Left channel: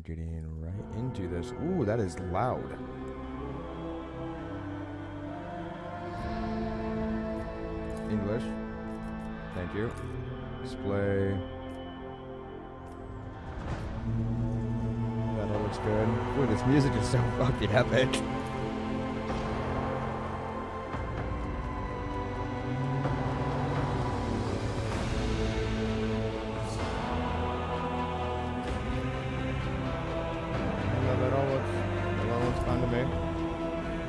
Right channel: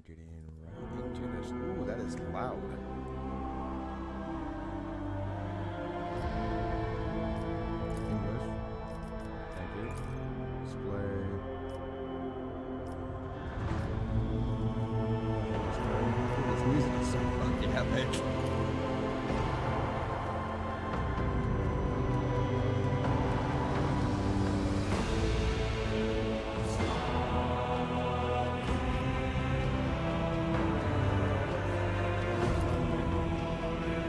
are getting right into this. Ooh, that is loud. English. Thank you. Display. That looks good. Ooh, this music is so fucking epic.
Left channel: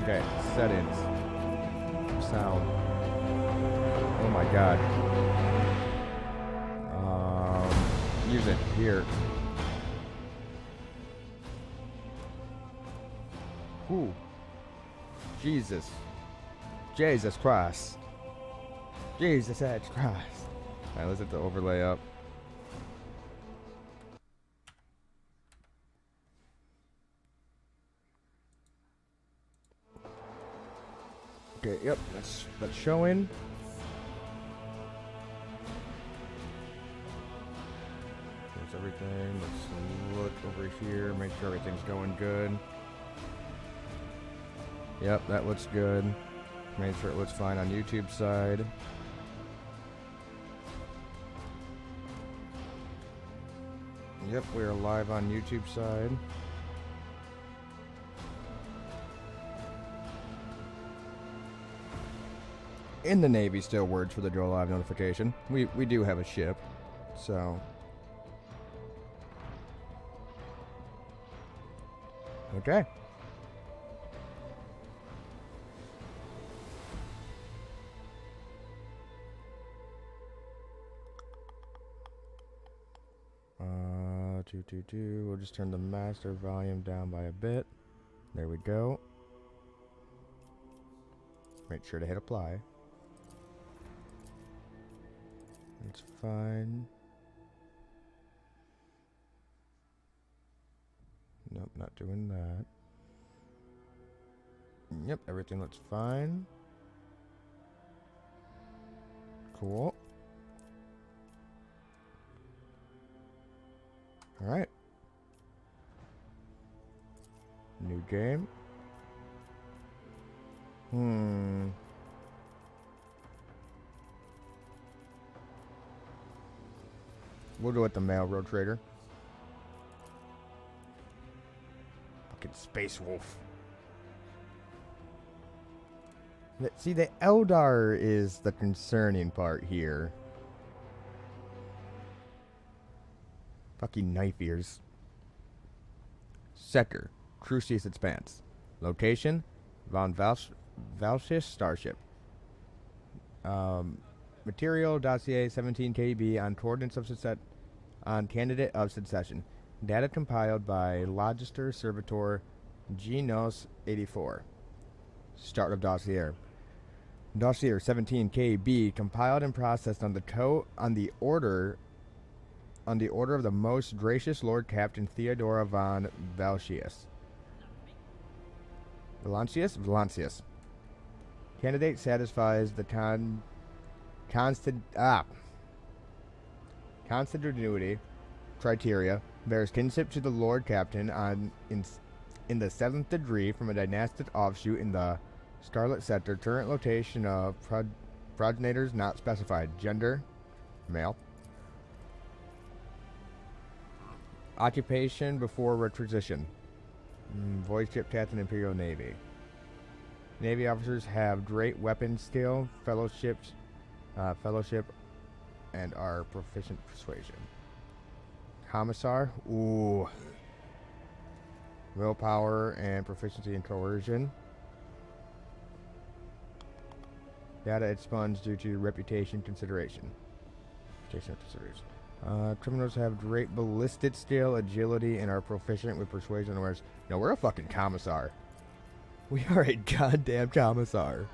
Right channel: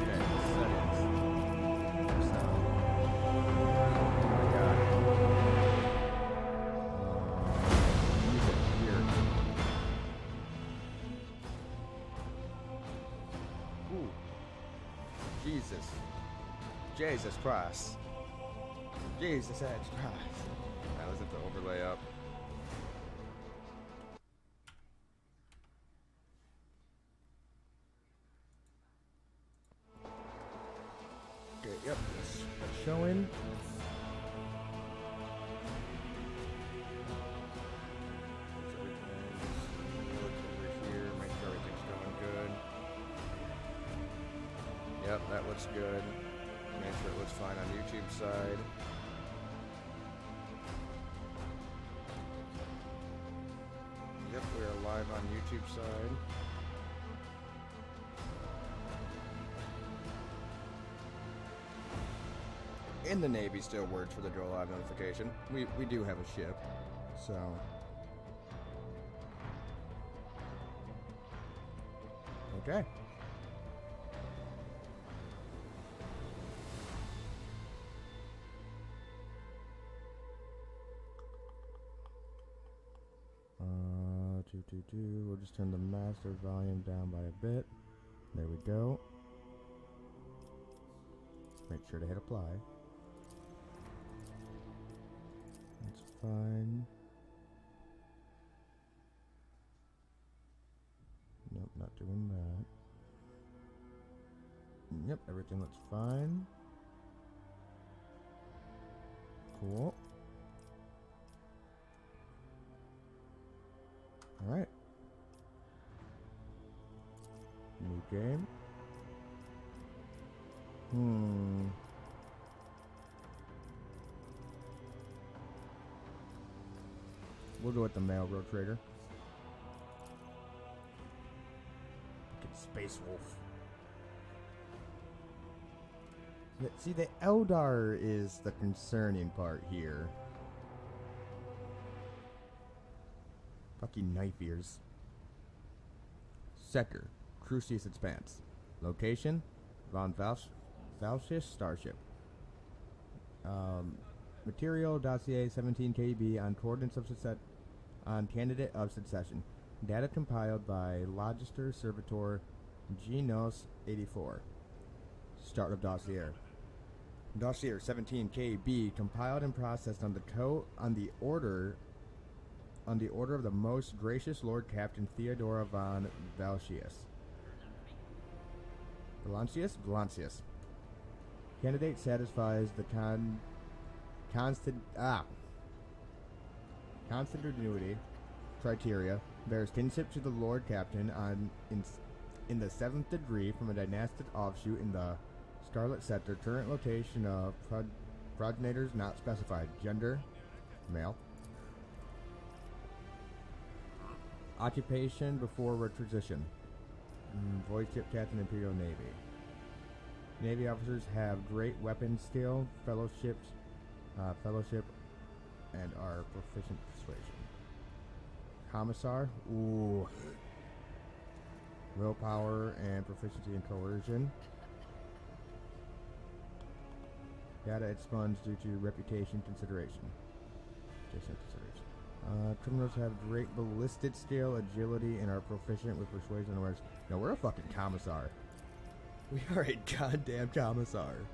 Okay, settings. Sound. Oh my god. Music here. Ooh. Jesus. Jesus Christ. Jesus H. Christ. Alright, let's hit the overlay up. Okay, yep, that's showing. There's everything. Let's look over here, make sure everything's going good. Yep, that looks good. Make sure it looks fine on YouTube side. Yep, we are live on YouTube side. In the Navy still words for the Go Live notification. We do have a ship, so. Okay. We'll just turn the master volume down by a bit. There we go. Make sure to hit apply. It's fine. Nope, not doing that. Yep, everything looks fine. Cool. Alright. New game. We'll go with the male road trader. Fucking Space Wolf. See, the Eldar is the concerning part here. Fucking knife ears. Sector. Crucius Expanse. Location. Von Valshis Starship. Material dossier 17 KB on coordinates of on candidate of succession. Data compiled by Logister Servitor Genos 84. Start of dossier. Dossier 17 KB compiled and processed on the order of the most gracious Lord Captain Theodora von Valancius. Valancius. Candidate satisfies the consanguinity criteria, bears kinship to the Lord Captain in the 7th degree from a dynastic offshoot in the Scarlet Sector. Current location of progenitors not specified. Gender, male. Occupation before requisition. Void ship captain, Imperial Navy. Navy officers have great weapon skill, fellowship, and are proficient persuasion. Commissar, ooh. Willpower and proficiency in coercion. Data expunged due to reputation consideration. Criminals have great ballistic skill, agility, and are proficient with persuasion and awareness. No, we're a fucking commissar. We are a goddamn commissar.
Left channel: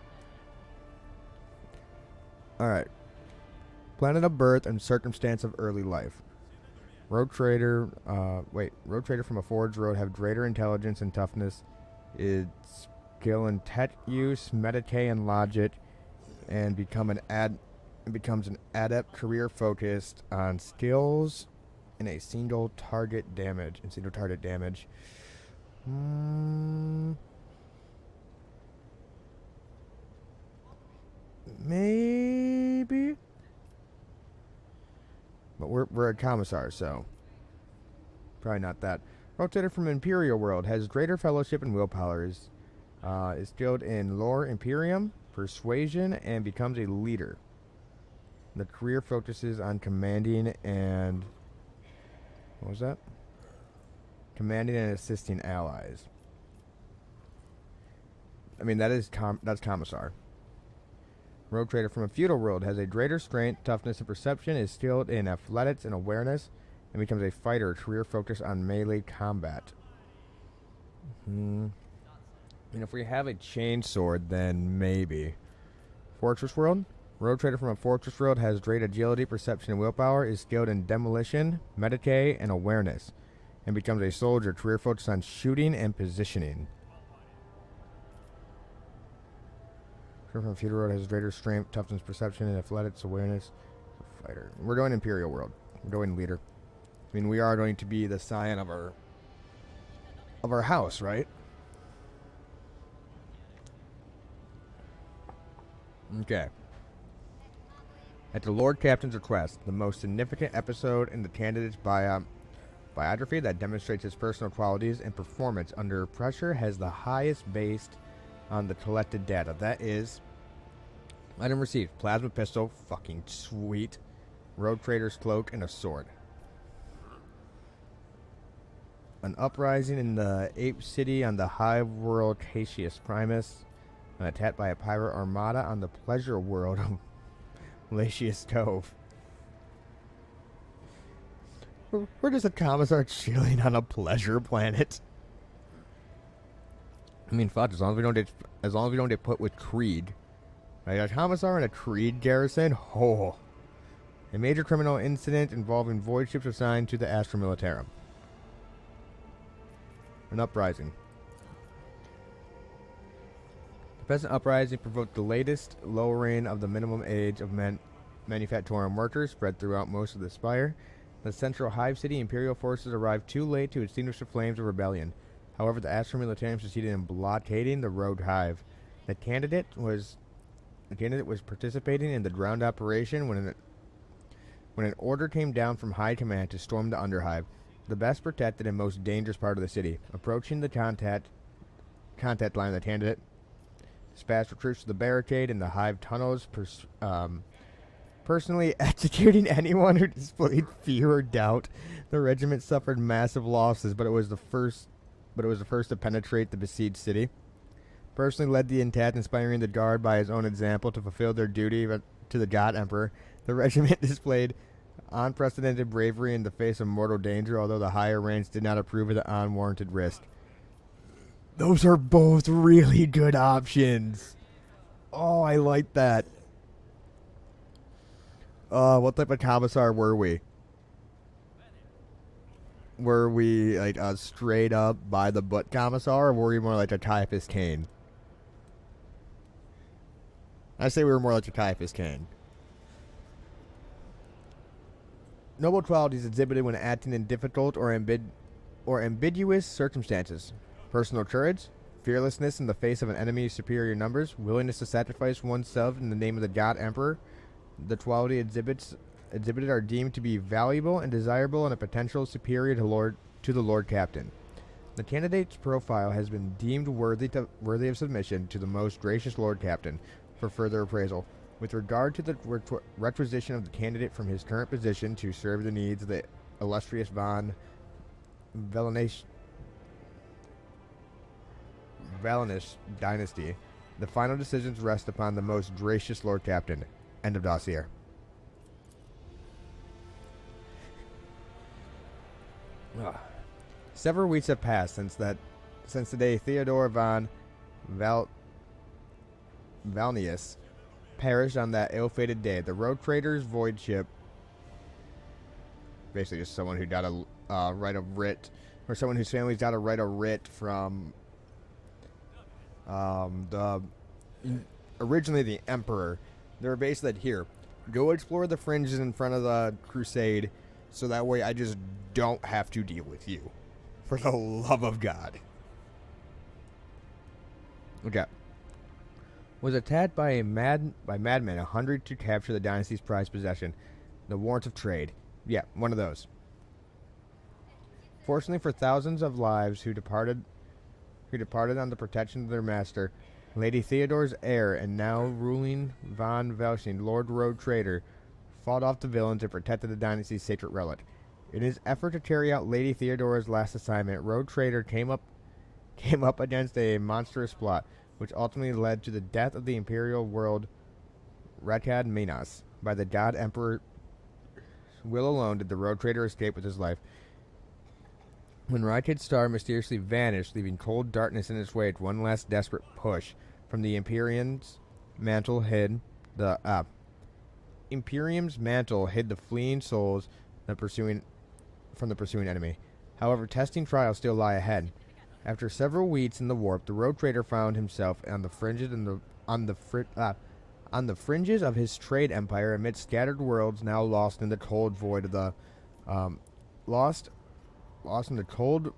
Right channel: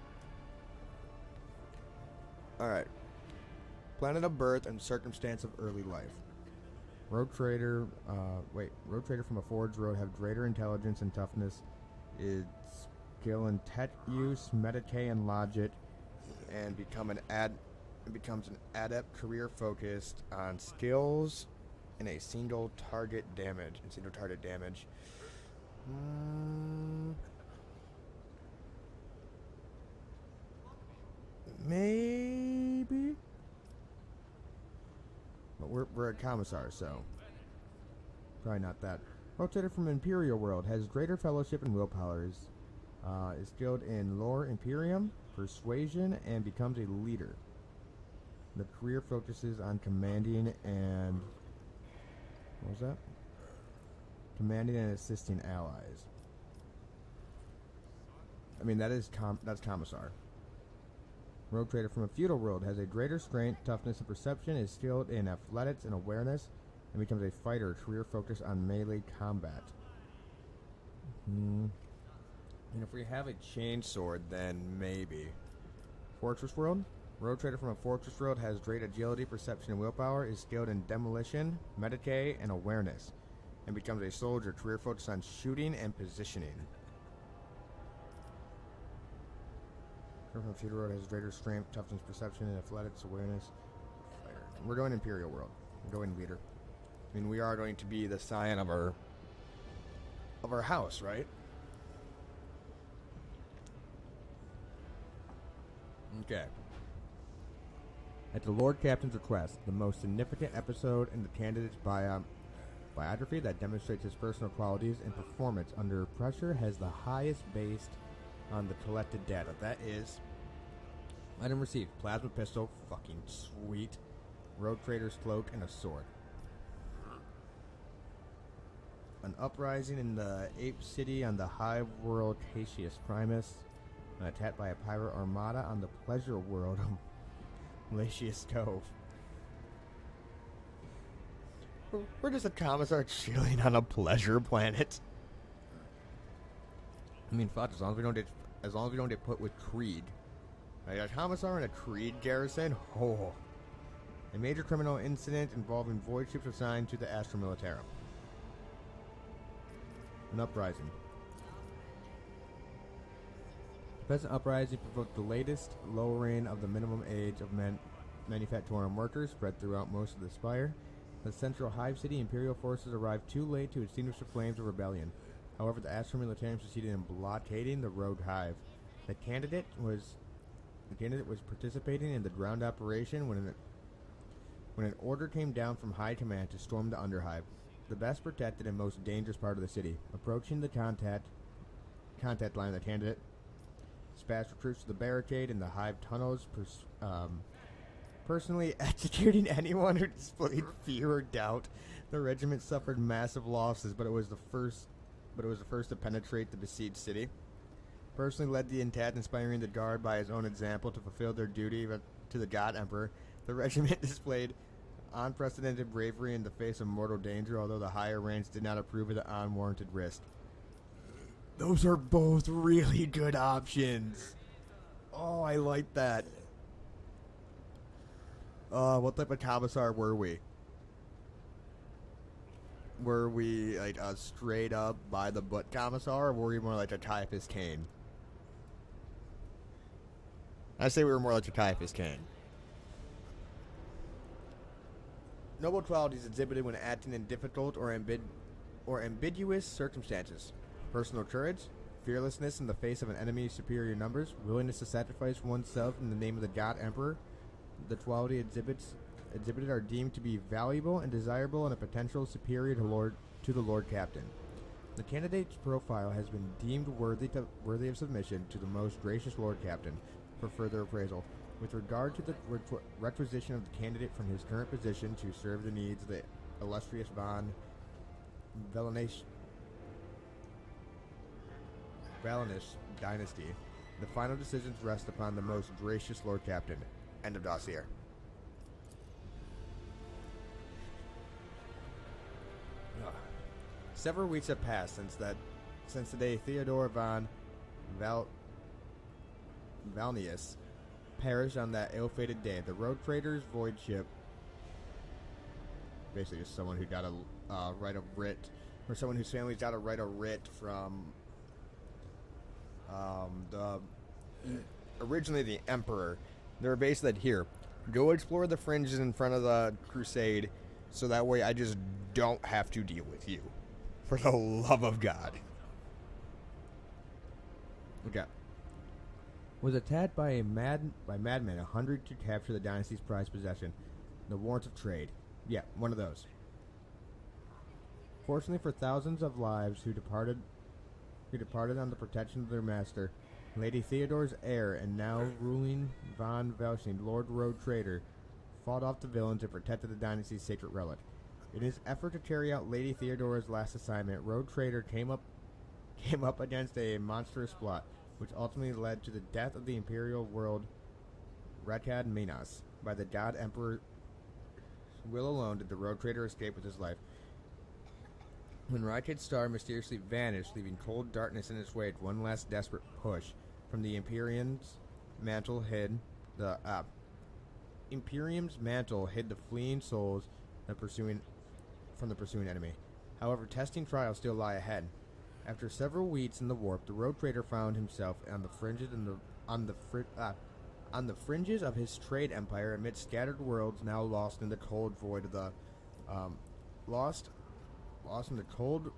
Alright. Planet of birth and circumstance of early life. Road trader from a forged road have greater intelligence and toughness. Its skill in tech use, meditate, and logic, and becomes an adept career focused on skills in a single target damage. Mm, maybe. But we're a commissar, so probably not that. Rotator from Imperial World has greater fellowship and willpower. Is skilled in lore Imperium, persuasion, and becomes a leader. The career focuses on commanding and what was that? Commanding and assisting allies. I mean that's commissar. Road Trader from a Feudal World has a greater strength, toughness, and perception, is skilled in athletics and awareness, and becomes a fighter, career focused on melee combat. And if we have a chain sword, then maybe. Fortress World. Road Trader from a Fortress World has great agility, perception, and willpower, is skilled in demolition, medicay, and awareness, and becomes a soldier, career focused on shooting and positioning. From Feudal World has greater strength, toughness, perception, and athletics, awareness. Fighter. We're going Imperial World. We're going leader. I mean, we are going to be the scion of our house, right? Okay. At the Lord Captain's request, the most significant episode in the candidate's biography that demonstrates his personal qualities and performance under pressure has the highest based on the collected data. That is, item received: plasma pistol, fucking sweet, road trader's cloak, and a sword. An uprising in the Ape City on the high world Cassius Primus. An attack by a pirate armada on the pleasure world of Latius Cove. We're just a commissar chilling on a pleasure planet. I mean, fuck, as long as we don't get put with Krieg. Right, a commissar in a Krieg garrison? Oh. A major criminal incident involving void ships assigned to the Astra Militarum. An uprising. The present uprising provoked the latest lowering of the minimum age of manufacturing workers spread throughout most of the Spire. The central hive city Imperial forces arrived too late to extinguish the flames of rebellion. However, the Astra Militarum succeeded in blockading the rogue hive. The candidate was participating in the ground operation when an order came down from high command to storm the underhive, the best protected and most dangerous part of the city. Approaching the contact line, the candidate dispatched recruits to the barricade in the hive tunnels, personally executing anyone who displayed fear or doubt. The regiment suffered massive losses, but it was the first to penetrate the besieged city. Personally led the attack, inspiring the guard by his own example to fulfill their duty to the God Emperor. The regiment displayed unprecedented bravery in the face of mortal danger, although the higher ranks did not approve of the unwarranted risk. Those are both really good options. Oh, I like that. What type of commissar were we? Were we like a straight up by the butt commissar, or were we more like a Caiaphas Cain? I say we were more like a Caiaphas Cain. Noble qualities exhibited when acting in difficult or ambiguous circumstances. Personal courage, fearlessness in the face of an enemy's superior numbers, willingness to sacrifice oneself in the name of the God Emperor. The quality exhibited are deemed to be valuable and desirable and a potential superior to the Lord Captain. The candidate's profile has been deemed worthy of submission to the most gracious Lord Captain for further appraisal. With regard to the requisition of the candidate from his current position to serve the needs of the illustrious von Valenish dynasty, the final decisions rest upon the most gracious Lord Captain. End of dossier. Several weeks have passed since the day Theodore von Valnius perished on that ill-fated day. The road trader's void ship, basically just someone who got a right of writ, or someone whose family's got a right of writ from originally the Emperor. They were basically here, go explore the fringes in front of the crusade, so that way I just don't have to deal with you. For the love of God. Okay. Was attacked by madmen 100 to capture the dynasty's prized possession, the warrant of trade. Yeah, one of those. Fortunately for thousands of lives who departed on the protection of their master, Lady Theodore's heir and now ruling von Velshing, Lord Road Trader, fought off the villains and protected the dynasty's sacred relic. In his effort to carry out Lady Theodore's last assignment, Road Trader came up against a monstrous plot, which ultimately led to the death of the imperial world Rakad Minas. By the god emperor will alone did the Road Trader escape with his life. When Rakad's star mysteriously vanished, leaving cold darkness in its wake, one last desperate push from the Imperium's mantle hid the fleeing souls from the pursuing enemy. However, testing trials still lie ahead. After several weeks in the warp, the Road Trader found himself on the fringes of his trade empire, amid scattered worlds now lost in the cold void of the lost in the cold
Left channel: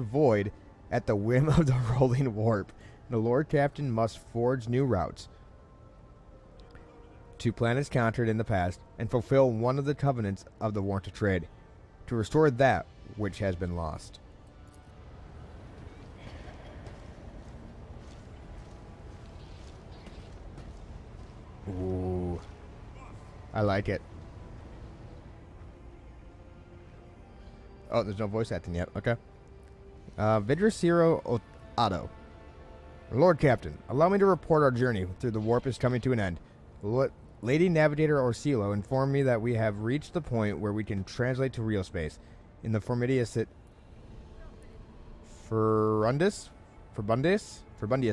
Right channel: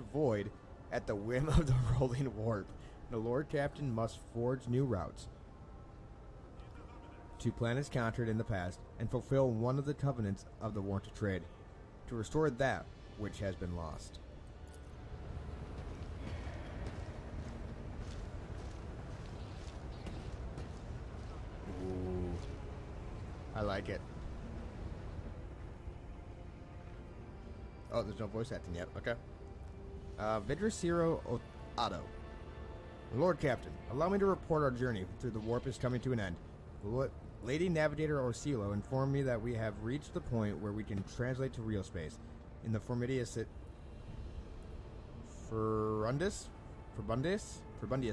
void at the whim of the rolling warp. The Lord Captain must forge new routes to planets conquered in the past and fulfill one of the covenants of the warrant of trade, to restore that which has been lost. Ooh, I like it. Oh, there's no voice acting yet. Okay. Vidraciro Otto. Lord Captain, allow me to report our journey through the warp is coming to an end. Lady Navigator Orsilo informed me that we have reached the point where we can translate to real space. In the Formidus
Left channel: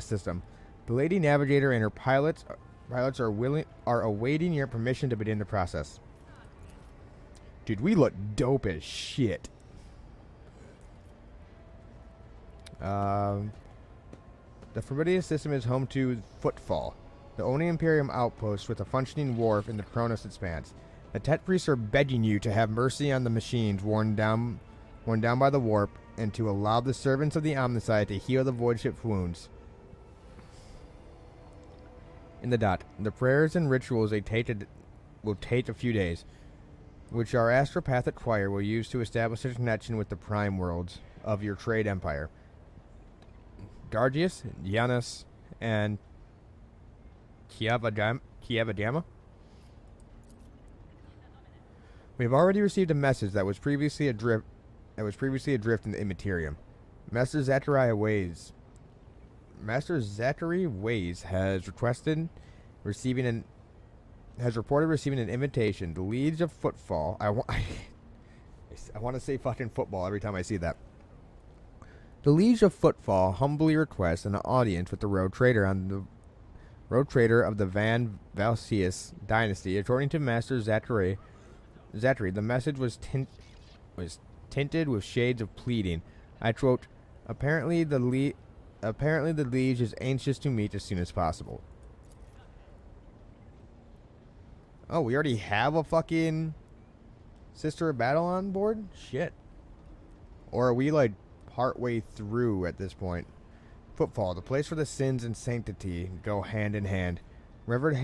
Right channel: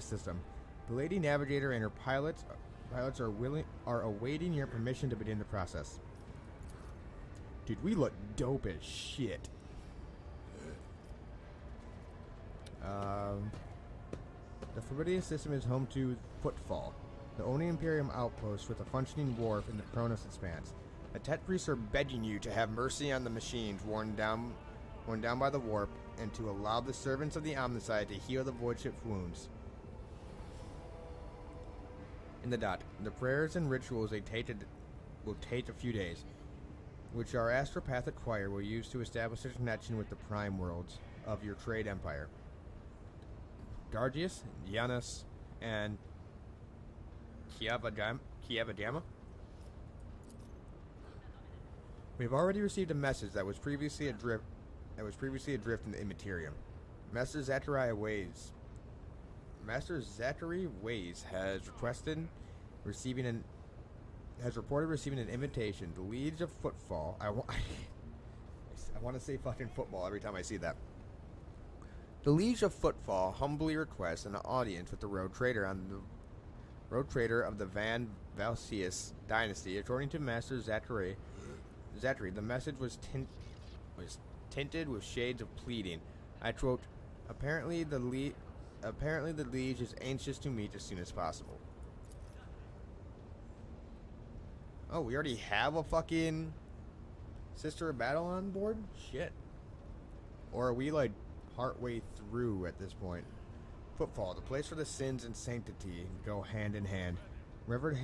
system, the Lady Navigator and her pilots are awaiting your permission to begin the process. Dude, we look dope as shit. The Formidus system is home to Footfall, the only Imperium outpost with a functioning wharf in the Kronos expanse. The Tet priests are begging you to have mercy on the machines worn down by the warp, and to allow the servants of the Omnicide to heal the void ship's wounds. In the dot, the prayers and rituals will take a few days, which our astropathic choir will use to establish a connection with the prime worlds of your trade empire. Gargius, Giannis, and Kiavadama. We have already received a message that was previously adrift in the Immaterium. Master Zachary Ways has reported receiving an invitation. The Liege of Footfall. I want to say fucking football every time I see that. The Liege of Footfall humbly requests an audience with the Road Trader of the Van Valsius dynasty. According to Master Zachary, the message was tinted with shades of pleading. I quote, Apparently the Liege is anxious to meet as soon as possible. Oh, we already have a fucking Sister of Battle on board? Shit. Or are we like partway through at this point? Footfall, the place where the sins and sanctity go hand in hand. Reverend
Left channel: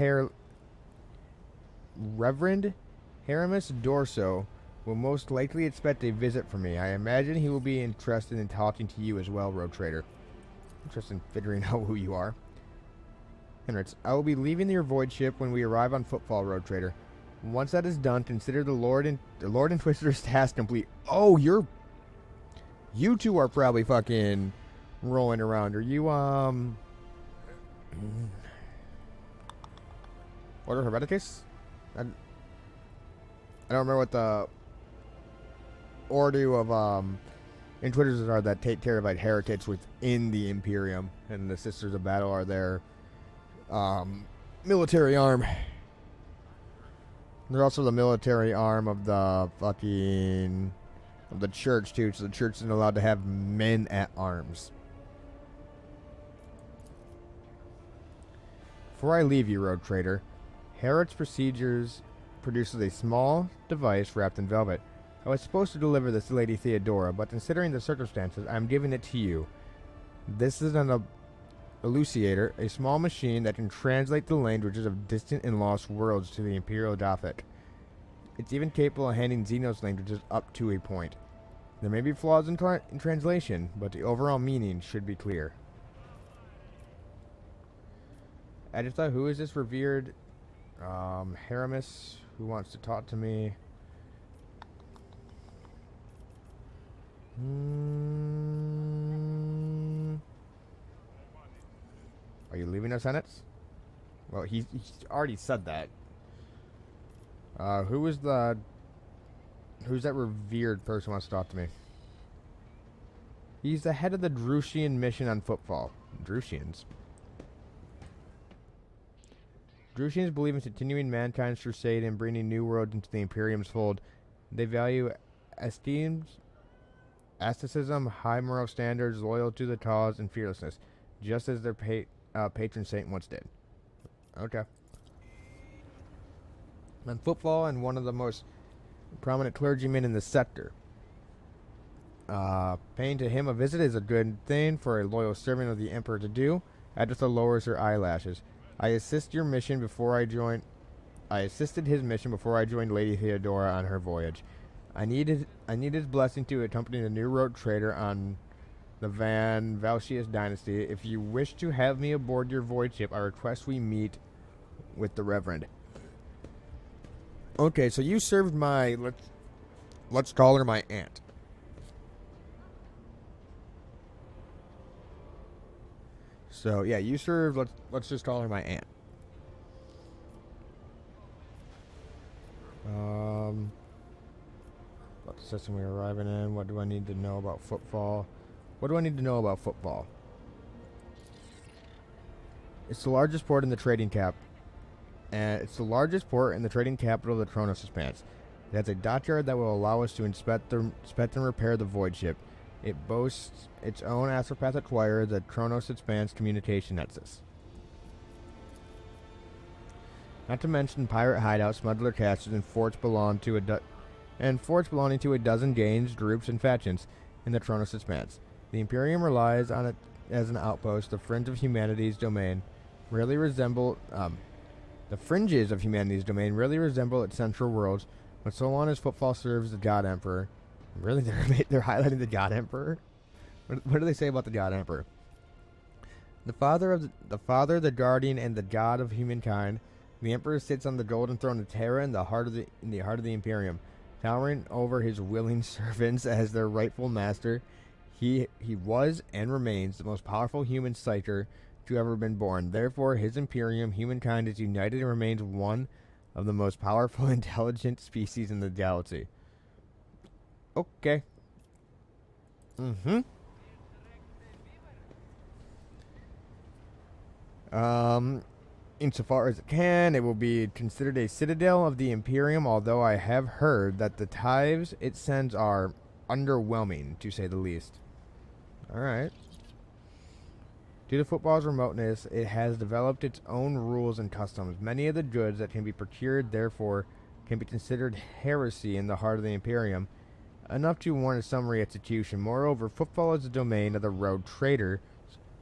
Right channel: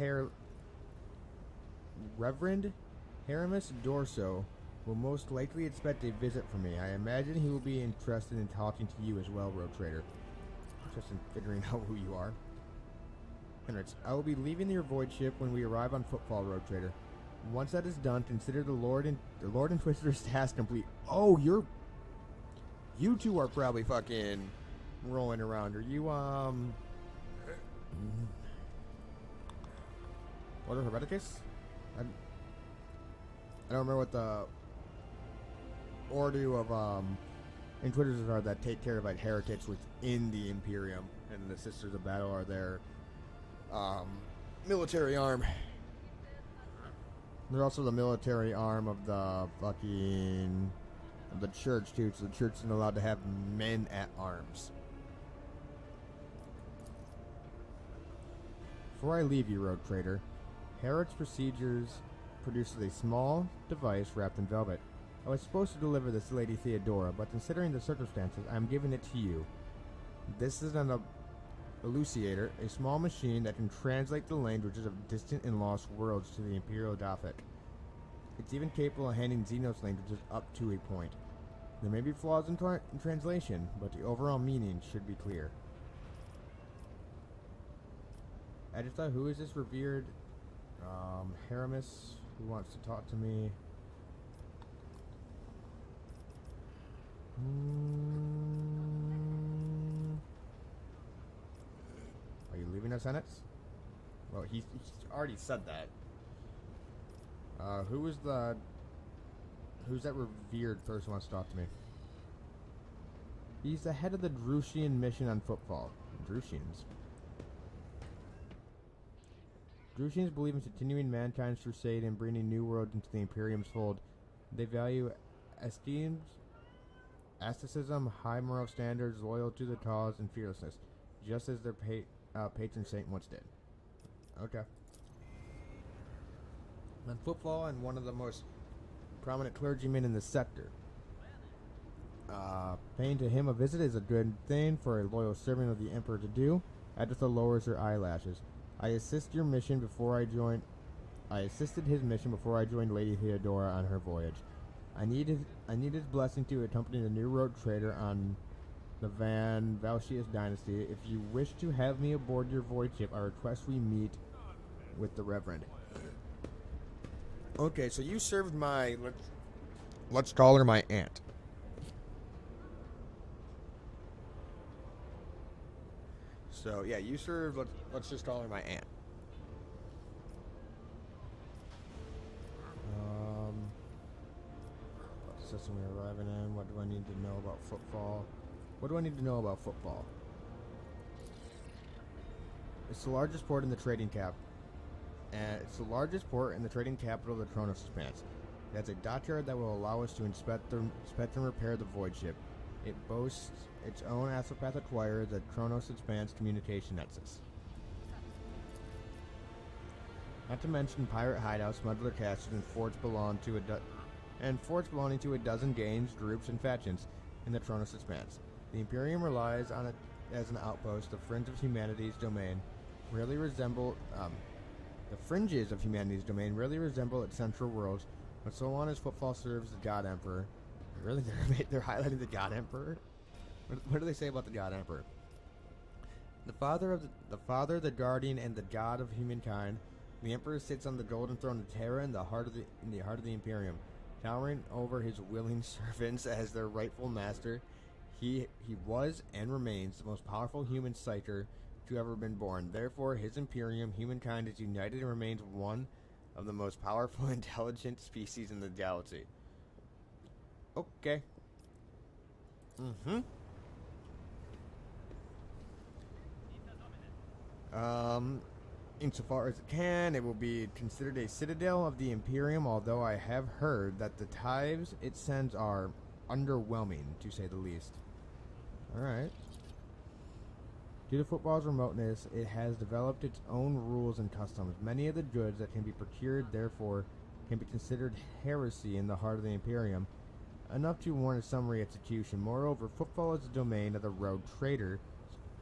Haramus Dorso will most likely expect a visit from me. I imagine he will be interested in talking to you as well, Road Trader. Interested in figuring out who you are. Henritz, I will be leaving your void ship when we arrive on Footfall, Road Trader. Once that is done, consider the Lord Inquisitor's task complete. Oh, you two are probably fucking rolling around. Are you, Order Hermeticus? I don't remember what the order of, Inquisitors are that take care of, like, heretics within the Imperium. And the Sisters of Battle are their, military arm. They're also the military arm of the fucking... of the church, too. So the church isn't allowed to have men at arms. Before I leave you, Road Trader, Herod's procedures produces a small device wrapped in velvet. I was supposed to deliver this to Lady Theodora, but considering the circumstances, I'm giving it to you. This is an elucidator, a small machine that can translate the languages of distant and lost worlds to the Imperial Gothic. It's even capable of handling Xenos languages up to a point. There may be flaws in translation, but the overall meaning should be clear. Editha, who is this revered Haramis who wants to talk to me? Are you leaving us, Senates? Well, he's already said that. Who's that revered person who wants to talk to me? He's the head of the Drushian mission on footfall. Drushians. Drushians believe in continuing mankind's crusade and bringing new worlds into the Imperium's fold. They value asceticism, high moral standards, loyal to the cause, and fearlessness, just as their patron saint once did. Okay. On footfall, and one of the most prominent clergymen in the sector. Paying to him a visit is a good thing for a loyal servant of the Emperor to do. Editha lowers her eyelashes. I assisted his mission before I joined Lady Theodora on her voyage. I need his blessing to accompany the new road trader on the Van Valsius dynasty. If you wish to have me aboard your voyage ship, I request we meet with the Reverend. Okay, so you served my let's call her my aunt. So yeah, you served. Let's just call her my aunt. About the system we're arriving in. What do I need to know about footfall? What do I need to know about footfall? It's the largest port in the trading cap, and it's the largest port in the trading capital of the Kronos Expanse. It has a dockyard that will allow us to inspect and repair the void ship. It boasts its own astropathic wire, the Kronos Expanse communication nexus. Not to mention pirate hideouts, smuggler caches, and forts belonging to a dozen gangs, groups, and factions in the Kronos Expanse. The Imperium relies on it as an outpost. The fringe of humanity's domain rarely resemble its central worlds, but so long as footfall serves the God Emperor. Really, they're highlighting the God Emperor. What do they say about the God Emperor? The Father, the Guardian, and the God of humankind. The Emperor sits on the golden throne of Terra in the heart of the Imperium, towering over his willing servants as their rightful master. He was and remains the most powerful human psyker to ever been born. Therefore, his Imperium, humankind, is united and remains one of the most powerful, intelligent species in the galaxy. Okay. Insofar as it can, it will be considered a citadel of the Imperium, although I have heard that the tithes it sends are underwhelming, to say the least. Alright. Due to football's remoteness, it has developed its own rules and customs. Many of the goods that can be procured, therefore, can be considered heresy in the heart of the Imperium, enough to warrant a summary execution. Moreover, football is the domain of the road trader,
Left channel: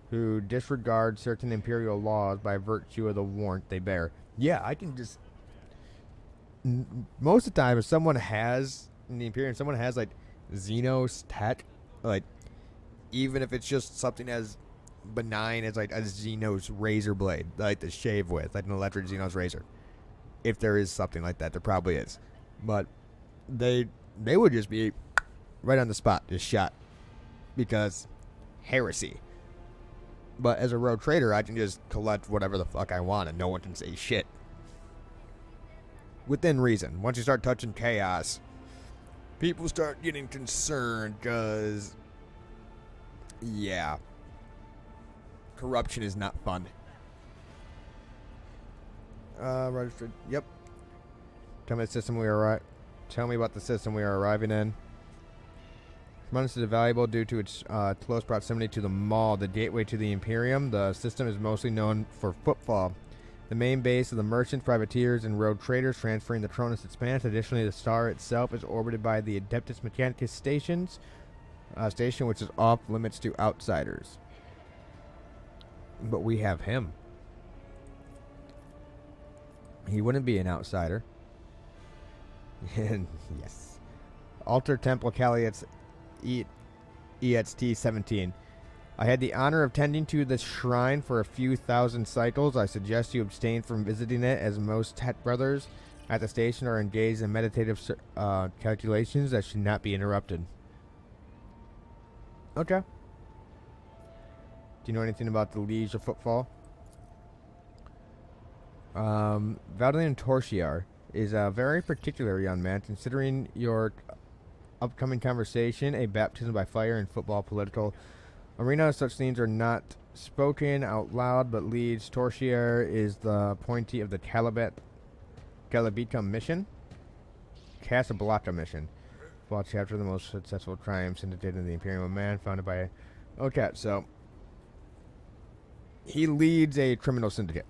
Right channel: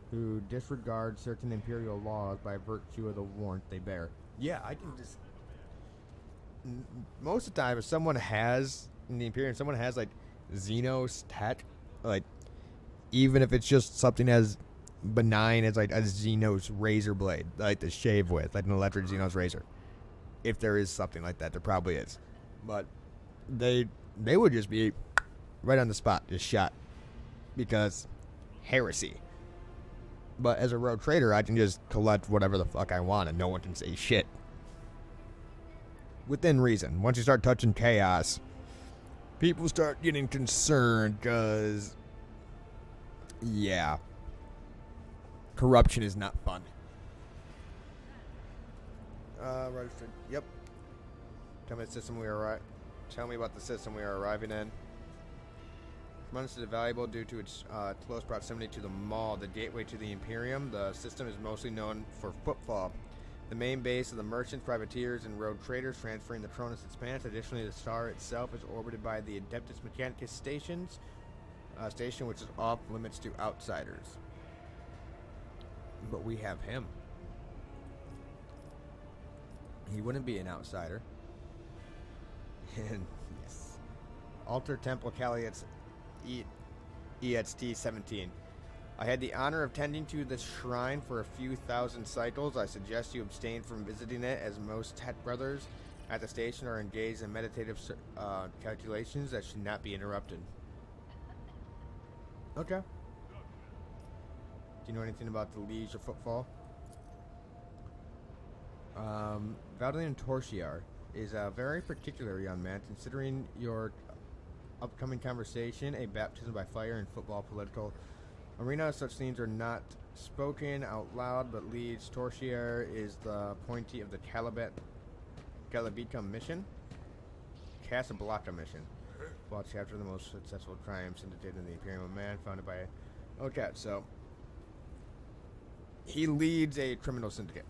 who disregard certain imperial laws by virtue of the warrant they bear. Yeah, I can just... most of the time, if someone has, in the Imperium, someone has, like, Xenos tech, like, even if it's just something as benign as, like, a Xenos razor blade, like, to shave with, like an electric Xenos razor. If there is something like that, there probably is. But they would just be right on the spot, just shot. Because heresy. But as a road trader, I can just collect whatever the fuck I want and no one can say shit. Within reason. Once you start touching chaos, people start getting concerned because, yeah, corruption is not fun. Registered. Yep. Tell me about the system we are arriving in. This is valuable due to its close proximity to the mall, the gateway to the Imperium. The system is mostly known for footfall, the main base of the merchants, privateers, and road traders transferring the Tronus Expanse. Additionally, the star itself is orbited by the Adeptus Mechanicus station, which is off limits to outsiders. But we have him. He wouldn't be an outsider. And yes. Altar Temple Calliot's EXT 17. I had the honor of tending to this shrine for a few thousand cycles. I suggest you abstain from visiting it, as most Tet brothers at the station are engaged in meditative calculations that should not be interrupted. Okay. Do you know anything about the Liege of Footfall? Valdelian Torchiar is a very particular young man. Considering your upcoming conversation, a baptism by fire in football political arena, such things are not spoken out loud, but Liege Torchiar is the appointee of the Calabita mission. Casablanca mission. Well, chapter of the most successful crime syndicate in the Imperium of Man, founded by... Okay, so... he leads a criminal syndicate.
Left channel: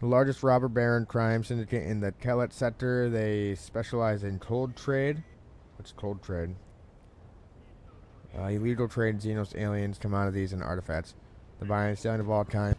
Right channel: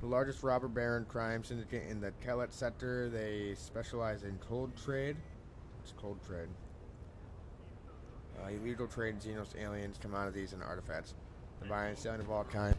The largest robber baron crime syndicate in the Kelet sector. They specialize in cold trade. What's cold trade? Illegal trade, Xenos, aliens, commodities, and artifacts. The buying and selling of all kinds.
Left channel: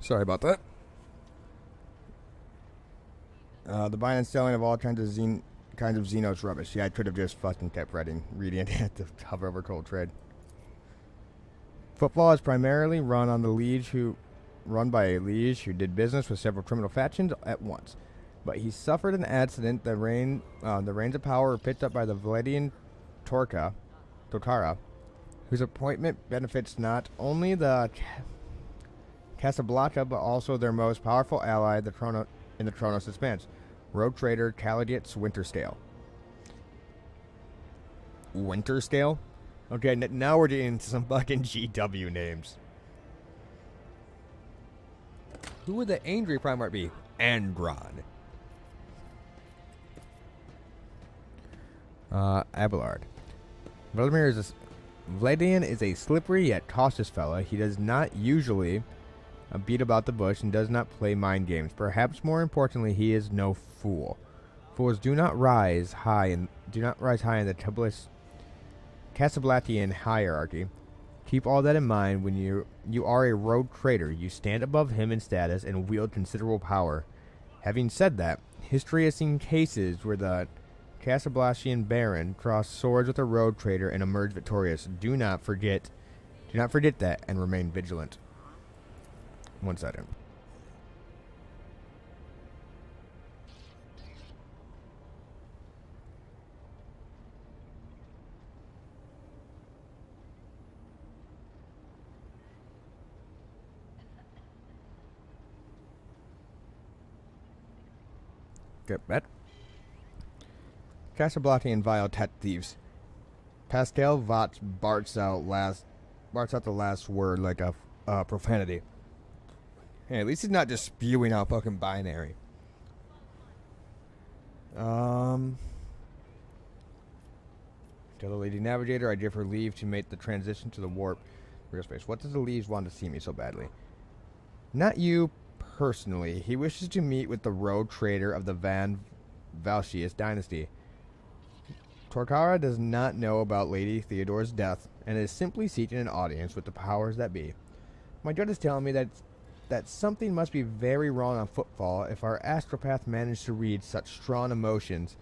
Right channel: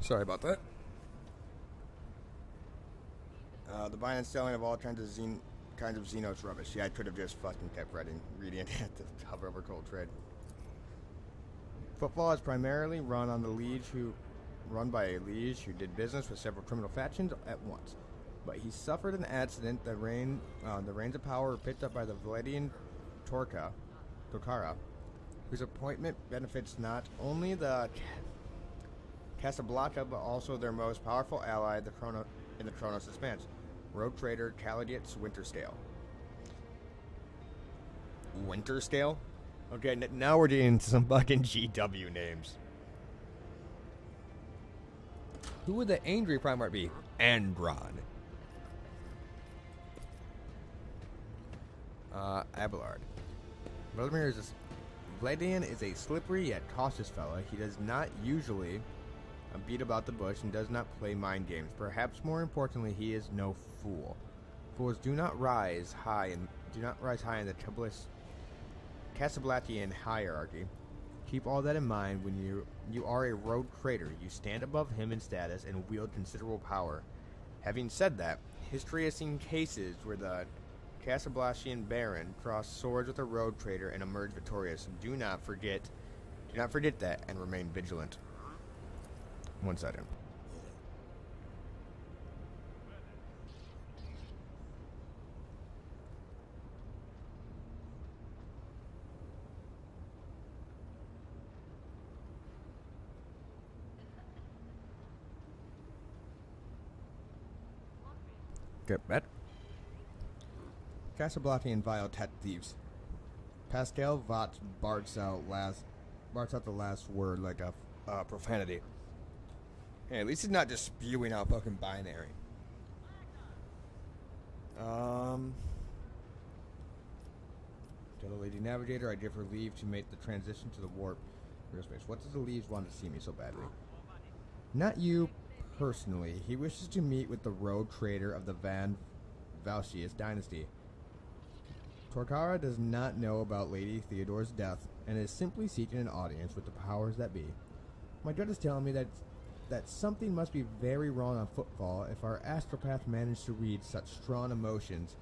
Sorry about that. The buying and selling of all kinds of Xenos rubbish. Yeah, I could have just fucking kept reading it at the hover over cold trade. Football is primarily run by a liege who did business with several criminal factions at once. But he suffered an accident. The reins of power were picked up by the Vladian Tokara, whose appointment benefits not only the Casablanca, but also their most powerful ally, in the Chronos Expanse, rogue trader Caladius Winterscale. Winterscale? Okay, now we're getting into some fucking GW names. Who would the angry Primarch be? Andron. Abelard. Vladian is a slippery yet cautious fella. He does not usually beat about the bush and does not play mind games. Perhaps more importantly, he is no fool. Fools do not rise high in the Casablancan hierarchy. Keep all that in mind when you are a rogue trader. You stand above him in status and wield considerable power. Having said that, history has seen cases where the Casablancan baron crossed swords with a rogue trader and emerged victorious. Do not forget that and remain vigilant. 1 second. Get bet. Casablanca and vile tet thieves. Pascal Vot barts out the last word like a profanity. Hey, at least he's not just spewing out fucking binary. Tell the Lady Navigator I give her leave to make the transition to the warp real space. What does the Leaves want to see me so badly? Not you personally. He wishes to meet with the rogue trader of the Van Valsius dynasty. Torkara does not know about Lady Theodore's death and is simply seeking an audience with the powers that be. My gut is telling me that something must be very wrong on Footfall if our astropath managed to read such strong emotions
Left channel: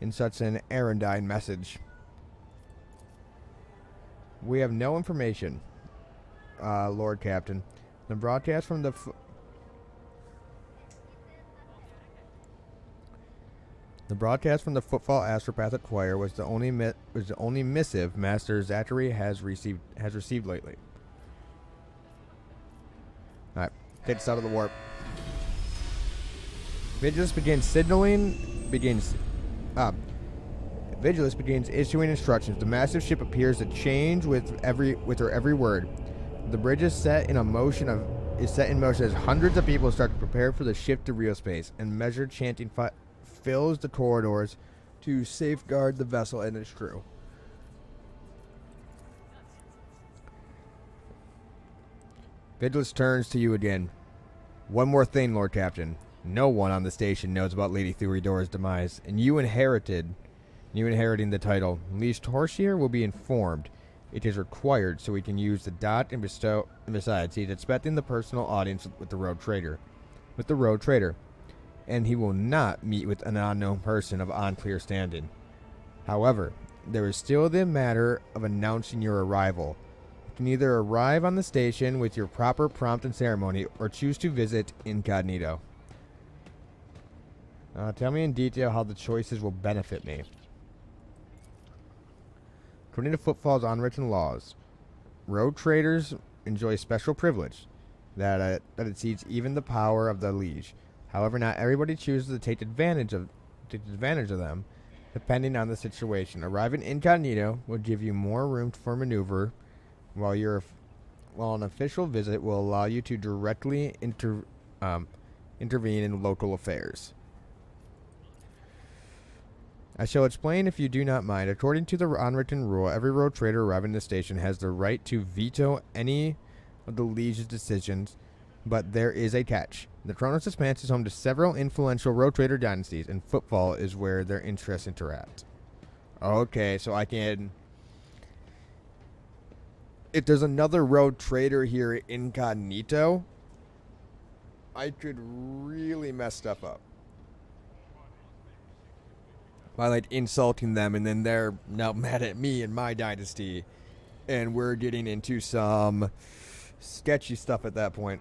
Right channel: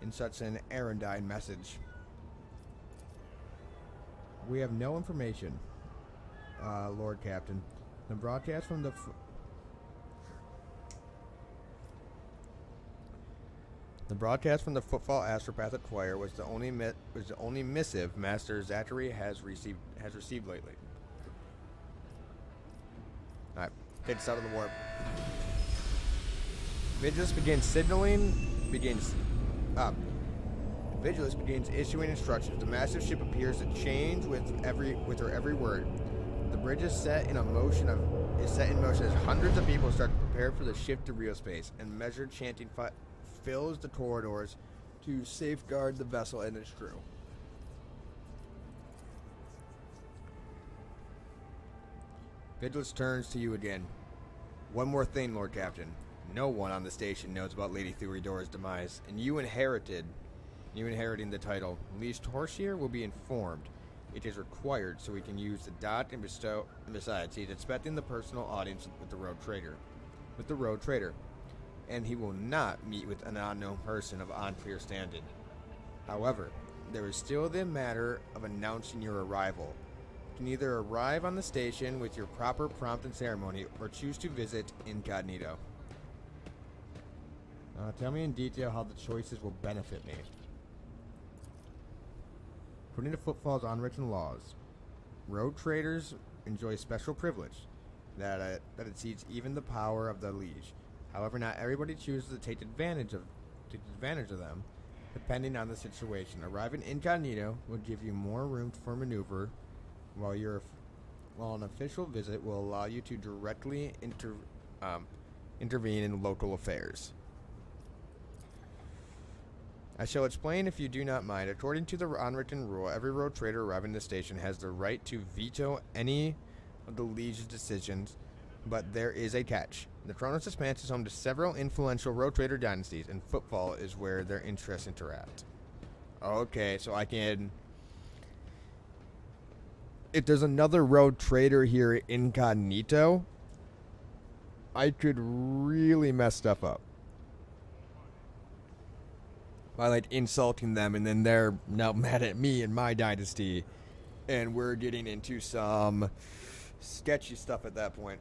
in such an erudite message. We have no information, Lord Captain. The broadcast from the Footfall Astropathic Choir was the only missive Master Zachary has received lately. All right, take us out of the warp. Vigilus begins signaling. Ah, Vigilus begins issuing instructions. The massive ship appears to change with her every word. The bridge is set in motion as hundreds of people start to prepare for the shift to real space, and measured chanting fills the corridors to safeguard the vessel and its crew. Vigilus turns to you again. One more thing, Lord Captain. No one on the station knows about Lady Thuridor's demise, and you inheriting the title. Liege Torsier will be informed. It is required so we can use the dot and bestow. And besides, he's expecting the personal audience with the road trader. And he will not meet with an unknown person of unclear standing. However, there is still the matter of announcing your arrival. You can either arrive on the station with your proper prompt and ceremony, or choose to visit incognito. Tell me in detail how the choices will benefit me. According to Footfall's unwritten laws, road traders enjoy special privilege that exceeds even the power of the liege. However, not everybody chooses to take advantage of them, depending on the situation. Arriving incognito will give you more room for maneuver, while an official visit will allow you to directly intervene in local affairs. I shall explain if you do not mind. According to the unwritten rule, every road trader arriving at the station has the right to veto any of the Liege's decisions, but there is a catch. The Kronos Expanse is home to several influential road trader dynasties, and Footfall is where their interests interact. Okay, so I can... If there's another road trader here incognito, I could really mess stuff up by like insulting them, and then they're now mad at me and my dynasty, and we're getting into some sketchy stuff at that point.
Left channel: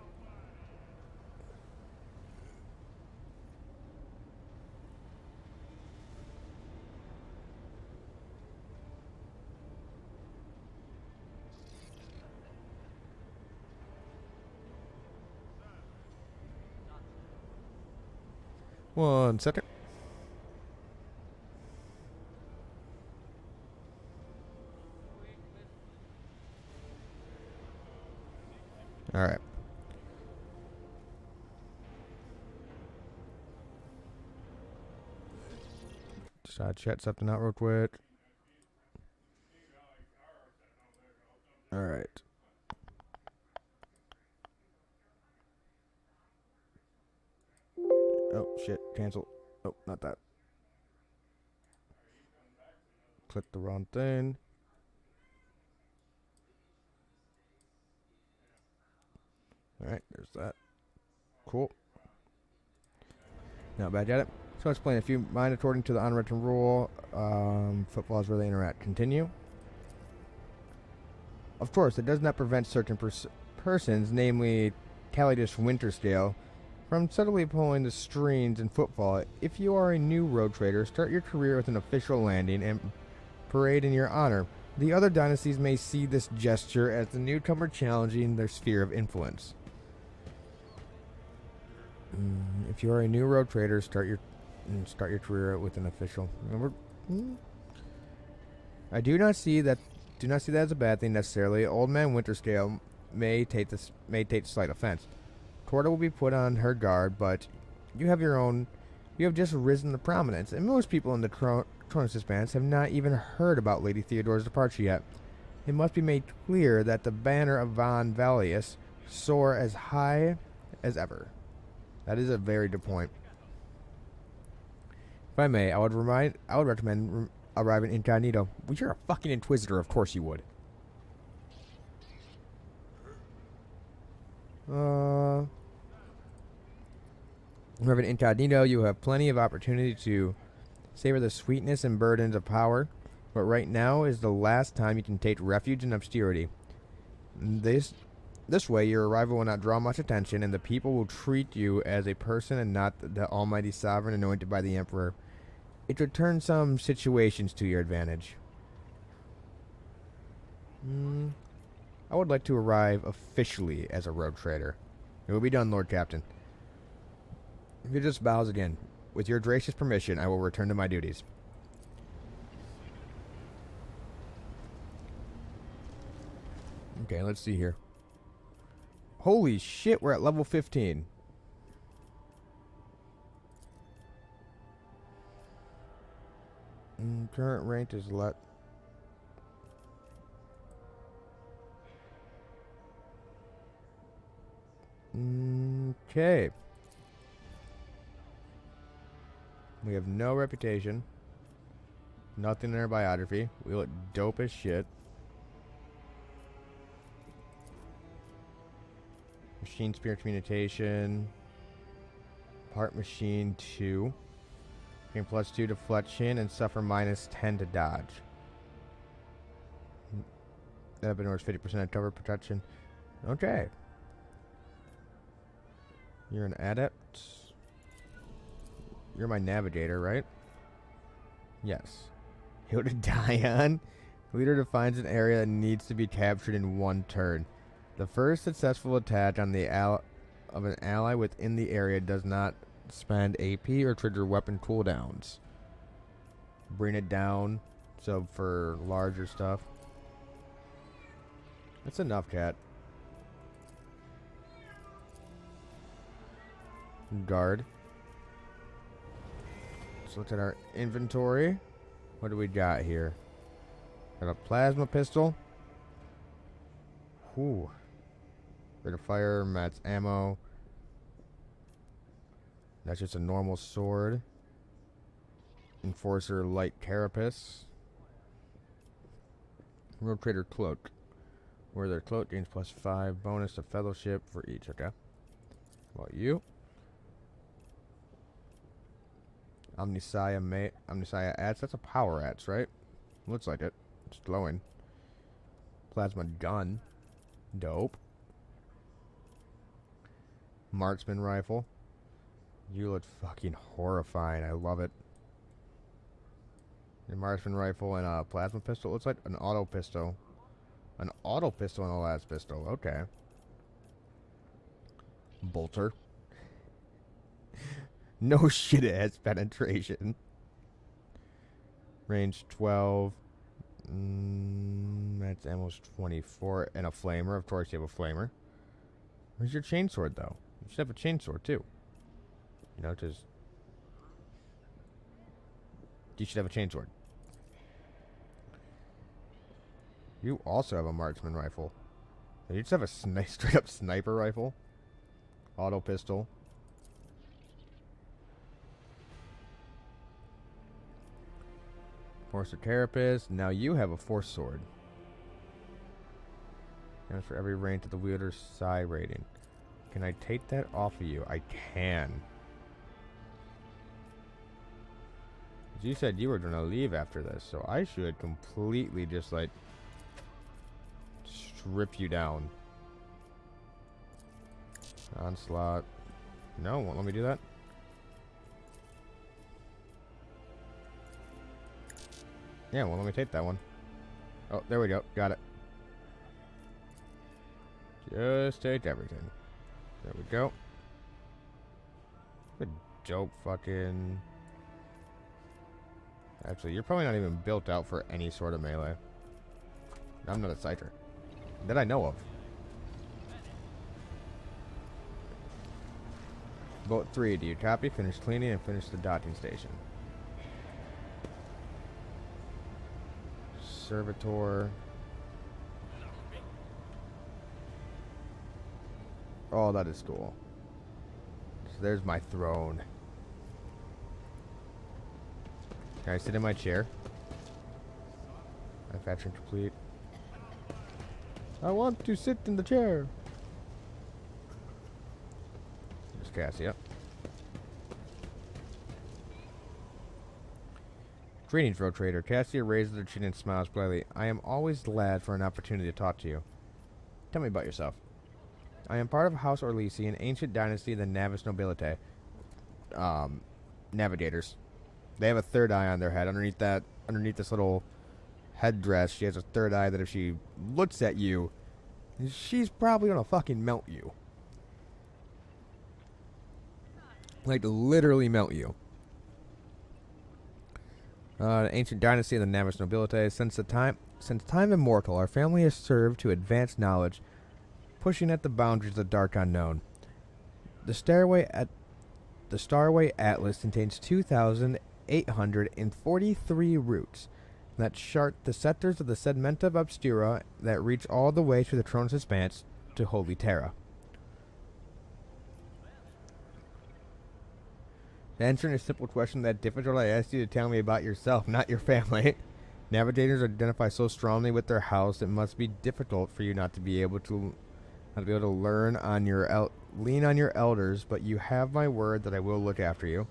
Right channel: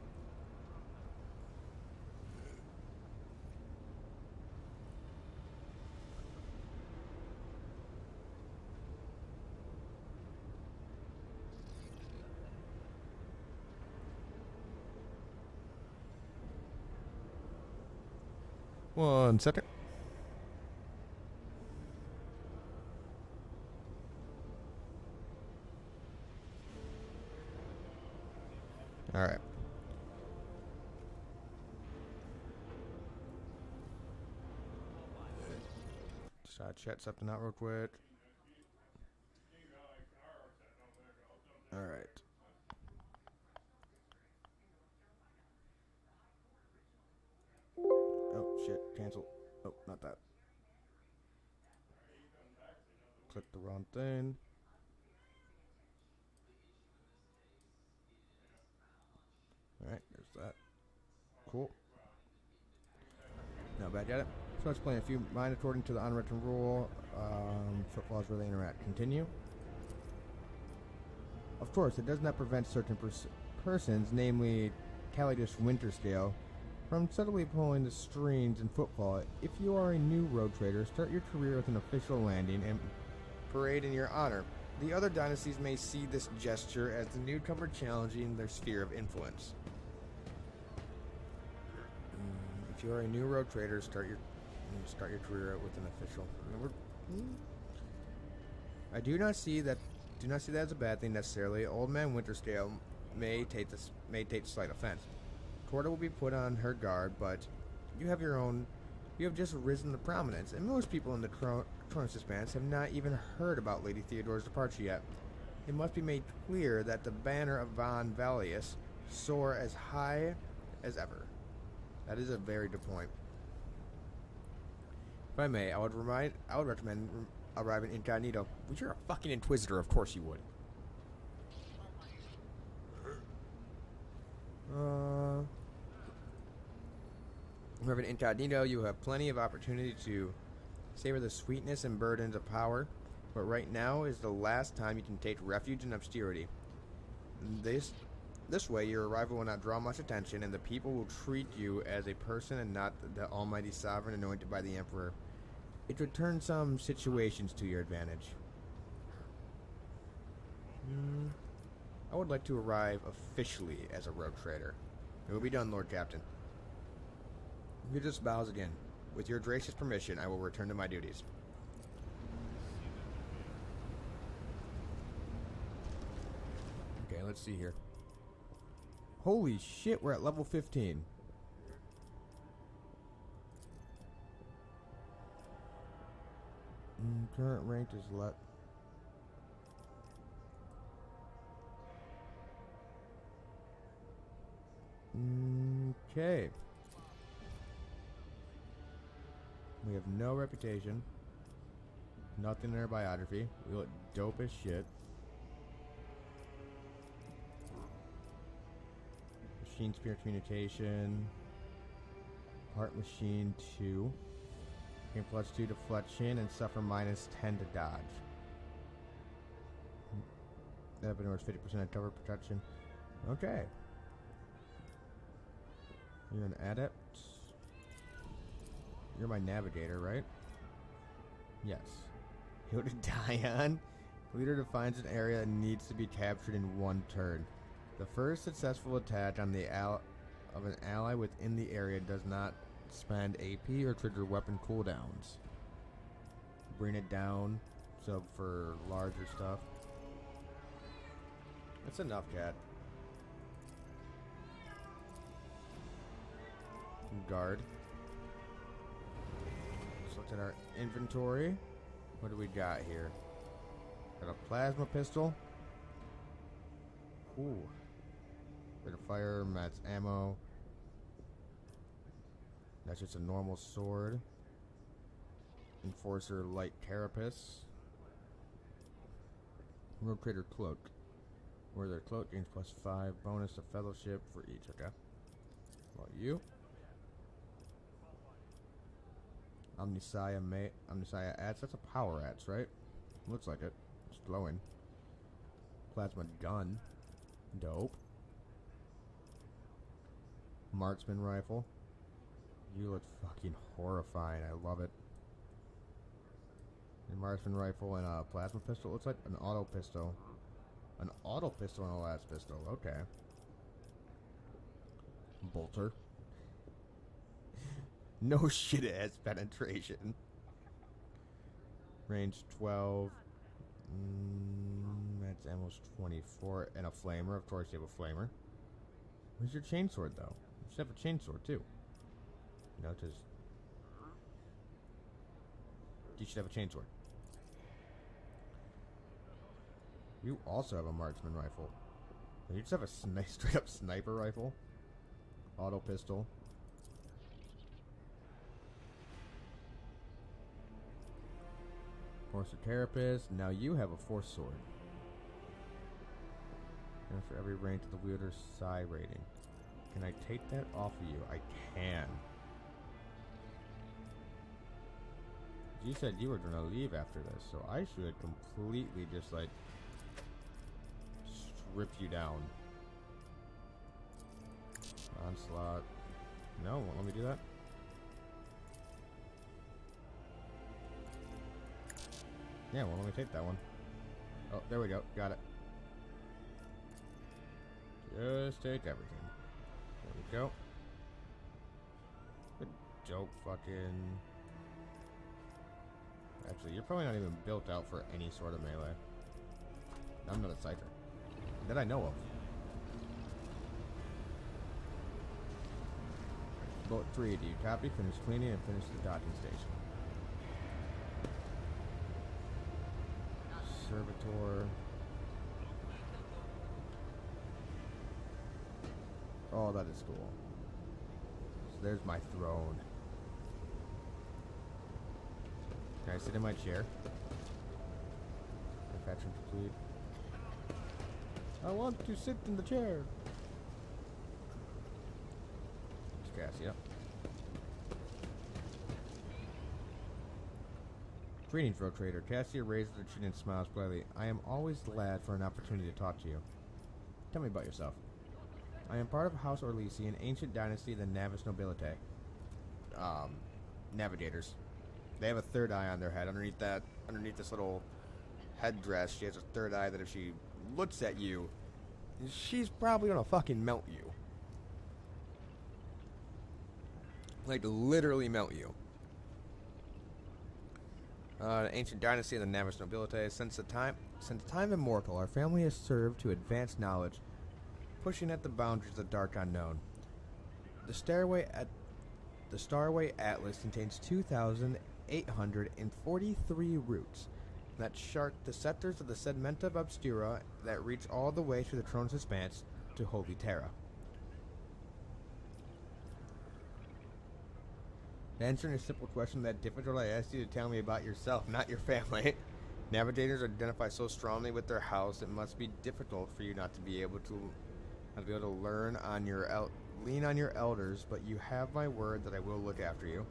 One second. All right. Just chat something out real quick. All right. Oh, shit. Cancel. Oh, not that. Click the wrong thing. All right, there's that. Cool. Now back at it. So explain if you mind according to the unwritten rule, footfalls where they interact. Continue. Of course, it does not prevent certain persons, namely Calidus Winterscale, from subtly pulling the strings in footfall. If you are a new road trader, start your career with an official landing and parade in your honor. The other dynasties may see this gesture as the newcomer challenging their sphere of influence. If you are a new road trader, start your career with an official. I do not see that as a bad thing necessarily. Old Man Winterscale may take slight offense. Corda will be put on her guard, but you have just risen to prominence, and most people in the Kronos Expanse have not even heard about Lady Theodore's departure yet. It must be made clear that the banner of Von Valius soar as high as ever. That is a very good point. If I may, I would recommend arriving incognito. Well, you're a fucking inquisitor, of course you would. Arriving incognito, you have plenty of opportunity to savor the sweetness and burdens of power, but right now is the last time you can take refuge in obscurity. This way, your arrival will not draw much attention, and the people will treat you as a person and not the almighty sovereign anointed by the emperor. It would turn some situations to your advantage. I would like to arrive officially as a rogue trader. It will be done, Lord Captain. If he just bows again. With your gracious permission, I will return to my duties. Okay, let's see here. Holy shit, we're at level 15. Current rank is let. Okay. We have no reputation. Nothing in our biography. We look dope as shit. Machine spirit communication. Part machine 2. Gain +2 deflection and suffer -10 to dodge. That ignores 50% of cover protection. Okay. You're an adept. You're my navigator, right? Yes. Hill to die on. Leader defines an area that needs to be captured in 1 turn. The first successful attack on the of an ally within the area does not spend AP or trigger weapon cooldowns. Bring it down, so for larger stuff. That's enough, cat. Guard. Let's look at our inventory. What do we got here? Got a plasma pistol. Whew. Rate of fire, mats ammo. That's just a normal sword. Enforcer light carapace. Rotator cloak. Where their cloak gains +5 bonus to fellowship for each. Okay. Well, you. Omniscia Ads. That's a power ads, right? Looks like it. It's glowing. Plasma gun. Dope. Marksman rifle. You look fucking horrifying. I love it. A marksman rifle and a plasma pistol. Looks like an auto pistol. An auto pistol and a las pistol. Okay. Bolter. No shit, it has penetration. Range 12. That's almost 24. And a flamer. Of course, you have a flamer. Where's your chainsword, though? You should have a chainsword, too. You know, just... You should have a chainsword. You also have a marksman rifle. You just have a straight up sniper rifle. Auto pistol. Force of carapace. Now you have a force sword. And for every rank to the wielder's side rating. Can I take that off of you? I can. You said you were going to leave after this, so I should completely just, like, strip you down. Onslaught. No, won't let me do that. Yeah, well, let me take that one. Oh, there we go. Got it. Just take everything. There we go. Good dope fucking... Actually, you're probably not even built out for any sort of melee. I'm not a scyther. That I know of. Boat 3, do you copy? Finish cleaning and finish the docking station. Servitor. Oh, that is cool. So there's my throne. Can I sit in my chair? Manufacturing complete. I want to sit in the chair. There's Cassia. Greetings, Road Trader. Cassia raises her chin and smiles politely. I am always glad for an opportunity to talk to you. Tell me about yourself. I am part of House Orlisi, an ancient dynasty of the Navis Nobilite. Navigators. They have a third eye on their head. Underneath this little headdress, she has a third eye that if she looks at you, she's probably gonna fucking melt you. Like, literally melt you. Ancient dynasty of the Navis Nobilite. Since the time Since time immortal, our family has served to advance knowledge, pushing at the boundaries of the dark unknown. The Starway Atlas contains 2,843 routes that chart the sectors of the Segmenta Obscura that reach all the way to the Throne's Expanse to Holy Terra. Answering a simple question that difficult, I asked you to tell me about yourself, not your family. Navigators identify so strongly with their house, it must be difficult for you not to be able to learn on your lean on your elders, but you have my word that I will look after you.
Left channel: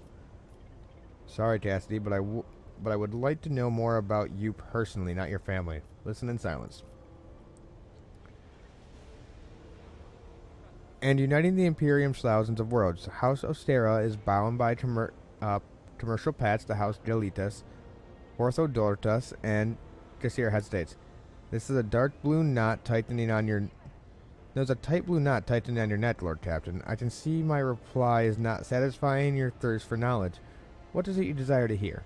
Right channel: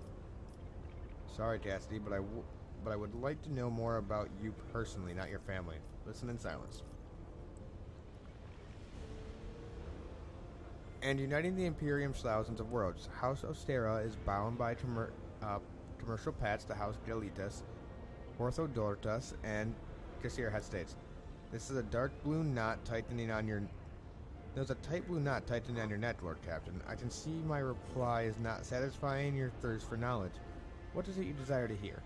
Sorry, Cassidy, but I would like to know more about you personally, not your family. Listen in silence. And uniting the Imperium's thousands of worlds, House Ostera is bound by commercial paths to House Delitas, Orthodortus, and Kassir hesitates. This is a dark blue knot tightening on your... There's a tight blue knot tightening on your neck, Lord Captain. I can see my reply is not satisfying your thirst for knowledge. What is it you desire to hear?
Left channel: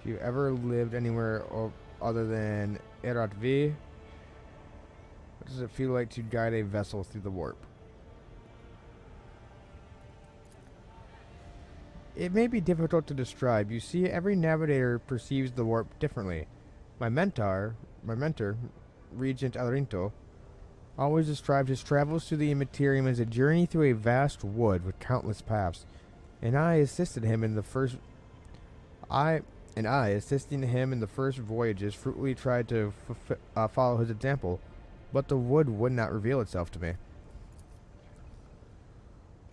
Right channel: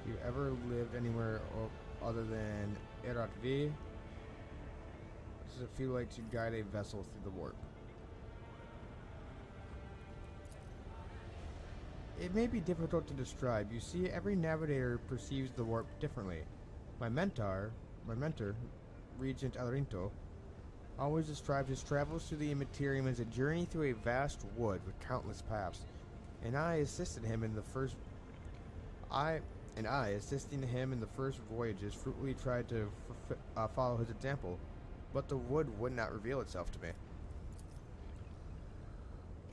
If you ever lived anywhere other than Erat V, what does it feel like to guide a vessel through the warp? It may be difficult to describe. You see, every navigator perceives the warp differently. My mentor, Regent Alarinto, always described his travels through the Immaterium as a journey through a vast wood with countless paths, and assisting him in the first voyages, fruitfully tried to follow his example, but the wood would not reveal itself to me.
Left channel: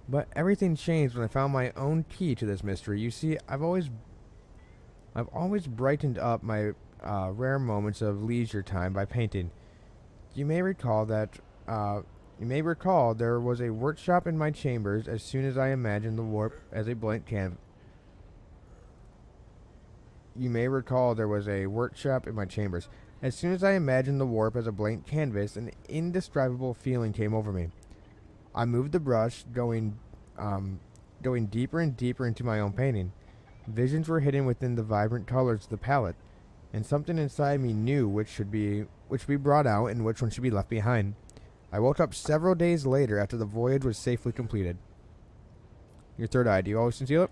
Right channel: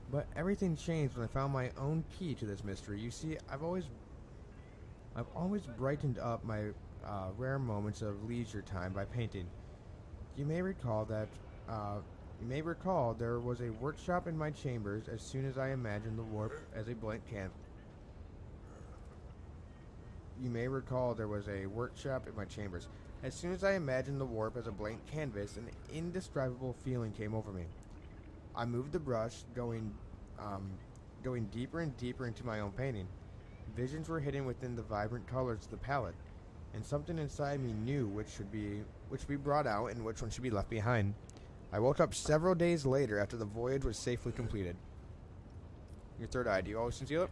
But everything changed when I found my own key to this mystery. You see, I've always brightened up my rare moments of leisure time by painting. You may recall there was a workshop in my chambers as soon as I imagined the warp as a blank canvas. You may recall there was a workshop in my chambers. As soon as I imagined the warp as a blank canvas, an indescribable feeling came over me. I moved the brush, going deeper and deeper into my own painting. Visions were hidden within the vibrant colors of the palette, and something inside me knew which should be brought out and which one should be left behind. I woke up several days later after the voyage was safely completed. Your third eye, do you always conceal it?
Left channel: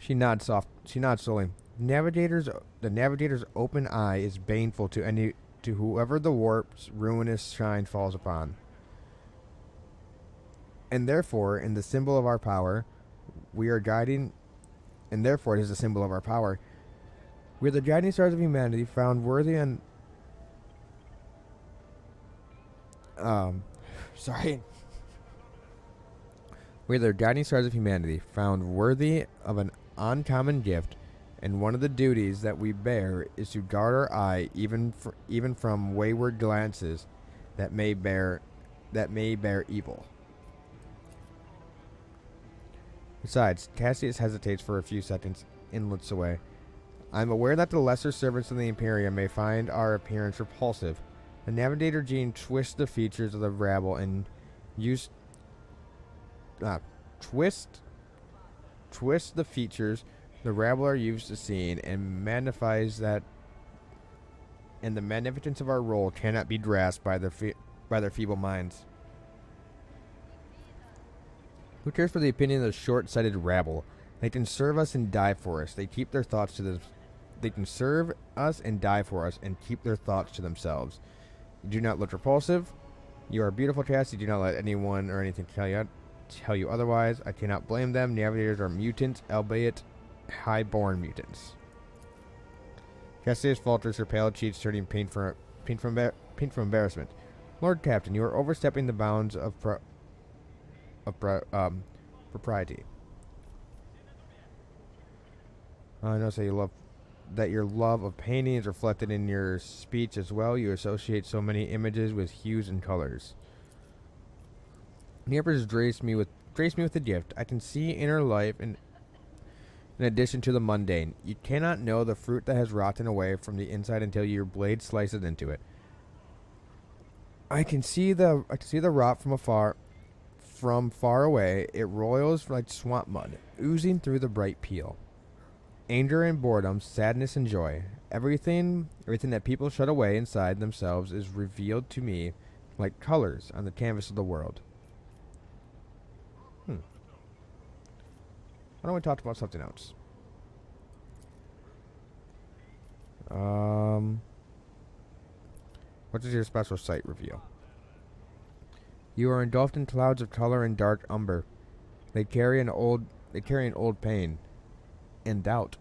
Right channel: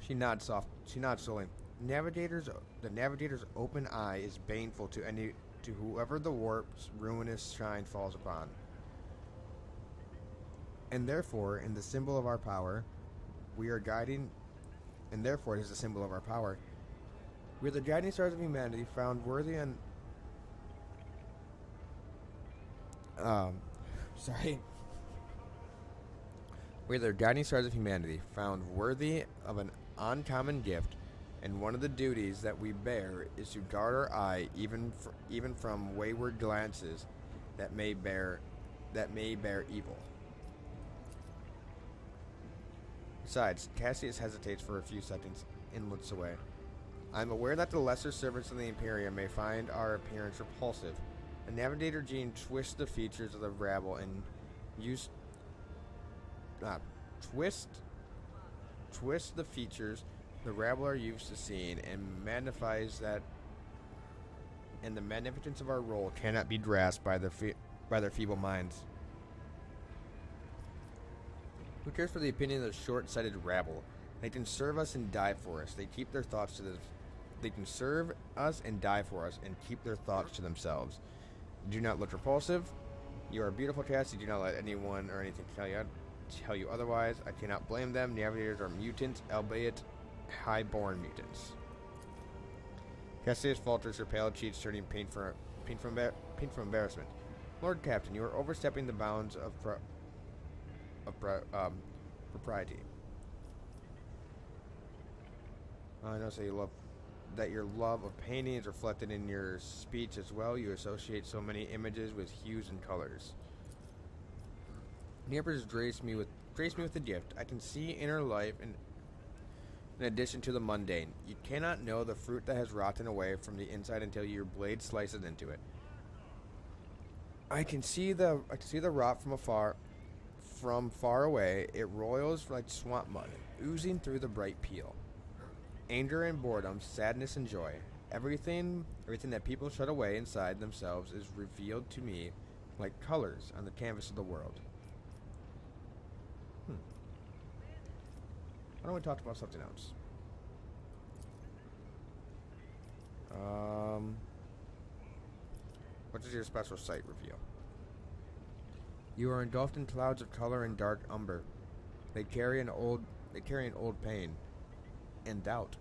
She nods slowly. The navigator's open eye is baneful to whoever the warp's ruinous shine falls upon. And therefore, in the symbol of our power, we are guiding, and therefore it is a symbol of our power. We are the guiding stars of humanity, found worthy and We're the guiding stars of humanity, found worthy of an uncommon gift, and one of the duties that we bear is to guard our eye even from wayward glances that may bear evil. Besides, Cassius hesitates for a few seconds and looks away. I am aware that the lesser servants of the Imperium may find our appearance repulsive. The Navigator gene twists the features of the rabble and twist the features the rabble are used to seeing and magnifies that, and the magnificence of our role cannot be grasped by their feeble minds. Who cares for the opinion of the short-sighted rabble? They can serve us and die for us. They keep their thoughts to them. They can serve us and die for us and keep their thoughts to themselves. You do not look repulsive. You are beautiful, Cassie. Do not let anyone or anything tell you otherwise. I cannot blame them. Navigators are mutants, albeit high-born mutants. Cassius falters, her pale cheeks turning pink from embarrassment. Lord Captain, you are overstepping the bounds of propriety. I know that your love of painting is reflected in your speech as well. You associate so many images with hues and colors. The Empress graced me with a gift. I can see inner life in addition to the mundane. You cannot know the fruit that has rotten away from the inside until your blade slices into it. I can see the rot from afar, From far away, it roils like swamp mud, oozing through the bright peel. Anger and boredom, sadness and joy. Everything that people shut away inside themselves is revealed to me like colors on the canvas of the world. Why don't we talk about something else? What is your special sight reveal? You are engulfed in clouds of color and dark umber. They carry an old pain and doubt.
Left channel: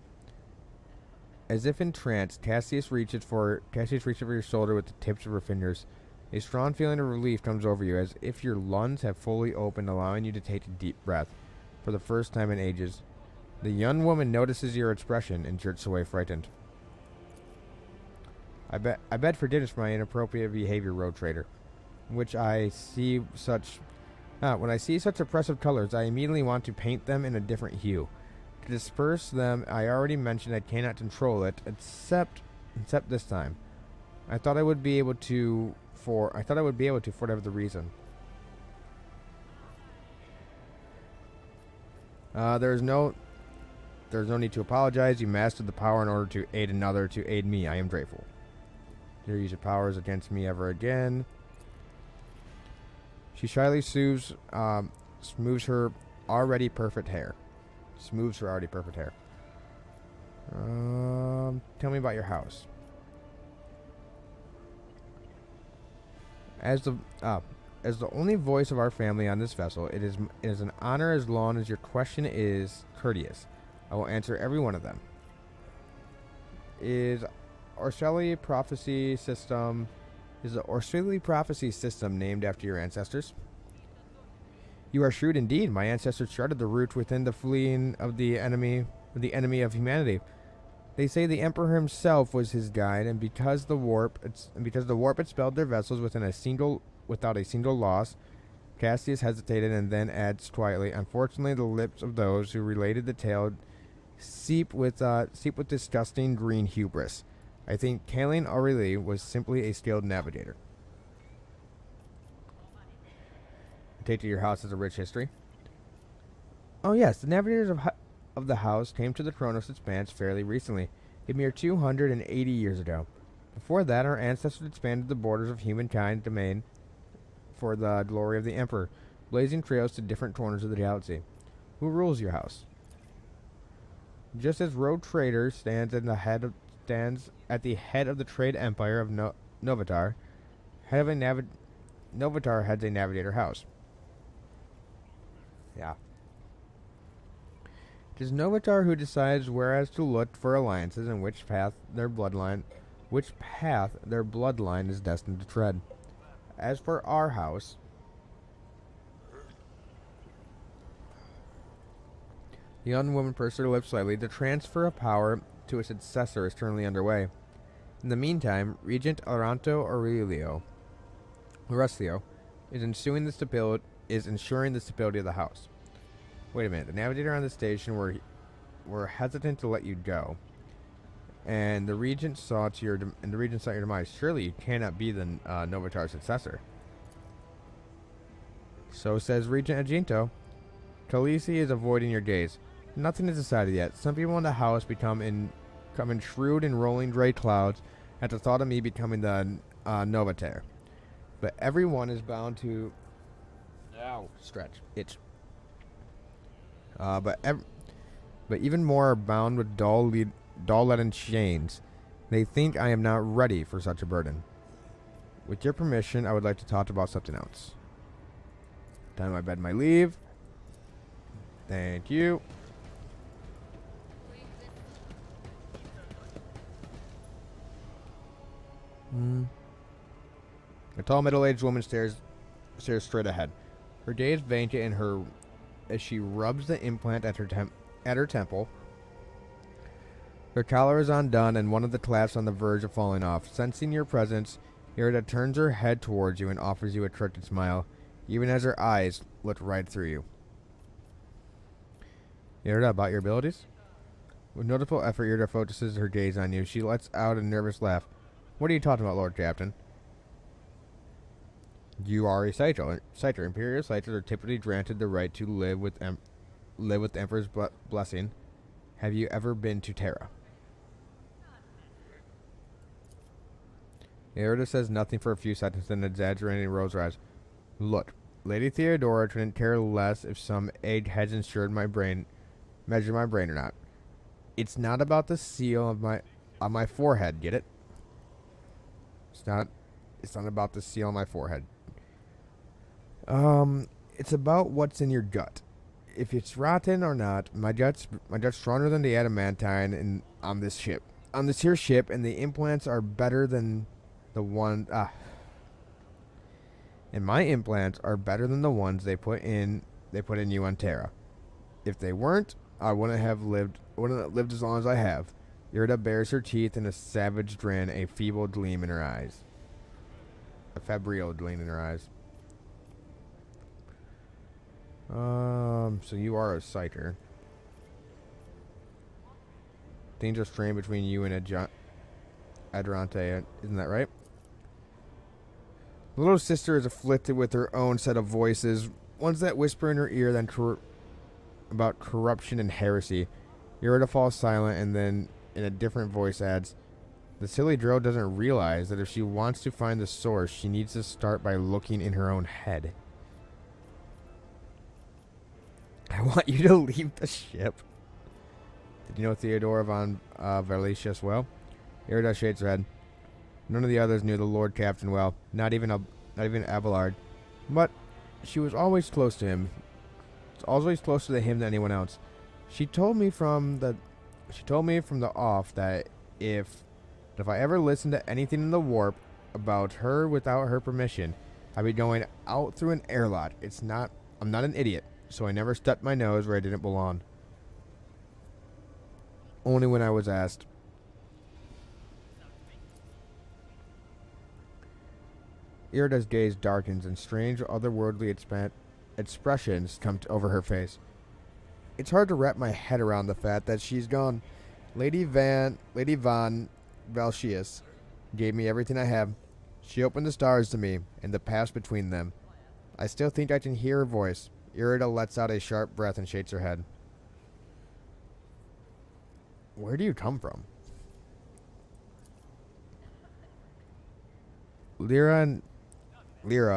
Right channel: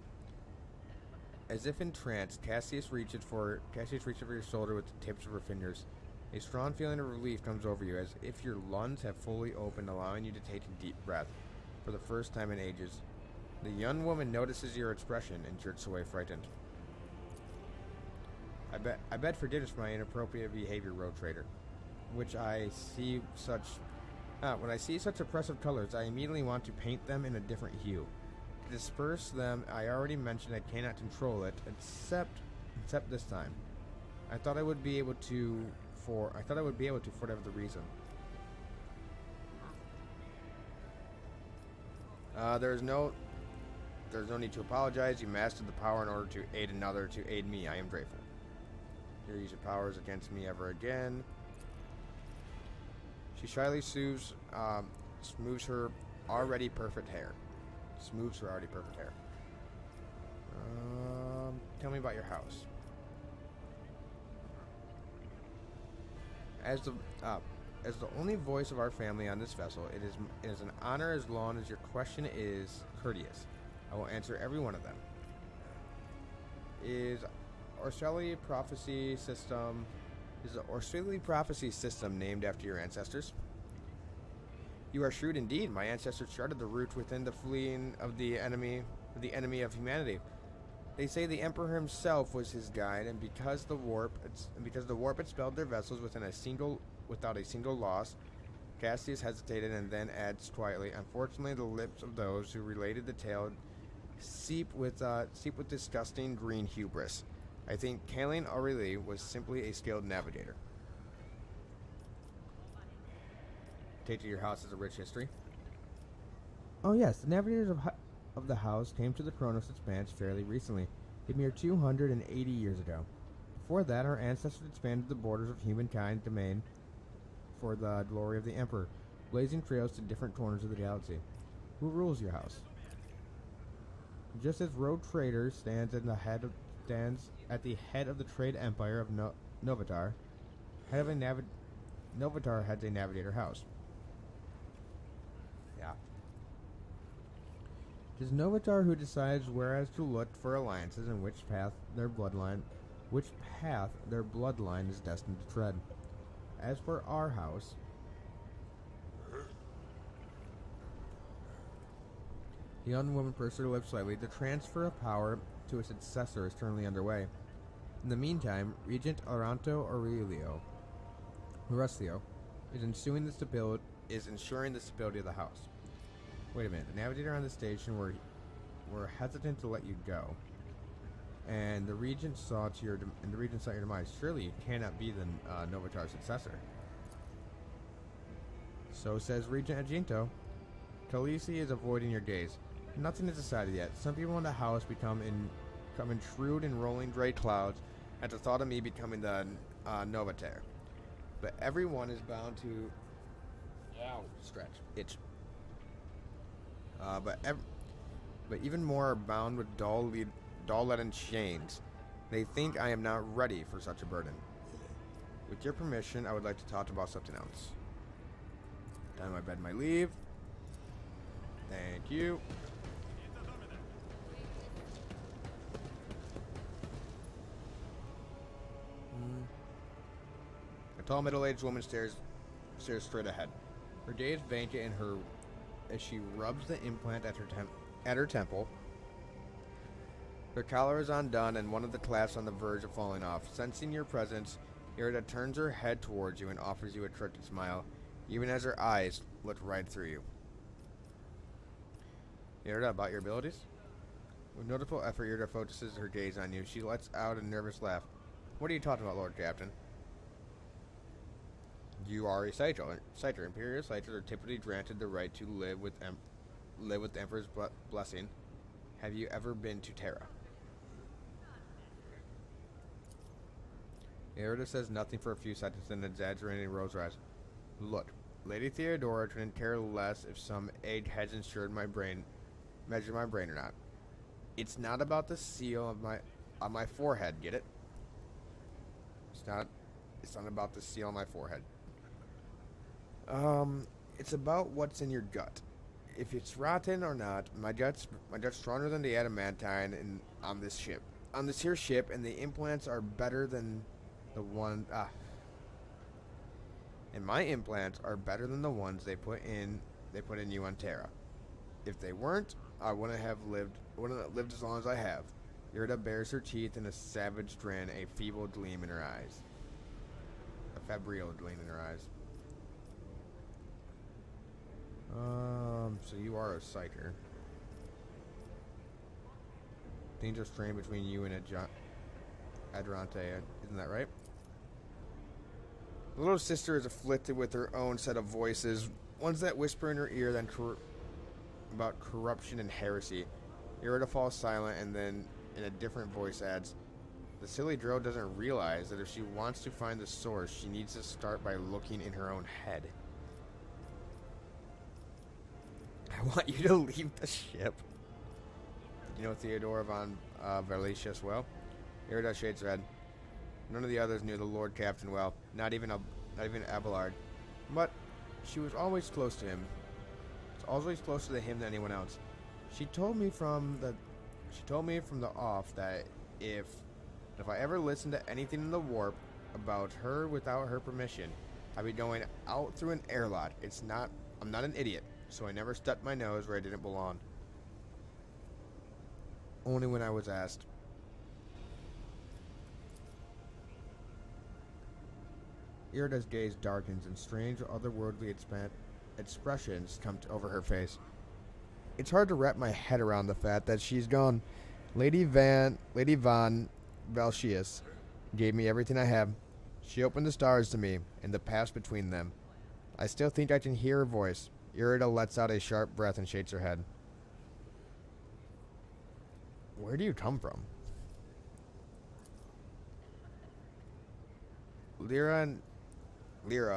As if in trance, Cassius reaches over your shoulder with the tips of her fingers. A strong feeling of relief comes over you, as if your lungs have fully opened, allowing you to take a deep breath for the first time in ages. The young woman notices your expression and jerks away frightened. I beg forgiveness for my inappropriate behavior, Road Trader. When I see such oppressive colors, I immediately want to paint them in a different hue. To disperse them, I already mentioned I cannot control it, except this time. I thought I would be able to for whatever the reason. There's no need to apologize. You mastered the power in order to aid another, to aid me. I am grateful. Never use your powers against me ever again. She shyly smooths her already perfect hair. Tell me about your house. As the only voice of our family on this vessel, it is an honor as long as your question is courteous. I will answer every one of them. Is the Orstelli prophecy system named after your ancestors? You are shrewd indeed. My ancestors charted the route within the fleeing of the enemy of humanity. They say the Emperor himself was his guide, and because the warp expelled their vessels without a single loss, Cassius hesitated and then adds quietly, "Unfortunately, the lips of those who related the tale seep with disgusting green hubris. I think Kaelin Aurelie was simply a skilled navigator." I take to your house as a rich history. Oh yes, the navigators of the house came to the Chronos Expanse fairly recently, a mere 280 years ago. Before that, our ancestors expanded the borders of humankind domain for the glory of the Emperor, blazing trails to different corners of the galaxy. Who rules your house? Just as Road Trader stands at the head of the trade empire of Novatar, Novatar heads a navigator house. Yeah. It is Novatar who decides whereas to look for alliances and which path their bloodline is destined to tread. As for our house, the young woman pursed her lips slightly. The transfer of power to a successor is currently underway. In the meantime, Regent Aranto Orescio is ensuring the stability of the house. Wait a minute. The navigator on the station were hesitant to let you go, and the regent saw your demise. Surely you cannot be the Novatar successor. So says Regent Aginto. Khaleesi is avoiding your gaze. Nothing is decided yet. Some people in the house become in shrewd and rolling gray clouds at the thought of me becoming the Novatar. But everyone is bound to itch. But even more are bound with dull leaden chains. They think I am not ready for such a burden. With your permission, I would like to talk about something else. Time I bed my leave. Thank you. A tall middle-aged woman stares straight ahead. Her gaze vacant as she rubs the implant at her temple. Her collar is undone and one of the clasps on the verge of falling off. Sensing your presence, Irida turns her head towards you and offers you a crooked smile, even as her eyes look right through you. Irida, about your abilities? With notable effort, Irida focuses her gaze on you. She lets out a nervous laugh. What are you talking about, Lord Captain? You are a Saito. Imperial Saitos are typically granted the right to live with the Emperor's blessing. Have you ever been to Terra? Erida says nothing for a few seconds, then exaggerating rolls her eyes. Look, Lady Theodora couldn't care less if some egg has measured my brain or not. It's not about the seal of on my forehead, get it? It's not about the seal on my forehead. It's about what's in your gut. If it's rotten or not, my gut's stronger than the adamantine on this ship. On this here ship, and the implants are better than the one and my implants are better than the ones they put in you on Terra. If they weren't, I wouldn't have lived as long as I have. Irida bares her teeth in a savage grin, a feeble gleam in her eyes. A febrile gleam in her eyes. So you are a Scyther. Things are strained between you and Adrante, isn't that right? The little sister is afflicted with her own set of voices, ones that whisper in her ear then about corruption and heresy. Irida falls silent and then, in a different voice, adds, the silly girl doesn't realize that if she wants to find the source, she needs to start by looking in her own head. I want you to leave the ship. Did you know Theodora von Verlicia as well? Irida shades her head. None of the others knew the Lord Captain well, not even Abelard. But she was always close to him. Always closer to him than anyone else. She told me from the off that if I ever listened to anything in the warp about her without her permission, I'd be going out through an airlock. I'm not an idiot, so I never stuck my nose where I didn't belong. Only when I was asked. Irida's gaze darkens and strange otherworldly expressions come over her face. It's hard to wrap my head around the fact that she's gone. Lady von Valchius gave me everything I have. She opened the stars to me and the past between them. I still think I can hear her voice. Irida lets out a sharp breath and shakes her head. Where do you come from? Lyra,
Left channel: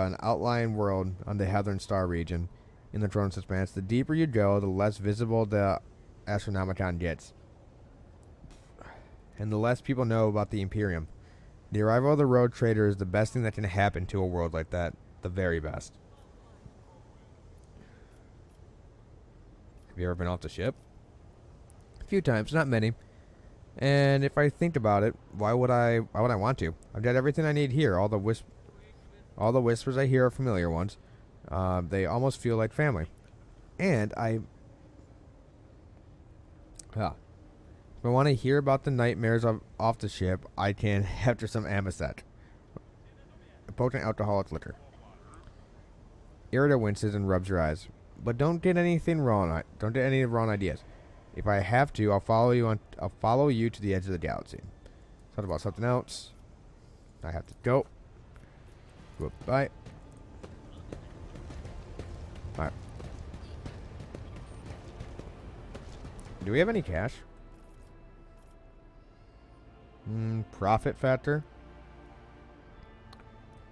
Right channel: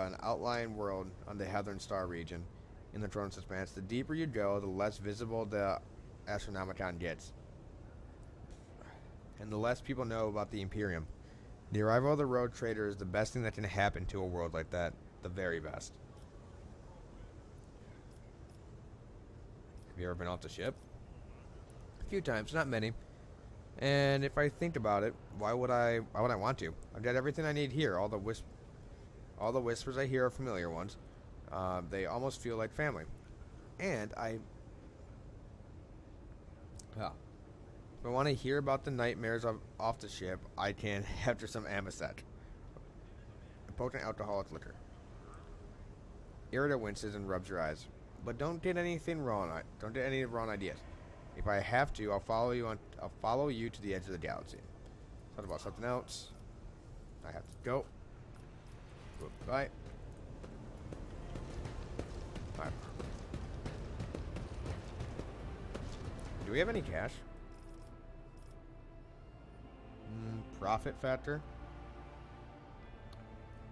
an outlying world on the Heathern Star region. In the Throne's Expanse, the deeper you go, the less visible the Astronomicon gets. And the less people know about the Imperium. The arrival of the road trader is the best thing that can happen to a world like that. The very best. Have you ever been off the ship? A few times, not many. And if I think about it, why would I want to? I've got everything I need here. All the whispers I hear are familiar ones. They almost feel like family. And if I want to hear about the nightmares off the ship, I can after some Amasec, a potent alcoholic liquor. Irida winces and rubs her eyes. But don't get anything wrong. Don't get any wrong ideas. If I have to, I'll follow you to the edge of the galaxy. Thought about something else. I have to go. Goodbye. Alright. Do we have any cash? Profit factor.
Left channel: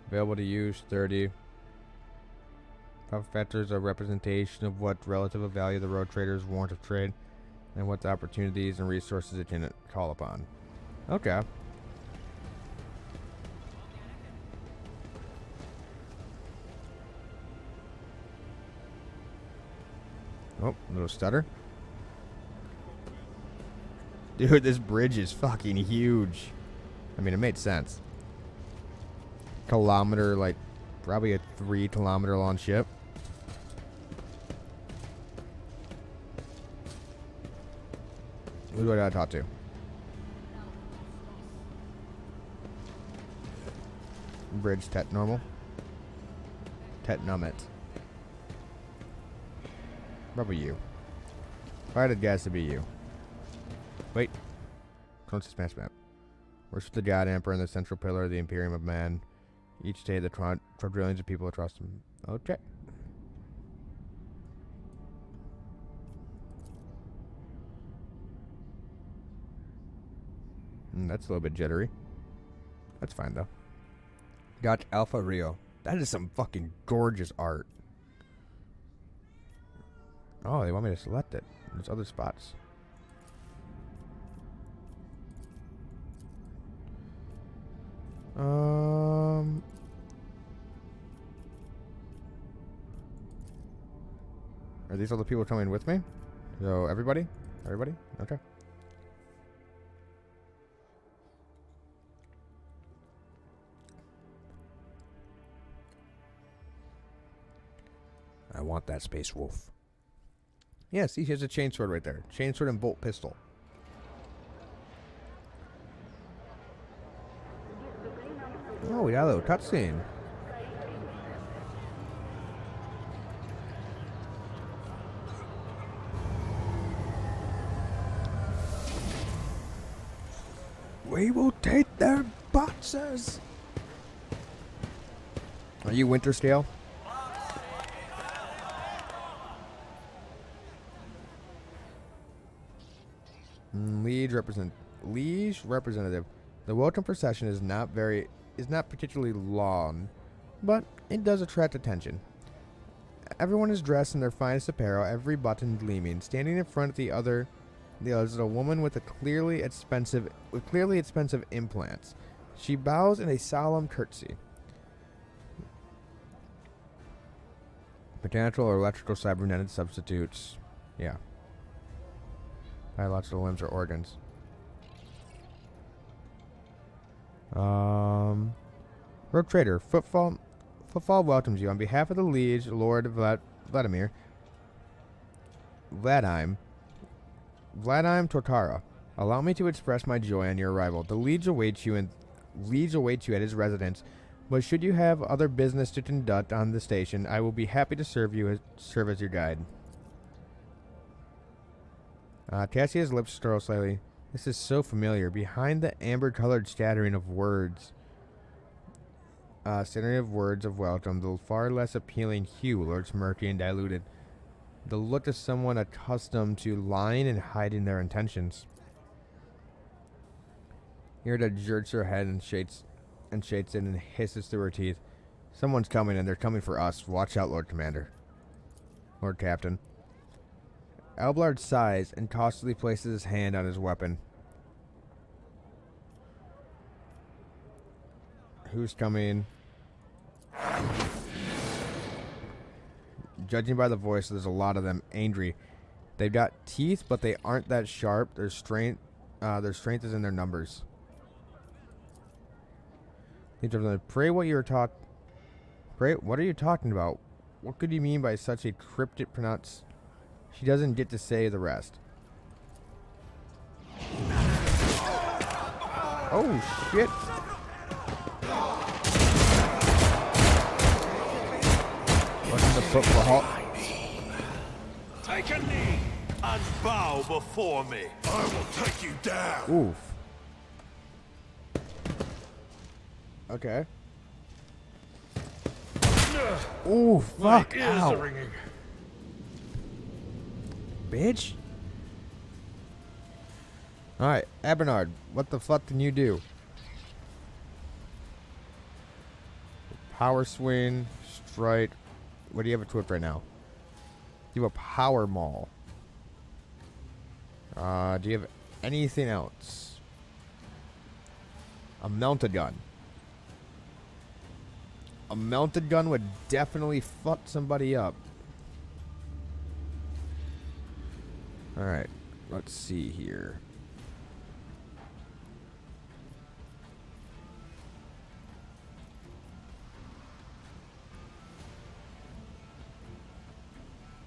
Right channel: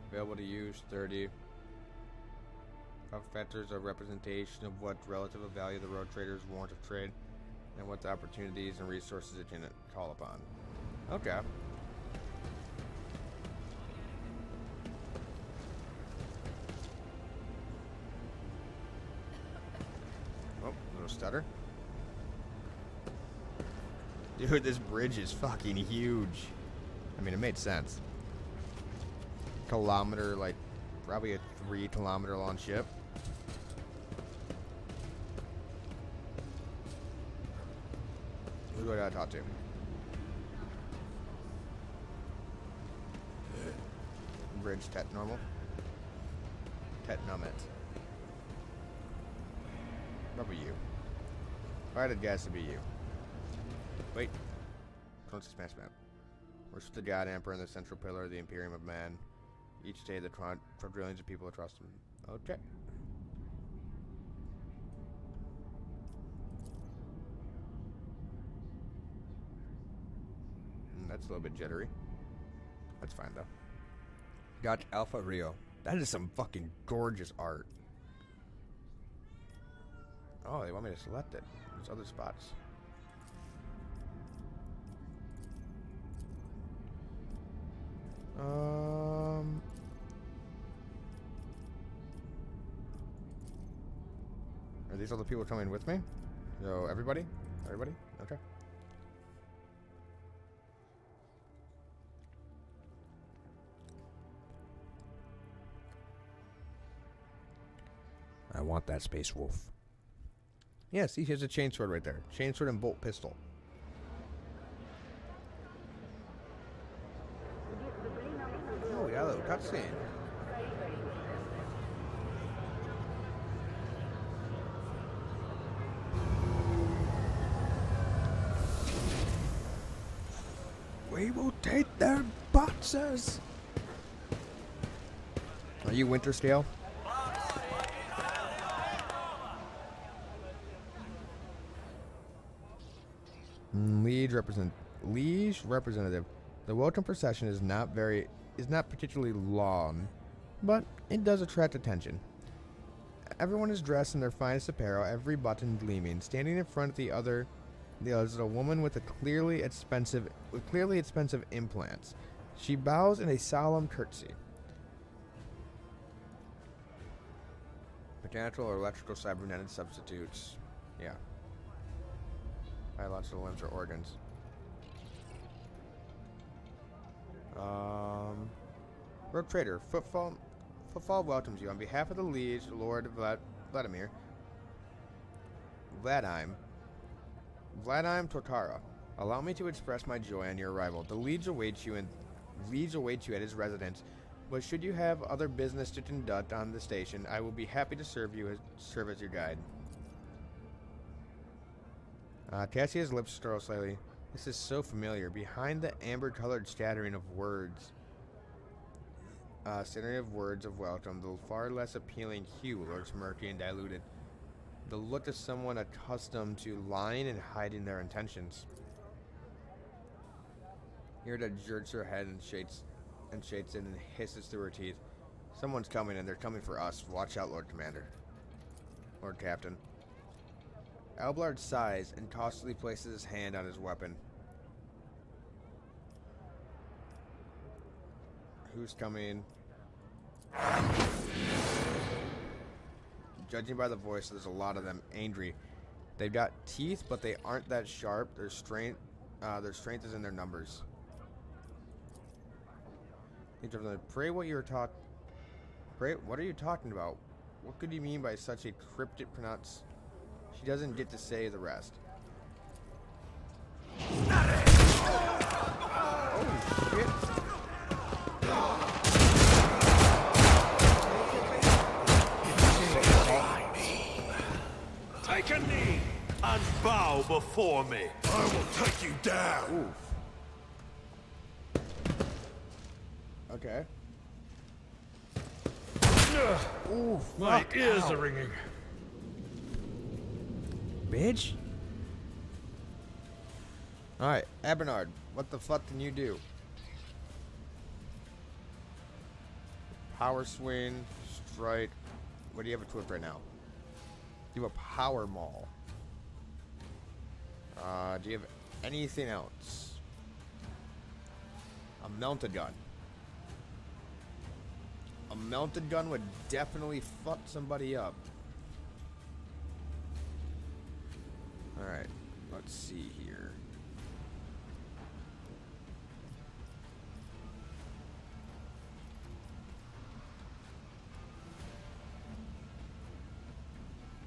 Available to use 30. Profit factor is a representation of what relative value the road traders want to trade and what the opportunities and resources it can call upon. Okay. Oh, little stutter. Dude, this bridge is fucking huge. I mean, it made sense. Kilometer, like, probably a 3 kilometer long ship. Who do I gotta talk to? Bridge tet normal. Tet nummit. Probably you. If I had a guess, it'd be you. Wait. Throne's Expanse map. Worship the God Emperor and the central pillar of the Imperium of Man. Each day the for trillions of people to trust him. Okay. That's a little bit jittery. That's fine, though. Got Alpha Rio. That is some fucking gorgeous art. Oh, they want me to select it. There's other spots. Are these all the people coming with me? So, everybody? Everybody? Okay. I want that Space Wolf. Yeah, see, he has a chainsword right there. Chainsword and bolt pistol. Oh, we got a little cutscene. We will take their boxes. Are you Winter Scale? Liege representative. The welcome procession is not particularly long, but it does attract attention. Everyone is dressed in their finest apparel, every button gleaming. Standing in front of the others is a woman with clearly expensive implants. She bows in a solemn curtsy. Mechanical or electrical cybernetic substitutes. Yeah. Biological limbs or organs. Rogue Trader. Footfall welcomes you. On behalf of the Liege, Lord Vladimir Tortara, allow me to express my joy on your arrival. The Liege awaits you at his residence, but should you have other business to conduct on the station, I will be happy to serve as your guide. Cassia's lips curl slightly. This is so familiar. Behind the amber-colored scattering of words of welcome, the far less appealing hue lurks murky and diluted. The look of someone accustomed to lying and hiding their intentions. Irida jerks her head and shakes it and hisses through her teeth. Someone's coming, and they're coming for us. Watch out, Lord Commander. Lord Captain. Alblard sighs and cautiously places his hand on his weapon. Who's coming? Judging by the voice, there's a lot of them angry. They've got teeth, but they aren't that sharp. Their strength is in their numbers. Pray, what are you talking about? What could you mean by such a cryptic pronounce? She doesn't get to say the rest. Oh, shit. Take a knee and bow before me. I will take you down. Oof. Okay. Ooh, fuck. My ears ow. are ringing. Bitch. Alright, Abernard, what the fuck can you do? Power swing, strike. What do you have equipped right now? You have a power maul. Do you have anything else? A melted gun. A melted gun would definitely fuck somebody up. Alright, let's see here.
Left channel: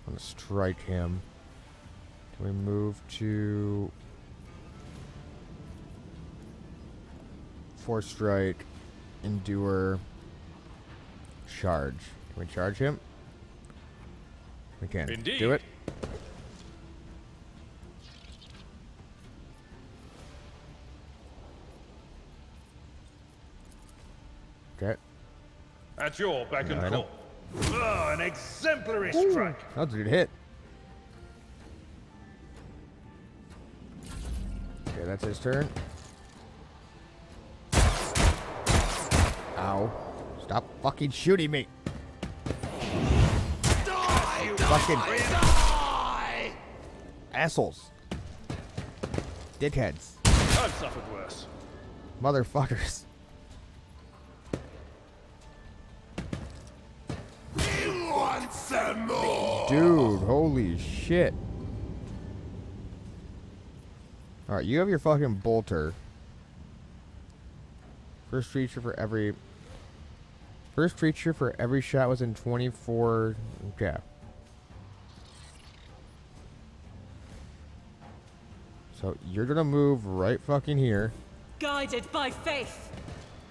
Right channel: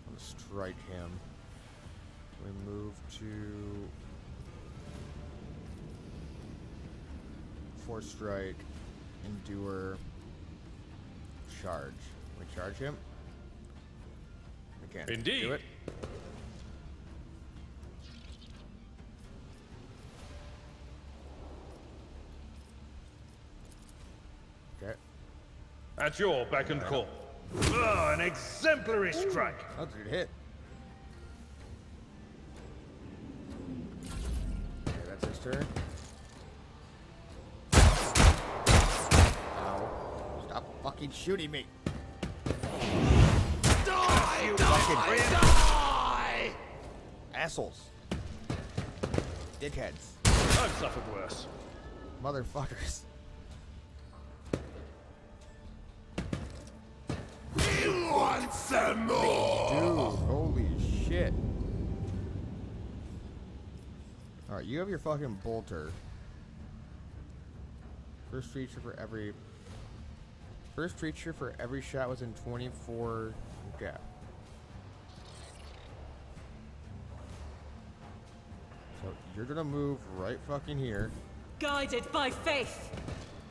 I'm gonna strike him. We move to Force Strike, Endure, Charge. Can we charge him? We can. Indeed. Do it. Okay. At your beck and I call. Oh, an exemplary strike. That's a good hit. Okay, that's his turn. Ow. Stop fucking shooting me. Die, you Fucking die! assholes. Dickheads. I've suffered worse. Motherfuckers. You want some more? Dude, holy shit. Alright, you have your fucking bolter. First creature for every shot within 24. Okay. So you're gonna move right fucking here. Guided by faith.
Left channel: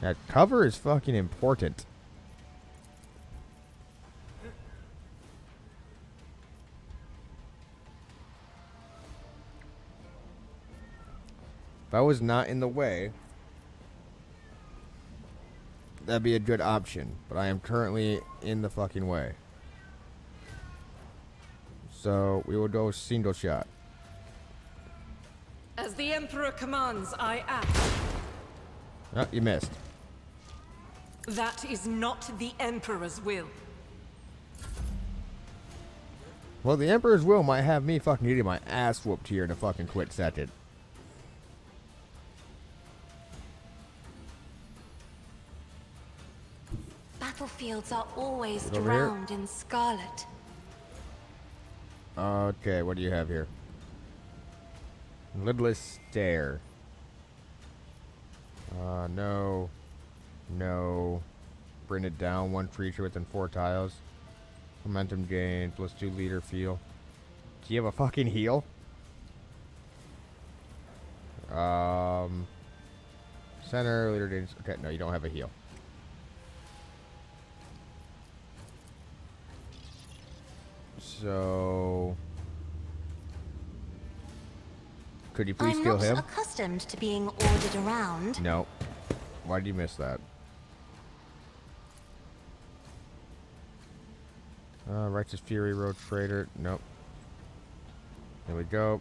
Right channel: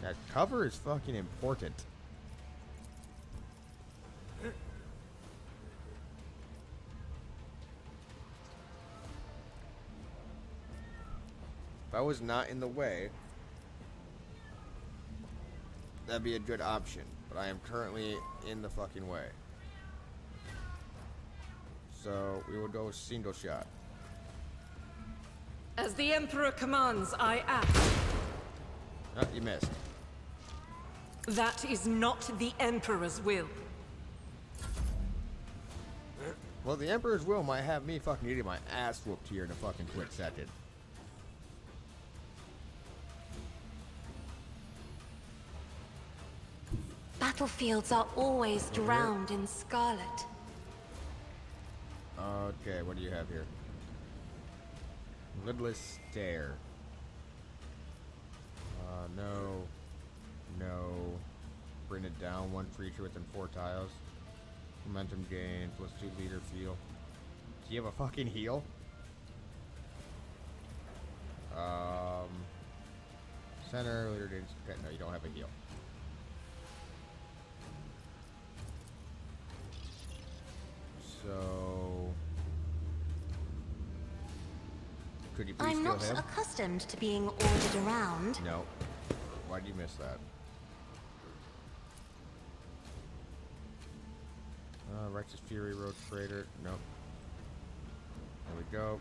That cover is fucking important. If I was not in the way, that'd be a good option. But I am currently in the fucking way. So we will go single shot. As the Emperor commands, I act. Oh, you missed. That is not the Emperor's will. Well, the Emperor's will might have me fucking getting my ass whooped here in a fucking quick second. Battlefields are always Over here. drowned in scarlet. Okay, what do you have here? Lidless Stare. No. No. Bring it down one creature within 4 tiles. Momentum gains. Let's do leader feel. Do you have a fucking heal? Center, leader gains. Okay, no, you don't have a heal. So... Could you please I'm heal not him? accustomed to being ordered around. No. Why did you miss that? Righteous Fury, Road Freighter. Nope. There we go.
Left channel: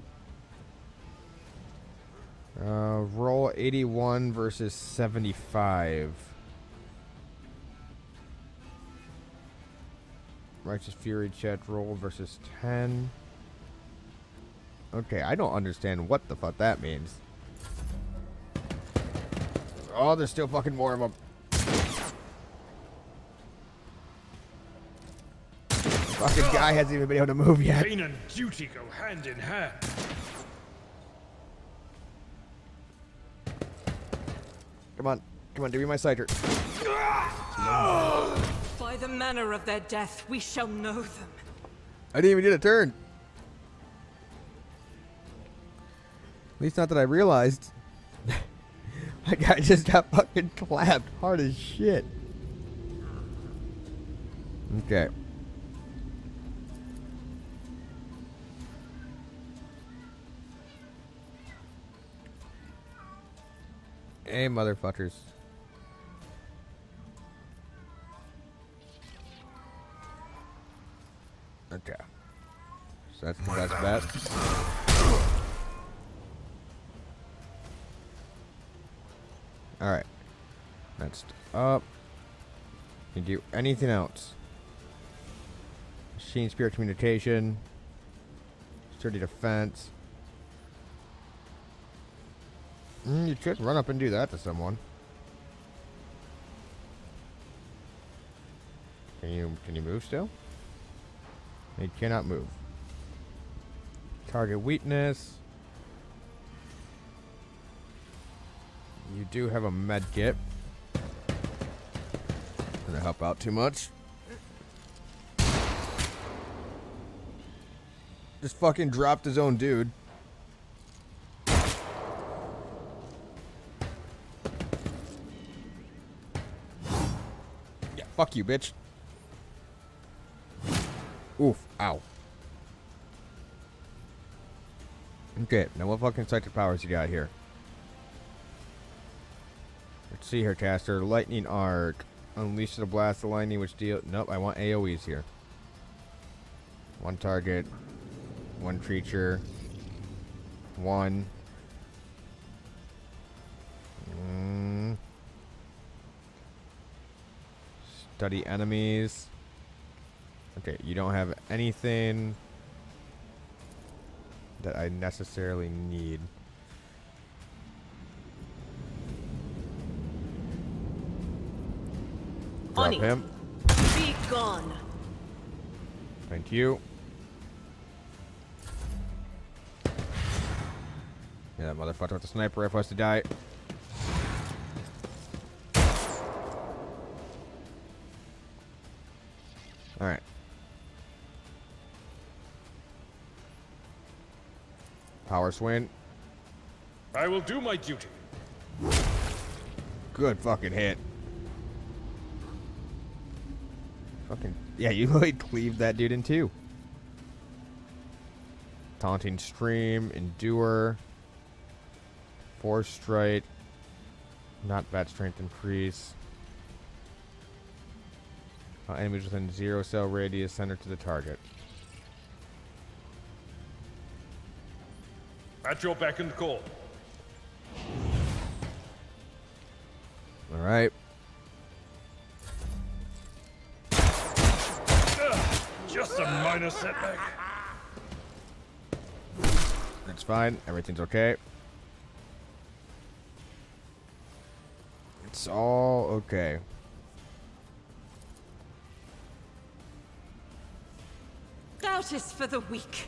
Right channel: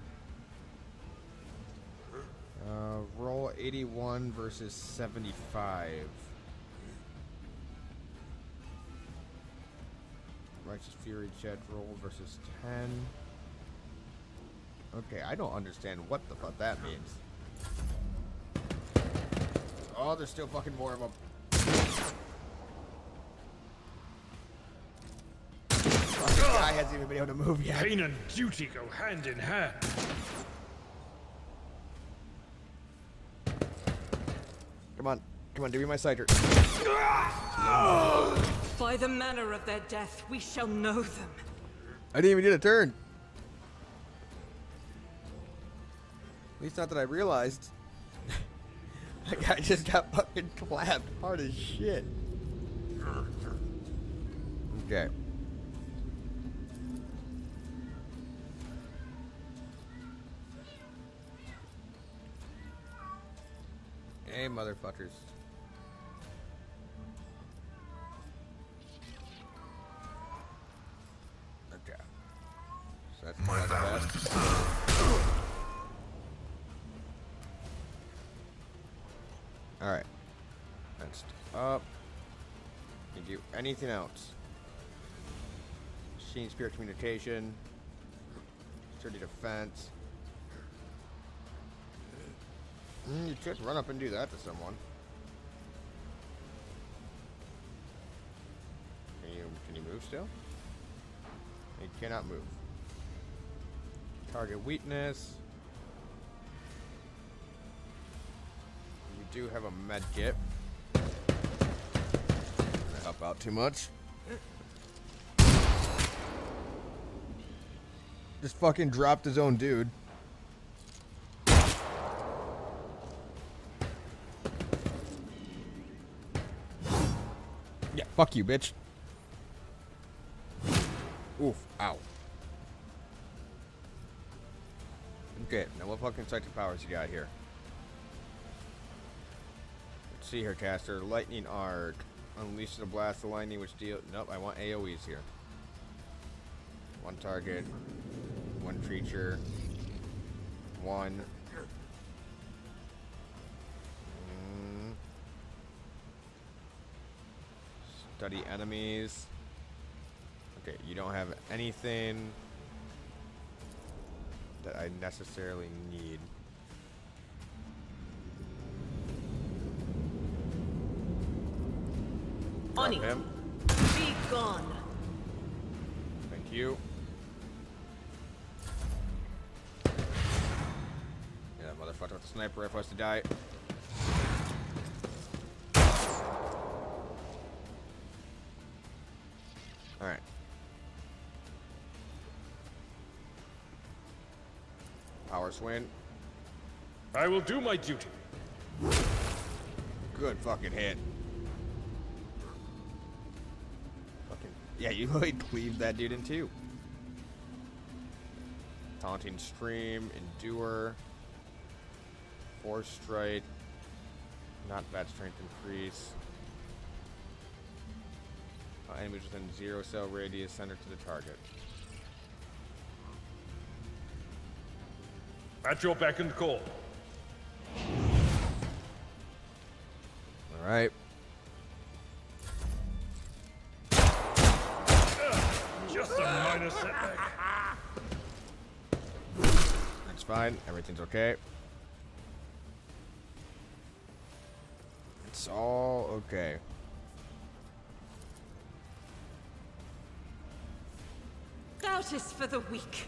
Roll 81 versus 75. Righteous Fury, Chet, roll versus 10. Okay, I don't understand what the fuck that means. Oh, there's still fucking more of them. Fucking guy hasn't even been able to move yet. Pain and duty go hand in hand. Come on, do me my sighter. By the manner of their death, we shall know them. I didn't even get a turn. At least not that I realized. That guy just got fucking clapped hard as shit. Okay. Hey, motherfuckers. Okay. So that's best. Alright. Next up. Can you do anything else? Machine Spirit Communication. Sturdy Defense. You could run up and do that to someone. Can you move still? You cannot move. Target weakness. You do have a med kit. Gonna help out too much. Just fucking dropped his own dude. Yeah, fuck you, bitch. Oof, ow. Okay, now what fucking psychic powers you got here? Let's see here, caster. Lightning Arc. Unleash the blast of lightning, which deal. Nope, I want AoEs here. One target, one creature, one. Study enemies. Okay, you don't have anything that I necessarily need. Drop On it. him. Be gone. Thank you. Yeah, that motherfucker with the sniper rifle has to die. Alright. Power swing. I will do my duty. Good fucking hit. Fucking. Yeah, you like cleaved that dude in two. Taunting Stream, Endure, Force Strike, not bad strength increase. Enemies within 0 cell radius, center to the target. At your beck and call. Alright. Just a minor setback. That's fine. Everything's okay. It's all okay. Doubt is for the weak.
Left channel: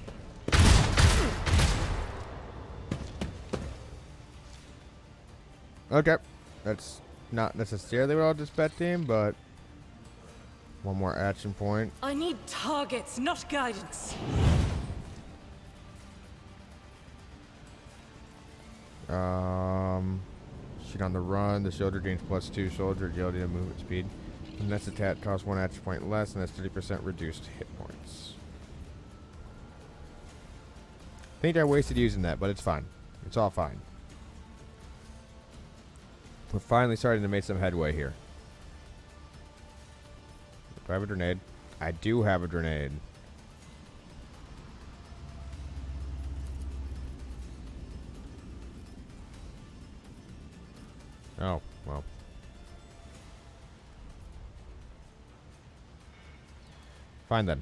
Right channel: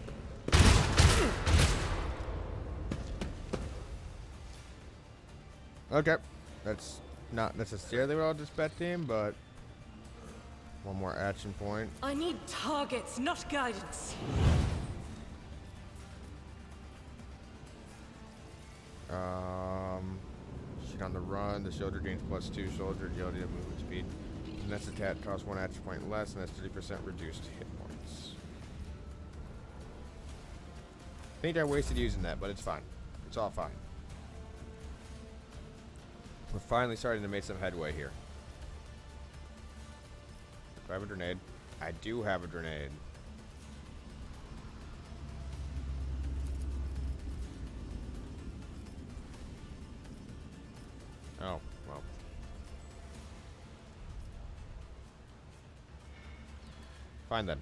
Okay. That's not necessarily what I was expecting, but one more action point. I need targets, not guidance. Shoot on the run. The soldier gains +2 soldier agility and movement speed. The next attack costs 1 action point less and has 30% reduced hit points. I think I wasted using that, but it's fine. It's all fine. We're finally starting to make some headway here. Do I have a grenade? I do have a grenade. Oh, well. Fine then.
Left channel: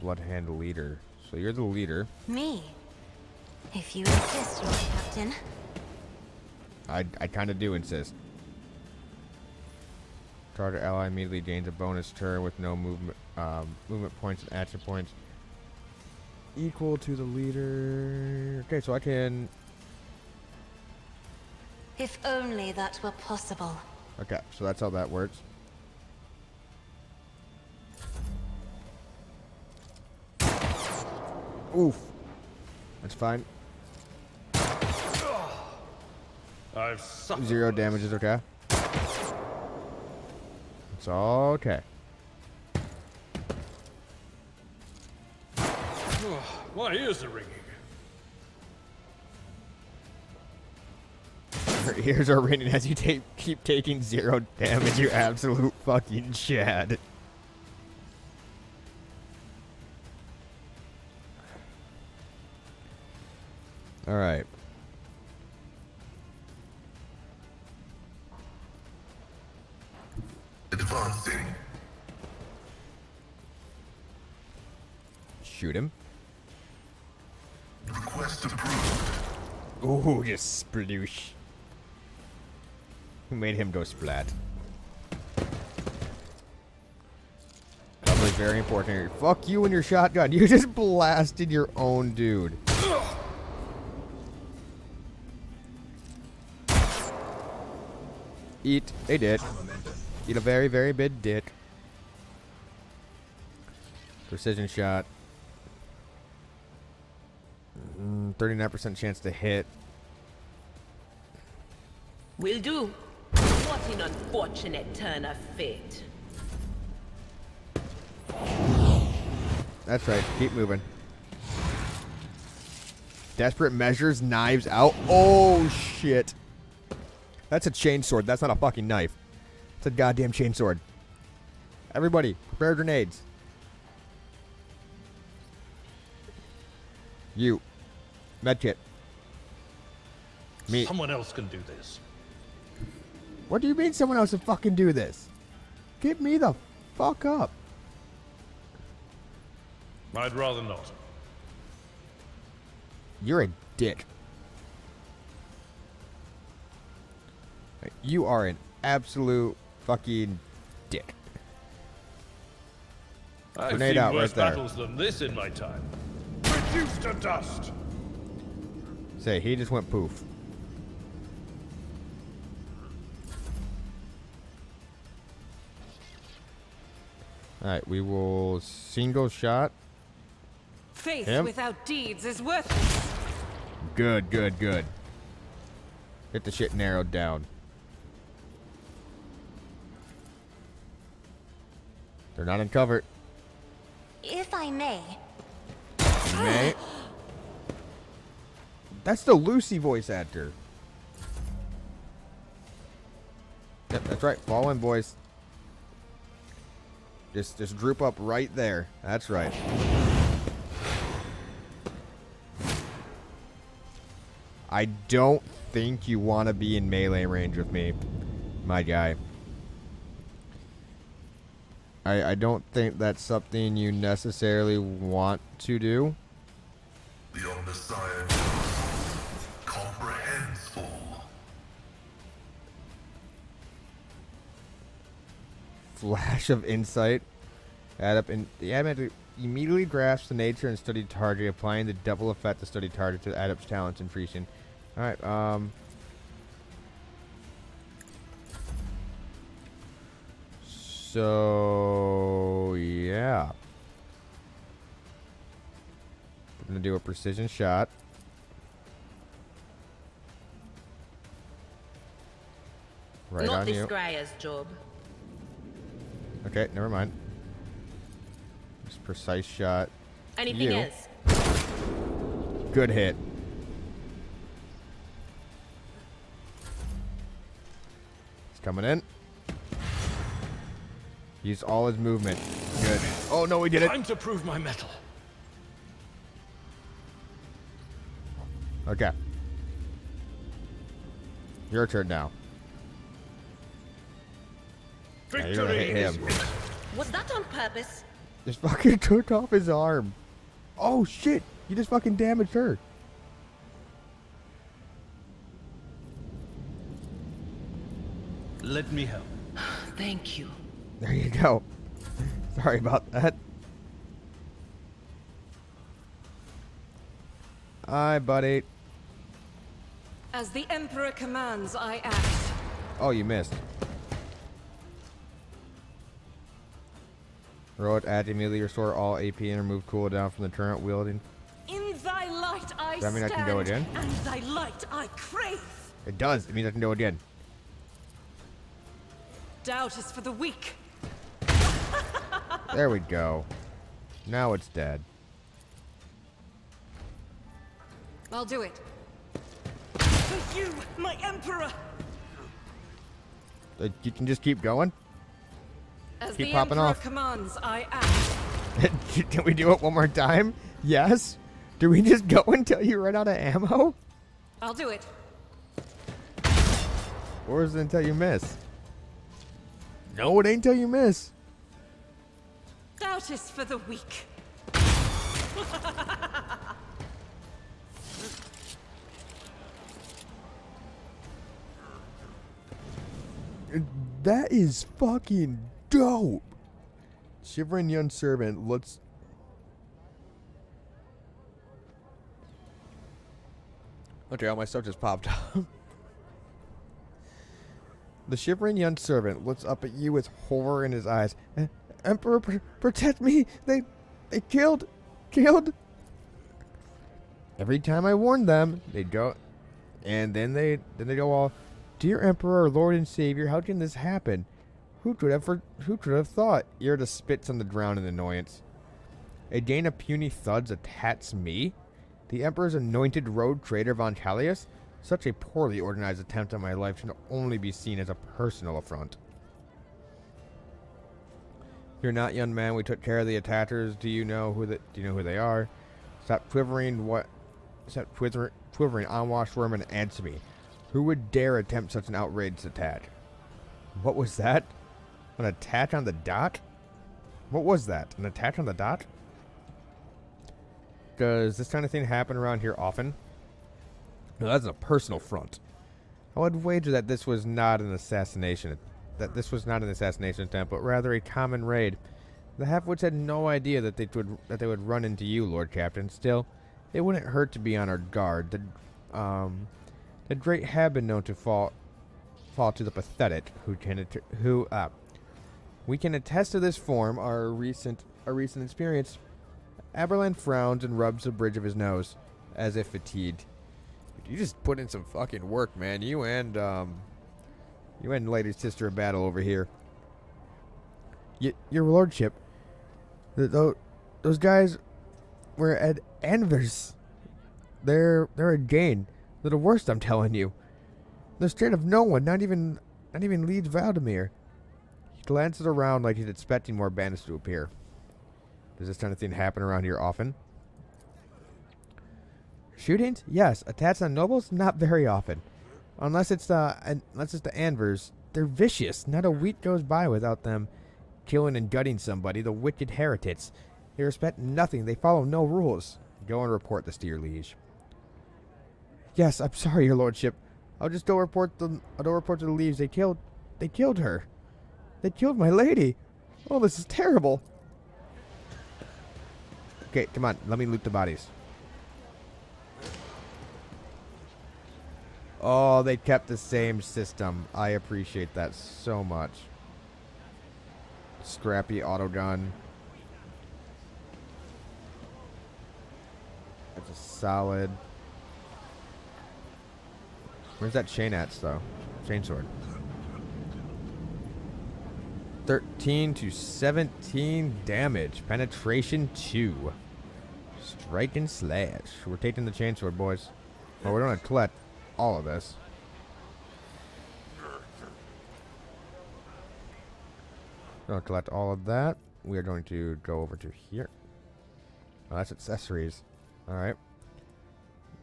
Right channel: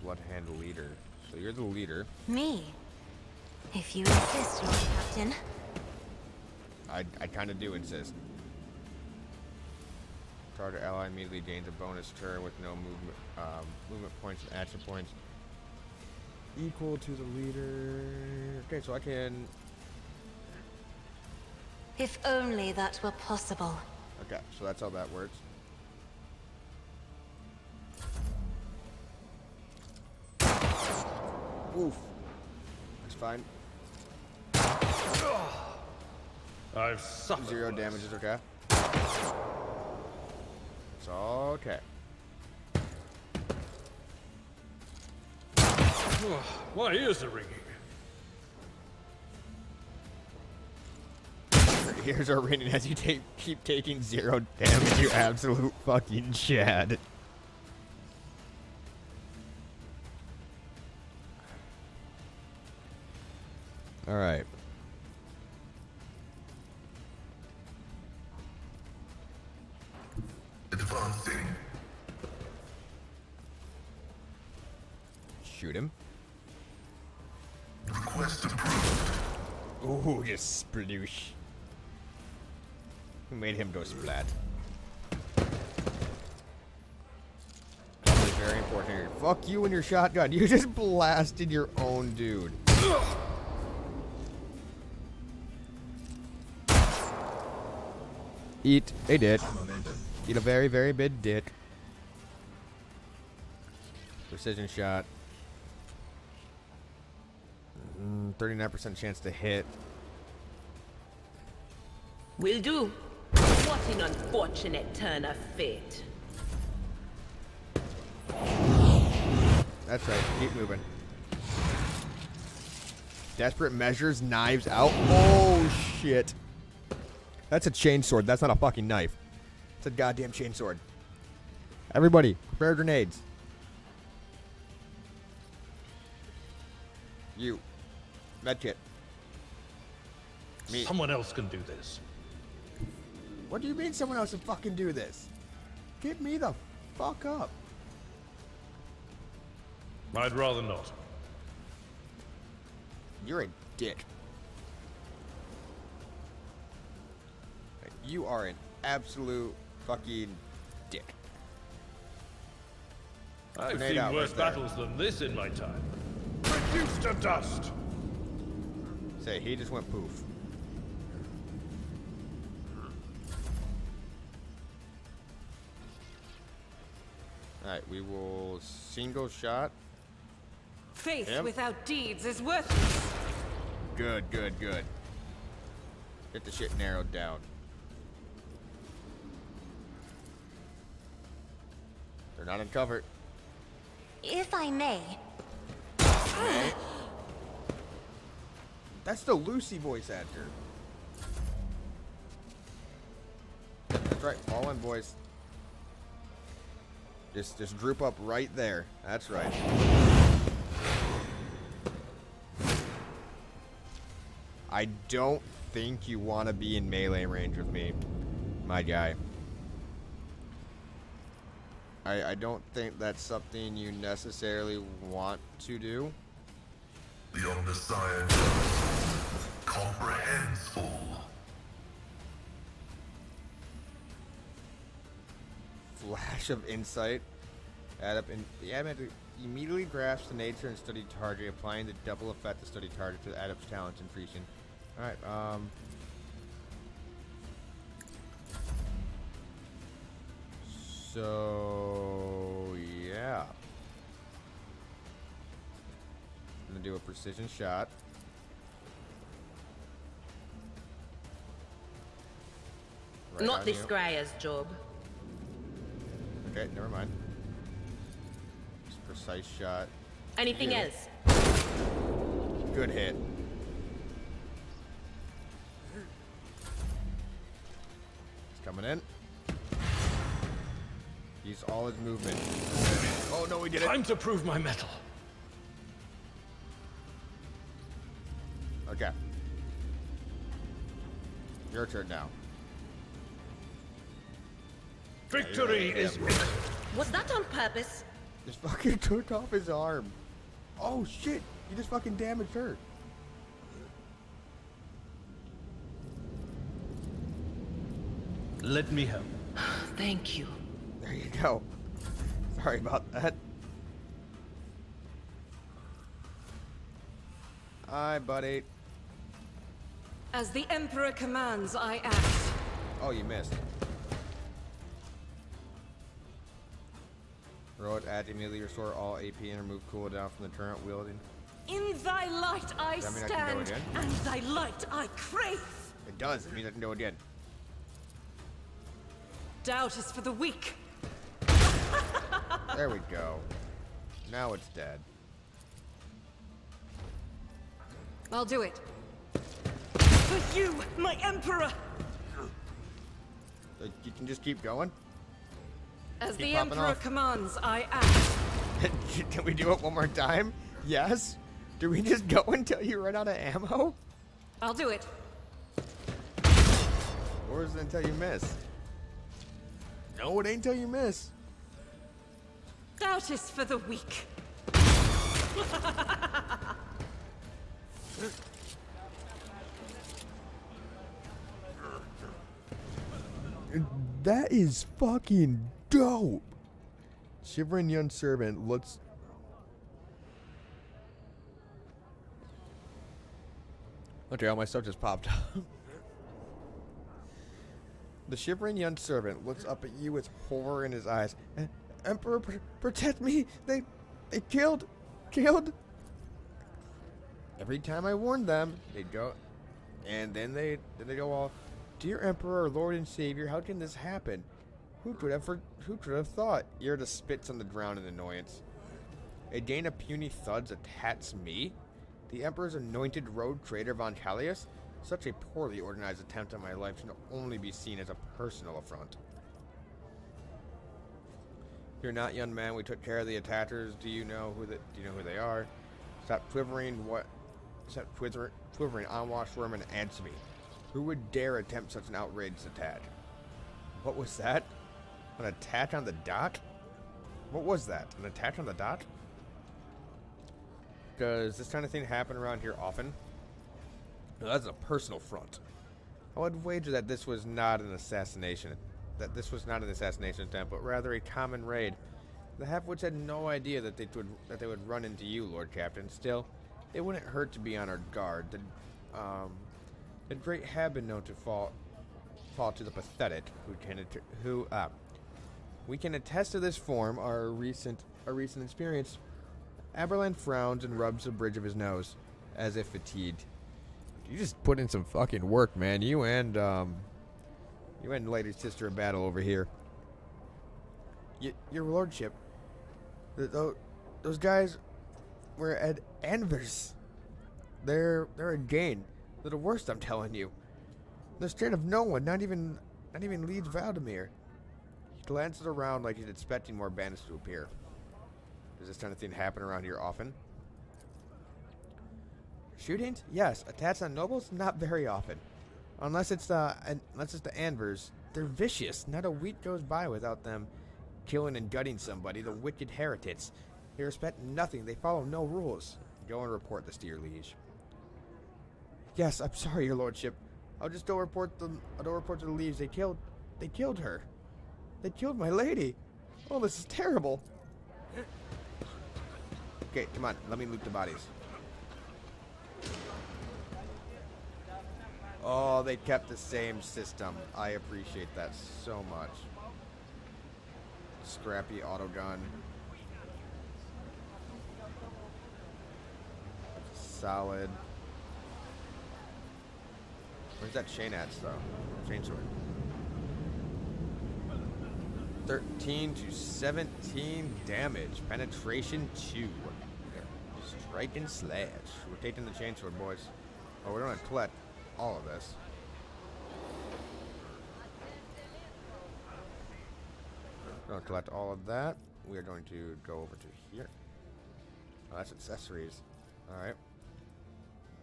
Bloodhand leader. So you're the leader. Me? If you insist, Lord Captain. I kind of do insist. Target ally immediately gains a bonus turn with no movement points and action points equal to the leader. Okay, so I can. If only that were possible. Okay, so that's how that works. Oof. That's fine. I've suffered. 0 damage is okay. It's all okay. My ears are ringing. Your ears are ringing as you keep taking 0 damage, you absolute fucking Chad. Alright. Advancing. Shoot him. Request approved. Ooh, just sploosh. Who made him go splat? Probably very important here. Fuck you and your shotgun. You just blasted your own dude. Eat a dick. Eat a very, very big dick. Precision shot. 39% chance to hit. Will do. What an unfortunate turn of fate. That's right. Keep moving. Desperate measures, knives out. Oh, shit. That's a chainsword. That's not a fucking knife. It's a goddamn chainsword. Everybody, prepare grenades. You. Medkit. Me. Someone else can do this. What do you mean someone else would fucking do this? Get me the fuck up. I'd rather not. You're a dick. You are an absolute fucking dick. I've Grenade seen out worse right there. battles than this in my time. Reduced to dust. Say, he just went poof. Alright, we will single shot. Faith Him? without deeds is worthless. Good, good, good. Get the shit narrowed down. They're not in cover. If I may. May. That's the Lucy voice actor. Yep, that's right. Fall in, boys. Just droop up right there. That's right. I don't think you want to be in melee range with me, my guy. I don't think that's something you necessarily want to do. The omniscient comprehends all. Flash of insight. Add up and the adamant immediately grasps the nature and studied target, applying the double effect to studied target to Adept's talents increasing. Alright, so yeah. I'm gonna do a precision shot. Right Not on this you. Scryer's job. Okay, never mind. Just precise shot. Anything You. else? Good hit. He's coming in. Use all his movement. Good. Oh no, we did it. Time to prove my mettle. Okay. Your turn now. you're gonna Victory hit is him. imminent. Was that on purpose? Just fucking took off his arm. Oh shit! You just fucking damaged her. Let me help. Thank you. There you go. Sorry about that. Hi, buddy. As the Emperor commands, I act. Oh, you missed. Heroic act immediately restore all AP and remove cooldown from the turret wielding. In thy light I Does that mean I stand, can go again? and thy light I crave. It does. It means I can go again. Doubt is for the weak. There we go. Now it's dead. I'll do it. For you, my Emperor! You can just keep going? As Keep the popping Emperor off. commands, I act. Can we do it one more time? Yes? Do we just go until you run out of ammo? I'll do it. Or is it until you miss? No, it ain't until you miss. Doubt is for the weak. That is fucking dope. Shivering young servant looks. Okay, all my stuff just popped up. The shivering young servant looks up at you with horror in his eyes. Emperor, protect me! They killed. Every time I warn them, they'd go, and then they go all, "Dear Emperor, Lord and Savior, how can this happen? Who could have thought?" Irida spits on the ground in annoyance. A gain of puny thuds attacks me. The Emperor's anointed rogue trader von Callius? Such a poorly organized attempt on my life should only be seen as a personal affront. You're not, young man. We took care of the attackers. Do you know who they are? Stop quivering. Stop quivering, unwashed worm, and answer me. Who would dare attempt such an outrageous attack? What was that? An attack on the dock? What was that? An attack on the dock? Does this kind of thing happen around here often? No, that's a personal front. I would wager that this was not an assassination. Attempt, but rather a common raid. The half-wits had no idea that they would run into you, Lord Captain. Still, it wouldn't hurt to be on our guard. The great have been known to fall to the pathetic. We can attest to this form. Our recent experience. Aberlin frowns and rubs the bridge of his nose, as if fatigued. You just put in some fucking work, man. You and Lady Sister of Battle over here. Your lordship, those guys were at Anvers. They're a gain. They're the worst, I'm telling you. They're scared of no one, not even Leeds Valdemir. He glances around like he's expecting more bandits to appear. Does this kind of thing happen around here often? Shootings? Yes. Attacks on nobles? Not very often. Unless it's the Anvers. They're vicious. Not a week goes by without them killing and gutting somebody. The wicked heretics. They respect nothing. They follow no rules. Go and report this to your liege. Yes, I'm sorry, your lordship. I'll go report to the liege. They killed her. They killed my lady. Oh, this is terrible. Okay, come on. Let me loot the bodies. Oh, they kept the same system. I appreciate that so much. Scrappy autogun. That's a solid. Where's that chain at, though? Chainsword. 13 to 17 damage. Penetration 2. Strike and slash. We're taking the chainsword, boys. Oh, we're going to collect all of this. We're going to collect all of that. We are going to go over to here. Oh, that's accessories. Alright.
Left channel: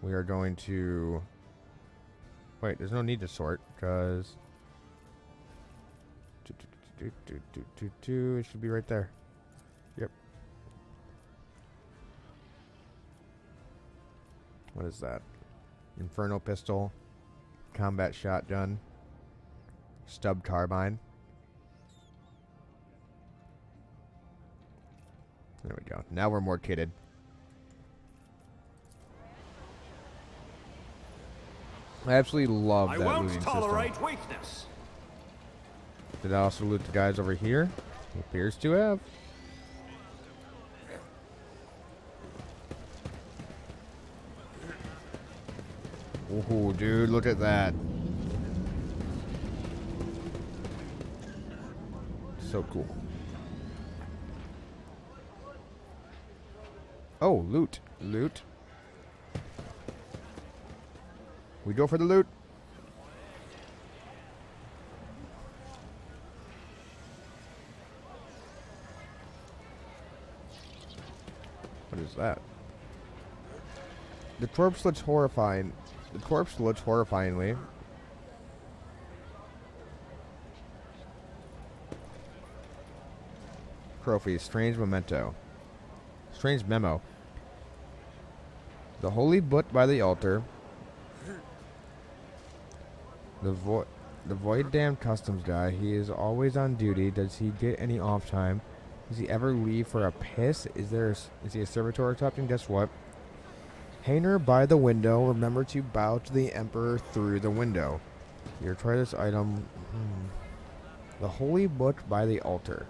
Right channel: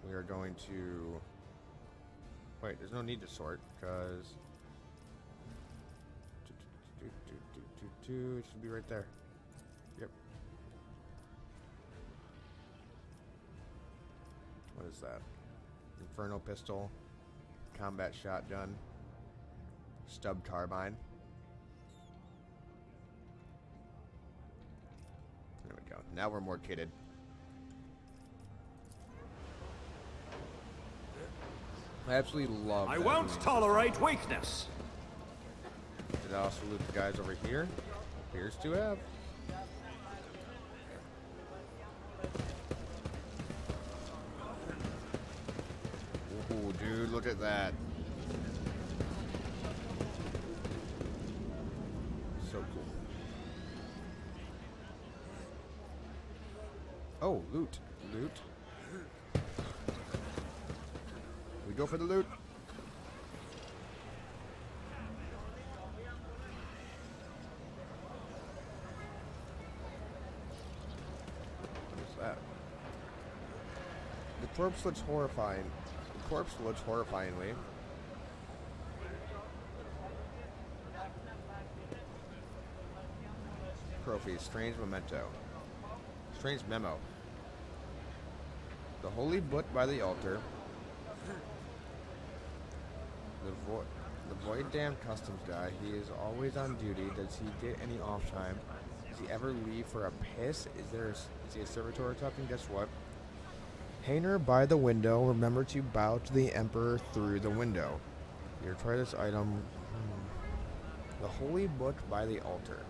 We are going to... Wait, there's no need to sort, because... It should be right there. Yep. What is that? Inferno pistol. Combat shotgun. Stub carbine. There we go. Now we're more kitted. I absolutely love that. I won't looting tolerate system. weakness. Did I also loot the guys over here? Appears to have. Oh, dude, look at that. So cool. Oh, loot. Loot. We go for the loot. What is that? The corpse looks horrifying. The corpse looks horrifyingly. Trophy. Strange memento. Strange memo. The holy book by the altar. The void damned customs guy. He is always on duty. Does he get any off time? Does he ever leave for a piss? Is he a servitor or something? Guess what? Hanger by the window. Remember to bow to the emperor through the window. Here, try this item. The holy book by the altar.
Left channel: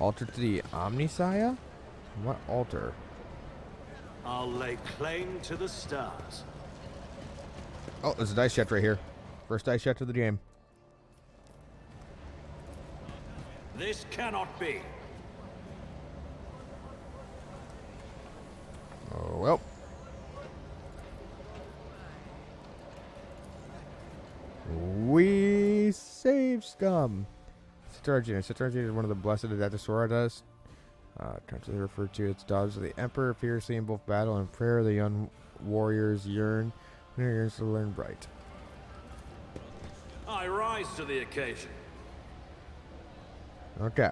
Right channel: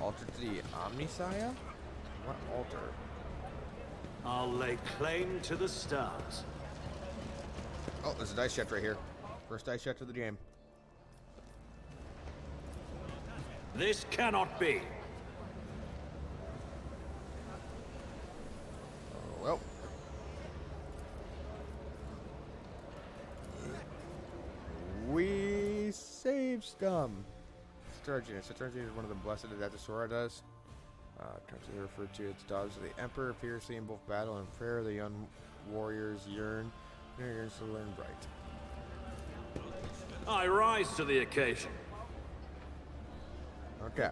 Altar to the Omnisaya? What altar? I'll lay claim to the stars. Oh, there's a dice check right here. First dice check of the game. This cannot be. Well. We save scum. Citargina. Citargina is one of the blessed Adaptosaura dust. Constantly referred to its dogs of the Emperor, fiercely in both battle and prayer. The young warriors yearns to learn bright. I rise to the occasion. Okay.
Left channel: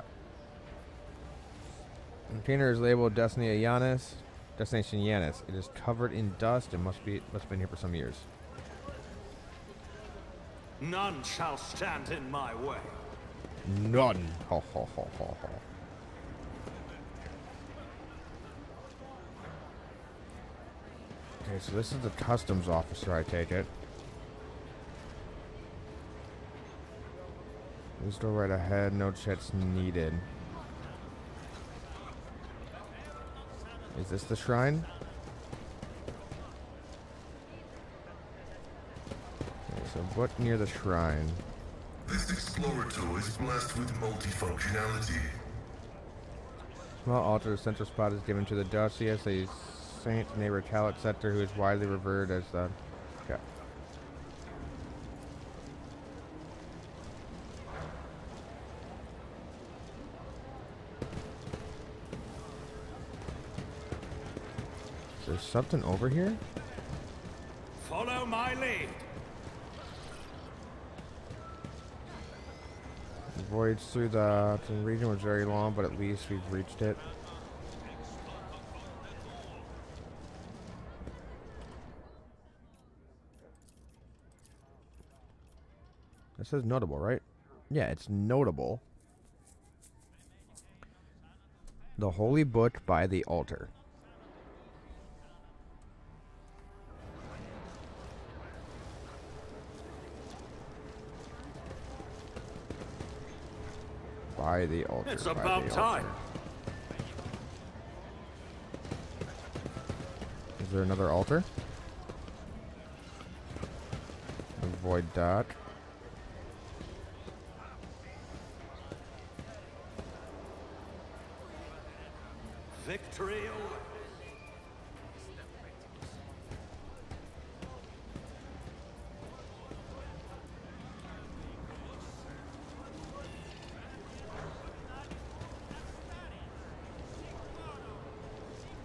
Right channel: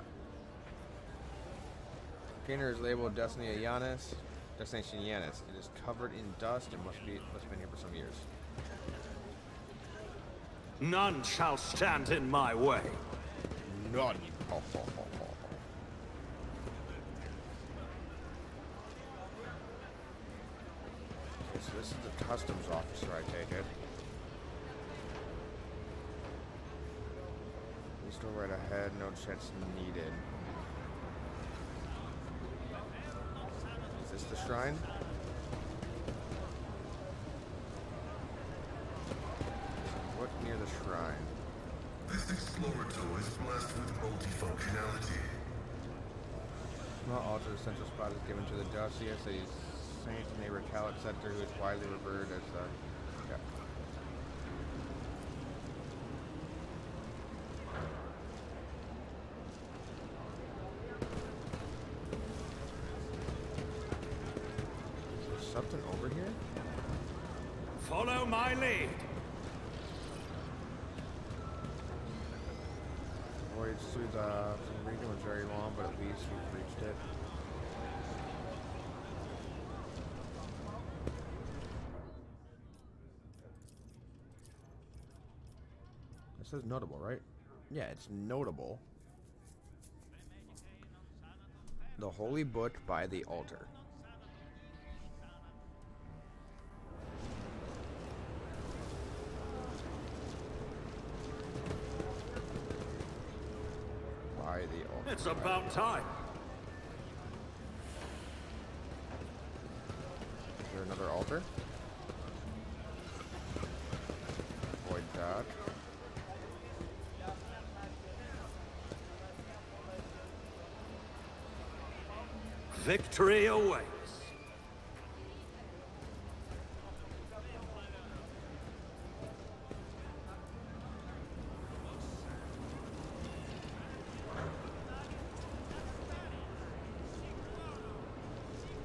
Container is labeled Destination Yanis. It is covered in dust and must have been here for some years. None shall stand in my way. None. Ho, ho, ho, ho, ho. Okay, so this is the customs officer, I take it. We still right ahead, no checks needed. Is this the shrine? Okay, so what near the shrine? This Explorator is blessed with multifunctionality. Small altar, the central spot is given to the Docius, a saint neighbor Talat Scepter, who is widely revered as the... Okay. Is there something over here? Follow my lead. The voyage through the region was very long, but at least we've reached it. It says notable, right? Yeah, it's notable. The Holy Book by the altar. By the altar. It's by about the time. altar. Is there another altar? Avoid that. Victory awaits.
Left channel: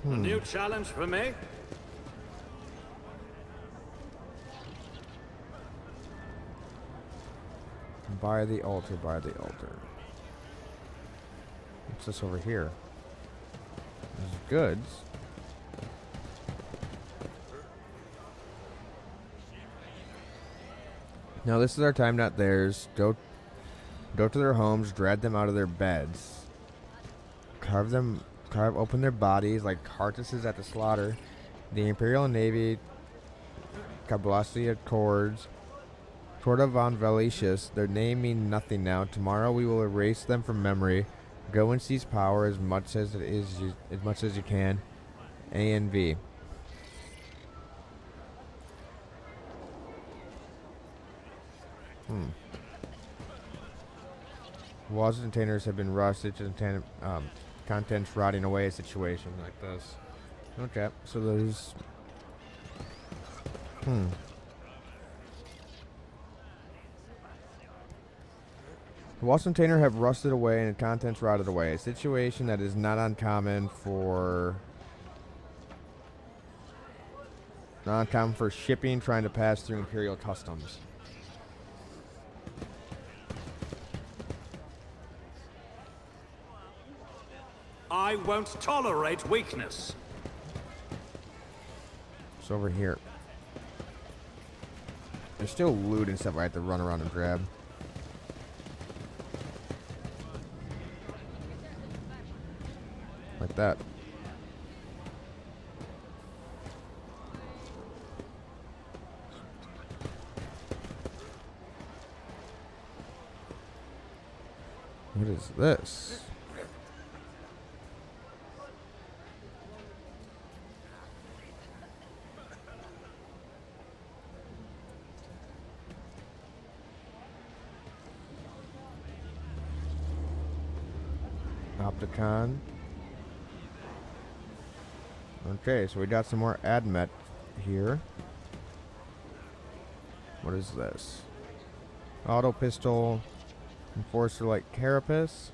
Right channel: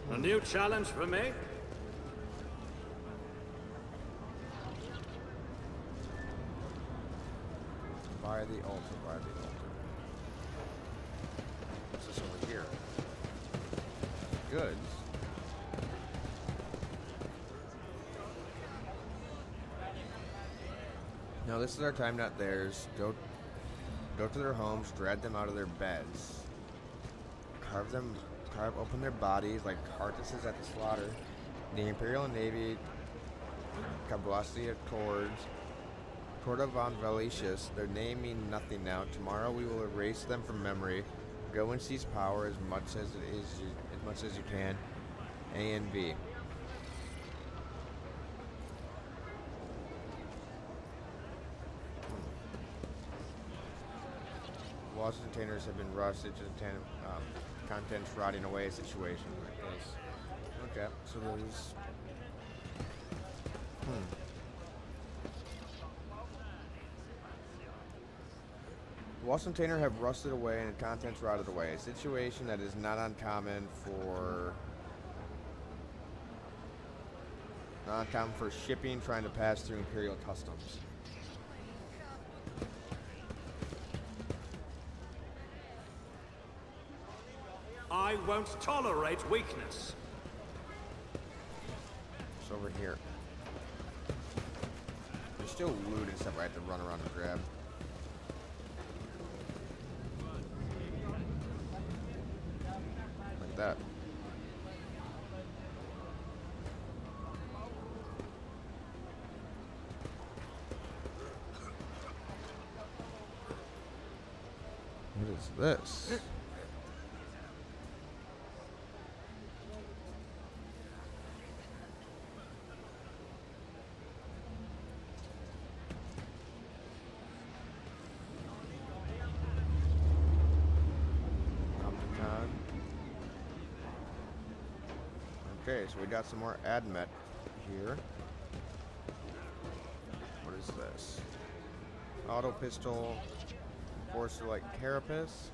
A new challenge for me? By the altar, by the altar. What's this over here? Goods. Now this is our time, not theirs. Go to their homes, drag them out of their beds. Carve open their bodies like carcasses at the slaughter. The Imperial Navy Kablassia Accords. Corda von Valetius, their name mean nothing now. Tomorrow we will erase them from memory. Go and seize power as much as you can. A and B. Walls and containers have been rusted to contents rotting away. A situation like this. Okay, so there's. The walls container have rusted away and the contents rotted away. A situation that is not uncommon for shipping trying to pass through Imperial customs. I won't tolerate weakness. It's over here. There's still loot and stuff I have to run around and grab. Like that. What is this? Opticon. Okay, so we got some more admet here. What is this? Auto pistol, enforcer light carapace,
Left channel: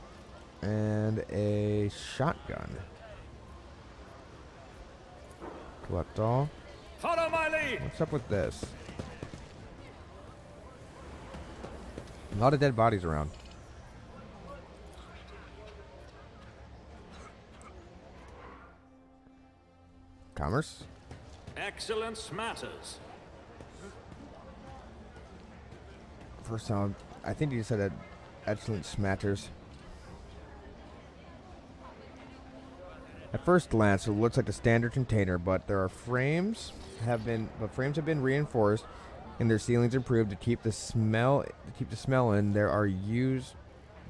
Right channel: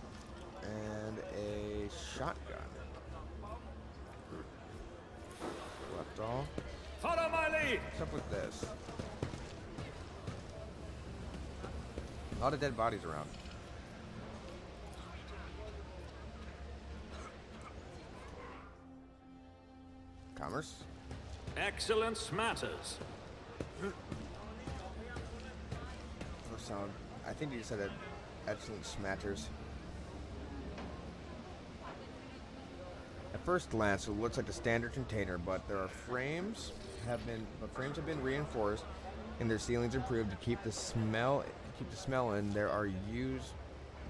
and a shotgun. Collect all. Follow my lead! What's up with this? A lot of dead bodies around. Commerce? Excellence matters. First sound, I think you said that excellence matters. At first glance, it looks like a standard container, but there are frames have been reinforced and their ceilings improved to keep the smell in.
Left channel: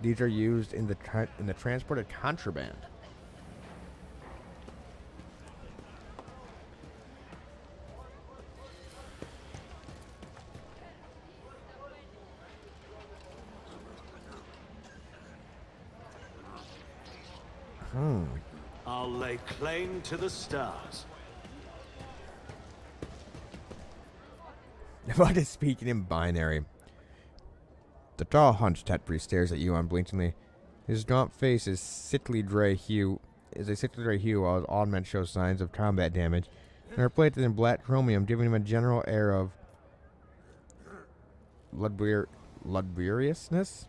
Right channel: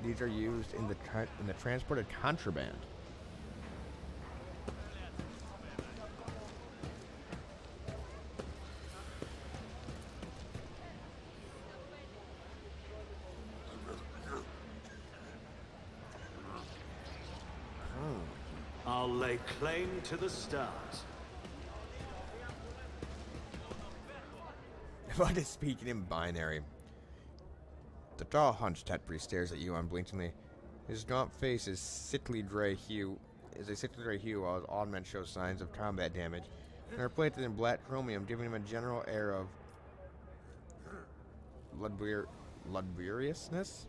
These are used in the transport of contraband. I'll lay claim to the stars. If I could speak in binary. The tall, hunched Tetbury stares at you unblinkingly. His gaunt face is a sickly gray hue, while his augment shows signs of combat damage, and are plated in black chromium, giving him a general air of luxuriousness.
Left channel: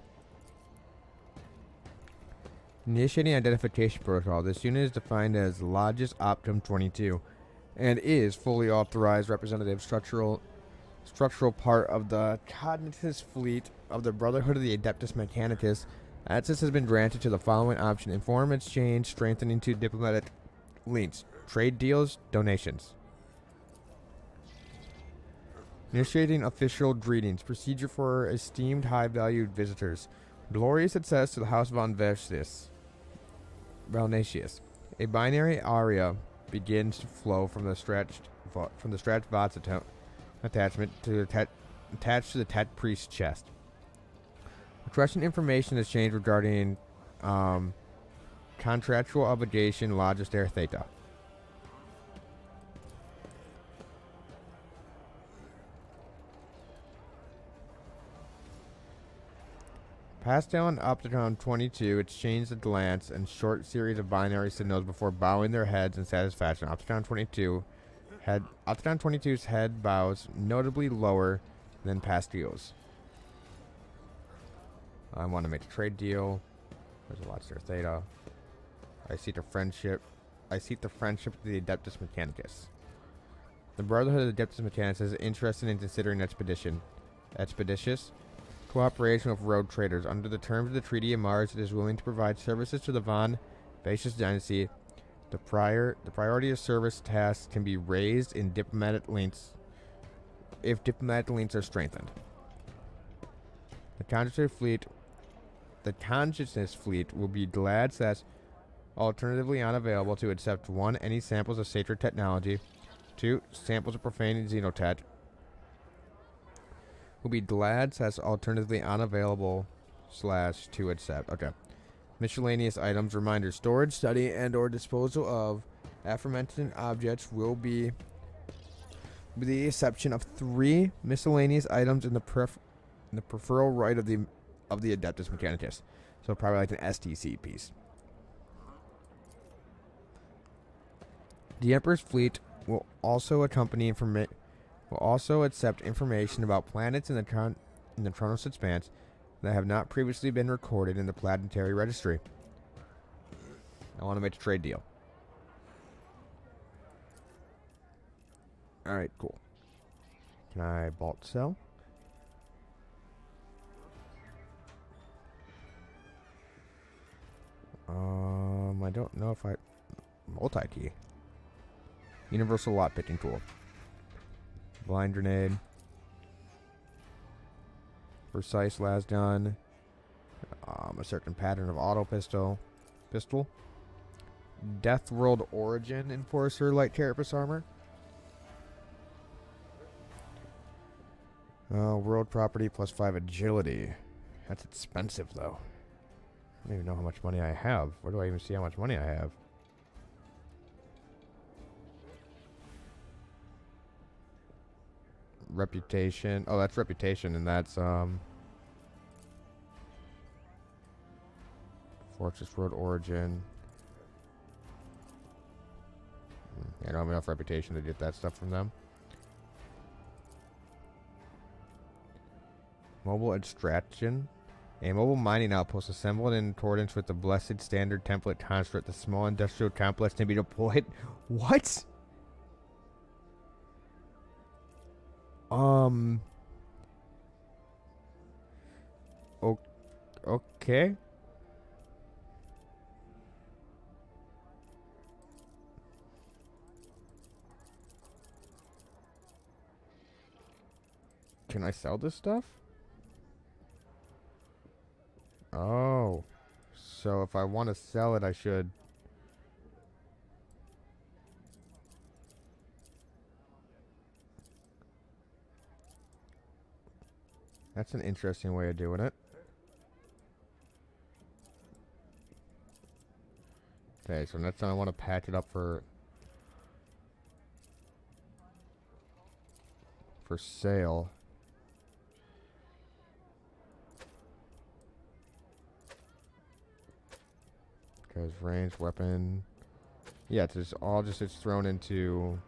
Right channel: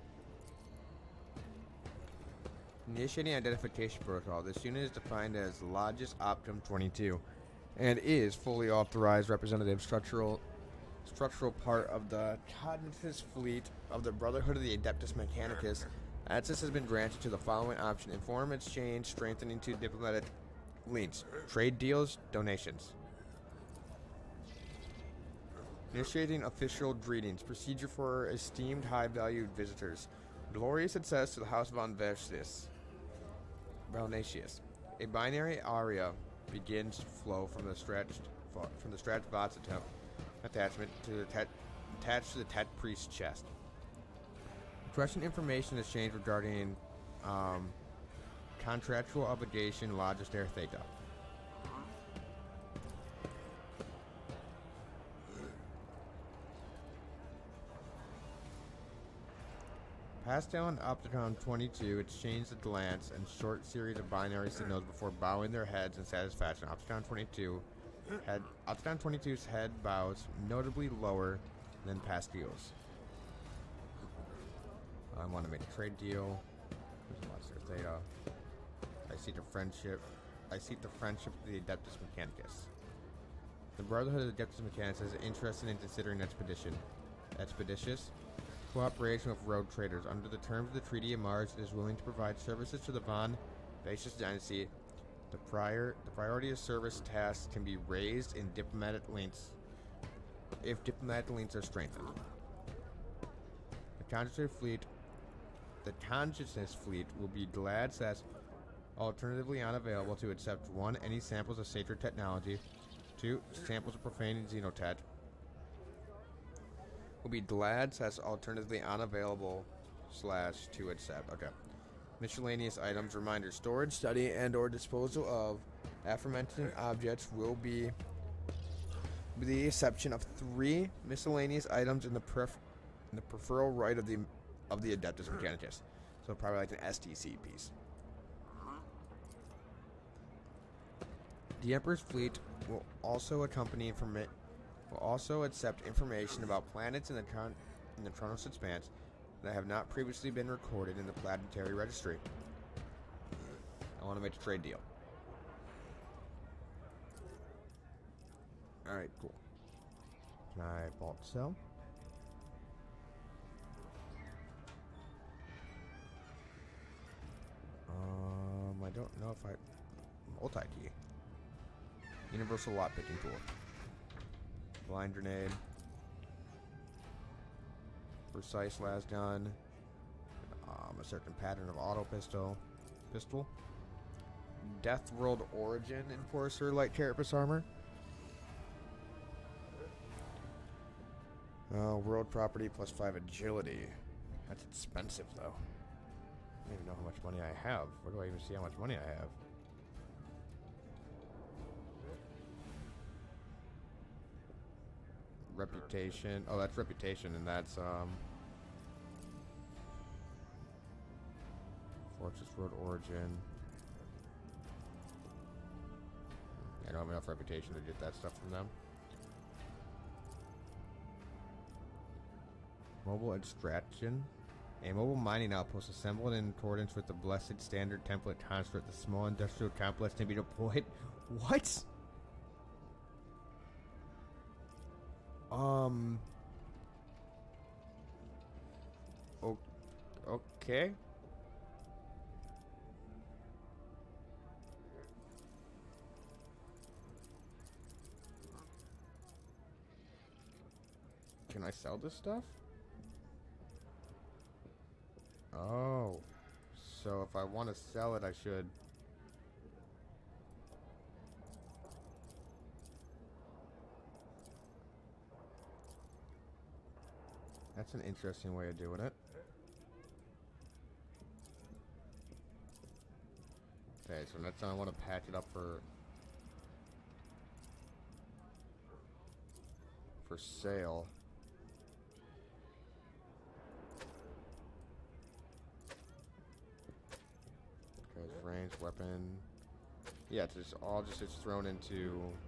Initiating identification protocol. This unit is defined as Logis Optum 22 and is fully authorized representative structural part of the Cognitus fleet of the Brotherhood of the Adeptus Mechanicus. Access has been granted to the following option: inform, exchange, strengthening to diplomatic links, trade deals, donations. Initiating official greetings. Procedure for esteemed high-valued visitors. Glorious success to the House von Valnatius. A binary aria begins to flow from the stretched Vots attachment attached to the Tet Priest's chest. Requesting information is changed regarding contractual obligation Logister Theta. Pass down Opticon 22, exchange a glance and short series of binary signals before bowing their heads in satisfaction. Opticon 22's head bows notably lower than Pastillo's. I want to make a trade deal. There's a Logister Theta. I seek the friendship of the Adeptus Mechanicus. The Brotherhood of the Adeptus Mechanicus is interested in considering expeditious cooperation with rogue traders. Under the terms of the Treaty of Mars, it is willing to provide services to the Von Vatius dynasty. The priority of service tasks can be raised in diplomatic links if diplomatic links are strengthened. The Consciousness Fleet will be glad that's alternatively unavailable to accept 1. Any samples of sacred technology. 2. Samples of profane xenotech. Will be glad that's alternatively unavailable / to accept. Okay. Miscellaneous items. Reminder. Storage, study, and or disposal of aforementioned objects will be with the exception of 3 miscellaneous items in the peripheral right of the Adeptus Mechanicus. So probably like an STC piece. The Emperor's fleet will also accept information about planets in the Chronos Expanse that have not previously been recorded in the Planetary Registry. I want to make a trade deal. Alright, cool. Can I vault sell? I don't know if I... Multi-key. Universal lot picking tool. Blind grenade. Precise las gun. A certain pattern of auto pistol. Death World Origin Enforcer light carapace armor. World property +5 agility. That's expensive though. I don't even know how much money I have. Where do I even see how much money I have? reputation. Oh, that's reputation, and that's Fortress Road Origin. I don't have enough reputation to get that stuff from them. Mobile extraction. A mobile mining outpost assembled in accordance with the Blessed Standard template construct. The small industrial complex can be deployed. What? Okay. Can I sell this stuff? Oh. So if I want to sell it, I should. That's an interesting way of doing it. Okay, so next time I want to patch it up for sale. Because range, weapon. Yeah, it's just all just it's thrown into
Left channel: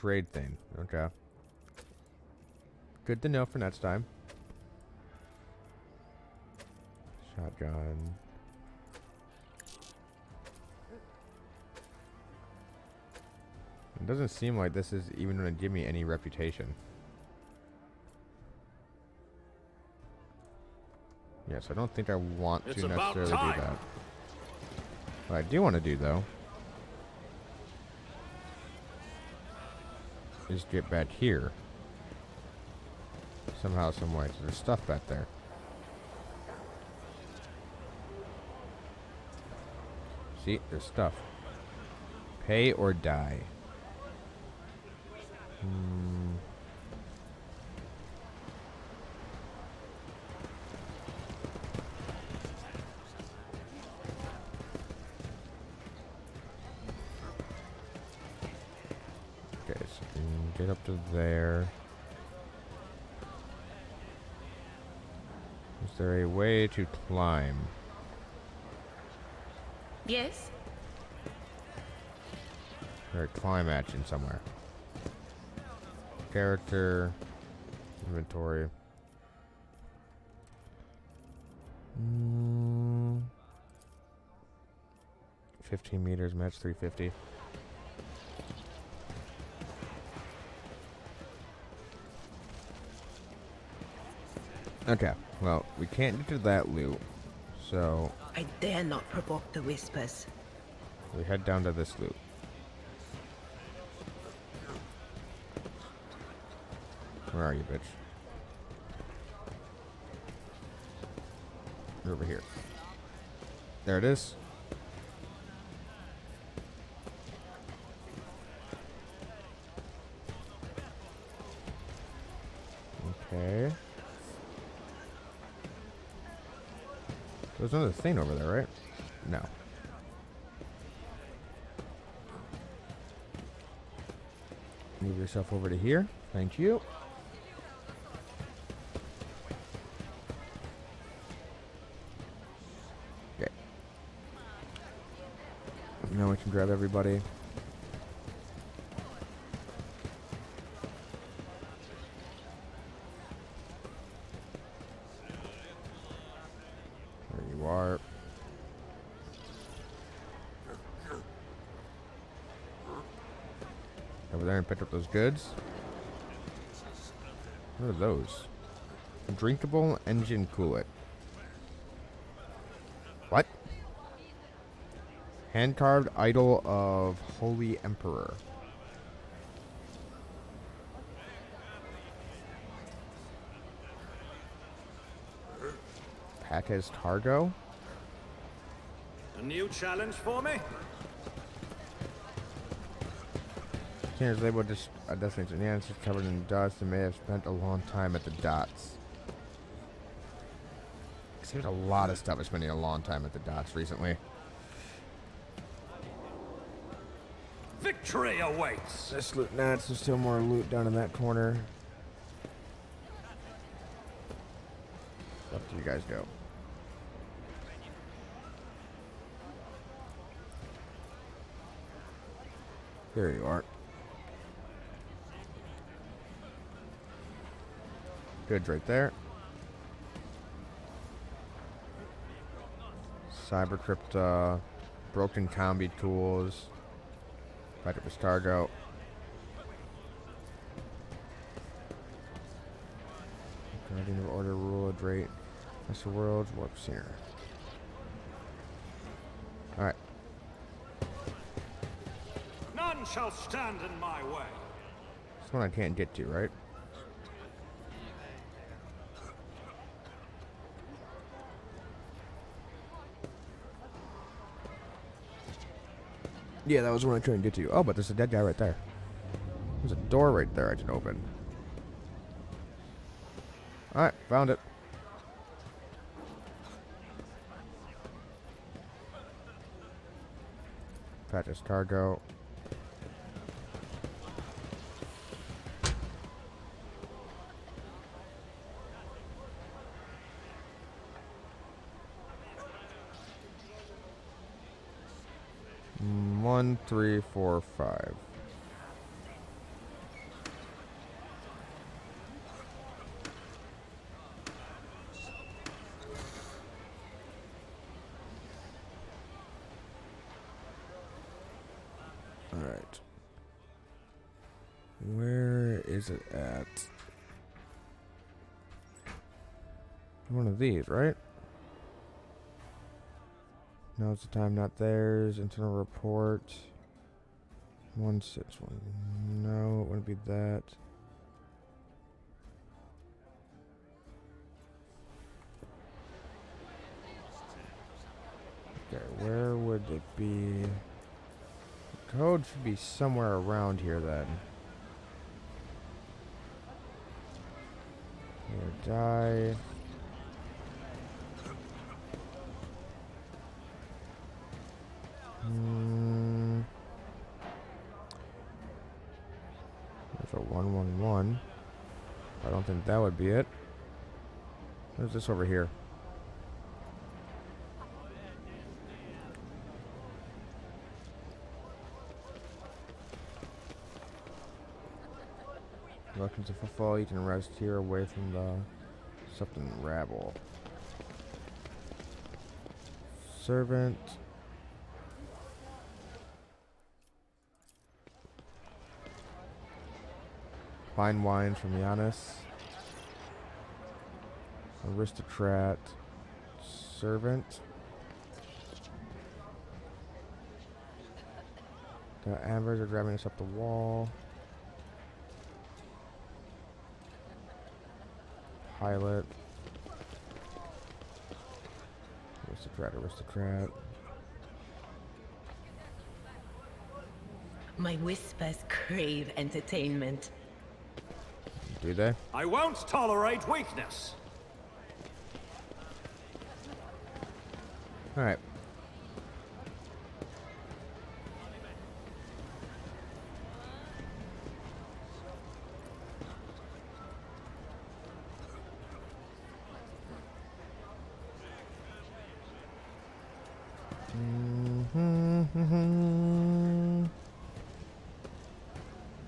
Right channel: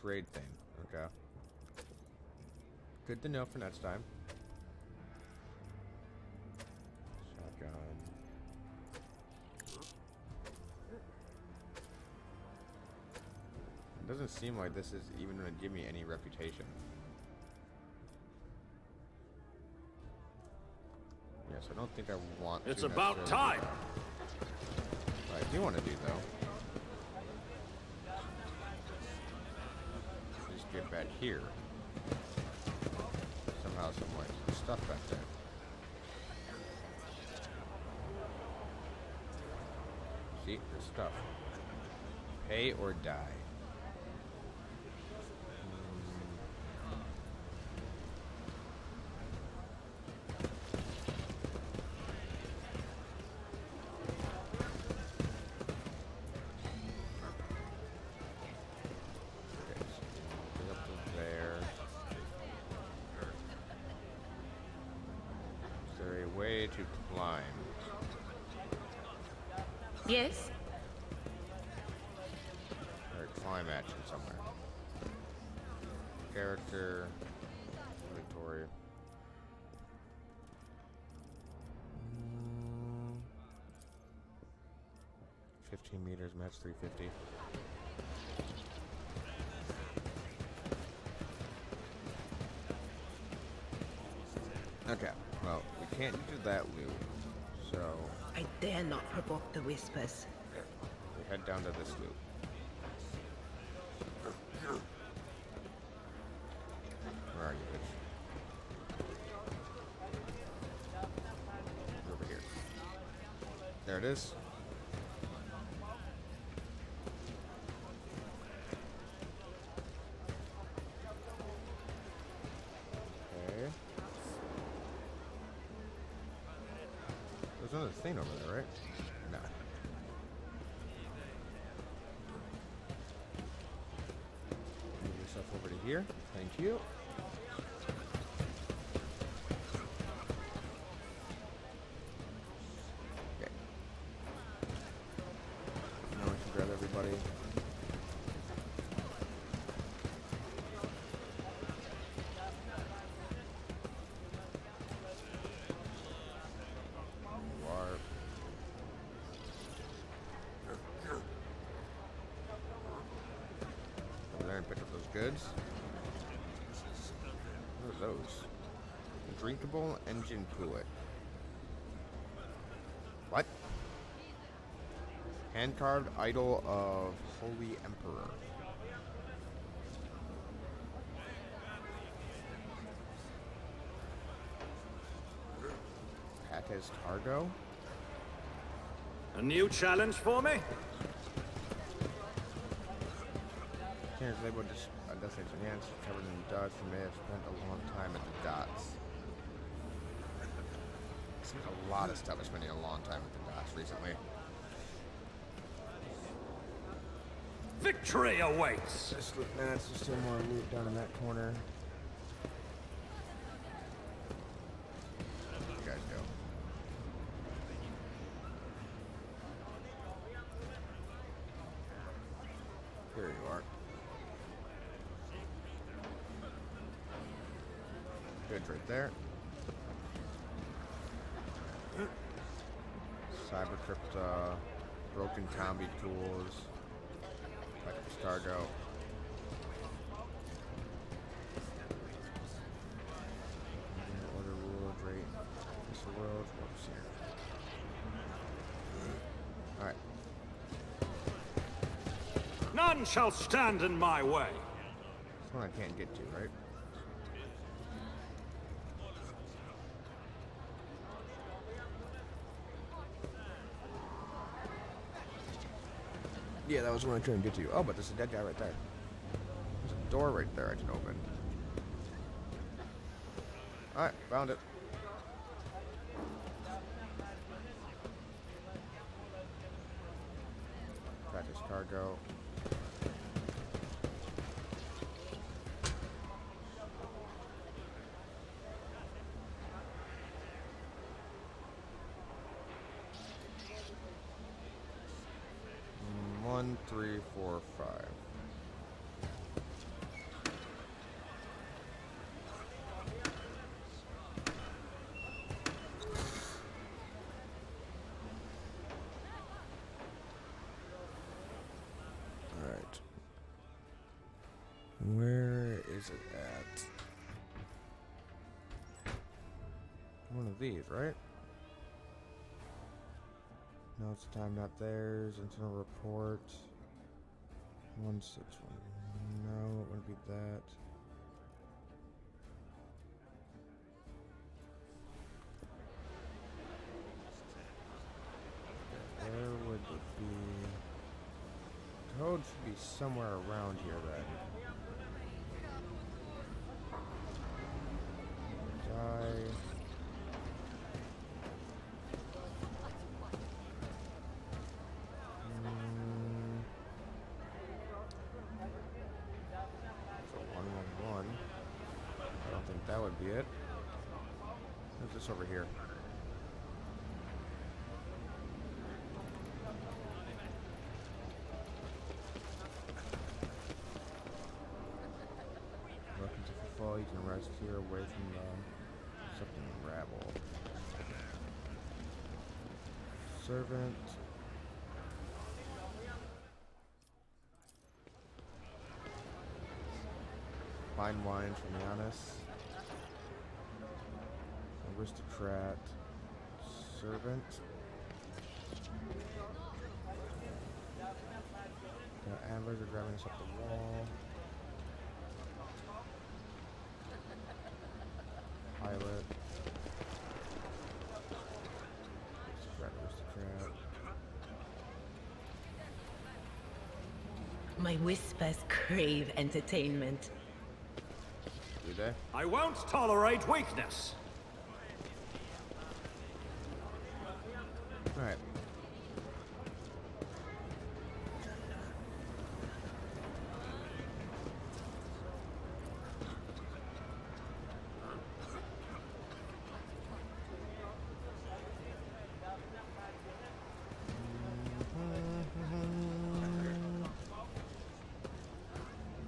trade thing. Okay. Good to know for next time. Shotgun. It doesn't seem like this is even going to give me any reputation. Yes, I don't think I want It's to about necessarily time. do that. What I do want to do, though, is get back here. Somehow, some way. So there's stuff back there. See, there's stuff. Pay or die. Okay, so get up to there. Is there a way to climb? Yes? Or climb action somewhere. Character. Inventory. 15 meters, match 350. Okay, well, we can't get to that loot, so I dare not provoke the whispers. we head down to this loot. Where are you, bitch? You're over here. There it is. Okay. There's another thing over there, right? No. Move yourself over to here. Thank you. Okay. Now we can grab everybody. There you are. Over there and pick up those goods. What are those? Drinkable engine coolant. What? Hand-carved idol of Holy Emperor. Package cargo? A new challenge for me? Container's labeled just a destination. Yeah, it's just covered in dust and may have spent a long time at the dots. There's a lot of stuff spending a long time at the dots recently. Victory awaits! This loot, nah, there's still more loot down in that corner. Where you guys go? There you are. Goods right there. Cyber crypta, broken combi tools, back up to Stargo. New order, rule, rate, Mr. Worlds, whoops here. Alright. None shall stand in my way. This one I can't get to, right? Yeah, that was the one I tried to get to. Oh, but there's a dead guy right there. There's a door right there I can open. Alright, found it. Practice cargo. One, three, four, five. All right. Where is it at? One of these, right? No, it's the time, not theirs. Internal report. 161. No, it wouldn't be that. Okay, where would it be? The code should be somewhere around here then. Here, die. There's a 111. I don't think that would be it. There's this over here. Welcome to Footfall. You can rest here away from the something rabble. Servant. Fine wine from Giannis. Aristocrat. Servant. The Ambers are driving us up the wall. Pilot. Aristocrat. My whispers crave entertainment. Do they? I won't tolerate weakness. Alright.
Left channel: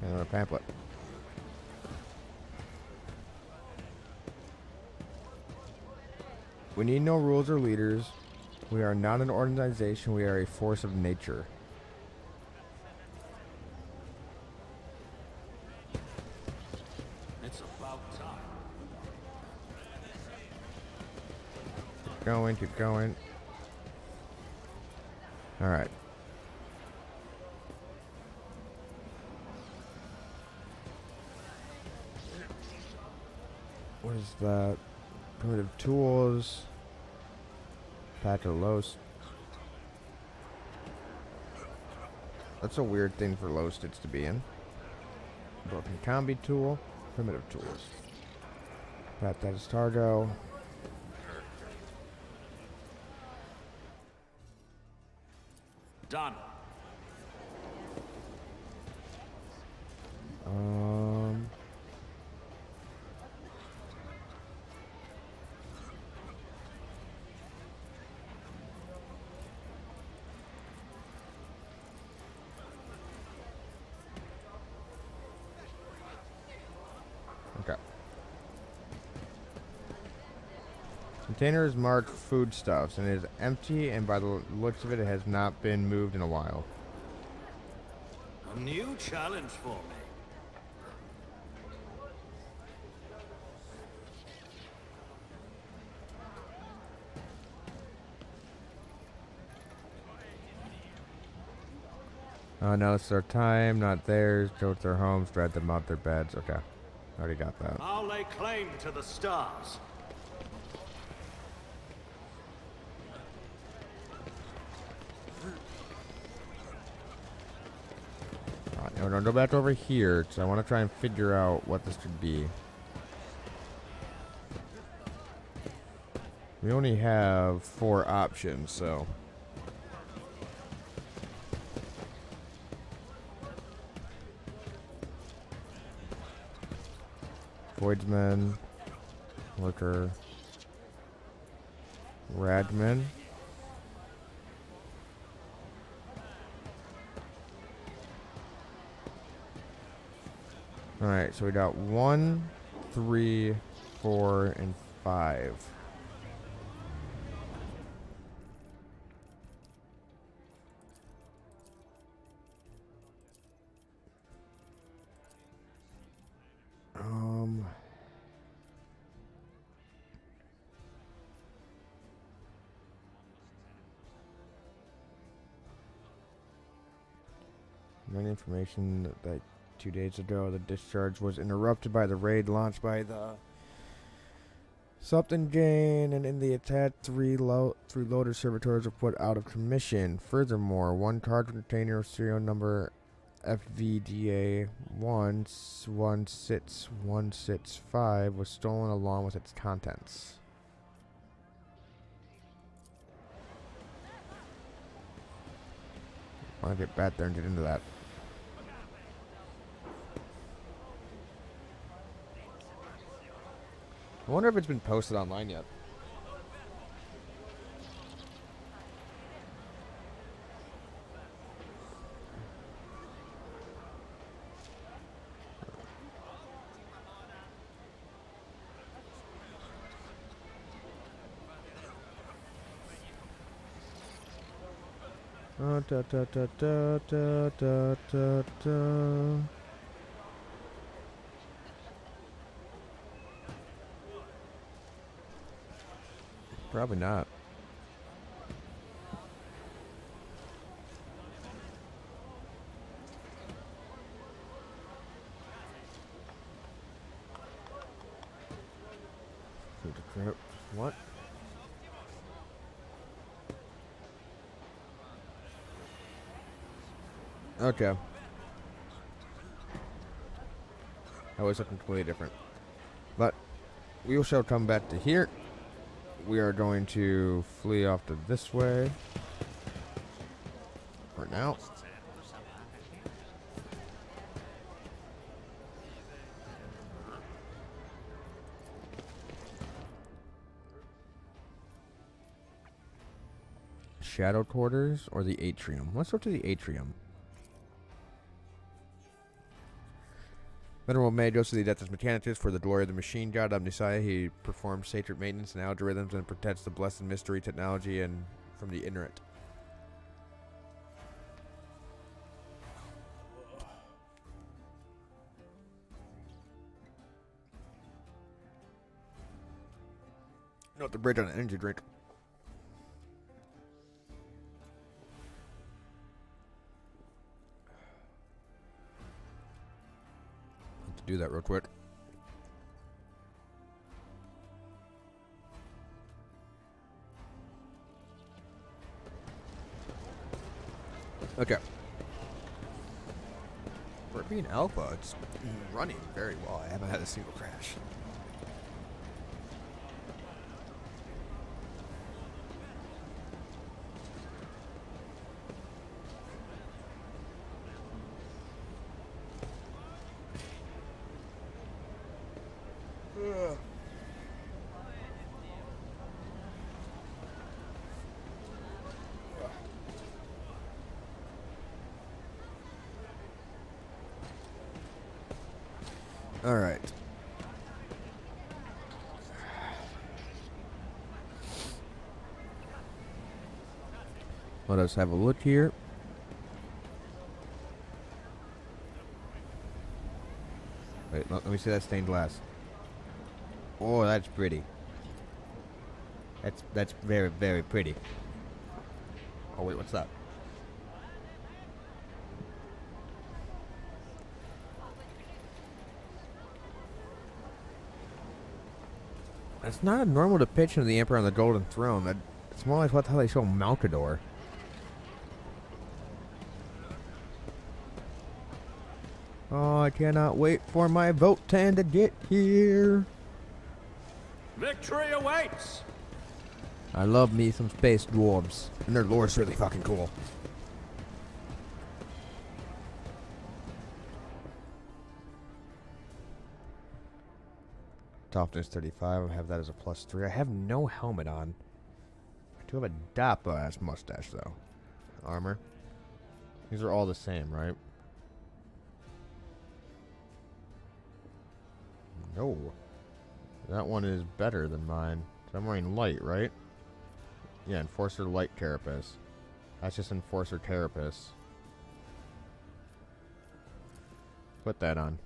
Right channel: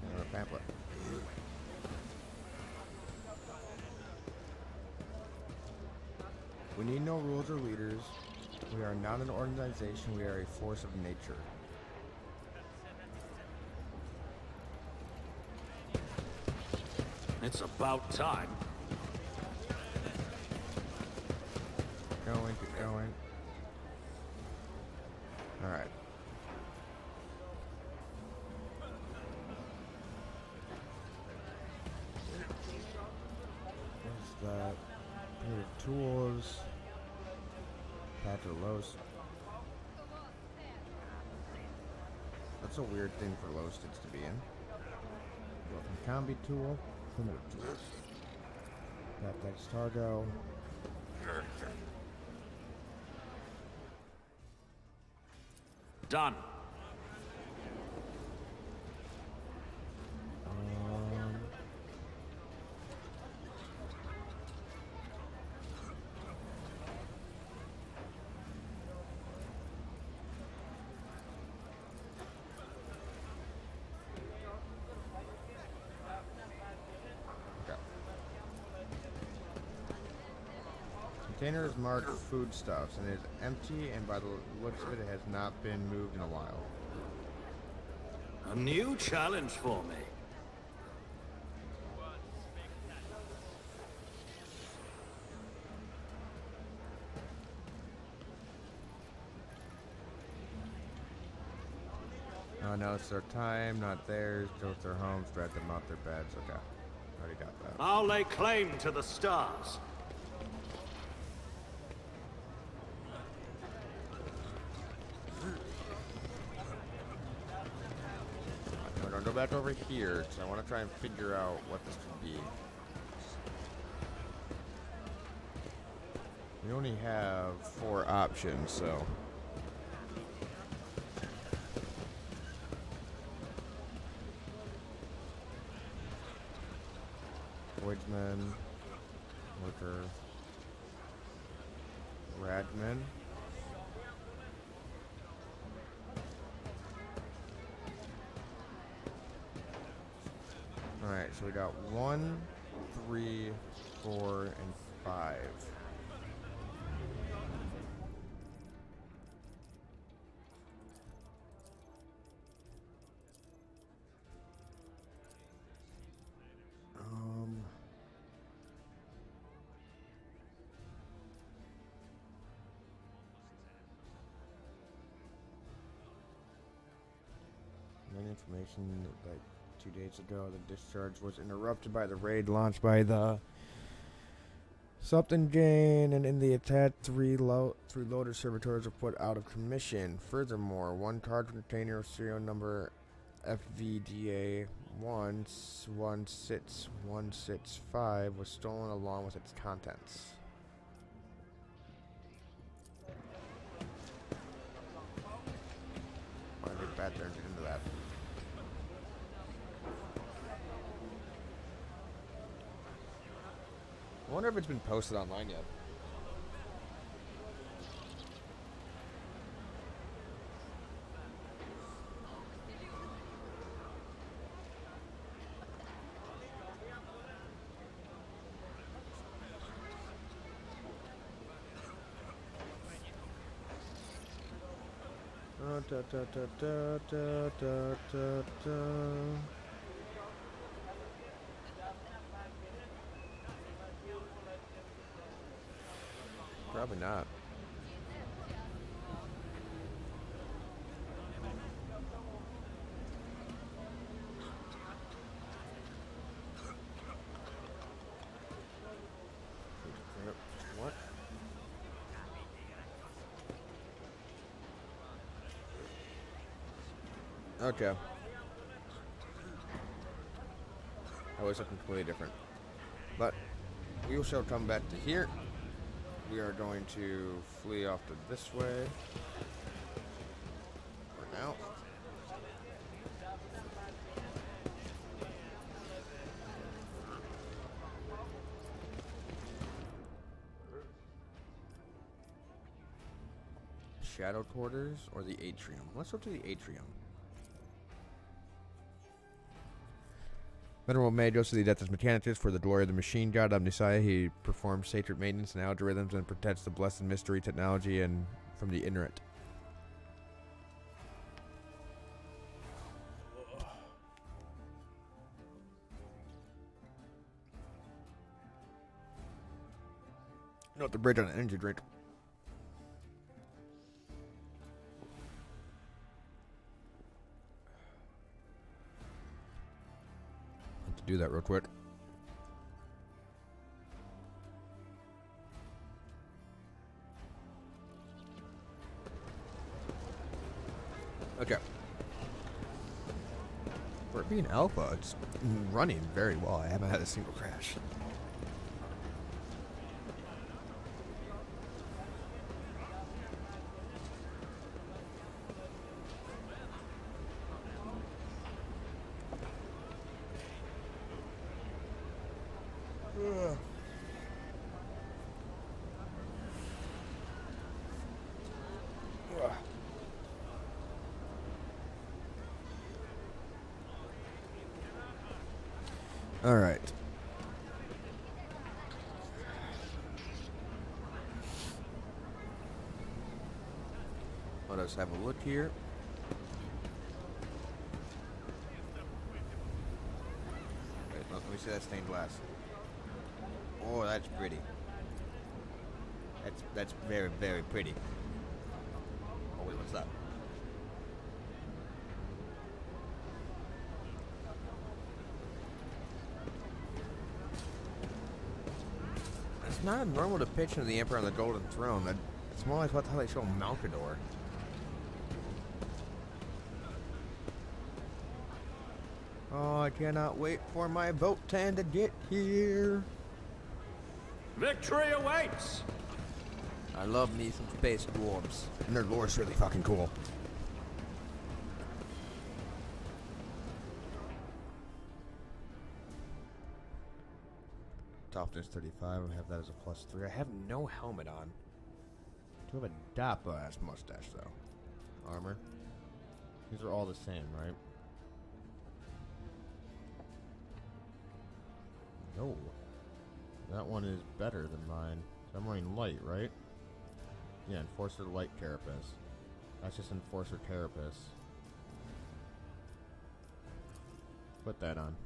And a pamphlet. We need no rules or leaders. We are not an organization. We are a force of nature. It's about time. Keep going. Alright. What is that? Primitive tools. Patch of Los. That's a weird thing for low stits to be in. Broken combi tool. Primitive tools. That is Targo. Done. Container is marked foodstuffs and it is empty, and by the looks of it, it has not been moved in a while. A new challenge for me. Now it's their time, not theirs. Go to their homes, drag them out their beds. Okay. Already got that. I'll lay claim to the stars. No, don't go back over here, because I want to try and figure out what this could be. We only have 4 options, so... Voidsman, Lurker, Radman. Alright, so we got 1, 3, 4, and 5. Any information that 2 days ago the discharge was interrupted by the raid launched by the Something Jane, and in the attack 3 loader servitors were put out of commission. Furthermore, 1 cargo container of serial number FVDA 116165 was stolen along with its contents. I want to get back there and get into that. I wonder if it's been posted online yet. Da, da, da, da, da, da, da, da. Probably not. What? Okay. That was something completely different. But we shall come back to here. We are going to flee off to this way for now. Shadow quarters or the atrium? Let's go to the atrium. Venerable May goes to the Adeptus Mechanicus for the glory of the machine god Omnissiah. He performs sacred maintenance and algorithms and protects the blessed mystery technology and from the ignorant. Note the bridge on an energy drink. Do that real quick. Okay. For it being alpha, it's running very well. I haven't had a single crash. All right. Let us have a look here. Wait, let me see that stained glass. Oh, that's pretty. That's very, very pretty. Oh wait, what's that? It's not a normal depiction of the Emperor on the Golden Throne. It's more like how they show Malkador. Oh, I cannot wait for my Votan to get here. Victory awaits! I love me some space dwarves, and their lore's really fucking cool. Toughness 35. I have that as a +3. I have no helmet on. I do have a dapper ass mustache though. Armor. These are all the same, right? Oh, that one is better than mine. So I'm wearing light, right? Yeah, Enforcer Light Carapace. That's just Enforcer Carapace. Put that on.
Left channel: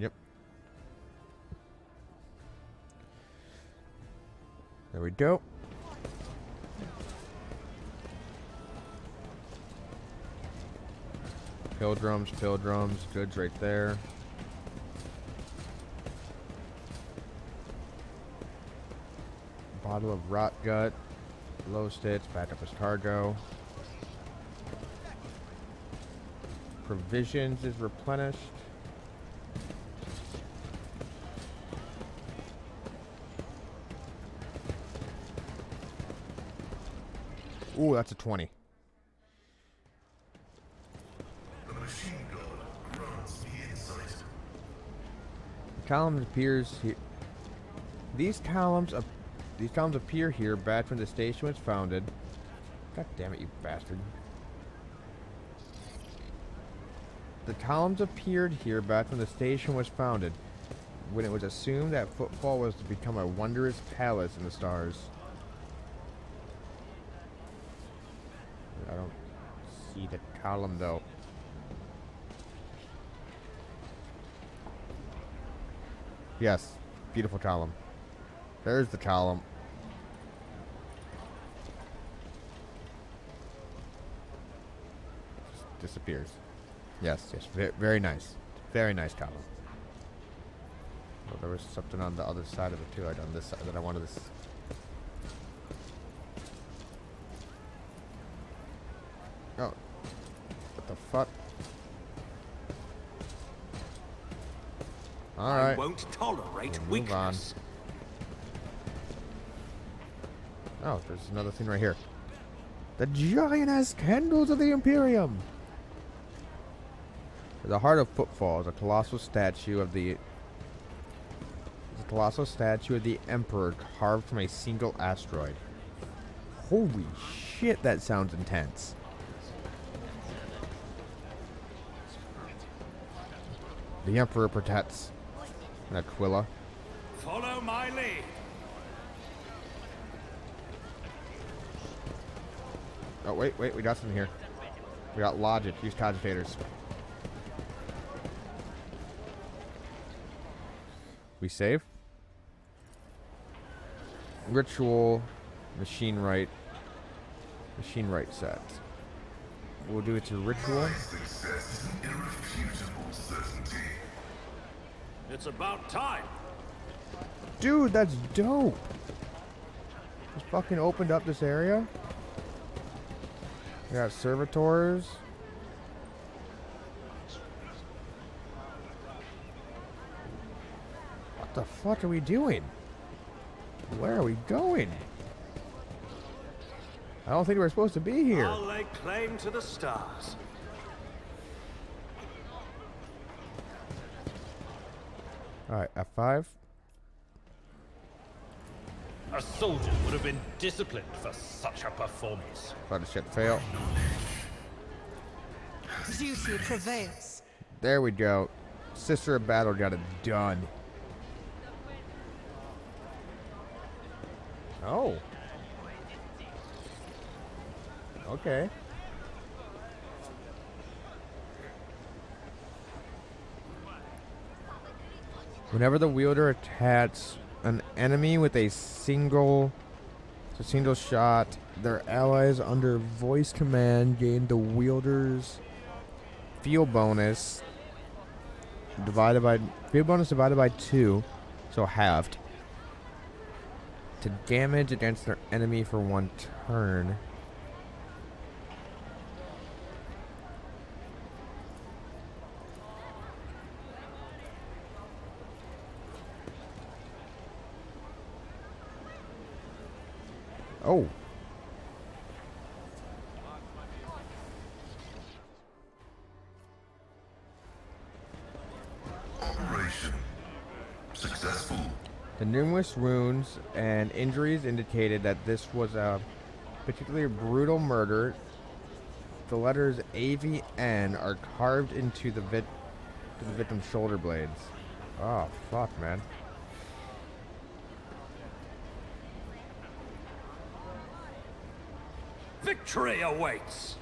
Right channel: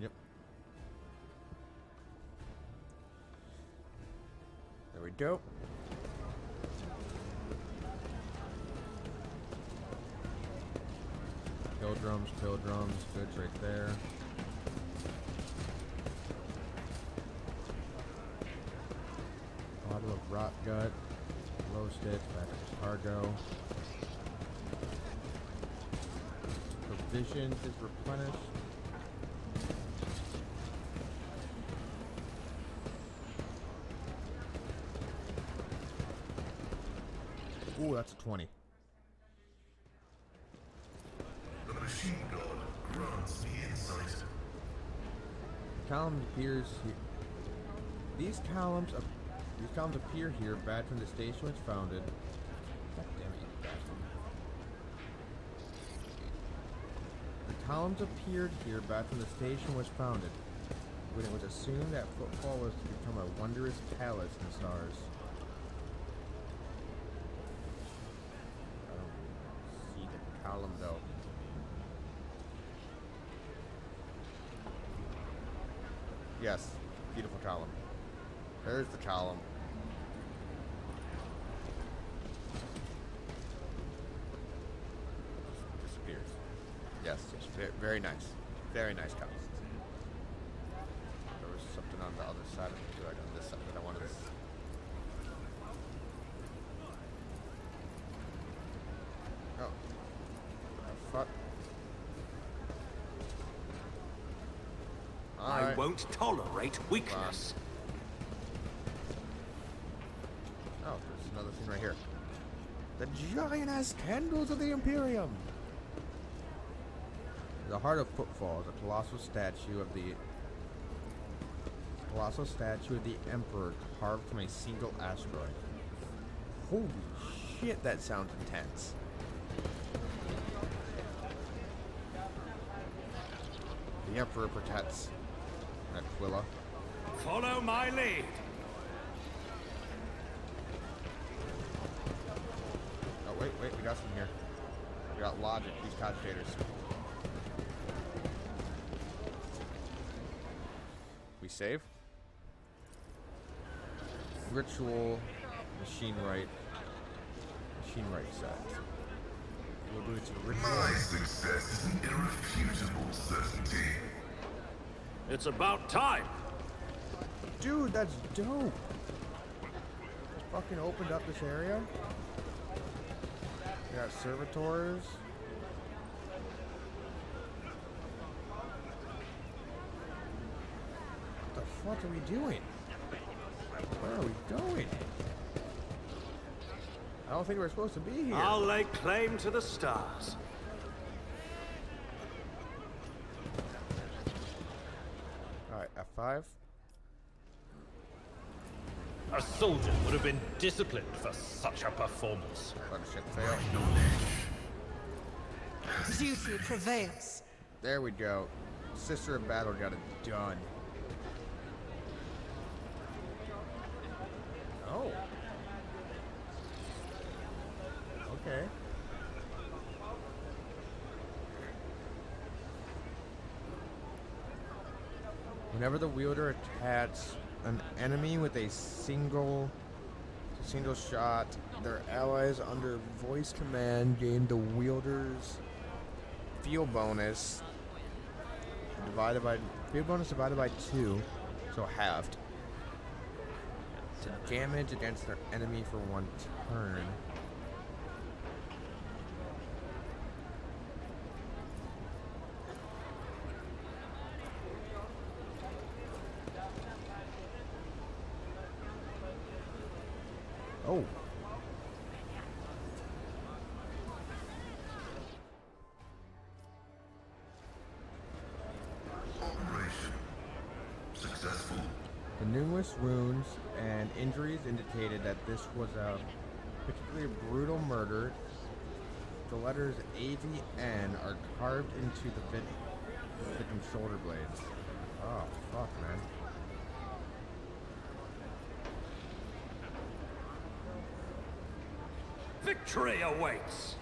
Yep. There we go. Pilgrims, goods right there. Bottle of rot gut, low stitch, back up his cargo. Provisions is replenished. Ooh, that's a 20. The machine god grants me insight. Columns appears here. These columns appear here back when the station was founded. God damn it, you bastard. The columns appeared here back when the station was founded, when it was assumed that footfall was to become a wondrous palace in the stars. I don't see the column though. Yes, beautiful column. There's the column. Just disappears. Yes, very, very nice. Very nice column. Oh, there was something on the other side of it too, like on this side that I wanted to... Oh. What the fuck? I won't tolerate weakness. Oh, there's another thing right here. The giant-ass candles of the Imperium! At the heart of Footfall is a colossal statue of the Emperor carved from a single asteroid. Holy shit, that sounds intense. The Emperor protects Aquila. Follow my lead. Oh, wait, we got something here. We got logic, use cogitators. We save. Ritual, machine right set. We'll do it to ritual. My success is an irrefutable certainty. It's about time. Dude, that's dope. Just fucking opened up this area. We got servitors. What the fuck are we doing? Where are we going? I don't think we're supposed to be here. I'll lay claim to the stars. Alright, F5. A soldier would have been disciplined for such a performance. Let the ship fail. Duty prevails. There we go. Sister of Battle got it done. Oh. Okay. Whenever the wielder attacks an enemy with a single shot, their allies under voice command gain the wielder's field bonus divided by 2, so halved, to damage against their enemy for 1 turn. Oh. Operation successful. The numerous wounds and injuries indicated that this was a particularly brutal murder. The letters AVN are carved into the victim's shoulder blades. Oh, fuck, man. Victory awaits!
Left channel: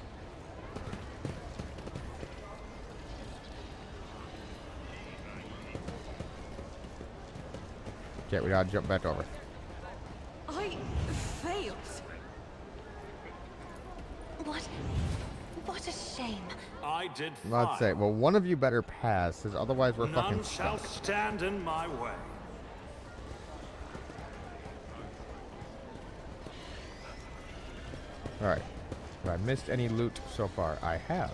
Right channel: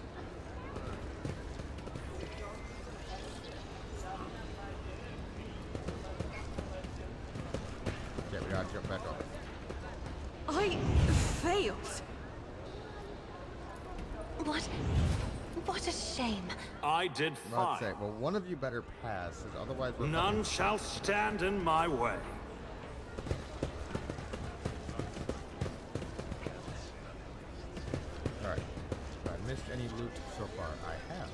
Okay, we gotta jump back over. I failed. What a shame. I did Let's say, fine. well, one of you better pass, because otherwise we're None fucking shall stand in my way. Alright. Have I missed any loot so far? I have.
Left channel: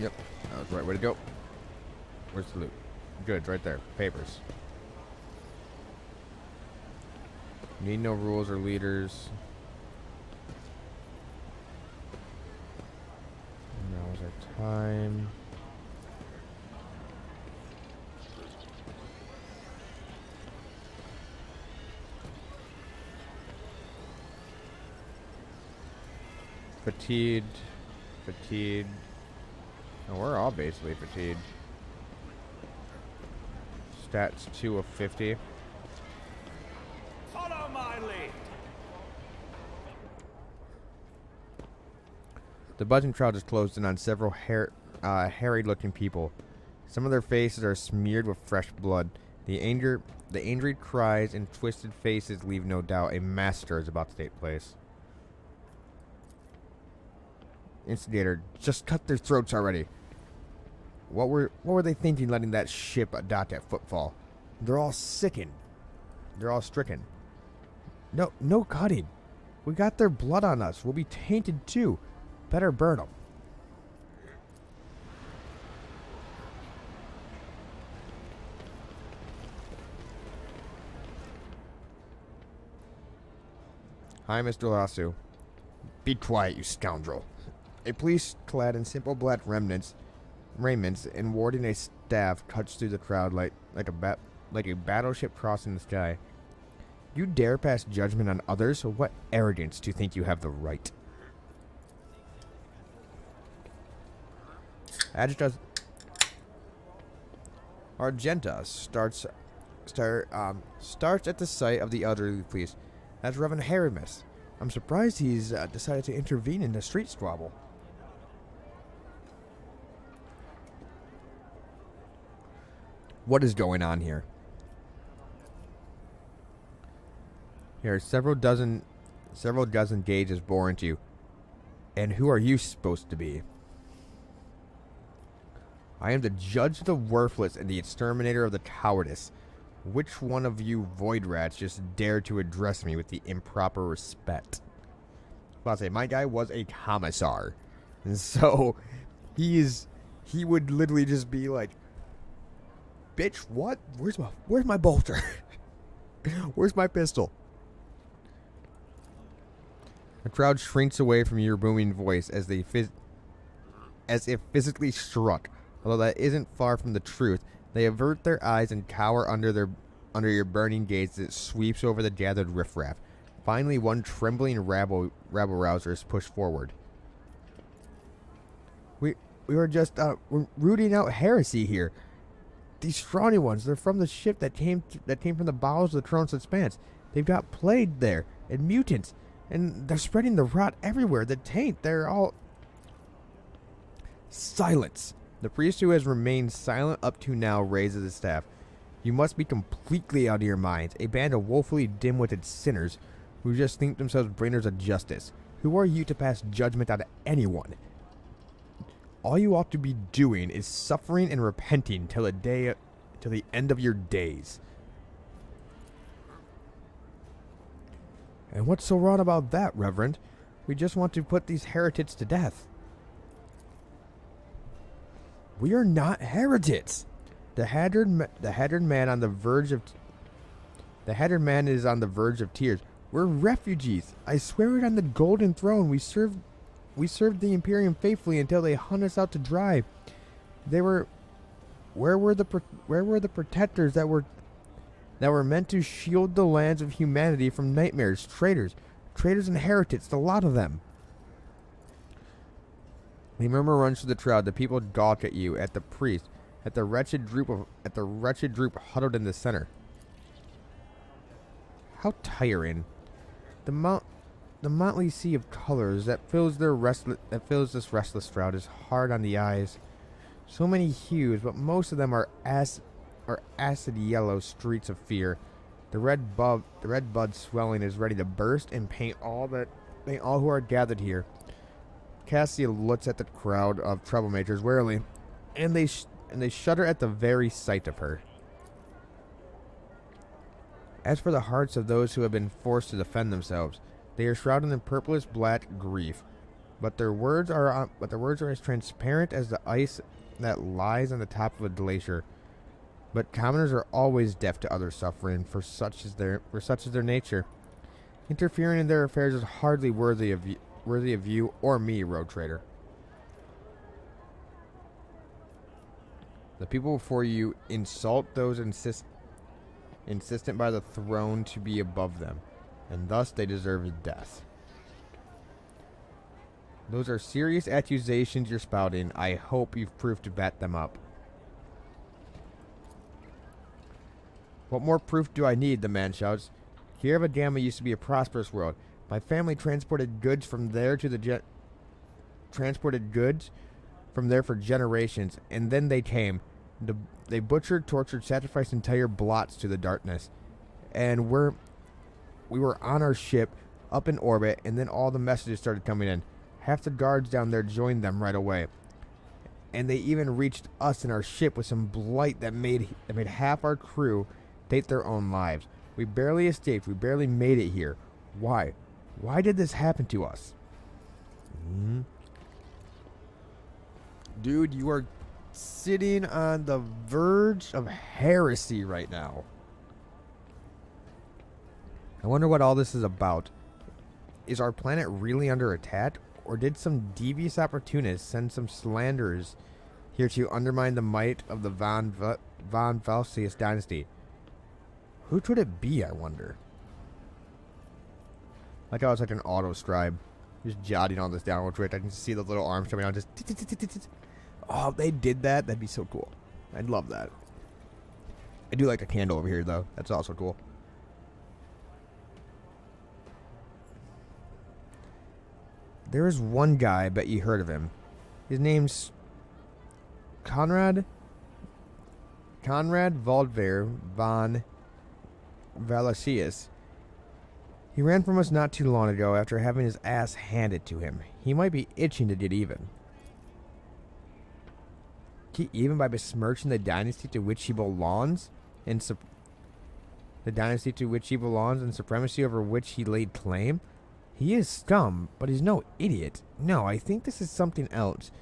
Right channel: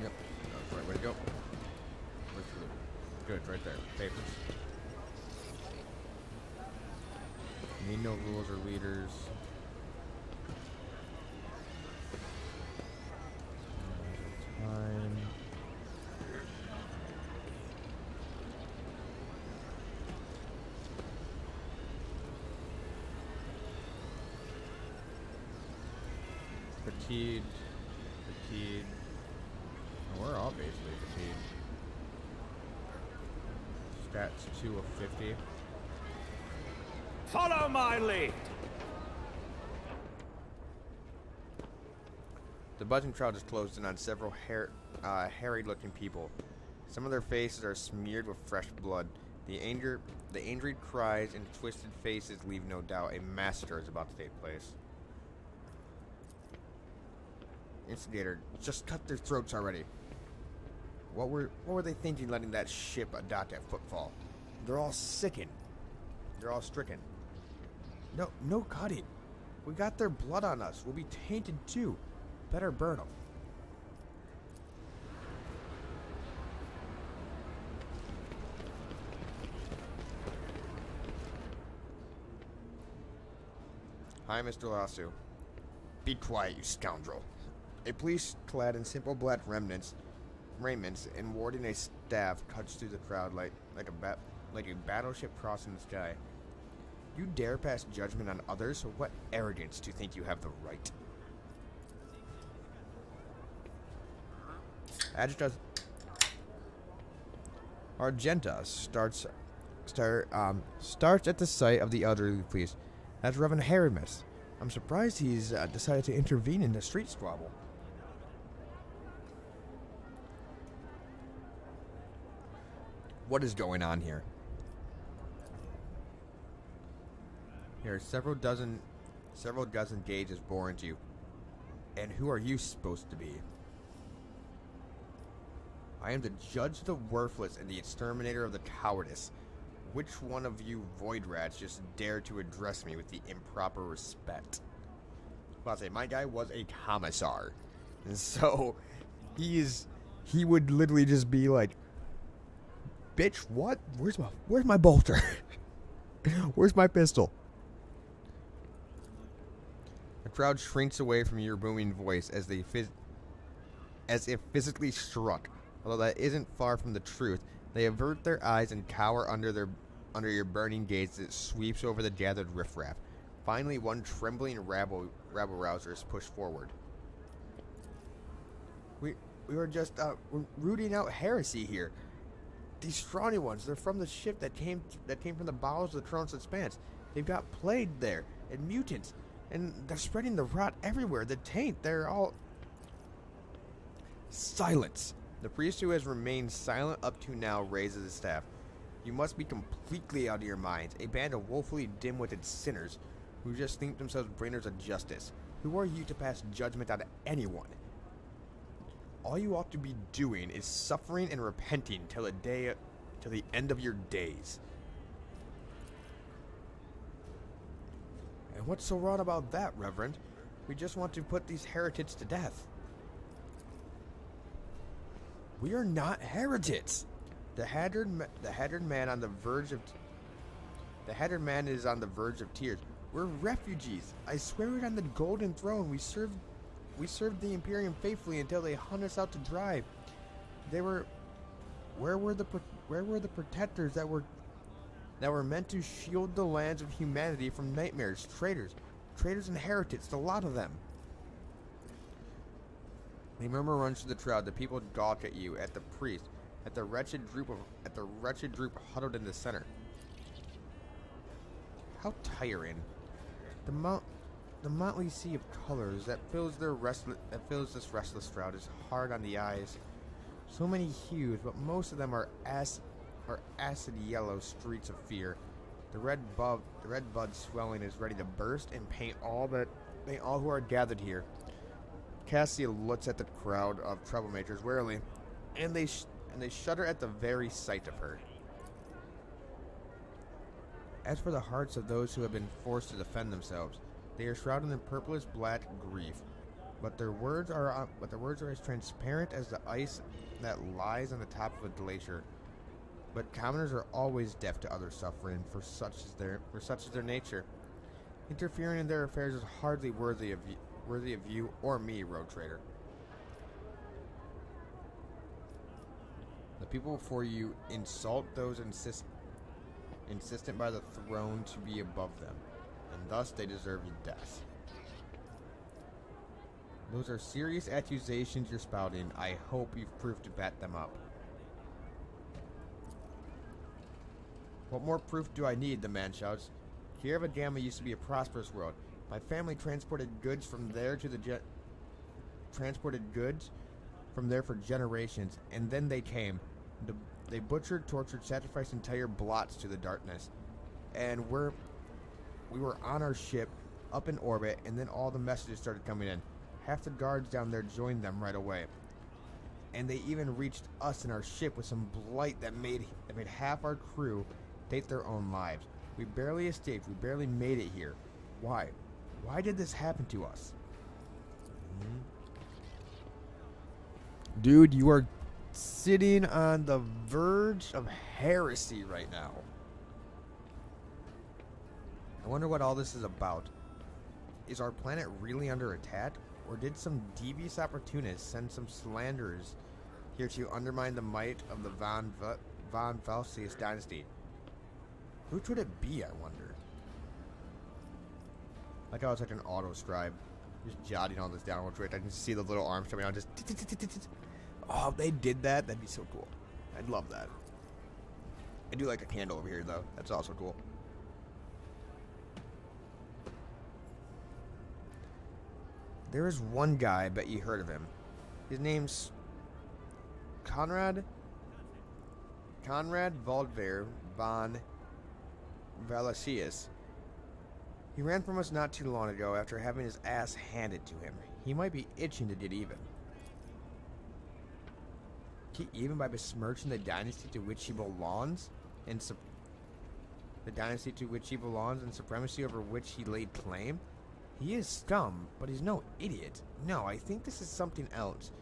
Yep, that was the right way to go. Where's the loot? Good, right there. Papers. Need no rules or leaders. Now's our time. Fatigued. Fatigued. Oh, we're all basically fatigued. Stats 2 of 50. Follow my lead. The buzzing crowd is closed in on several harried-looking people. Some of their faces are smeared with fresh blood. The injured cries and twisted faces leave no doubt a massacre is about to take place. Instigator, just cut their throats already. What were they thinking letting that ship adopt at footfall? They're all sickened. They're all stricken. No cutting. We got their blood on us. We'll be tainted too. Better burn them. Hi, Mr. Lasso. Be quiet, you scoundrel. A police clad in simple black raiments and warding a staff cuts through the crowd like a battleship crossing the sky. You dare pass judgment on others? What arrogance to think you have the right? Argenta starts at the sight of the elderly police. That's Reverend Haramis. I'm surprised he's decided to intervene in the street squabble. What is going on here? Here are several dozen gauges bore into you. And who are you supposed to be? I am the judge of the worthless and the exterminator of the cowardice. Which one of you void rats just dared to address me with the improper respect? Well, I'll say, my guy was a commissar. And so, he would literally just be like, bitch, what? Where's my bolter? Where's my pistol? The crowd shrinks away from your booming voice as if physically struck. Although that isn't far from the truth, they avert their eyes and cower under your burning gaze that sweeps over the gathered riffraff. Finally, one trembling rabble-rouser is pushed forward. were just we're rooting out heresy here. These scrawny ones, they're from the ship that came from the bowels of the Throne's Expanse. They've got plague there, and mutants, and they're spreading the rot everywhere. The taint, they're all... Silence! The priest who has remained silent up to now raises his staff. You must be completely out of your minds, a band of woefully dim-witted sinners who just think themselves bringers of justice. Who are you to pass judgment on anyone? All you ought to be doing is suffering and repenting till the end of your days. And what's so wrong about that, Reverend? We just want to put these heretics to death. We are not heretics. The hattered man on the verge of the hattered man is on the verge of tears. We're refugees. I swear it on the golden throne. We served the Imperium faithfully until they hunt us out to dry. Where were the protectors that were meant to shield the lands of humanity from nightmares? Traitors and heretics, the lot of them. A murmur runs through the crowd. The people gawk at you, at the priest, at the wretched group huddled in the center. How tiring! The motley sea of colors that fills this restless crowd is hard on the eyes. So many hues, but most of them are acid yellow streaks of fear. The red bud swelling is ready to burst and paint all who are gathered here. Cassia looks at the crowd of troublemakers warily, and they shudder at the very sight of her. As for the hearts of those who have been forced to defend themselves, they are shrouded in purplish black grief. But their words are as transparent as the ice that lies on the top of a glacier. But commoners are always deaf to other suffering, for such is their nature. Interfering in their affairs is hardly worthy of you or me, road trader. The people before you insult those insistent by the throne to be above them, and thus they deserve death. Those are serious accusations you're spouting. I hope you've proved to back them up. What more proof do I need? The man shouts. Kierva Gamma used to be a prosperous world. My family transported goods from there for generations, and then they came. They butchered, tortured, sacrificed entire blots to the darkness. And we were on our ship, up in orbit, and then all the messages started coming in. Half the guards down there joined them right away. And they even reached us in our ship with some blight that made half our crew take their own lives. We barely escaped. We barely made it here. Why? Why did this happen to us? Dude, you are sitting on the verge of heresy right now. I wonder what all this is about. Is our planet really under attack? Or did some devious opportunists send some slanderers here to undermine the might of the von Valsius dynasty? Who could it be, I wonder? Like how it's like an auto scribe. Just jotting all this down real quick. I can see the little arms coming out. Just. Oh, if they did that, that'd be so cool. I'd love that. I do like a candle over here, though. That's also cool. There is one guy, I bet you heard of him. His name's Conrad Valdver von Valasius. He ran from us not too long ago after having his ass handed to him. He might be itching to get even. Even by besmirching the dynasty to which he belongs, and supremacy over which he laid claim. He is scum, but he's no idiot. No, I think this is something else.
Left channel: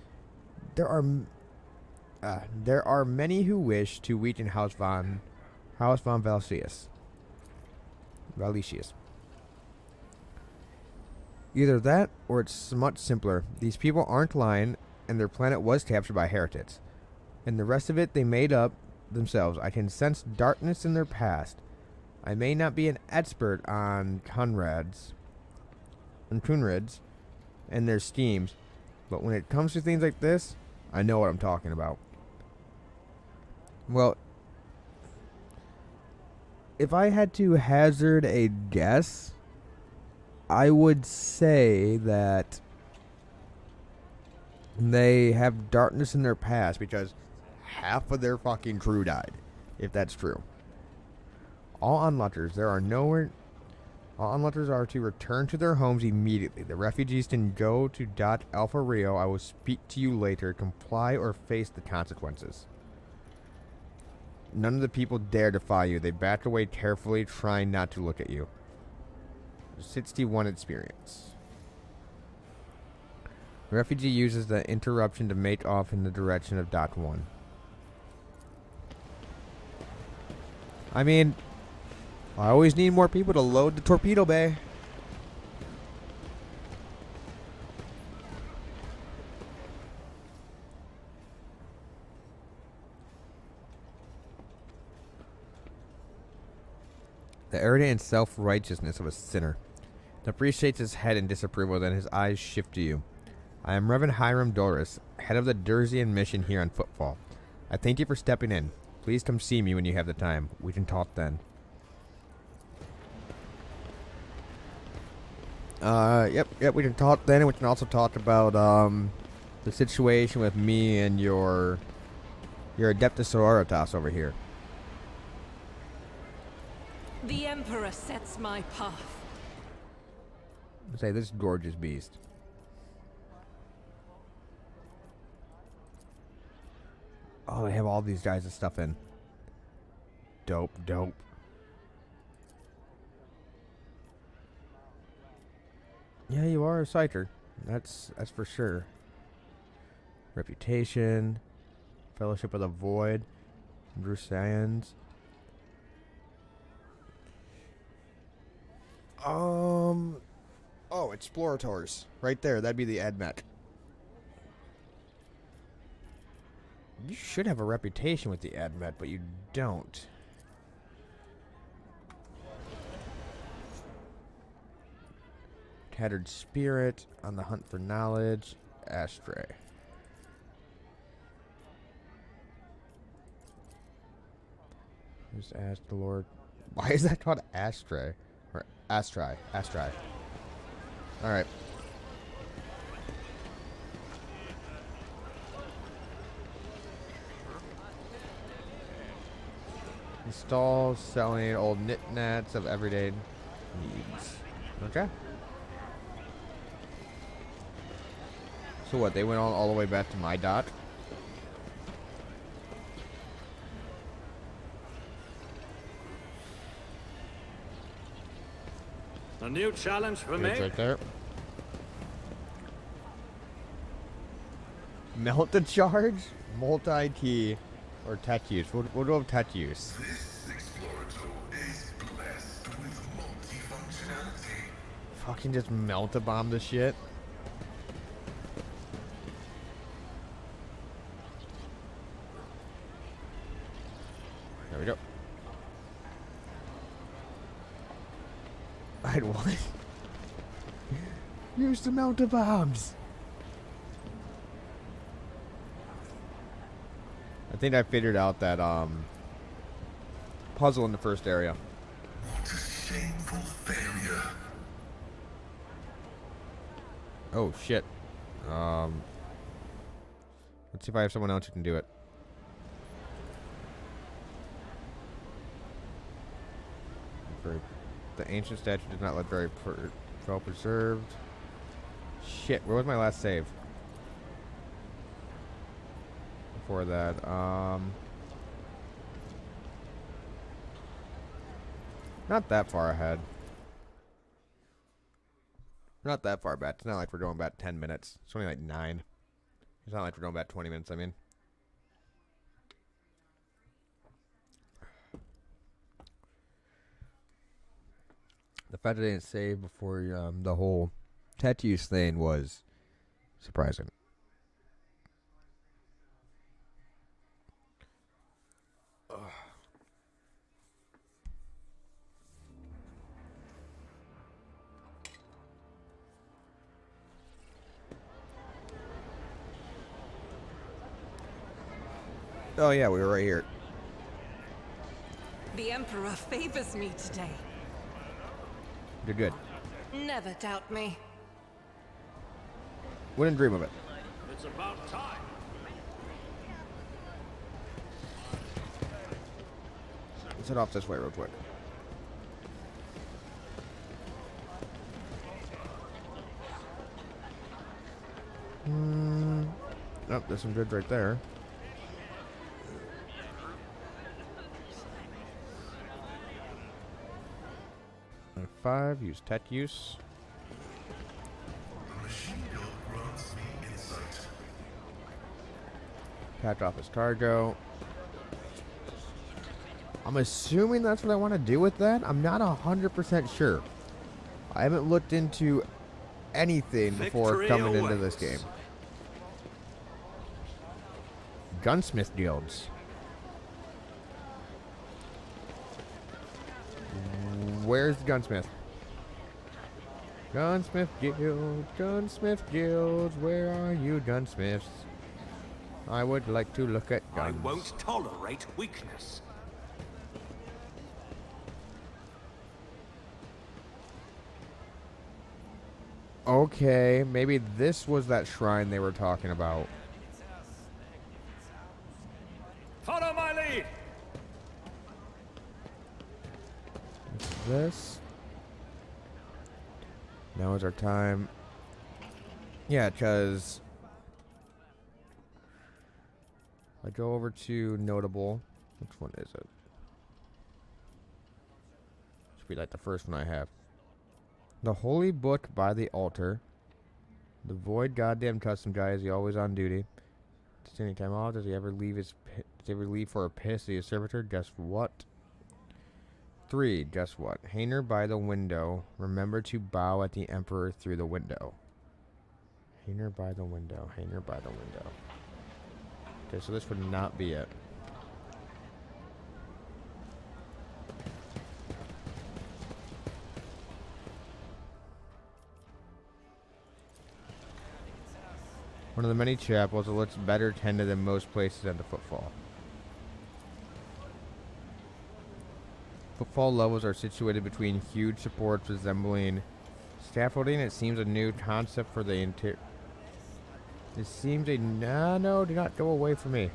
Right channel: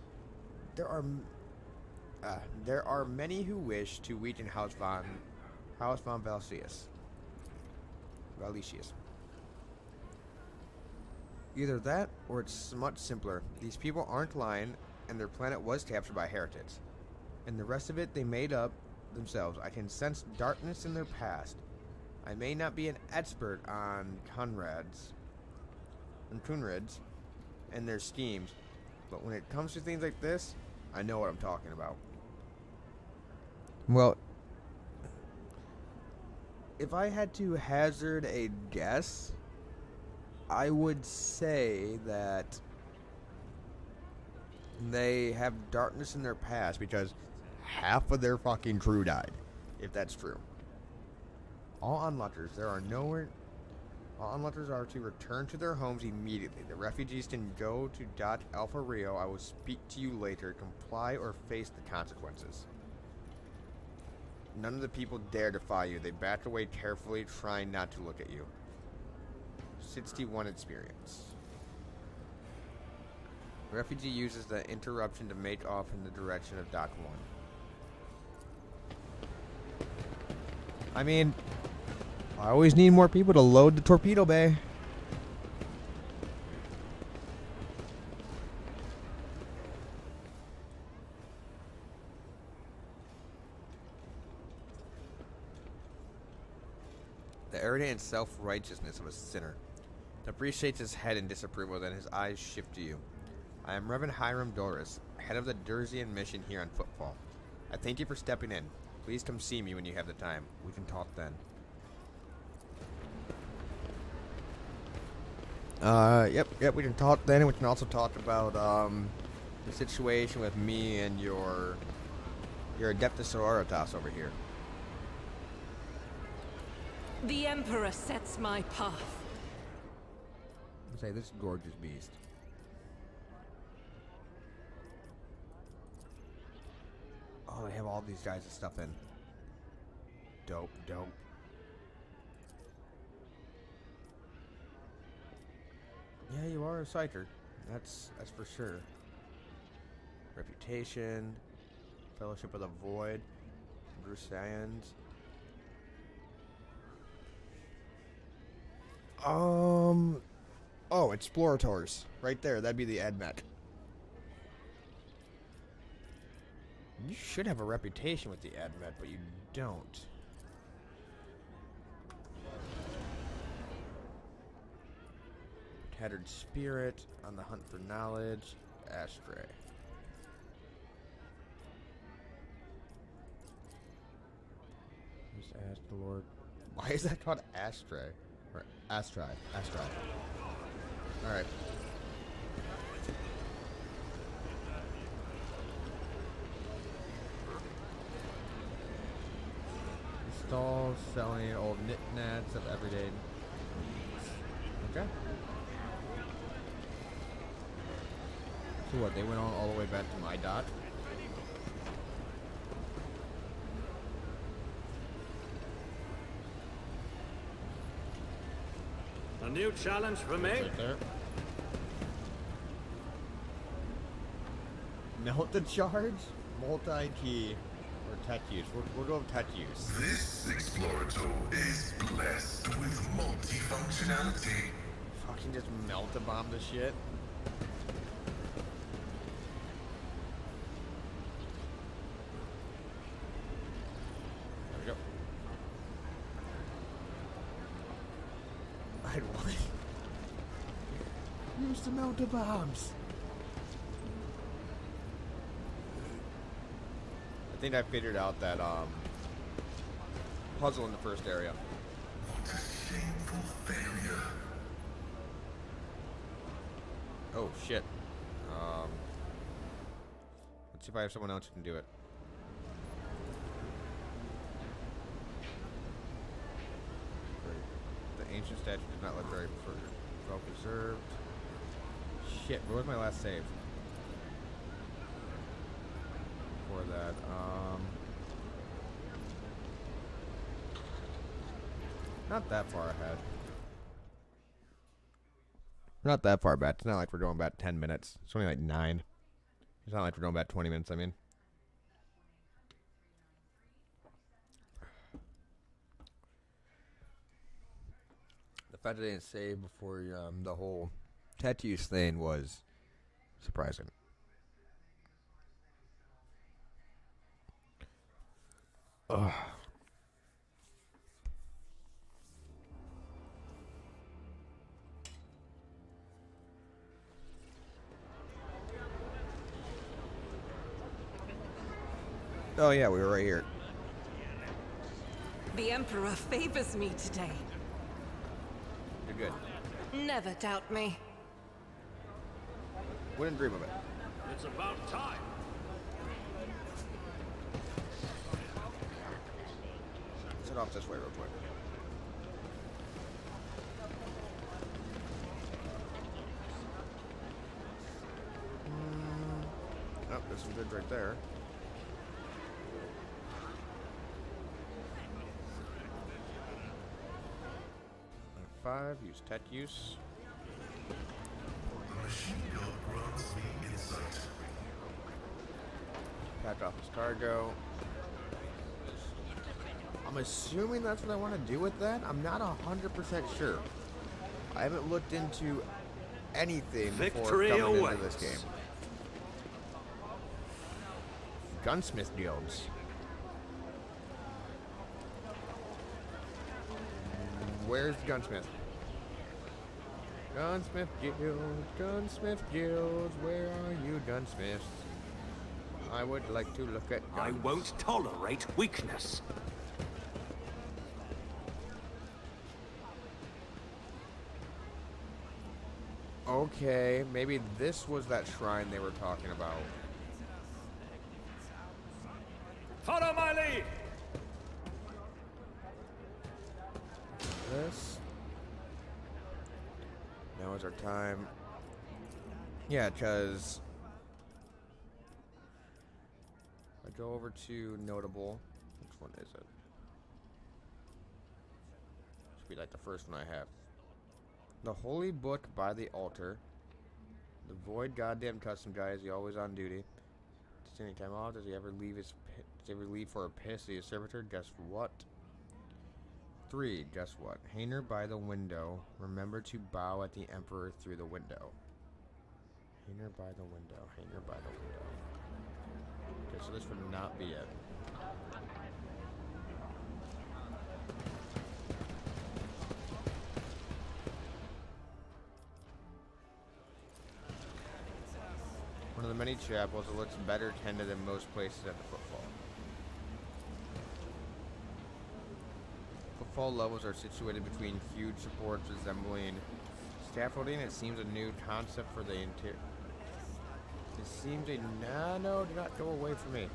There are many who wish to weaken House von Valsius. Either that, or it's much simpler. These people aren't lying, and their planet was captured by heretics. And the rest of it they made up themselves. I can sense darkness in their past. I may not be an expert on Kunrads and their schemes, but when it comes to things like this, I know what I'm talking about. Well, if I had to hazard a guess, I would say that they have darkness in their past because half of their fucking crew died, if that's true. All unluckers, all unluckers are to return to their homes immediately. The refugees can go to Dot Alpha Rio. I will speak to you later. Comply or face the consequences. None of the people dare defy you. They back away carefully, trying not to look at you. 61 experience. The refugee uses the interruption to make off in the direction of Dock 1. I mean, I always need more people to load the torpedo bay. The arrogant and self-righteousness of a sinner. Dupree shakes his head in disapproval, then his eyes shift to you. I am Reverend Hiram Doris, head of the Durzian mission here on Footfall. I thank you for stepping in. Please come see me when you have the time. We can talk then. Yep, we can talk then, and we can also talk about, the situation with me and your Adeptus Sororitas over here. The Emperor sets my path. Say, this gorgeous beast. Oh, they have all these guys and stuff in. Dope. Yeah, you are a psycher. That's for sure. Reputation. Fellowship of the Void. Bruce Sands. Oh, Explorators. Right there. That'd be the AdMech. You should have a reputation with the AdMech, but you don't. Tattered Spirit, on the hunt for knowledge, Ashtray. Just ask the Lord. Why is that called Ashtray? Or Astray. Alright. Stalls selling old knickknacks of everyday needs. Okay. So what, they went all the way back to my dot? A new challenge for me? Right there. Melt the charge? Multi-key. Or tech use. We'll go with tech use. This Explorator is blessed with multifunctionality. Fucking just melt a bomb this shit. There we go. I'd want use the melt the bombs. I think I figured out that puzzle in the first area. What a shameful failure. Oh shit. Let's see if I have someone else who can do it. The ancient statue did not look very well preserved. Shit, where was my last save? For that, not that far ahead. Not that far back. It's not like we're going back 10 minutes. It's only like 9. It's not like we're going back 20 minutes, I mean. The fact that they didn't save before the whole tattoos thing was surprising. Ugh. Oh yeah, we were right here. The Emperor favors me today. You're good. Never doubt me. Wouldn't dream of it. It's about time. Let's head off this way real quick. Oh, there's some goods right there. And 5, use tech use. Patch off his cargo. I'm assuming that's what I want to do with that. I'm not 100% sure. I haven't looked into anything before Victory coming into awaits. this game. Gunsmith guilds. Where's the gunsmith? Gunsmith guilds, where are you, gunsmiths? I would like to look at guns. I won't tolerate weakness. Okay, maybe this was that shrine they were talking about. Follow my lead. This. Now is our time. Yeah, because I go over to notable. Which one is it? Should be like the first one I have. The Holy Book by the Altar. The Void goddamn custom guy. Is he always on duty? Does any time off? Does he ever leave his? Does he ever leave for a piss? Is he a servitor? Guess what? 3. Guess what? Hanger by the window. Remember to bow at the Emperor through the window. Hanger by the window. Hanger by the window. Okay, so this would not be it. One of the many chapels that looks better tended than most places at the Footfall. Footfall levels are situated between huge supports resembling scaffolding. It seems a new concept for the interior. It seems a no, do not go away from me.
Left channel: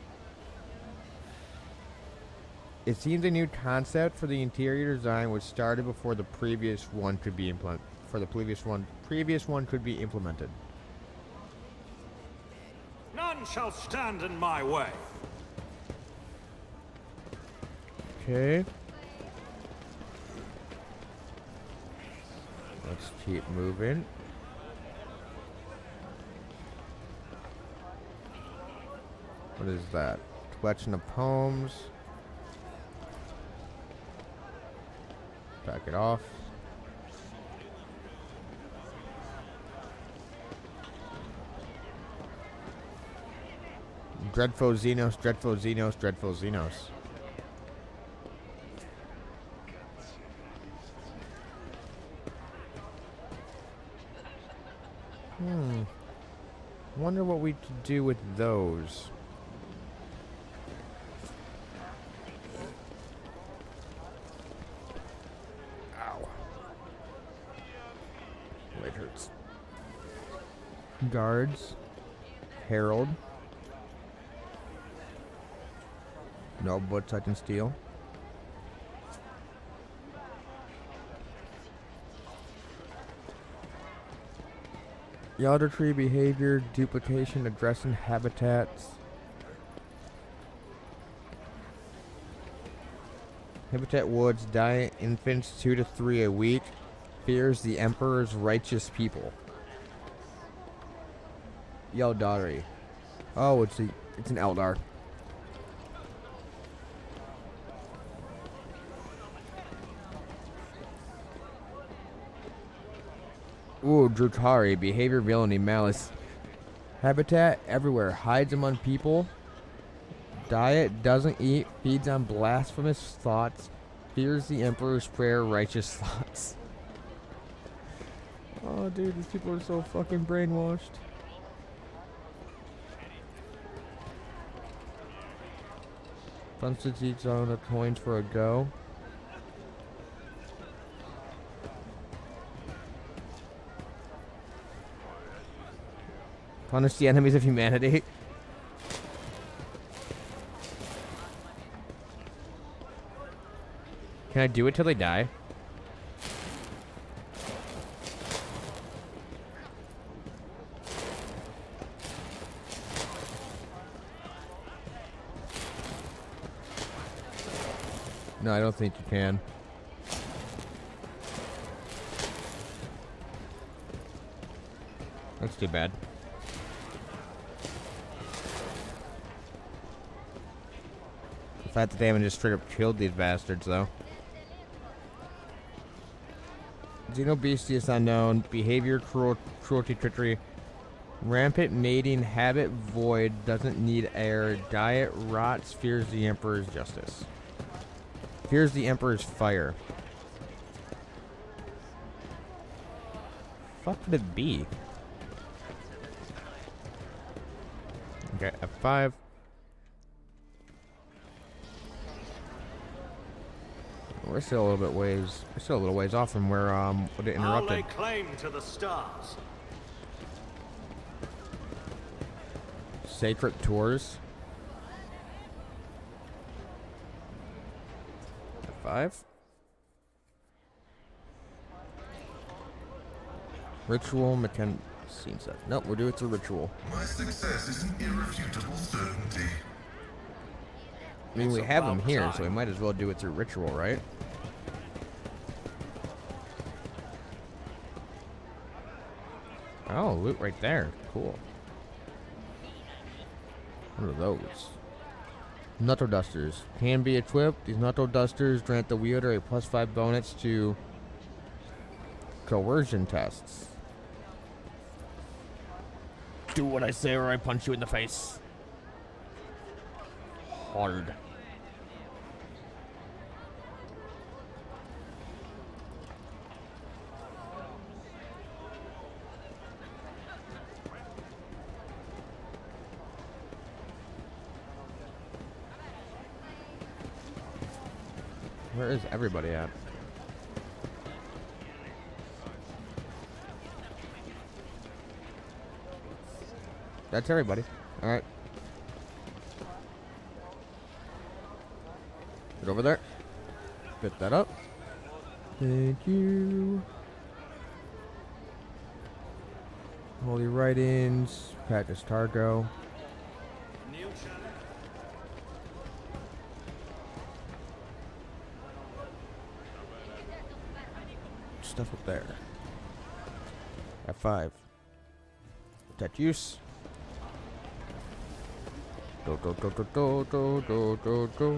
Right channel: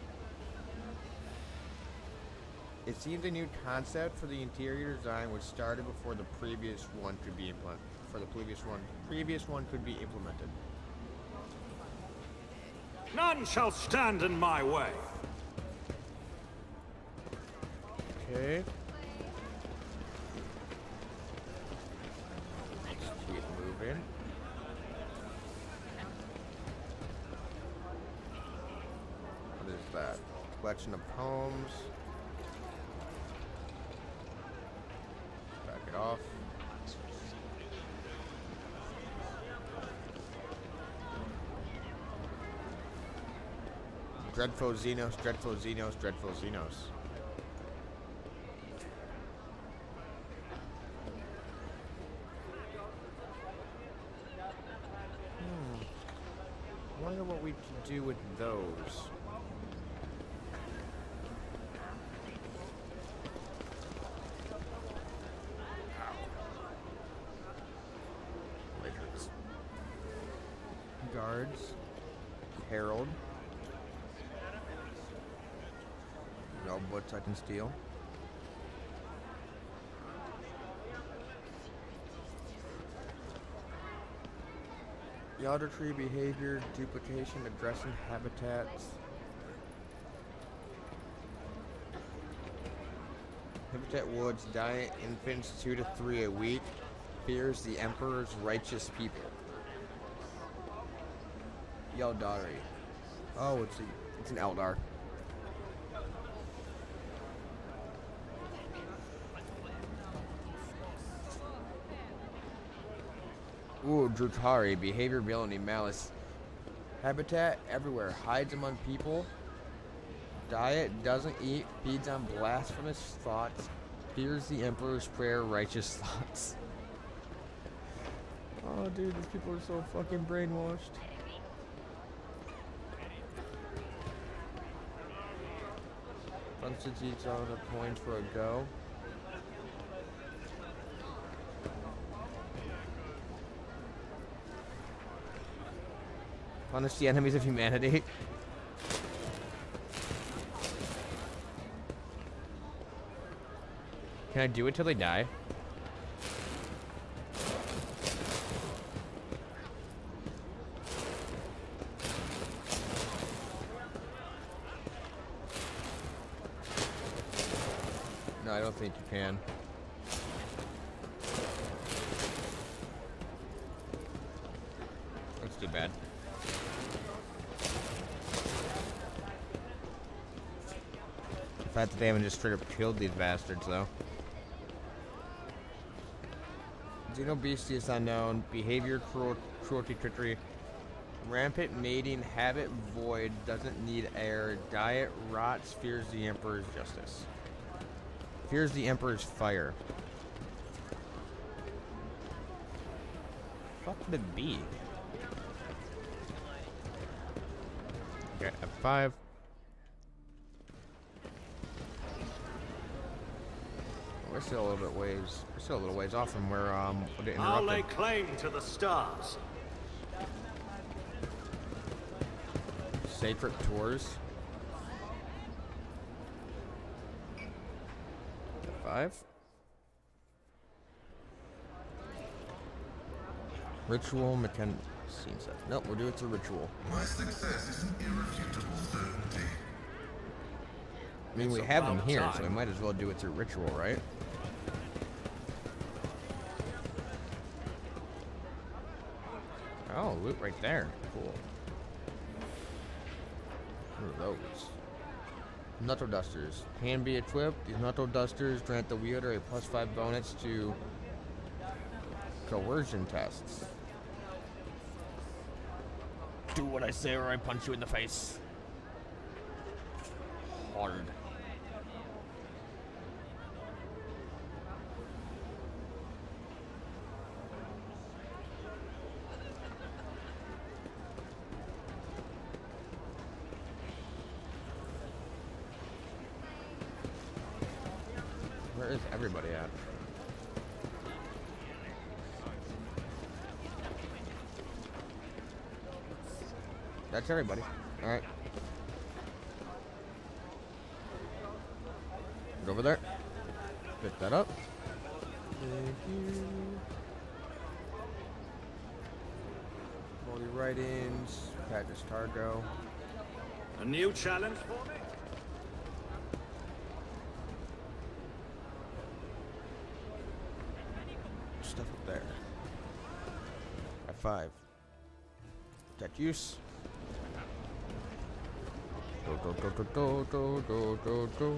It seems a new concept for the interior design, which started before the previous one could be implemented. Previous one could be implemented. None shall stand in my way. Okay. Let's keep moving. What is that? Collection of poems. Back it off. Dreadful Xenos, Dreadful Xenos, Dreadful Xenos. Wonder what we could do with those. Ow. It hurts. Guards. Herald. No butts I can steal. Yelder tree behavior, duplication, addressing habitats. Habitat woods, diet infants 2 to 3 a week. Fears the Emperor's righteous people. Yeldari. Oh, it's an Eldar. Ooh, Drutari, behavior, villainy, malice. Habitat everywhere, hides among people. Diet, doesn't eat, feeds on blasphemous thoughts. Fears the Emperor's prayer, righteous thoughts. Oh, dude, these people are so fucking brainwashed. Punches each on a point for a go. Punish the enemies of humanity. Can I do it till they die? No, I don't think you can. That's too bad. The fact that they haven't just straight up killed these bastards, though. Xenobestius unknown. Behavior, cruelty, trickery. Rampant mating, habit void, doesn't need air. Diet rots, fears the Emperor's justice. Fears the Emperor's fire. What could it be? Okay, F5. We're still a little bit ways. We're still a little ways off from where it I'll lay interrupted. claim to the stars. Sacred tours. F5. Ritual scene set. Nope, we'll do it through ritual. My success is an irrefutable certainty. I mean, It's we have them about here, so we time. might as well do it through ritual, right? Oh, loot right there. Cool. What are those? Nutto Dusters. Can be equipped. These Nutto Dusters grant the wielder a +5 bonus to coercion tests. Do what I say or I punch you in the face. Hard. Where is everybody at? That's everybody. All right. Get over there. Pick that up. Thank you. Holy writings. Practice Targo. A new challenge? Stuff up there. F5. That use. Go, go, go, go, go, go, go, go, go.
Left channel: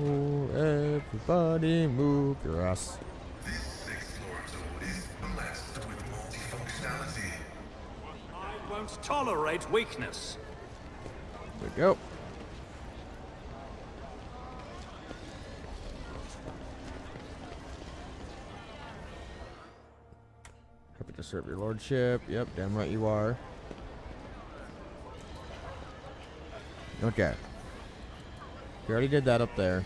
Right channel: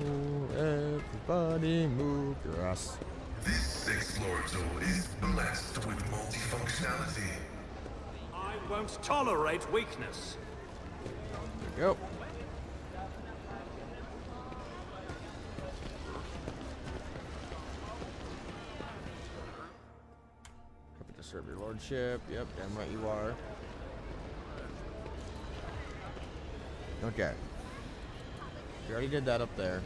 Everybody move your ass. This sixth Lord Tool is blessed with multifunctionality. I won't tolerate weakness. There we go. Happy to serve your lordship. Yep, damn right you are. Okay. We already did that up there.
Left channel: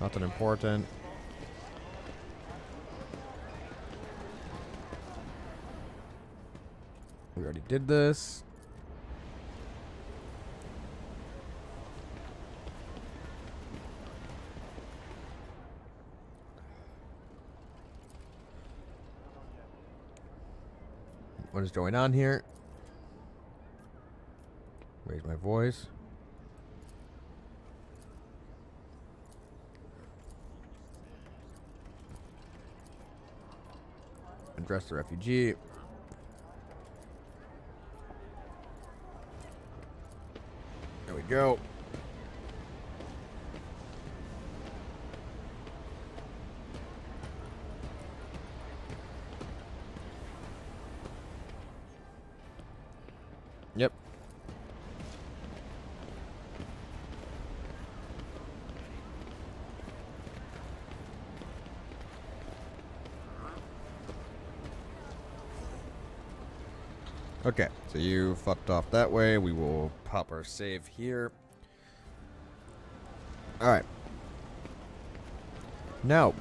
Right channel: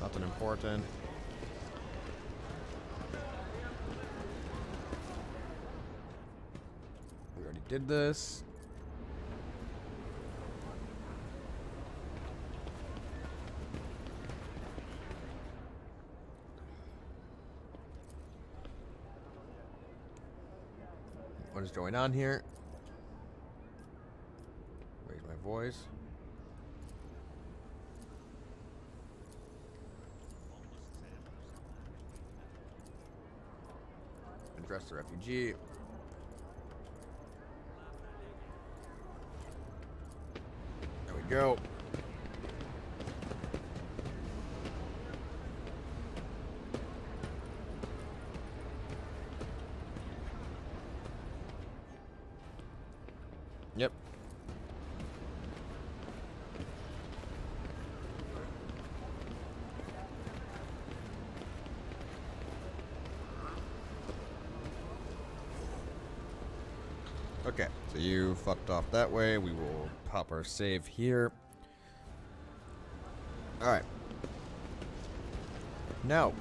Nothing important. We already did this. What is going on here? Raise my voice. Address the refugee. There we go. Yep. Okay, so you fucked off that way. We will pop our save here. Alright. Now,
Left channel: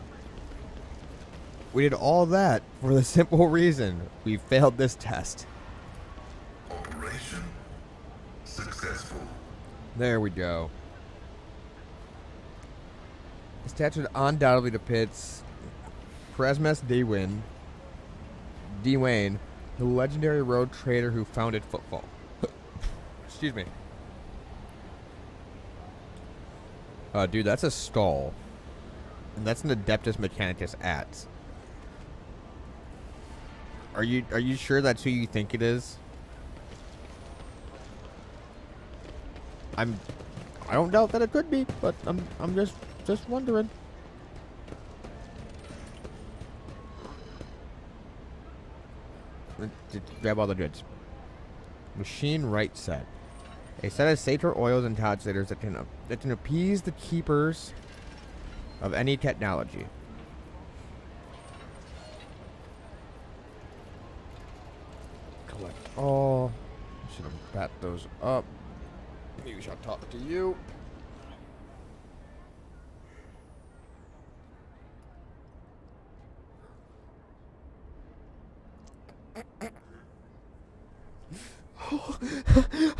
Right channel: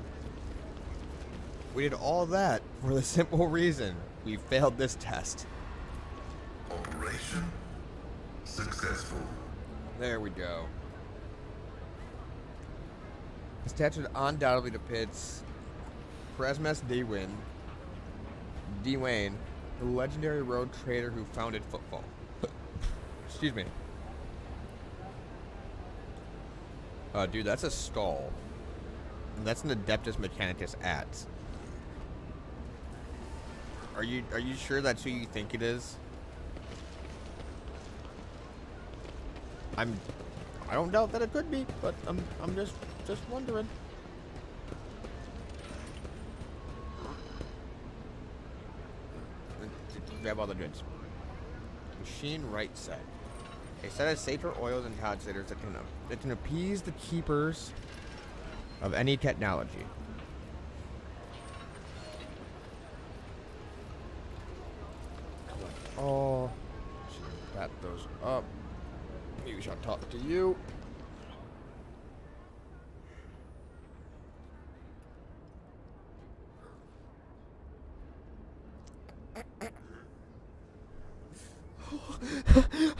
we did all that for the simple reason we failed this test. Operation successful. There we go. This statue undoubtedly depicts Presmes Dwayne, the legendary road trader who founded football. Excuse me. Dude, that's a stall. And that's an Adeptus Mechanicus at. Are you sure that's who you think it is? I don't doubt that it could be, but I'm just wondering. Grab all the goods. Machine right set. A set of sator oils and tonsators that can appease the keepers of any technology. Collect all. Should have bat those up. Maybe we shall talk to you.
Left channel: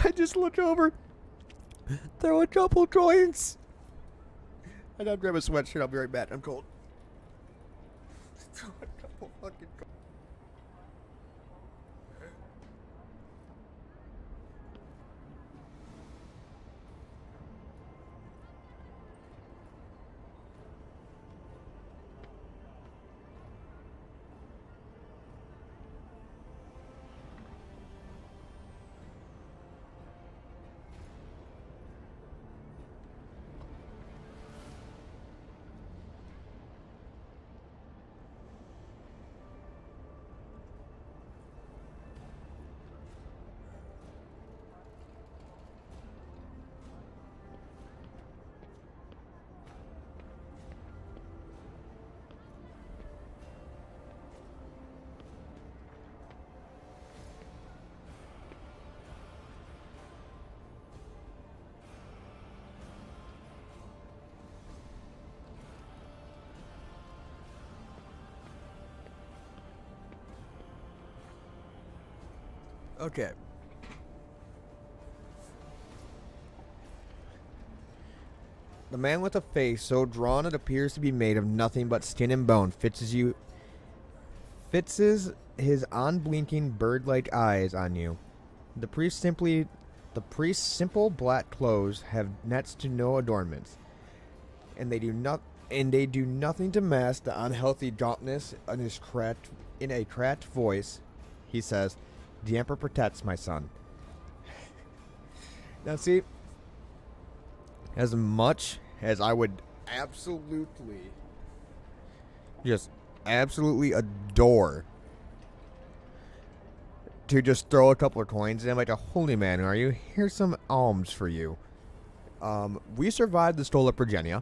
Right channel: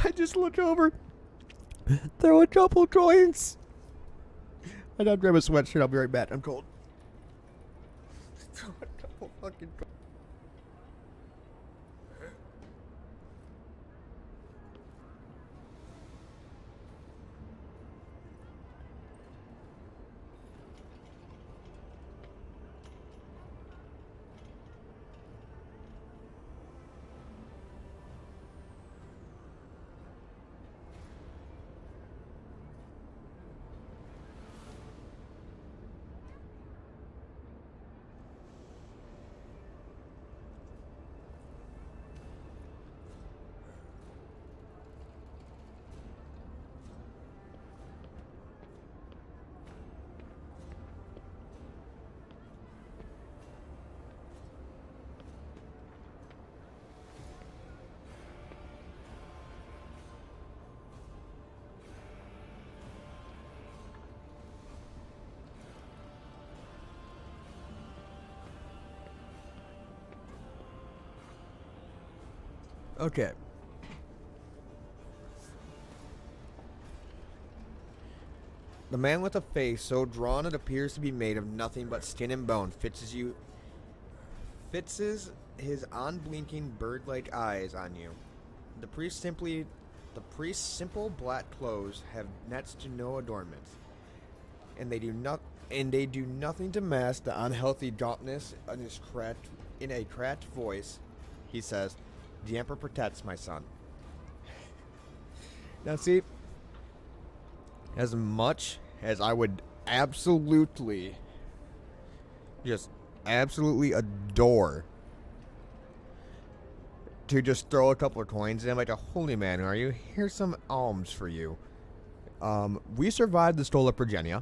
I just look over. There were a couple coins. I gotta grab a sweatshirt. I'll be right back. I'm cold. Throw a couple fucking coins. Okay. The man with a face so drawn it appears to be made of nothing but skin and bone fixes his unblinking bird-like eyes on you. The priest's simple black clothes have next to no adornments, and they do nothing to mask the unhealthy gauntness in a cracked voice. He says, "The Emperor protects my son." Now see, as much as I would absolutely adore to just throw a couple of coins in, like a holy man, are you? Here's some alms for you. We survived the Stola Progenia.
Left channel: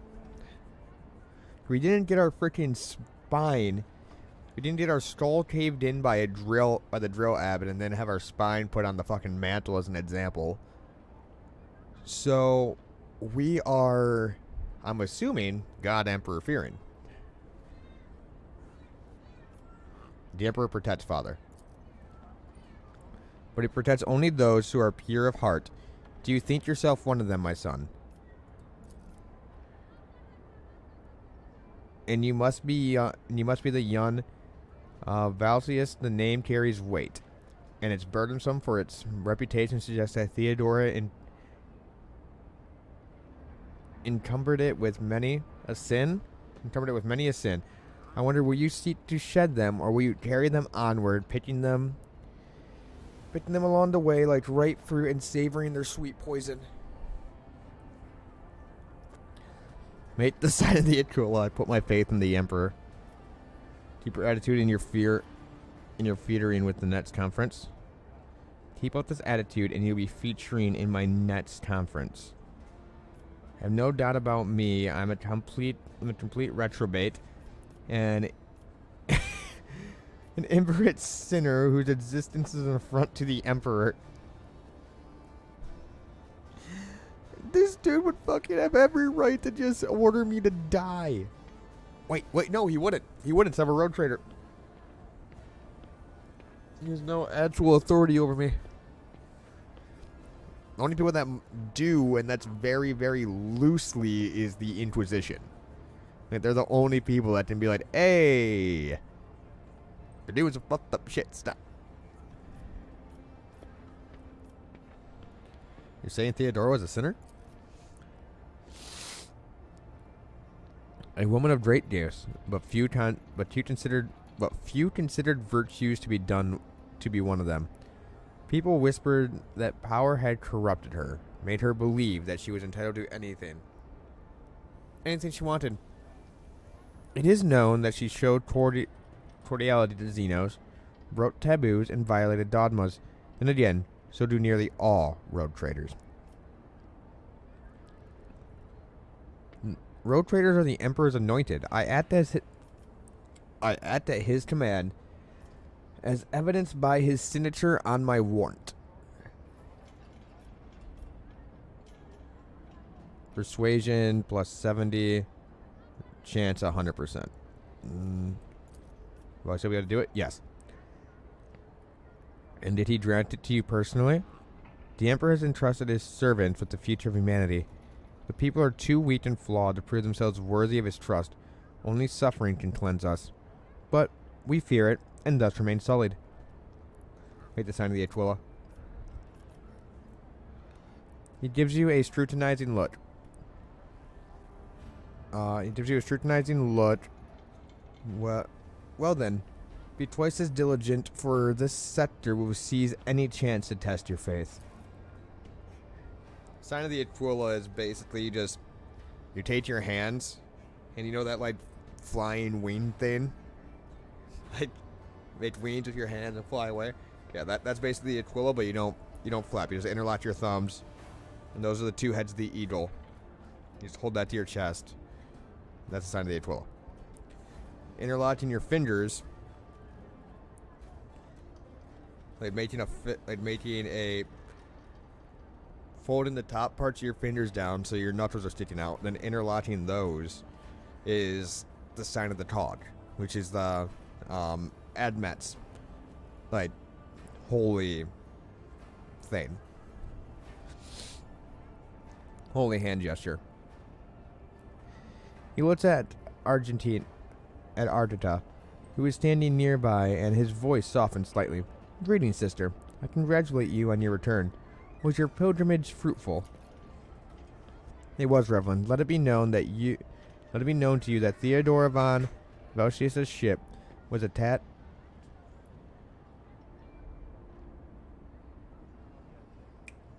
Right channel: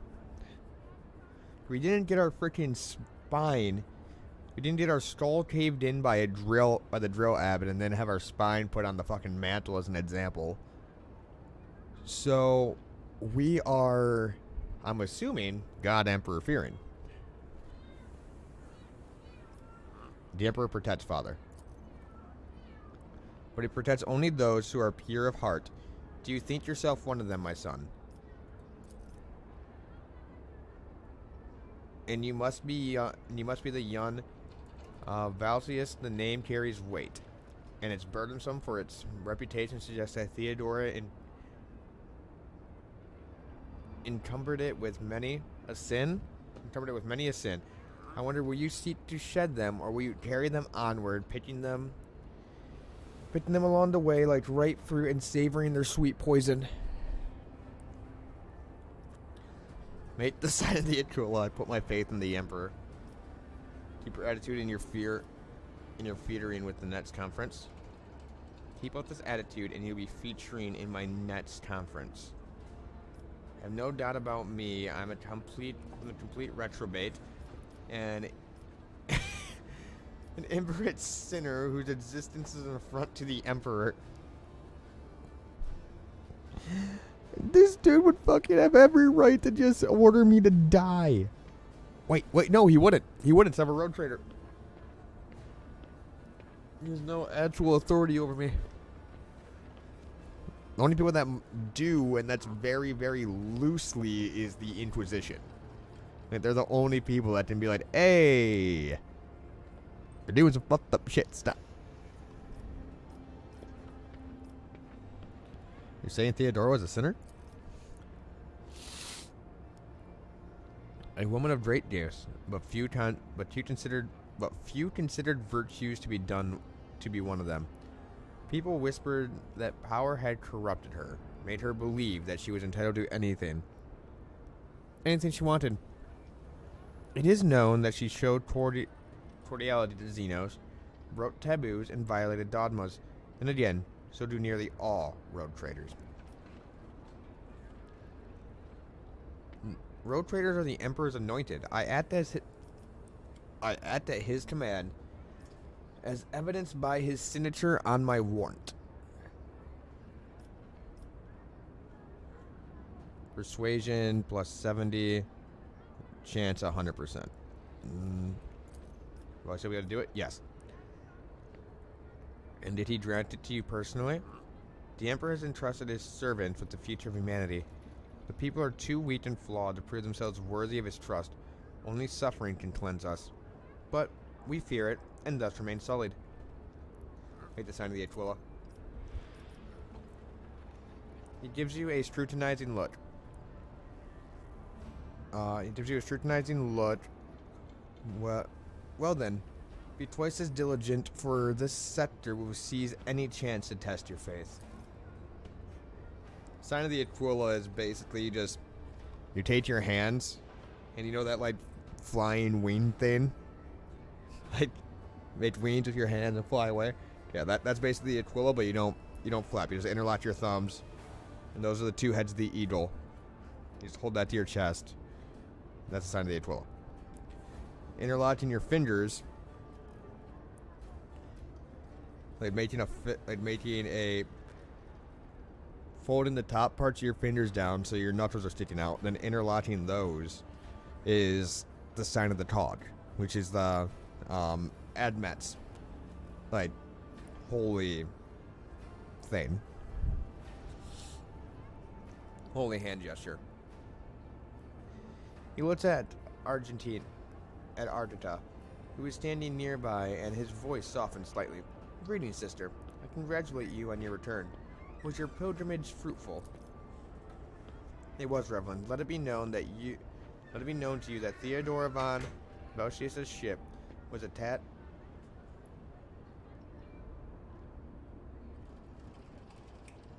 We didn't get our freaking spine. We didn't get our skull caved in by the drill abbot and then have our spine put on the fucking mantle as an example. So we are, I'm assuming, God Emperor fearing. The Emperor protects Father. But he protects only those who are pure of heart. Do you think yourself one of them, my son? And you must be the young Valsius. The name carries weight, and it's burdensome, for its reputation suggests that Theodora encumbered it with many a sin. I wonder, will you seek to shed them, or will you carry them onward, picking them along the way like ripe fruit and savoring their sweet poison? Make the sign of the Itrula. I put my faith in the Emperor. Keep your attitude and your featuring with the next conference. Keep up this attitude and you'll be featuring in my next conference. Have no doubt about me. I'm a complete retrobate, and An imperate sinner whose existence is an affront to the Emperor. This dude would fucking have every right to just order me to die. Wait, no, he wouldn't. He wouldn't. I'm a road trader. He has no actual authority over me. The only people that do, and that's very, very loosely, is the Inquisition. Like, they're the only people that can be like, hey, you're doing some fucked up shit, stop. You're saying Theodora was a sinner? A woman of great gifts, but few considered virtues to be one of them. People whispered that power had corrupted her, made her believe that she was entitled to anything she wanted. It is known that she showed cordiality to Xenos, broke taboos, and violated dogmas. And again, so do nearly all road traders. Road traders are the Emperor's anointed. I act at his command, as evidenced by his signature on my warrant. Persuasion plus 70. Chance 100%. Well, I said we got to do it? Yes. And did he grant it to you personally? The Emperor has entrusted his servants with the future of humanity. The people are too weak and flawed to prove themselves worthy of his trust. Only suffering can cleanse us. But we fear it, and thus remain sullied. Wait, the sign of the Aquila. He gives you a scrutinizing look. Well then, be twice as diligent, for this scepter will seize any chance to test your faith. Sign of the Aquila is basically just, you take your hands, and you know that, like, flying wing thing? Like, make wings with your hands and fly away? Yeah, that's basically the Aquila, but you don't flap. You just interlock your thumbs, and those are the two heads of the eagle. You just hold that to your chest. That's the sign of the Aquila. Interlocking your fingers, like making a folding the top parts of your fingers down so your knuckles are sticking out. Then interlocking those is the sign of the Tog, which is the Admet's, like, holy thing. Holy hand gesture. He looks at Argentita, who is standing nearby, and his voice softens slightly. Greetings, sister. I congratulate you on your return. Was your pilgrimage fruitful? It was, Reverend. Let it be known to you that Theodora von Valsius' ship was attacked.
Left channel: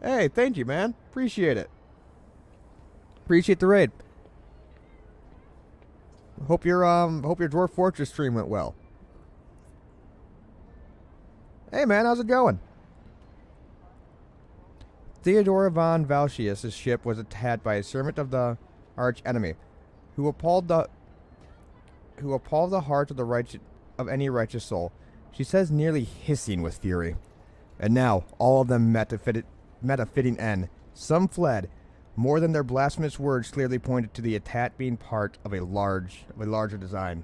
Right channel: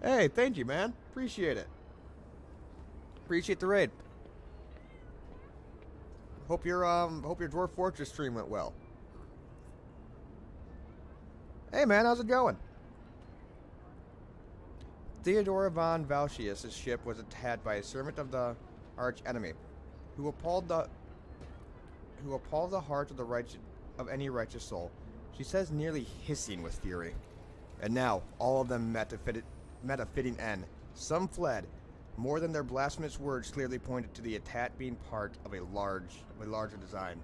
Hey, thank you, man. Appreciate it. Appreciate the raid. Hope your Dwarf Fortress stream went well. Hey, man, how's it going? Theodora von Valsius' ship was attacked by a servant of the arch enemy, who appalled the heart of any righteous soul. She says, nearly hissing with fury. And now all of them met a fitting end. Some fled. More than their blasphemous words clearly pointed to the attack being part of a larger design.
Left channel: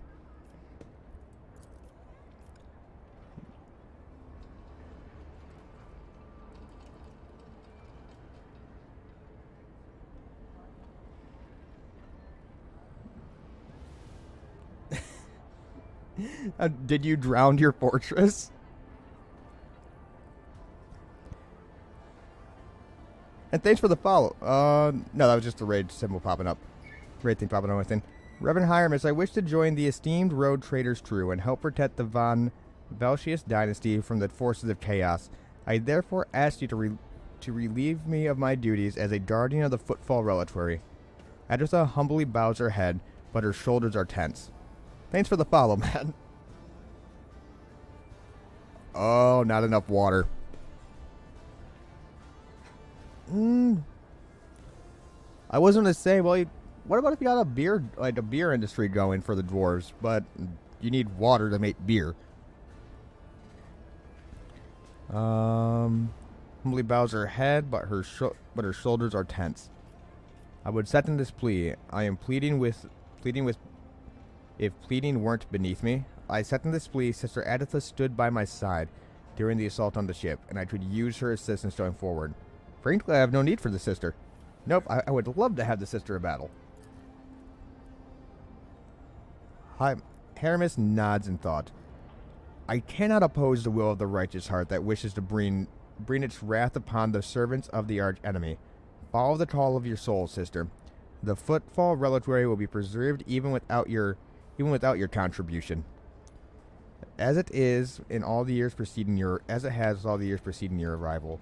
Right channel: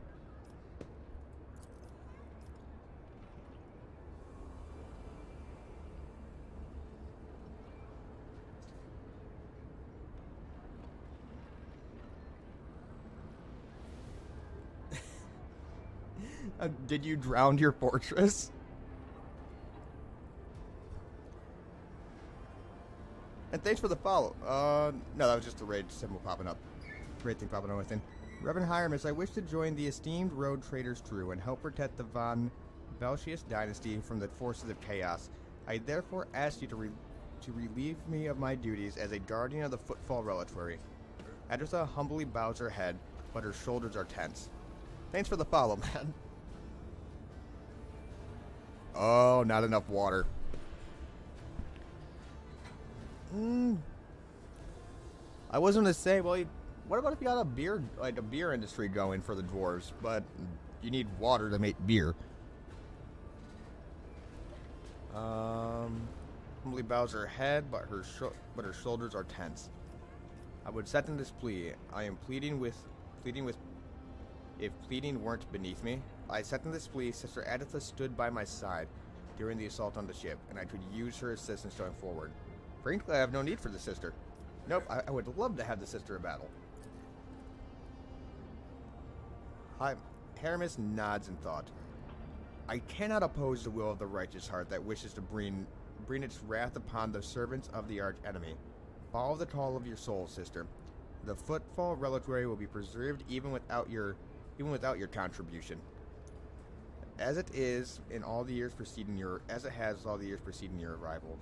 Did you drown your fortress? And thanks for the follow. No, that was just the raid symbol popping up. Raid thing popping up, I think. Reverend Hiermus, I wish to join the esteemed road traders crew and help protect the von Valsius dynasty from the forces of chaos. I therefore ask you to relieve me of my duties as a guardian of the Footfall Reliquary. Adressa humbly bows her head, but her shoulders are tense. Thanks for the follow, man. Oh, not enough water. I was going to say, well, what about if you got a beer industry going for the dwarves, but you need water to make beer. Humbly bows her head, but her shoulders are tense. I would second this plea. I am pleading with. If pleading weren't beneath me, I second this plea. Sister Adatha stood by my side during the assault on the ship, and I could use her assistance going forward. Frankly, I have no need for the sister. Nope, I would love to have the sister of battle. Haramis nods in thought. I cannot oppose the will of the righteous heart that wishes to bring its wrath upon the servants of the arch enemy. Follow the call of your soul, sister. The footfall reliquary will be preserved even without your contribution. As it has all the years preceding your arrival.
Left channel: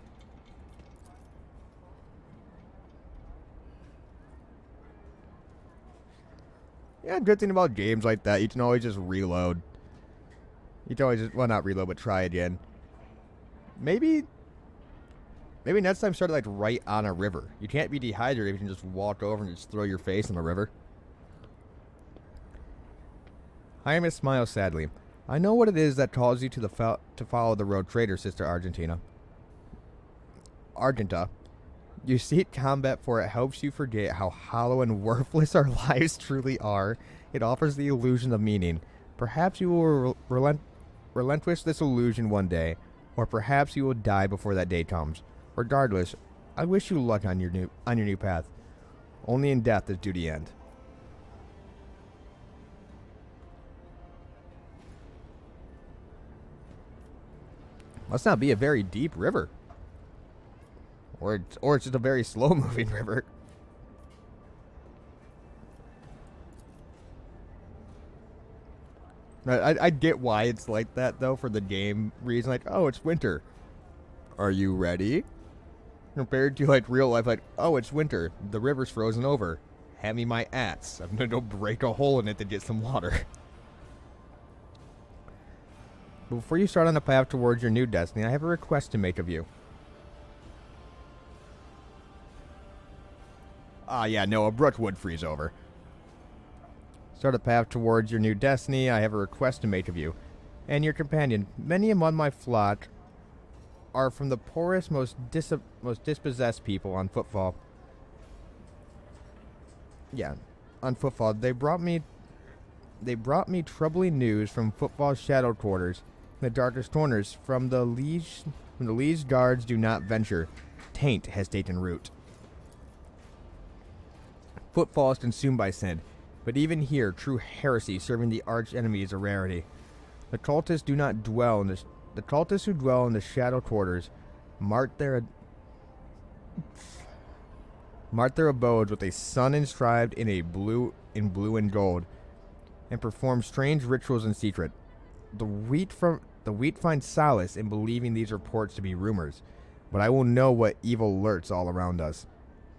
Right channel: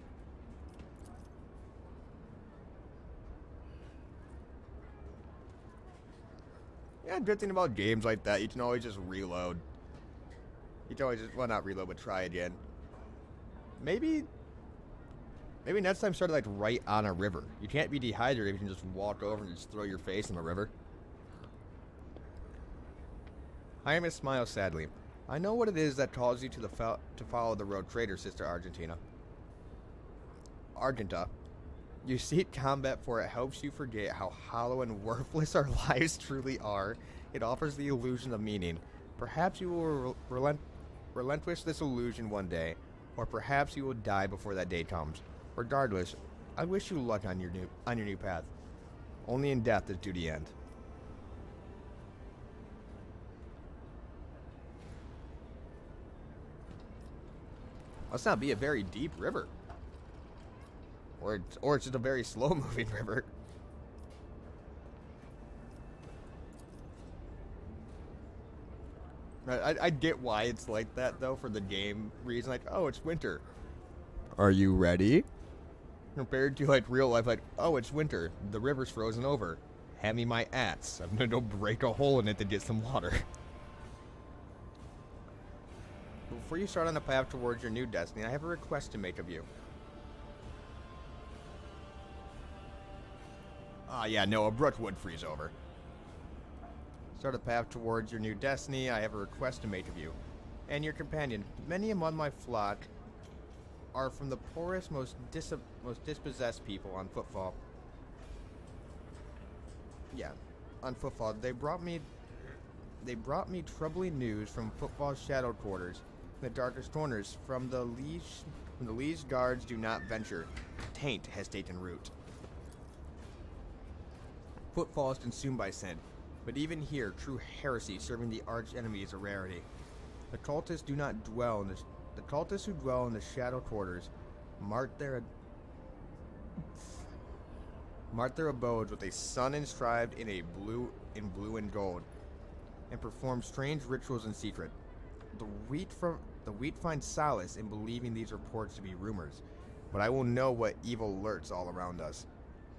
Yeah, good thing about games like that, you can always just reload. You can always just, well, not reload, but try again. Maybe next time start like right on a river. You can't be dehydrated if you can just walk over and just throw your face in the river. Jaime smiles sadly. I know what it is that calls you to follow the road traitor, Sister Argentina. Argenta. You seek combat for it helps you forget how hollow and worthless our lives truly are. It offers the illusion of meaning. Perhaps you will relinquish this illusion one day, or perhaps you will die before that day comes. Regardless, I wish you luck on your new path. Only in death does duty end. Must not be a very deep river. Or it's just a very slow-moving river. I get why it's like that, though, for the game reason. Like, oh, it's winter. Are you ready? Compared to, like, real life, like, oh, it's winter. The river's frozen over. Hand me my axe. I'm gonna go break a hole in it to get some water. Before you start on the path towards your new destiny, I have a request to make of you. Yeah, no, a brook would freeze over. Start a path towards your new destiny, I have a request to make of you. And your companion. Many among my flock are from the poorest, most dispossessed people on Footfall. Yeah, on Footfall. They brought me troubling news from Footfall's shadow quarters. In the darkest corners, from the liege guards do not venture. Taint has taken root. Footfall is consumed by sin, but even here, true heresy serving the arch enemy is a rarity. The cultists who dwell in the shadow quarters mark their abodes with a sun inscribed in blue and gold, and perform strange rituals in secret. The wheat finds solace in believing these reports to be rumors, but I will know what evil lurks all around us,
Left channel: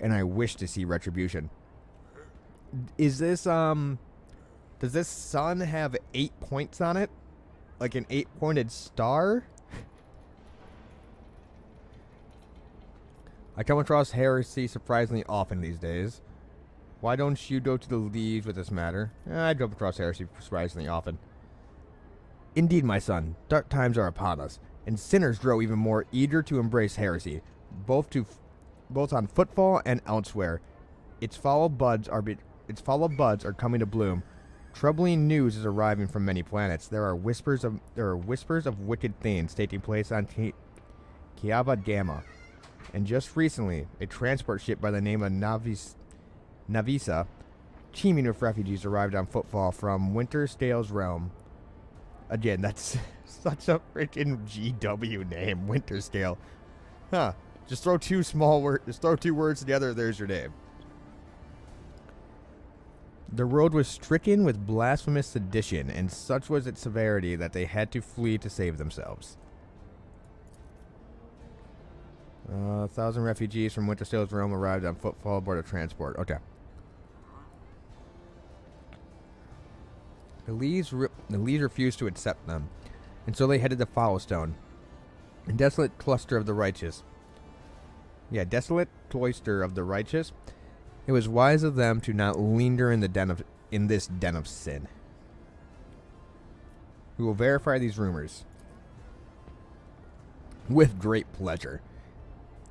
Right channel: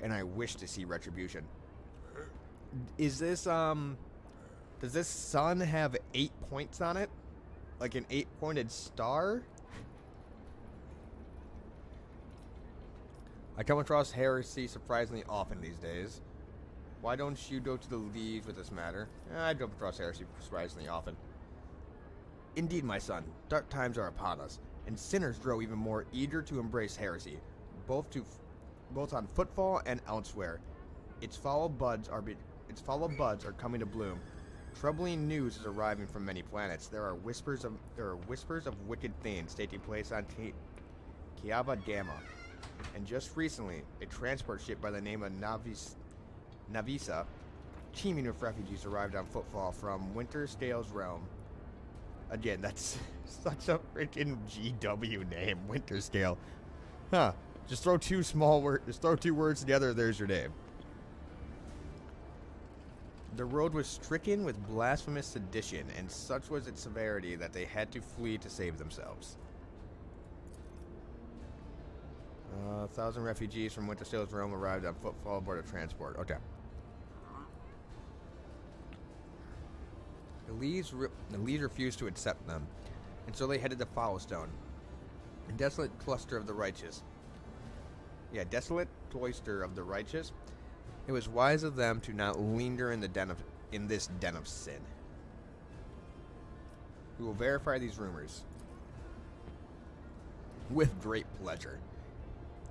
and I wish to see retribution. Is this, does this sun have 8 points on it? Like an 8-pointed star? I come across heresy surprisingly often these days. Why don't you go to the Liege with this matter? I come across heresy surprisingly often. Indeed, my son, dark times are upon us, and sinners grow even more eager to embrace heresy, both on Footfall and elsewhere. Its fallow buds are coming to bloom. Troubling news is arriving from many planets. There are whispers of wicked things taking place on Kiava Gamma. And just recently, a transport ship by the name of Navisa, teeming with refugees, arrived on Footfall from Winterscale's realm. Again, that's such a freaking GW name, Winterscale. Huh. Just throw two words together, there's your name. The road was stricken with blasphemous sedition, and such was its severity that they had to flee to save themselves. 1,000 refugees from Winterscale's realm arrived on Footfall aboard a transport. Okay. The Lees refused to accept them, and so they headed to Foulstone, a desolate cluster of the righteous. Yeah, desolate cloister of the righteous. It was wise of them to not linger in this den of sin. We will verify these rumors. With great pleasure.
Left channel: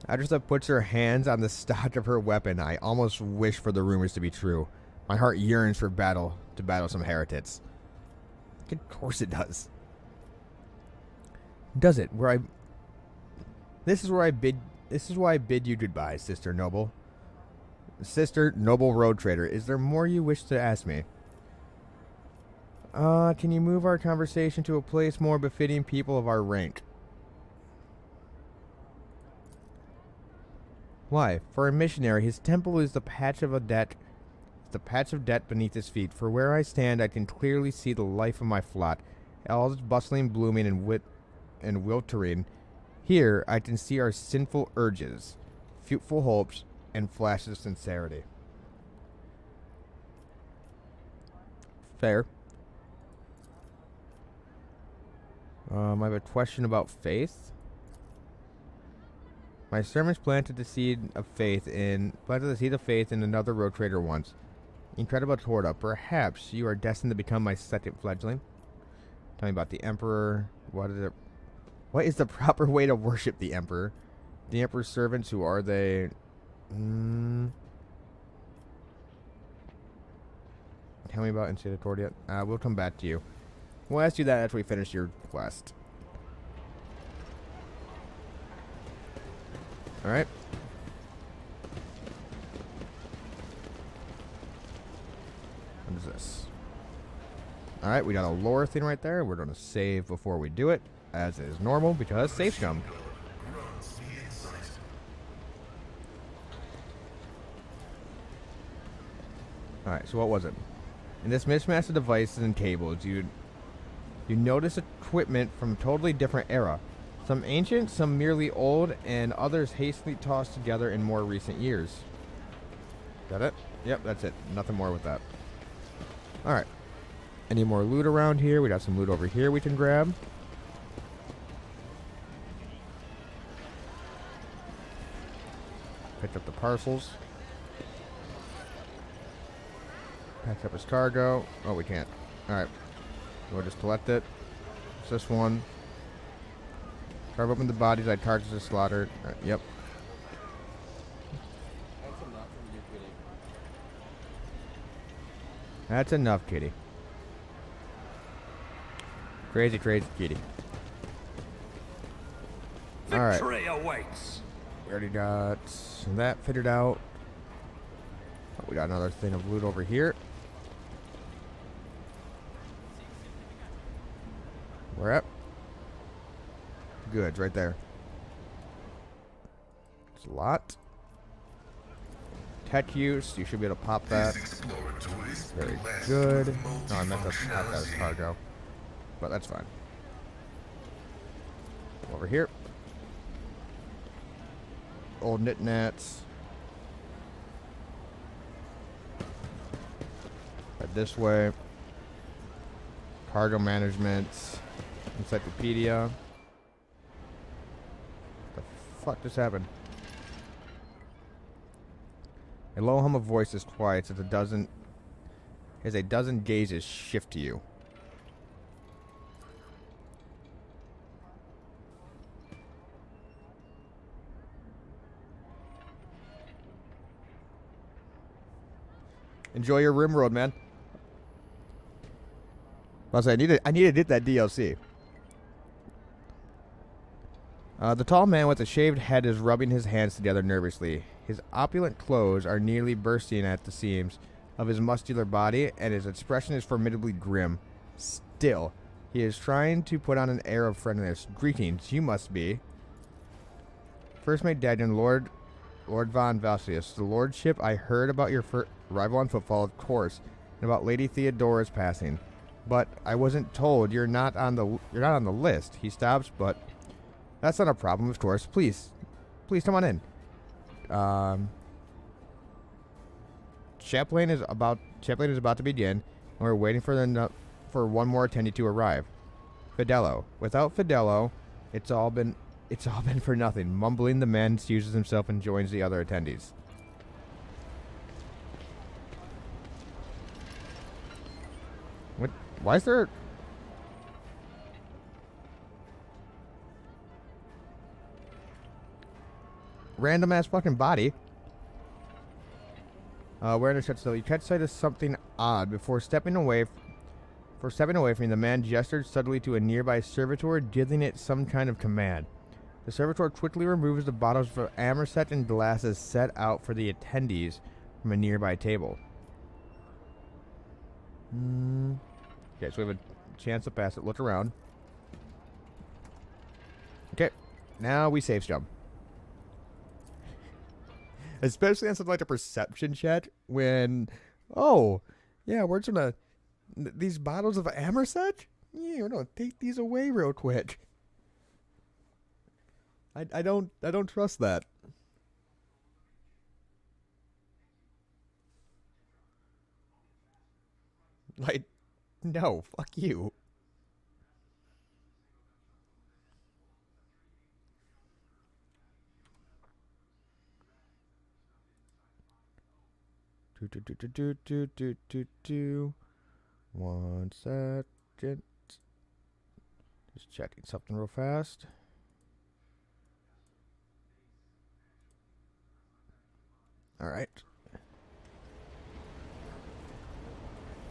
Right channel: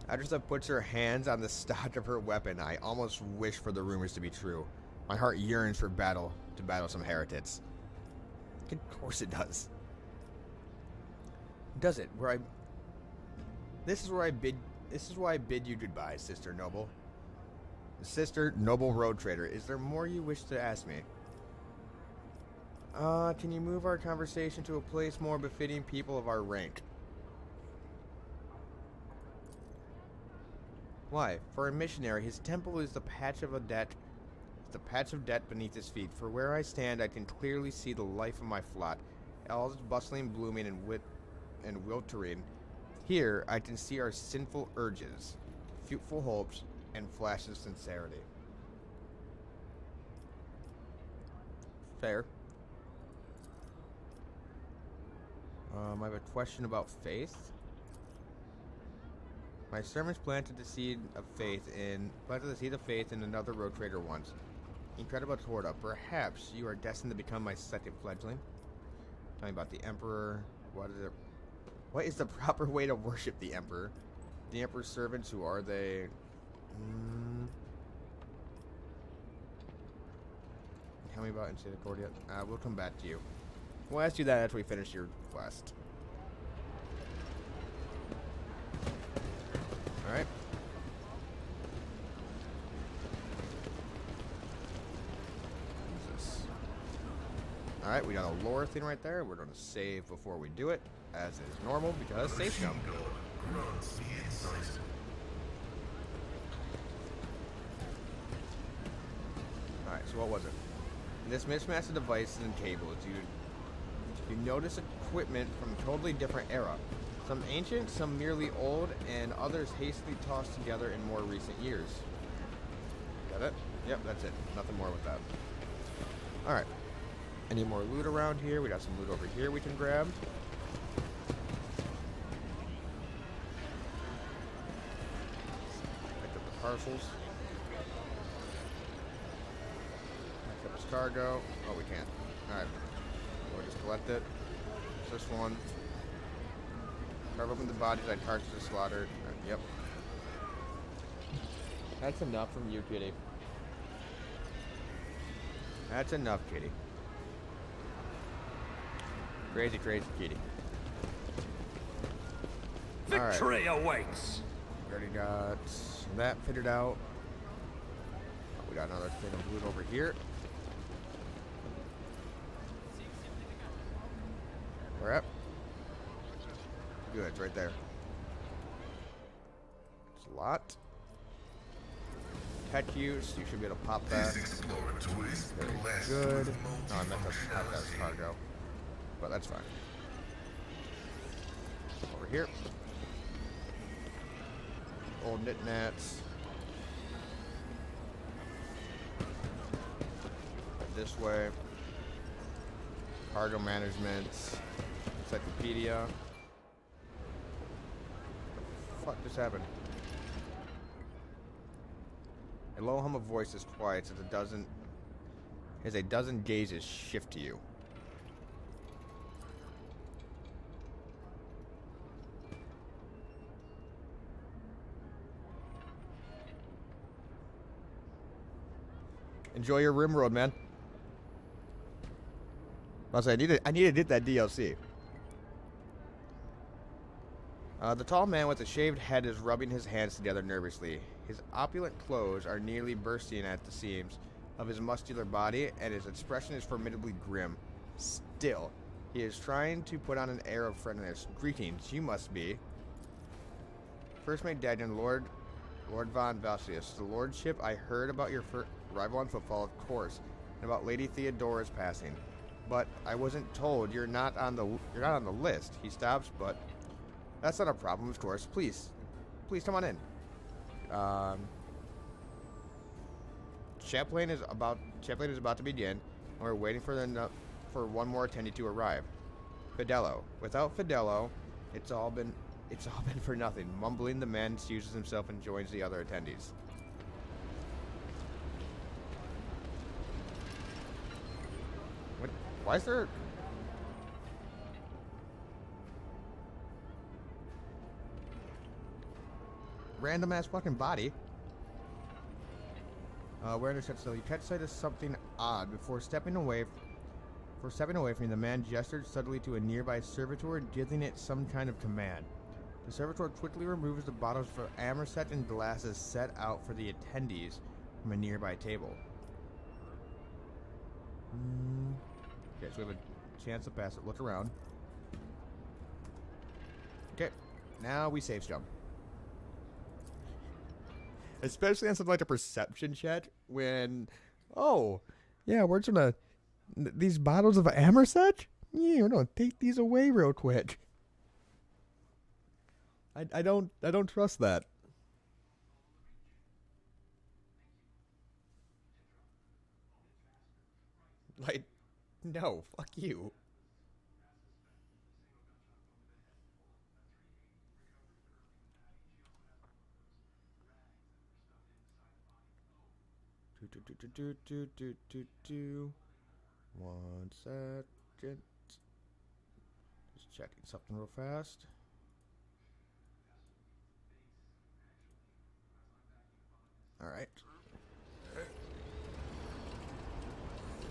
Adressa puts her hands on the stock of her weapon. I almost wish for the rumors to be true. My heart yearns for battle, to battle some heretics. Of course it does. Does it? This is why I bid you goodbye, Sister Noble. Sister Noble Road Trader. Is there more you wish to ask me? Can you move our conversation to a place more befitting people of our rank? Why? For a missionary, his temple is the patch of debt beneath his feet. For where I stand, I can clearly see the life of my flock, all its bustling, blooming, and wiltering. Here, I can see our sinful urges, futile hopes, and flashes of sincerity. Fair. I have a question about faith. My servants planted the seed of faith in another road trader once. Incredible Torta, perhaps you are destined to become my second fledgling. Tell me about the Emperor. What is the proper way to worship the Emperor? The Emperor's servants, who are they? Tell me about Insida Cordia. We'll come back to you. We'll ask you that after we finish your quest. Alright. What is this? Alright, we got a lore thing right there. We're going to save before we do it, as is normal, because save scum. Alright, so what was it? In this mismatch of devices and cables, you notice equipment from a totally different era. Some ancient, some merely old, and others hastily tossed together in more recent years. Got it? Yep, that's it. Nothing more with that. Alright. Any more loot around here? We got some loot over here we can grab. Picked up the parcels. Packed up his cargo. Oh, we can't. Alright. We'll just collect it. It's this one. Carve open the bodies, I'd carcasses slaughtered. Right, yep. That's enough from you, kitty. That's enough, kitty. Crazy, crazy kitty. Victory awaits. We already got that fitted out. Oh, we got another thing of loot over here. Where at? Good, right there. It's a lot. Tech use, you should be able to pop that. Very good. Oh, I meant to pop that as cargo. But that's fine. Over here. Old knit-nats. Head this way. Cargo management. Encyclopedia. Fuck just happened? A low hum of voices quiets as a dozen gazes shift to you. Enjoy your rim road, man. I need to hit that DLC. The tall man with the shaved head is rubbing his hands together nervously. His opulent clothes are nearly bursting at the seams of his muscular body, and his expression is formidably grim. Still, he is trying to put on an air of friendliness. Greetings, you must be First Mate Daniel, Lord Von Valsius. The lordship, I heard about your arrival on Footfall, of course, and about Lady Theodora's passing. But I wasn't told you're not on the list. He stops, but that's not a problem, of course. Please come on in. Chaplain is about to begin, and we're waiting for one more attendee to arrive. Fidello. Without Fidello, it's all been for nothing. Mumbling, the man excuses himself and joins the other attendees. What? Why is there? random ass fucking body. Where to so you catch sight of something odd before stepping away. For stepping away from you, the man gestured suddenly to a nearby servitor, dealing it some kind of command. The servitor quickly removes the bottles of amerset and glasses set out for the attendees from a nearby table. Okay, so we have a chance to pass it. Look around. Okay, now we safe jump. Especially on something like a perception check when, oh, yeah, we're just gonna, these bottles of amerset? Yeah, we're gonna take these away real quick. I don't trust that. Like, no, fuck you. One second. Just checking something real fast. All right.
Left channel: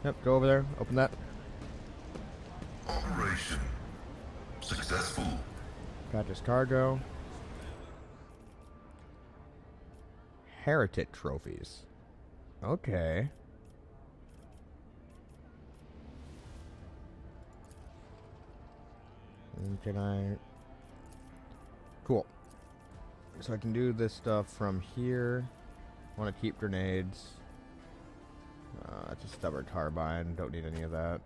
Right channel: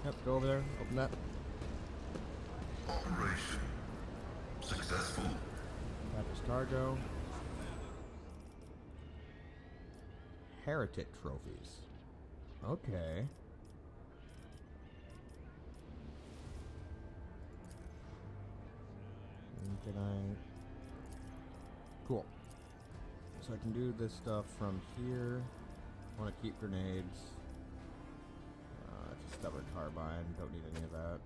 Yep, go over there. Open that. Operation successful. Got this cargo. Heretic trophies. Okay. Can I... Cool. So I can do this stuff from here. I want to keep grenades. That's a stubborn carbine. Don't need any of that.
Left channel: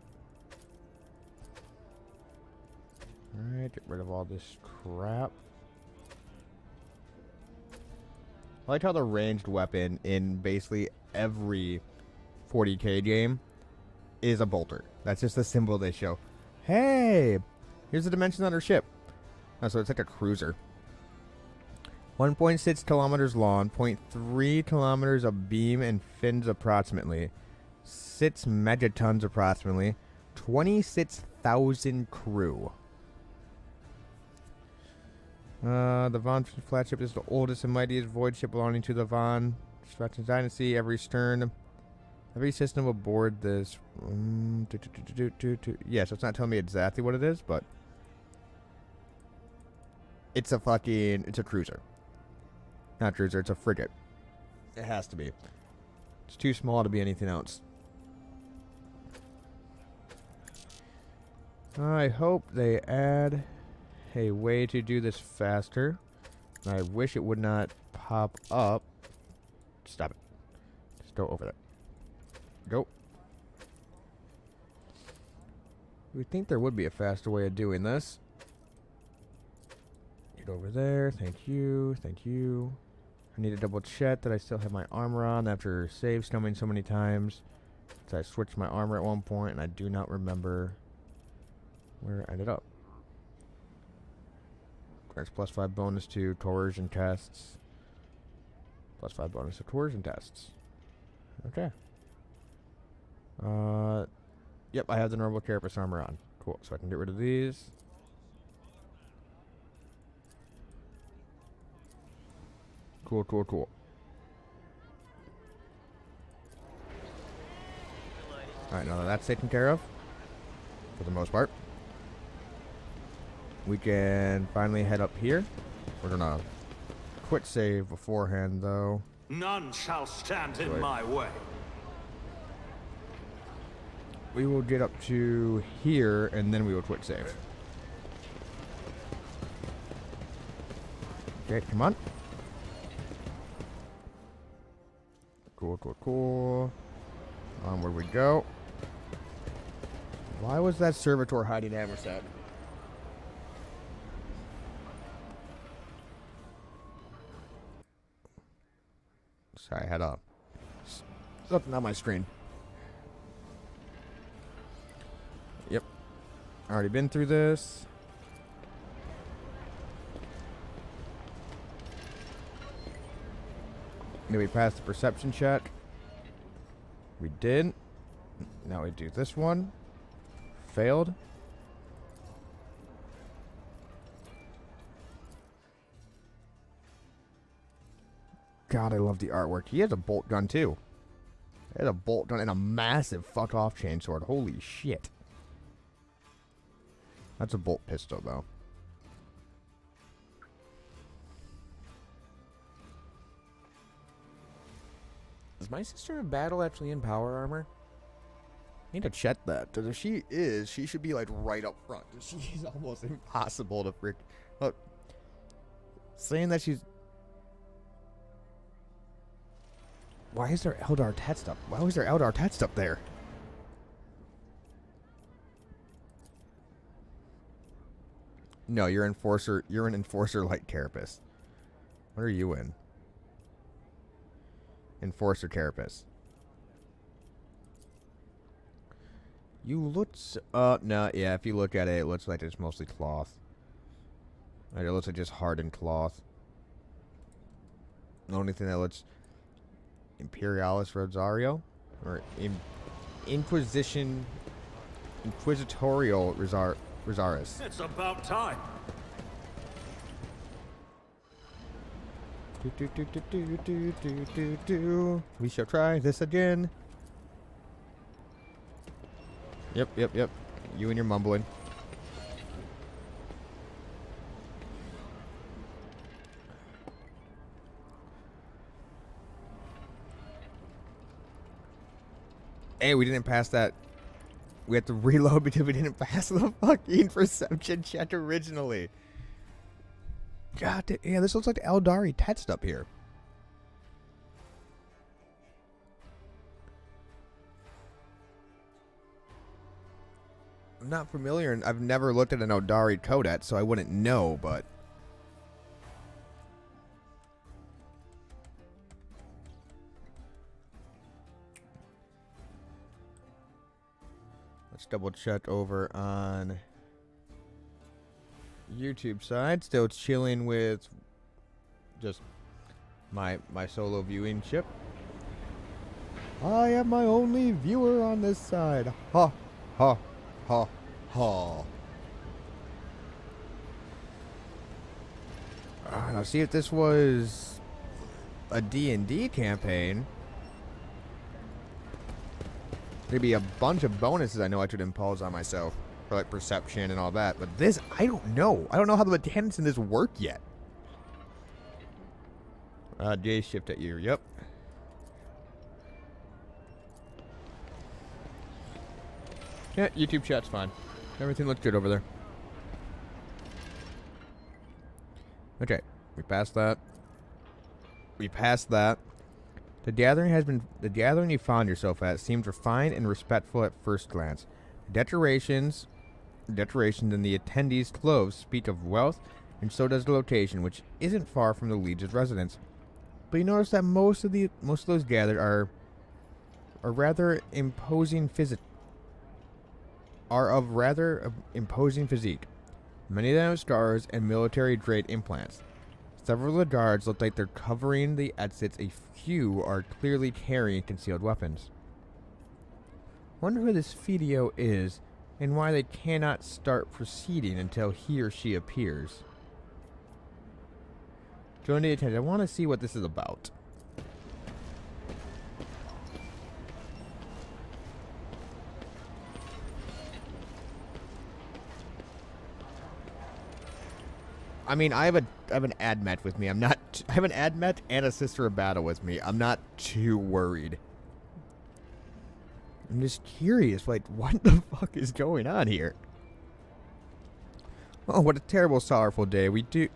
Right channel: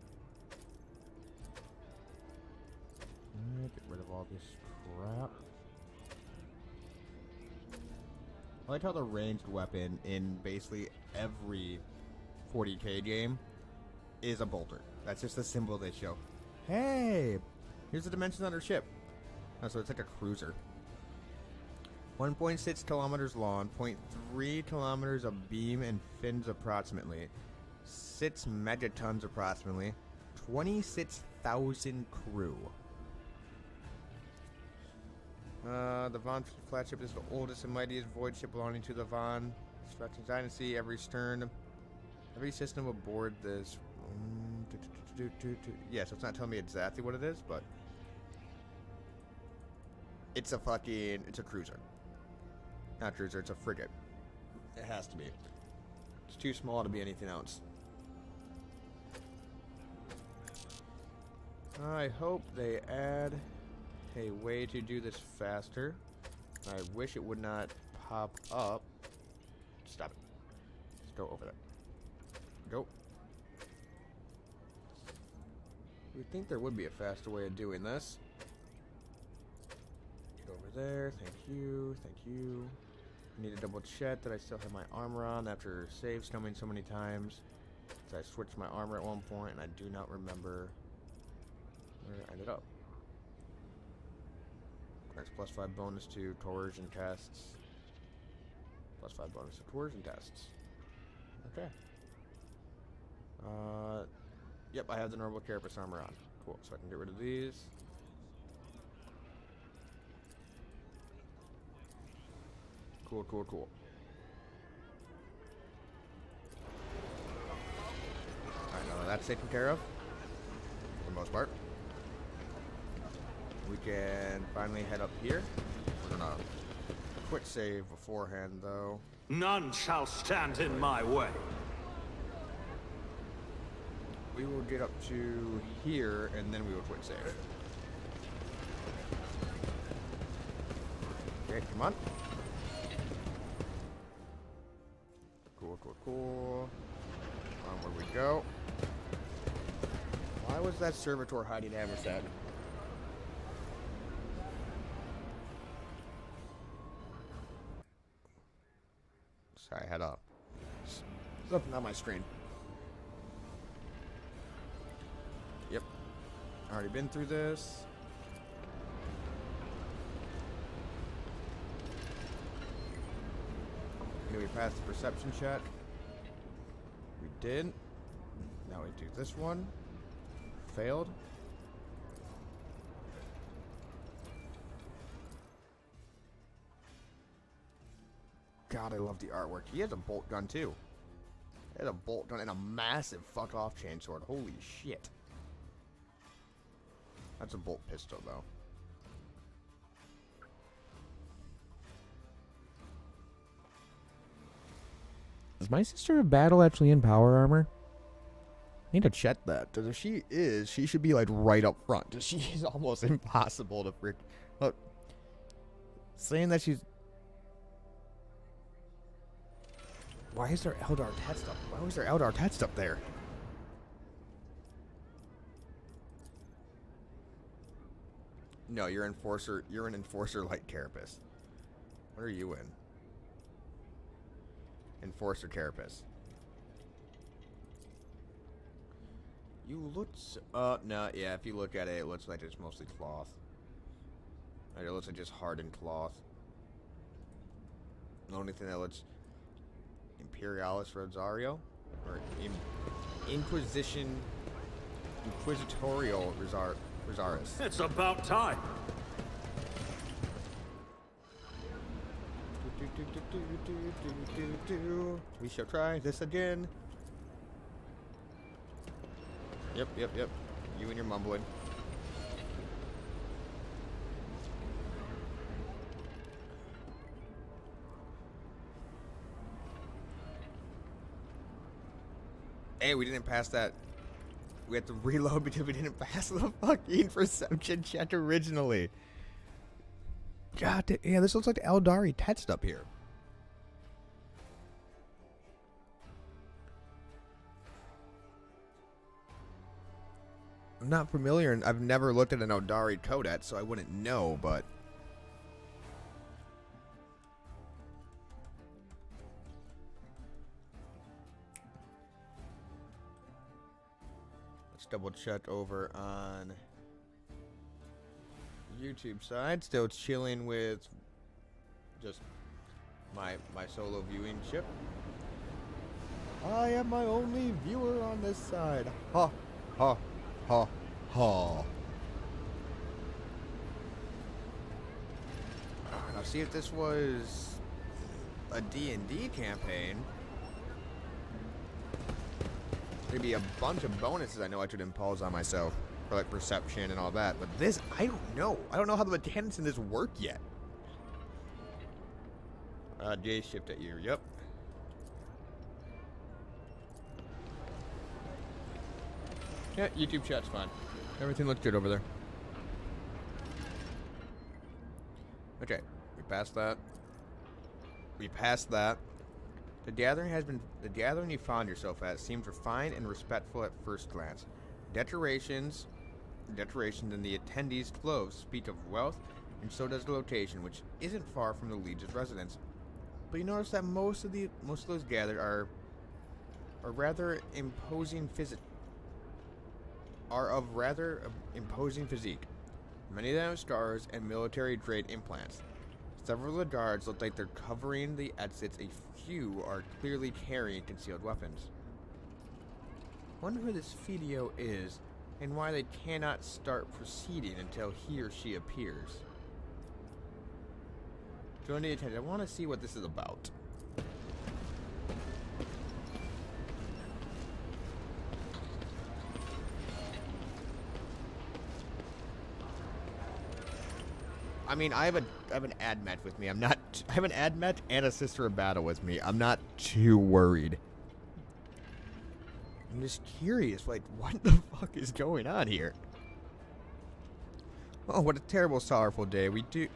Alright, get rid of all this crap. I like how the ranged weapon in basically every 40k game is a bolter. That's just the symbol they show. Hey! Here's the dimensions on our ship. Oh, so it's like a cruiser. 1.6 kilometers long, 0.3 kilometers of beam and fins approximately, 6 megatons approximately, 26,000 crew. The Von flagship is the oldest and mightiest void ship belonging to the Von Stratton Dynasty. Every system aboard this. Yeah, so it's not telling me exactly what it is, but it's a cruiser. Not cruiser, it's a frigate. It has to be. It's too small to be anything else. I hope they add a way to do this faster. I wish it would not pop up. Stop it. Just go over there. Go. We think there would be a faster way of doing this. Get over there. Thank you. Thank you. I need to double check that I still have my armor on after save scumming so many times. So I switched my armor at one point and I do not remember where I ended up. Grants +5 bonus to coercion tests. +5 bonus to coercion tests. Okay. Yep, I have the normal carapace armor on. Cool, so I can get rid of these. Cool, cool, cool. Alright, now that that's taken care of, for the most part, we can finally head up here. We're gonna quick save beforehand, though. None shall stand in my way. We will get up to here, and then we will quick save. Okay, come on. Cool, cool, cool. Onward we go. Why was that servitor hiding Amerset? Sorry, I had something on my screen. Yep. Already been through this. Did we pass the perception check? We did. Now we do this one. Failed. God, I love the artwork. He has a bolt gun, too. He has a bolt gun and a massive fuck-off chainsword. Holy shit. That's a bolt pistol, though. Is my sister of battle actually in power armor? I need to check that. Because if she is, she should be, like, right up front. She is almost impossible to frick... Look. Saying that she's... Why is there Eldar text up? Why was there Eldar text up there? No, you're Enforcer. You're an Enforcer Light Carapace. What are you in? Enforcer Carapace. You look... no, yeah, if you look at it, it looks like it's mostly cloth. Like, it looks like just hardened cloth. The only thing that looks... Imperialis Rosario? Or Inquisitorial Rosaris. It's about time. We shall try this again. Yep. You and your mumbling. Hey, we didn't pass that. We had to reload because we didn't pass the fucking perception check originally. God, yeah, this looks like the Eldari text up here. I'm not familiar, and I've never looked at an Eldari codex, so I wouldn't know, but... Let's double check over on YouTube side. Still chilling with just my solo viewing ship. I am my only viewer on this side. Ha ha ha ha. Now see if this was a D&D campaign. There'd be a bunch of bonuses I know I could impose on myself for like perception and all that, but this, I don't know. I don't know how the mechanics in this work yet. J shift at you. Yep. Yeah, YouTube chat's fine. Everything looks good over there. Okay, we passed that. We passed that. The gathering you found yourself at seemed refined and respectful at first glance. Decorations in the attendees' clothes speak of wealth, and so does the location, which isn't far from the Legion's residence. But you notice that most of those gathered are rather imposing physique. Many of them have scars and military-grade implants. Several of the guards look like they're covering the exits. A few are clearly carrying concealed weapons. Wonder who this Fidio is, and why they cannot start proceeding until he or she appears. Join the attention. I want to see what this is about. I mean, I have an admet with me. I have an admet and a sister of battle with me. I'm not too worried. I'm just curious, like, what the fuck is going on here? Oh, what a terrible, sorrowful day. We pay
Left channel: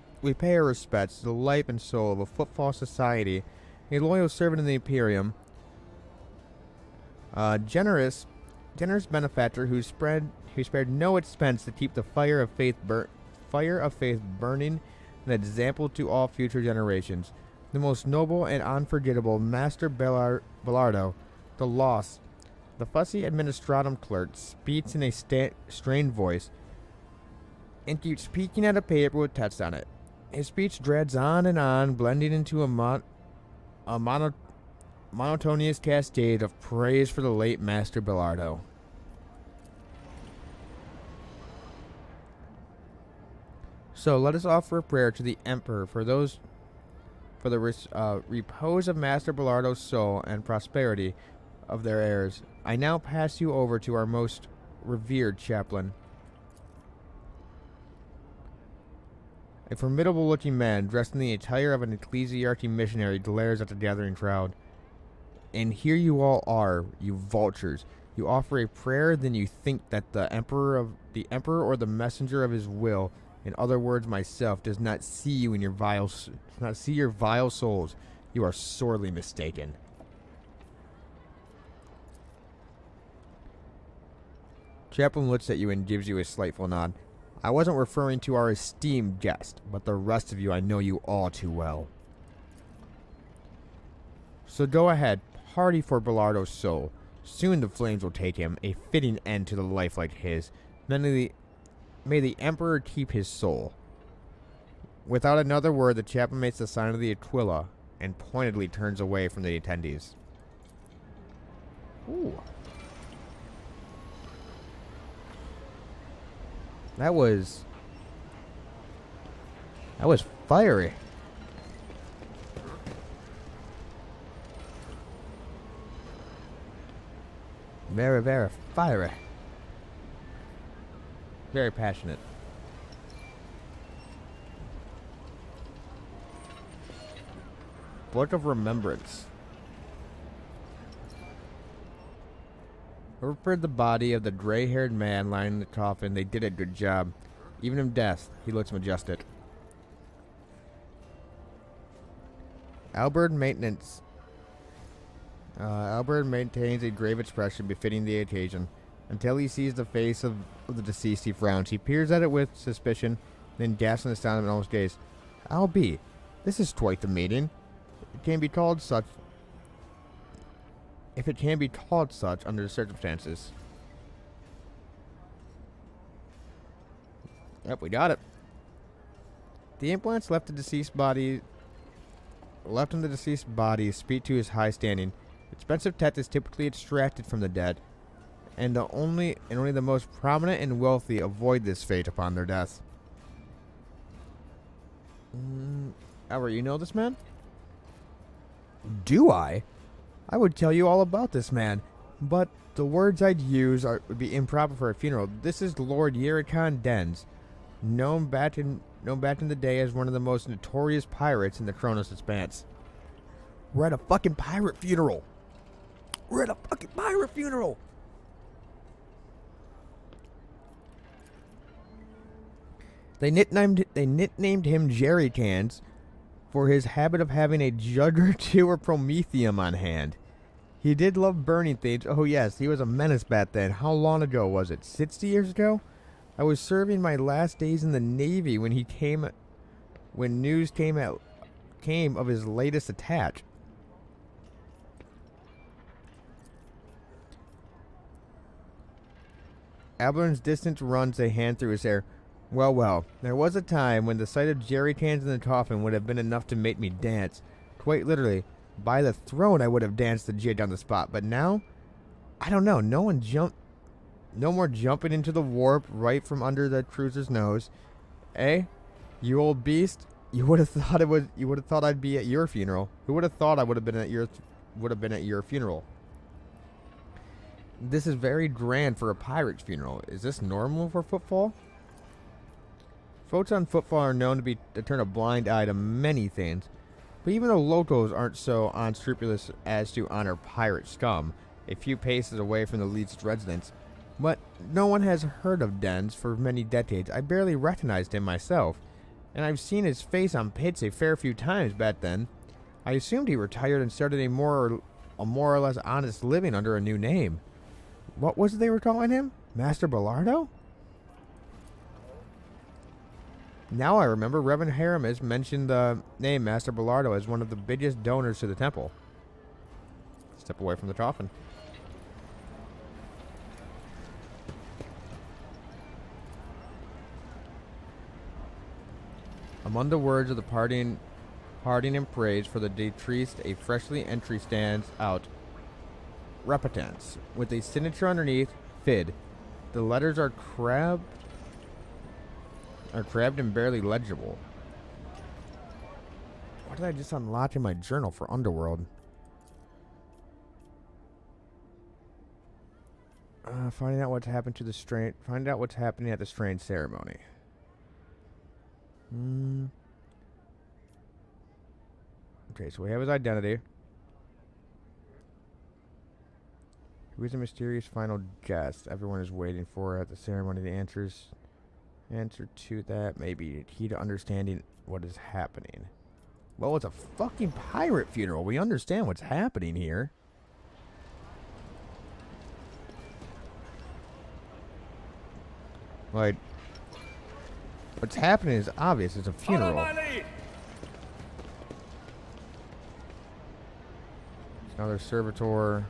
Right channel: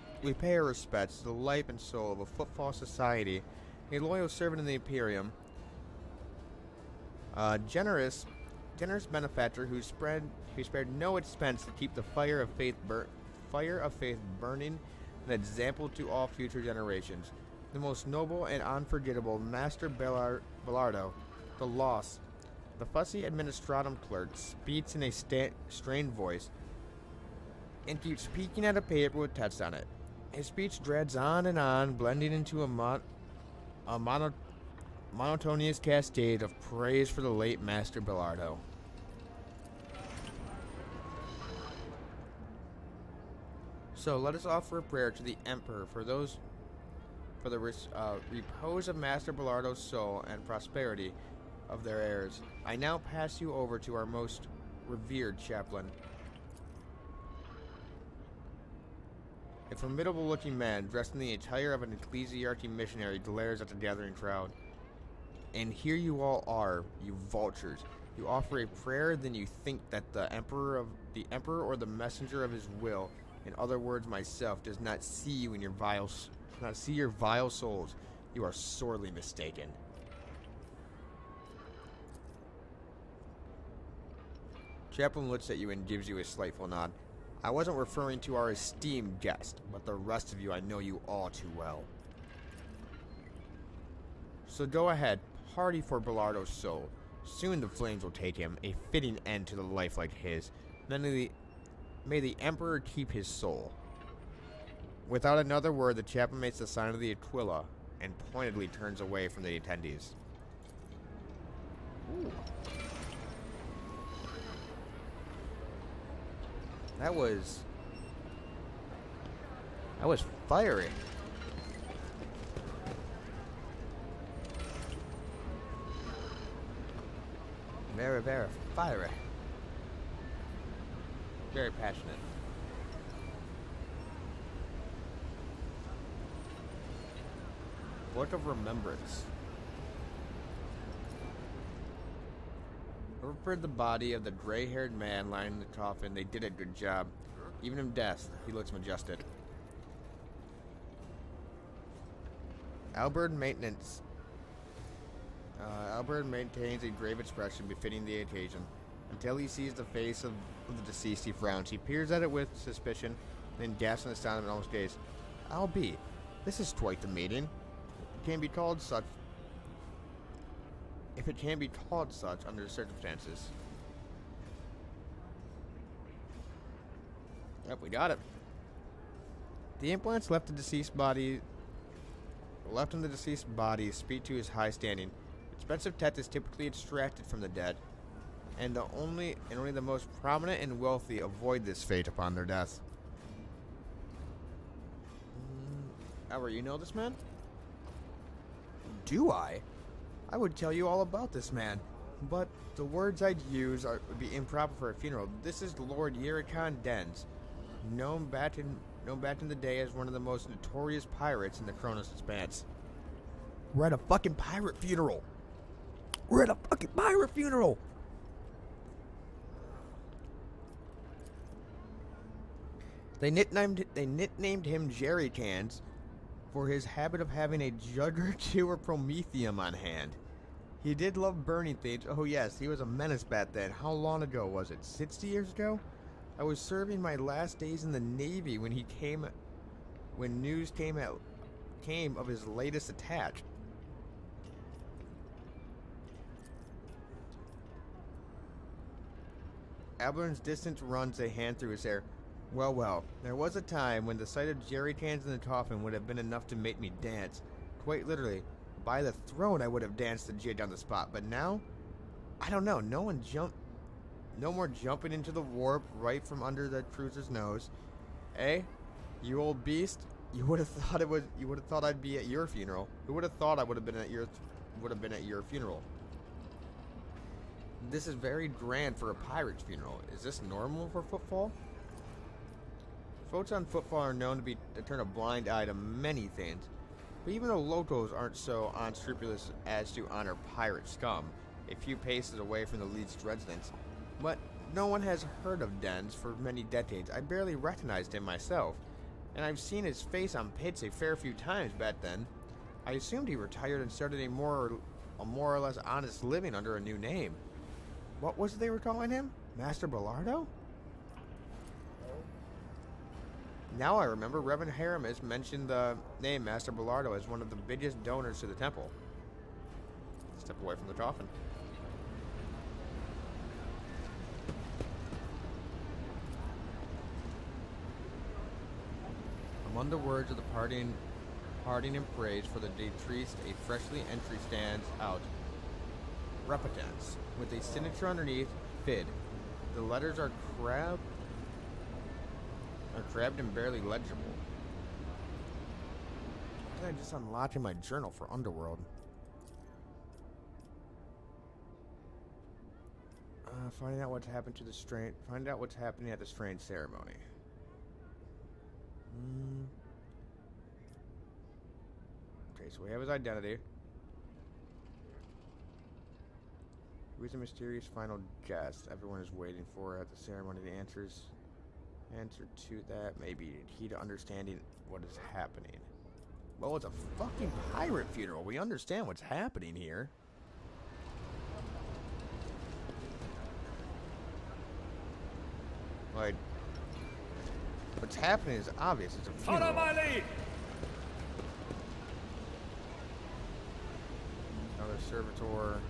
our respects to the life and soul of a footfall society, a loyal servant of the Imperium, generous benefactor who spared no expense to keep the fire of faith burning, an example to all future generations. The most noble and unforgettable Master Bellardo, the lost. The fussy administratum clerk speaks in a strained voice and keeps peeking at a paper with text on it. His speech dreads on and on, blending into a monotonous cascade of praise for the late Master Bellardo. So let us offer a prayer to the Emperor for those for the repose of Master Bellardo's soul and prosperity of their heirs, I now pass you over to our most revered chaplain. A formidable-looking man, dressed in the attire of an ecclesiarchy missionary, glares at the gathering crowd. And here you all are, you vultures. You offer a prayer, then you think that the emperor or the messenger of his will, in other words, myself, does not see you in your your vile souls. You are sorely mistaken. Chaplain looks at you and gives you a slightful nod. I wasn't referring to our esteemed guest, but the rest of you I know you all too well. So go ahead, party for Bellardo's soul. Soon the flames will take him, a fitting end to the life like his. May the Emperor keep his soul. Without another word, the chaplain makes the sign of the Aquila and pointedly turns away from the attendees. Ooh. That was fiery. Very, very fiery. Very passionate. Book of Remembrance. Over the body of the gray-haired man lying in the coffin, they did a good job. Even in death, he looks majestic. Albert maintains a grave expression befitting the occasion. Until he sees the face of the deceased, he frowns. He peers at it with suspicion, then gasps in astonishment and almost gazes. Albie, this is quite the meeting. It can be called such. If it can be called such under the circumstances. Yep, we got it. The implants left in the deceased body speak to his high standing. Expensive tech is typically extracted from the dead, and only the most prominent and wealthy avoid this fate upon their death. Albert, you know this man? Do I? I would tell you all about this man, but the words I'd use would be improper for a funeral. This is Lord Yericon Dens, known back in the day as one of the most notorious pirates in the Kronos Expanse. We're at a fucking pirate funeral. We're at a fucking pirate funeral. They nicknamed him Jerry Cans for his habit of having a jug or two of promethium on hand. He did love burning things. Oh yes, he was a menace back then. How long ago was it? 60 years ago? I was serving my last days in the Navy when news came of his latest attack. Abelard's distance runs a hand through his hair. Well, there was a time when the sight of jerry cans in the coffin would have been enough to make me dance. Quite literally. By the throne I would have danced the jig on the spot, but now, I don't know, no more jumping into the warp right from under the cruiser's nose. Eh? You old beast? You would have thought I'd be at your funeral. Who would have thought I would have been at your funeral? This is very grand for a pirate's funeral. Is this normal for footfall? Folks on footfall are known to turn a blind eye to many things, but even the locals aren't so unscrupulous as to honor pirate scum a few paces away from the least residence. But no one has heard of Dens for many decades. I barely recognized him myself, and I've seen his face on pits a fair few times back then. I assumed he retired and started a more or less honest living under a new name. What was it they were calling him? Master Bellardo? Now I remember Reverend Haramis mentioned the name Master Bellardo as one of the biggest donors to the temple. Step away from the coffin. Among the words of the parting and praise for the deceased, a freshly entry stands out. Repentance, with a signature underneath, Fid. The letters are crabbed and barely legible. I just unlocked in my journal for Underworld. Finding out what's happened to the strange. Find out what's happening at the strange ceremony. Okay, so we have his identity. Who is the mysterious final guest everyone is waiting for at the ceremony? The answer to that may be key to understanding what is happening. Well, it's a fucking pirate funeral. We understand what's happening here. Like, what's happening is obvious. It's a funeral. Follow my lead. Another servitor.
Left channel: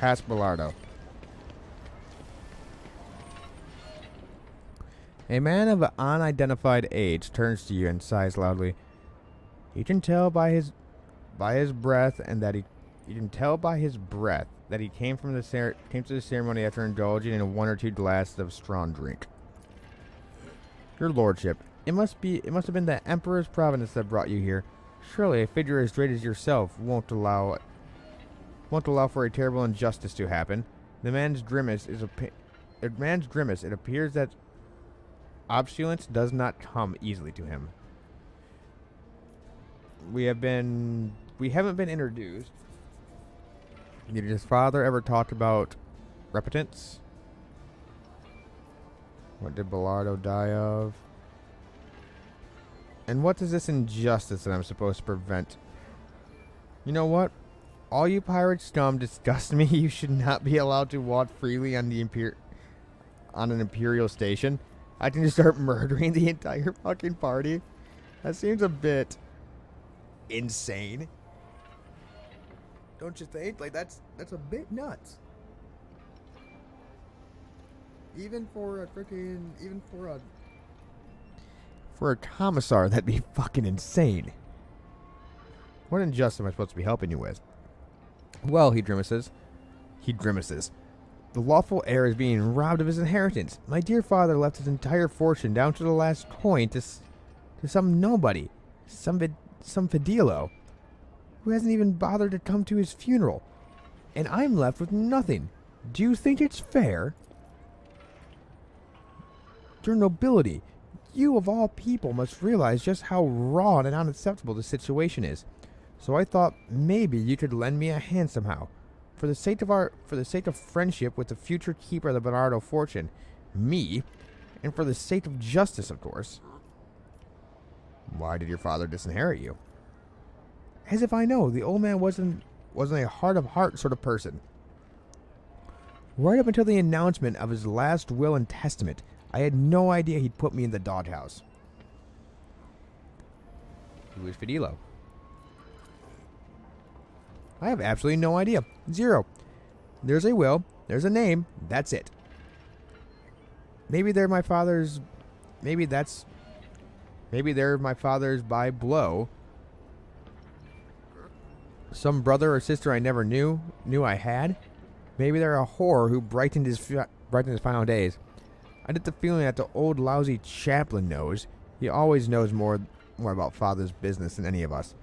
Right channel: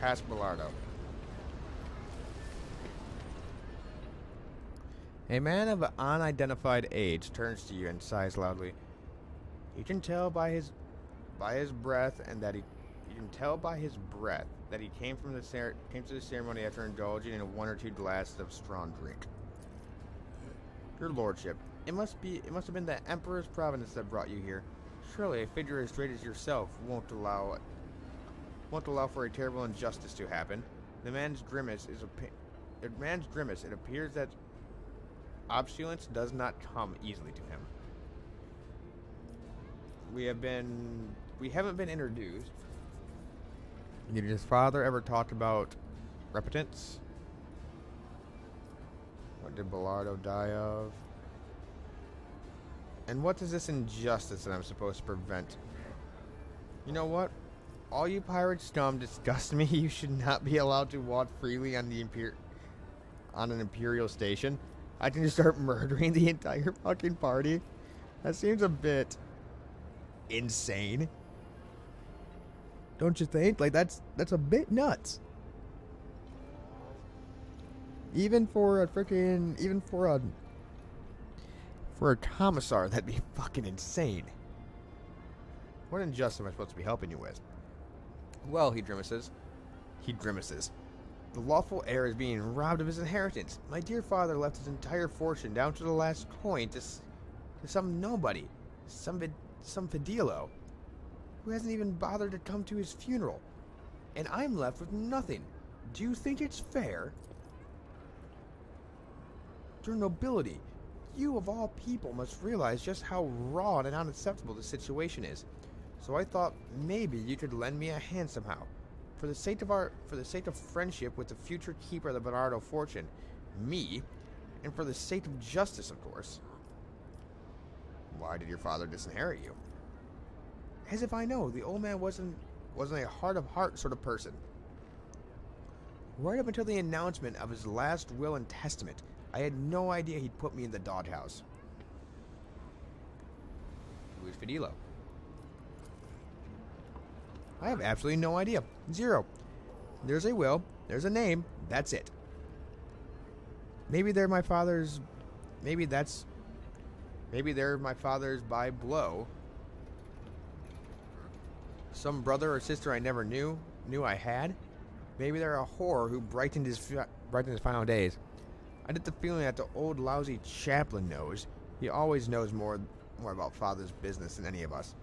Caspelardo. A man of unidentified age turns to you and sighs loudly. You can tell by his breath that he came to the ceremony after indulging in one or two glasses of strong drink. Your lordship, it must have been the Emperor's providence that brought you here. Surely a figure as great as yourself won't allow for a terrible injustice to happen. The man's grimace it appears that opulence does not come easily to him. We haven't been introduced. Did his father ever talk about repentance? What did Bellardo die of? And what is this injustice that I'm supposed to prevent? You know what? All you pirate scum disgust me. You should not be allowed to walk freely on an imperial station. I can just start murdering the entire fucking party. That seems a bit insane. Don't you think? Like, that's a bit nuts. Even for a commissar, that'd be fucking insane. What injustice am I supposed to be helping you with? Well, he grimaces. The lawful heir is being robbed of his inheritance. My dear father left his entire fortune down to the last coin to some nobody, some Fidilo, who hasn't even bothered to come to his funeral. And I'm left with nothing. Do you think it's fair? Your nobility, you of all people must realize just how raw and unacceptable the situation is. So I thought maybe you could lend me a hand somehow. For the sake of friendship with the future keeper of the Bernardo fortune, me, and for the sake of justice, of course. Why did your father disinherit you? As if I know, the old man wasn't a heart of heart sort of person. Right up until the announcement of his last will and testament, I had no idea he'd put me in the doghouse. Who is Fidilo? I have absolutely no idea. Zero. There's a will. There's a name. That's it. Maybe they're my father's... Maybe they're my father's by blow. Some brother or sister I never knew I had. Maybe they're a whore who brightened his final days. I get the feeling that the old lousy chaplain knows. He always knows more about father's business than any of us.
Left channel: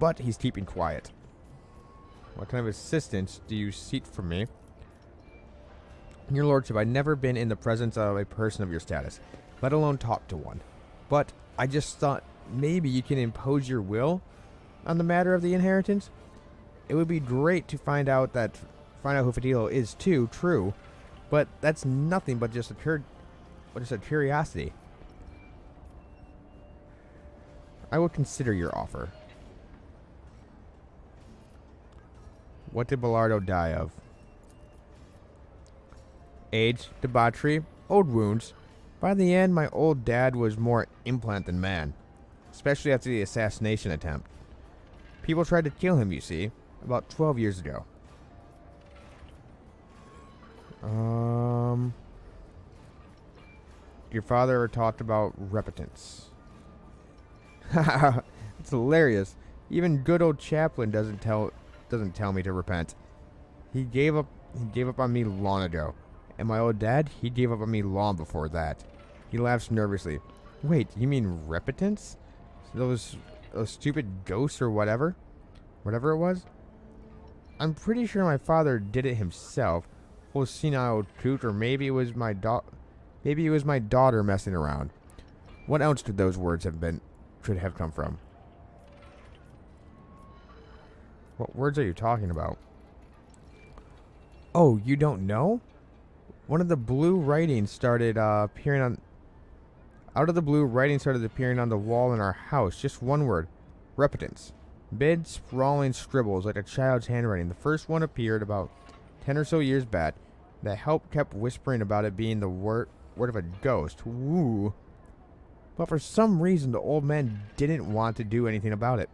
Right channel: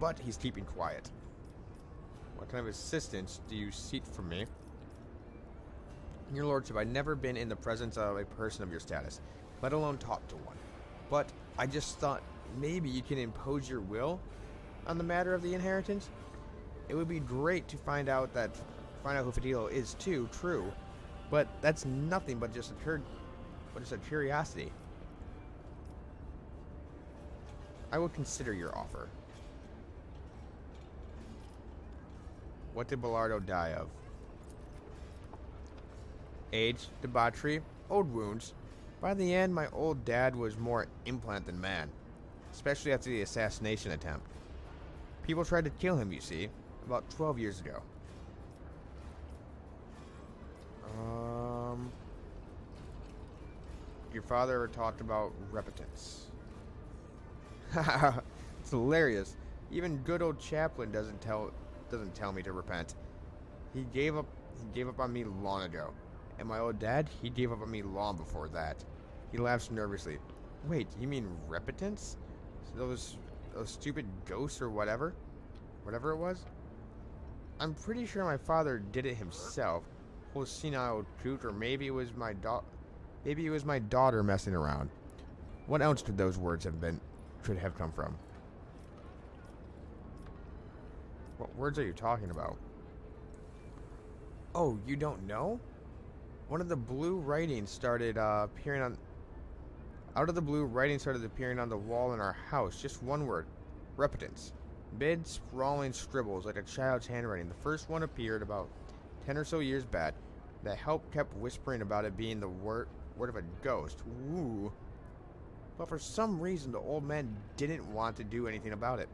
But he's keeping quiet. What kind of assistance do you seek from me? Your lordship, I've never been in the presence of a person of your status, let alone talk to one. But I just thought maybe you can impose your will on the matter of the inheritance. It would be great to find out who Fidilo is too, true. But that's nothing but just a curiosity. I will consider your offer. What did Bellardo die of? Age, debauchery, old wounds. By the end, my old dad was more implant than man, especially after the assassination attempt. People tried to kill him, you see, about 12 years ago. Your father ever talked about repentance? It's hilarious. Even good old chaplain doesn't tell me to repent. He gave up on me long ago. And my old dad, he gave up on me long before that. He laughs nervously. Wait, you mean repentance? those stupid ghosts or whatever it was. I'm pretty sure my father did it himself. Whole senile truth, or maybe it was my daughter messing around. What else could those words should have come from? What words are you talking about? Oh, you don't know? One of the blue writings started appearing on... Out of the blue, writing started appearing on the wall in our house. Just one word. Repentance. Big, sprawling scribbles like a child's handwriting. The first one appeared about 10 or so years back. The help kept whispering about it being the word of a ghost. Woo. But for some reason, the old man didn't want to do anything about it.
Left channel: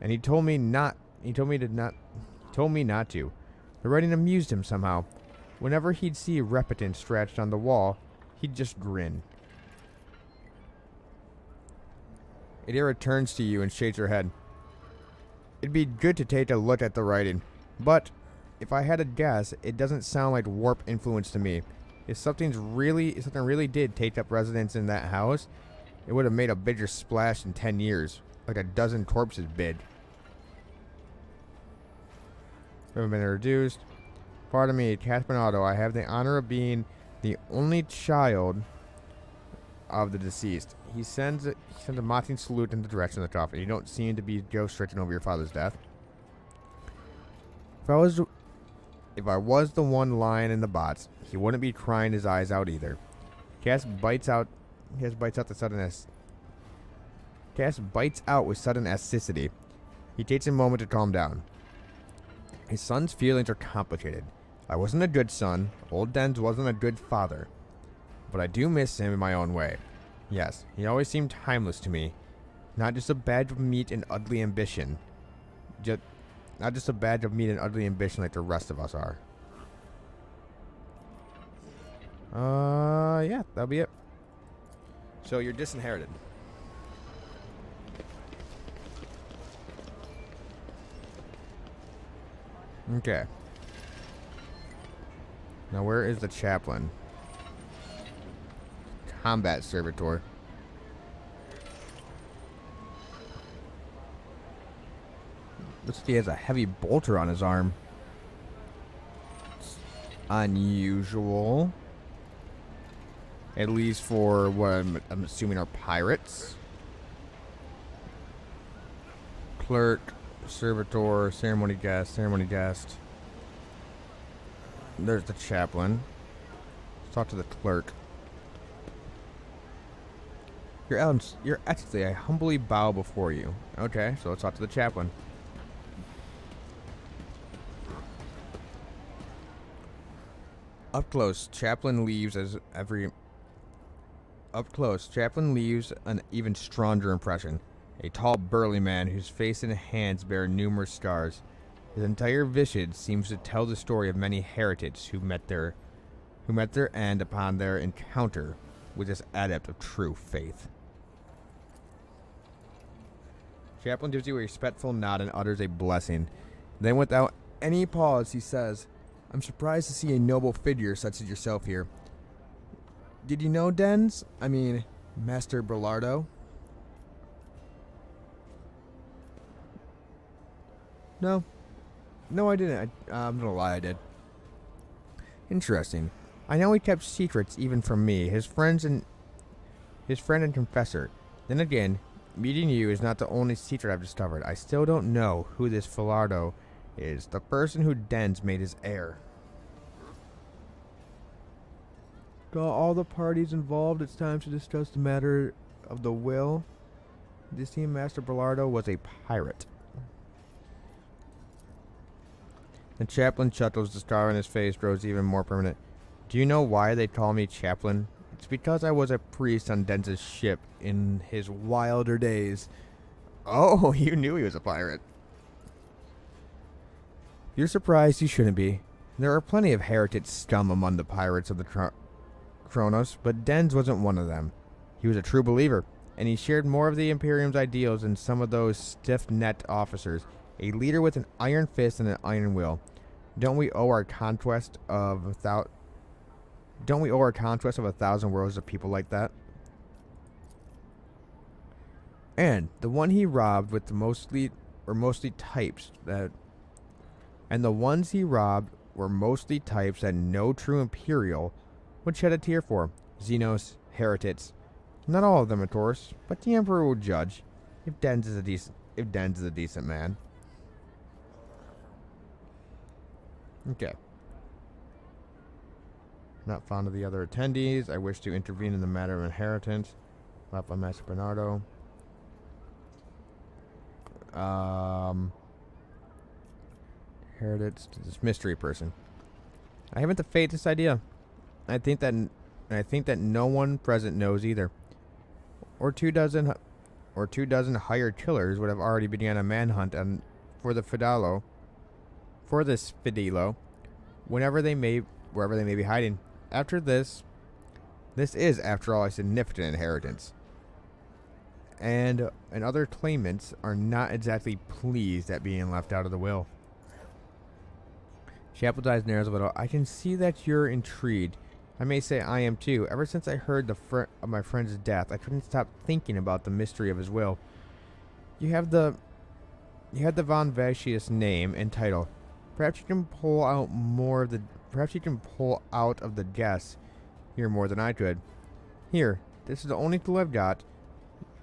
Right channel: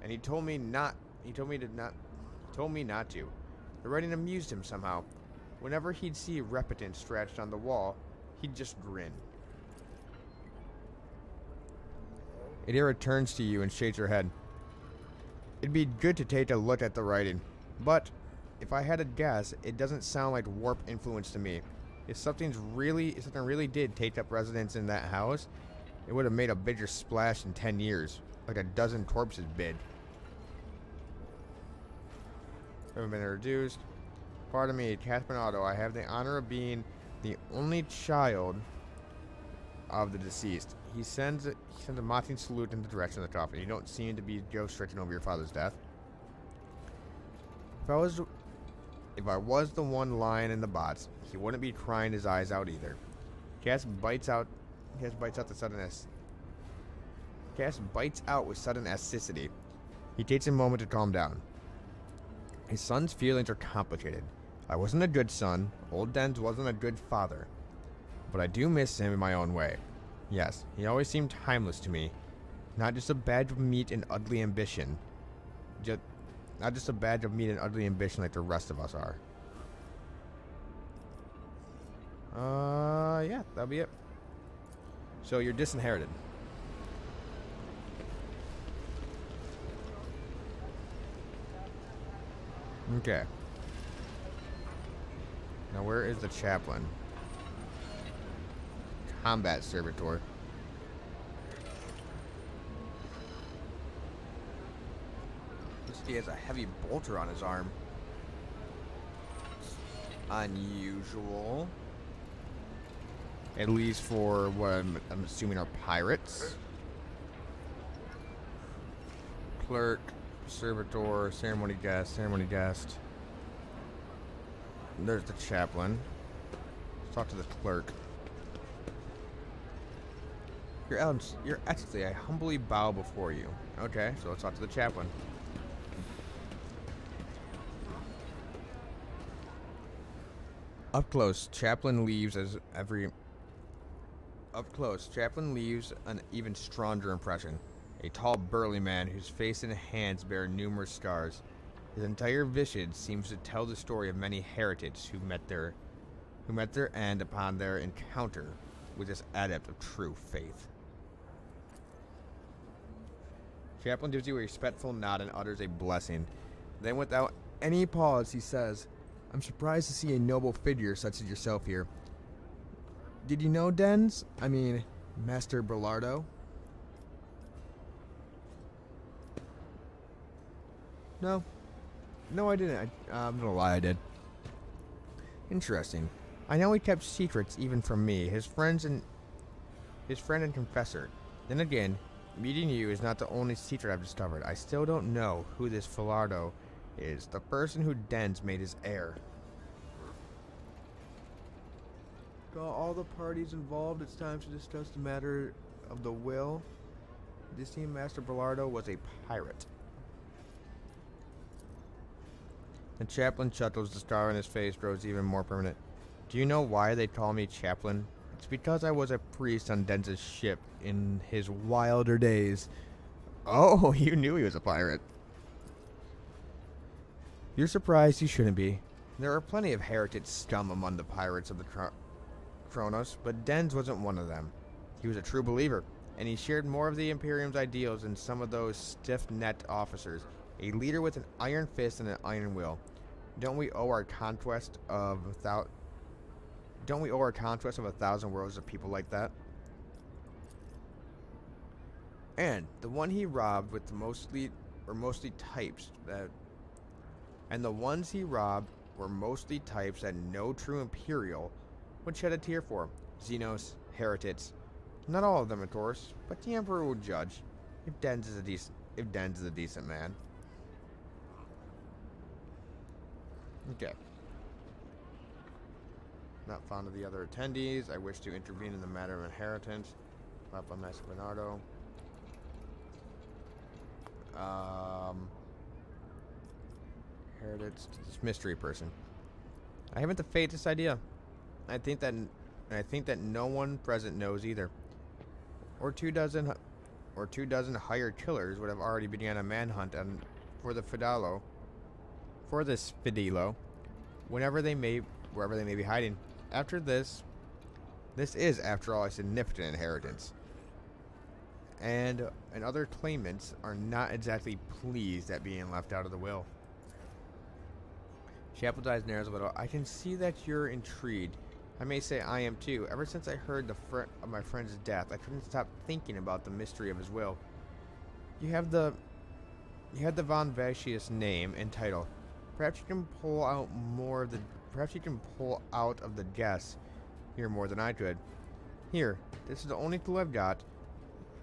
And he told me not to. The writing amused him somehow. Whenever he'd see repentance scratched on the wall, he'd just grin. Adira turns to you and shakes her head. It'd be good to take a look at the writing, but if I had to guess, it doesn't sound like warp influence to me. If something really did take up residence in that house, it would have made a bigger splash in 10 years, like a dozen corpses bid. Haven't been introduced. Pardon me, Catherine Otto. I have the honor of being the only child of the deceased. He sends a mocking salute in the direction of the coffin. You don't seem to be ghost-stricken over your father's death. If I was the one lying in the box, he wouldn't be crying his eyes out either. Cass bites out with sudden acidity. He takes a moment to calm down. His son's feelings are complicated. I wasn't a good son. Old Dens wasn't a good father. But I do miss him in my own way. Yes, he always seemed timeless to me. Not just a badge of meat and ugly ambition. Not just a badge of meat and ugly ambition like the rest of us are. Yeah, that'll be it. So you're disinherited. Okay. Now where is the chaplain? Combat servitor. Looks like he has a heavy bolter on his arm. Unusual. At least for what I'm assuming are pirates. Clerk, servitor, ceremony guest. There's the chaplain. Let's talk to the clerk. Your Excellency, I humbly bow before you. Okay, so let's talk to the chaplain. Up close, chaplain leaves an even stronger impression. A tall, burly man whose face and hands bear numerous scars. His entire visage seems to tell the story of many heretics who met their end upon their encounter with this adept of true faith. Chaplain gives you a respectful nod and utters a blessing. Then, without any pause, he says, I'm surprised to see a noble figure such as yourself here. Did you know Dens? I mean, Master Bellardo? No, I didn't. I'm gonna lie, I did. Interesting. I know he kept secrets even from me, his friend and confessor. Then again, meeting you is not the only secret I've discovered. I still don't know who this Bellardo is, the person who Dens made his heir. Got all the parties involved. It's time to discuss the matter of the will. This team, Master Bellardo, was a pirate. The chaplain chuckles. The scar on his face grows even more permanent. Do you know why they call me chaplain? It's because I was a priest on Dens's ship in his wilder days. Oh, you knew he was a pirate. You're surprised you shouldn't be. There are plenty of heretic scum among the pirates of the Kronos, but Dens wasn't one of them. He was a true believer, and he shared more of the Imperium's ideals than some of those stiff-necked officers. A leader with an iron fist and an iron will. Don't we owe our conquest of 1,000 worlds to people like that? And the one he robbed with the mostly types that and the ones he robbed were mostly types that no true Imperial would shed a tear for. Xenos, heretics. Not all of them, of course, but the Emperor will judge if Dens is a decent man. Okay. Not fond of the other attendees. I wish to intervene in the matter of inheritance. Left by Master Bernardo. Heretics to this mystery person. I haven't the faintest idea. I think that no one present knows either. Or two dozen hired killers would have already begun a manhunt for this Fidelo, wherever they may be hiding. After this is, after all, a significant inheritance. And other claimants are not exactly pleased at being left out of the will. Chapel's eyes narrows a little. I can see that you're intrigued. I may say I am too. Ever since I heard of my friend's death, I couldn't stop thinking about the mystery of his will. You had the von Vatius name and title. Perhaps you can pull out of the guess here more than I could. Here, this is the only clue I've got.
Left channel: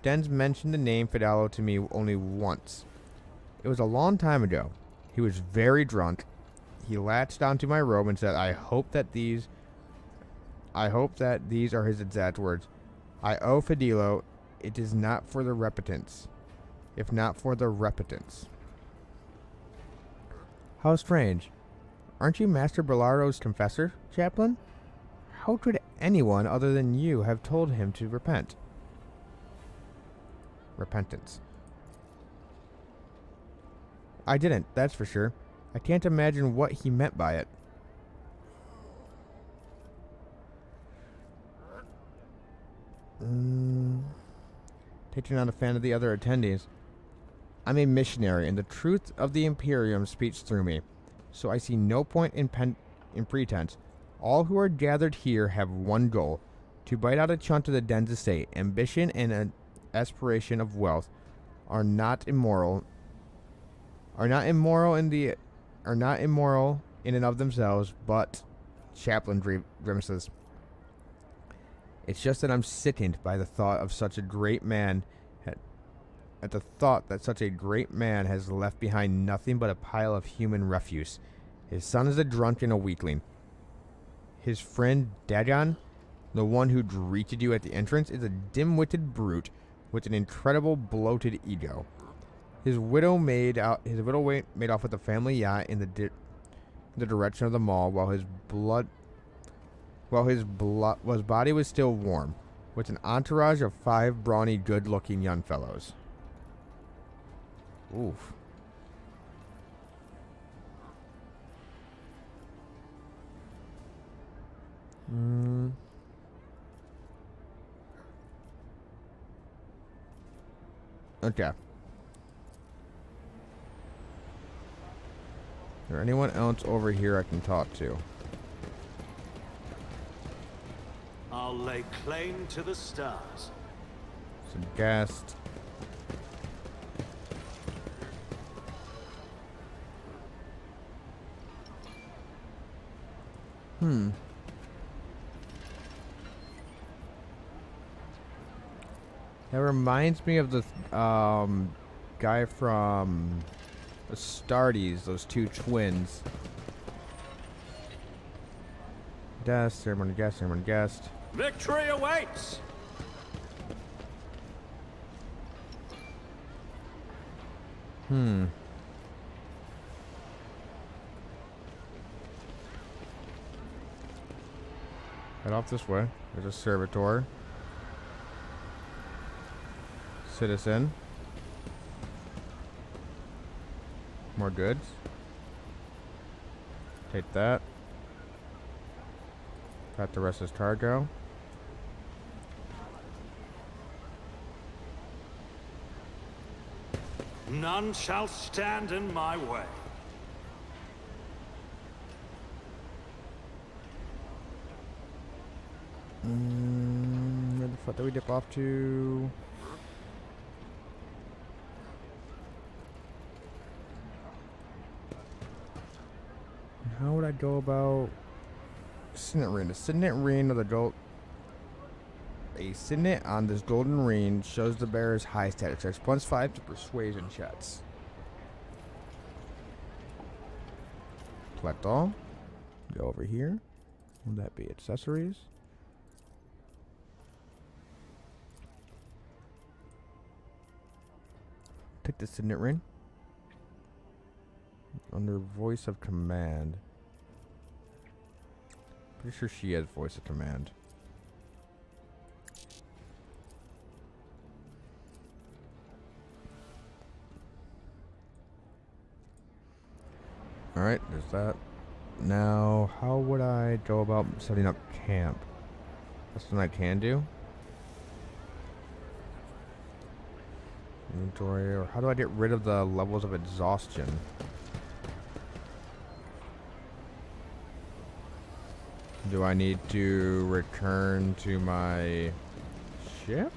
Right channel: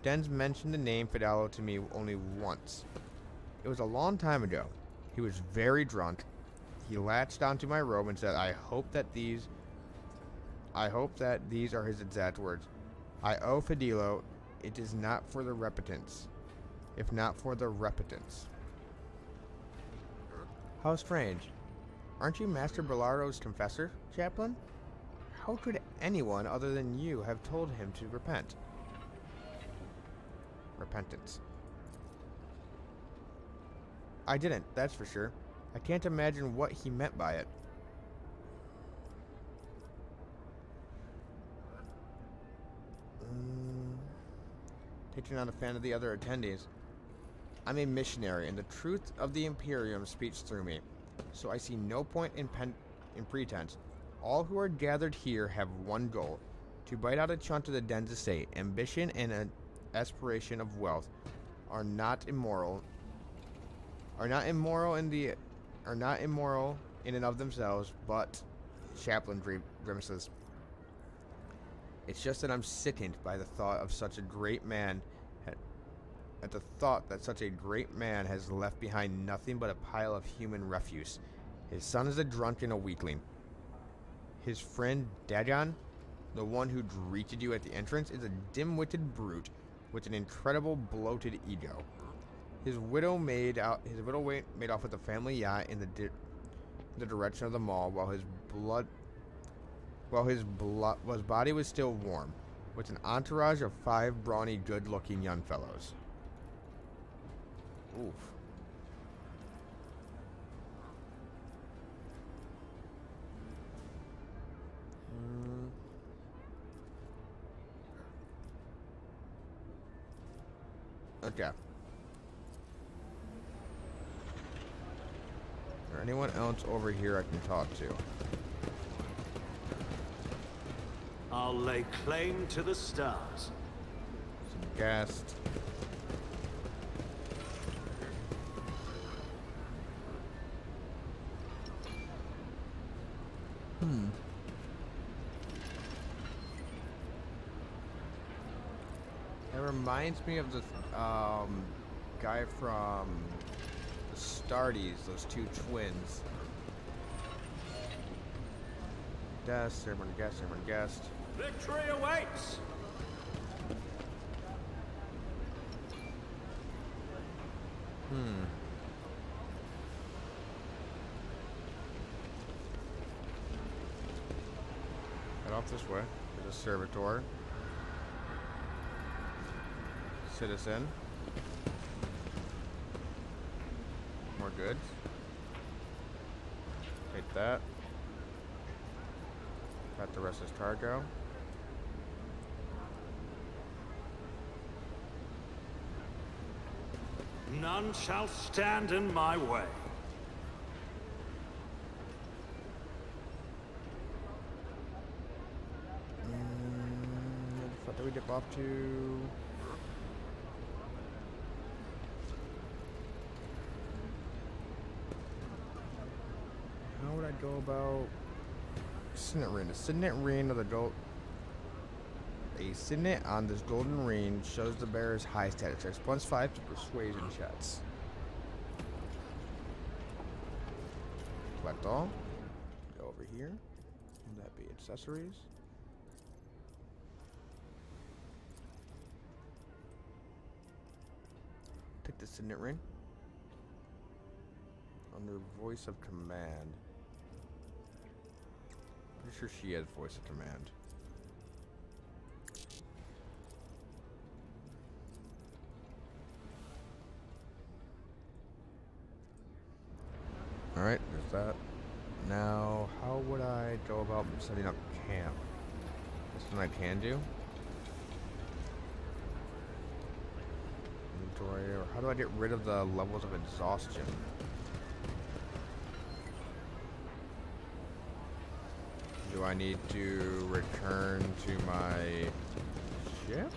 Dens mentioned the name Fidelo to me only once. It was a long time ago. He was very drunk. He latched onto my robe and said, I hope that these are his exact words. I owe Fidelo. It is not for the repentance. If not for the repentance. How strange. Aren't you Master Bellaro's confessor, Chaplain? How could anyone other than you have told him to repent? Repentance. I didn't, that's for sure. I can't imagine what he meant by it. Taking on a fan of the other attendees. I'm a missionary, and the truth of the Imperium speaks through me. So I see no point in pretense. All who are gathered here have one goal: to bite out a chunk of the Den's estate. Ambition and an aspiration of wealth are not immoral. In and of themselves, but Chaplain grimaces. It's just that I'm sickened by the thought of such a great man. At the thought that such a great man has left behind nothing but a pile of human refuse. His son is a drunk and a weakling. His friend Dagon, the one who greeted you at the entrance, is a dim-witted brute with an incredible bloated ego. His widow made off with the family yacht in the direction of the mall, while his body was still warm, with an entourage of 5 brawny, good-looking young fellows. Oof. Okay. Is there anyone else over here I can talk to? I'll lay claim to the stars. Some guest. That reminds me of the guy from the Astartes, those 2 twins. Guest, everyone guest. Victory awaits! Head off this way. There's a servitor. Citizen. More goods. Take that. Got the rest of his cargo. None shall stand in my way. Where the fuck do we dip off to? I go about Signet Ring? The Signet Ring of the gold. A signet on this golden ring shows the bearer's high status checks. +5 to persuasion checks. Collect all. Go over here. Will that be accessories? Take the signet ring. Under voice of command. Pretty sure she has voice of command. Alright, there's that. Now, how would I go about setting up camp? That's something I can do. Inventory, or how do I get rid of the levels of exhaustion? Do I need to return to my ship?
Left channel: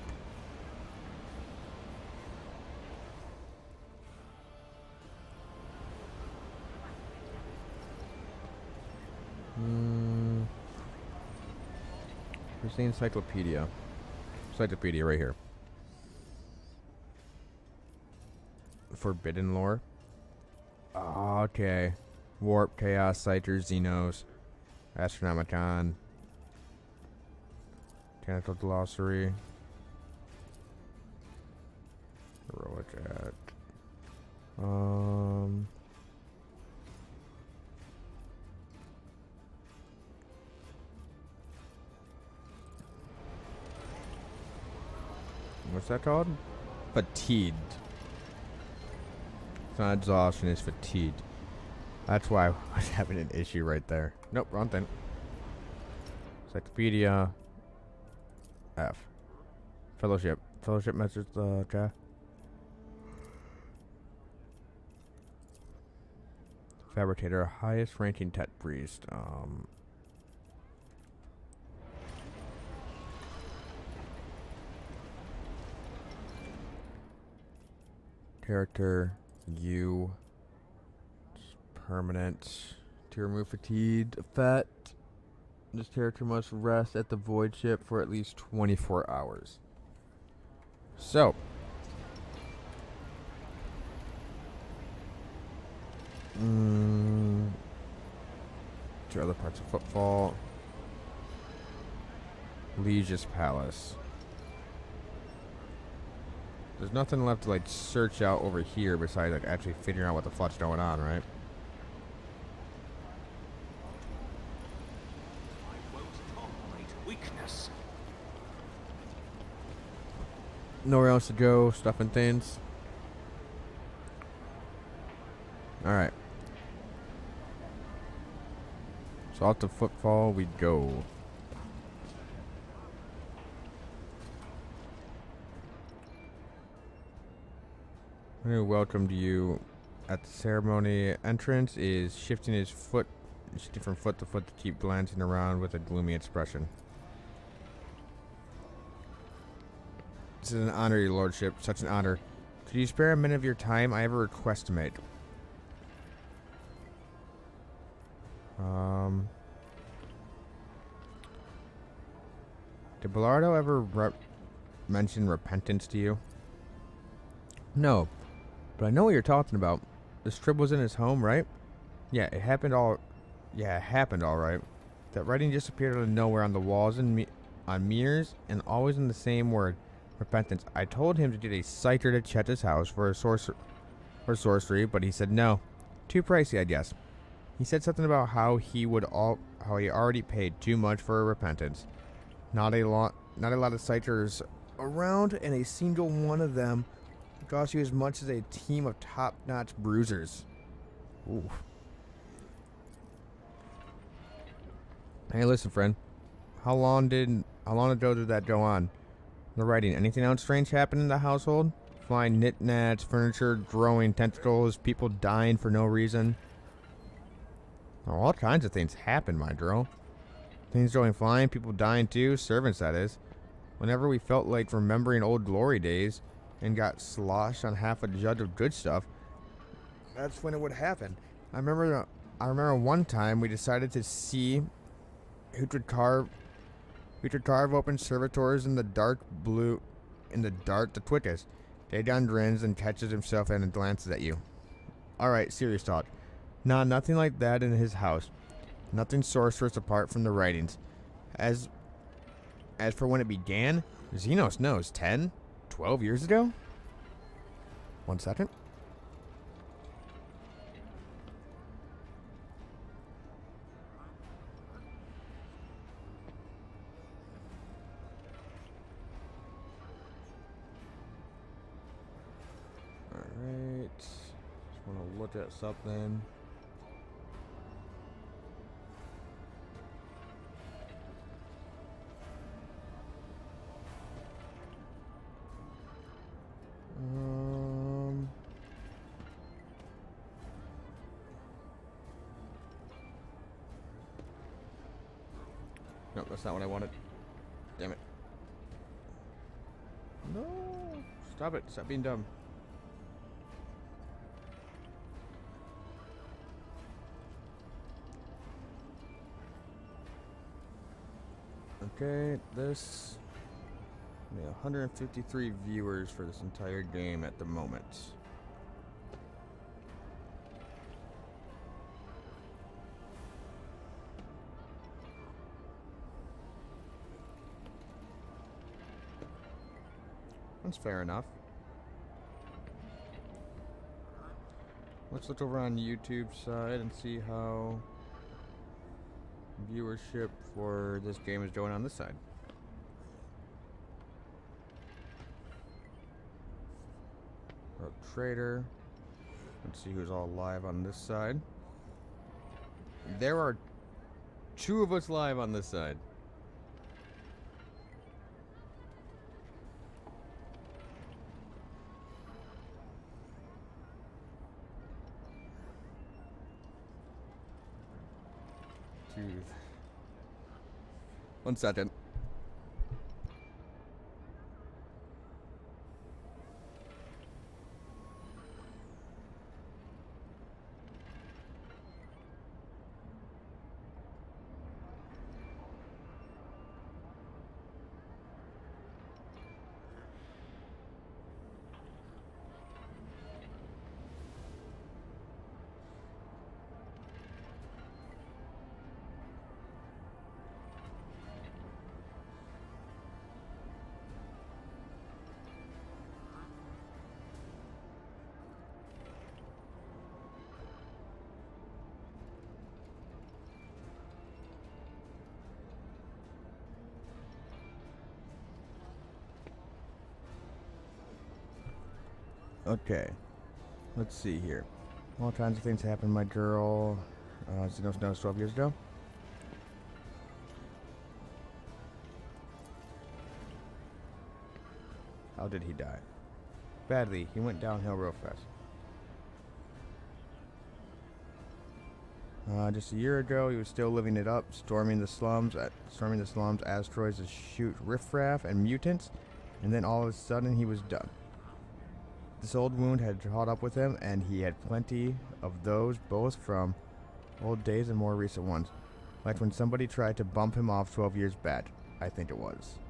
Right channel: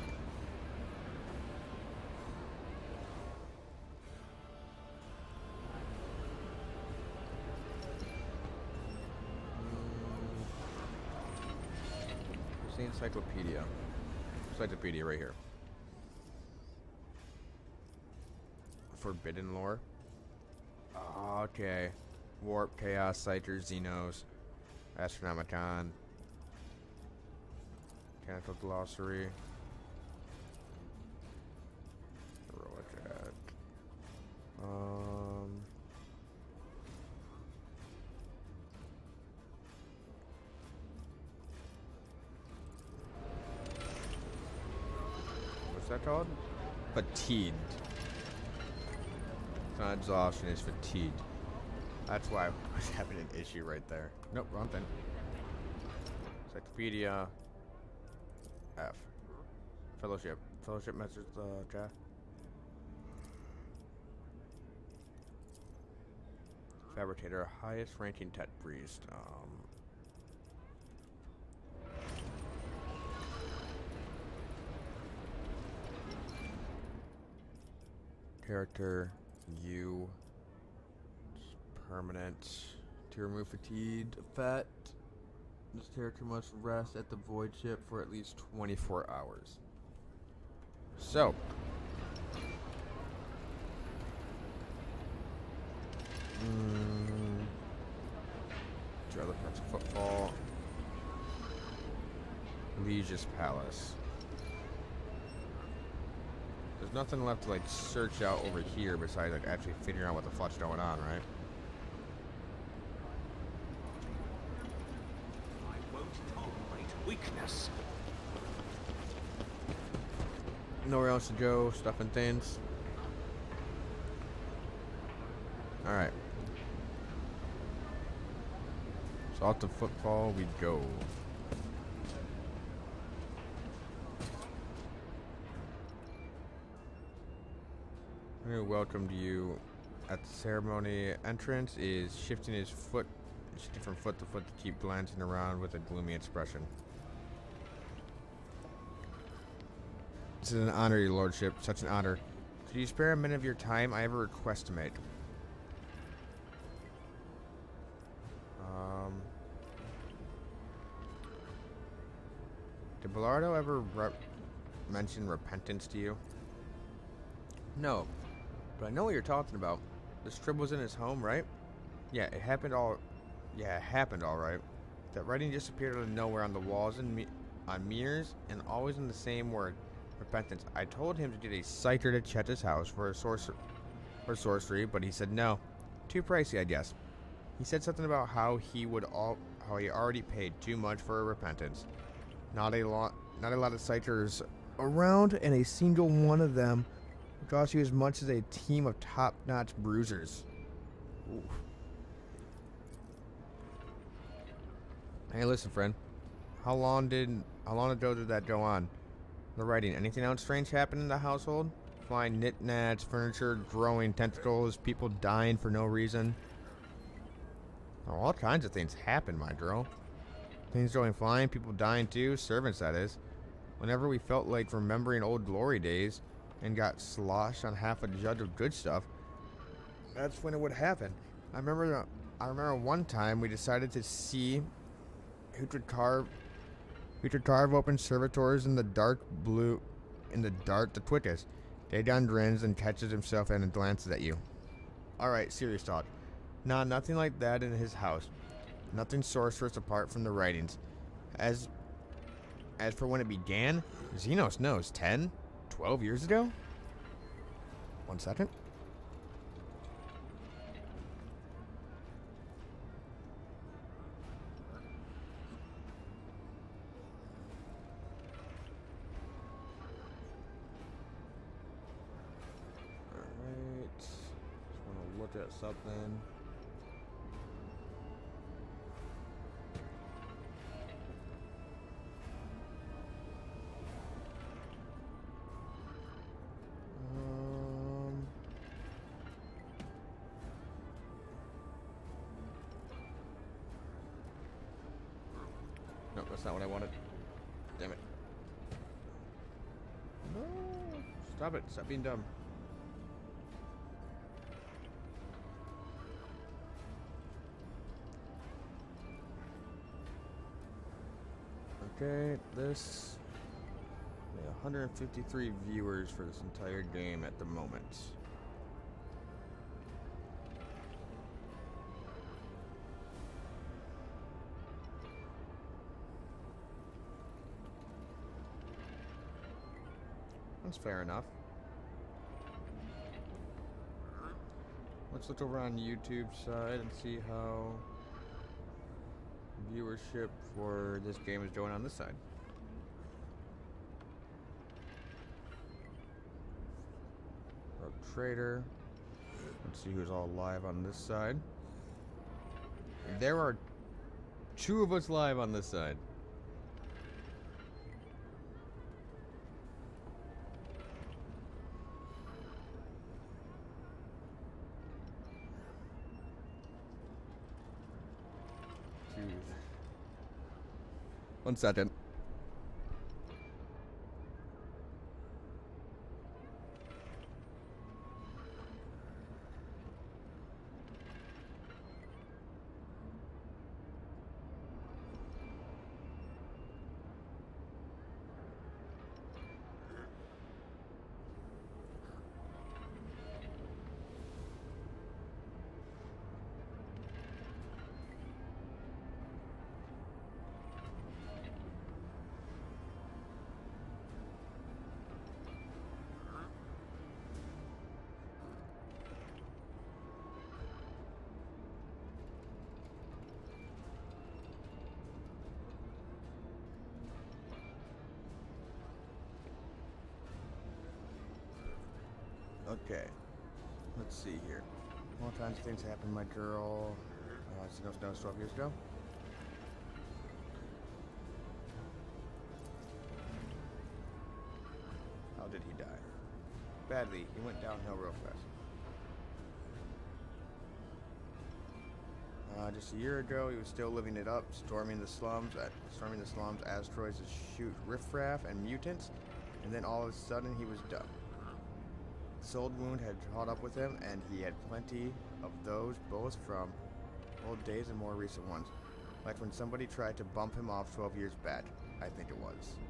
Where's the encyclopedia? Encyclopedia right here. Forbidden lore. Oh, okay. Warp, Chaos, Citer, Xenos, Astronomicon, Mechanical Glossary, Heroic Act. What's that called? Fatigued. It's not exhaustion, it's fatigued. That's why I was having an issue right there. Nope, wrong thing. Encyclopedia. F. Fellowship. Fellowship measures the okay. Fabricator, highest ranking tech priest. Character, you. Permanent. To remove fatigued effect, this character must rest at the void ship for at least 24 hours. So. Two other parts of Footfall. Legis Palace. There's nothing left to like search out over here besides like actually figuring out what the fuck's going on, right? I won't tolerate weakness. Nowhere else to go, stuff and things. Alright. So off to Footfall we go. I'm going to welcome you at the ceremony. Entrance is shifting his foot, shifting from foot to foot to keep glancing around with a gloomy expression. This is an honor, your lordship. Such an honor. Could you spare a minute of your time? I have a request to make. Did Bellardo ever mention repentance to you? No, but I know what you're talking about. This trip was in his home, right? Yeah, it happened all right. That writing just appeared out of nowhere on the walls and on mirrors, and always in the same word, repentance. I told him to get a citer to Chet's house for sorcery, but he said no. Too pricey, I guess. He said something about how he already paid too much for repentance. Not a lot of citers around, and a single one of them would cost you as much as a team of top-notch bruisers. Ooh. Hey, listen, friend. How long ago did that go on? The writing. Anything else strange happen in the household? Flying knickknacks, furniture, growing tentacles, people dying for no reason. Oh, all kinds of things happen, my girl. Things going flying, people dying too, servants that is. Whenever we felt like remembering old glory days and got sloshed on half a jug of good stuff, that's when it would happen. I I remember one time we decided to see who could carve open servitors in the dark the quickest. Dagon grins and catches himself and glances at you. Alright, serious talk. Nah, nothing like that in his house. Nothing sorcerous apart from the writings. As for when it began, Xenos knows 10, 12 years ago? 1 second. Alright. Just want to look at something. Nope, that's not what I wanted. Damn it. No! Stop it. Stop being dumb. Okay, this... 153 viewers for this entire game at the moment. That's fair enough. Let's look over on YouTube side and see how viewership for this game is going on this side. Rogue Trader. Let's see who's all live on this side. There are 2 of us live on this side. Jeez. 1 second. Okay, let's see here. All kinds of things happened. My girl, Xenos knows 12 years ago. How did he die? Badly. He went downhill real fast. Just a year ago, he was still living it up, storming the slums, asteroids to shoot riffraff and mutants, and then all of a sudden he was done. This old wound had caught up with him, and he had plenty of those, both from old days and more recent ones. Like when somebody tried to bump him off 12 years back, I think it was.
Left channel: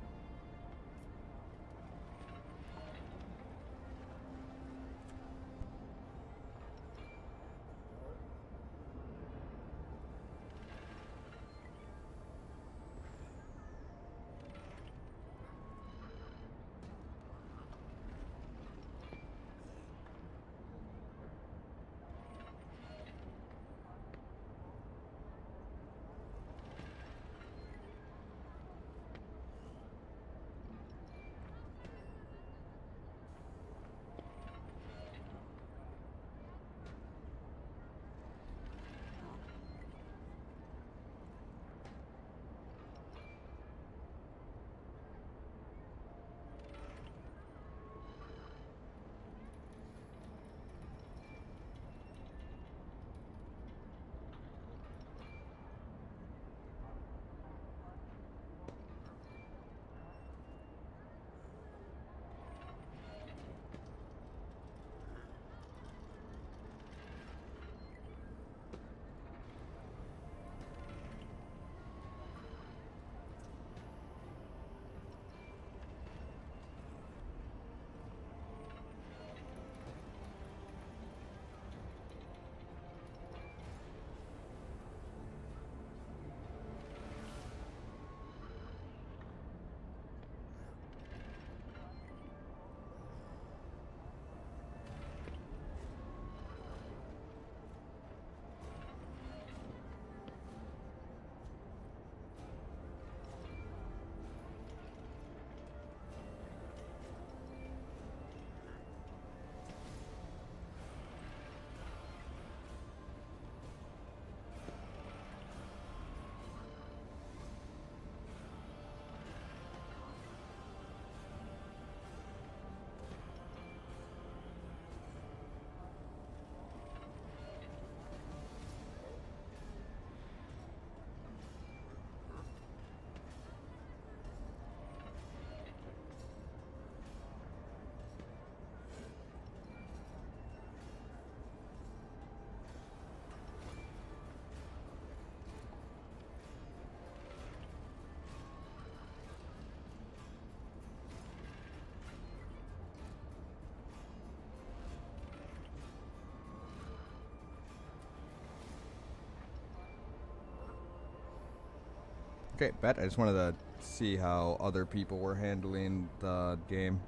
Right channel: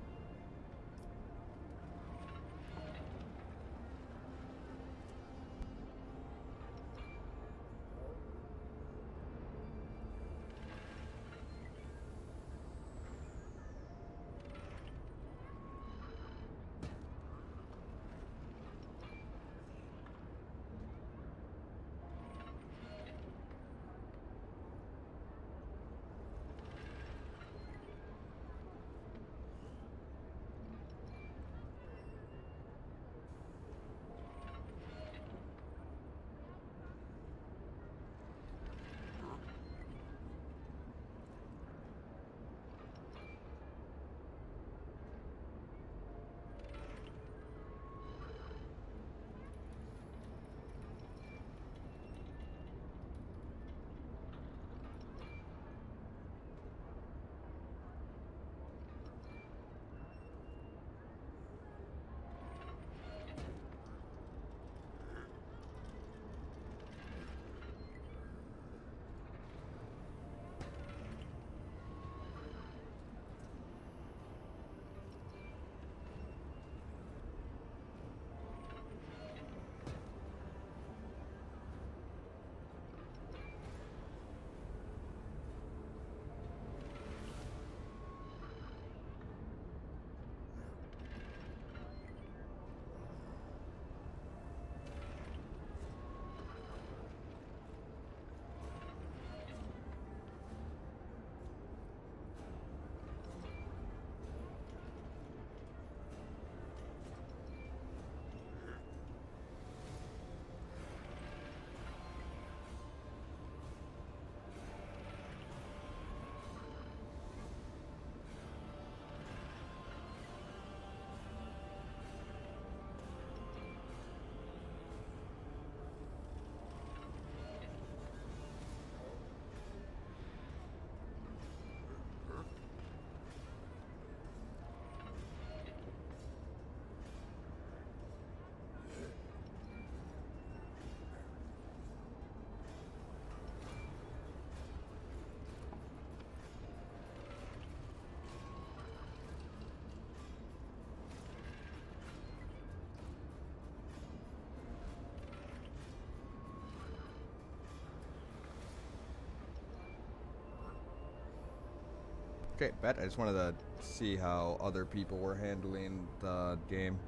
Okay, bet. I just wanted to see how other people were handling the game.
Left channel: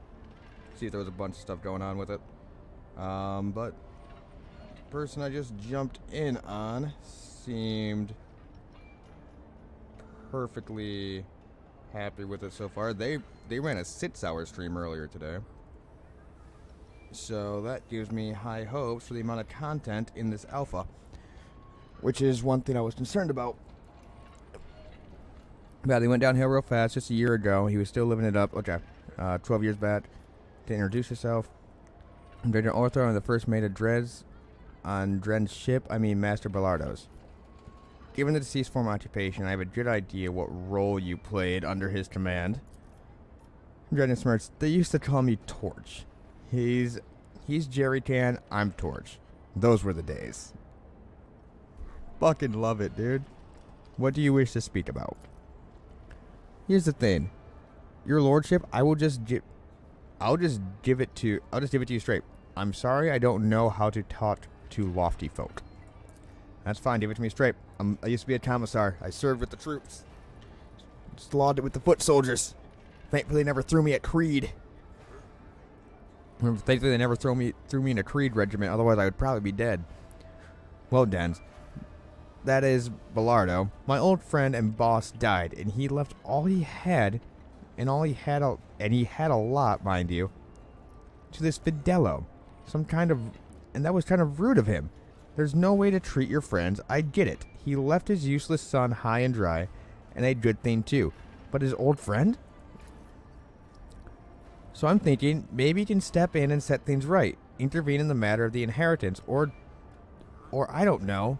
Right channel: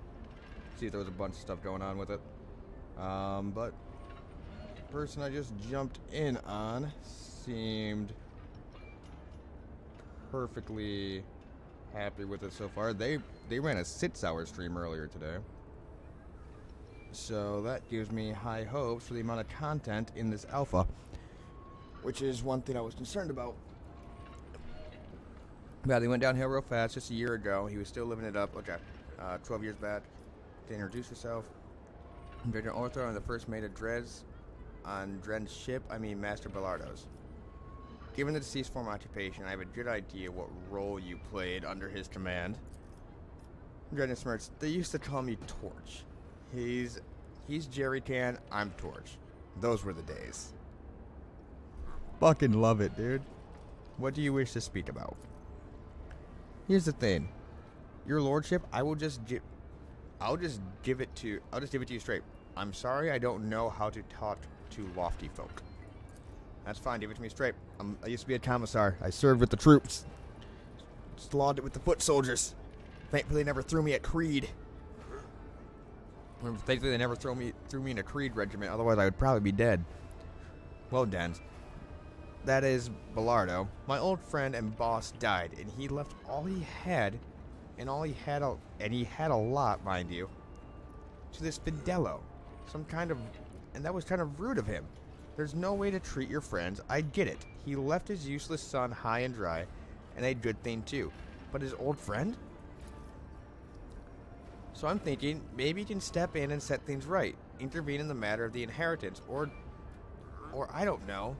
See if there was a bunch of stuff going on with it. But the person I just jumped in on seemed perfectly happy with it so far. They ran a 6-hour stream earlier today. So that gives me high hopes for the amount of content in this alpha, which is one thing I was concerned about. Yeah, they went downhill real fast just a year ago. He was still living it up. Okay, 12 years back. To introduce yourself, Virgin Ortho and the first mate of Dres on Dren's ship, Master Bellardo's. Given the deceased former occupation, I have a good idea what role you played under his command. Dren smirks. They used to call me Torch. He's Jerry Can, I'm Torch. Those were the days. Fucking love it, dude. What do you wish to speak about? Here's the thing. Your lordship, I'll just give it to you straight. I'm sorry I don't know how to talk to lofty folk. That's fine, give it to me straight. I used to be a commissar. I served with the troops. Slaughtered it with the foot soldiers. Thankfully they never threw me at Creed. Thankfully they never threw me in a Creed regiment, otherwise I would probably be dead. Well, Dens. That is Bellardo. My old friend and boss died, and he left all he had, and he had a lot, mind you, to this Fidello. And that was kind of rude of him. There's no way to treat your friends, I get it. He left his useless son high and dry, and a good thing too. But his old friend? So I'm thinking, maybe he can step in and set things right. Intervene in the matter of the inheritance, or I don't know.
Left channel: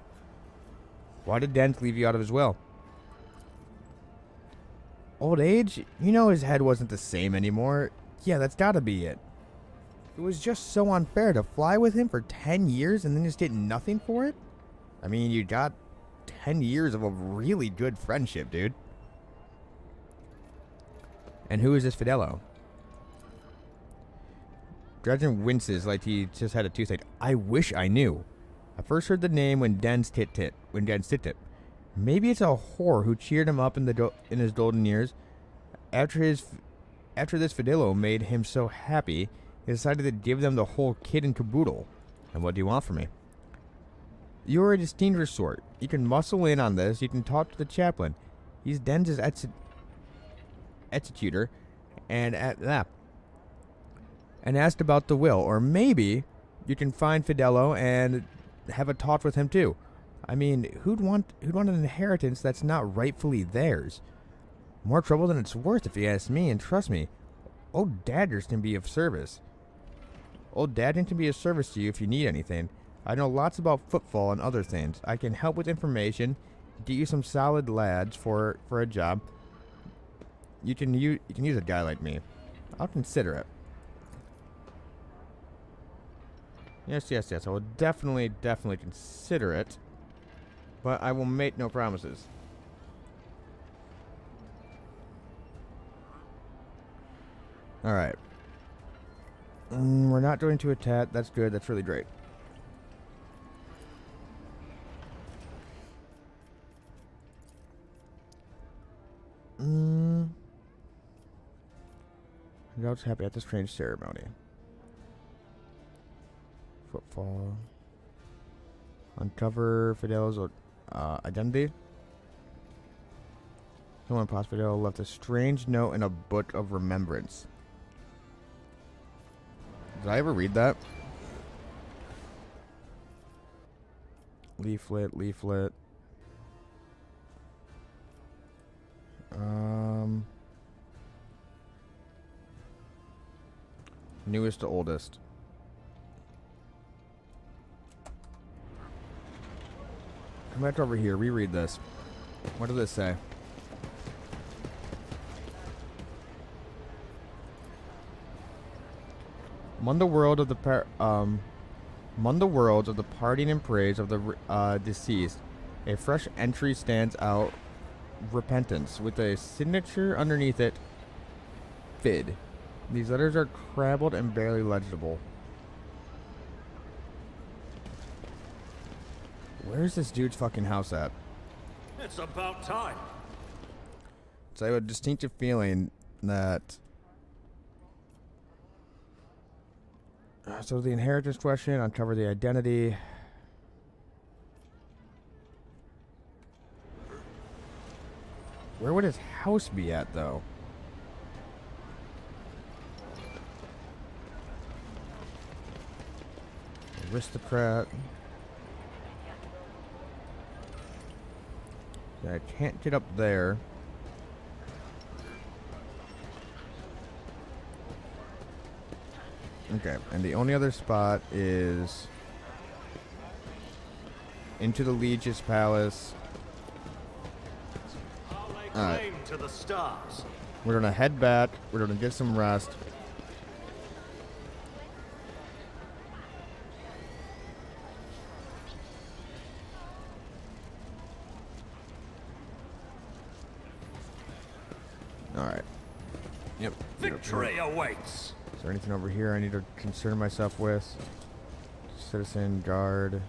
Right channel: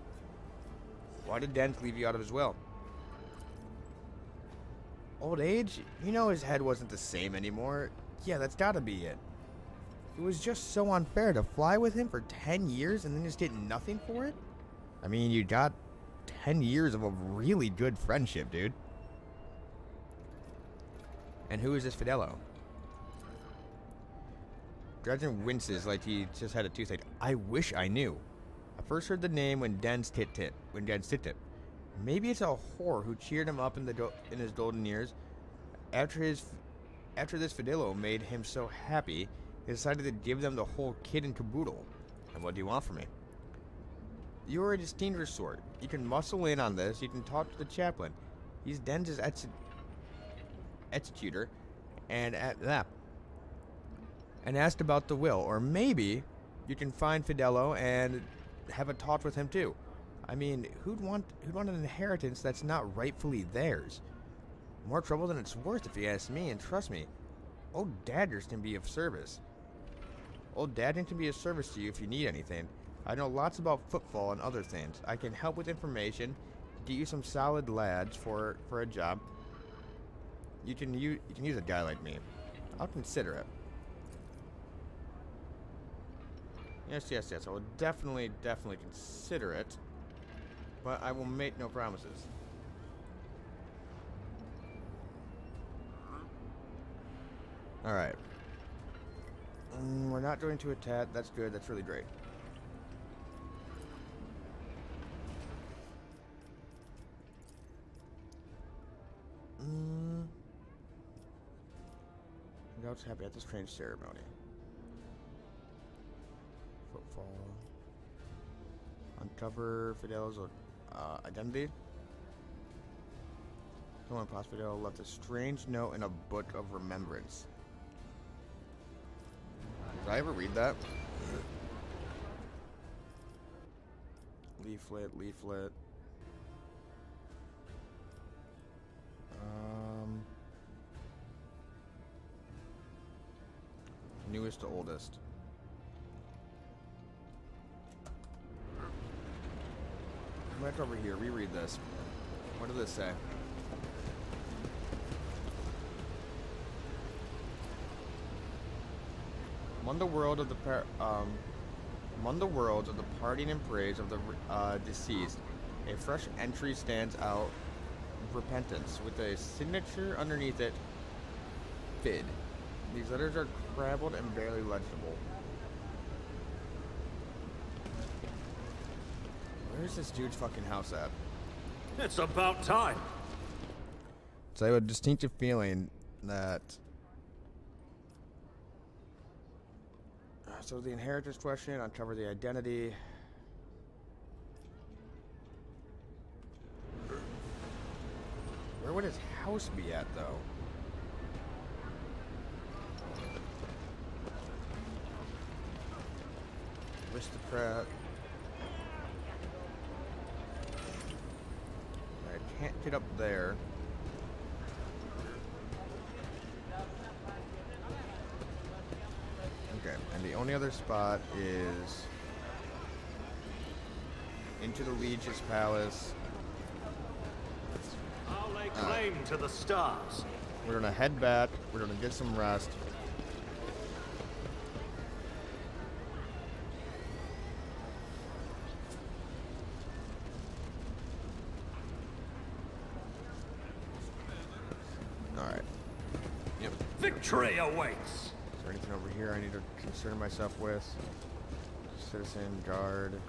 Why did Dent leave you out of his will? Old age? You know his head wasn't the same anymore. Yeah, that's gotta be it. It was just so unfair to fly with him for 10 years and then just get nothing for it? You got 10 years of a really good friendship, dude. And who is this Fidello? Dredgen winces like he just had a toothache. I wish I knew. I first heard the name when Den's tit. Maybe it's a whore who cheered him up in his golden years. After this Fidello made him so happy, he decided to give them the whole kit and caboodle. And what do you want from me? You're a distinguished sort. You can muscle in on this. You can talk to the chaplain. He's Den's executor, and asked about the will. Or maybe you can find Fidello and have a talk with him too. Who'd want an inheritance that's not rightfully theirs? More trouble than it's worth, if you ask me, and trust me, Old Daggers can be of service. Old Dadden can be of service to you if you need anything. I know lots about footfall and other things. I can help with information, get you some solid lads for a job. You can use a guy like me. I'll consider it. Yes. I will definitely consider it. But I will make no promises. Alright. We're not going to attack. That's good. That's really great. I was happy at the strange ceremony. Footfall. Uncover Fidel's identity. Someone past Fidel left a strange note in a book of remembrance. Did I ever read that? Leaflet. Newest to oldest. Come back over here, reread this. What did this say? Among the worlds of the parting and praise of the deceased, a fresh entry stands out. Repentance, with a signature underneath it. Fid. These letters are crabbled and barely legible. Where's this dude's fucking house at? It's about time. So I have a distinctive feeling that... So the inheritance question, uncover the identity. Where would his house be at, though? Aristocrat. I can't get up there. Okay, and the only other spot is into the Legis Palace. I'll lay claim to the stars. We're gonna head back. We're gonna get some rest. All right. Yep. Victory awaits. Is there anything over here I need to concern myself with? Citizen, guard,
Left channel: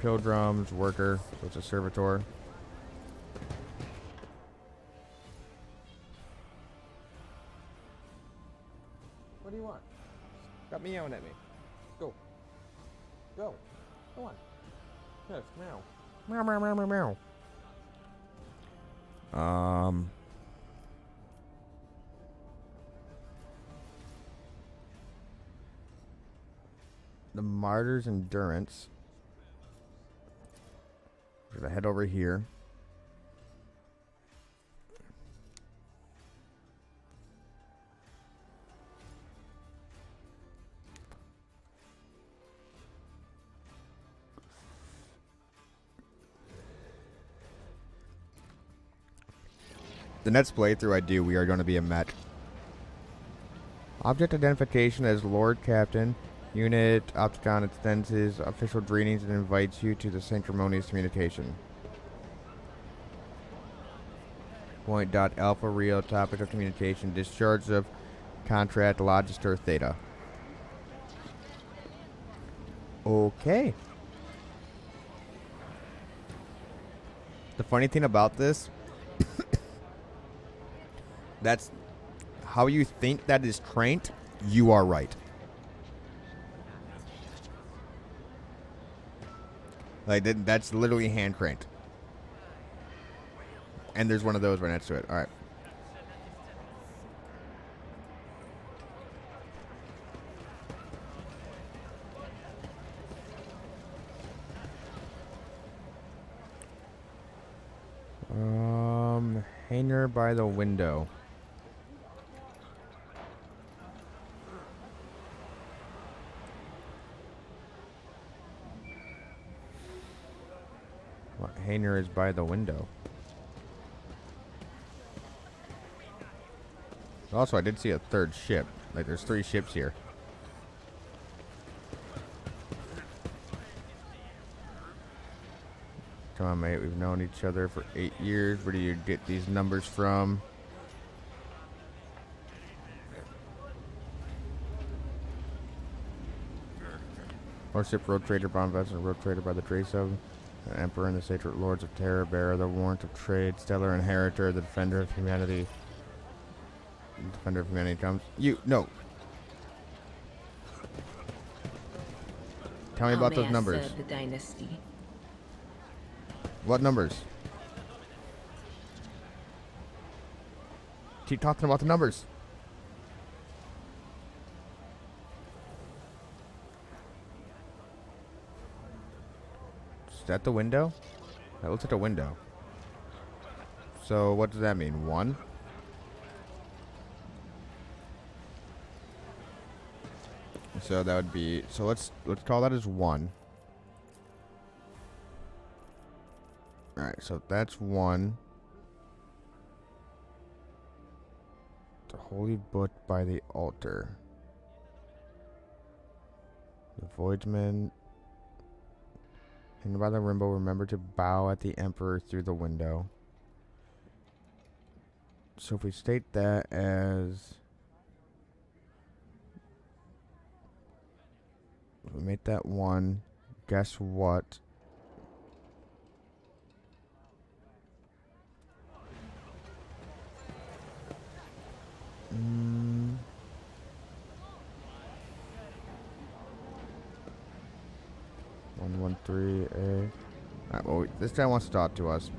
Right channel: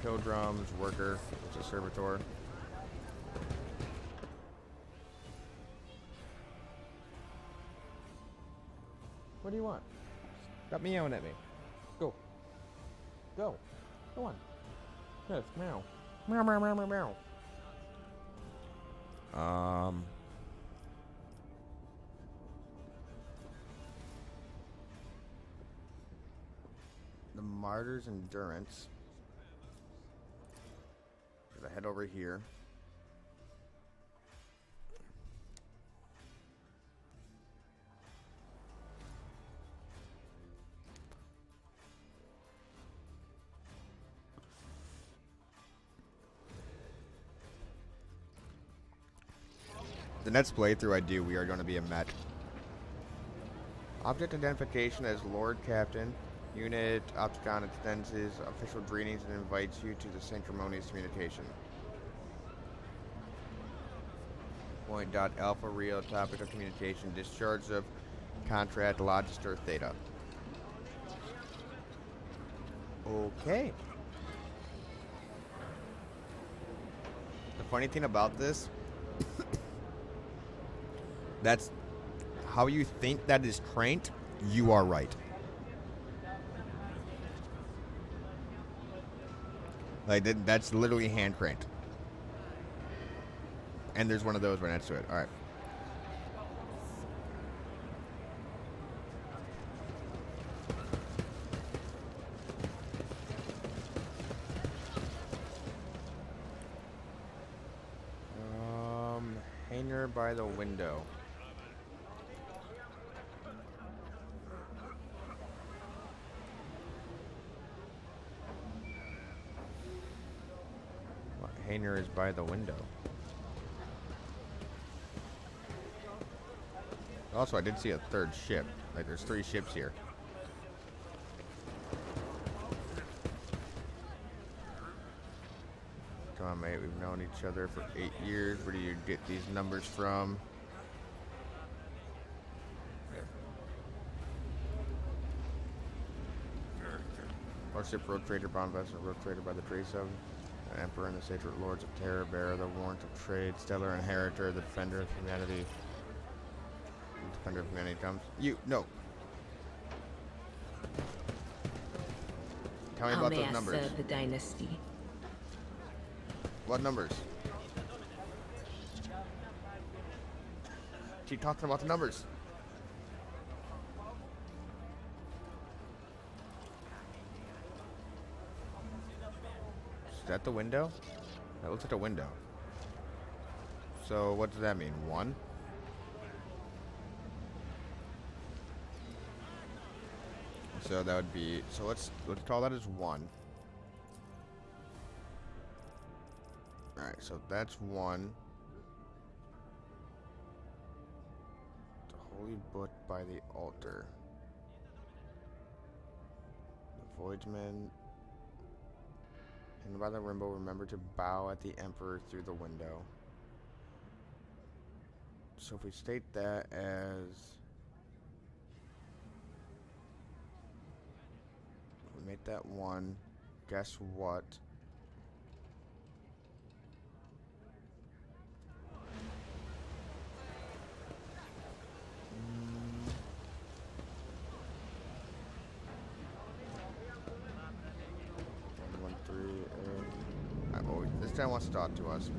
pilgrims, worker. What's a servitor? What do you want? Stop meowing at me. Go. Go. Go on. Yes, meow. Meow, meow, meow, meow, meow. The Martyr's Endurance. We're gonna head over here. The next playthrough I do, we are going to be a mech. Object identification as Lord Captain. Unit Opticon extends his official greetings and invites you to the sanctimonious communication. Point dot alpha real topic of communication. Discharge of contract Logister Theta. Okay. The funny thing about this, that's how you think that is trained. You are right. Like that's literally hand cranked. And there's one of those right next to it. All right. Hanger by the window. What hanger is by the window? Also, I did see a third ship. Like, there's 3 ships here. Come on, mate. We've known each other for 8 years. Where do you get these numbers from? Warship, road trader, bomb vessel, road trader by the trace of an emperor and the sacred lords of terror, bearer the warrant of trade, stellar inheritor, the defender of humanity. The defender of humanity comes. You, no. Tell me about those numbers. The dynasty. What numbers? Keep talking about the numbers. Is that the window? That looks like a window. So what does that mean? 1? So that would be, so let's call that as 1. Alright, so that's 1. The holy book by the altar. The voidsman. And by the rainbow, remember to bow at the emperor through the window. So if we state that as... If we make that 1, guess what? 13A. Alright, well, this guy wants to talk to us.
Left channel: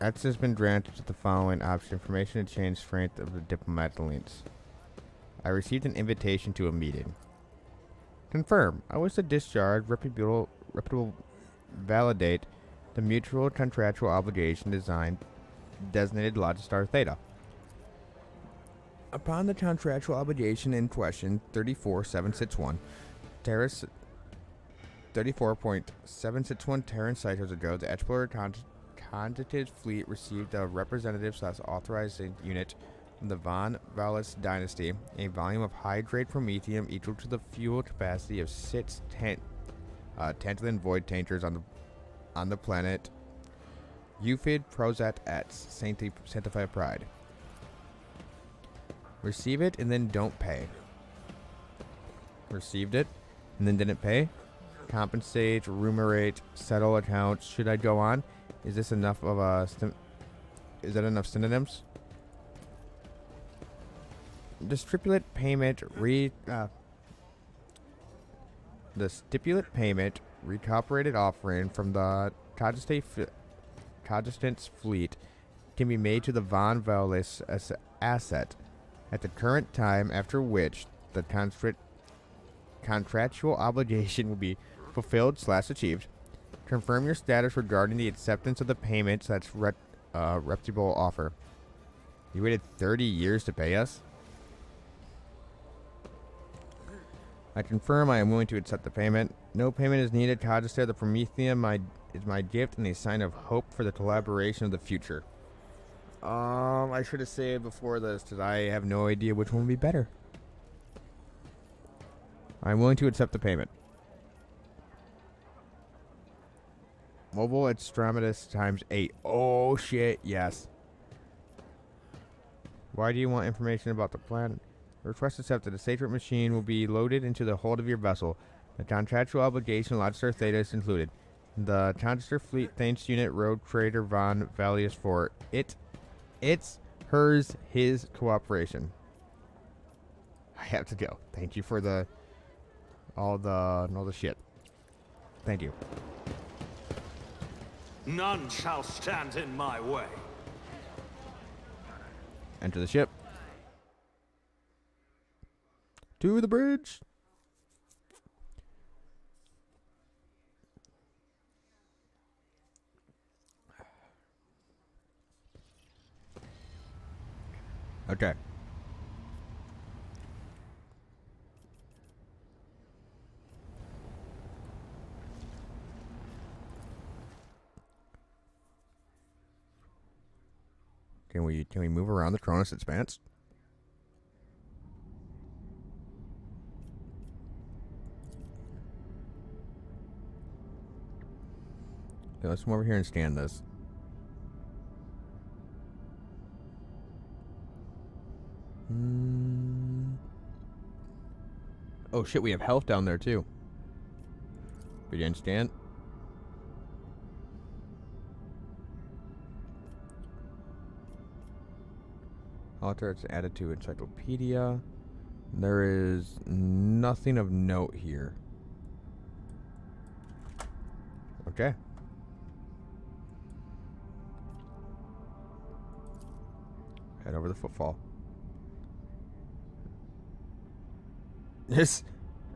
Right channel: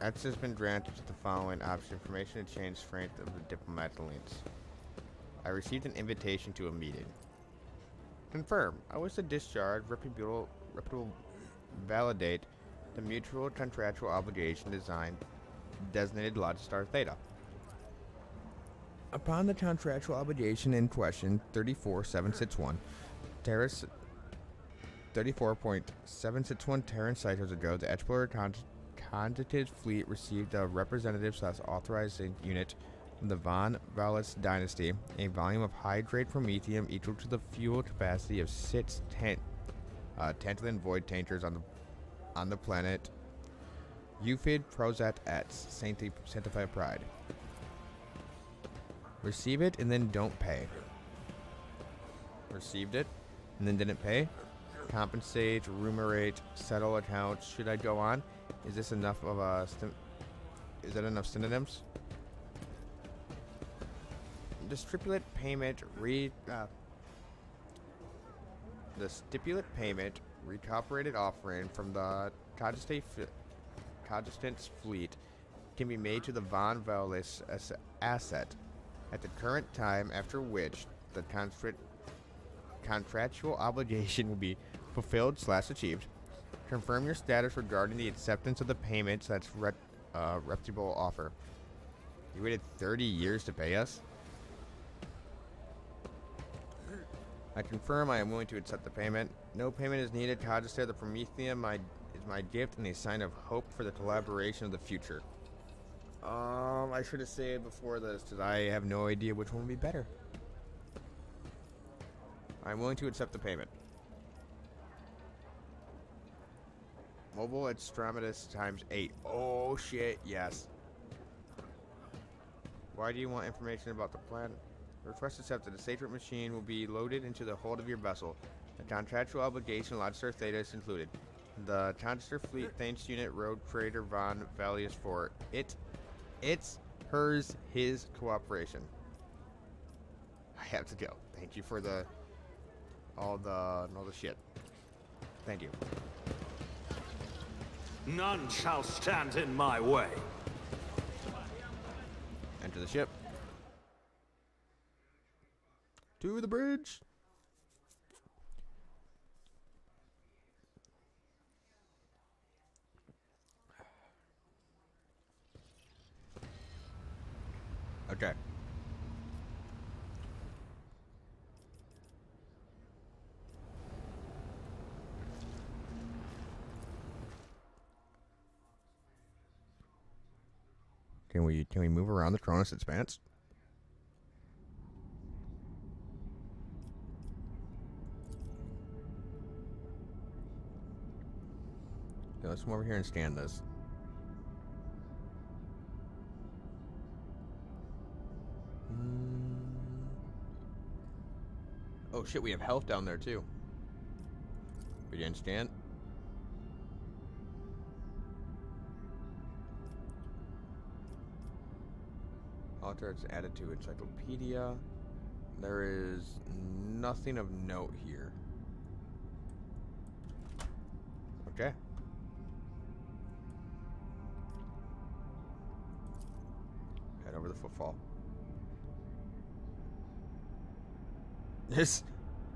Access has been granted to the following option: information to change strength of the diplomat links. I received an invitation to a meeting. Confirm. I wish to discharge reputable validate the mutual contractual obligation designated Logistar Theta. Upon the contractual obligation in question, 34761, Terrace 34.761 Terran cycles ago, the Explorer Conjugated Fleet received a representative/authorizing unit from the Von Vallis dynasty, a volume of high-grade promethium equal to the fuel capacity of 6 tantalum void tankers on the planet Euphid Prozat at Sanctified Pride. Receive it and then don't pay. Received it and then didn't pay. Compensate, rumourate, settle accounts. Should I go on? Is this enough of a is that enough synonyms? The stipulate payment the stipulate payment recuperated offering from the Cogistant's fleet can be made to the Von Vallis asset at the current time, after which the contractual obligation will be fulfilled/achieved. Confirm your status regarding the acceptance of the payment reputable offer. You waited 30 years to pay us? I confirm I am willing to accept the payment. No payment is needed. Cogistar, the Prometheum is my gift and a sign of hope for the collaboration of the future. I should have said before this that I have no idea which one would be better. I'm willing to accept the payment. Mobile extremis times 8. Oh shit, yes. Why do you want information about the planet? Request accepted. The sacred machine will be loaded into the hold of your vessel. The contractual obligation Logistar Theta is included. The Conjugated Fleet thanks Unit Road Trader Von Vallius for it's hers, his cooperation. I have to go. Thank you for all the shit. Thank you. None shall stand in my way. Enter the ship. To the bridge. Okay. Can we move around the Cronus Expanse? Okay, let's come over here and scan this. Oh shit, we have health down there too. Begin scan. Alter, it's added to encyclopedia. There is nothing of note here. Okay. Head over the footfall. Yes.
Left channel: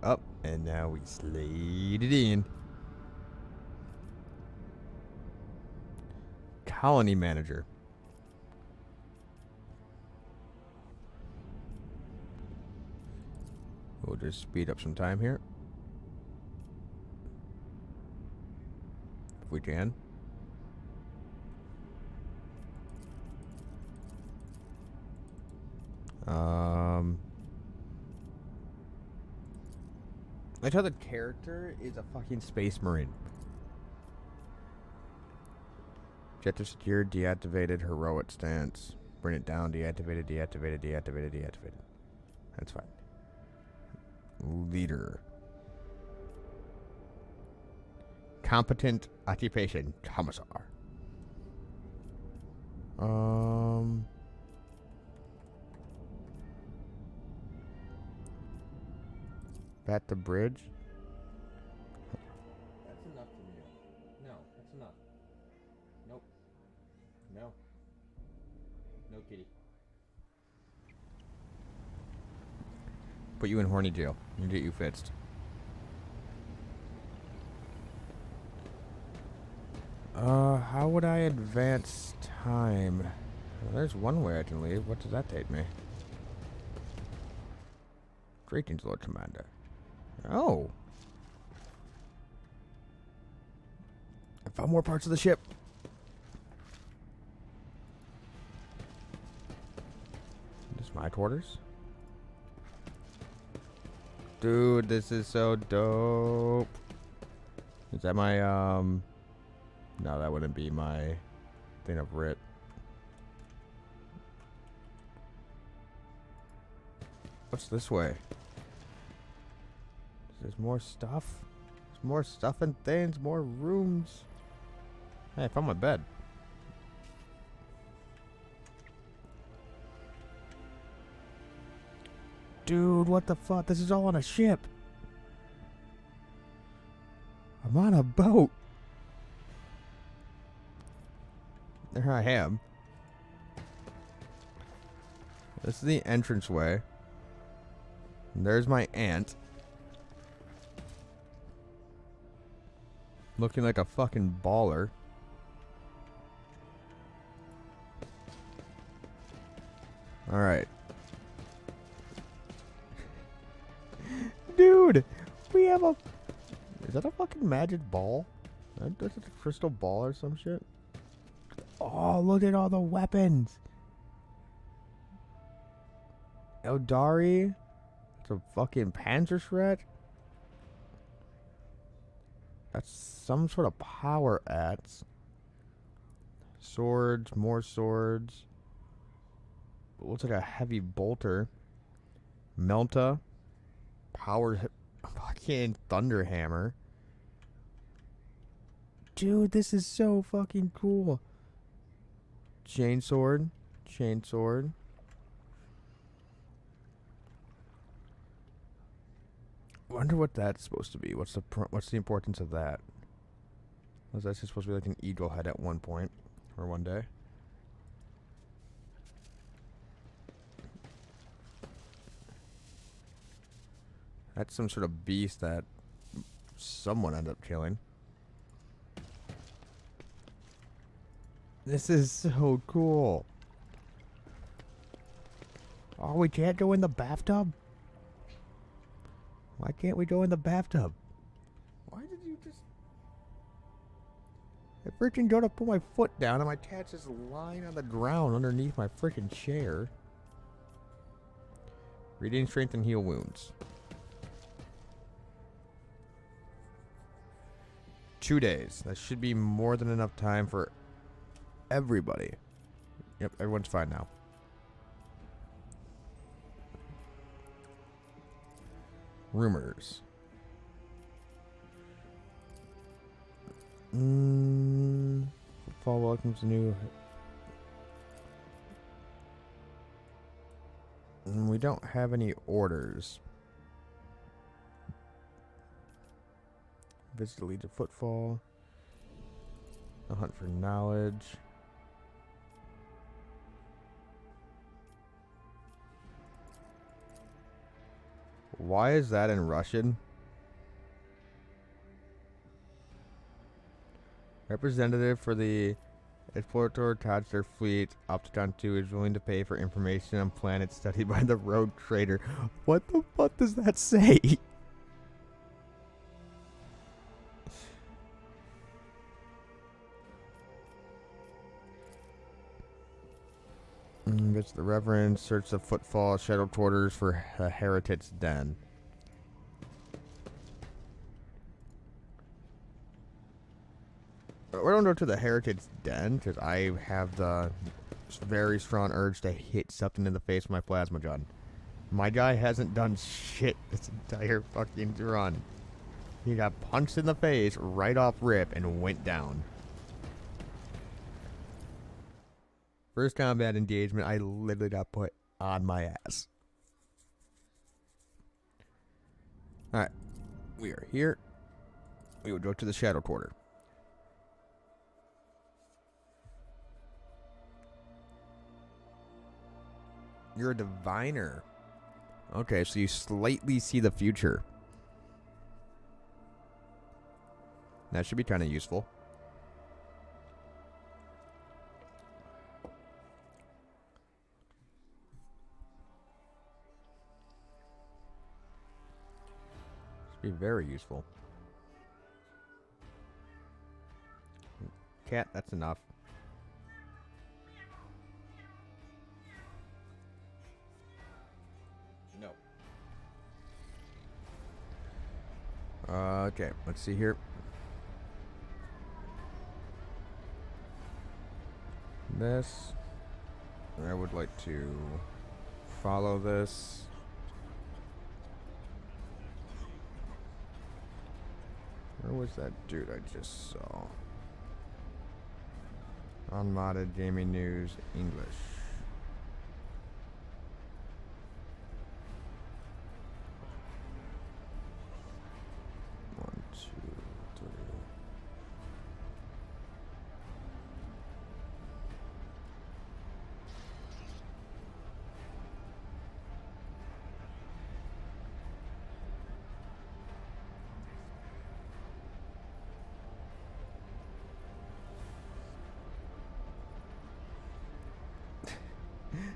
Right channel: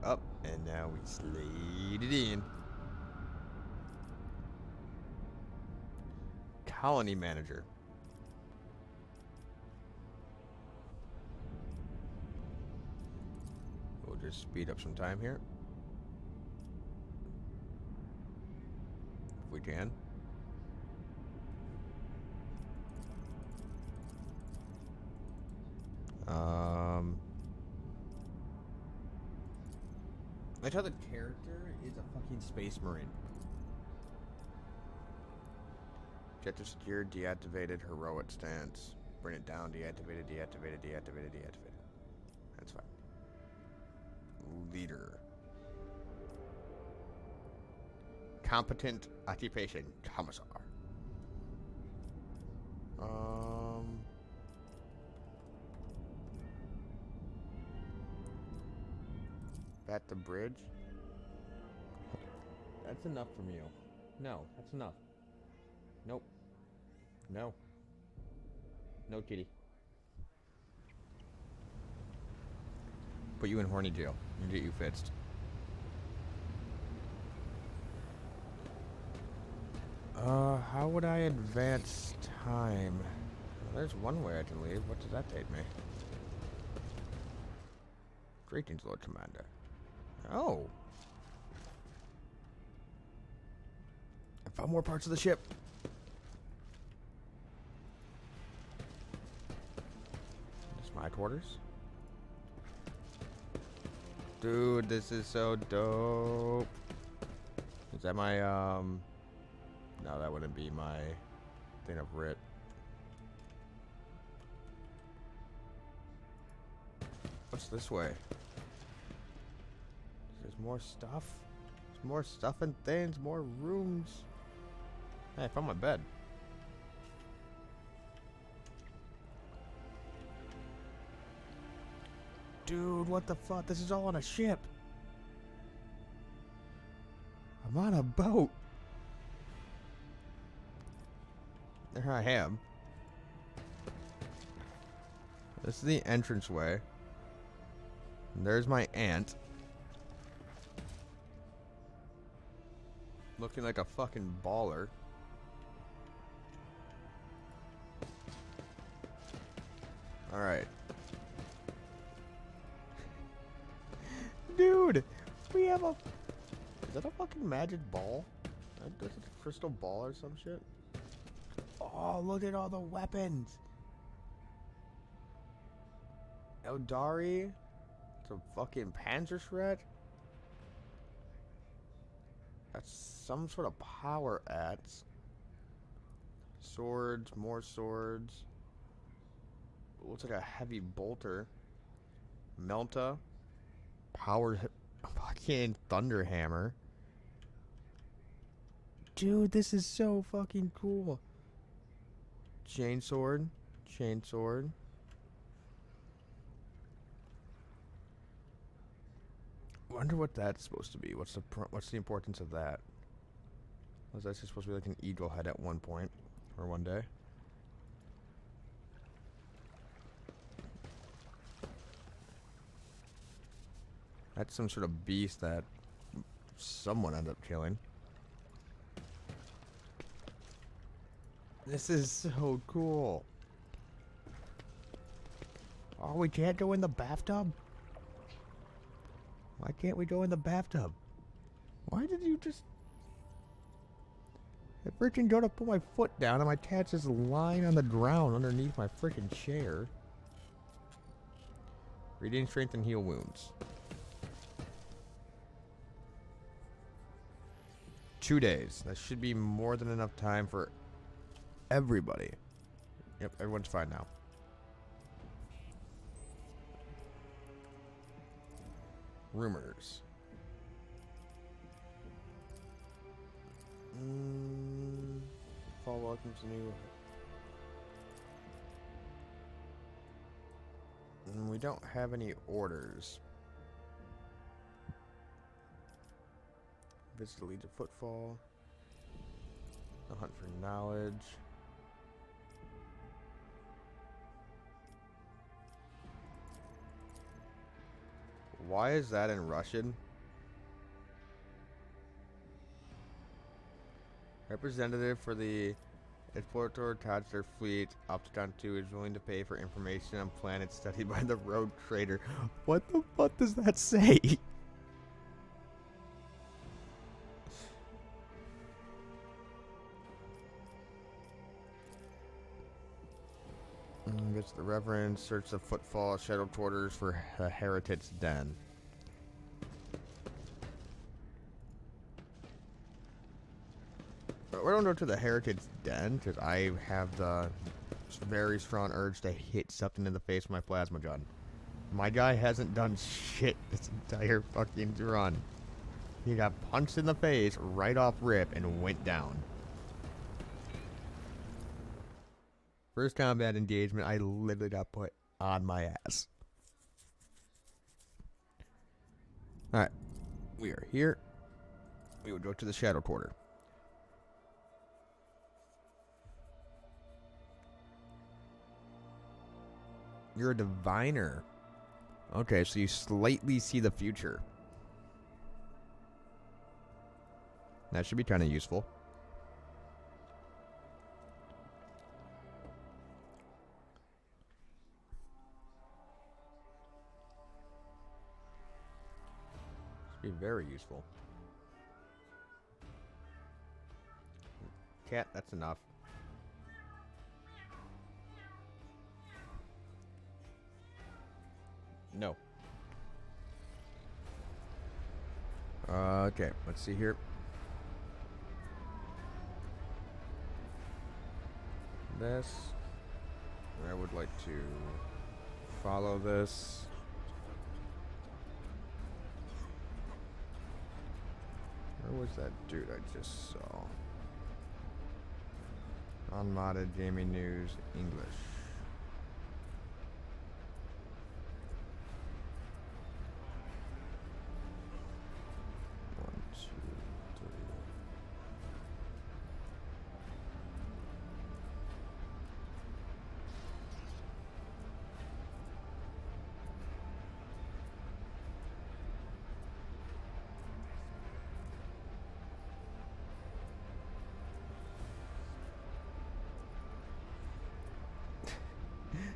Up, and now we slide it in. Colony manager. We'll just speed up some time here. If we can. I thought the character is a fucking space marine. Jet to secure, deactivated, heroic stance. Bring it down, deactivated, deactivated, deactivated, deactivated. That's fine. Leader. Competent occupation, commissar. Bat the bridge. That's enough from you. No, that's enough. Nope. No. No, kitty. Put you in horny jail and get you fixed. How would I advance time? Well, there's one way I can leave. What does that take me? Greetings, Lord Commander. Oh. I found more parts of the ship. This is my quarters. Dude, this is so dope. Is that my, no, that wouldn't be my thing of RIP. What's this way? There's more stuff. There's more stuff and things, more rooms. Hey, I found my bed. Dude, what the fuck? This is all on a ship. I'm on a boat. There I am. This is the entranceway. And there's my aunt. Looking like a fucking baller. Alright. Dude! We have a... Is that a fucking magic ball? That's a crystal ball or some shit? Oh, look at all the weapons! Eldari? It's a fucking Panzerschrett? That's some sort of power axe. Swords, more swords. Looks like a heavy bolter. Melta. Power fucking thunder hammer. Dude, this is so fucking cool. Chainsword. Chainsword. Wonder what that's supposed to be. What's the importance of that? Was that just supposed to be like an eagle head at one point or one day? That's some sort of beast that someone ended up killing. This is so cool. Oh, we can't go in the bathtub? Why can't we go in the bathtub? Why did you just... I freaking go to put my foot down and my cat's just lying on the ground underneath my freaking chair. Regain strength and heal wounds. 2 days. That should be more than enough time for everybody. Yep, everyone's fine now. Rumors. Fall welcomes a new... We don't have any orders. Visit the Legion Footfall. A hunt for knowledge. Why is that in Russian? Representative for the Explorator attached their fleet. Opticon 2 is willing to pay for information on planets studied by the Rogue Trader. What the fuck does that say? Visit the Reverend, search the Footfall, Shadow Quarters for a Heretic's Den. We don't go to the Heretic's Den because I have the very strong urge to hit something in the face with my plasma gun. My guy hasn't done shit this entire fucking run. He got punched in the face right off rip and went down. First combat engagement, I literally got put on my ass. Alright. We are here. We will go to the Shadow Quarter. You're a diviner. Okay, so you slightly see the future. That should be kind of useful. Should be very useful. Cat, that's enough. No. Okay, let's see here. This. I would like to follow this. Where was that dude I just saw? Unmodded Gaming News English. One, two, three.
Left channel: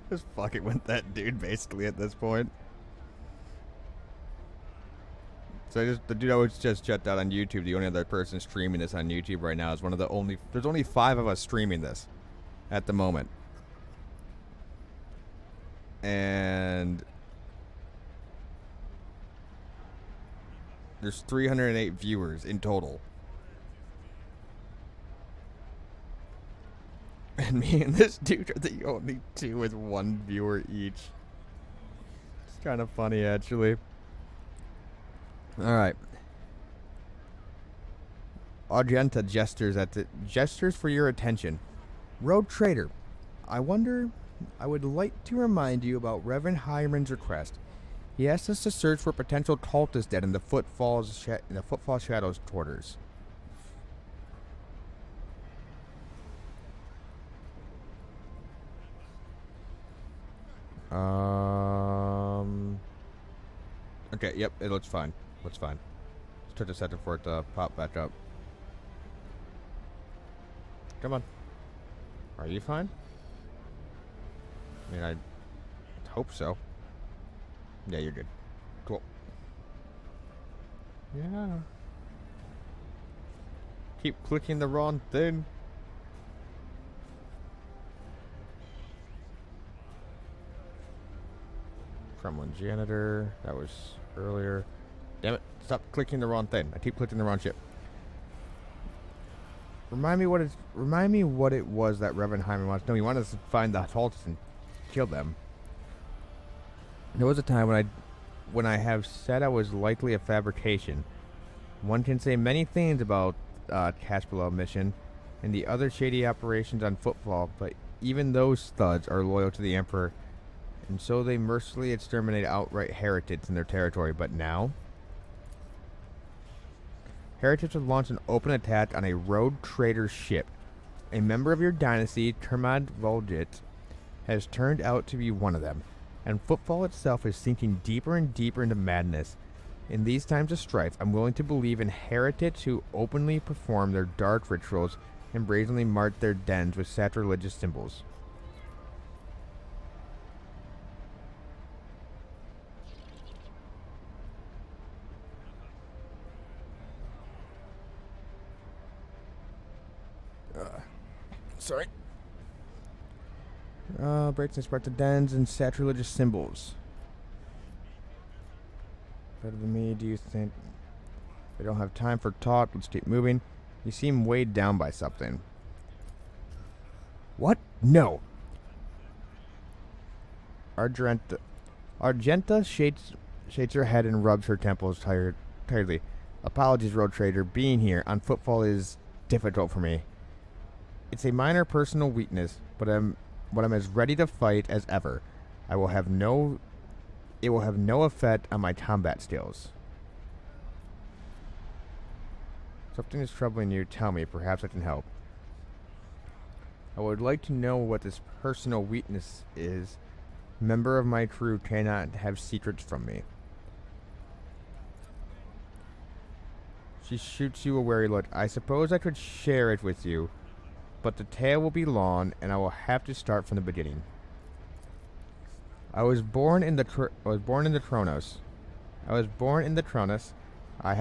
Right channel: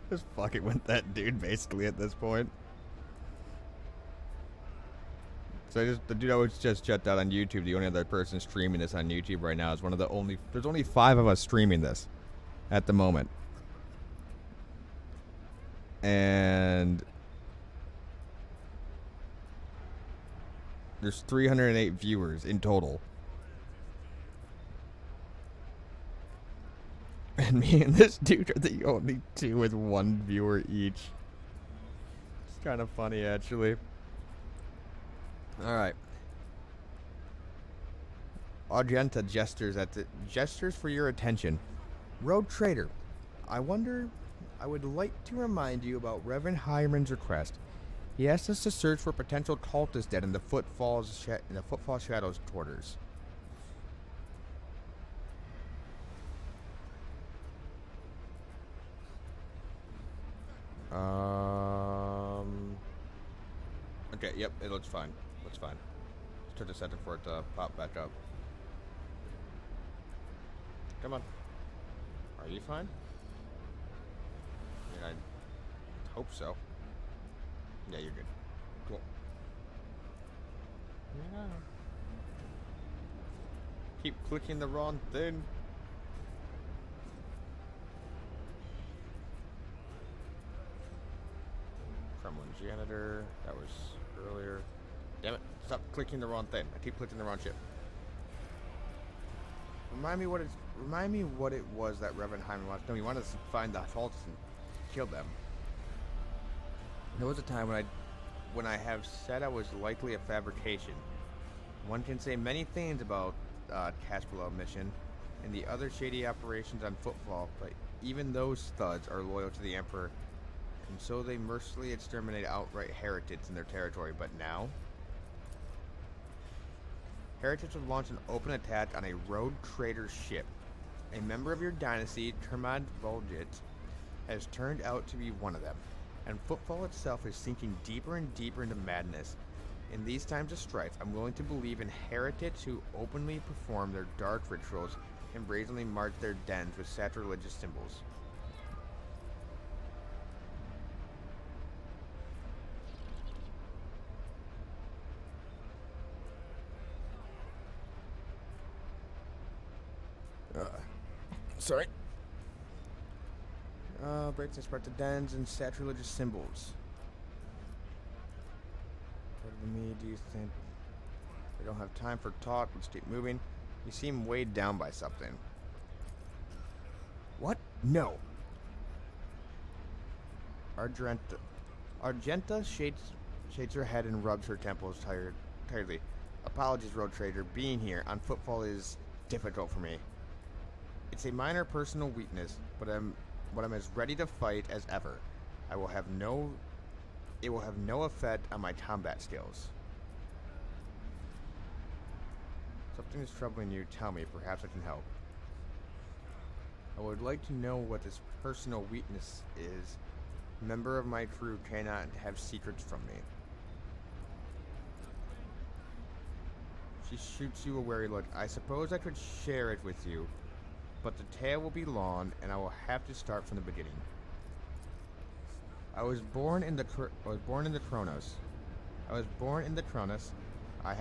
Just fucking with that dude basically at this point. So the dude I was just checked out on YouTube, the only other person streaming this on YouTube right now is one of the only, there's only 5 of us streaming this at the moment. And there's 308 viewers in total. And me and this dude are the only 2 with 1 viewer each. It's kind of funny, actually. Alright. Argenta gestures for your attention. Road Trader, I would like to remind you about Reverend Hyman's request. He asked us to search for potential cultists dead in the Footfall Shadows quarters. Okay, yep, it looks fine. Looks fine. Just took a second for it to pop back up. Come on. Are you fine? I mean, I hope so. Yeah, you're good. Cool. Yeah. Keep clicking the wrong thing. Kremlin janitor. That was earlier. Damn it! Stop clicking the wrong thing. I keep clicking the wrong shit. Remind me what it was that Reverend Hyman wants. No, he wanted us to find the cultists and kill them. There was a time when I have said I was likely a fabrication. One can say many things about Cash Below mission and the other shady operations on Footfall, but even those thugs are loyal to the Emperor, and so they mercilessly exterminate outright heretics in their territory. But now, heretics have launched an open attack on a road trader ship. A member of your dynasty, Termad Volgit, has turned out to be one of them, and Footfall itself is sinking deeper and deeper into madness. In these times of strife, I'm willing to believe in heretics who openly perform their dark rituals and brazenly march their dens with sacrilegious symbols. Sorry. Breaks and spread to dens and sacrilegious symbols. Better than me, do you think? We don't have time for talk. Let's keep moving. You seem weighed down by something. What? No. Argenta shakes her head and rubs her temples tiredly. Apologies, Road Trader. Being here on Footfall is difficult for me. It's a minor personal weakness, but I'm as ready to fight as ever. It will have no effect on my combat skills. Something is troubling you. Tell me. Perhaps I can help. I would like to know what this personal weakness is. Member of my crew cannot have secrets from me. She shoots you a wary look. I suppose I could share it with you, but the tale will be long, and I will have to start from the beginning. I was born in the Kronos. I was born in the Kronos. I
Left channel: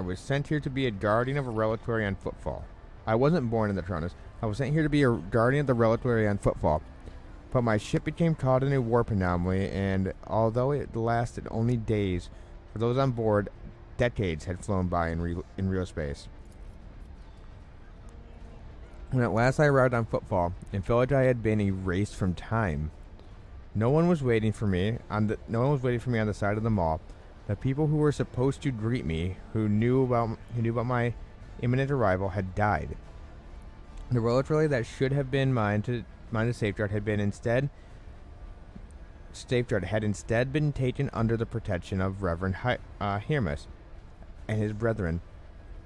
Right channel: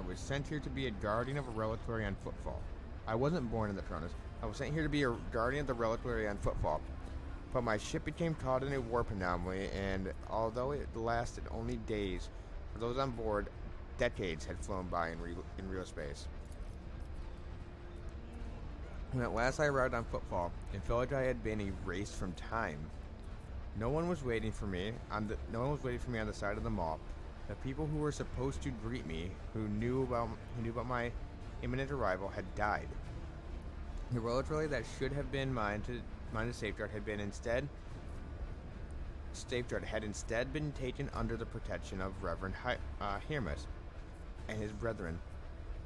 was sent here to be a guardian of a reliquary on Footfall. I wasn't born in the Kronos. I was sent here to be a guardian of the reliquary on Footfall. But my ship became caught in a warp anomaly, and although it lasted only days, for those on board, decades had flown by in real space. When at last I arrived on Footfall, it felt like I had been erased from time. No one was waiting for me on the side of the mall. The people who were supposed to greet me, who knew about my imminent arrival, had died. The reliquary that should have been mine to safeguard had instead been taken under the protection of Reverend Hermes and his brethren.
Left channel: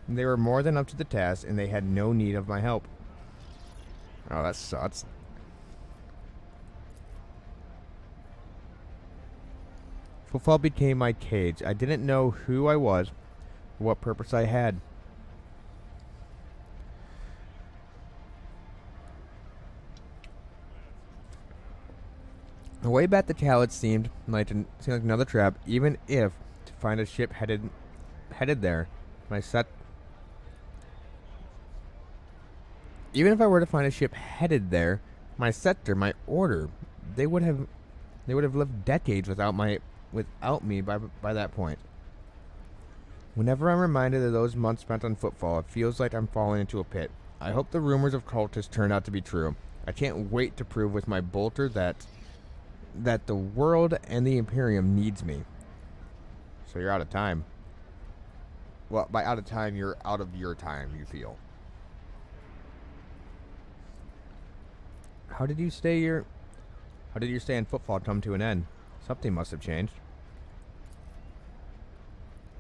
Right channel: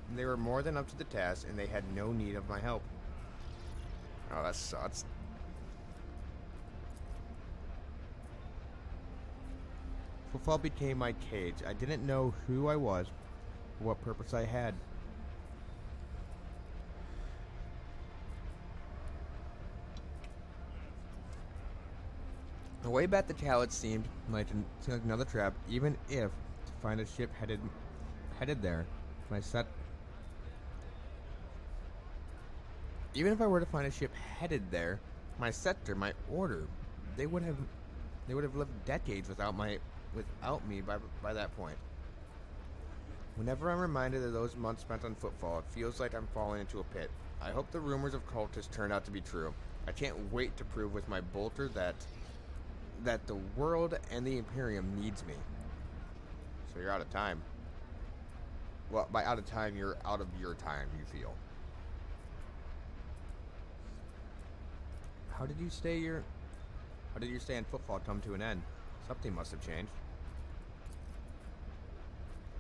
They were more than up to the task, and they had no need of my help. Oh, that sucks. Footfall became my cage. I didn't know who I was, or what purpose I had. The way back to Khaled seemed like another trap, even if to find a ship headed there. Even if I were to find a ship headed there, my scepter, my order, they would have lived decades without me by that point. Whenever I'm reminded of those months spent on Footfall, it feels like I'm falling into a pit. I hope the rumors of cultists turn out to be true. I can't wait to prove with my bolter that the world and the Imperium needs me. So you're out of time. Well, by out of time, you're out of your time, you feel. How did your stay in Footfall come to an end? Something must have changed.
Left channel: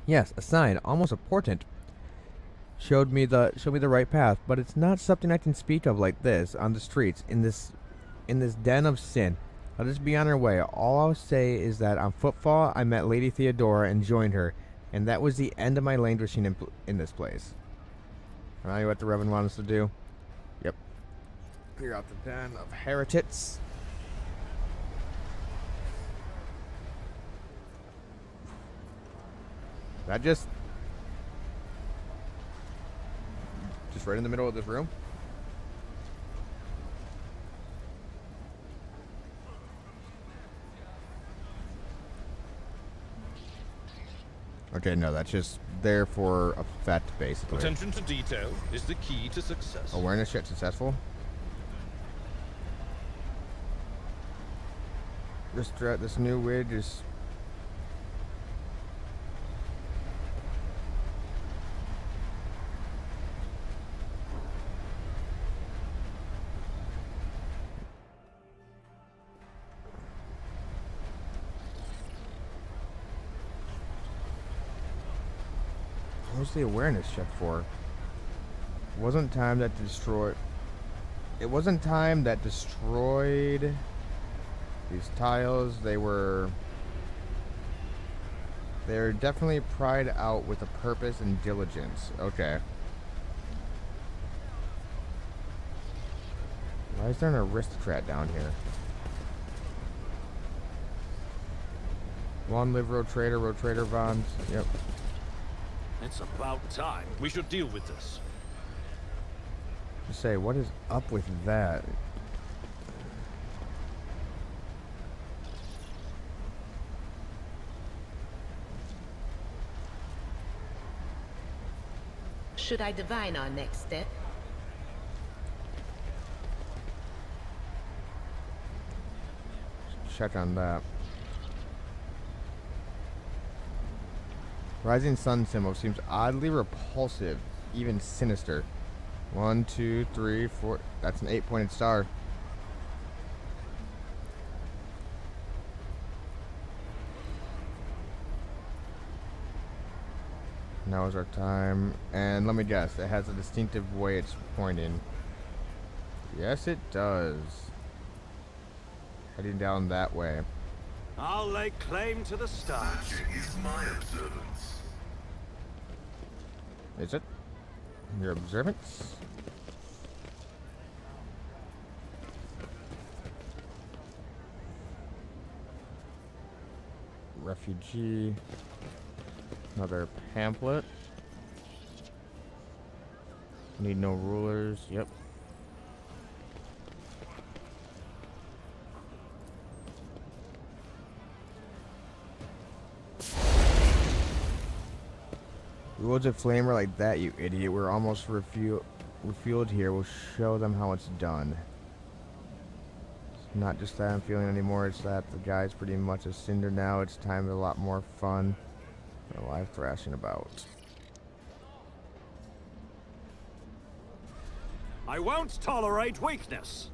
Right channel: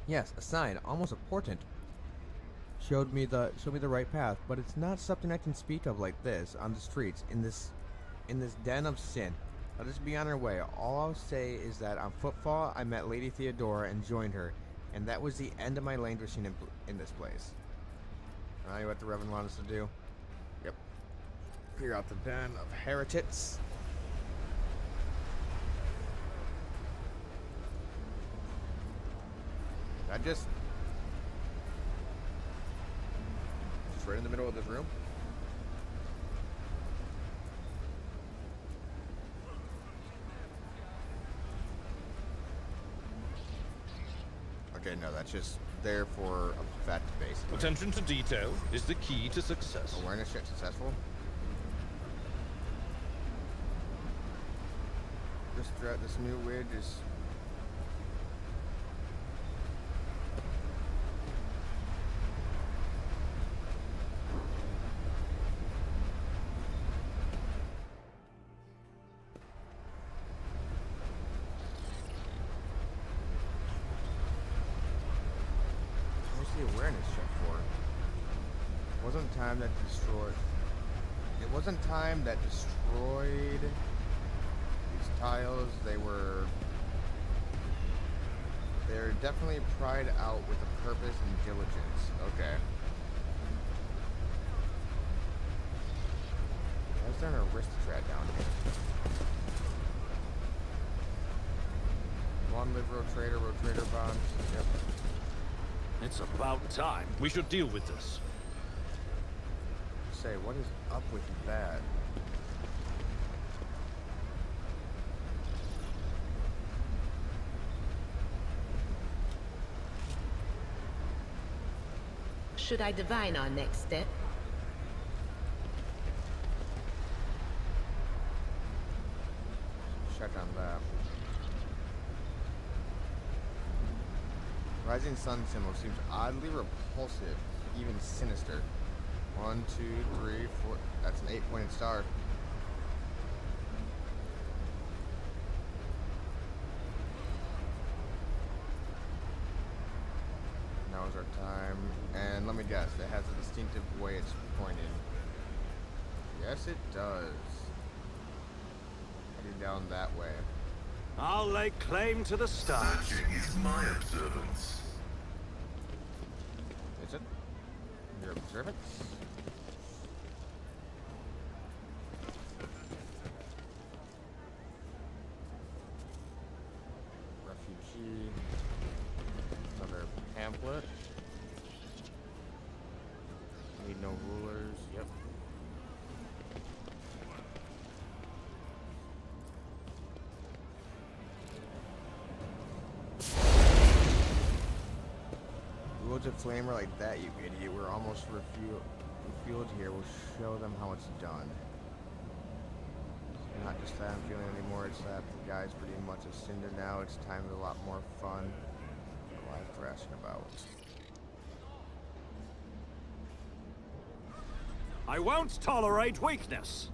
Yes, a sign, almost a portent, showed me the right path, but it's not something I can speak of like this on the streets in this den of sin. Let us be on our way. All I'll say is that on Footfall, I met Lady Theodora and joined her, and that was the end of my languishing in this place. Now what the Reverend wants us to do? Yep. Clear out the den of heretics. That just right in the middle of this room? Okay, no, that's just there for effect, basically. Attention to detail is the key to success. Awareness check successful. This new wig is... What's the awareness check for? It wasn't time that destroyed these tiles. They're definitely pried out with a purpose and diligence. Okay. Why is there an aristocrat down here? One live rotator bonds. Yep. It's about time. We should deal with this. Say, what is up with that? Should I divine our next step? Check on that. Rising sun symbol seems oddly repulsive, even sinister. 1, 2, 3, 4. That's an 8-pointed star. Now is our time. And let me guess, it has a distinctive way it's pointing. Yes, it does. Heading down that way. I'll lay claim to the stars. Searching is my observance. Is it? Your observance? Refugee. Another pamphlet. Need no rulers. Yep. Rules of flamer like that, you idiot. We're almost refueled here. We'll show them how it's done. It's not just that I'm feeling anymore, it's that the guy's pretty much a cinder now. It's time for a lot more fun. A live thrashing about. I won't tolerate weakness.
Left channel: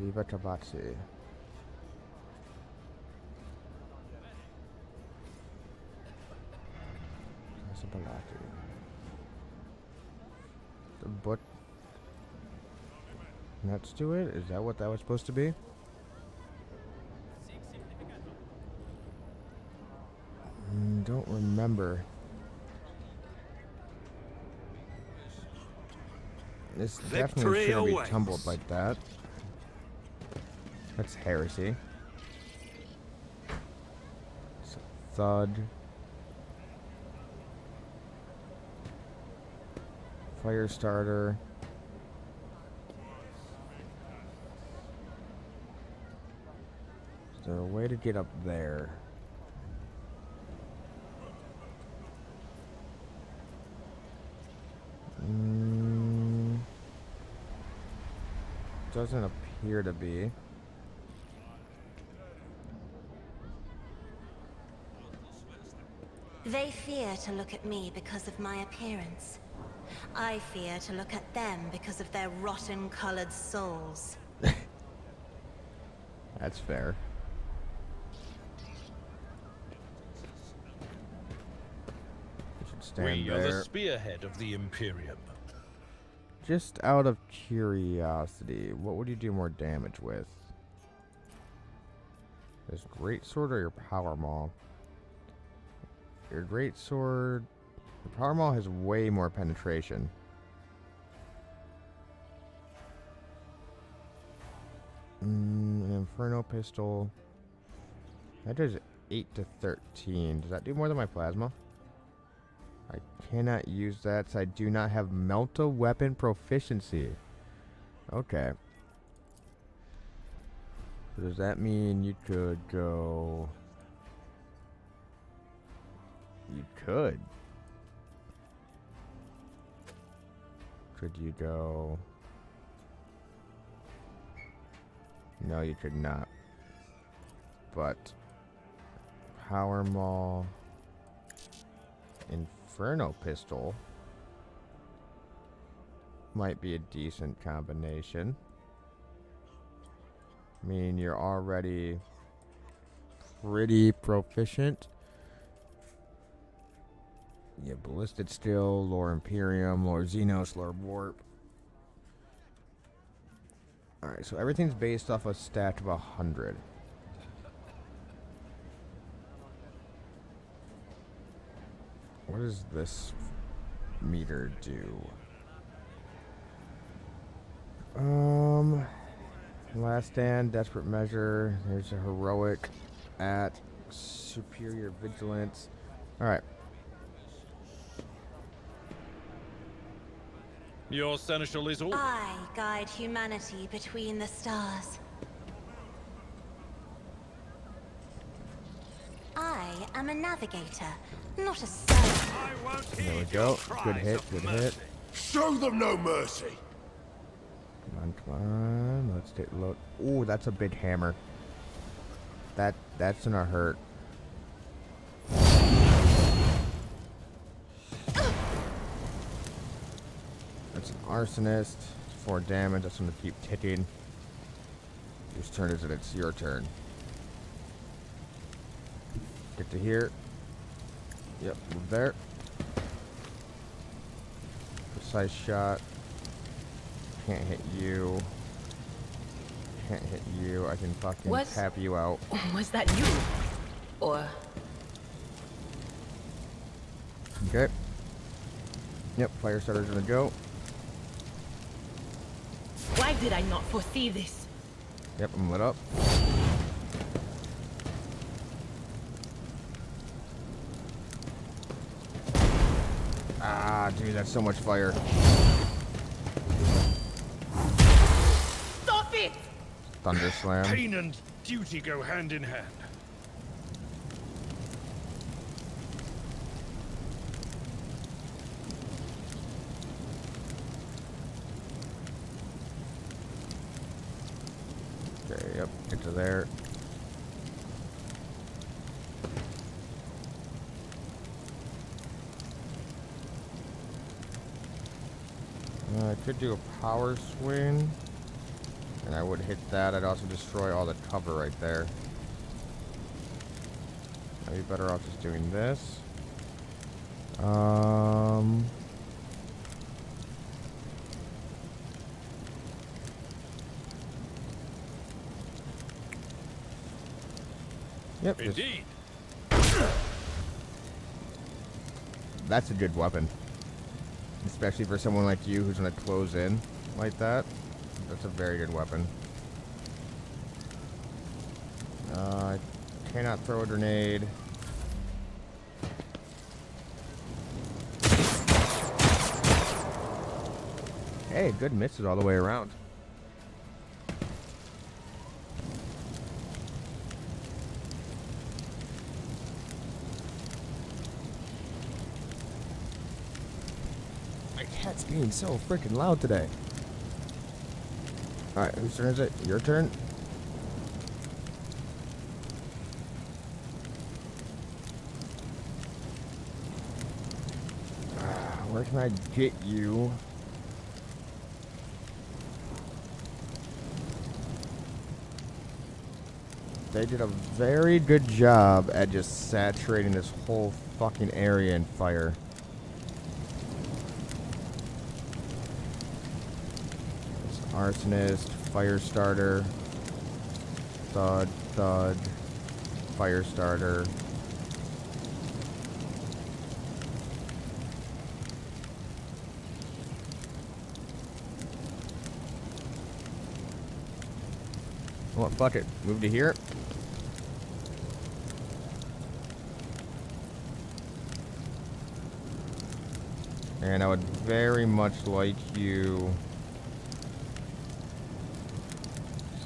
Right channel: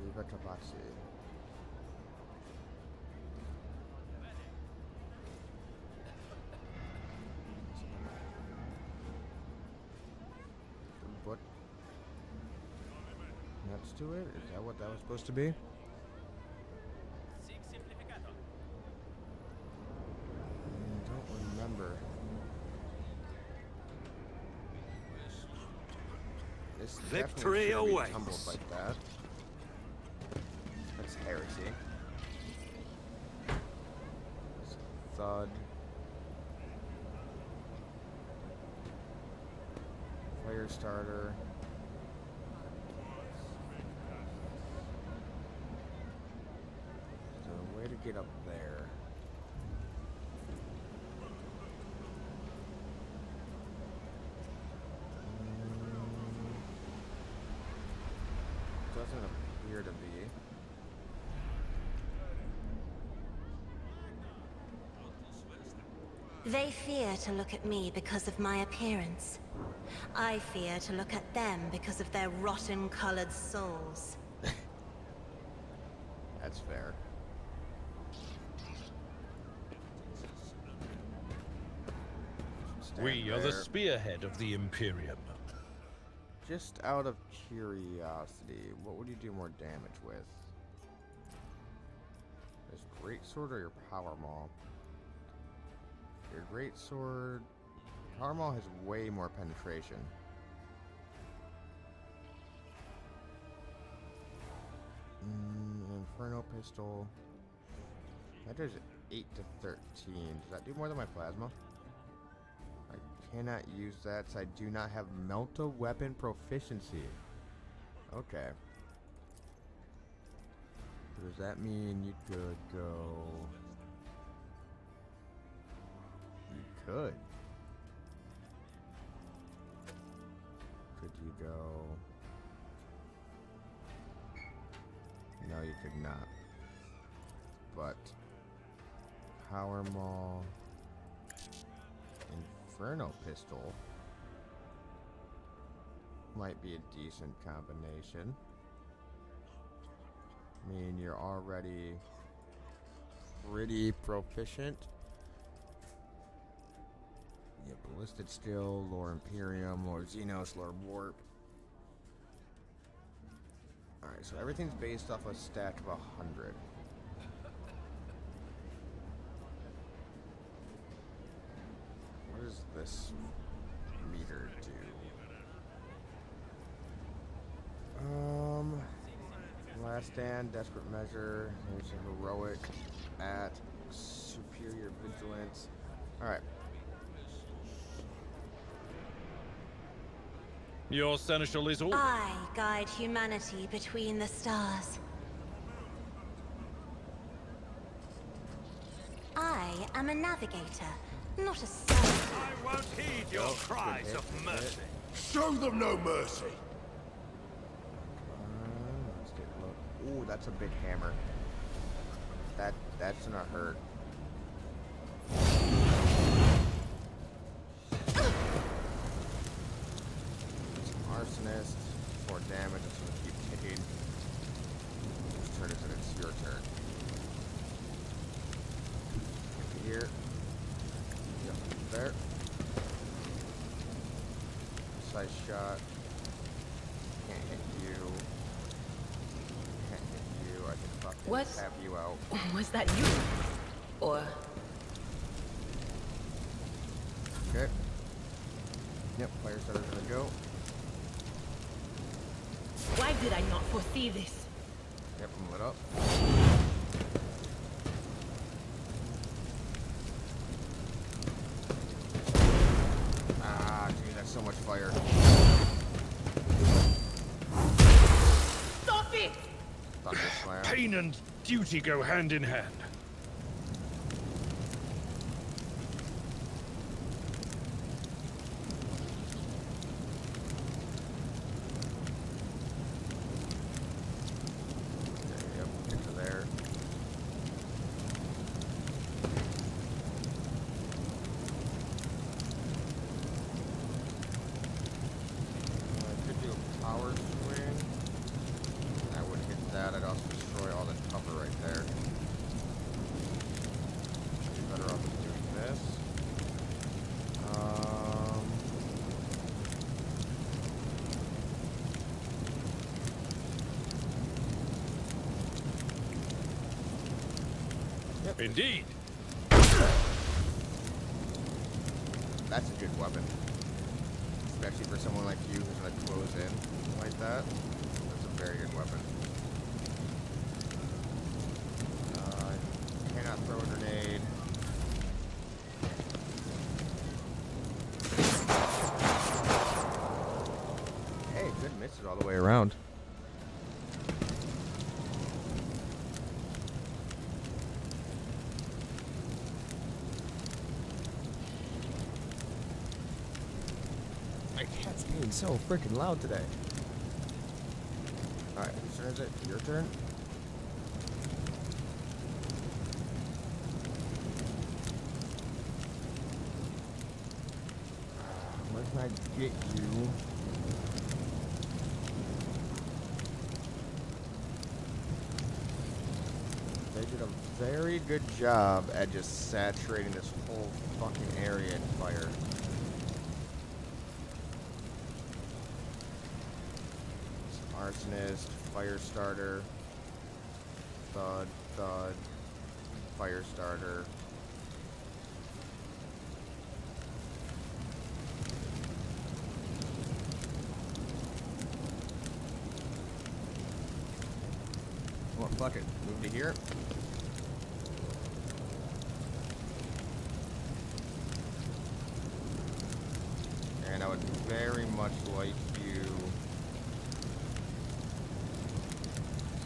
Viva Tabaxi. The book. Let's do it. Is that what that was supposed to be? Don't remember. This definitely shouldn't be tumbled like that. That's heresy. Thud. Fire starter. Is there a way to get up there? Doesn't appear to be. They fear to look at me because of my appearance. I fear to look at them because of their rotten-colored souls. That's fair. We are the spearhead of the Imperium. Just out of curiosity, what would you do more damage with? This greatsword or your power maul? Your greatsword, your power maul has way more penetration. An inferno pistol. That does 8 to 13. Does that do more than my plasma? I cannot use that, so I do not have Melta weapon proficiency. Okay. So does that mean you could go... You could. Could you go... No, you could not. But... Power Maul... Inferno Pistol might be a decent combination. I mean, you're already pretty proficient. You have Ballistic Steel, Lore Imperium, Lore Xenos, Lore Warp. Alright, so everything's based off a stat of 100. What does this meter do? Last Stand, Desperate Measure. There's a Heroic at Superior Vigilance. Alright. Your seneschal is all. I guide humanity between the stars. I am a navigator, not a servant. I won't heed Go. your Good cries hit, of good mercy. hit. Show them no mercy. Come on. Let's get look. Ooh, that's a big hammer. That's gonna hurt. That's an arsonist. 4 damage. That's gonna keep ticking. Whose turn is it? It's your turn. Get to here. Yep, move there. Precise shot. Can't hit you. Can't hit you. I can fucking Was- tap you out. Was that you? Or... Okay. Yep, fire starter's gonna go. Why did I not foresee this? Yep, I'm lit up. Ah, dude, that's so much fire. Stop it! Thunder slam. Pain and duty go hand in hand. Okay, yep, get to there. I could do a power swing. And I would hit that. I'd also destroy all the cover right there. I'd be better off just doing this. Yep. Indeed. That's a good weapon. Especially for someone like you who's gonna close in like that. That's a very good weapon. I cannot throw a grenade. Hey, good misses all the way around. My cat's being so freaking loud today. Alright, whose turn is it? Your turn? Where can I get you? They did a very good job at just saturating this whole fucking area in fire. Arsonist, fire starter, thud, thud, fire starter. Well, fuck it. Move to here. And I would very much like you.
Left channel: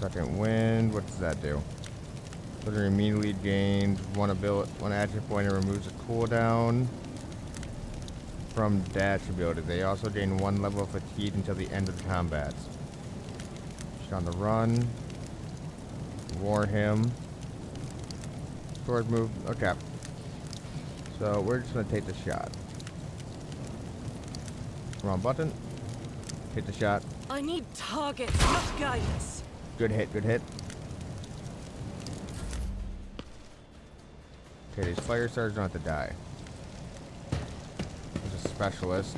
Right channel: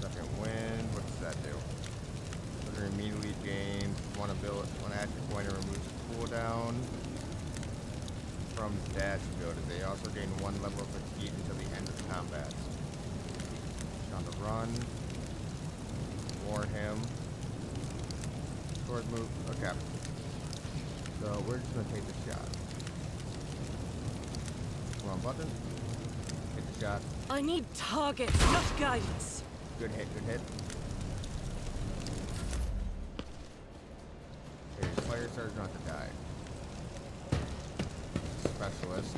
Second wind. What does that do? Trigger immediately gains one action point and removes a cooldown from dash ability. They also gain 1 level of fatigue until the end of combat. She's on the run. War him. Sword move. Okay. So we're just gonna take the shot. Wrong button. Hit the shot. I need target, not guidance. Good hit, good hit. Okay, these fire starters don't have to die. He's a specialist.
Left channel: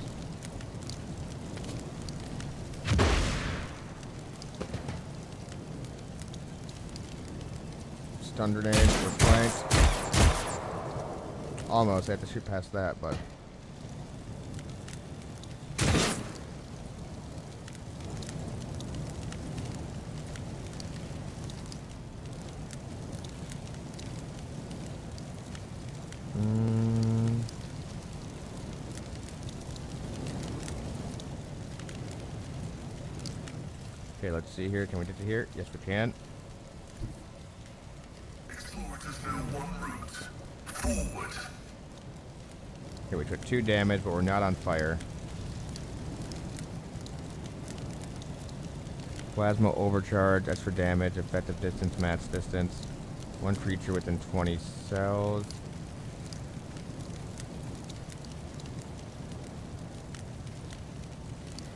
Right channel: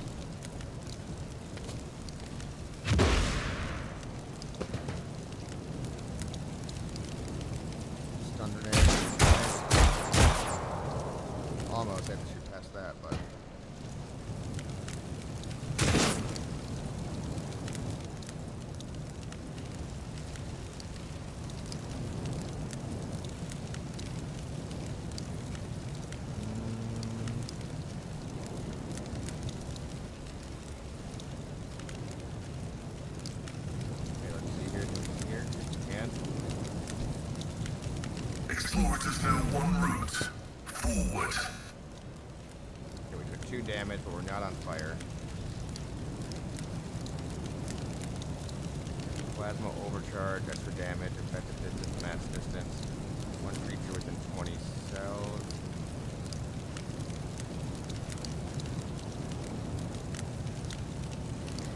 Stun grenade, nice. Almost, I have to shoot past that, but... Okay, let's see here. Can we get to here? Yes, we can. Explorers know one route. Forward. Okay, we took 2 damage, but we're not on fire. Plasma overcharge, that's for damage. Effective distance, max distance. 1 creature within 20 cells.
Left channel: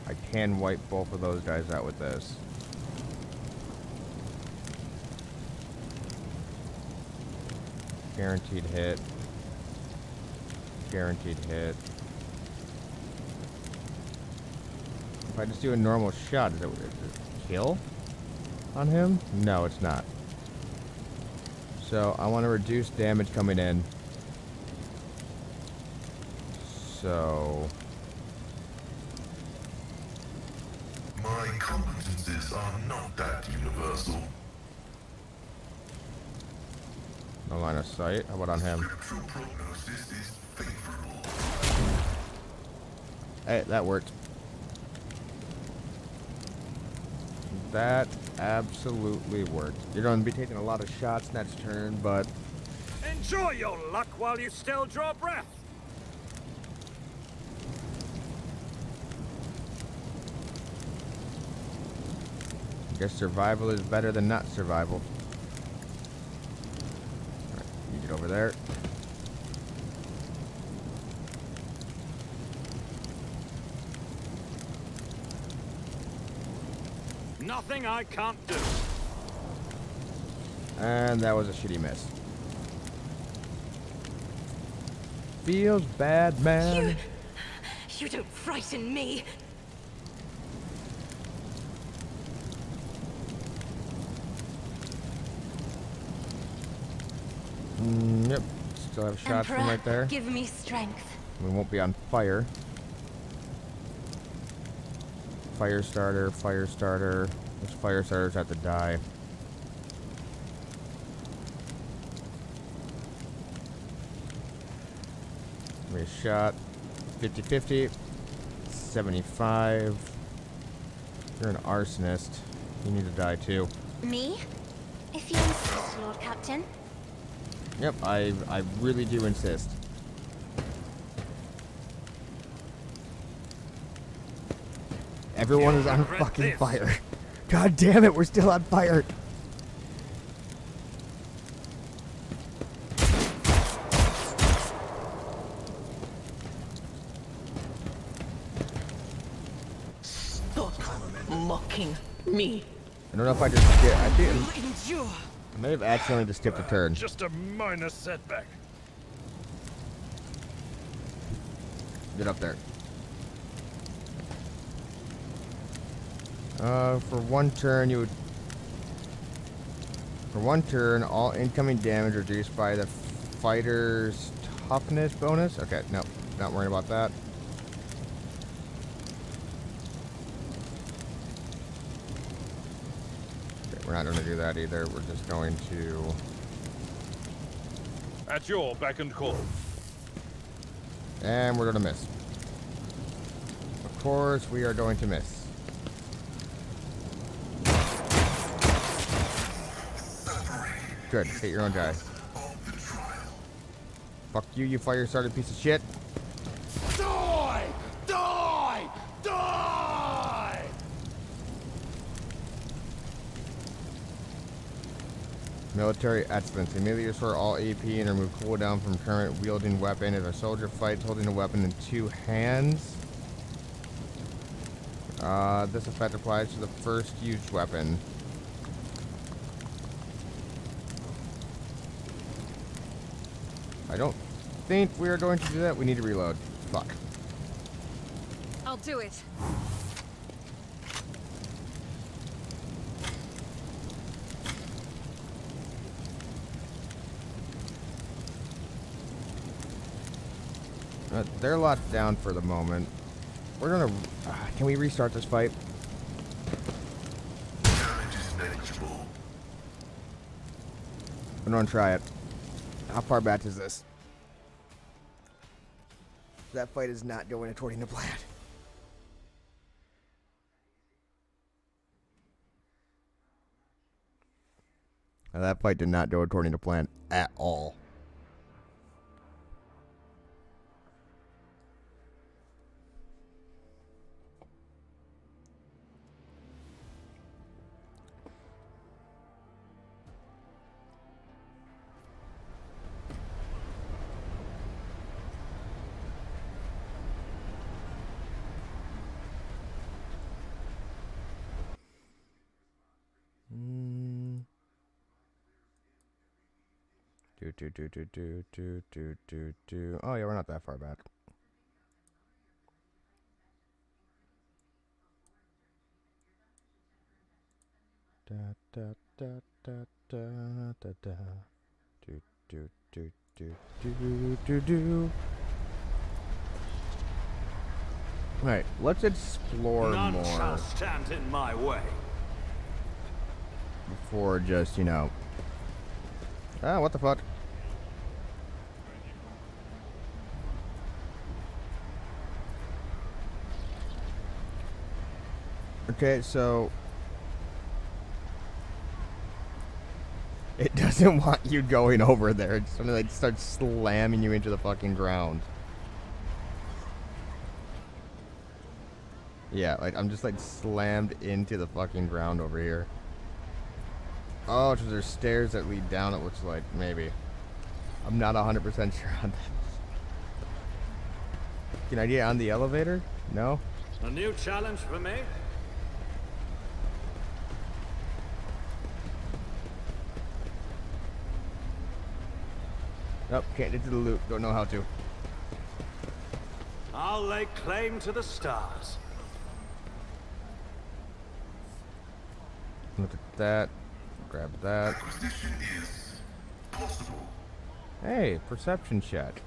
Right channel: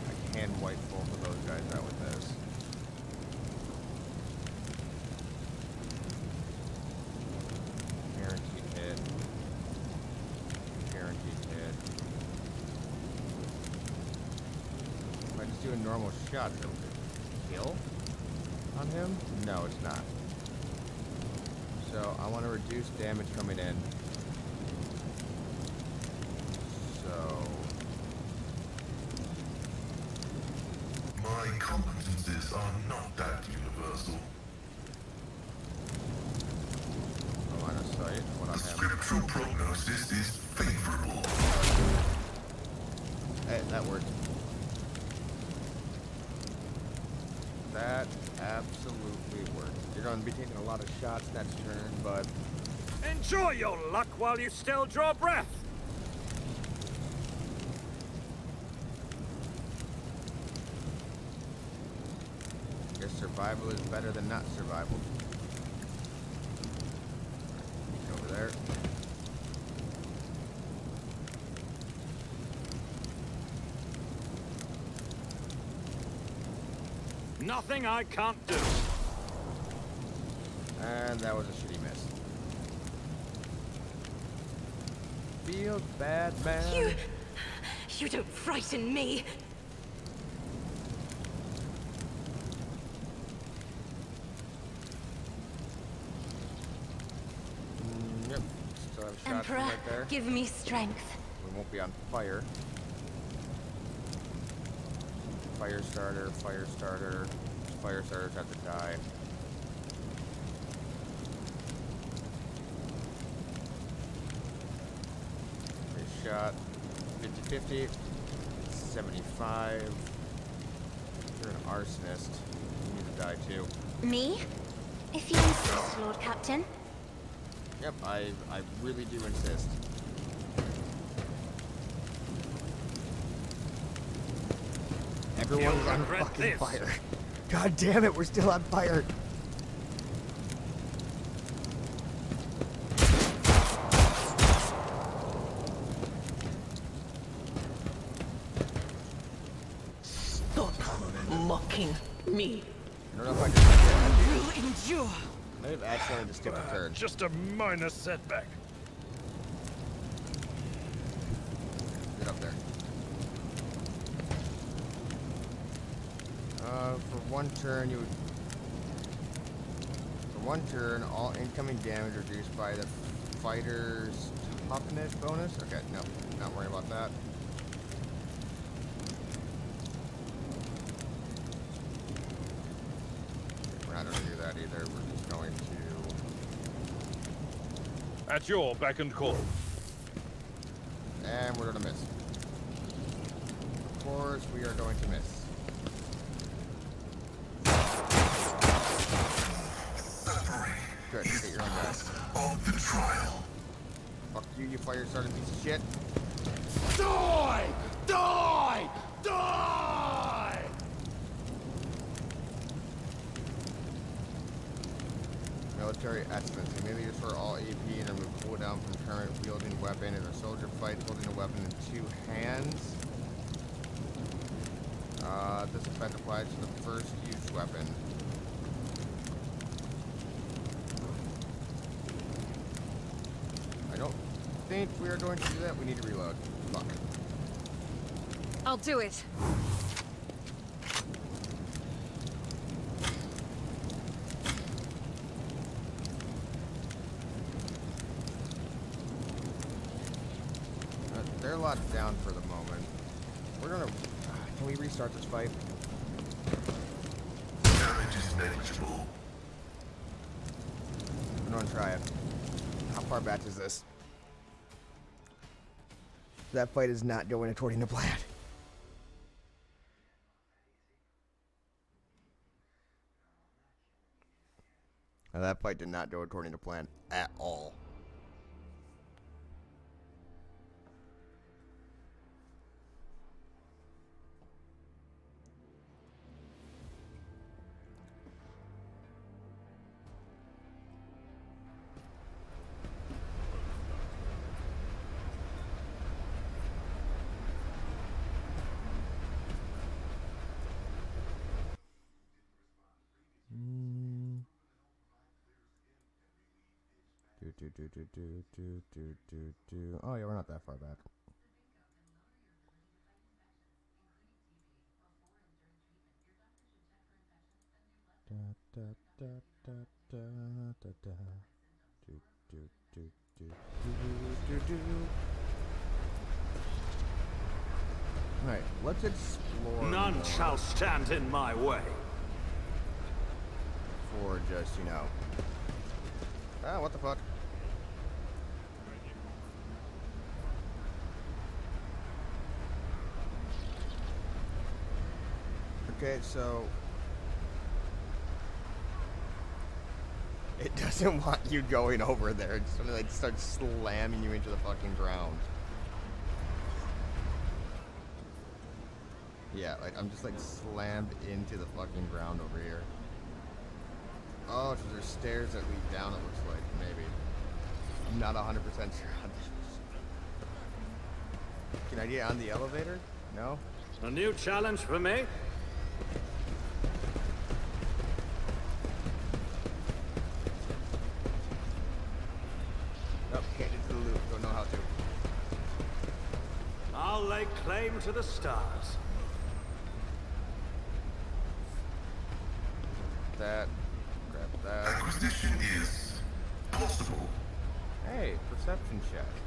I can wipe both of those guys out with this. Guaranteed hit. Guaranteed hit. If I just do a normal shot, is it kill on him? No, it's not. So I want to reduce damage coming in. So My competences are not that universal. no line of sight. How about on him? Scriptural prognosis is favorable. Hey, that worked. That absolutely worked. You're going to be taking a lot of shots next turn, but Enjoy your luck while you still draw breath. I guess survival is better than not survival. Alright, get over there. Nothing I can't do. And that was a shitty miss. Feels bad, man. You don't frighten me. Yep. Still have shots from Emperor, right there. give me strength. We won't be on fire. Fire starter, fire starter. Those fire starters have to die. Give me a shot. 50-50. 75. You're an arsonist. You need to die too. Me? If you insist, Lord Captain. Yep, I really do insist. Everyone You'll is on regret fucking this. fire. God damn it, we're still on fire. Stop mocking me. I don't know if I just skip. I do. Will endure. I may have accidentally just skipped a turn. Just a minor setback. Get up there. For one turn, you would. For one turn, all incoming damage reduced by the fighter's toughness bonus. Okay, no, not worrying about that. Okay, we're not going to do that either. We're just going to. At your beck and call. And we're going to miss. Of course, we are going to miss. Good, hit your own guy. Of the trial. Fuck you, you fire started piece of shit. Die! Die! Die! Military excellence. Immediately restore all AP and remove cooldown from current wielding weapon if a soldier fights holding a weapon in two hands. This effect applies to the first used weapon. I don't think we are going to do that. We need to reload. Fuck. I'll do it. They're locked down for the moment. We're gonna. Can we restart this fight? Damage is negligible. I'm gonna try it. How far back is this? That fight is not going according to plan. Now, that fight did not go according to plan at all. Oh yeah, we're not that far back. Da da da da da da da. Do do do do do do do. Alright, let's explore None more shall stand in my way. before just, you know. Ah, what the fuck? Okay, so it doesn't want you going over there. It's gonna like start slamming you into the fucking ground. Yeah, like I'm just like slammed into the fucking ground over here. Oh, so there's stairs that lead down, it looks like, maybe. I'm not 100% sure on this. Can I get on the elevator? No? A new challenge for me? Nope, can't get to the loop. Don't know how to. I'll lay claim to the stars. Look at that. Grab that. Acquisition is possible. Hey, perception check.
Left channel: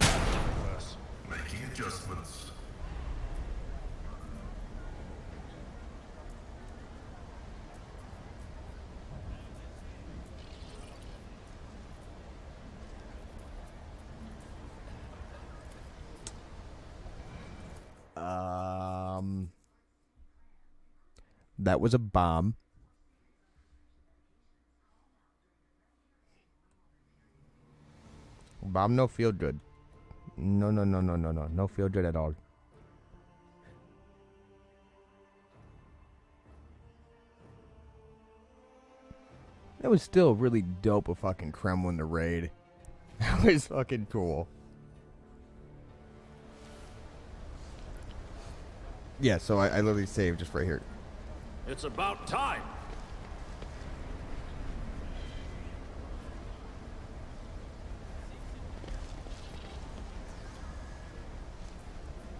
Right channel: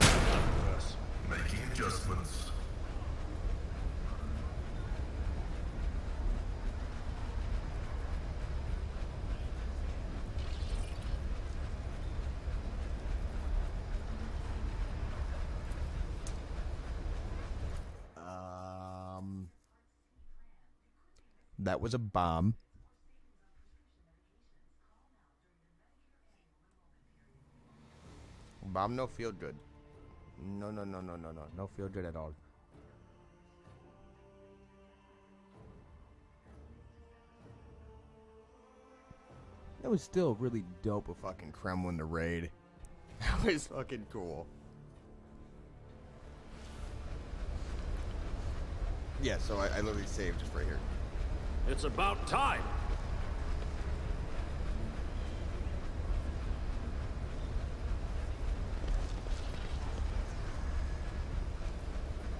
Worse. Making adjustments. That was a bomb. Bomb no feel good. No, no, no, no, no, no. No feel good at all. That was still really dope of fucking Kremlin to raid. That was fucking cool. Yeah, so I literally saved just right here. It's about time.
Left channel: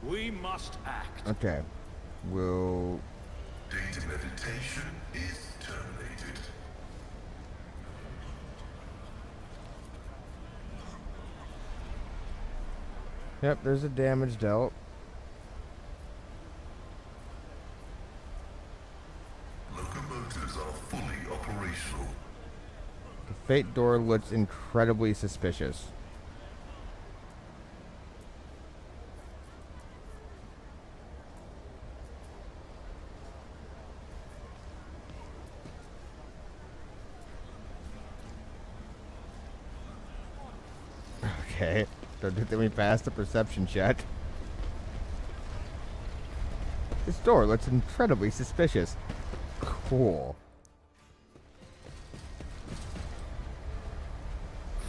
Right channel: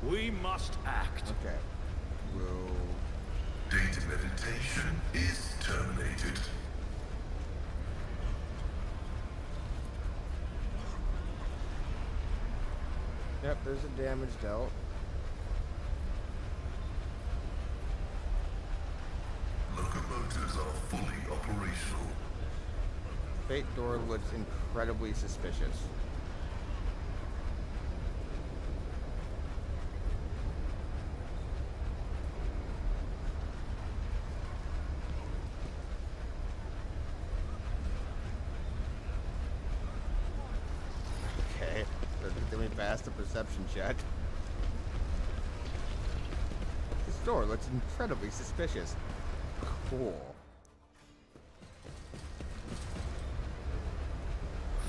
We must act. Okay. We'll... Data meditation is terminated. Yep, there's a damage dealt. Locomotives are fully operational. Fate door looks incredibly suspicious. Okay, so did we pass the perception check? This door looks incredibly suspicious. Cool.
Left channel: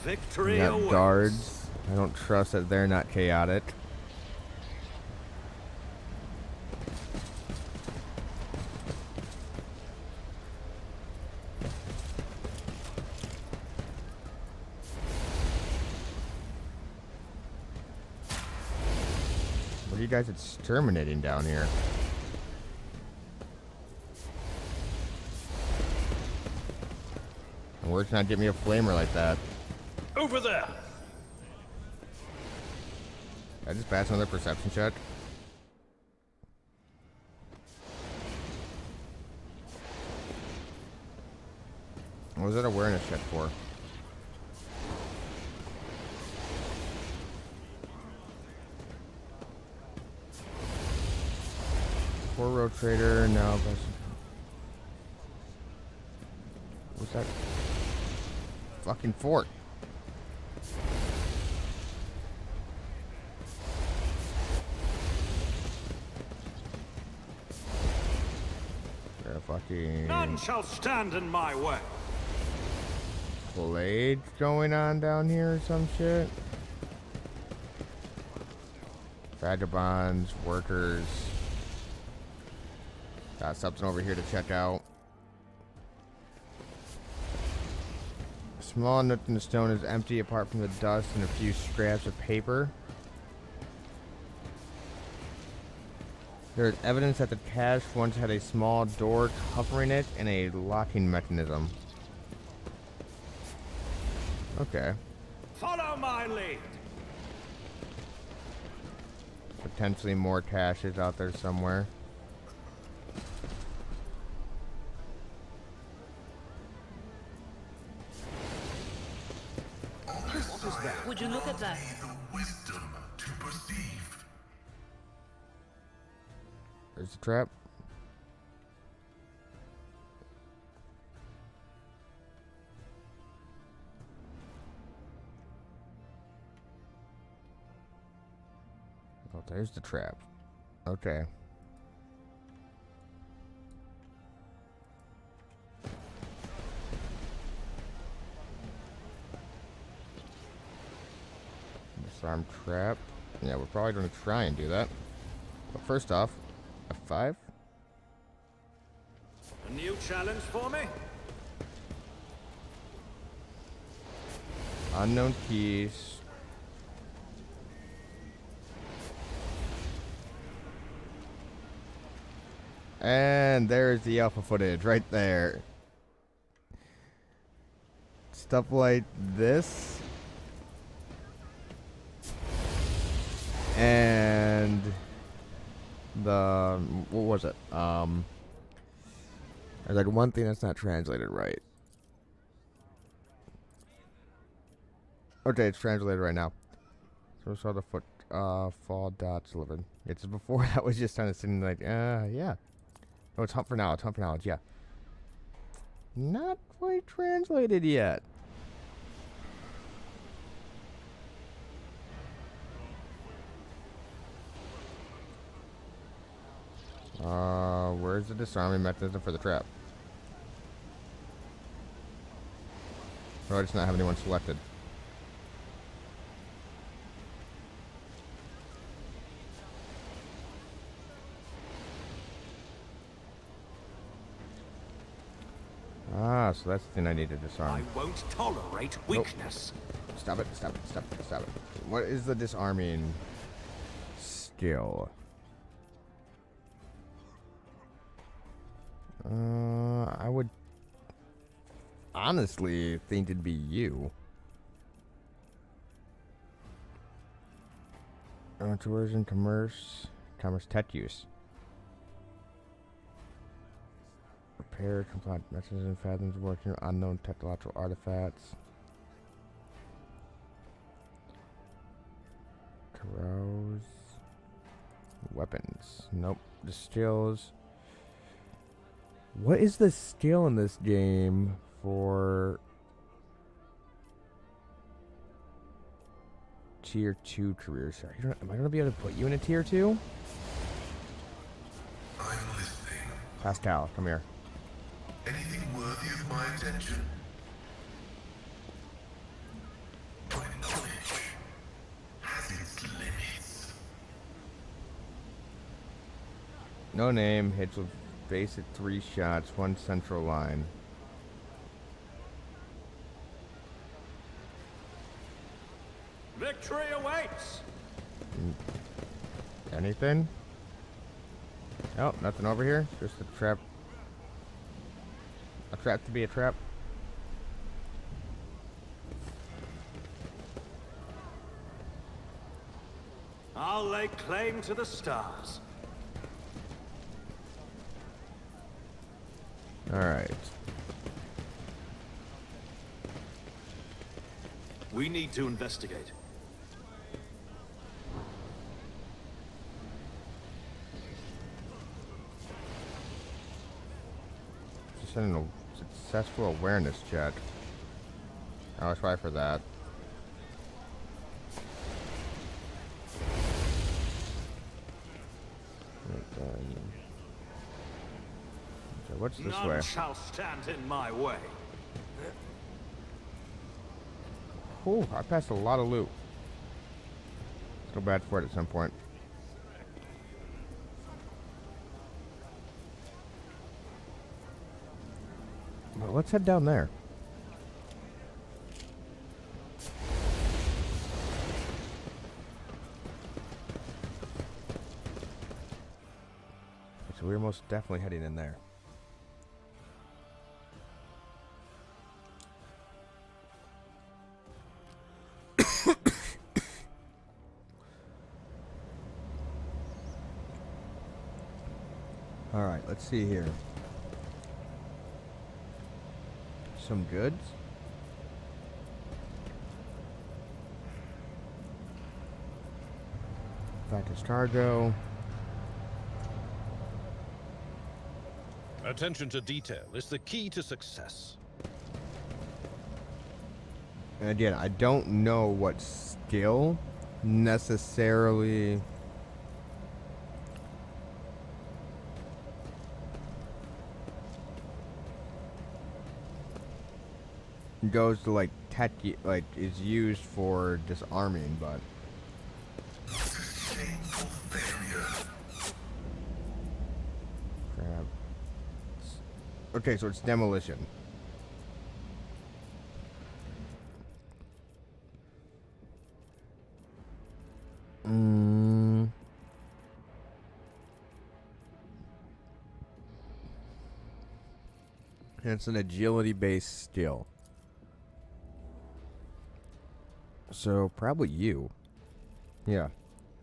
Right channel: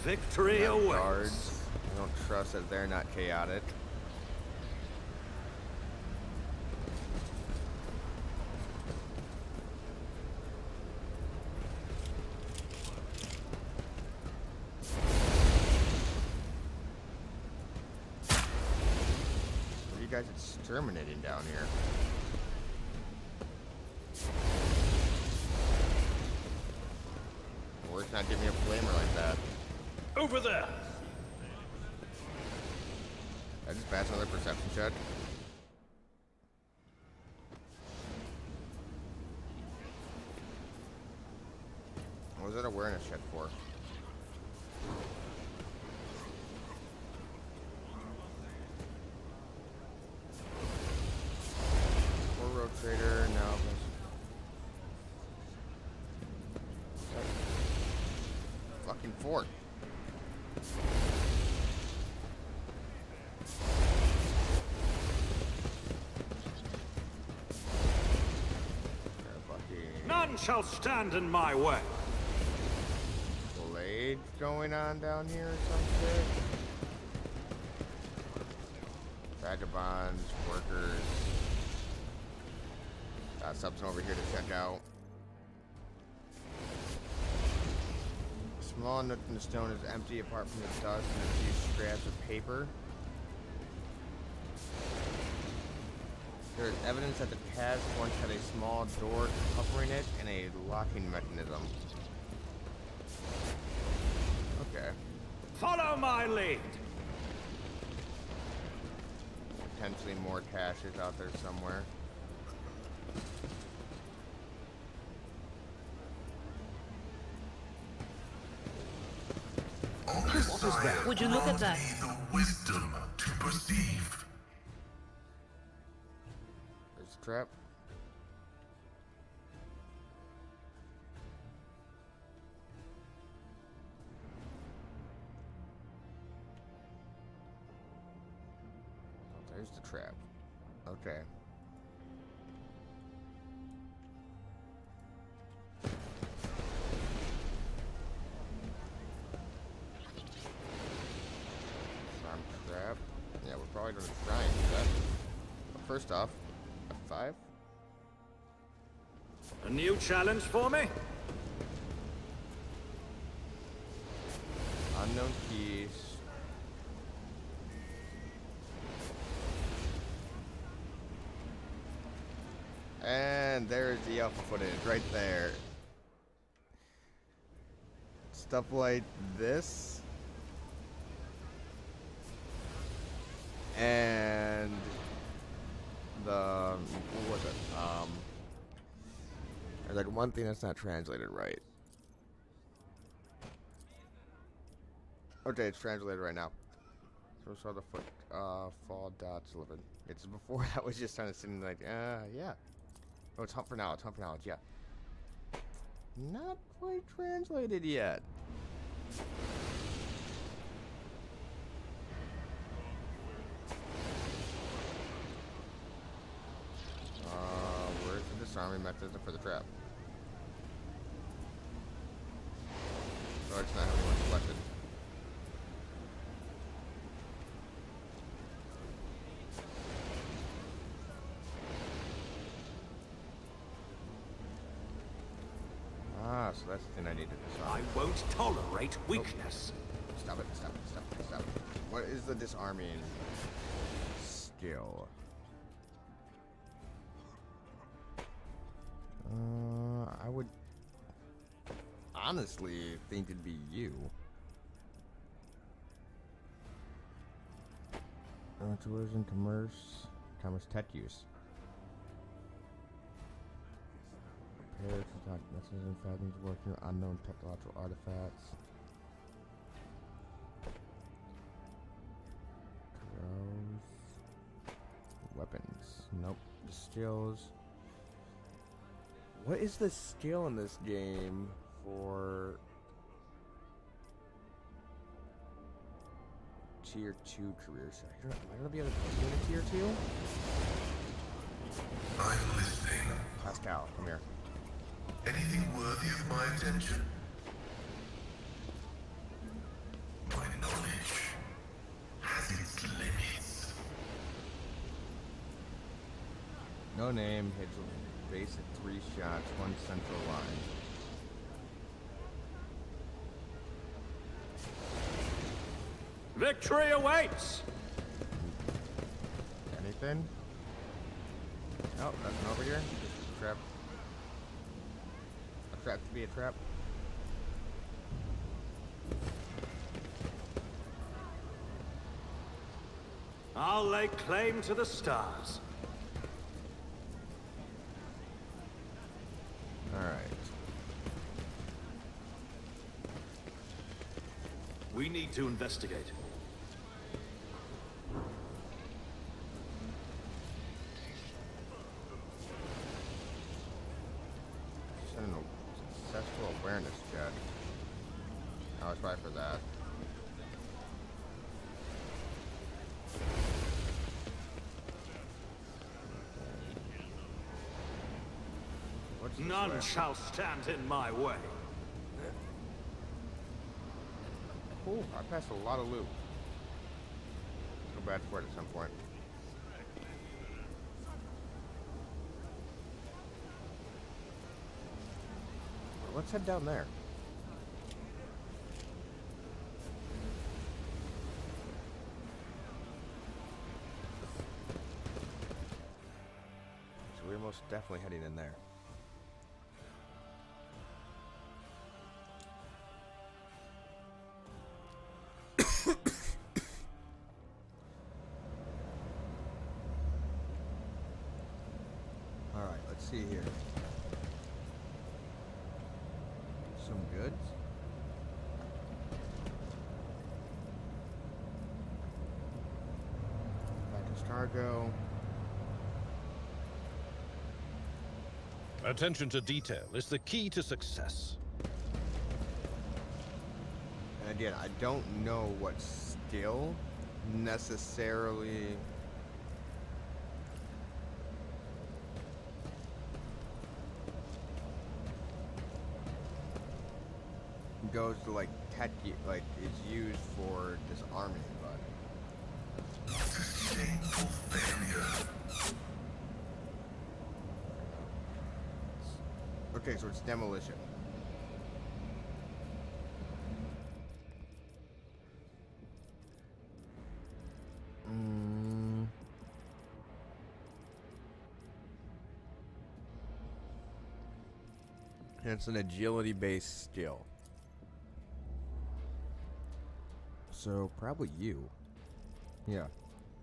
Victory Got awaits. guards. I don't trust that they're not chaotic. What are you guys exterminating down here? Where's not get me a flamer like that? Over there! I just passed another perception check. What was that awareness check for? Four row trader, now what's that? Fucking fort. Fucking None shall stand in my way. blade going on down here or some shit. Vagabonds, workers. Got something over here to check out. A small nook in the stone is empty apart from the dust and a few scraps of paper. There is evidence that the cache once had a small door covering it and a locking mechanism. Okay. Follow my lead. Potentially more caches out there somewhere. What is that? Would you look at that? The wisdom to perceive. There's the trap. Oh, there's the trap. Okay. Disarm trap. Yeah, we're probably going to try and do that. But first off, F5. A new challenge for me? Unknown keys. And there's the alpha footage right there. Stuff like this. And the, what was it? There's like one thing that's not translated right. Okay, it's translated right now. So we saw the foot fall dots delivered. It's before that was just kind of sitting like, yeah. Oh, it's hunt for knowledge, yeah. Not quite translated yet. Where's the disarming mechanism for the trap? Oh, I just not have anyone selected. Ah, so that's the thing I need to disarm. I won't tolerate weakness. Stop it, stop it, stop it, stop it. What is the disarming skill? I would honestly think it'd be you. Tourism, commerce, tech use. Repair, comply messages and fathoms working on unknown technological artifacts. Carouse. Weapons. Nope. The skills. What is the skill in this game for tier 2 careers? Am I gonna be able to put you in a tier 2? I'm listening. Pascal, come here. Anything worthy of my attention? My knowledge has its limits. No name, hits with basic 3 shots, 1 central line. Victory awaits! Anything? Oh, nothing over here. Just a trap. A trap to be a trap. I'll lay claim to the stars. Alright. We need to investigate. Send a successful awareness check. I'll try for that. What's this None way? shall stand in my way. Ooh, I passed a lot of loot. Go bad for it at some point. let's head down there. So we're most definitely heading in there. All right, let's see here. Some goods. Back to Stargo. Attention to detail is the key to success. And again, I don't know what skill necessarily goes to like like is used for disarming, but Shameful failure. okay, so it's demolition. And it's an agility-based skill. So probably you. Yeah,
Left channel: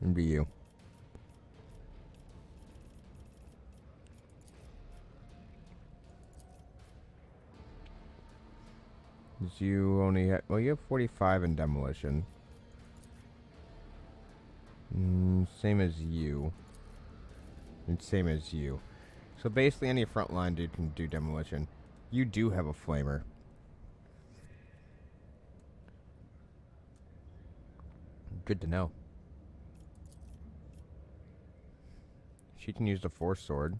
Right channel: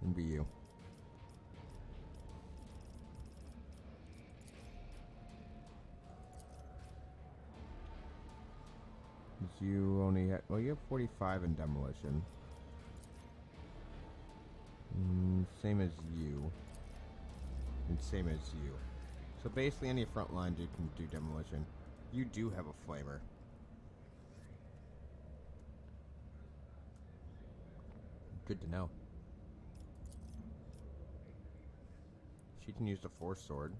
it'd be you. You only have, well, you have 45 in demolition. Same as you. And same as you. So basically any frontline dude can do demolition. You do have a flamer. Good to know. She can use the force sword.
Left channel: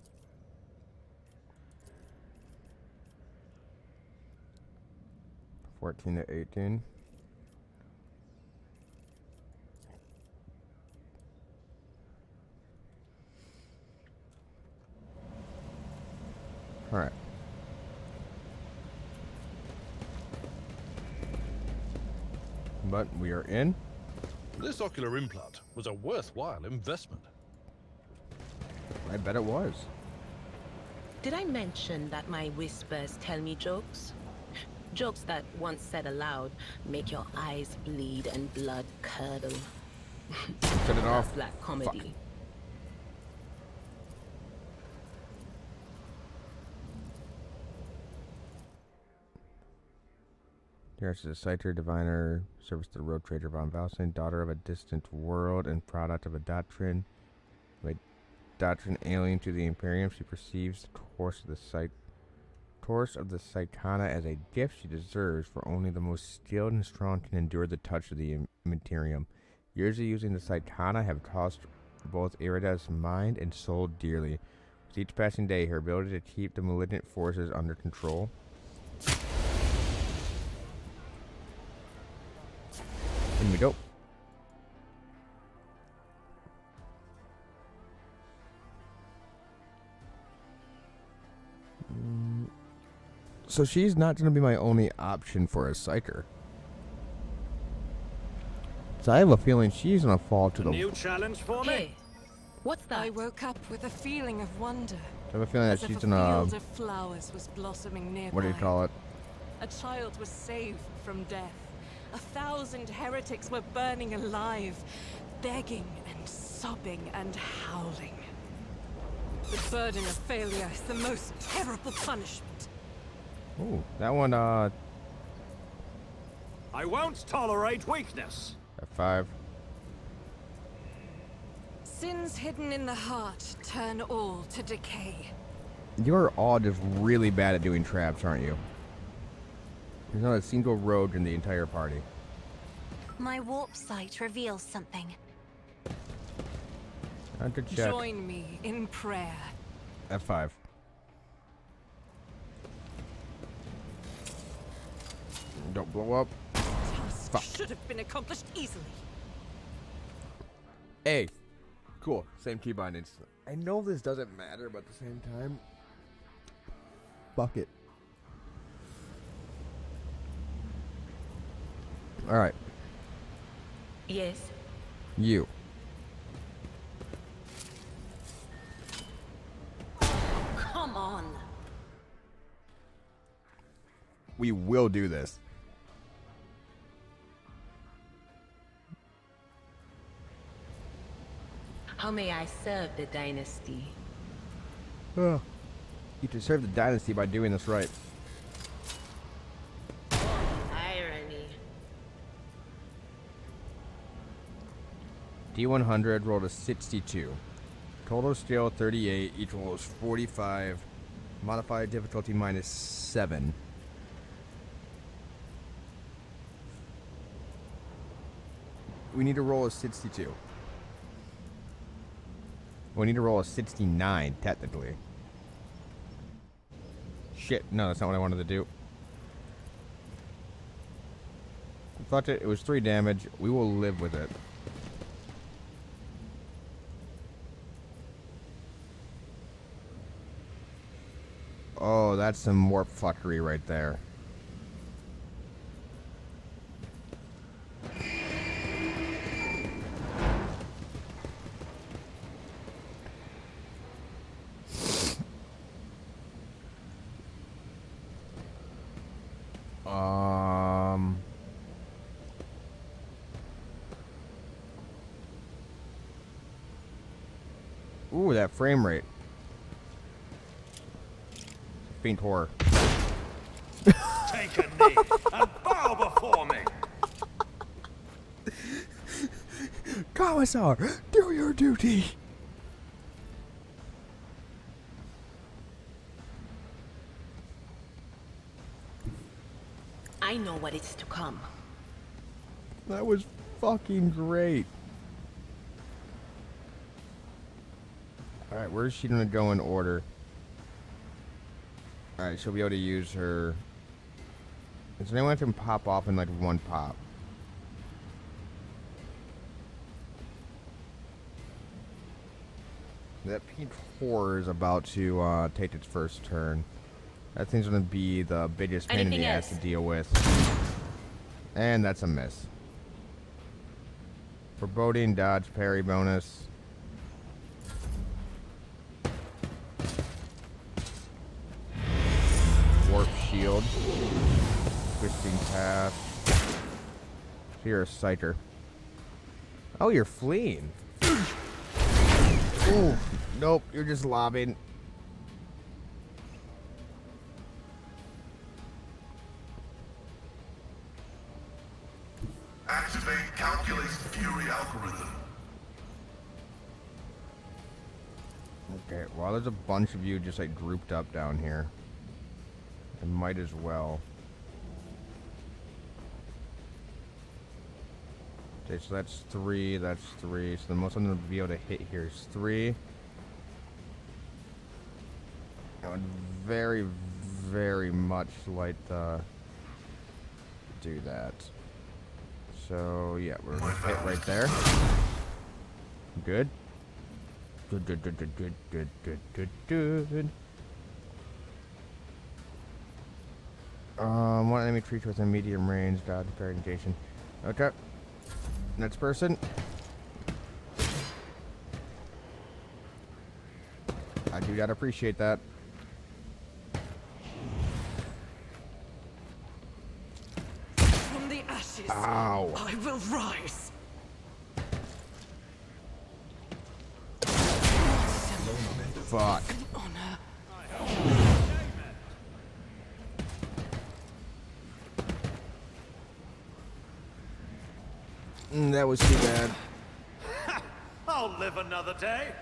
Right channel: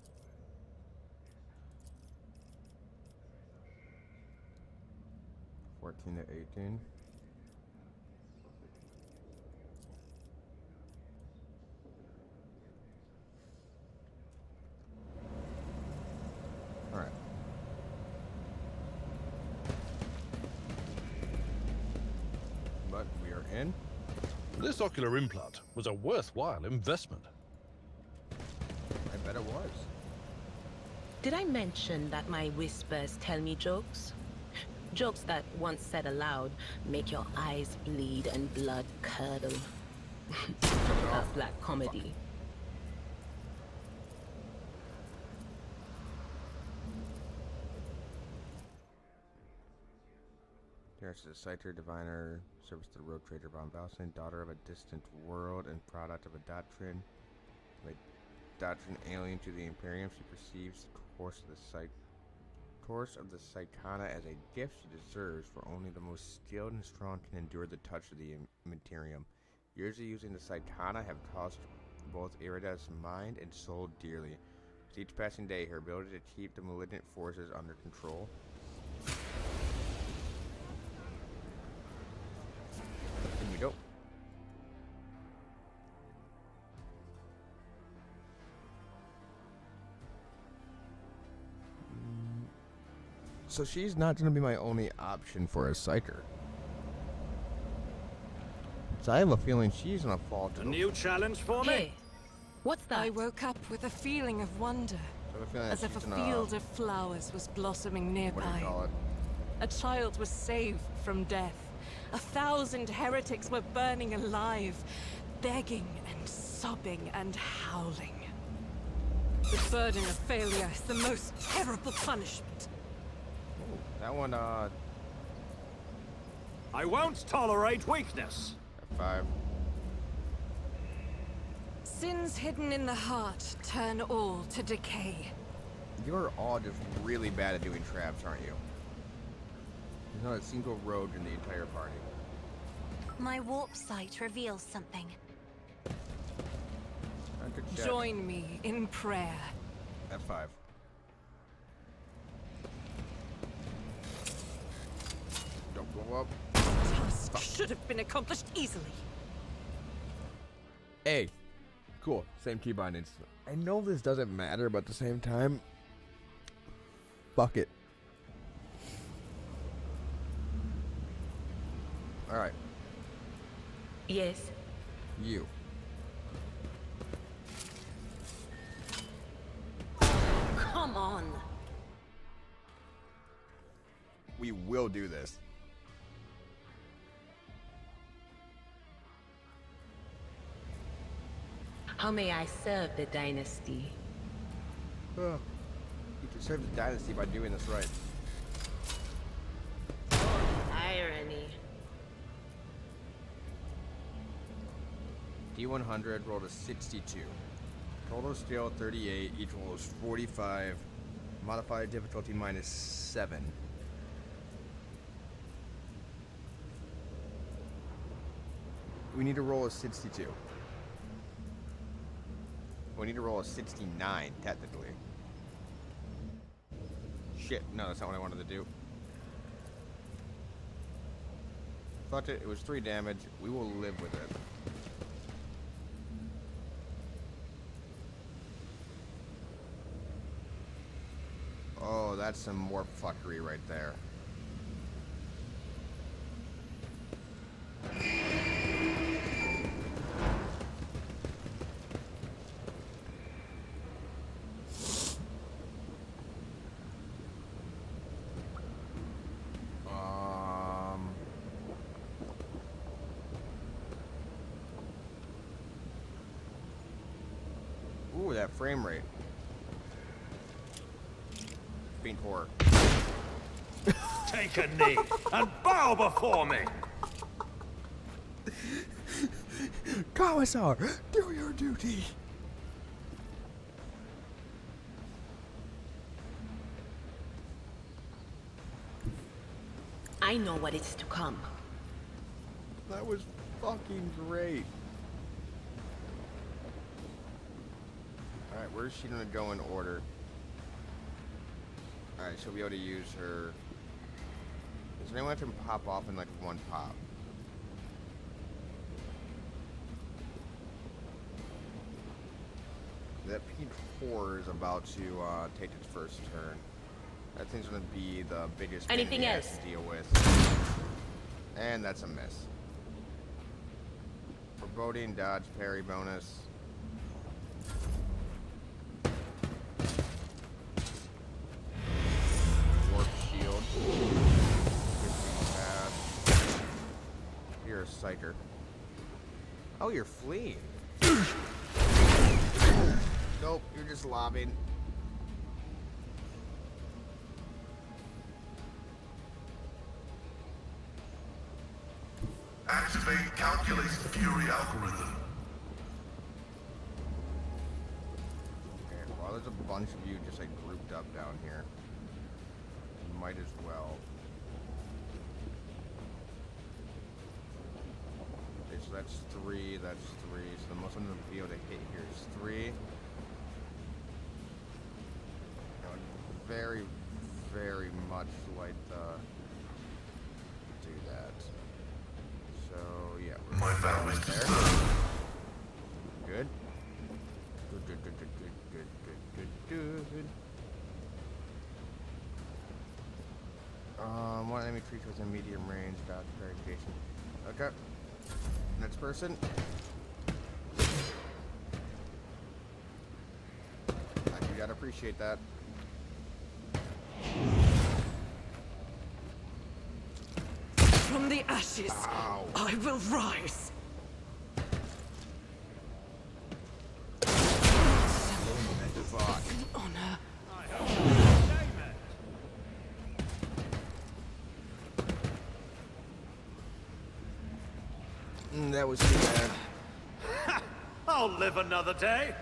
(14 to 18). All right. But we are in. This ocular implant was a worthwhile investment. I bet it was. Did I mention that my whispers tell me jokes? Jokes that, once said aloud, make your eyes bleed and blood curdle. Cut it off. Black comedy. Here's a Citer diviner, service to the road trader von Valsen, daughter of a distant world and product of a doctrine. Alien to the Imperium, she perceives the course of the Psychana as a gift she deserves, for only the most skilled and strong can endure the touch of the Imperium. Years of using the Psychana have cost both Irida's mind and soul dearly. With each passing day, her ability to keep the malignant forces under control. In we go. So she's not going to be my only option for a psyker. So I have a feeling she's going to fall to A the... new challenge for me? Hey, what's that? I woke up with a feeling of wonder, I have a feeling that as if she's a going to... field of flowers was blossoming nearby. What do you call it? A child was saved from death. 1,000 heretics were burning alive, begging and sobbing and howling. The burden of failure is the most terrible punishment. Oh, that one, I won't tolerate weakness. F5. Sins hidden in the heart turn all to decay. You're all just really bad at doing traps, aren't you? There's not a single rogue in the entire party. My warp sight reveals something. Time to check. Join me in prayer. F5. Don't blow up. Task Fuck. should have been accomplished easily. A. Cool. Same key bindings. I know this doesn't matter, but at the same time, fuck it. All right, Yes. you. Come on. We will do this. How may I serve the dynasty? You can serve the dynasty by doing this right. Irony. D100 rolled a 62. Total skill 38. Each roll is 45. Modified difficulty -7. We need to roll a 62. We need to roll a 69, technically. Shit, no, that's not what I wanted to do. Fuck it, it was 3 damage. We will live with it. Oh, that's some warp fuckery right there. Ooh, that frame rate. Faint horror. Take a knee and bow before me. Commissar, do your duty. I know what is to come. That was fucking great. Alright, where's she gonna go in order? Alright, she'll be able to use her... Is there anyone that can pop off in like one pop? That pink horror is about to take its first turn. That thing's gonna be the biggest pain in the ass to deal with. And that's a miss. Foreboding, dodge, parry bonus. Warp shield. Twisting path. You're a sighter. Oh, you're fleeing. Ooh, nope, you're just lobbing. Activate Calculate Fury algorithm. Okay, well, there's a bunch of you just like grouped up down here. I might as well. Okay, so that's 3, that's 3. So the most I'm going to be able to hit here is 3. I would very, very much like to do that. So, yeah, we're going to hit right there. Good. Good, good, good, good, good, good, good, good, good. One enemy creature within medium range, dodge, parry, negation. Okay. Next person. I do gotta appreciate that. From the ashes, Ow. I will rise. Fuck. An honor. That was too bad. I'll live another day.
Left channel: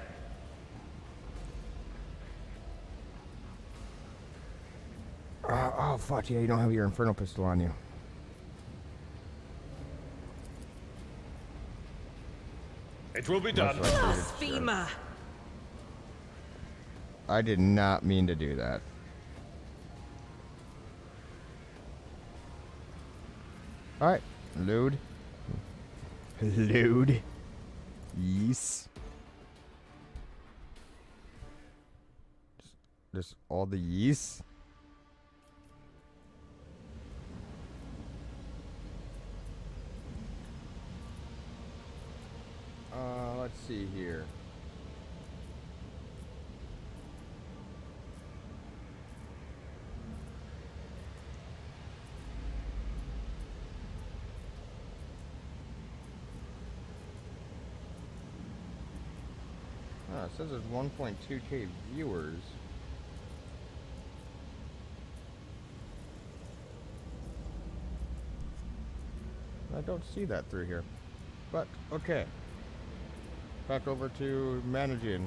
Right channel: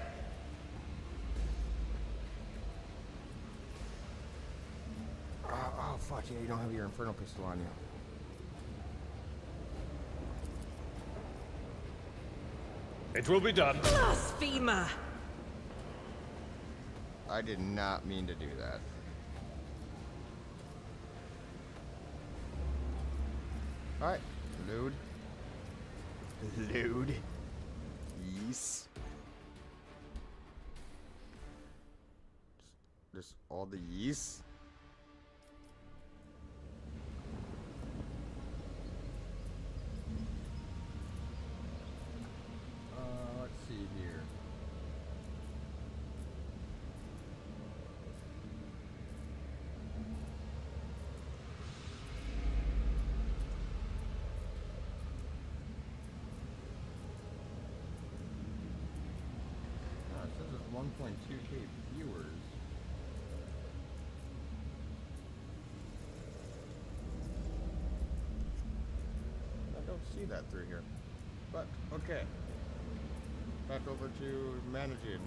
Oh, fuck yeah, you don't have your Infernal Pistol on you. It will be done. Blasphemer! I did not mean to do that. Alright, load. Load. Yes. Just all the yeast. see here. It says there's 1.2k viewers. I don't see that through here. But, okay. Back over to managing.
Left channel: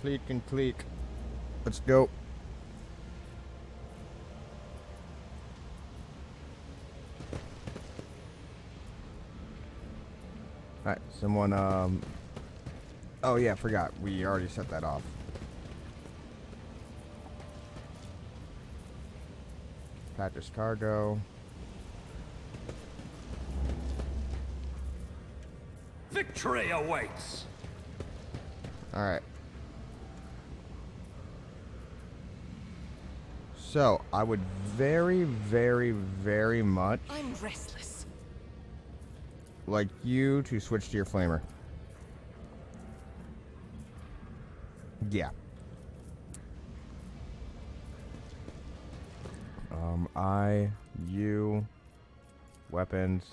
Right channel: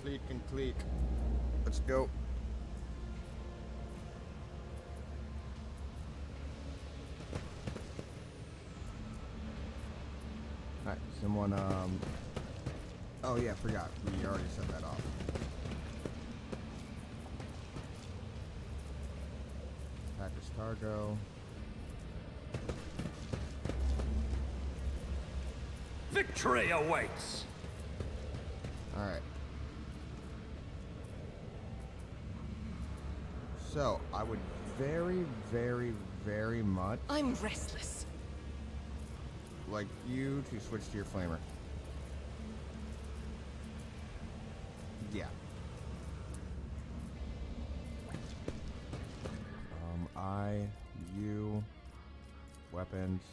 Click and click. Let's go. Alright, someone, oh yeah, forgot. We already set that off. Package cargo. Victory awaits! Alright. So, I would very, very, very much I'm restless. like you to switch to your flamer. Yeah. You, weapons.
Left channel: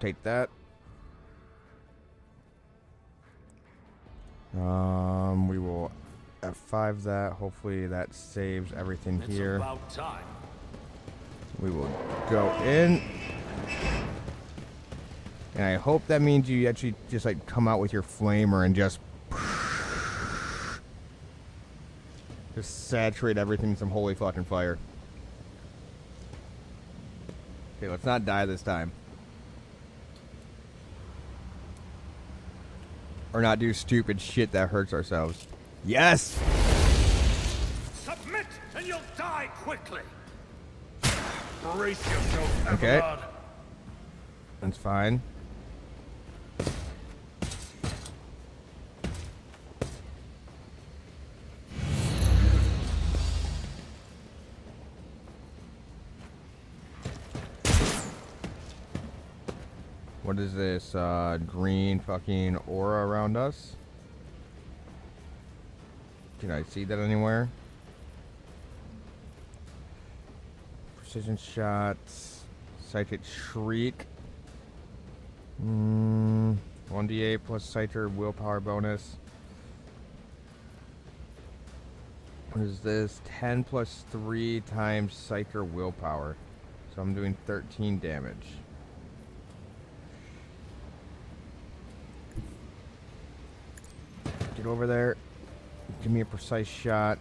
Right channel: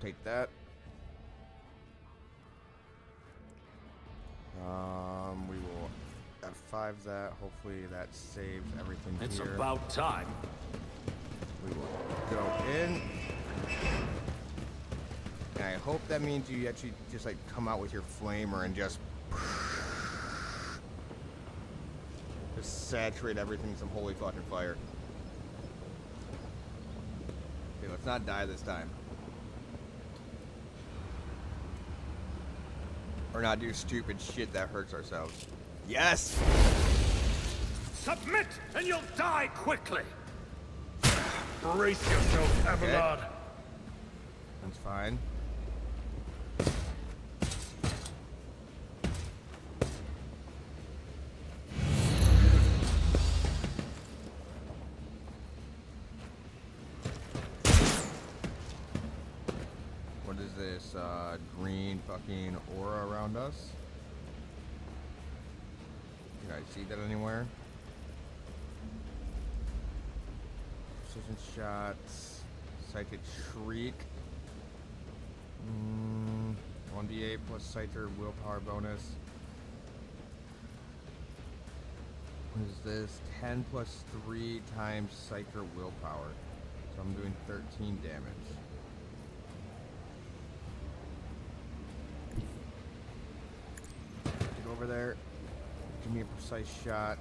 Take that. We will F5 that. Hopefully that saves everything It's here. about time. We will go in. And I hope that means you actually just like come out with your flamer and just saturate everything in some holy fucking fire. Okay, let's not die this time. Or not do stupid shit that hurts ourselves. Yes! Submit and you'll die quickly! Brace yourself, Okay. Abelard. That's fine. What is this, green fucking aura around us? Can I see that anywhere? Precision shots. Psychic shriek. 1d8 plus Scyther willpower bonus. What is this? 10 plus 3 times Scyther willpower. So I'm doing 13 damage. Get over there. Give me a precise shot.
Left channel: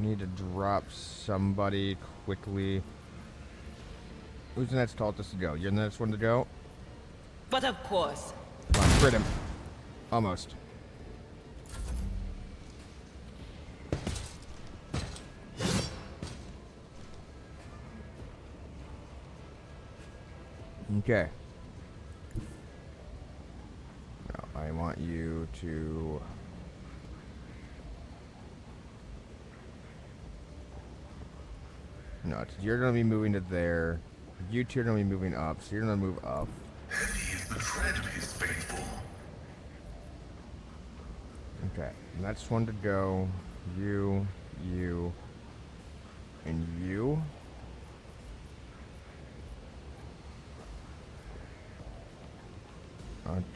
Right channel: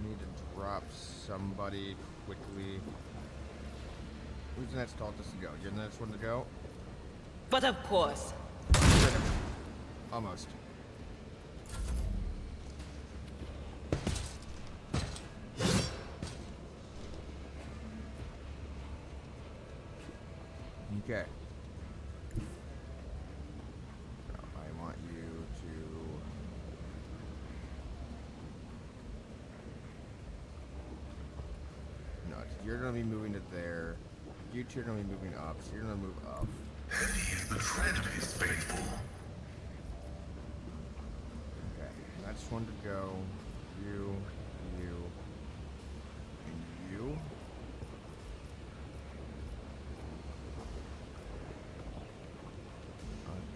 We need to drop somebody quickly. Who's the next cultist to go? You're the next one to go? But of course. Crit him. Almost. Okay. Now, I want you to... No, you're going to be moving to there. You two are going to be moving up, so you're going to move up. Heavy is the tread of his faithful. Okay, next one to go. You, and you.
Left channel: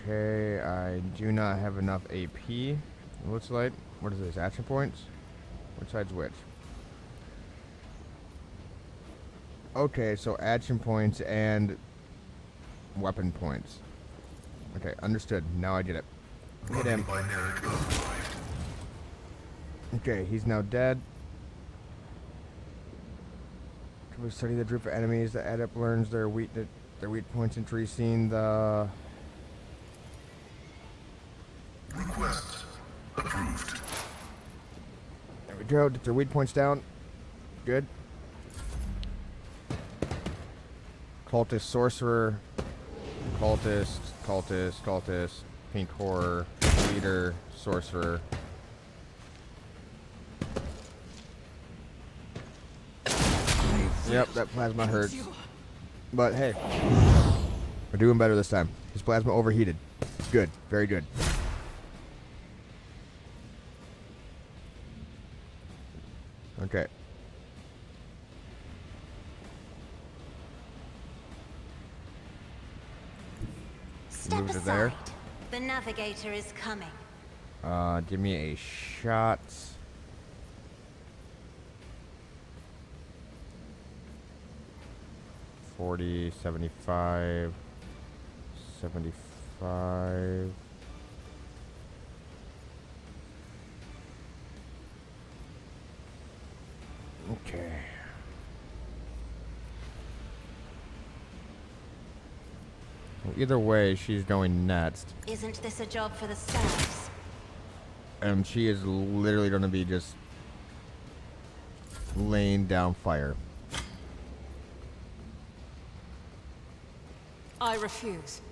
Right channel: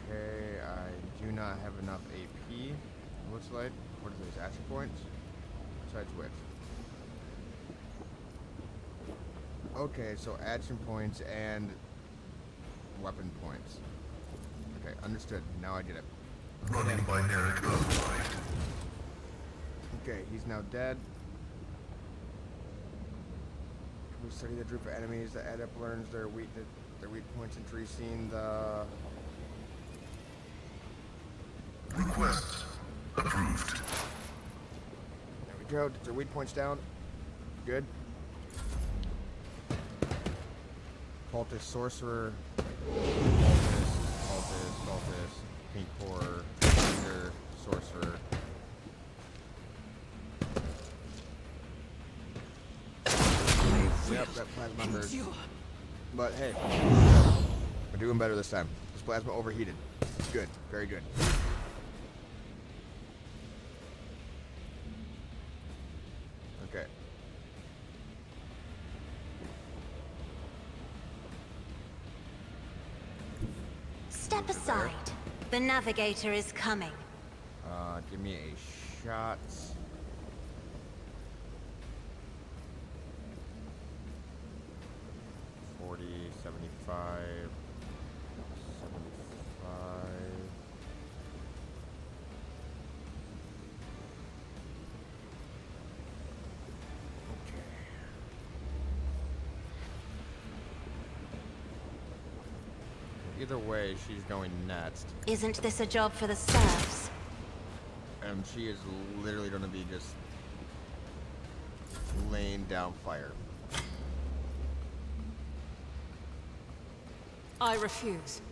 Okay, I do not have enough AP. It looks like. What is this? Action points? Which side's which? Okay, so action points and weapon points. Okay, understood. Now I get it. Hit him. Binaric upright. Okay, he's now dead. Can we study the group of enemies? The adept learns their weak points, increasing the... Request approved. There we go. Get their weak points down. Good. Cultist, sorcerer, cultist, pink horror, leader, sorcerer. Yep, that plasma hurts. Endure. But hey, we're doing better this time. This plasma overheated. Good. Very good. Okay. Step Move to there. aside. The navigator is coming. Give me a shot. $40, $75, $75. Okay. Well, either way, she's going next. Isn't this a job for the serfs? And she is literally going to be just laying down fire. I refuse.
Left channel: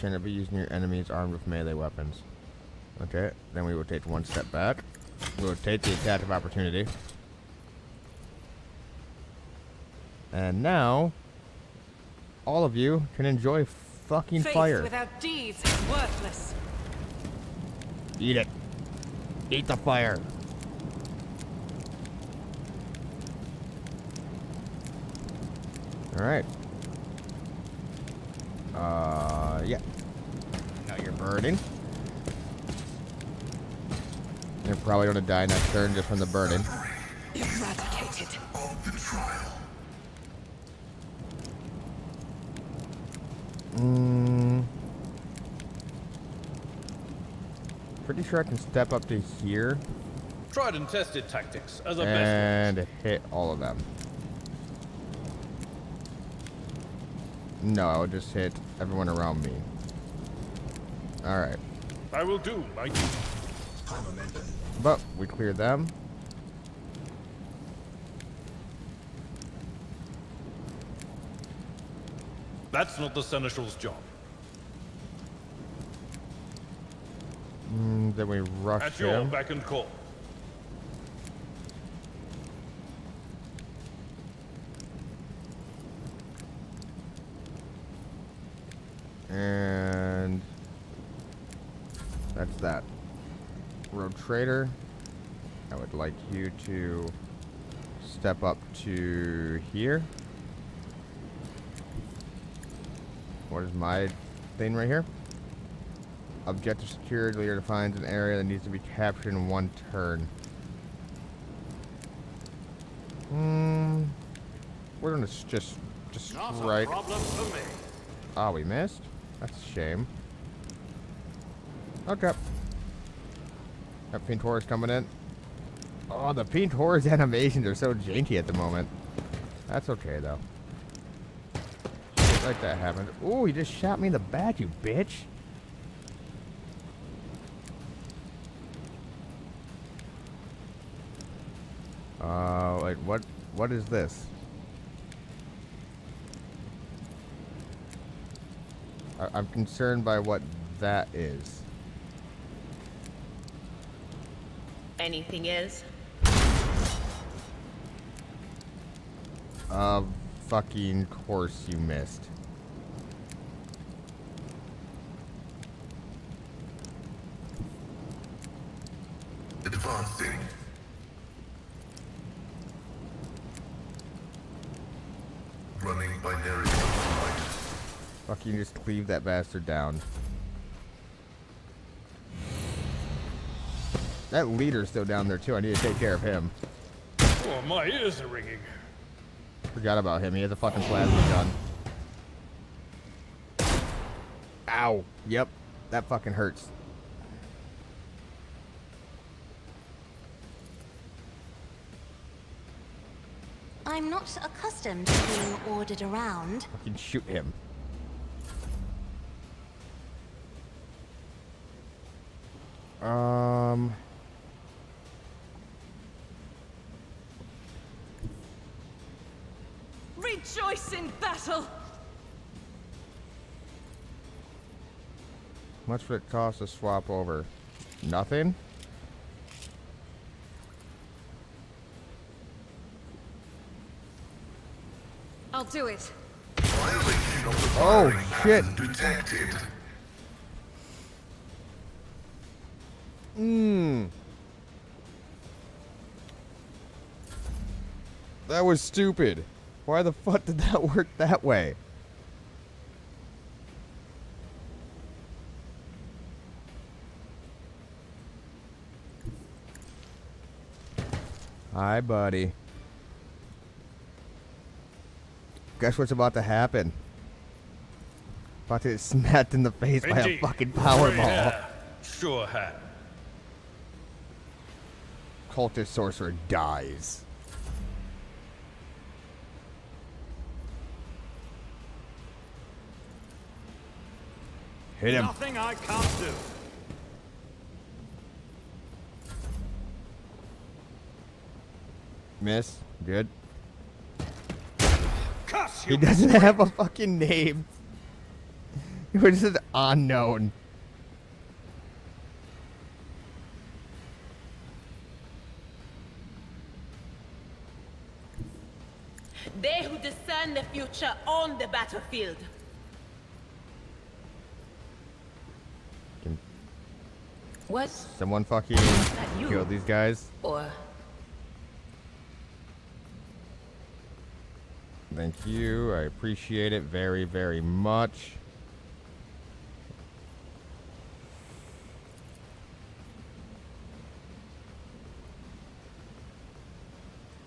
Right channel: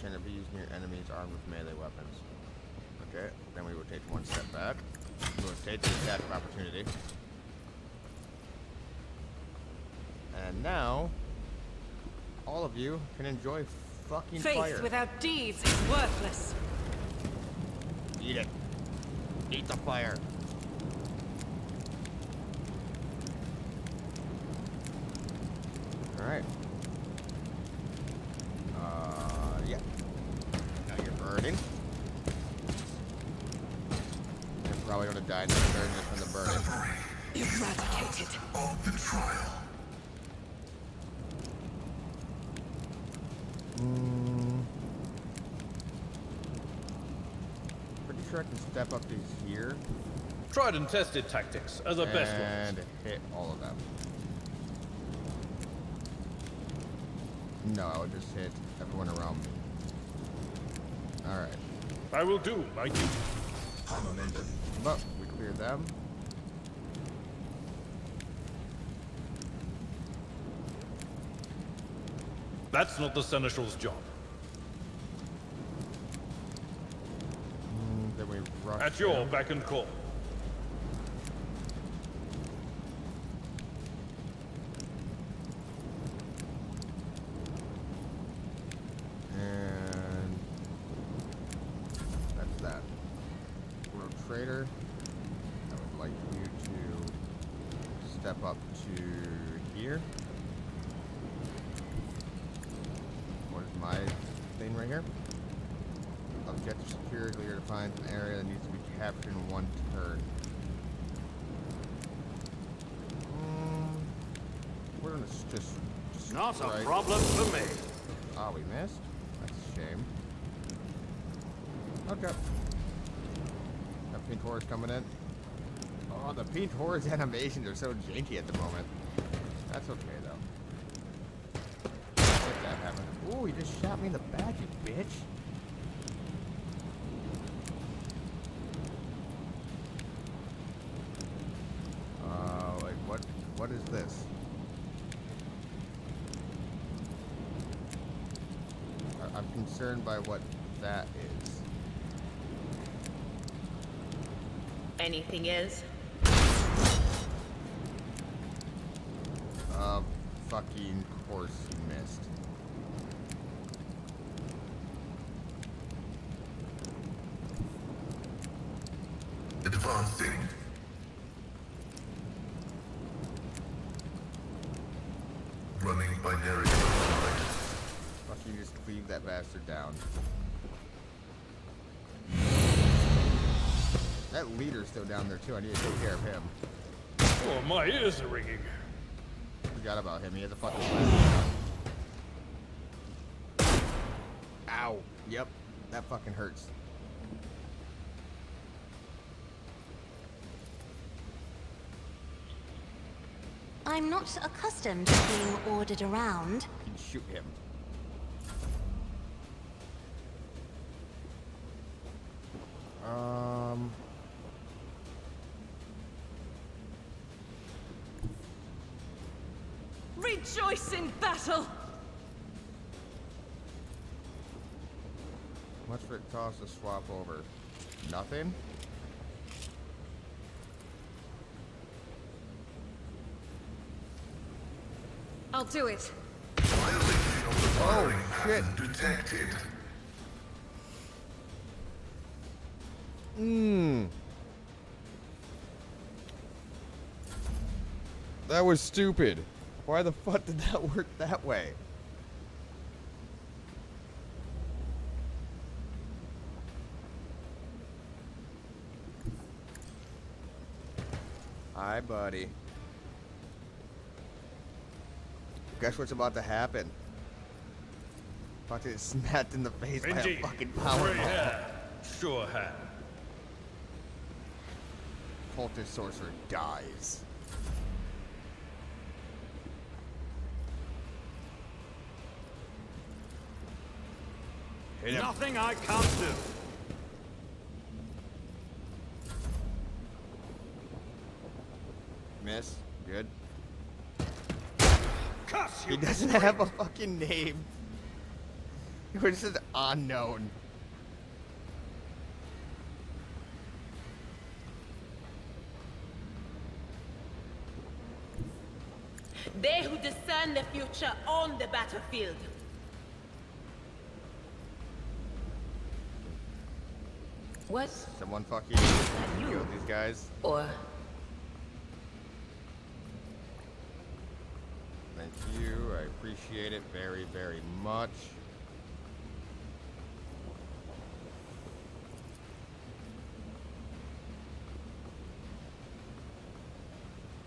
Trying to be using your enemies armed with melee weapons. Okay, then we will take one step back. We will take the attack of opportunity. And now, all of you can enjoy fucking Faith fire. without deeds is worthless. Eat it. Eat the fire. Alright. Yeah. Now you're burning. You're probably gonna die next turn just from the burning. Eradicated. Of the trial. Pretty sure I can step up to here Tried and tested tactics are the best and ones. hit all of them. No, I would just hit everyone around me. Alright. I will do my duty. But we cleared them. That's not the Seneschal's job. Then we rush At your him. beck and call. And that's that. Road Trader, I would like you to step up to here. What is my thing right here? Objective secured. Leader defines an area that needs to be captured in one turn. We're gonna just Not right. a problem for me. Oh, we missed? That's a shame. Okay. Got Pink Horse coming in. Oh, the Pink Horse animations are so janky at the moment. That's okay, though. Like that happened. Ooh, he just shot me in the back, you bitch. Wait, what is this? I'm concerned by what that is. Anything else? Fucking course you missed. Advancing. Running binary override. Fucking just cleave that bastard down. That leader's still down there too. I need to take care of him. Oh, my ears are ringing. Forgot about him. He has a fucking plasma gun. Ow. Yep. That fucking hurts. I'm not accustomed to being ordered around. Fucking shoot him. Rejoice in battle! How much would it cost to swap over? Nothing? I'll do it. Violation of the Oh, firing shit. pattern detected. That was stupid. Why the fuck did that work that way? Hi, buddy. Guess what's about to happen? About to get smacked in the face by a Indeed. fucking Gray powerball. hair. Sure have. Cultist sorcerer dies. Hit him. Nothing I can't do. Miss. Good. Cuss He you! doesn't have a fucking name. He was just unknown. They who discern the future own the battlefield. What? Someone fucking you. kill these guys. Or Thank you. I appreciate it very, very much.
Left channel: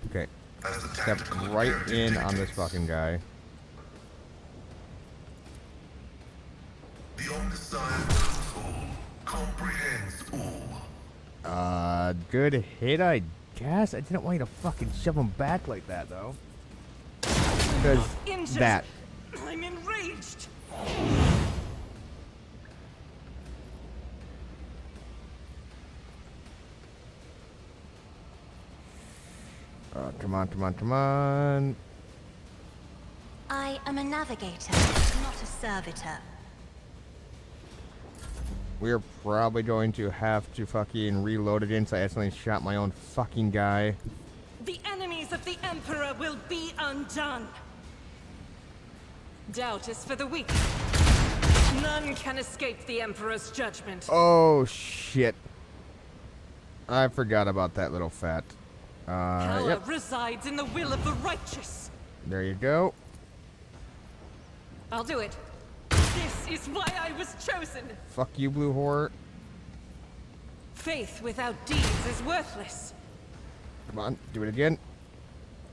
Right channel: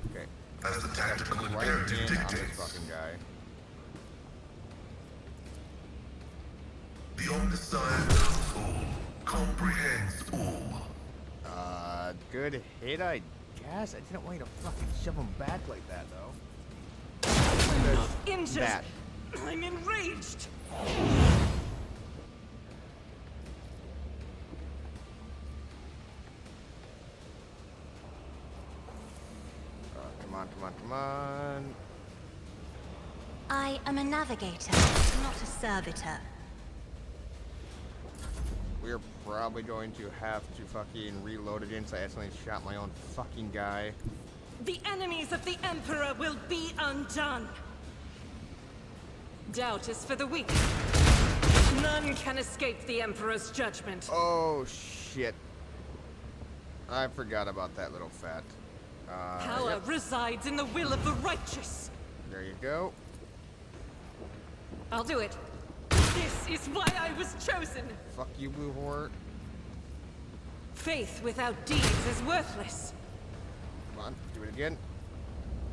Okay. As the Step tactical right imperative in on this dictates. fucking guy. The Omnissiah knows all, comprehends all. Good hit, I guess. I didn't want you to fucking shove him back like that, though. Because Injured. that. I'm enraged. Come on, come on, come on. I am a navigator, not a servitor. We're probably going to have to fucking reload again, so I accidentally shot my own fucking guy. The enemies of the Emperor will be undone. Doubt is for the weak. None can escape the Emperor's judgment. Oh, shit. I forgot about that little fat. Power Yep. resides in the will of the righteous. There you go. I'll do it. This is why I was chosen. Fuck you, blue whore. Faith without deeds is worthless. Come on, do it again.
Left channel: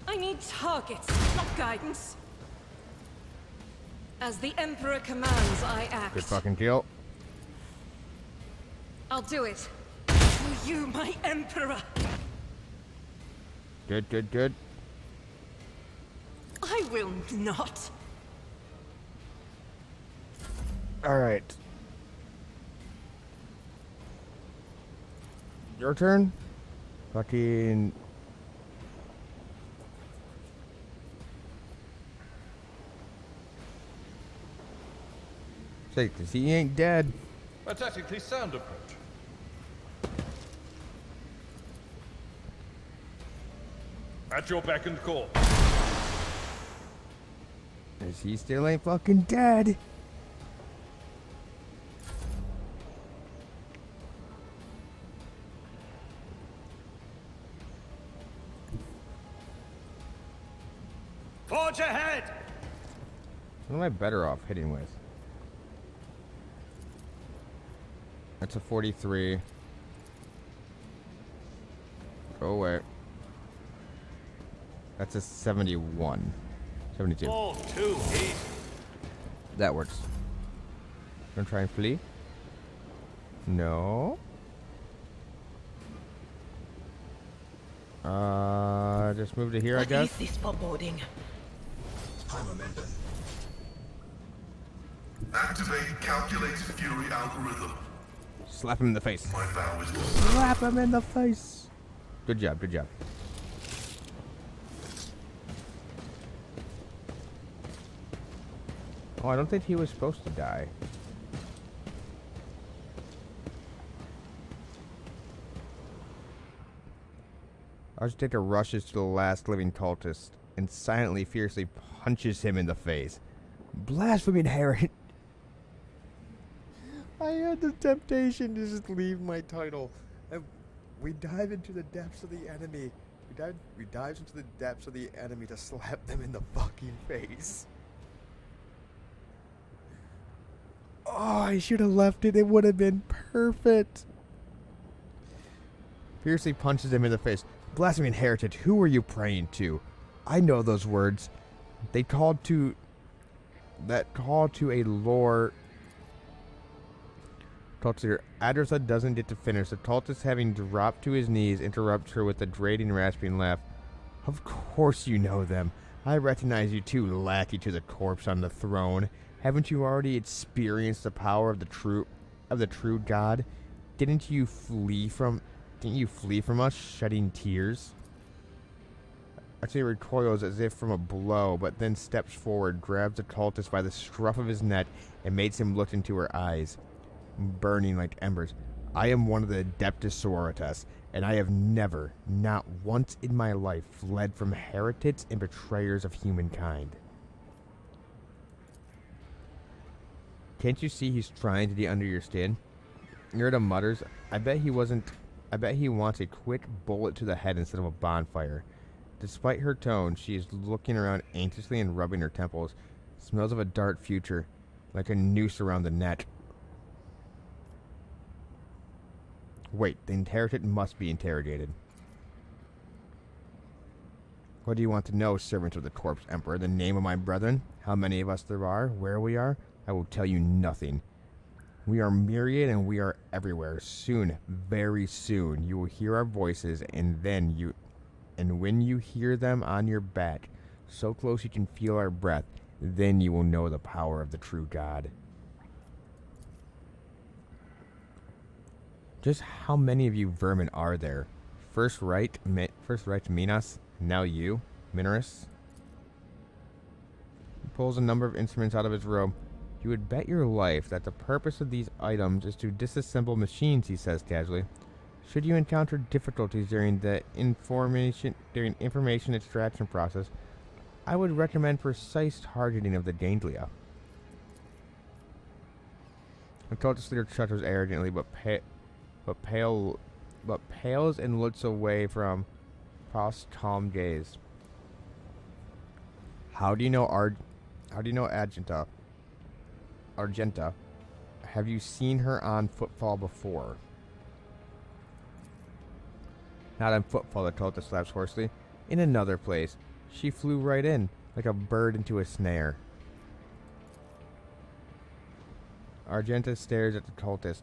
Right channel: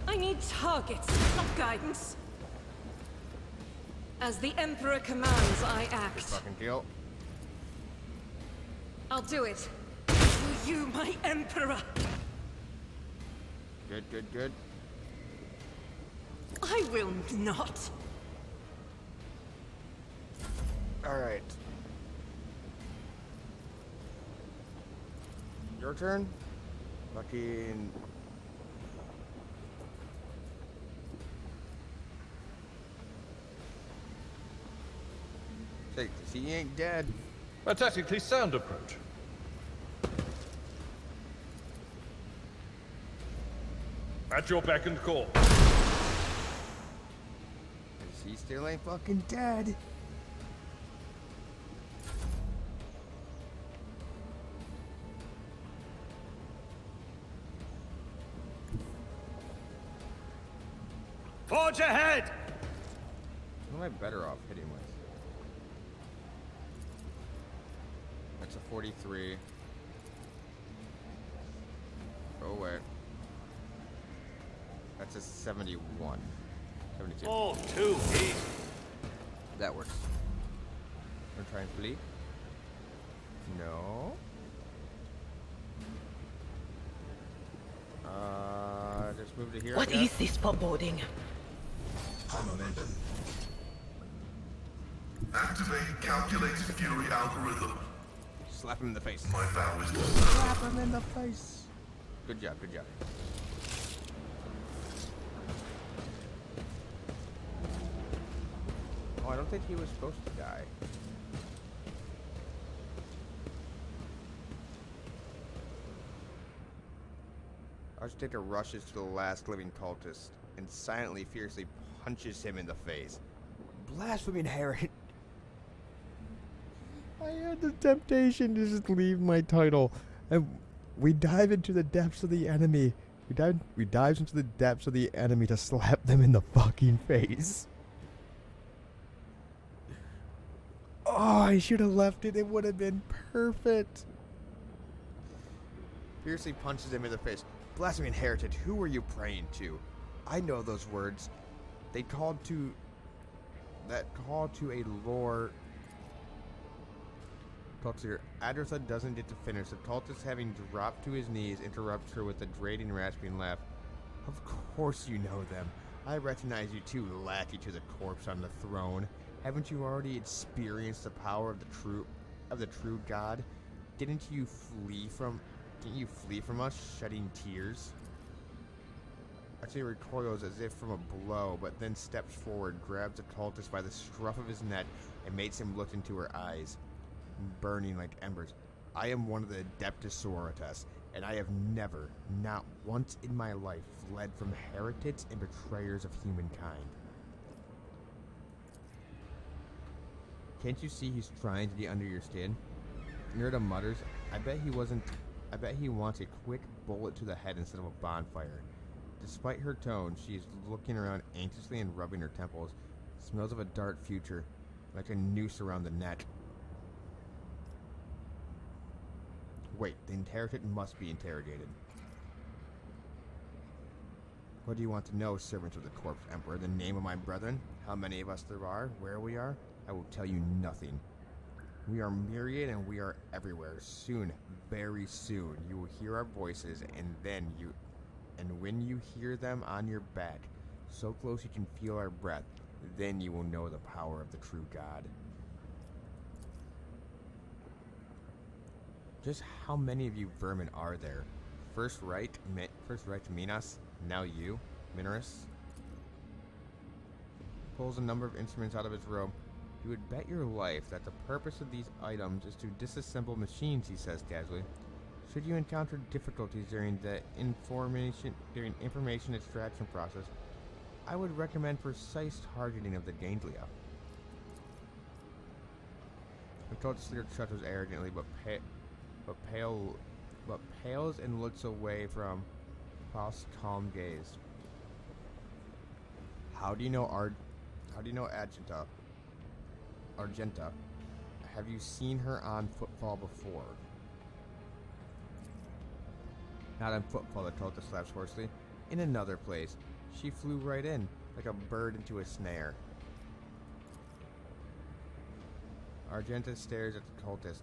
I need targets, not guidance. As the Emperor commands, I act. Good fucking kill. I'll do it. For you, my Emperor. Good, good, good. I will not. Alright. Your turn? Fucking... Say, 'cause he ain't dead. A tactically sound approach. At your beck and call. 'Cause he still ain't fucking dead. Forge ahead! What am I better off hitting with? That's a 43. Go away. That's a 71. 72. Oh, too easy. That works. Gonna try and flee? No. Just move to here, I what guess. is this foreboding? High momentum. Activate calculated fury algorithm. Slap him in the face. My vow is to Slap him in the face. Good job, good job. Oh, I don't think he was supposed to die. Architecture rushes to the last living cultist and silently, fiercely punches him in the face. Blaspheming heretic. I had the temptation to just leave my title. And we dive into the depths of the enemy. We dive into the depths of the enemy to slap them in the fucking face. Oh, I should have left it. It would have been perfect. Fiercely punches him in the face. Blaspheming heretic, who are you praying to? I know those words. That call to a lore. Cultist Adressa doesn't get to finish. The cultist, having dropped to his knees, interrupts her with a grating, rasping laugh. Of course you know them. I recognize you too, lackey to the corpse on the throne. Haven't you already experienced the power of the true God? Didn't you flee from us, shedding tears? Archie recoils as if from a blow, but then steps forward, grabs the cultist by the scruff of his neck, and makes him look into her eyes, burning like embers. I am one of the Adeptus Sororitas, and I have never, not once in my life, fled from heretics and betrayers of humankind. Can't you see he's trying to get under your skin? Nerda mutters, I bet he wants a quick bullet to the head instead of a bonfire. Despite her tone, she is looking around anxiously and rubbing her temples. Smells of a dark future, like a noose around the neck. Wait, the heretic must be interrogated. What do you want to know, servant of the corpse emperor? The name of my brethren? How many of us there are? Where we are? I will tell you nothing. We are myriad and we are everywhere. Soon, very soon, you will hear our voices, and when you hear them on your back, so close you can feel our breath, then you will know the power of the true God. Just how many of you vermin are there? First right Minas, now you, Minoris. He pulls a number of instruments out of his robe. You would bet your life that the purpose of these items is to disassemble machines, he says casually. Should you encounter difficulties during the information extraction process, I would recommend precise targeting of the ganglia. The cultist leader chuckles arrogantly, but pales and looks away from Faust's calm gaze. How do you know Argenta? Have you seen her on footfall before? Not on footfall, the cultist laughs hoarsely. In another place. She flew right in, like a bird into a snare. Argenta stares at the cultist,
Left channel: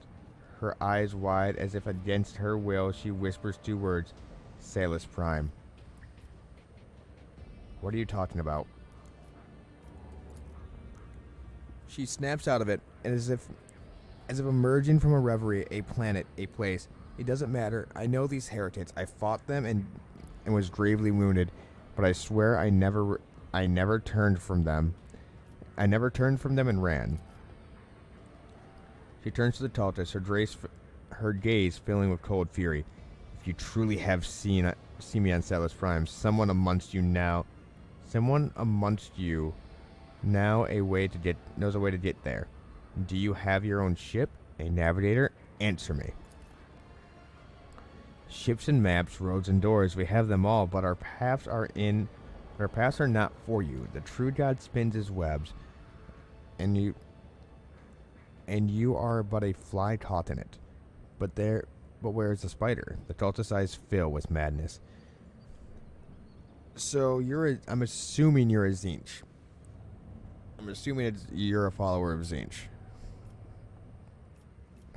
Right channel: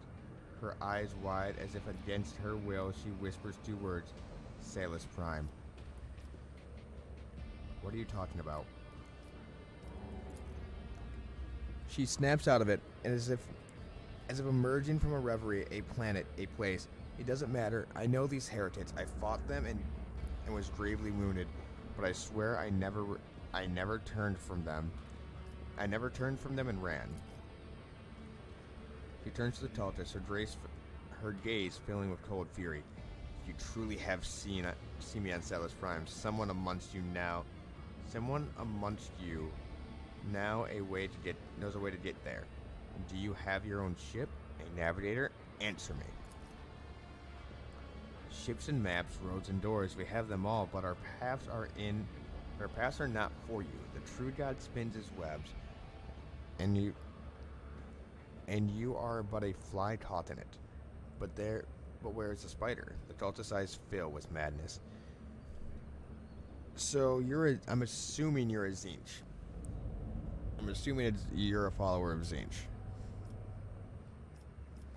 her eyes wide as if against her will. She whispers two words, Salus Prime. What are you talking about? She snaps out of it, and as if emerging from a reverie, a planet, a place. It doesn't matter. I know these heretics. I fought them and was gravely wounded, but I swear I never turned from them. I never turned from them and ran. She turns to the cultist, her gaze filling with cold fury. If you truly have seen me on Salus Prime, someone amongst you knows a way to get there. Do you have your own ship? A navigator? Answer me. Ships and maps, roads and doors, we have them all, but our paths are not for you. The true God spins his webs, and you are but a fly caught in it. But where is the spider? The cultist's eyes fill with madness. So I'm assuming you're a Tzeentch. I'm assuming you're a follower of Tzeentch.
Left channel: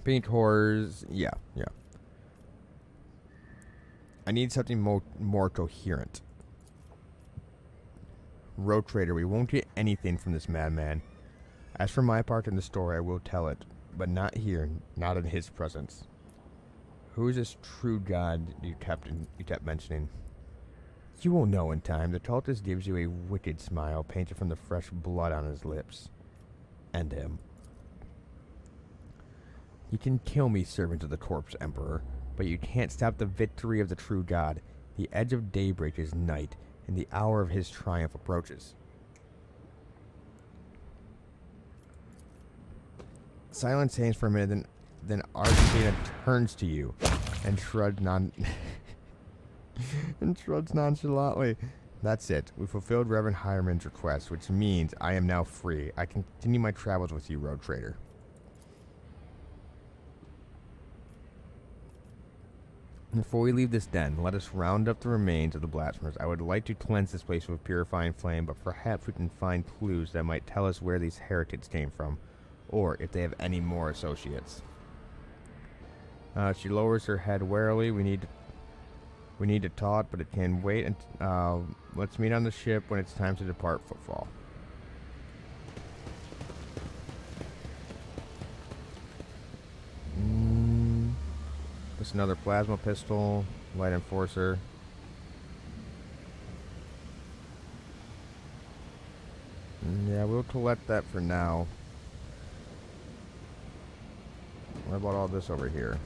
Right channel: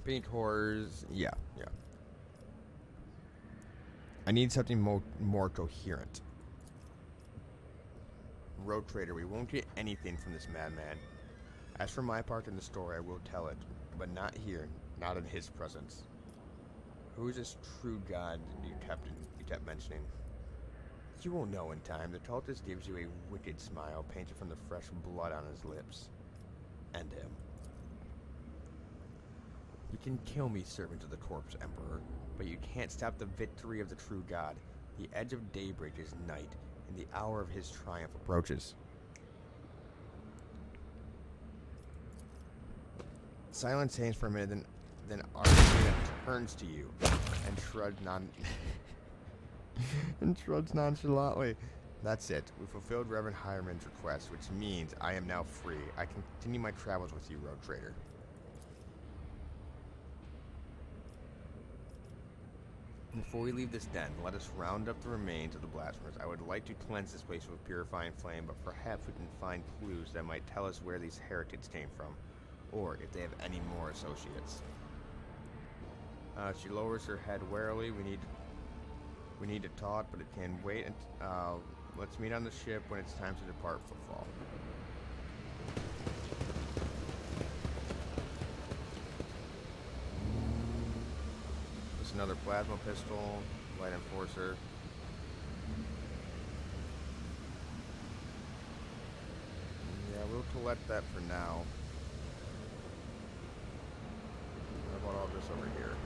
Pink horrors, yeah. I need something more coherent. Road trader, we won't get anything from this madman. As for my part in the story, I will tell it, but not here, not in his presence. Who is this true God you kept mentioning? You will know in time. The cultist gives you a wicked smile, painted from the fresh blood on his lips. End him. You can kill me, servant of the corpse emperor, but you can't stop the victory of the true God. The edge of daybreak is night, and the hour of his triumph approaches. Silence hangs for a minute, then Argentina turns to you and shrugs nonchalantly. That's it. We fulfilled Reverend Hireman's request, which means I am now free. I can continue my travels with you, Road Trader. Before we leave this den, let us round up the remains of the blasphemers. I would like to cleanse this place with purifying flame, but perhaps we can find clues that might tell us where these heretics came from, or if they have any more associates. She lowers her head warily. We need to talk, but it can wait. And let's meet on the ship when it's time to depart. Footfall. Just another plasma pistol, light enforcer. Yeah, we'll collect that for now. What about all this over here?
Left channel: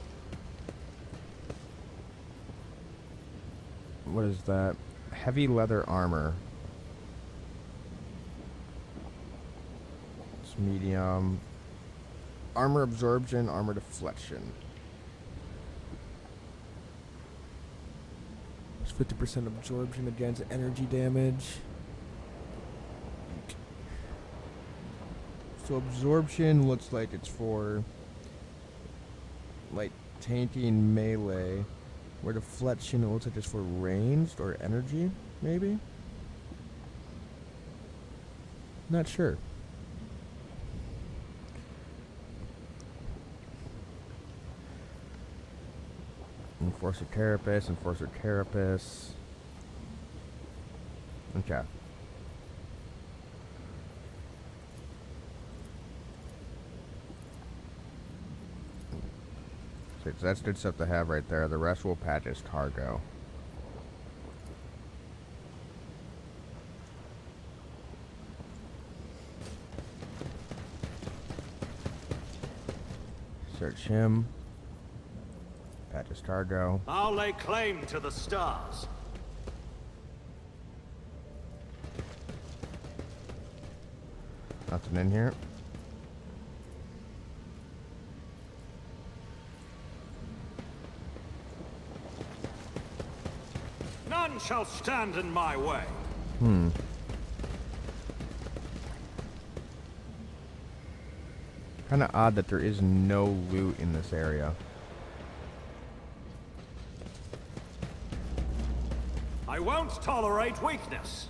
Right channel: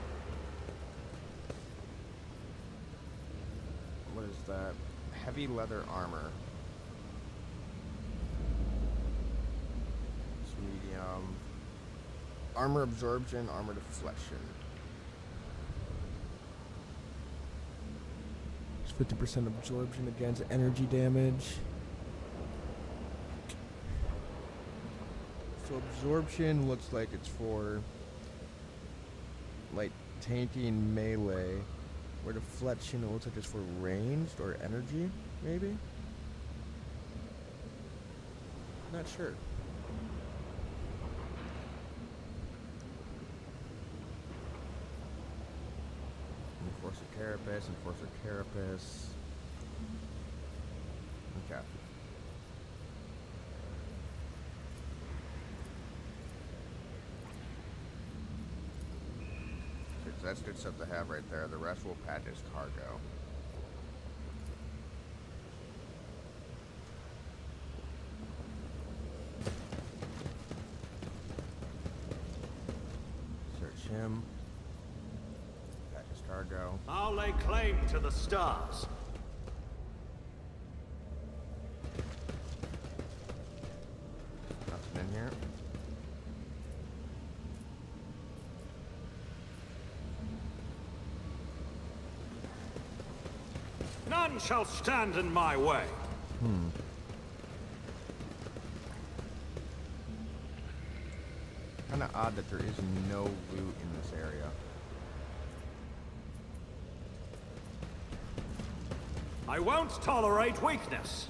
What is that? Heavy leather armor. It's medium. Armor absorption, armor deflection. It's 50% absorption against energy damage. So absorption looks like it's for like tainting melee. Where deflection, it looks like it's for ranged or energy, maybe? Not sure. Enforcer Carapace, Enforcer Carapace. Okay. So that's good stuff to have right there. The rest will patch as cargo. Search him. Patch as cargo. I'll lay claim to the stars. Nothing in here. None shall stand in my way. Kinda odd that there is no loot in this area. I won't tolerate weakness.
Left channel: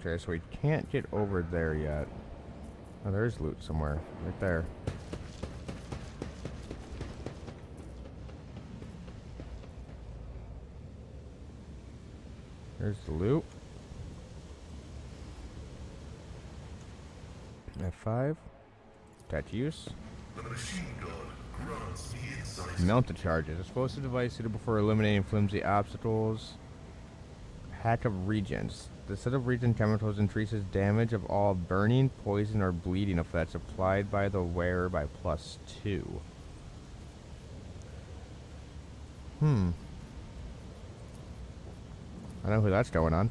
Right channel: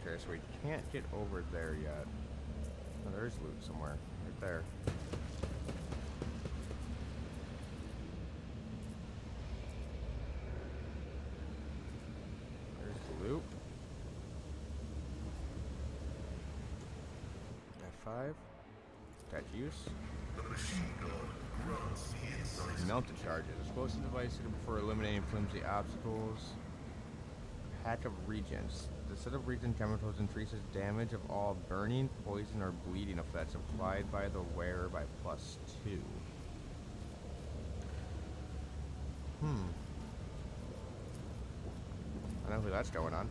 Okay, so we can't get over there yet. Oh, there's loot somewhere. Right there. There's the loot. F5. Attach use. The machine gun grants me insight. Mounted charges. Explosive device suitable for eliminating flimsy obstacles. Hack of Regents. The set of regen chemicals increases damage of all burning, poison, or bleeding effects applied by the wearer by +2. I know who that's going on.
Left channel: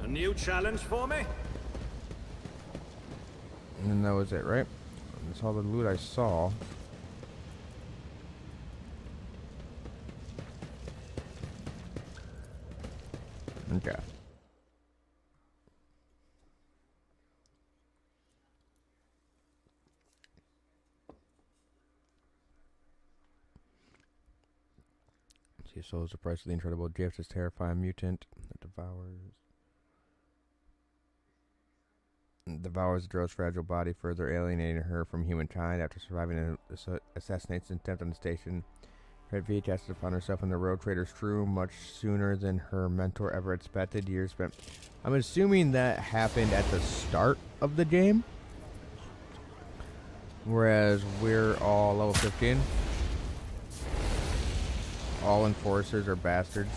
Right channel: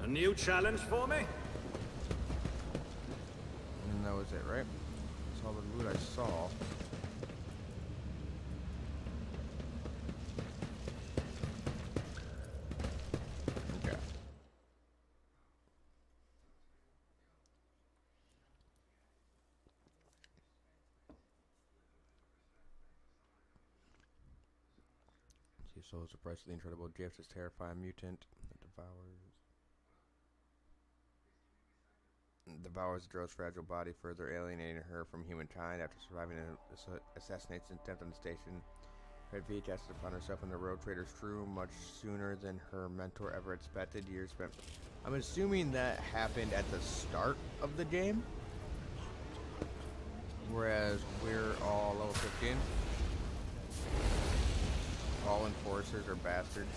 A new challenge for me? And that was it, right? That's all the loot I saw. Okay. See, so is the price of the incredible gift is terrifying mutant that devours the girl's fragile body, further alienating her from humankind. After surviving an assassination attempt on the station, Red V casted upon herself and the Road Trader's crew much sooner than her mentor ever expected. Years spent. I'm assuming that happened at the start of the game, whereas we're all level 15. All enforcers are bastards.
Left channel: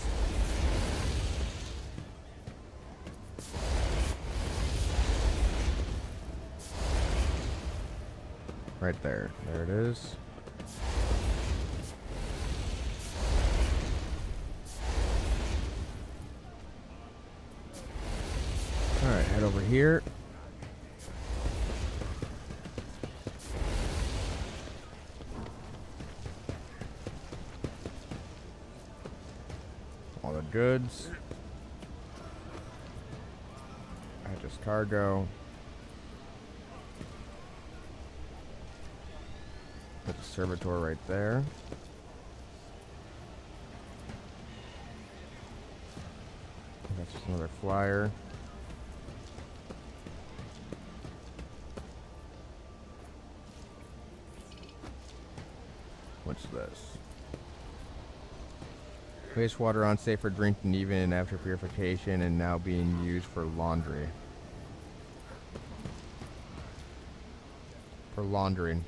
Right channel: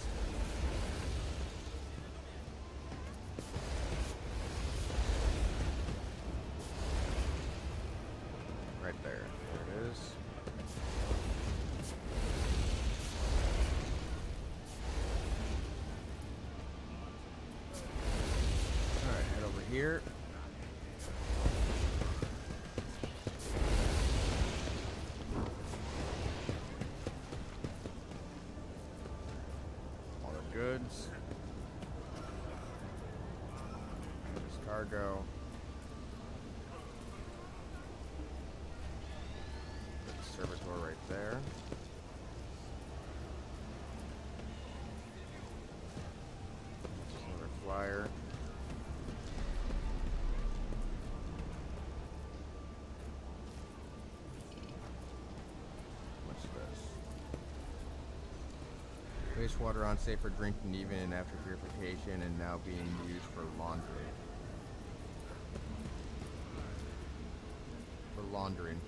Right there. There it is. here. All the goods. Just cargo. Put the servitor right there. That's just another flyer. What's this? Wastewater unsafe for drinking even and after purification and now being used for laundry. For laundering.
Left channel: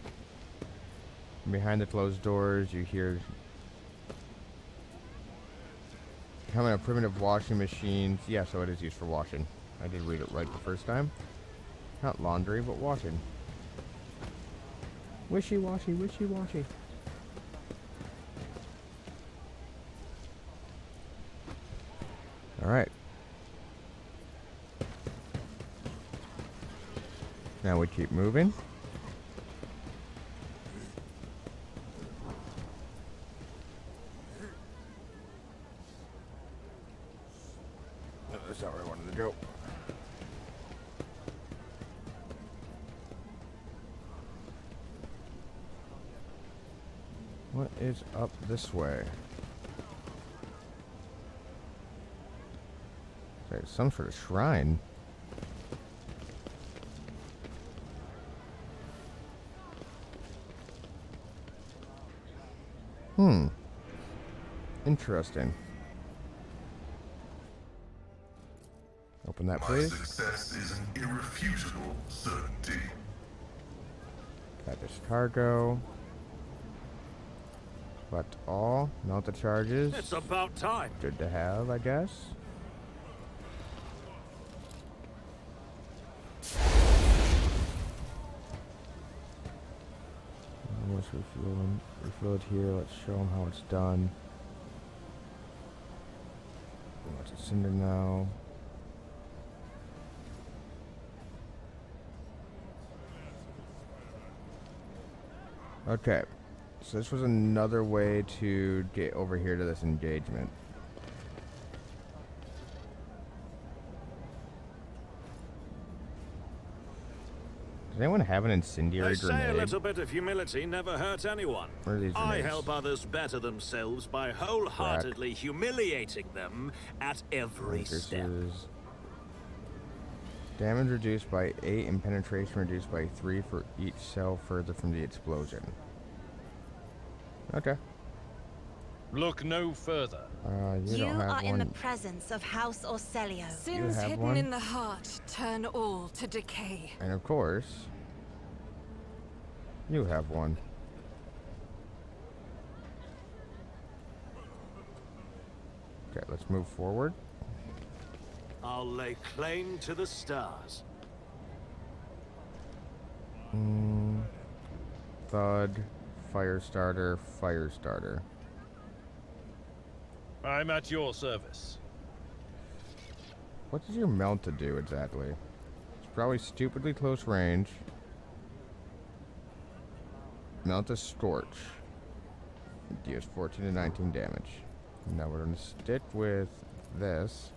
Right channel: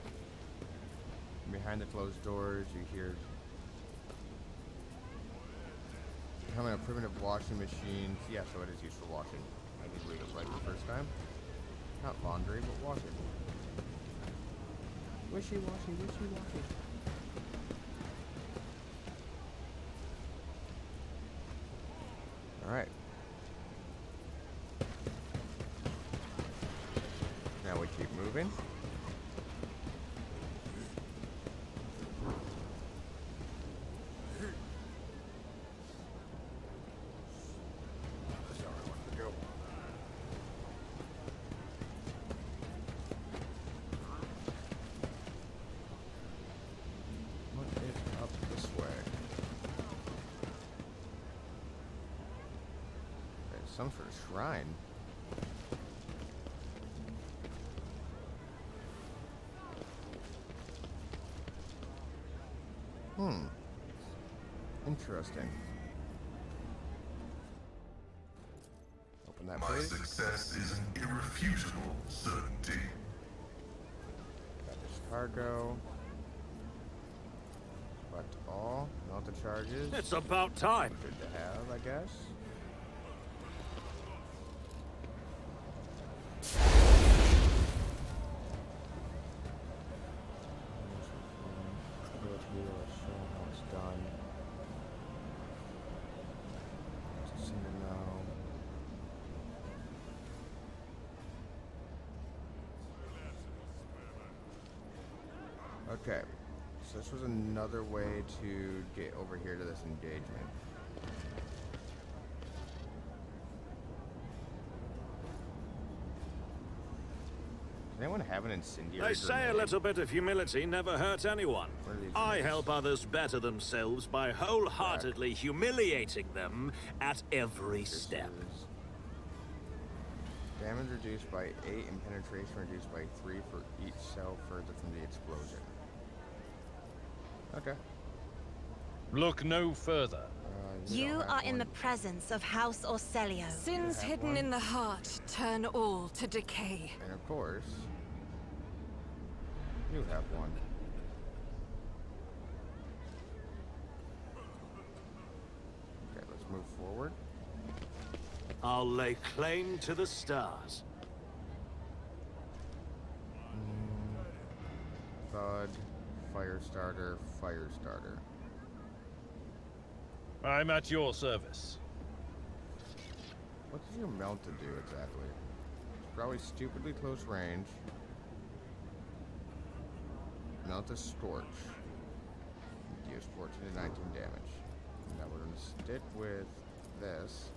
Behind the closed doors, you hear becoming a primitive washing machine. Yeah, so it is used for washing. I did read it right the first time. Not laundry, but washing. Wishy-washy, wishy-washy. Alright. Now we keep moving. That's not where I wanted to go. What is up this way? There's some sort of shrine. Interesting. Open that, My please. success is an irrefutable certainty. Got this cargo. Collect all. Mount the charges. It's about time. Good to have, I guess. Let's refuel it here. Let's show them how it's done. Let's send it now. Okay, so this was another way to get over here to this engagement. Does anyone have an incendiary They say a grenade? little bit of humility never hurt anyone. Where are these I grenades? help others better themselves by wholeheartedly humiliating them at every step. Pierces. Damage reduced by 8 and penetration reduced by 3 for each cell further from the explosion. Okay. Look no further. You don't have are in the one. presence of House Orcelio. Sins have hidden one? in the heart turn all to decay. And of course, you have one. Okay, let's move forward. I'll lay claim to the stars. Thud, fire starter, fire starter. I'm at your service. What does your mount to do exactly? It's probably stupidly close range. Mount a scorch. Deals 14 to 19 damage. Now we're gonna stick with this.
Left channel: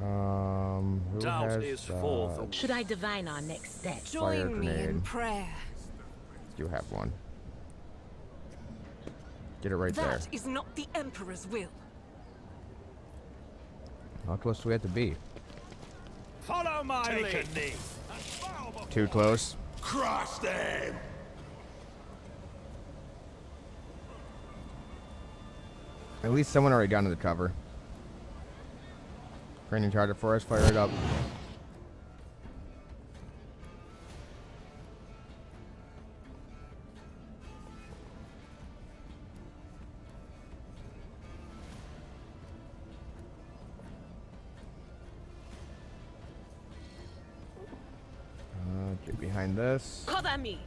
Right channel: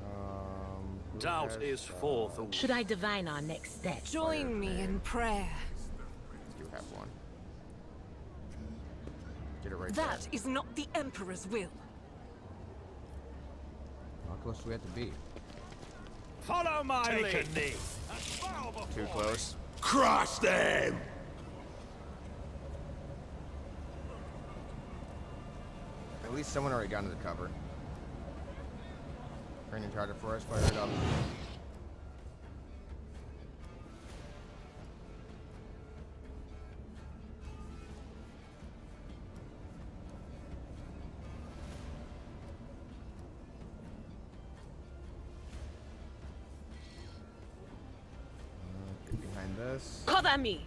Who Doubt has, is forth. Should I divine our next step? Join me in grenade. prayer. You have one. Get it right That there. is not the Emperor's will. How close do we have to be? Follow my Take lead. a knee. Too close. Crush them! At least someone already got into the cover. Training charger for us, fire it up. Get behind this. Cover me!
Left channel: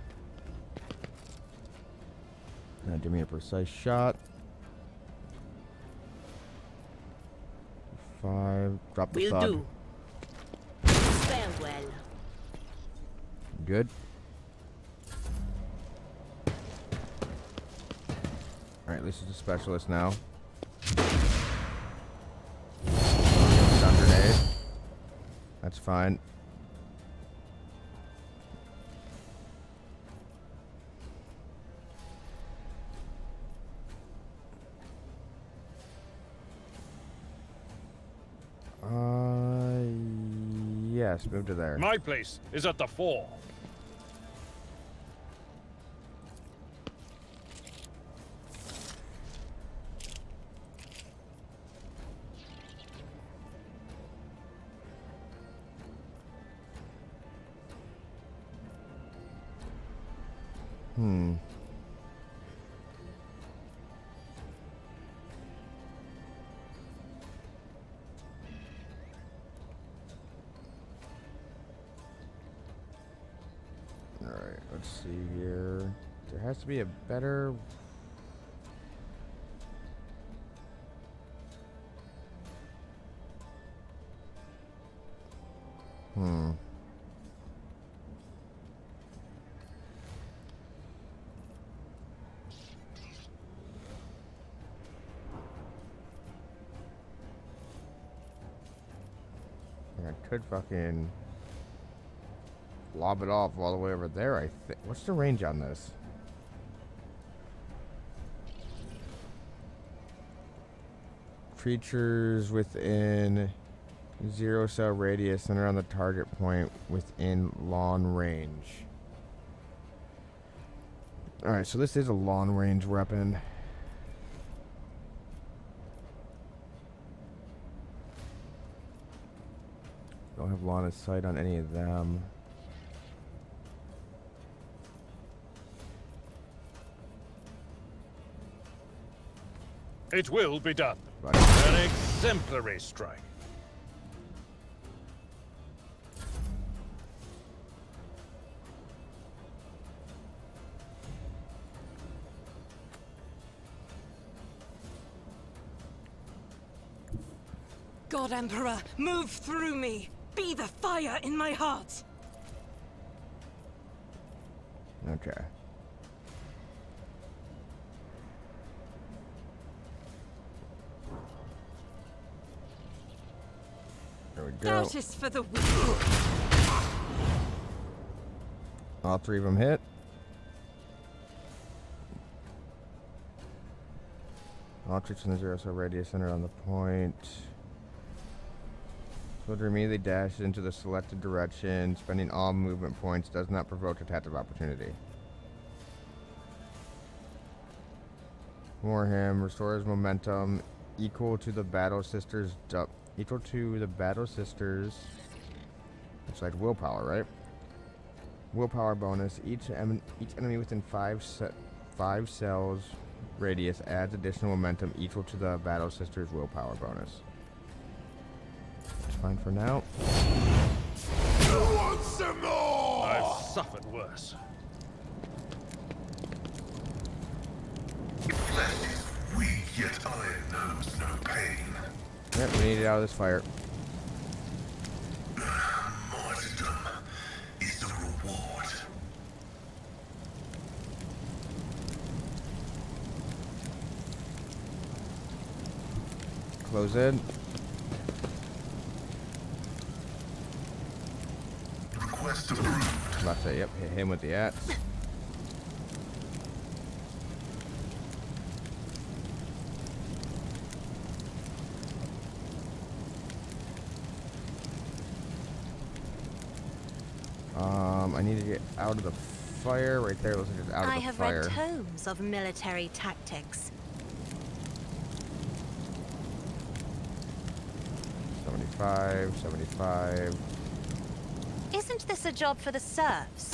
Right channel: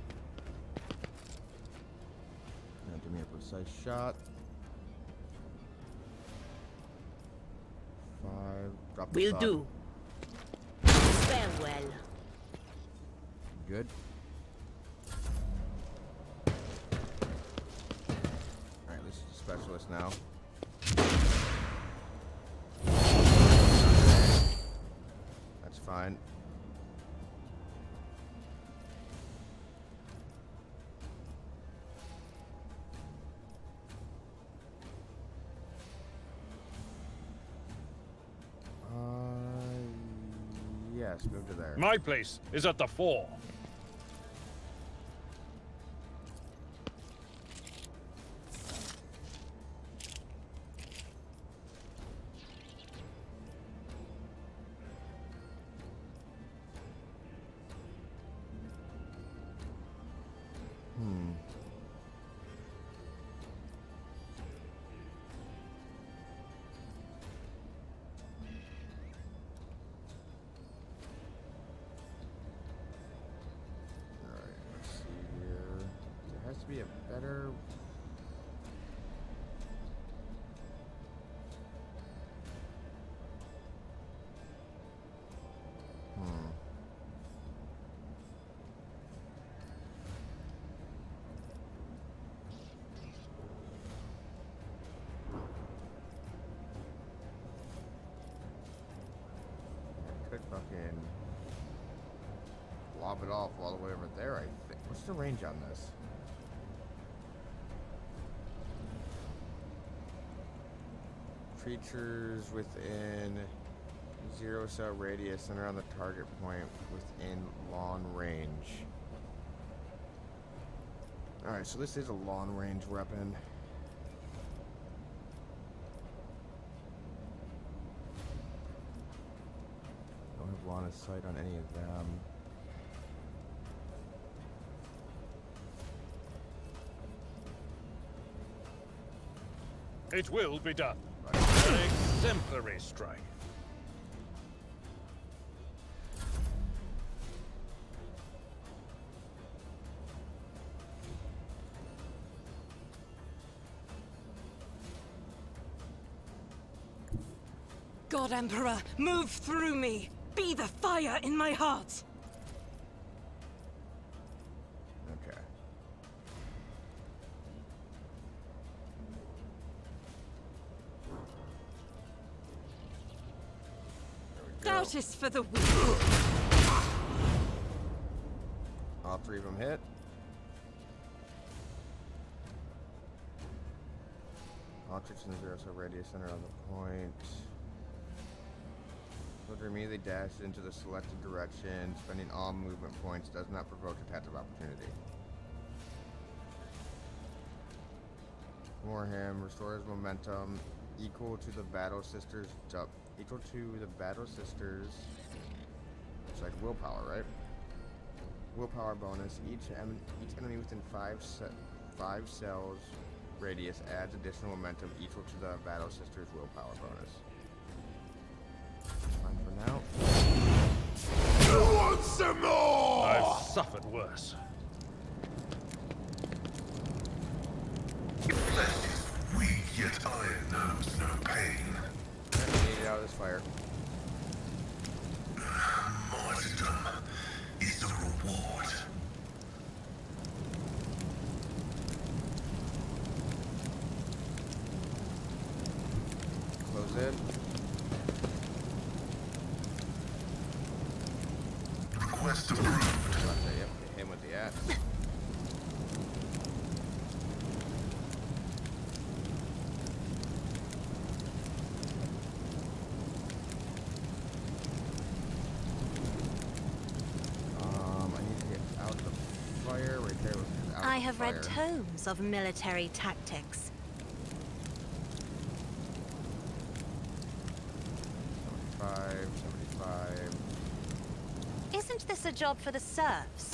Now give me a precise shot. 5. Drop the Will thud. do. well. Good. Alright, this is a specialist now. Grenade. That's fine. Yes, move to there. My place is at the fore. Alright, let's see here. There has to be a better... I could fucking lob it off all the way over there, I think. What's the range on this? Creatures within 0 cell radius center on the target point within long range. Alright, so this is a long range weapon. Don't have line of sight on any of them. It will be done. Right. An exemplary strike. God Emperor, move through me! Be the fire in my heart! Okay. There we go. Doubt is for the weak. All three of them hit. All troops in the 0 cell radius center on the point. Soldier immediately dashes into the selected direction, spending all movement points, does not provoke attack of opportunity. Warham restores momentum equal to the battle sisters it's like willpower, right? Willpower bonus. Each enemy within 5 cells radius adds additional momentum equal to the battle sisters willpower bonus. Fine for now. You want some more? I've suffered worse. Flesh is weak, yet iron knows no pain. Yep, we need it out of this fire. Martyrdom is the reward. Close in. Request approved. About to say, yep, hit him with the axe. I need to get out of the fire right there. Let's get out of I the have fire. read tomes of military tactics. 75, 75. Isn't this a job for the serfs?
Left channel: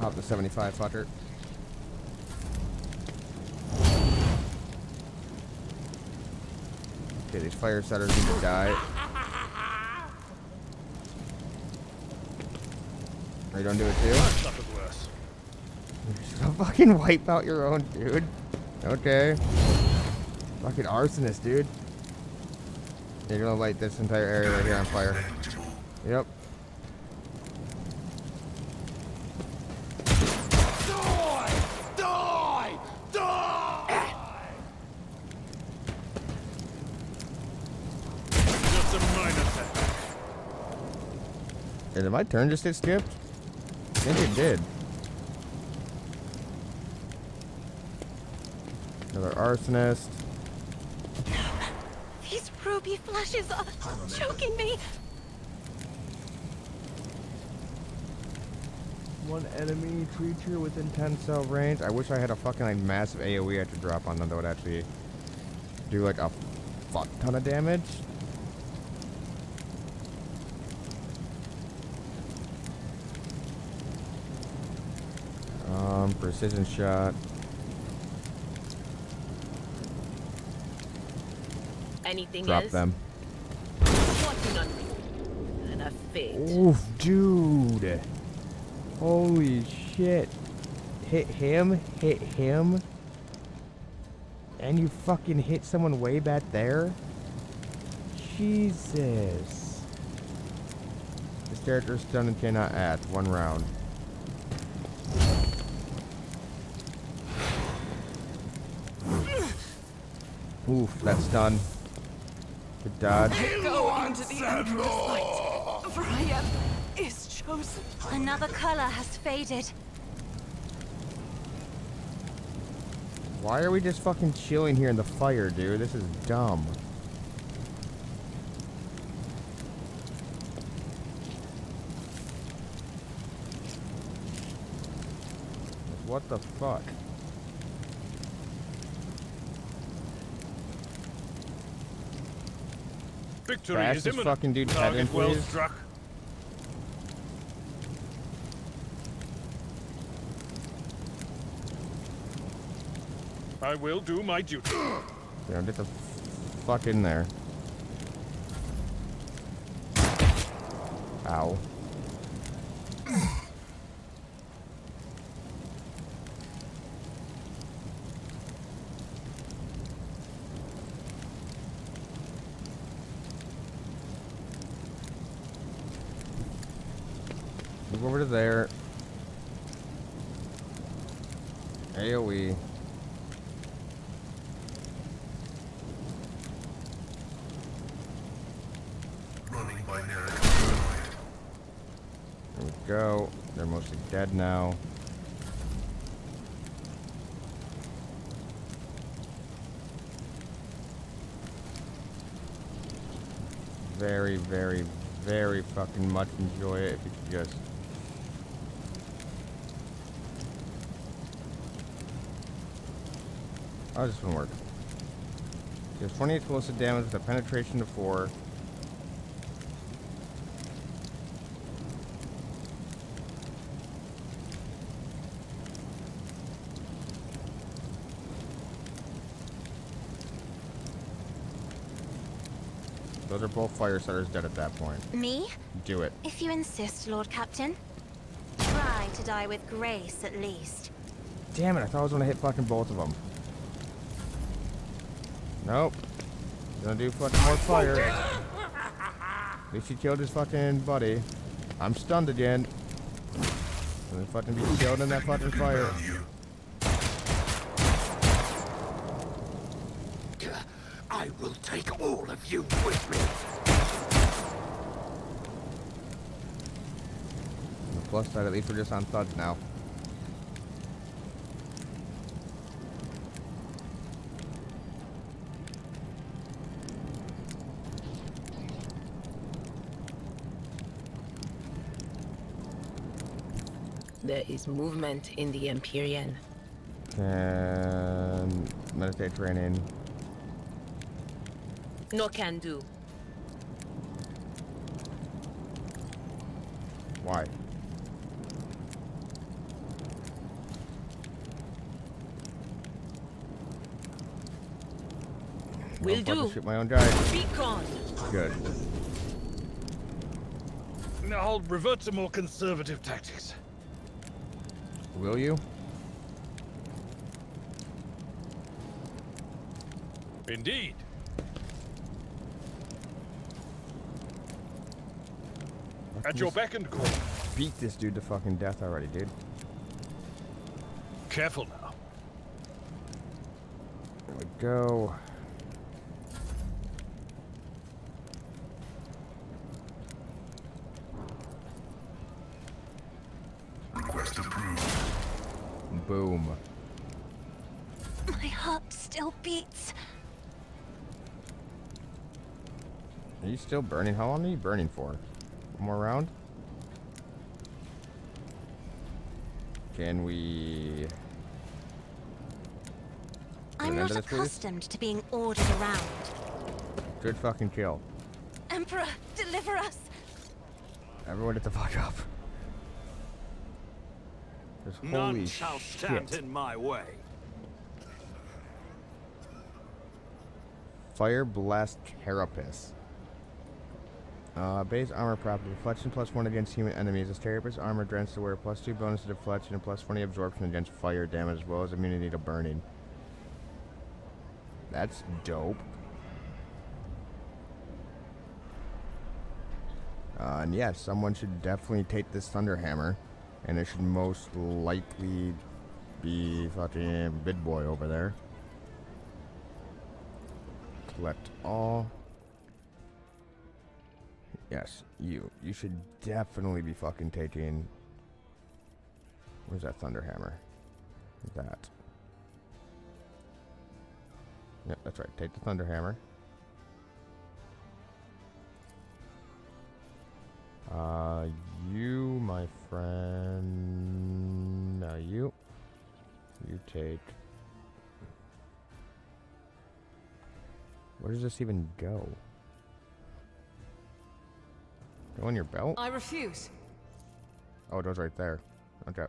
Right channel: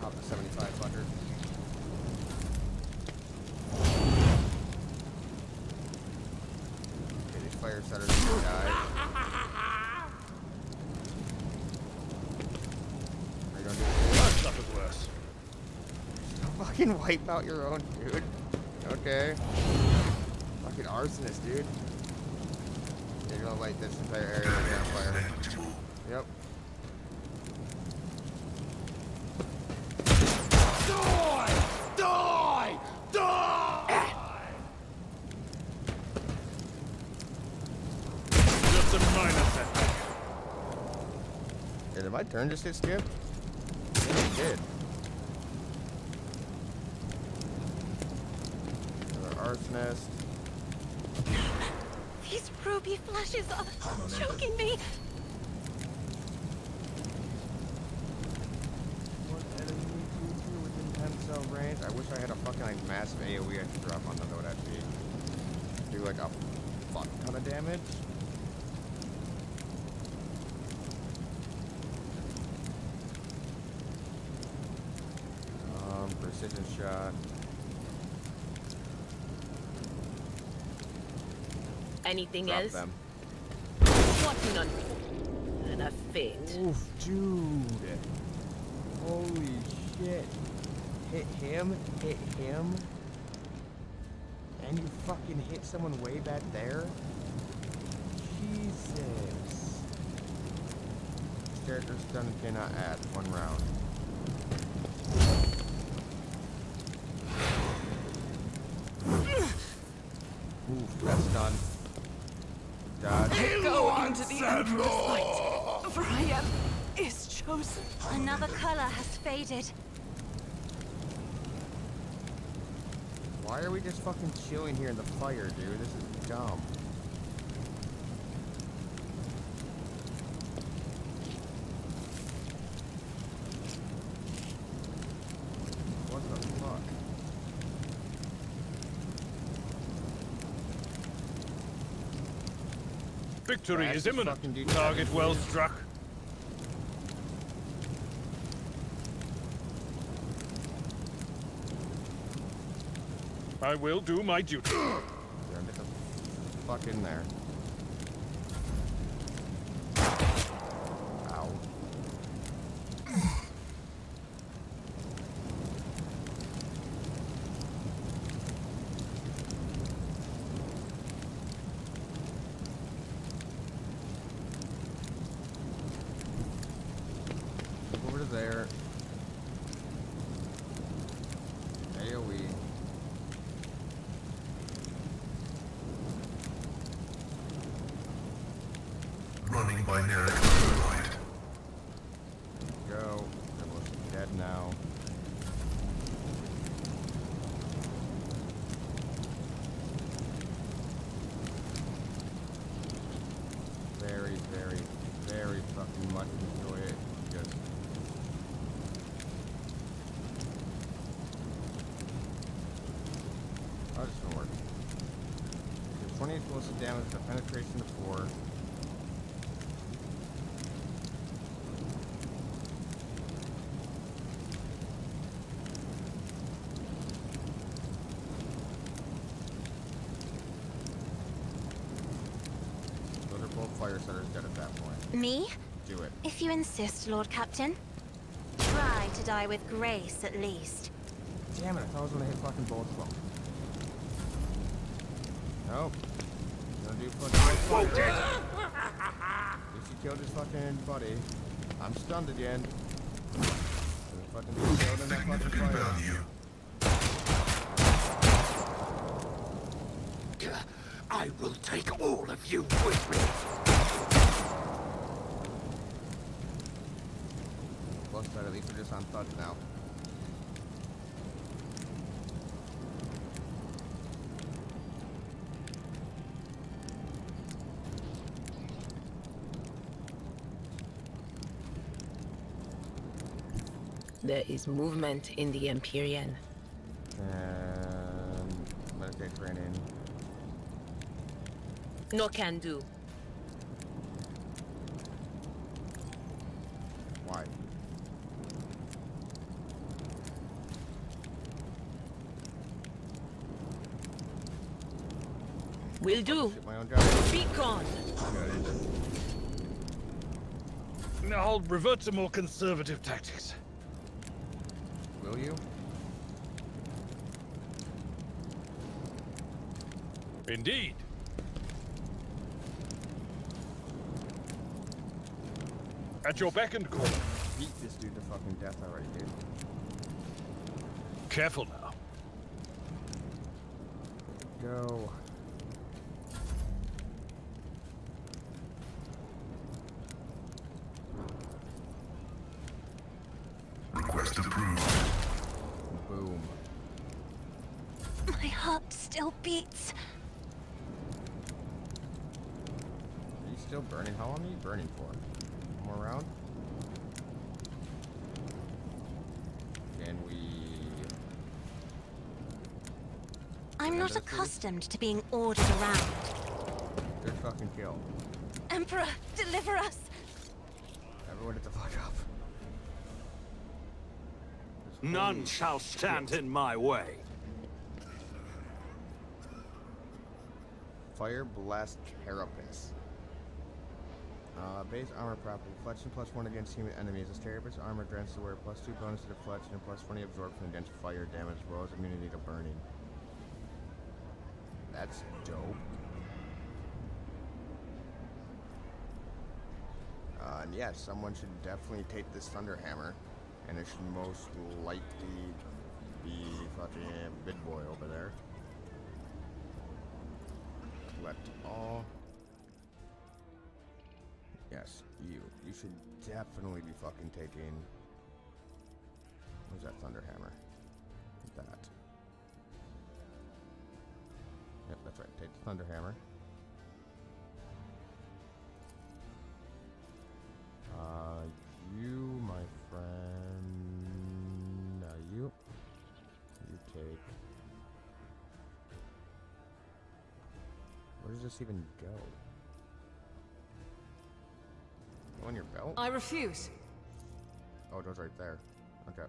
Pop the 75 fucker. Okay, these fire setters need to die. Are you don't do it too? I've suffered worse. Don't fucking wipe out your own, dude. Okay. Fucking arsonist, dude. You're gonna light this entire area right here on fire. Yep. Hey, did my turn just get skipped? I think it did. Another arsonist. These ruby flashes are choking me. One enemy creature within 10 cell range. I wish I had a fucking like massive AoE I could drop on them that would actually do like a fuck ton of damage. Precision shot. Anything Drop else? them. Swatting on me. And a fate. Oof, dude. Holy shit. Hit him, and you fucking hit someone way back there? Jesus. This character is stunned and cannot add 1 round. Oof, that's done. Good dodge. Go into the Emperor's light. Brian is chosen. Another color has faded. Why are we just fucking chilling here in the fire, dude? This is dumb. What the fuck? Victory Fastest is imminent. fucking dude Target ever, well please. struck. I will do my duty. Yeah, get the fuck in there. Ow. Move over to there. AoE. Running by Narek Humanoid. There we go. They're mostly dead now. Very, very, very fucking much enjoy it if you could just. Oh, this one work. There's 20 explosive damage with a penetration of 4. Those are both fire starters dead at that point. Me? Do it. If you insist, Lord Captain. Try to die with grace, at least. Damn it, I thought I was gonna hit fucking both of them. Nope. Gonna do fucking more fire. At least he killed his fucking buddy. I'm stunned again. Gonna fucking be killed in that fucking fire. I will take all of you with me. Plus side, at least we're just on thuds now. There is movement in the Empyrean. And meditate training. No can do. Why? Will I'll do. fucking shoot my own giant. Be gone. Good. Now I'll revert to more conservative tactics. Will you? Indeed. At your beck and call. Beat this dude to fucking death already, dude. Careful now. There we go. My heart still beats. Are you still burning? How long are you burning for? One more round? Can we... I'm Remember not this, please? accustomed to being ordered around. Good fucking kill. Emperor, deliver us! Everyone get the fuck up. 'Cause None holy shall stand shit. in my way. Fire Blast Carapace. Base armor property. Deflection +1 against human enemies. This Carapace armor grants the wearer +2 bonus to deflection and +20 absorption against fire damage, as well as immunity to burning. That's dope. And yes, someone should definitely take this Thunder Hammer, and it should most likely be fucking Big Boy over there. Collect all. Yes, you should definitely be fucking taking... Where's that Thunder Hammer? That. Yep, that's right. Take the Thunder Hammer. You, my friend... Now you take... Where does this even go? Go on your belt? I refuse. Oh, it goes right there. Okay.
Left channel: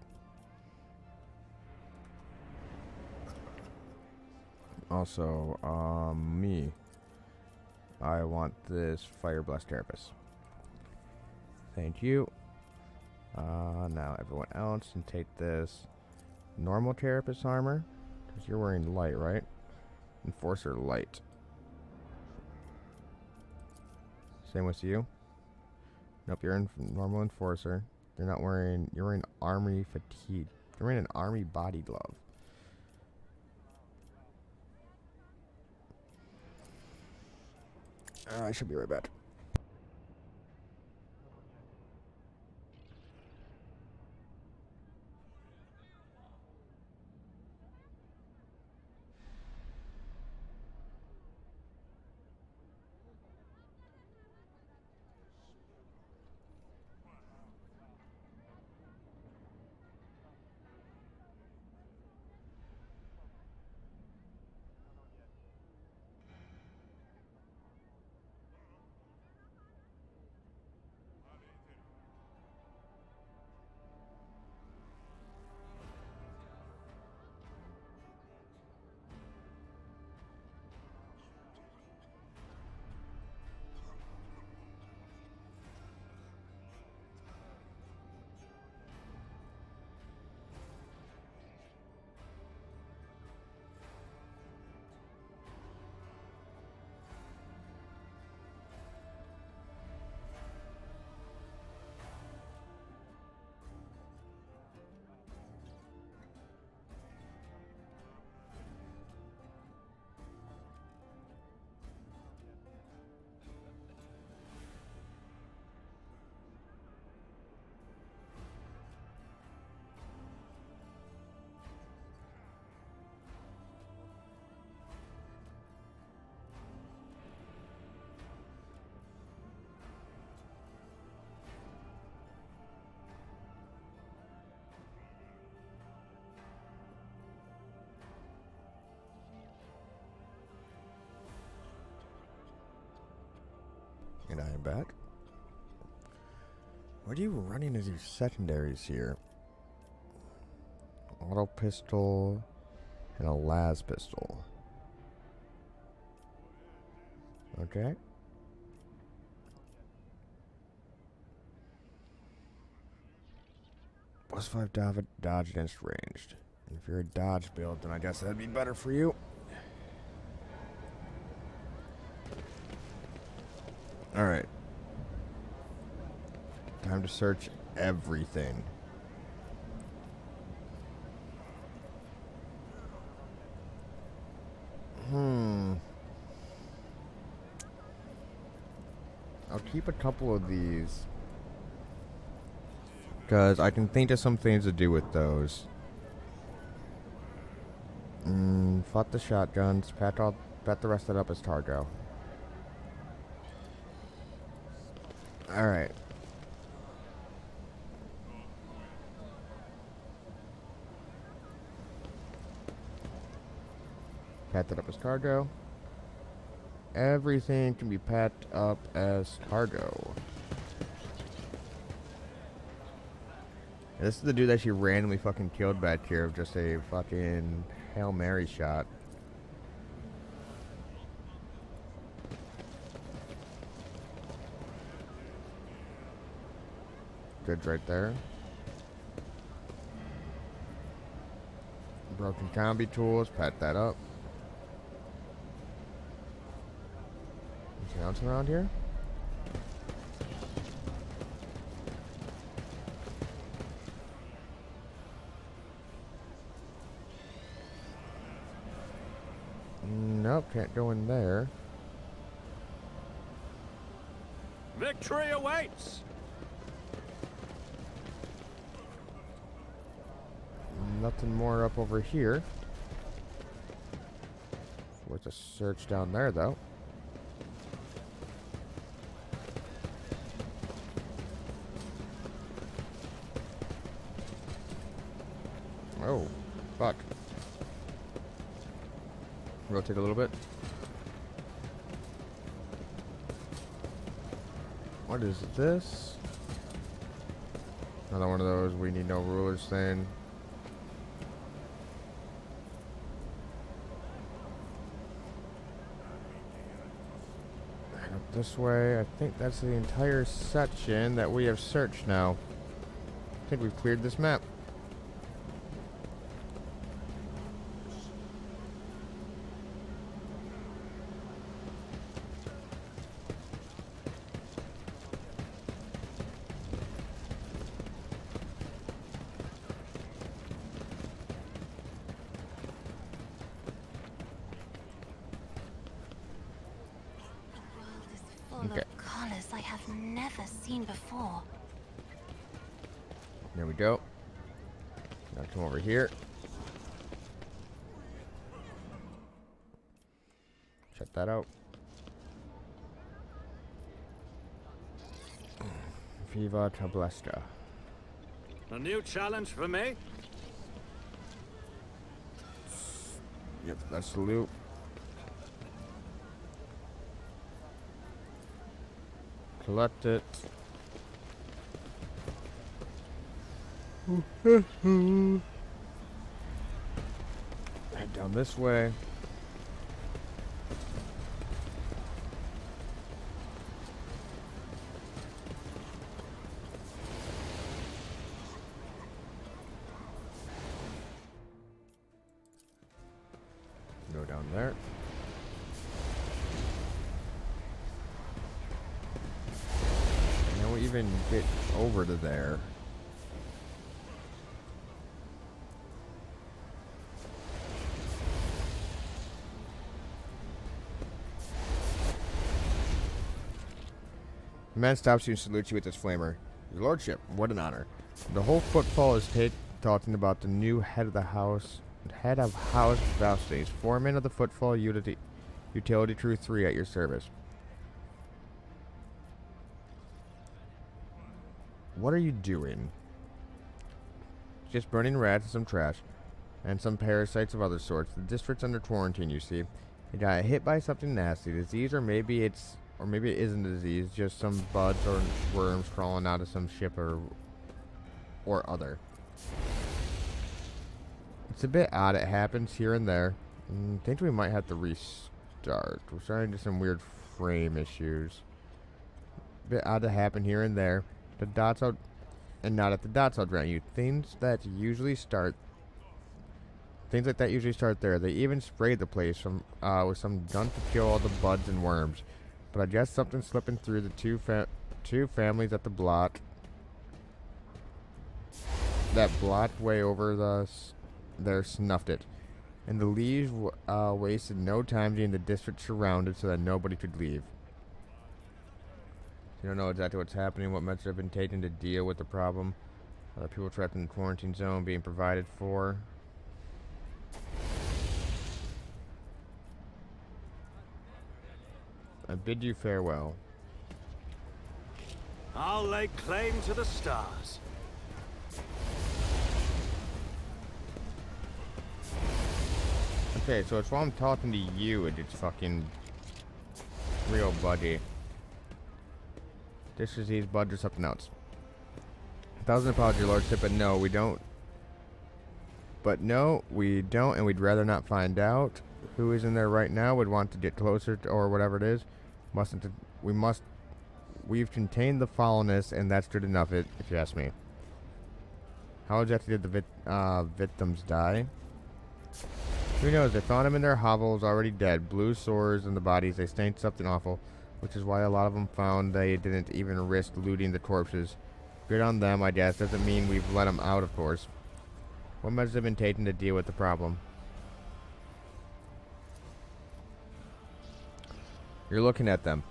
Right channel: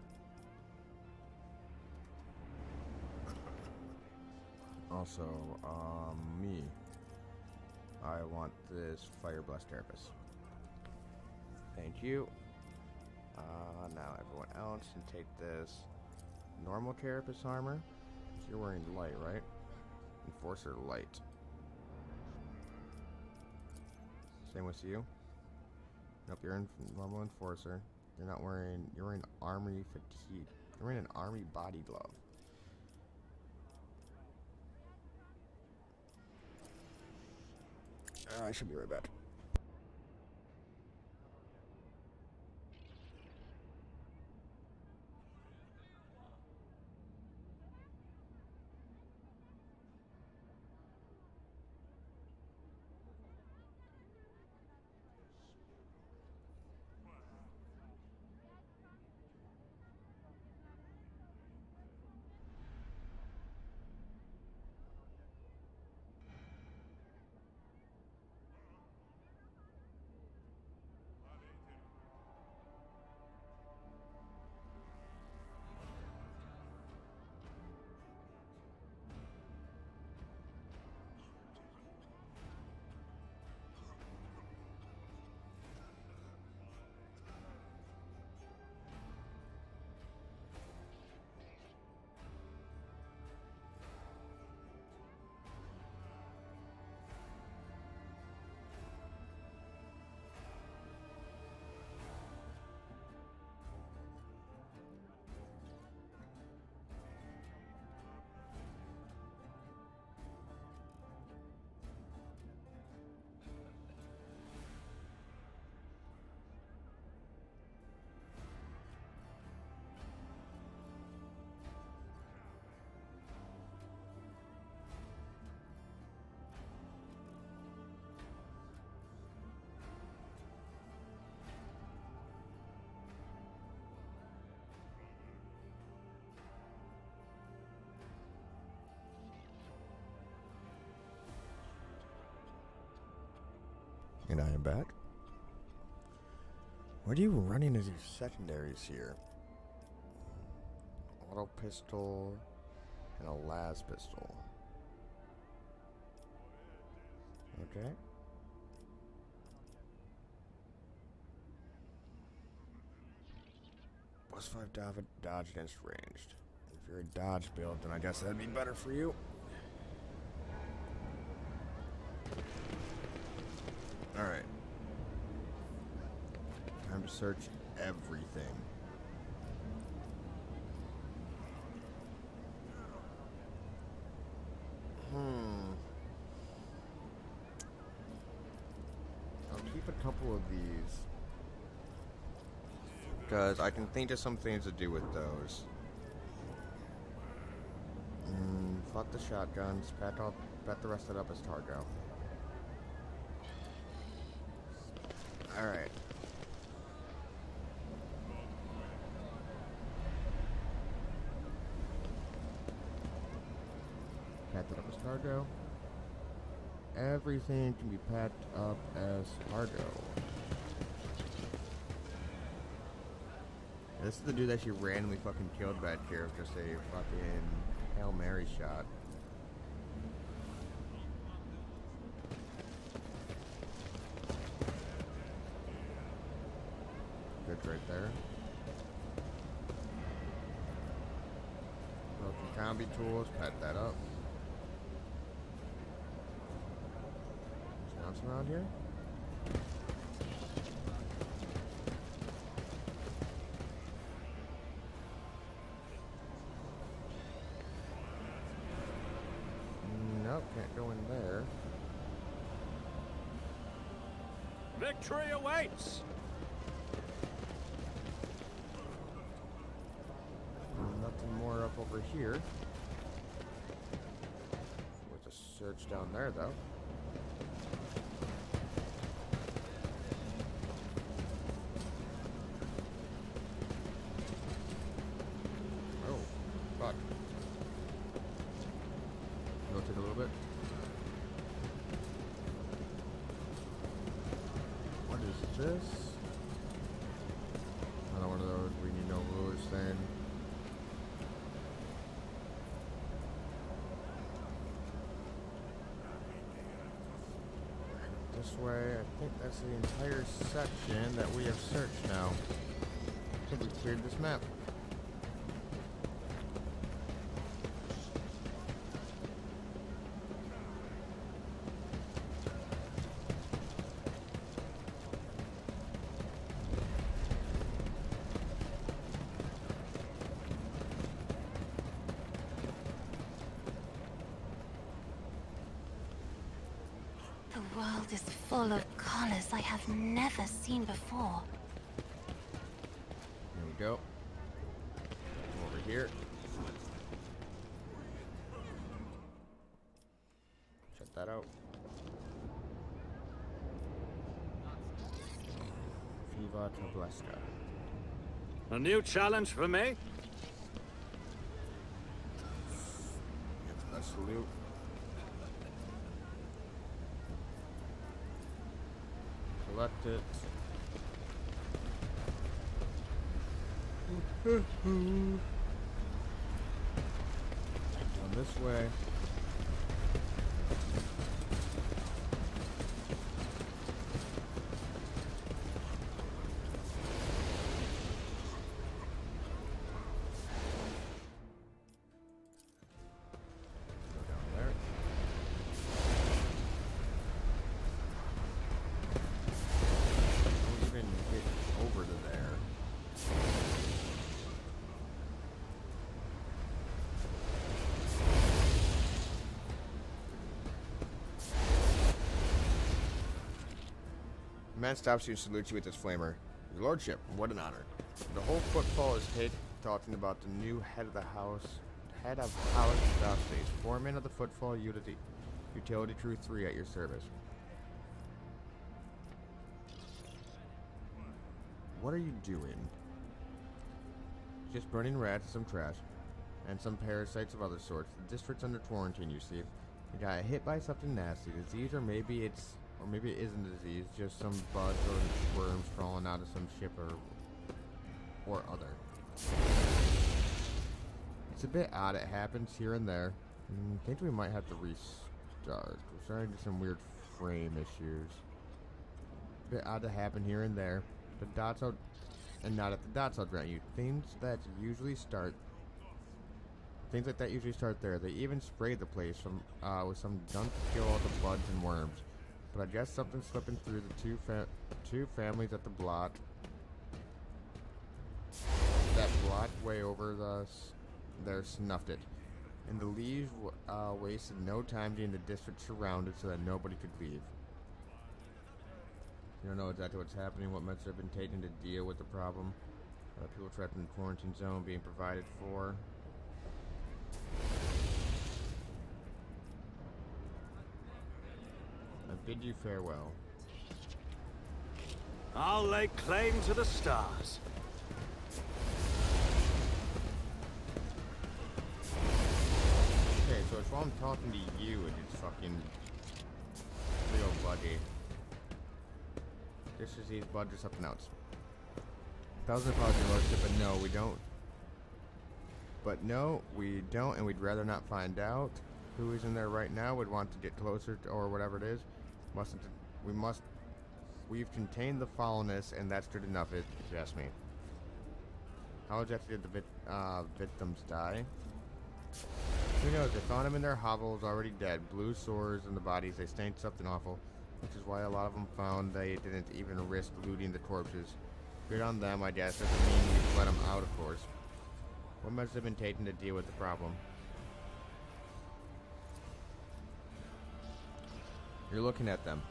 Also, me. I want this Fire Blast Carapace. Thank you. Now everyone else can take this normal Carapace armor. Because you're wearing light, right? Enforcer light. Same with you. Nope, you're in normal Enforcer. You're not wearing... You're wearing Army Fatigue. You're wearing an Army Body Glove. I should be right back. And I am back. What are you running as your secondaries here? Auto pistol and a las pistol. Okay. +5 dodge against ranged. And if you're a dodge build, then I guess that'd be better for you. Alright. Time to search everything. I'll keep a couple of these. Because I can think of some things to do with those. Fuck the shotguns. Pat the rest of it up as Targo. Alright. Pat that up as cargo. Everything can be packed up as cargo. This is the dude that she randomly fucking killed back here of just a fucking Hail Mary shot. Goods right there. Broken combi tools, pat that up. Anything else around here? Nope, can't go in there. Victory awaits! Nothing more up over here. Worth a search down there, though. Oh, fuck. Rotate a little bit. What is this? Another one of those we need no rulers thing. This way, I think that's the entire section that we have searched now. I think we've cleared this map. The world is full of colors I have never seen before. There we go. Now come over here. Check that out. Viva Tableska. A new challenge for me? Yep, that's the loot. Collect it. And down this way. Go down there. Don't even get over to there. The man stops you and salutes you with his flamer. Your lordship, what an honor. The whole footfall is talking about the new head of house Valstays, foreman of the footfall utility crew 3 at your service. What are you doing? Just burning rats and some trash. And some parasites of other sorts. The district's under quarantine, you see. You got hit by something nasty. Disease, or maybe it isn't a disease, just some bugs or worms crawling out of some ship or other. It's a bit odd, it happens here and there. I think we might have to restart. We're starting to get some weird frame issues. A bit odd to happen here and there. The dots out, and not at the dots I'll grant you. Things like that usually start there. They even sprayed the place with some gun to kill all the bugs and worms. But I guess something slipping through the two families at the block. That block way over there snuffed it. And the Liege wasted no time getting the district surrounded so that nobody could leave. You don't know exactly what's happening, what measures have been taken to deal with the problem. People trapped in the quarantine zone being provided for. bid you farewell. I'll lay claim to the stars. Okay, so it's while I'm talking to you, it's fucking real buddy. This is these buds or something else. 1,000 apologies, your lordship, but no, we don't. But no, we don't, and we'd rather not find out who is in there right now. Would want to get closer to, or whatever it is. We've contained the foulness, and that's good enough, if you ask me. How exactly did the victims die? Who knows? They found them in their hovels, already dead. Blue sores in the bodies. They stained something awful, which is why a lot of them found they didn't even risk looting the corpses. Good on them, I guess. Doesn't mean we've let them out, of course. What measures have been taken to deal with the problem? You're looking at them.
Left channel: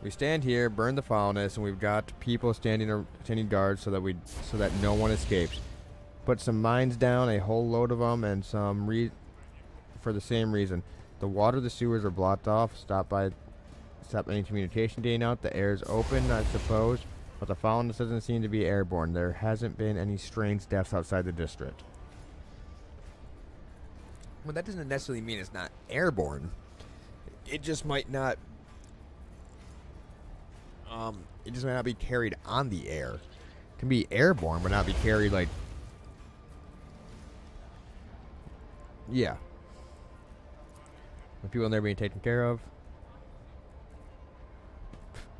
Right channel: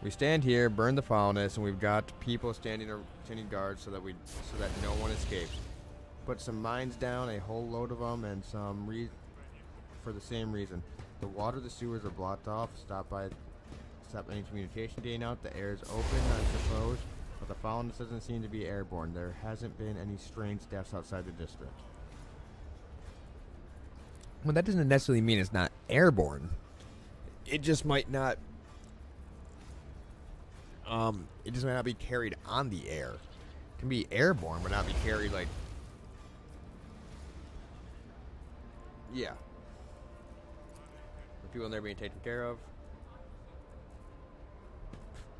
We stand here, burn the foulness, and we've got people standing guard so that no one escapes. Put some mines down, a whole load of them, and for the same reason. The water, the sewers are blocked off. Stop any communication getting out. The air is open, I suppose, but the foulness doesn't seem to be airborne. There hasn't been any strange deaths outside the district. Well, that doesn't necessarily mean it's not airborne. It just might not. It just might not be carried on the air. It can be airborne, but not be carried like. Yeah. The people in there being taken care of.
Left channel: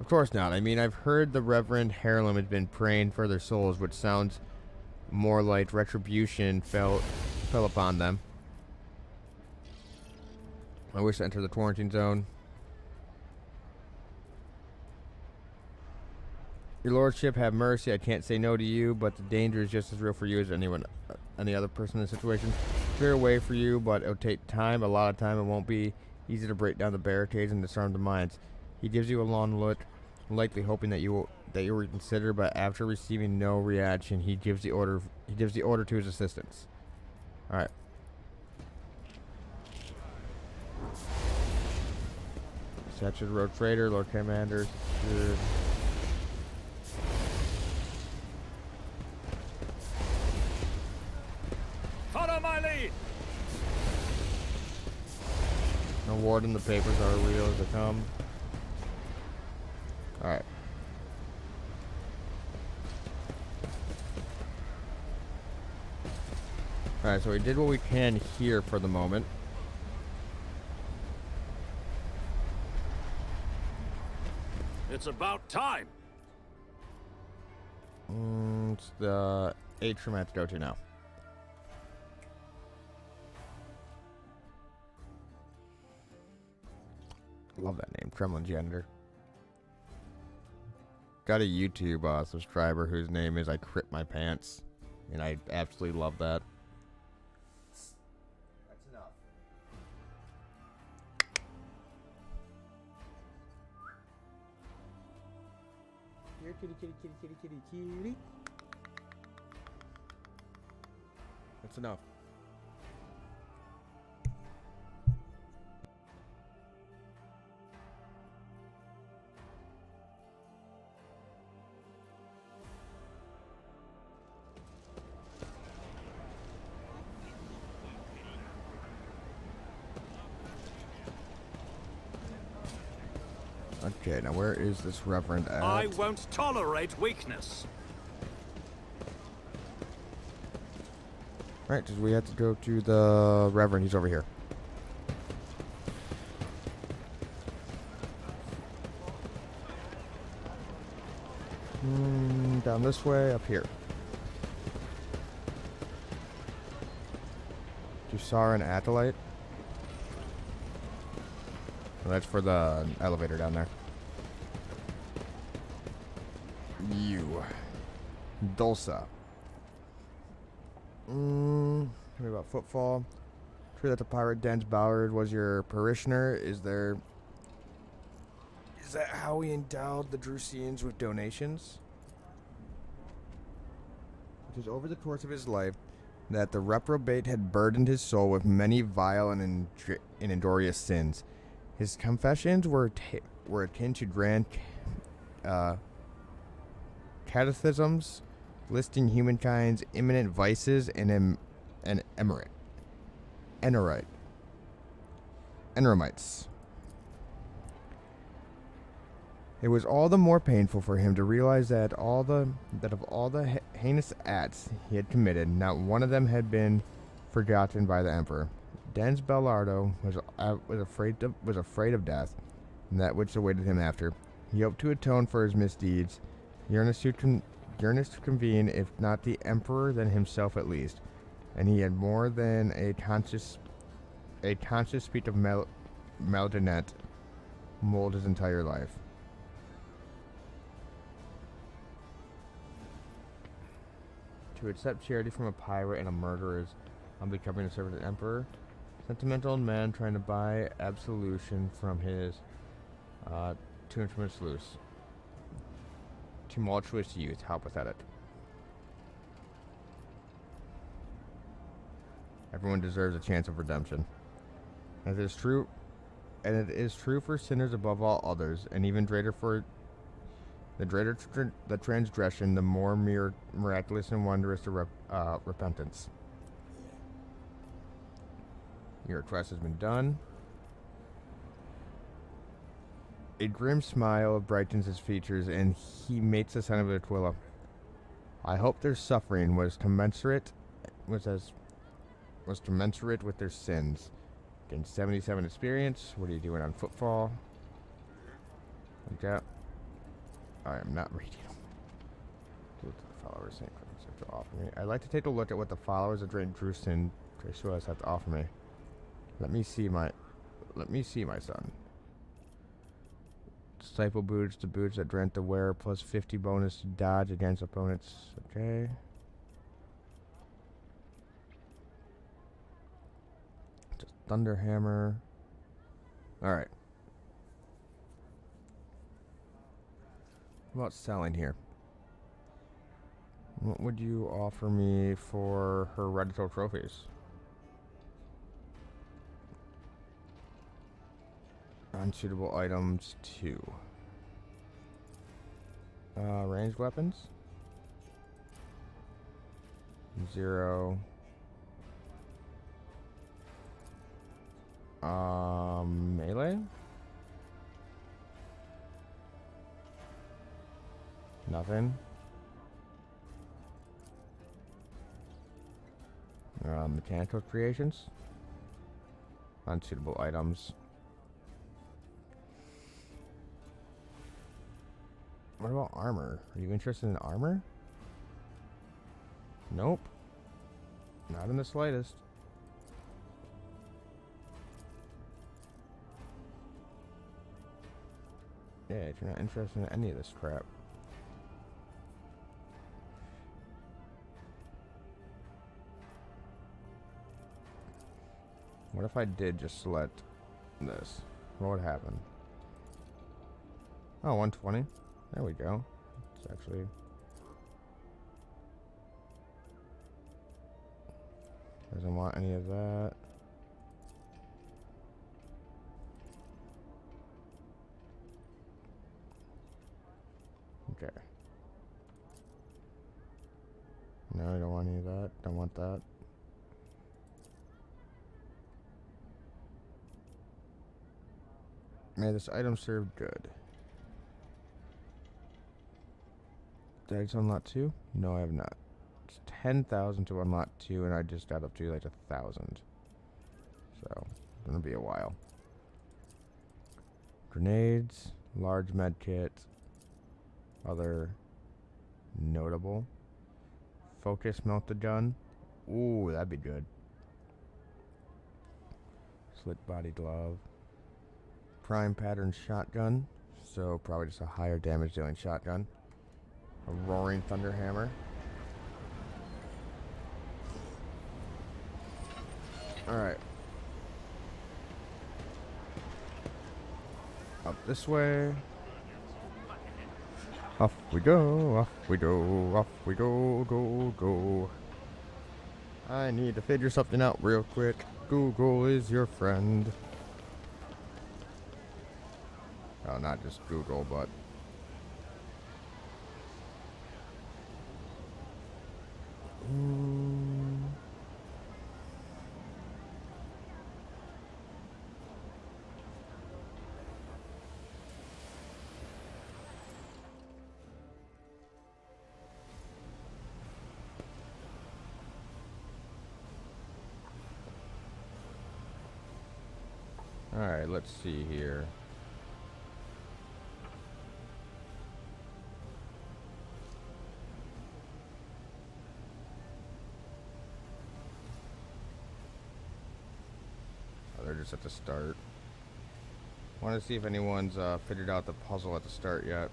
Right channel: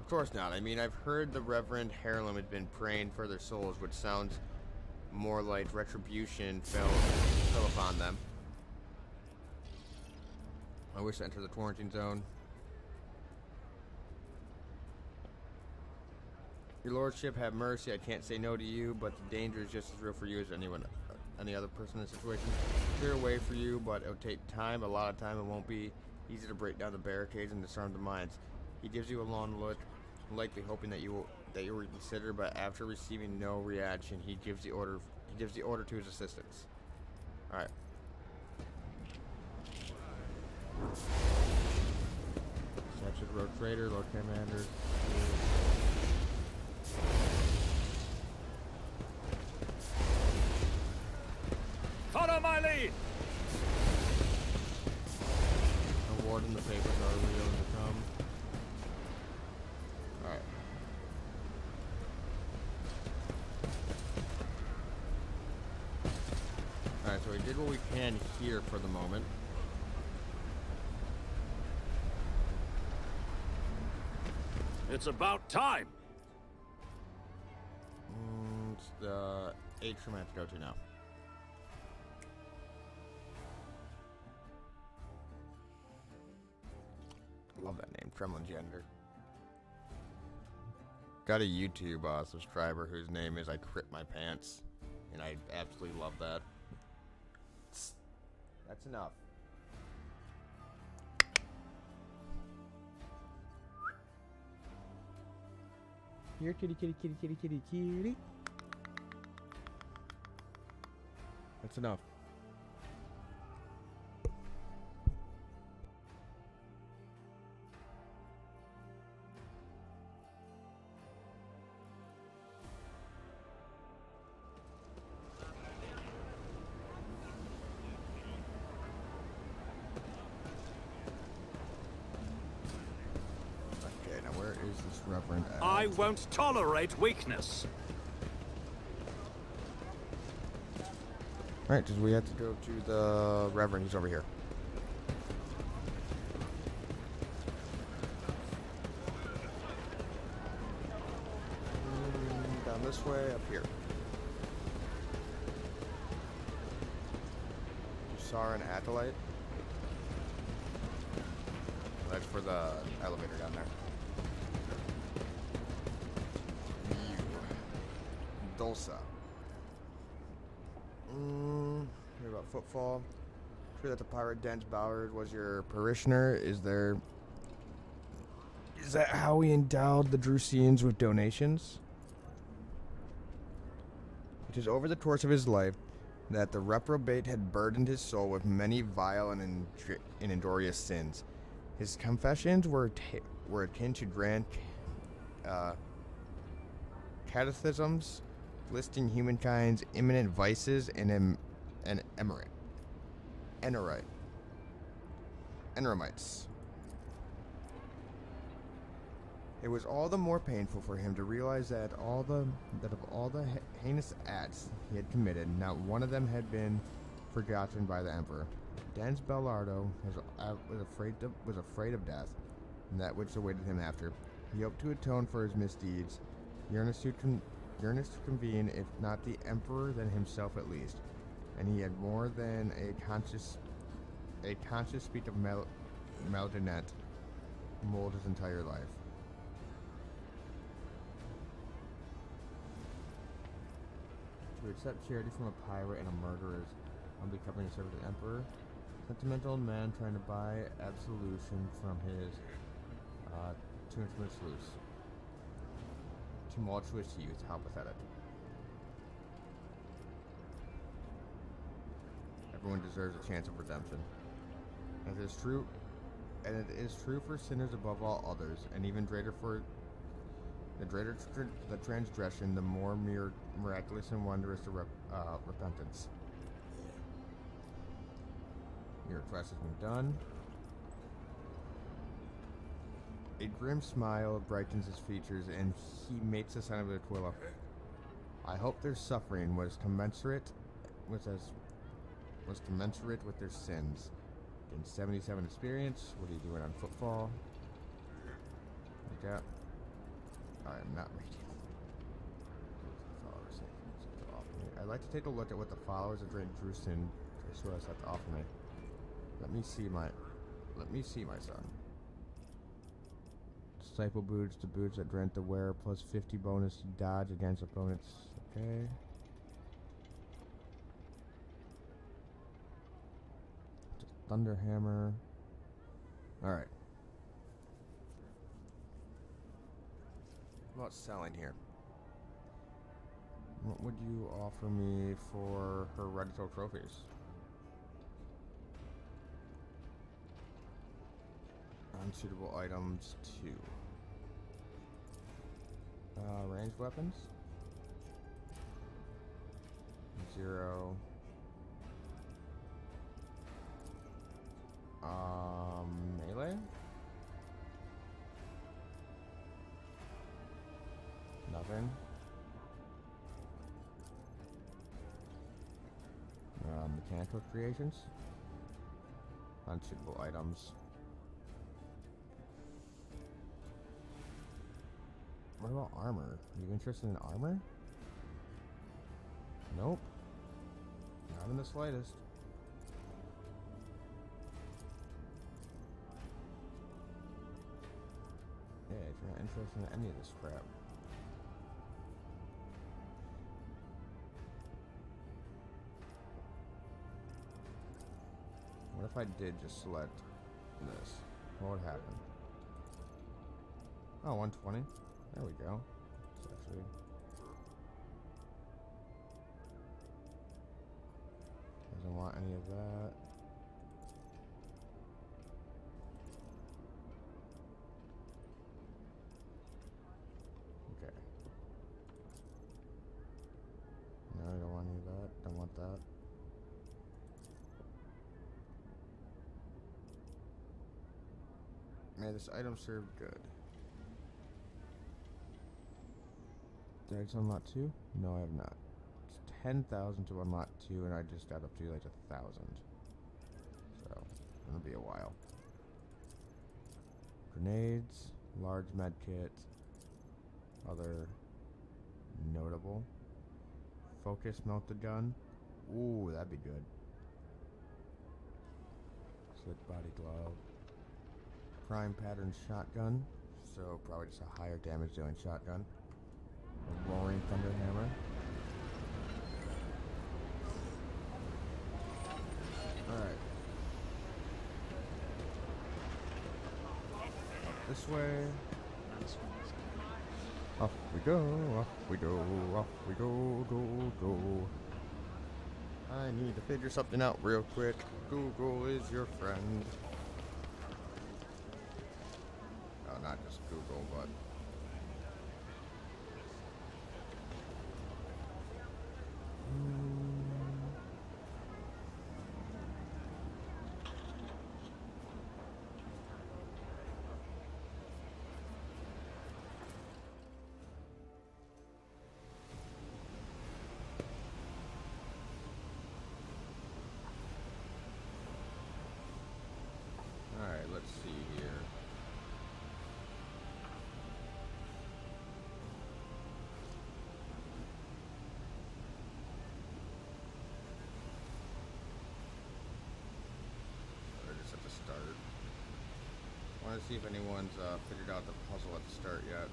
Of course not. I mean, I've heard the Reverend Harlem has been praying for their souls, which sounds more like retribution fell upon them. I wish to enter the quarantine zone. Your lordship, have mercy. I can't say no to you, but the danger is just as real for you as any other person in the situation. Clear a way for you, but it'll take time, a lot of time. It won't be easy to break down the barricades and disarm the mines. He gives you a long look, likely hoping that you'll reconsider, but after receiving no reaction, he gives the order to his assistants. All right. Statue Road Trader, Lord Commander. Follow my lead! Warden, the papers are real as they come. Alright. Alright, so we did what we can here for the moment. It's about time! It's the atrium I have to go to now. Love that name, Trembling Janitor. Got a YouTube subscriber whose name is I Crit My Pants, and I absolutely love that. That's enough. Here, kitty, kitty, kitty, kitty, kitty, kitty. That's enough. Okay, now where is this Reverend at? I won't tolerate weakness. Alright, because we have to go to the Reverend. He's over here. Down this way, up here. Dusar and Acolyte. Well, that's for the elevator down there. You. Dulsa. Tell me about Footfall. True that the pirate Den's Ballard was your parishioner. Is that how he endowed the Drusians with donations? It is over the course of his life that the reprobate had burdened his soul with many vile and injurious sins. His confessions were akin to grand catechisms, listing humankind's imminent vices and Enramites. It was all the more painful for him to realize that of all the heinous acts he had committed, not one of them had been forgotten by the Emperor. Denz Bellardo was afraid of death, and that which awaited him after. He hoped to atone for his misdeeds, yearnest to convene, if not the Emperor, then himself at least. And he had more than a conscious speech of Maldinet mold his entire life. To accept charity from a pirate and a murderer is on becoming a servant of the Emperor. Sentimental man trying to buy absolution from his too infamous loose. Tumultuous youth, how pathetic. Everyone deserves a chance of redemption. And it is true for sinners above all others, and even greater for the greater the transgression, the more miraculous and wondrous the repentance. Your request has been done. A grim smile brightens his features, and he makes the sign of Aquila. I hope their suffering was commensurate with their sins. Gain 77 experience. What are you doing on footfall? Okay. I am not reading. Followers have to offer me. I'd like to take a look at what the followers of Drain Drustin have to offer me. Let me see my son. Disciple boots, the boots that grant the wearer plus 50 bonus to dodge against opponents. Okay. Just thunder hammer. Alright. What about selling here? What would you offer me for hereditary trophies? Unsuitable items 2. Ranged weapons 0. Melee? Nothing. Mechanical creations. Unsuitable items. What about armor? Are you interested in armor? Nope. Not in the slightest. Yeah, if you're not interested in any of this crap. What if I did just select this? What would happen? Oh, 120. There we go. It's actually... doesn't want any of that. Okay. No, I don't want any of that. Don't want that. May this item serve good. Did I just unlock 2? No, I have not. It's 10,000 to unlock 2, and I just got up to like 1,000. So, it's gonna be a while. Grenades, large med kit, other notable. Focus melted gun. Ooh, that'd be good. Slick body glove. Prime pattern shotgun. So probably just a higher damage dealing shotgun. A roaring thunder hammer. Alright. Up this way. Off we go, off we go, off we go, go. I need to figure something out real quick. Google is your friend. Oh, not just Google, but... Alright, let's see here. Oh, they're just at the start. Want to see if anyone's figured out the puzzle at the start yet.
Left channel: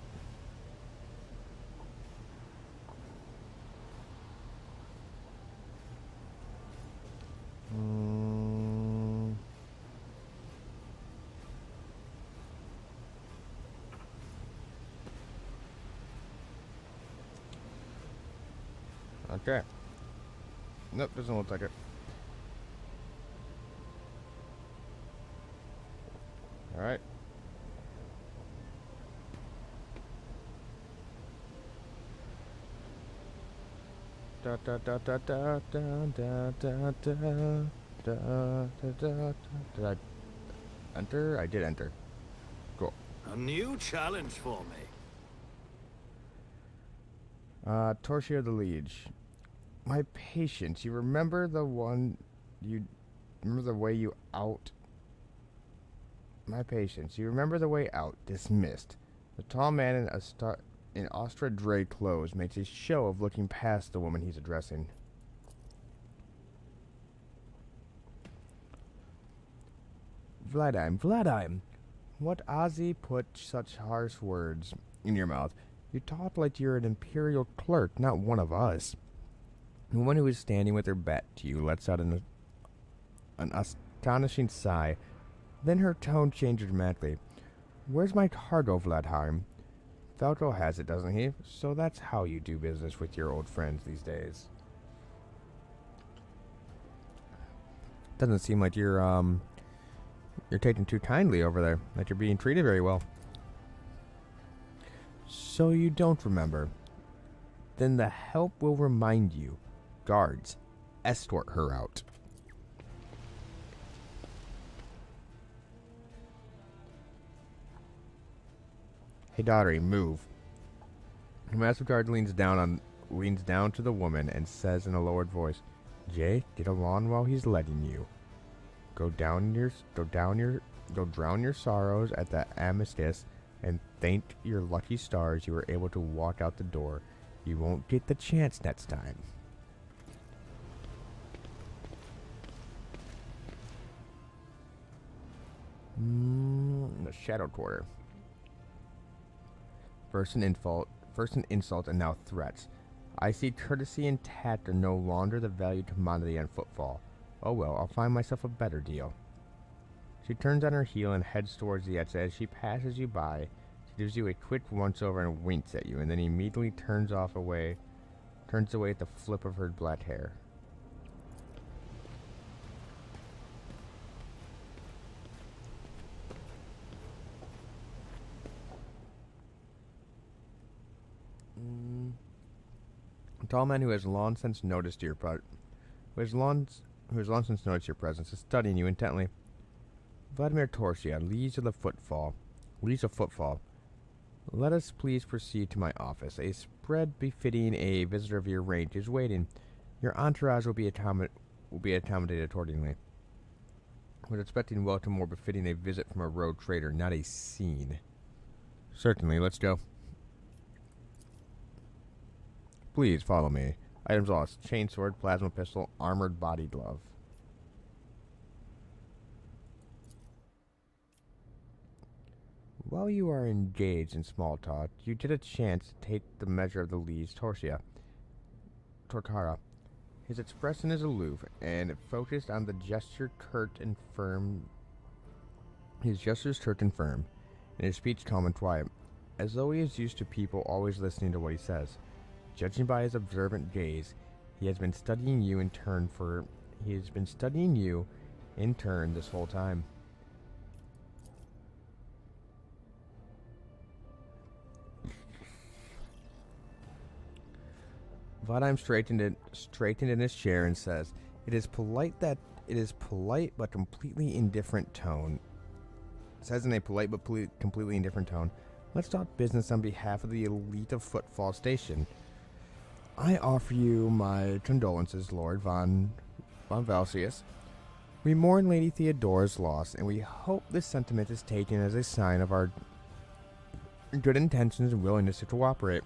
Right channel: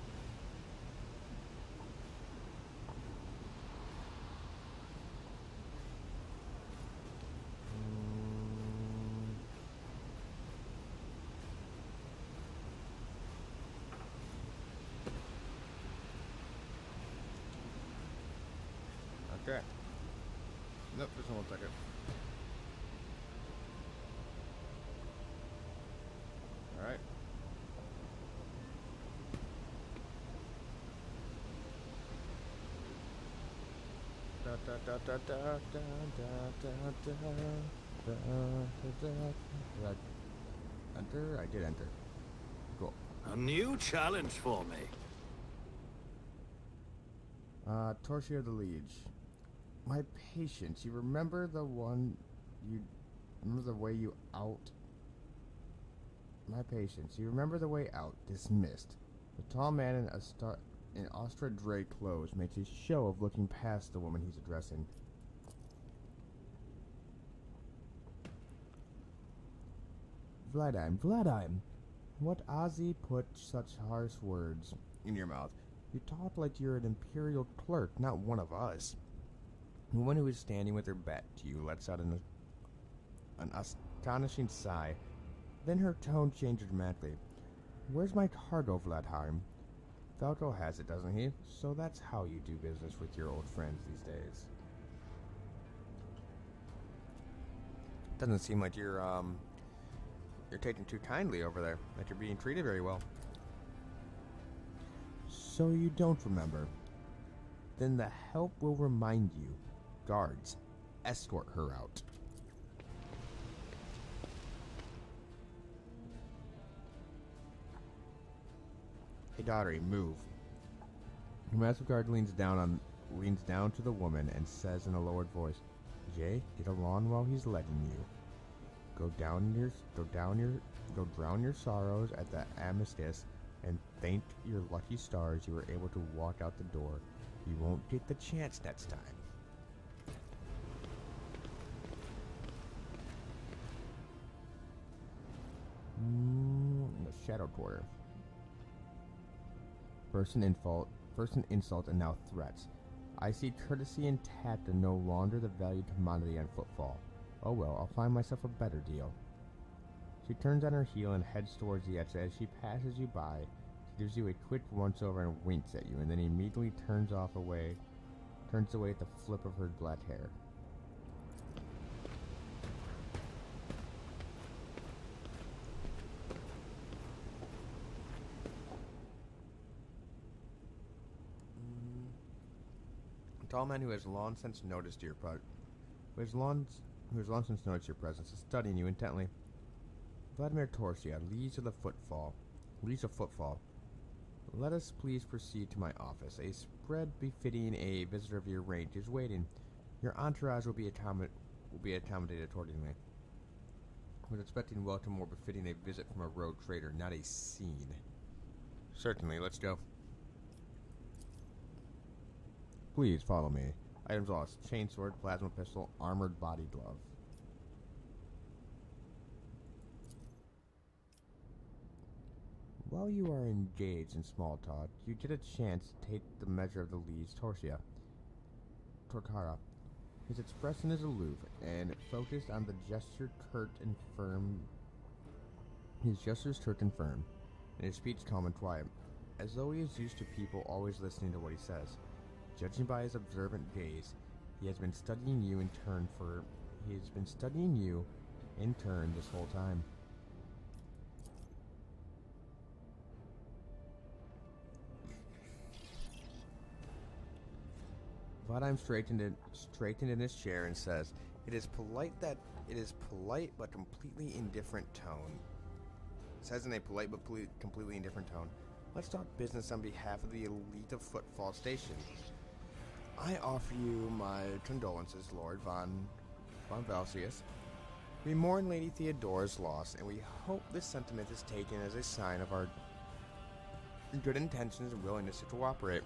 Okay. Nope, doesn't look like it. Alright. Da da da da da da da da da da da. Did I enter? I did enter. Cool. A new challenge for me. Torchia the Liege. My patience. You remember the one you remember the way you out? My patience. You remember the way out? Dismissed. The tall man in Ostra Dre clothes makes a show of looking past the woman he's addressing. Vladime. What Ozzy put such harsh words in your mouth? You talk like you're an imperial clerk, not one of us. The woman who is standing with her back to you lets out an astonishing sigh. Then her tone changes dramatically. Where's my cargo, Vladheim? Falco has it, doesn't he? So that's how you do business with your old friends these days. Doesn't seem like you're taking too kindly over there, that you're being treated very well. So you don't remember. Then the help will remind you. Guards, escort her out. Hey, Daughtery, move. The massive guard leans down to the woman and says in a lowered voice, "Jay, get along while he's letting you. Go drown your sorrows at the Amistus, and thank your lucky stars you were able to walk out the door. You won't get the chance next time." The Shadow Quarter. First an insult, and now threats. I see courtesy and tact are no longer the valued commodity on footfall. Oh well, I'll find myself a better deal. She turns on her heel and heads towards the exit. As she passes you by, she gives you a quick once-over and winks at you, and then immediately turns away at the flip of her black hair. A tall man who has long since noticed your presence is studying you intently. Vladimir Torchia, Liege of Footfall. Let us please proceed to my office. A spread befitting a visitor of your range is waiting. Your entourage will be accommodated accordingly. I was expecting welcome more befitting a visit from a rogue trader, not a scene. Certainly, let's go. Please follow me. Items lost: chainsword, plasma pistol, armored body glove. While you are engaged in small talk, you get a chance to take the measure of the Liege Tortara. His expression is aloof and focused on the gesture curt and firm. His gestures curt and firm, and his speech calm and quiet, as though he is used to people always listening to what he says. Judging by his observant gaze, he has been studying you in turn this whole time. Vadheim straightened in his chair and says, It is polite, but completely indifferent tone. Says in a polite but completely indifferent tone, let's talk business on behalf of the elite of Footfall Station. I offer you my condolences, Lord von Valsius. We mourn Lady Theodora's loss, and we hope this sentiment is taken as a sign of our good intentions and willingness to cooperate.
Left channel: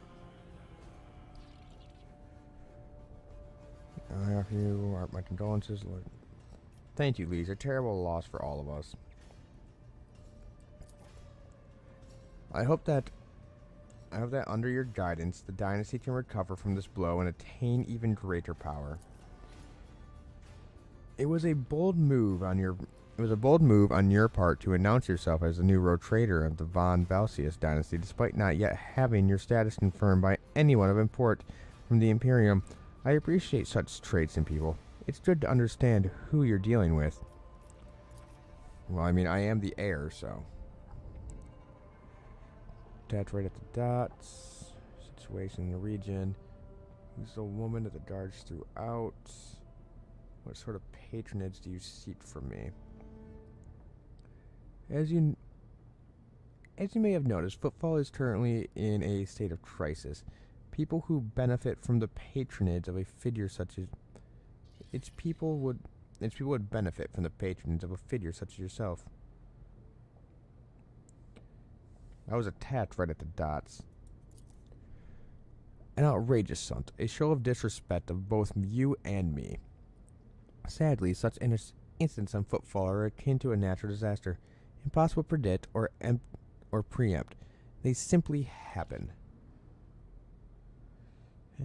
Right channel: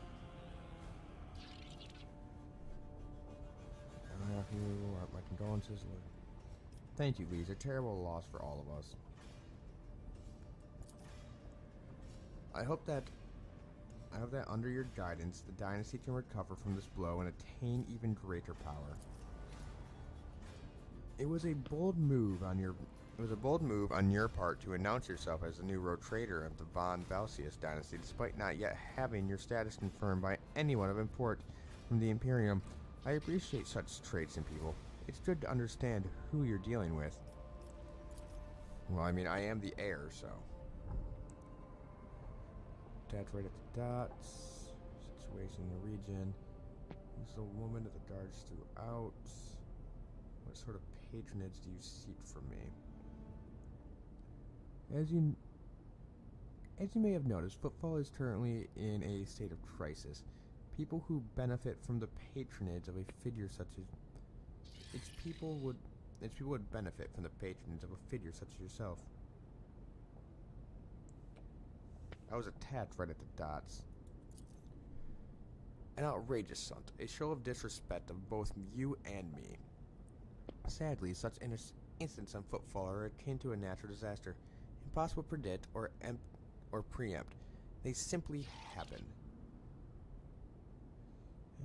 I offer you my condolences, Lord. Thank you, Liege. A terrible loss for all of us. I hope that under your guidance, the dynasty can recover from this blow and attain even greater power. It was a bold move on your part to announce yourself as the new road trader of the von Valsius dynasty, despite not yet having your status confirmed by anyone of import from the Imperium. I appreciate such traits in people. It's good to understand who you're dealing with. Well, I mean, I am the heir, so. Attach right at the dots. Situation in the region. Who's the woman that the guards threw out? What sort of patronage do you seek from me? As you may have noticed, Footfall is currently in a state of crisis. People who benefit from the patronage of a figure such as its people would benefit from the patronage of a figure such as yourself. I was attached right at the dots. An outrageous stunt, a show of disrespect of both you and me. Sadly, such incidents on Footfall are akin to a natural disaster, impossible to predict or preempt. They simply happen.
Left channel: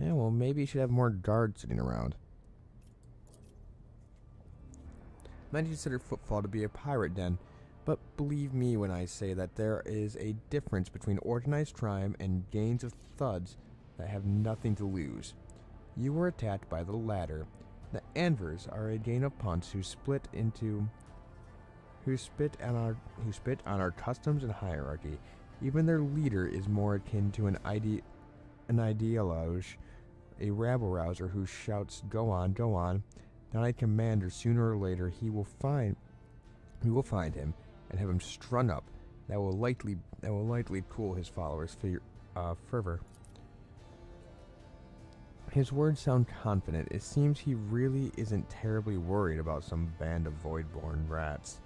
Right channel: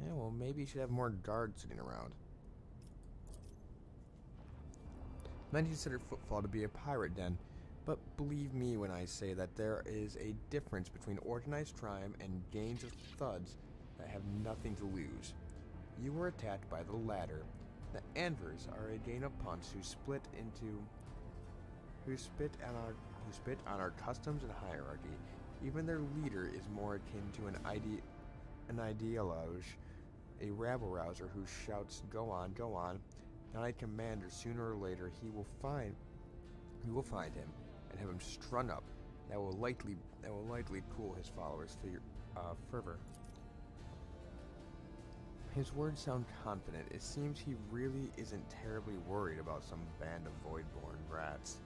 Yeah, well, maybe you should have more guards sitting around. Many consider Footfall to be a pirate den, but believe me when I say that there is a difference between organized crime and gangs of thuds that have nothing to lose. You were attacked by the latter. The Anvers are a gang of punks who spit on our customs and hierarchy. Even their leader is more akin to an ideologue, a rabble-rouser who shouts, "Go on, go on." Not a commander. Sooner or later, we will find him and have him strung up. That will likely cool his followers' fervor. His words sound confident. It seems he really isn't terribly worried about some band of void-born rats.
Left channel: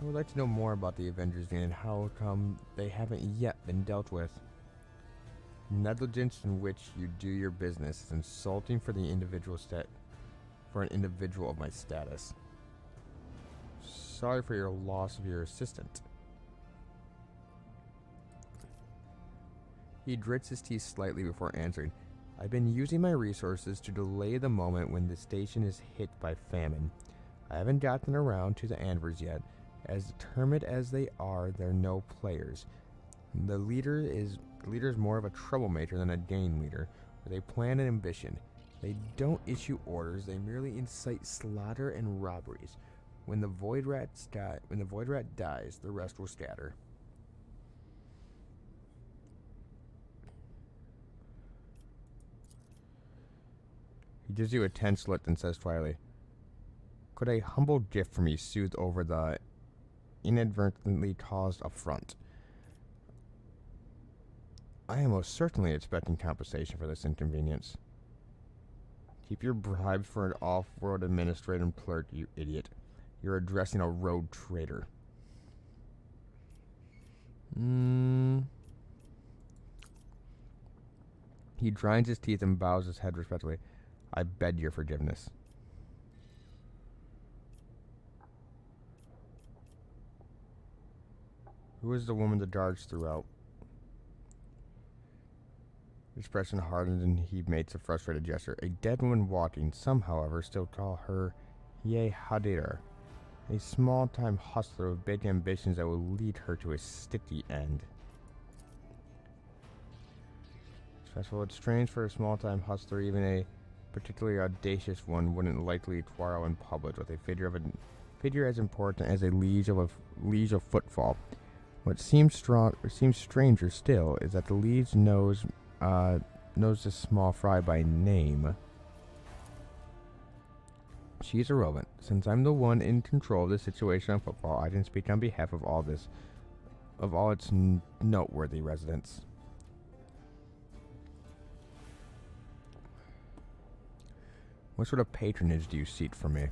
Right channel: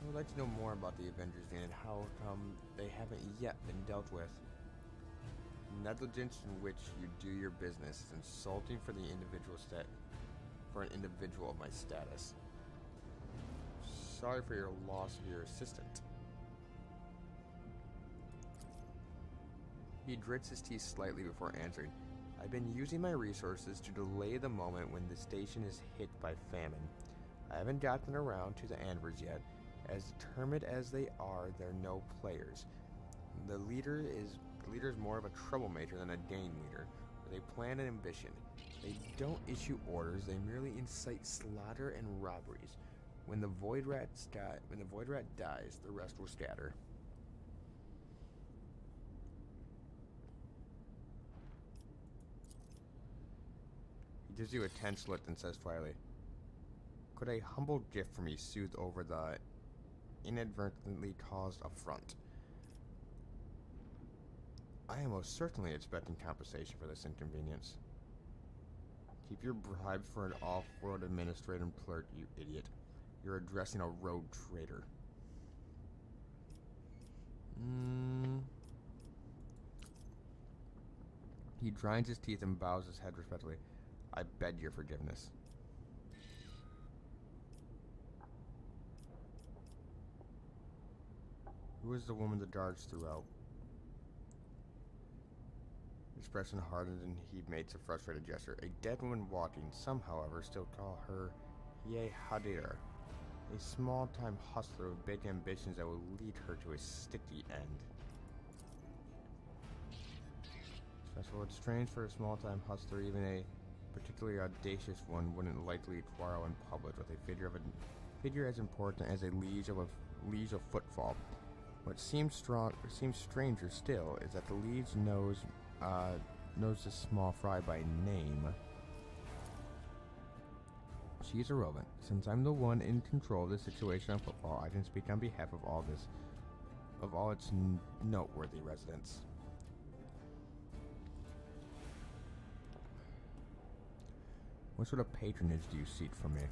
I would like to know more about the Avengers Gang and how come they haven't yet been dealt with. Negligence in which you do your business is insulting for an individual of my status. Sorry for your loss of your assistant. He grits his teeth slightly before answering. I've been using my resources to delay the moment when the station is hit by famine. I haven't gotten around to the Anvers yet. As determined as they are, they're no players. The leader is more of a troublemaker than a gang leader, with a plan and ambition. They don't issue orders, they merely incite slaughter and robberies. When the Void Rat dies, the rest will scatter. He gives you a tense look and says quietly, could a humble gift from me soothe over the inadvertently caused affront? I am most certainly expecting compensation for this inconvenience. Keep your bribes for an off-world administrative clerk, you idiot. You're addressing a rogue traitor. He grinds his teeth and bows his head respectfully. I beg your forgiveness. Who is the woman the guards threw out? His expression hardened and he makes a frustrated gesture. A dead woman walking. Some, however, still call her Ye Hadir, a small-time hustler with big ambitions that will lead her to a sticky end. Well, it's strange for a small-time hustler, even a particularly audacious one wouldn't likely quarrel in public with a figure as important as a liege of Footfall. What seems stranger still is that the liege knows knows this small fry by name. She's irrelevant. Since I'm the one in control of the situation on football, I can speak on behalf of all its noteworthy residents. What sort of patronage do you seek from me?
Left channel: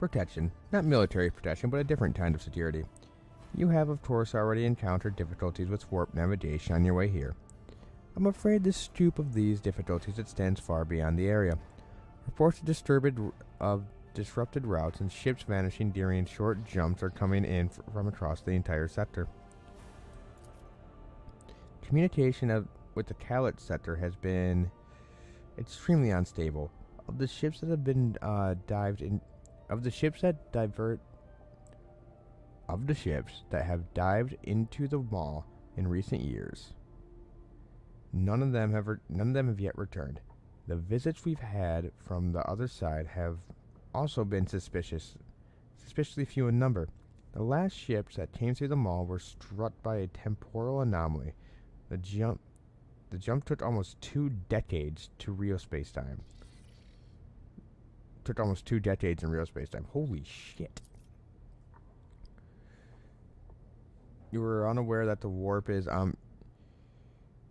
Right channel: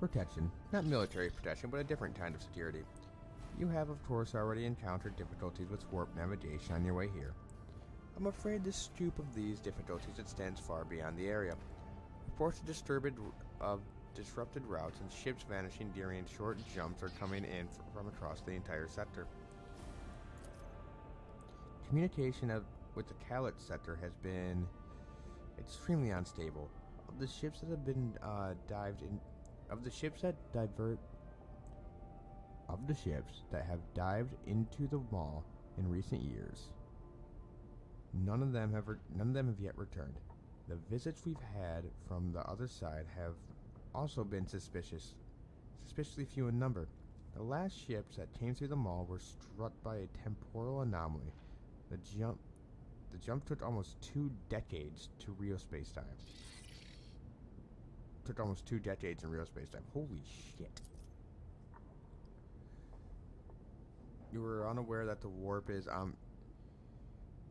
Protection. Not military protection, but a different kind of security. You have, of course, already encountered difficulties with warp navigation on your way here. I'm afraid the stoop of these difficulties extends far beyond the area. Reports of disrupted routes and ships vanishing during short jumps are coming in from across the entire sector. Communication with the Kalit sector has been extremely unstable. Of the ships that have been have dived into the mall in recent years, none of them have yet returned. The visits we've had from the other side have also been suspiciously few in number. The last ships that came through the mall were struck by a temporal anomaly. The jump took almost 2 decades to real space-time. Took almost 2 decades in real space-time. Holy shit. You were unaware that the warp is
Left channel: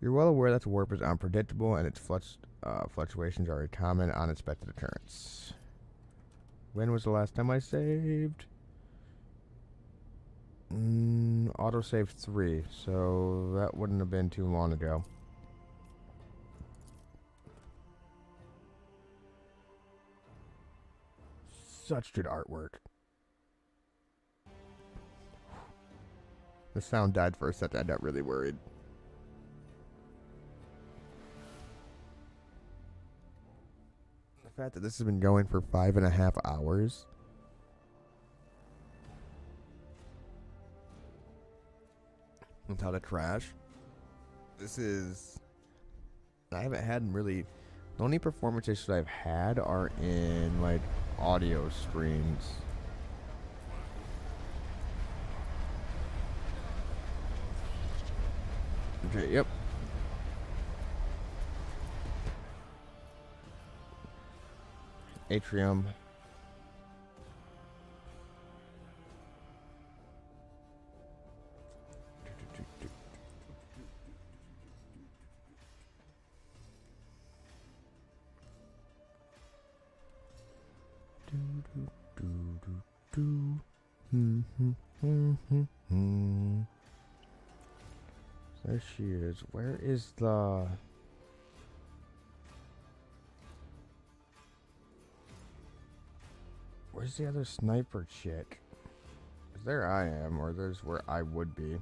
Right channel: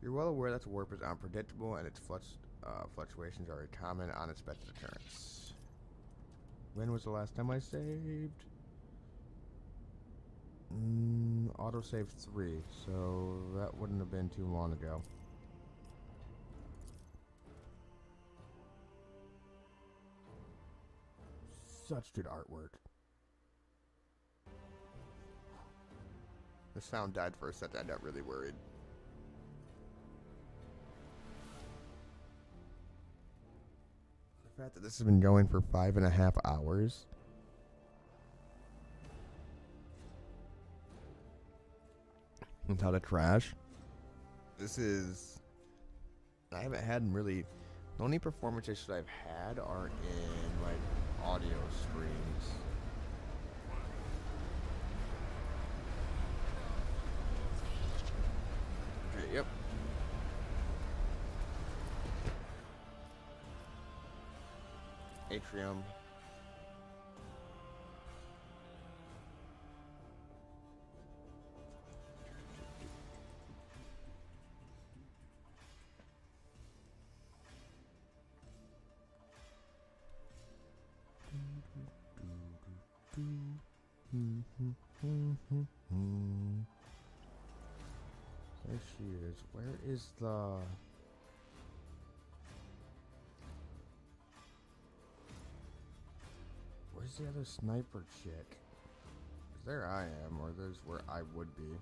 You're well aware that the warp is unpredictable and its fluctuations are a common, unexpected occurrence. When was the last time I saved? Autosave 3, so that wouldn't have been too long ago. Such good artwork. The sound died for a second. I got really worried. The fact that this has been going for 5.5 hours. Without a crash. This is... I haven't had really... The only performance issues I've had are in, like, audio streams. Okay, yep. Atrium. There she is. Where is the... Where's the other sniper chick? 'Cause there I am, or there's where I would be.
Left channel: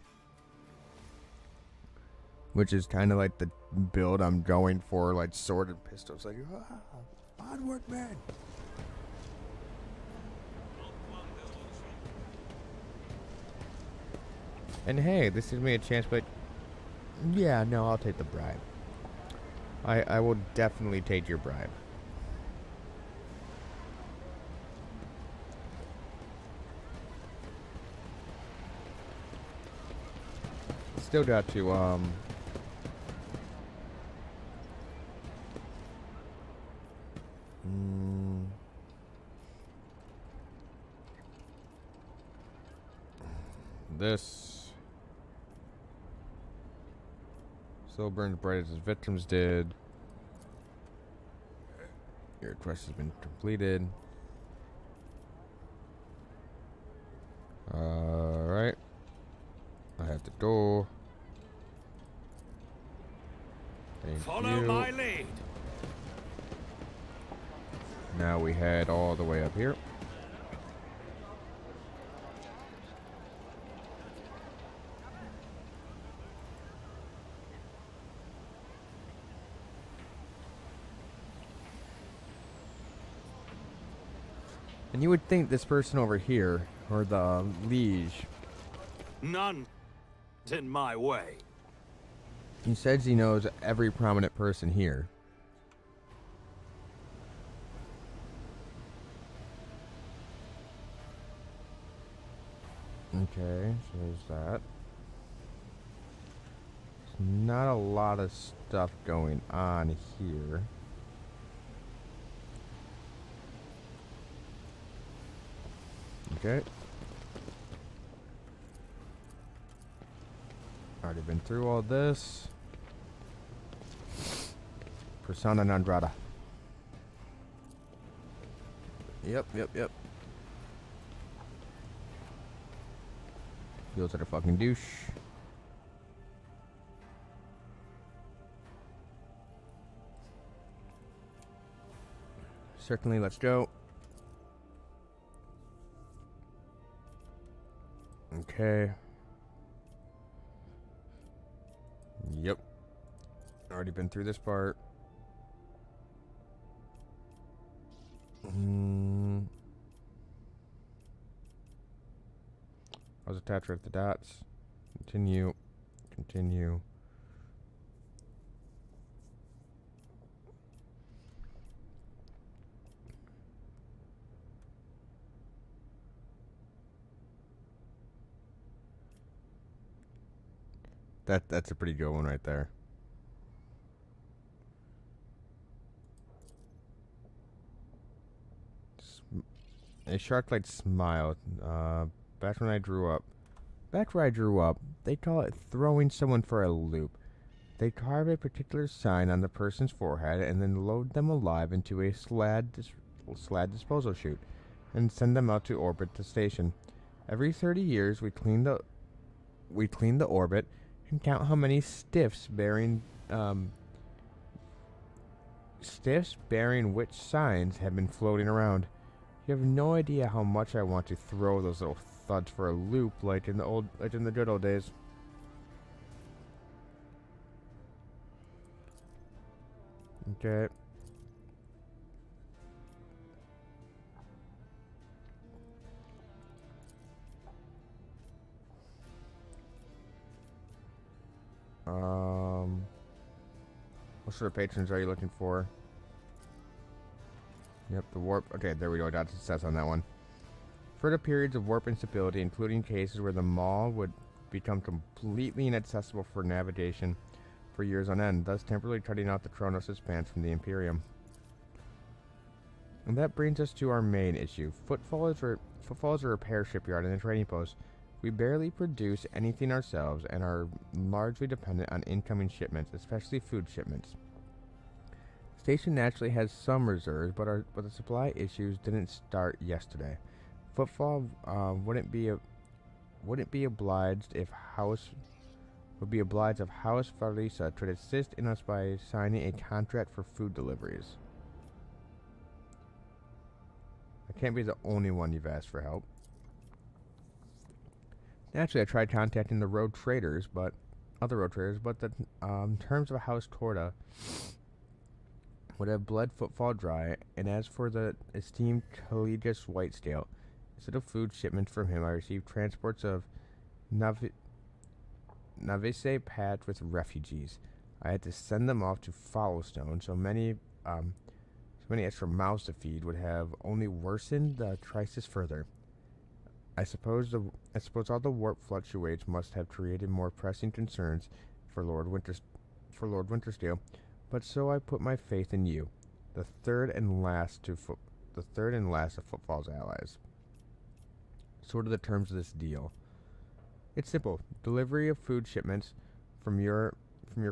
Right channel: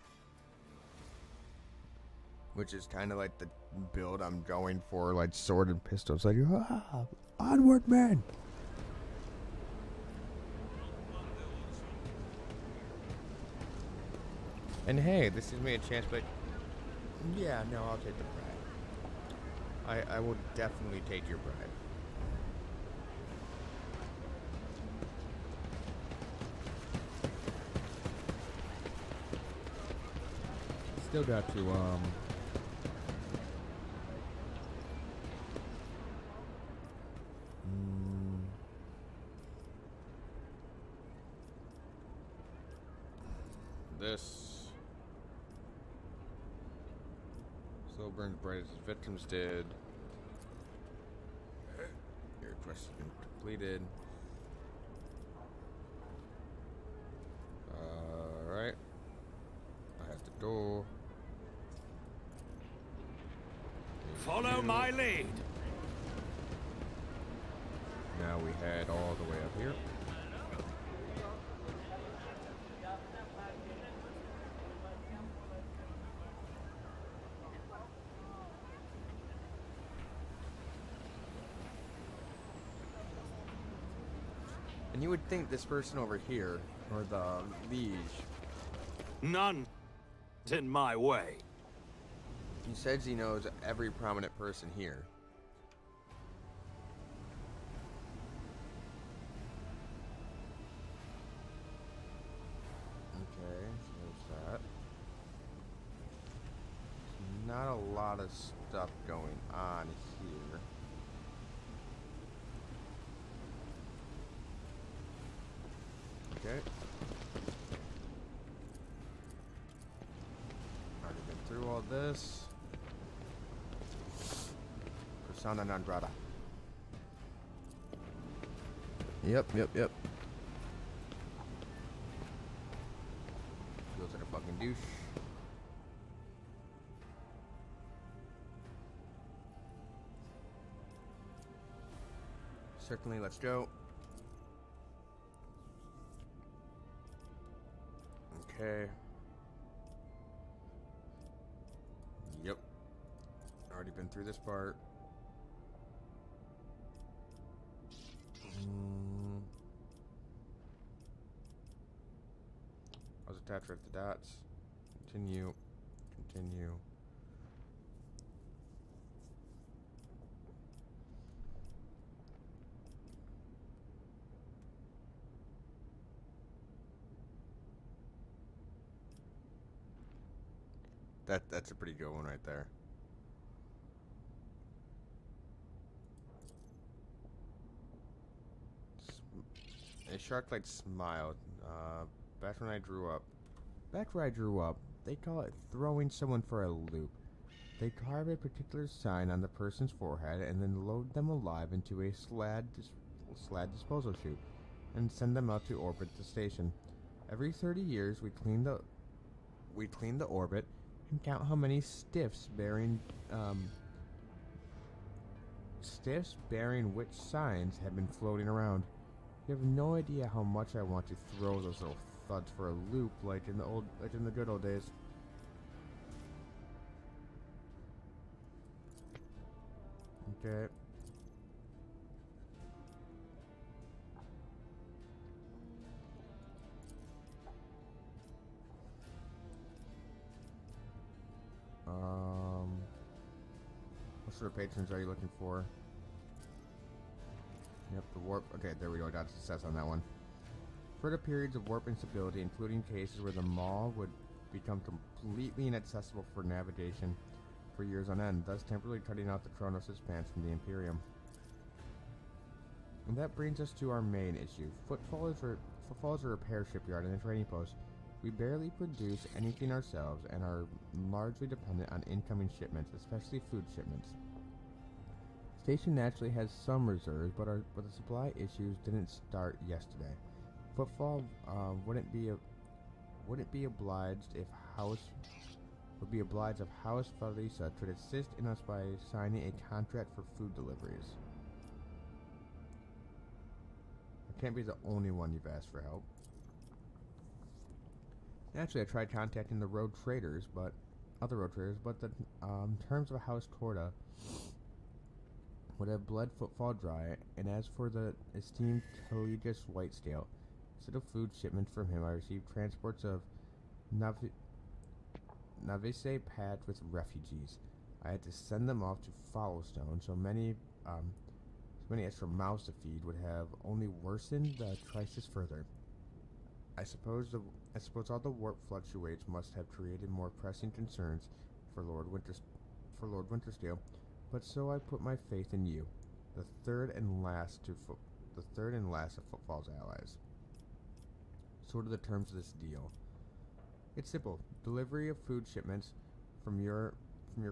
Which is kind of like the build I'm going for, like sword and pistols. Like, onward, man! And hey, this gives me a chance, but yeah, no, I'll take the bribe. I will definitely take your bribe. Still got to, this still burns bright as his victims did. Your quest has been completed. Alright. I have to go. Follow my lead. Now we head all the way up here. And you would think this person over here, or the liege, None in my way. he says he knows every prominent person here. Okay, so there's that. not a lot of stuff going on here. Okay. Already been through all this. Persona non grata. Yep. Feels like a fucking douche. Certainly, let's go. Okay. Yep. Already been through this part. I was attached with the dots. Continue. That's a pretty good one right there. A shark-like smile. Back when I grew up. Back where I grew up, they call it throwing someone for a loop. They carve a particular sign on the person's forehead and then load them alive into a slad disposal chute and send them out to orbit the station. Every 30 years, we clean the orbit and count how many stiffs bearing which signs have been floating around. You have no idea how much I want to throw those little thuds for a loop like in the good old days. Okay. What sort of patrons are you looking for? Yep, the warp. Okay, there we go. Got success on that one. Further periods of warp instability, including cases where the maw would become completely inaccessible for navigation for years on end, thus temporarily cutting off the Kronos' expanse from the Imperium. And that brings us to our main issue. Footfall is a repair shipyard and a trading post. We barely produce anything ourselves and are largely dependent on incoming shipments, especially food shipments. Station naturally has some reserves, but the supply issues didn't start yesterday. Footfall wouldn't be obliged if House Farisa could assist in us by signing a contract for food deliveries. I can't be the only one you've asked for help. Naturally, I tried contacting the other road traders, but the terms of a House Corda would have bled Footfall dry, and as for the esteemed Caligus Whitescale, instead of food shipments from him, I received transports of Navise packed with refugees. I had to send them off to Followstone, so many extra mouths to feed would have only worsened the crisis further. I suppose all the warp fluctuates must have created more pressing concerns for Lord Wintersteel, but so I put my faith in you, the third and last of Footfall's allies. Sort of the terms of this deal. It's simple: delivery of food shipments from your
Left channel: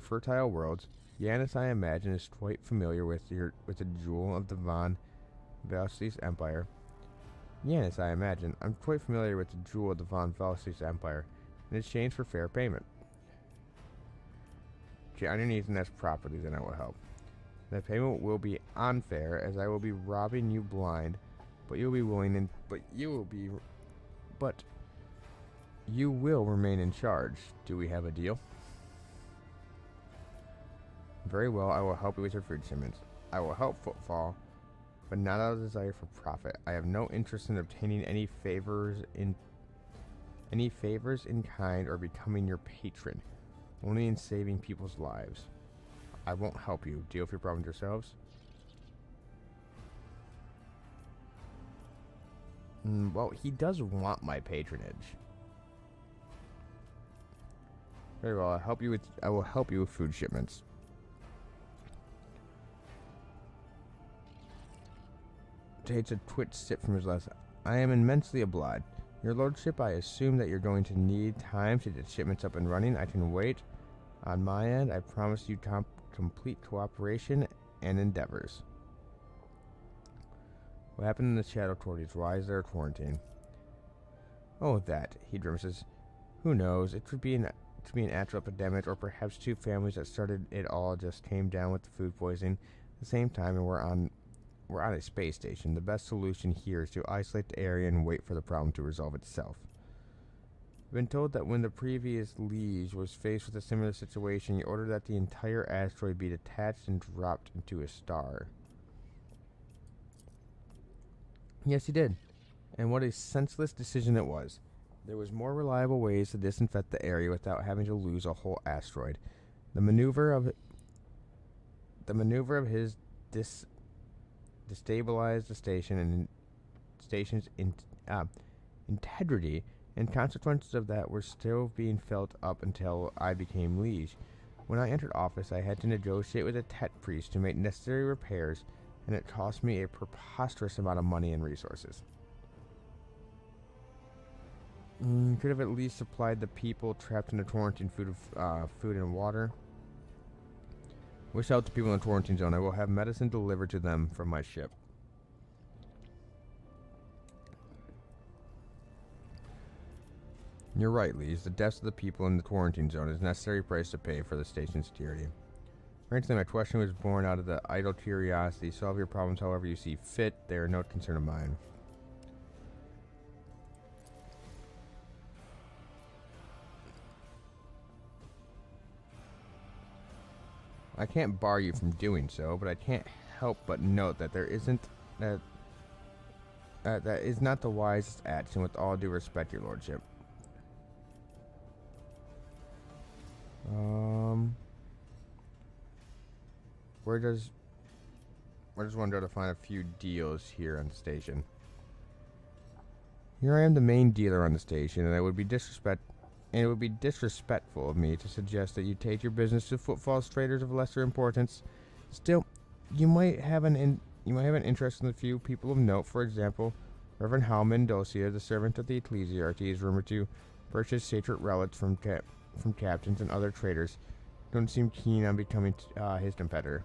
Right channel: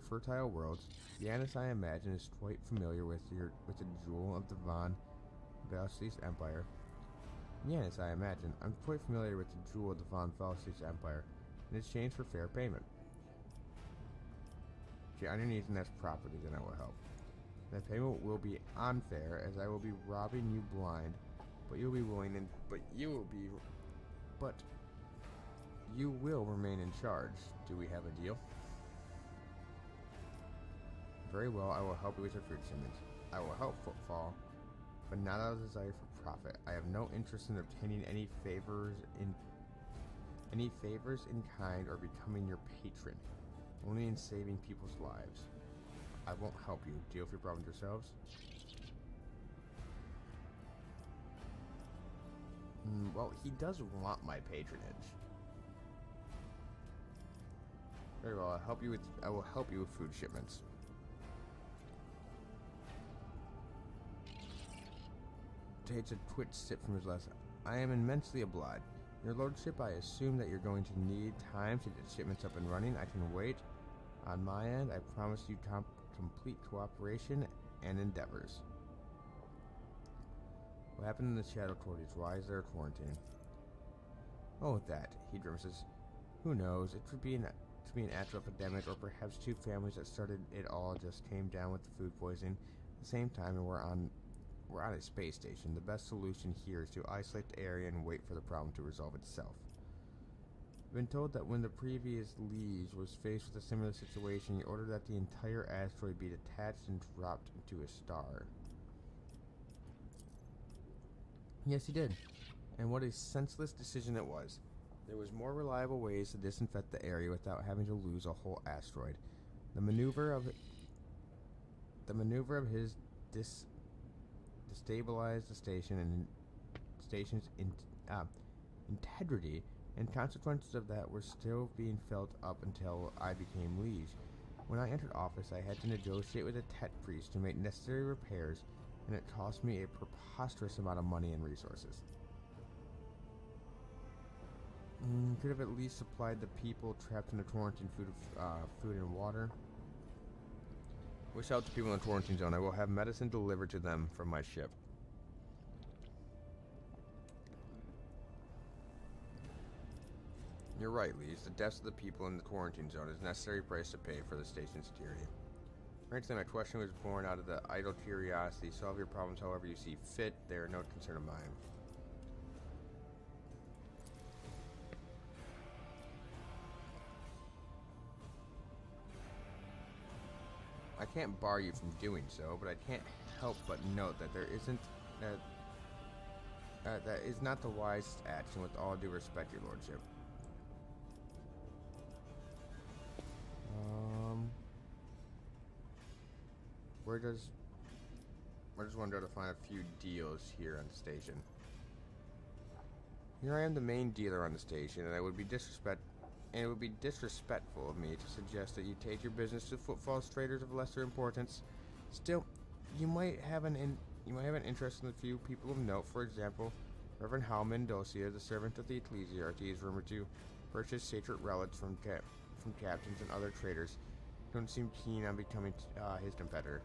fertile worlds. Yanis, I imagine, is quite familiar with the jewel of the Von Valsis Empire. Yanis, I imagine, I'm quite familiar with the jewel of the Von Valsis Empire, in exchange for fair payment. If you're underneath and that's properly, then I will help. The payment will be unfair, as I will be robbing you blind, but you will remain in charge. Do we have a deal? Very well, I will help you with your food shipments. I will help Footfall, but not out of desire for profit. I have no interest in obtaining any favors in kind or becoming your patron, only in saving people's lives. I won't help you. Deal with your problems yourselves. Well, he does want my patronage. Very well. I will help you with food shipments. Takes a twitch sip from his glass. I am immensely obliged. Your lordship, I assume that you're going to need time to get shipments up and running. I can wait. On my end, I promise you complete cooperation and endeavors. What happened in the Shadow Torties? Why is there a quarantine? Oh, that. He grimaces. Who knows? It could be an actual epidemic, or perhaps two families that started it all just came down with the food poisoning at the same time, and we're on a space station. The best solution here is to isolate the area and wait for the problem to resolve itself. I've been told that when the previous liege was faced with a similar situation, he ordered that the entire asteroid be detached and dropped into a star. Yes, he did. And what a senseless decision it was. There was more reliable ways to disinfect the area without having to lose a whole asteroid. The maneuver of his destabilized the station and station's integrity, and consequences of that were still being felt up until I became liege. When I entered office, I had to negotiate with a tech priest to make necessary repairs, and it cost me a preposterous amount of money and resources. Could have at least supplied the people trapped in the quarantine food and water. Wish out to people in the quarantine zone. I will have medicine delivered to them from my ship. You're right, Liege. The deaths of the people in the quarantine zone is a necessary price to pay for the station's security. Frankly, my question was born out of the idle curiosity. Solve your problems however you see fit. They are no concern of mine. I can't bar you from doing so, but I can't help but note that that is not the wisest action. With all due respect, your lordship. Where does one go to find a few deals here on the station? Here I am, the main dealer on the station, and it would be disrespectful of me to suggest that you take your business to footfalls traders of lesser importance. Still, you might have an interest in the few people of note. For example, Reverend Halman Dosia, the servant of the ecclesiarchy, is rumored to purchase sacred relics from captains and other traders. Don't seem keen on becoming his competitor.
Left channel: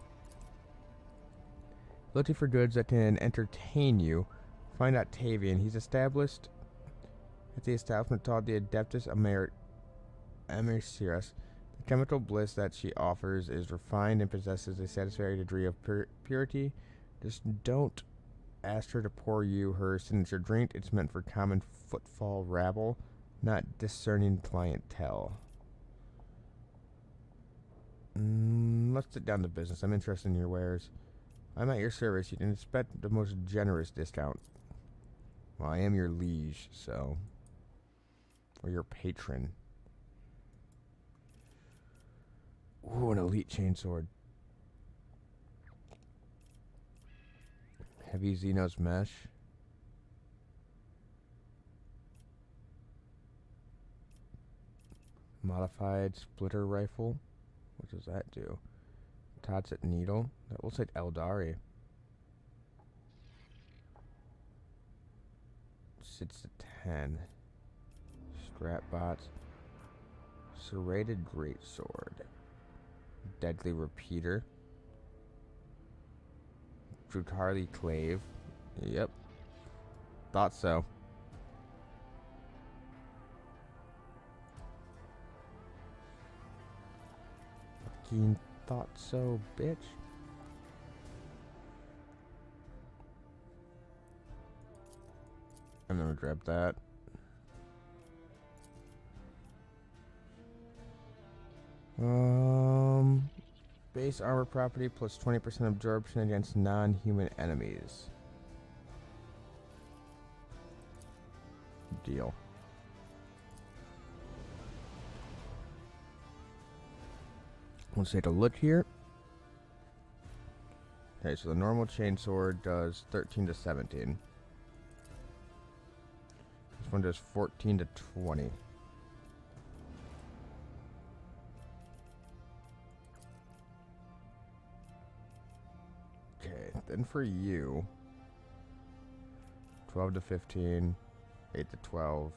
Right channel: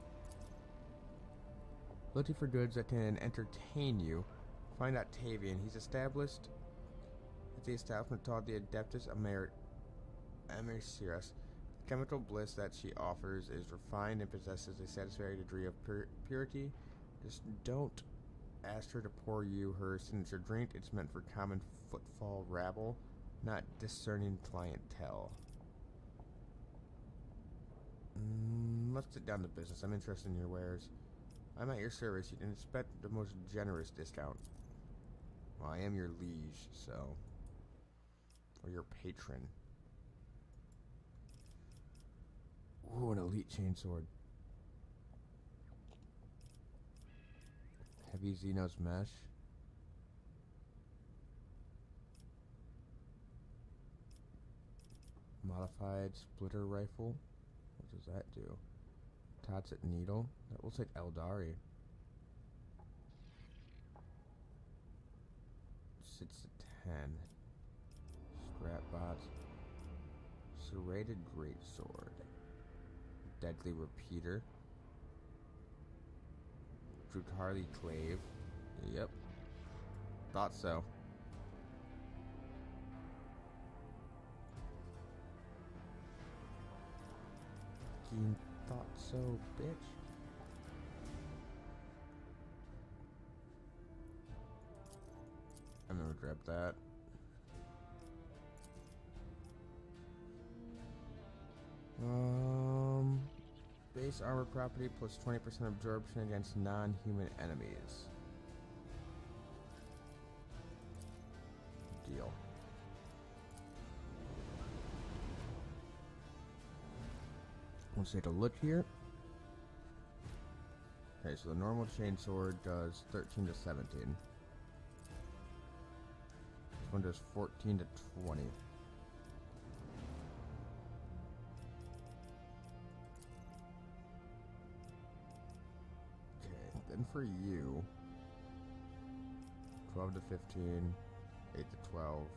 Looking for goods that can entertain you, find Octavian. He's established at the establishment called the Adeptus Americius. The chemical bliss that she offers is refined and possesses a satisfactory degree of purity. Just don't ask her to pour you her signature drink. It's meant for common footfall rabble, not discerning clientele. Let's sit down to business. I'm interested in your wares. I'm at your service. You can expect the most generous discount. Well, I am your liege, so... Or your patron. Ooh, an elite chainsword. Heavy Xenos mesh. Modified splitter rifle. What does that do? Tatsit needle. That looks like Eldari. Sits at 10. Strap bots. Serrated greatsword. Deadly repeater. Drukarli clave. Yep. Thought so. Fucking thought so, bitch. I'm gonna grab that. Base armor property plus 20% absorption against non-human enemies. Deal. Let's take a look here. Okay, so the normal chainsword does 13 to 17. This one does 14 to 20. Then for you, 12 to 15, 8 to 12.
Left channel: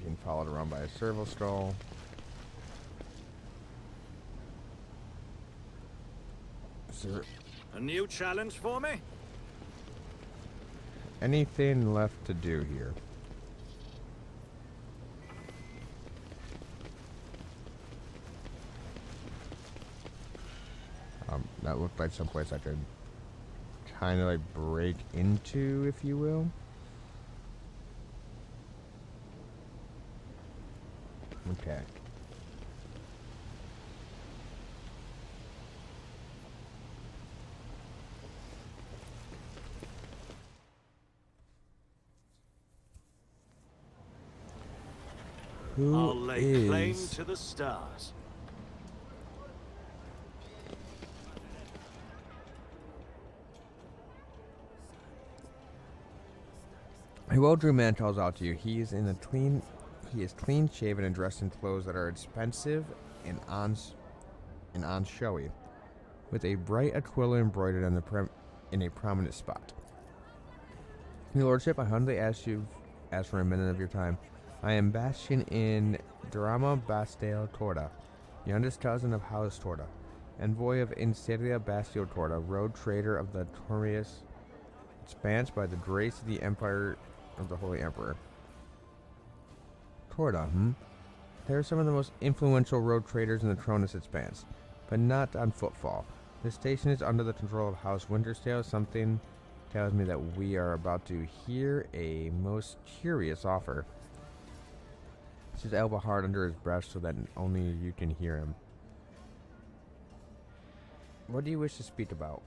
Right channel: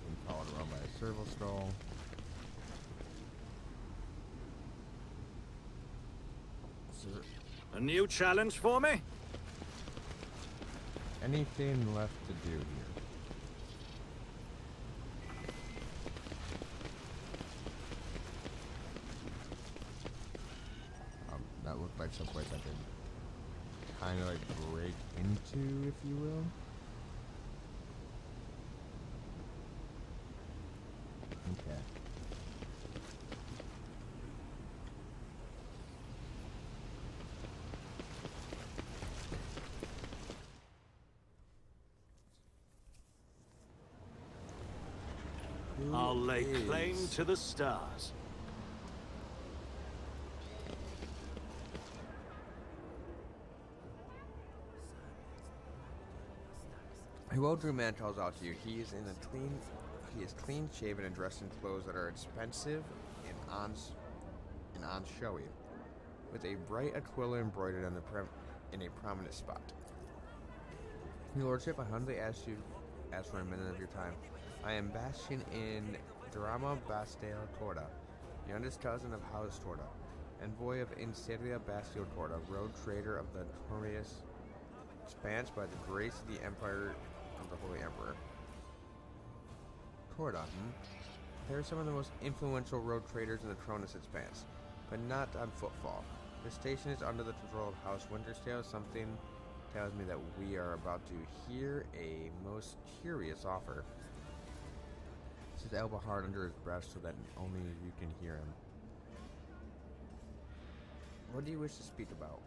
Being followed around by a servo stall. Is there A new challenge for me? anything left to do here? That looked like someplace I could kind of like break into, if you will. Okay. I'll lay claim is- to the stars. A well-groomed man calls out to you. He is clean shaven and dressed in clothes that are expensive and on showy, with a bright aquila embroidered on in a prominent spot. Your lordship, I humbly ask for a minute of your time. I am Bastion in Drama Bastille Torda, youngest cousin of House Torda, envoy of Inseria Bastille Torda, road trader of the Torrius Expanse by the grace of the Empire of the Holy Emperor. Torda, They are some of the most influential road traders in the Tronus Expanse, but not on footfall. This station is under the control of House Winterstale. Something tells me that we are about to hear a most curious offer. His elbow hard under his breast so that only you can hear him. What do you wish to speak about?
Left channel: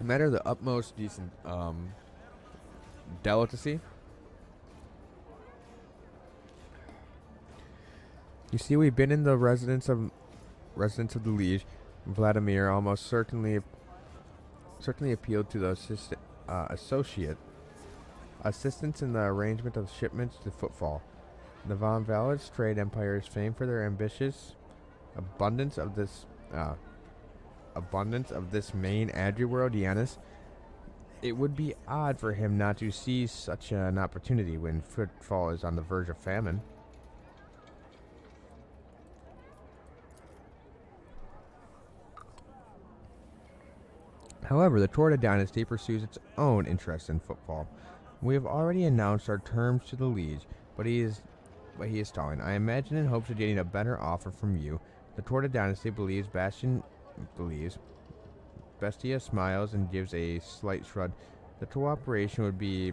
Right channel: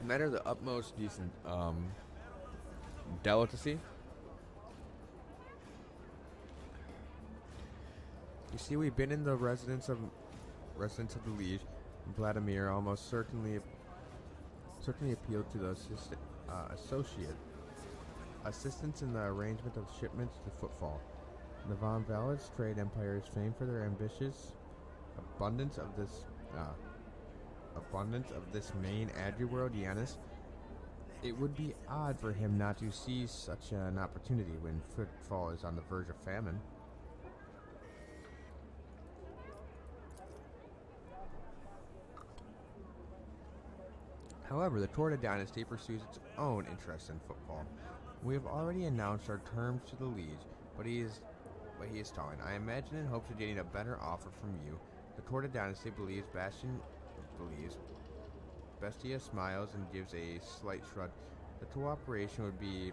A matter of the utmost decent delicacy. You see, we've been in the residence of the liege. Vladimir almost certainly appealed to the assistance in the arrangement of shipments to footfall. The Von Valets trade empire is famed for their ambitious abundance of this main agri-world, Giannis. It would be odd for him not to seize such an opportunity when footfall is on the verge of famine. However, the Torda dynasty pursues its own interest in football. We have already announced our terms to the liege, but he is stalling. I imagine in hopes of getting a better offer from you. The Torda dynasty believes Bestia smiles and gives a slight shrug. The cooperation would be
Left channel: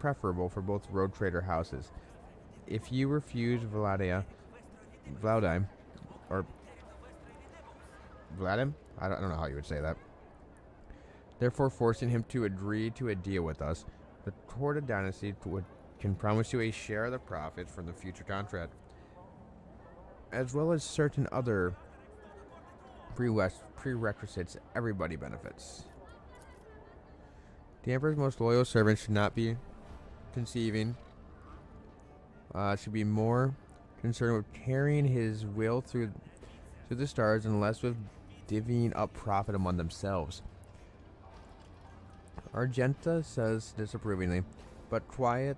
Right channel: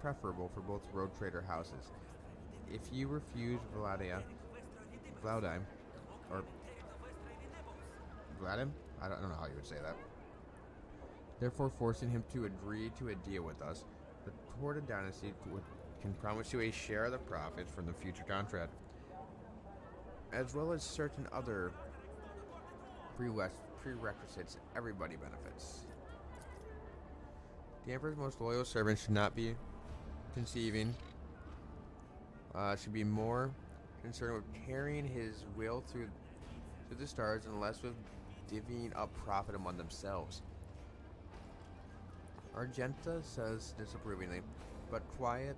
preferable for both road trader houses. If you refuse Vladim, I don't know how you would say that. Therefore, forcing him to agree to a deal with us, the Torda dynasty can promise you a share of the profits from the future contract, as well as certain other prerequisites. Everybody benefits. The Emperor's most loyal servant should not be should be more concerned with carrying his will through the stars and less with divvying up profit among themselves. Argenta says disapprovingly, but quietly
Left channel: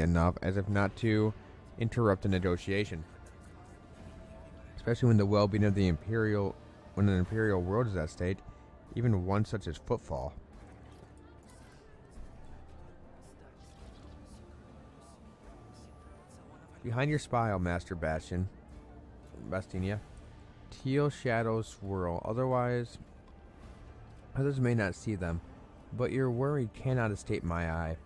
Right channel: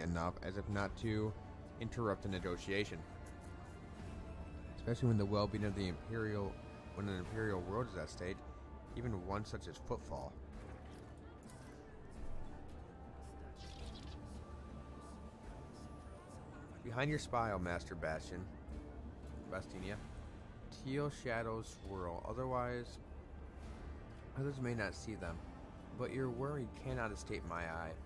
enough as if not to interrupt the negotiation. Especially when the well-being of an imperial world is at stake, even one such as footfall. Behind your spile, Master Bastinia, teal shadows swirl. Others may not see them, but your worry cannot escape my eye.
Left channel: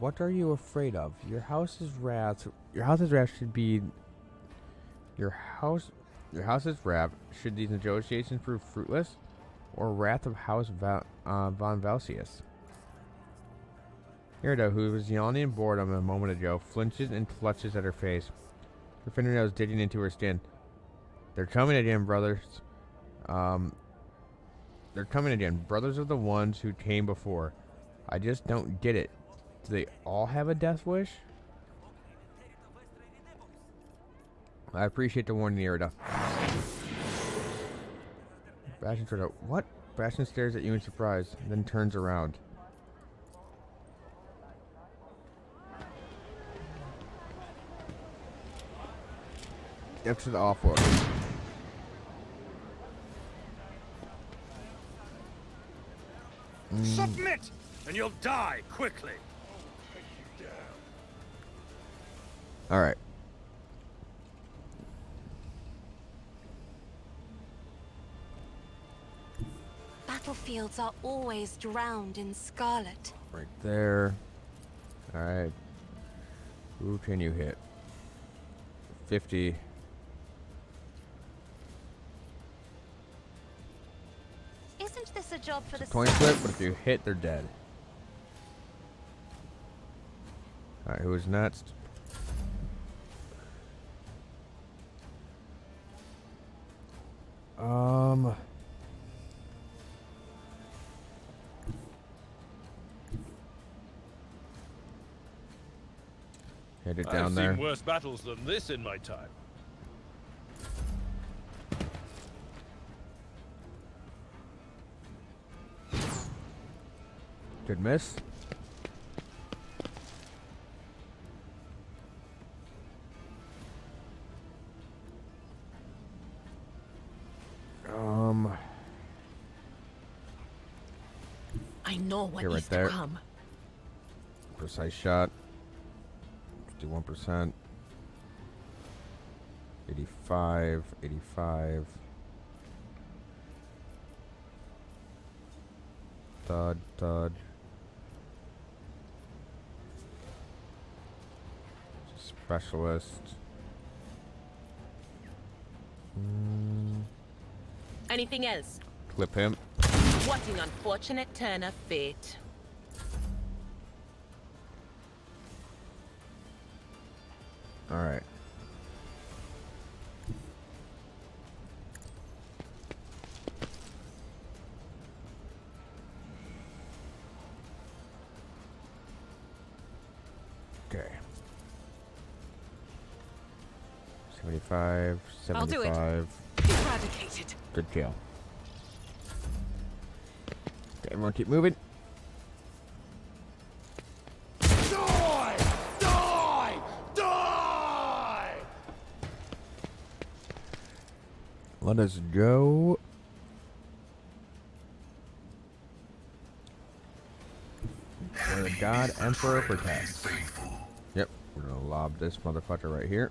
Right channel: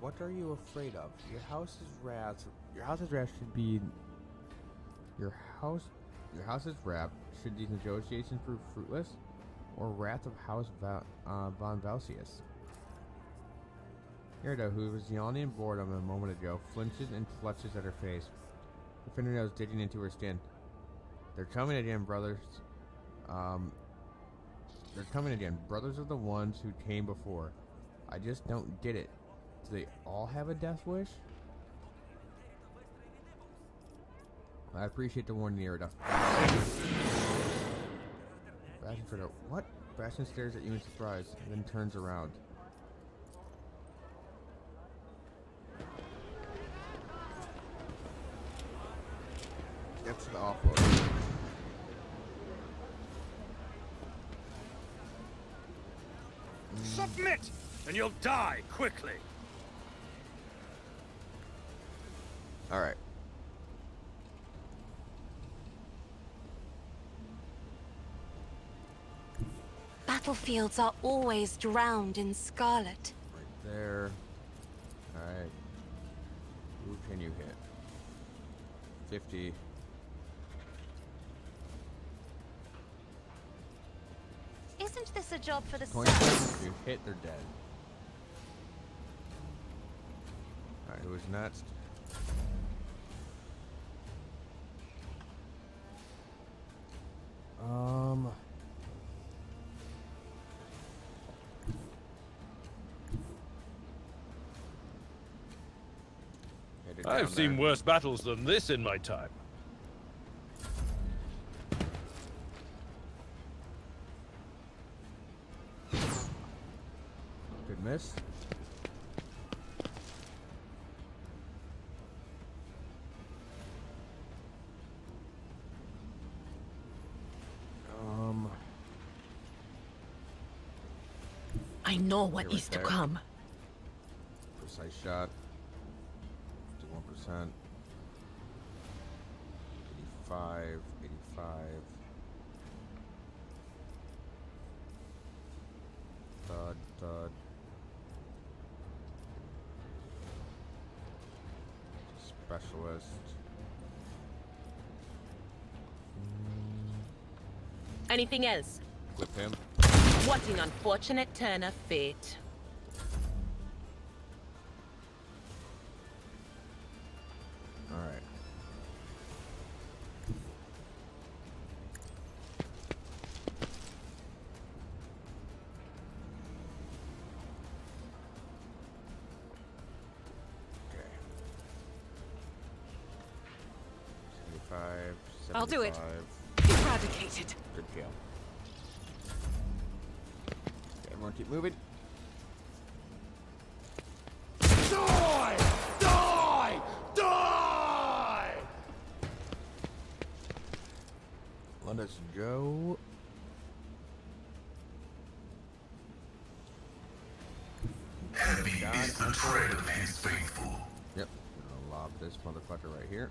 What are you afraid of? Your house's wrath should be. Your house's wrath should these negotiations prove fruitless, or wrath of House Von Valsius? Irida, who was yawning in boredom a moment ago, flinches and clutches at her face, her fingernails digging into her skin. They're coming again, brothers. They're coming again. Brothers are the ones who came before. I just don't get it. Do they all have a death wish? I appreciate the warning, Irida. Bastion turns out. What? Bastion stares at you in surprise, then turns around. Steps to the offload. Submit, and you'll die quickly. All right. Battlefields are always drowned in scarlet. Right there. All right. Who can you hit? 50. Isn't this a job for the 20 clip. South? If you hit, they're dead. All right. Who is next? Headed down I've there. seen worse battles than this in my time. Good miss. I know what You're right is there. to come. Precise shot. 51%. 85. 85. Thud, thud. Specialist. Anything else? Clip him. What an unfortunate turn of fate. Alright. Okay. 75, 75. I'll do it. Eradicated. Good kill. Okay, everyone keep moving. Die! Die! Die! Let us go. Heavy God, is the Emperor tread of protect. his faithful. Yep, we're gonna lob this motherfucker right here.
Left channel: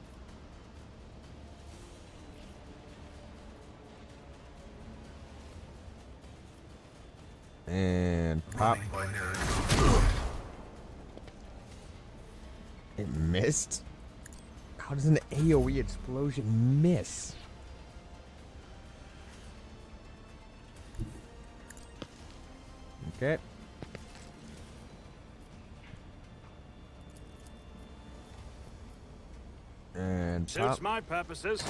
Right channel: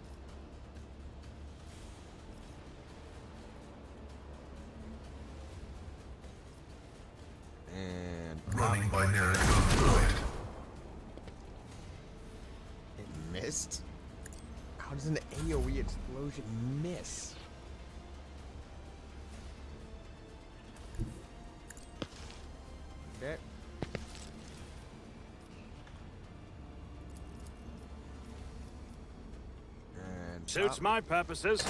And pop. Running by narrative fluid. It missed? How does an AoE explosion miss? Okay. And Suits pop. my purposes.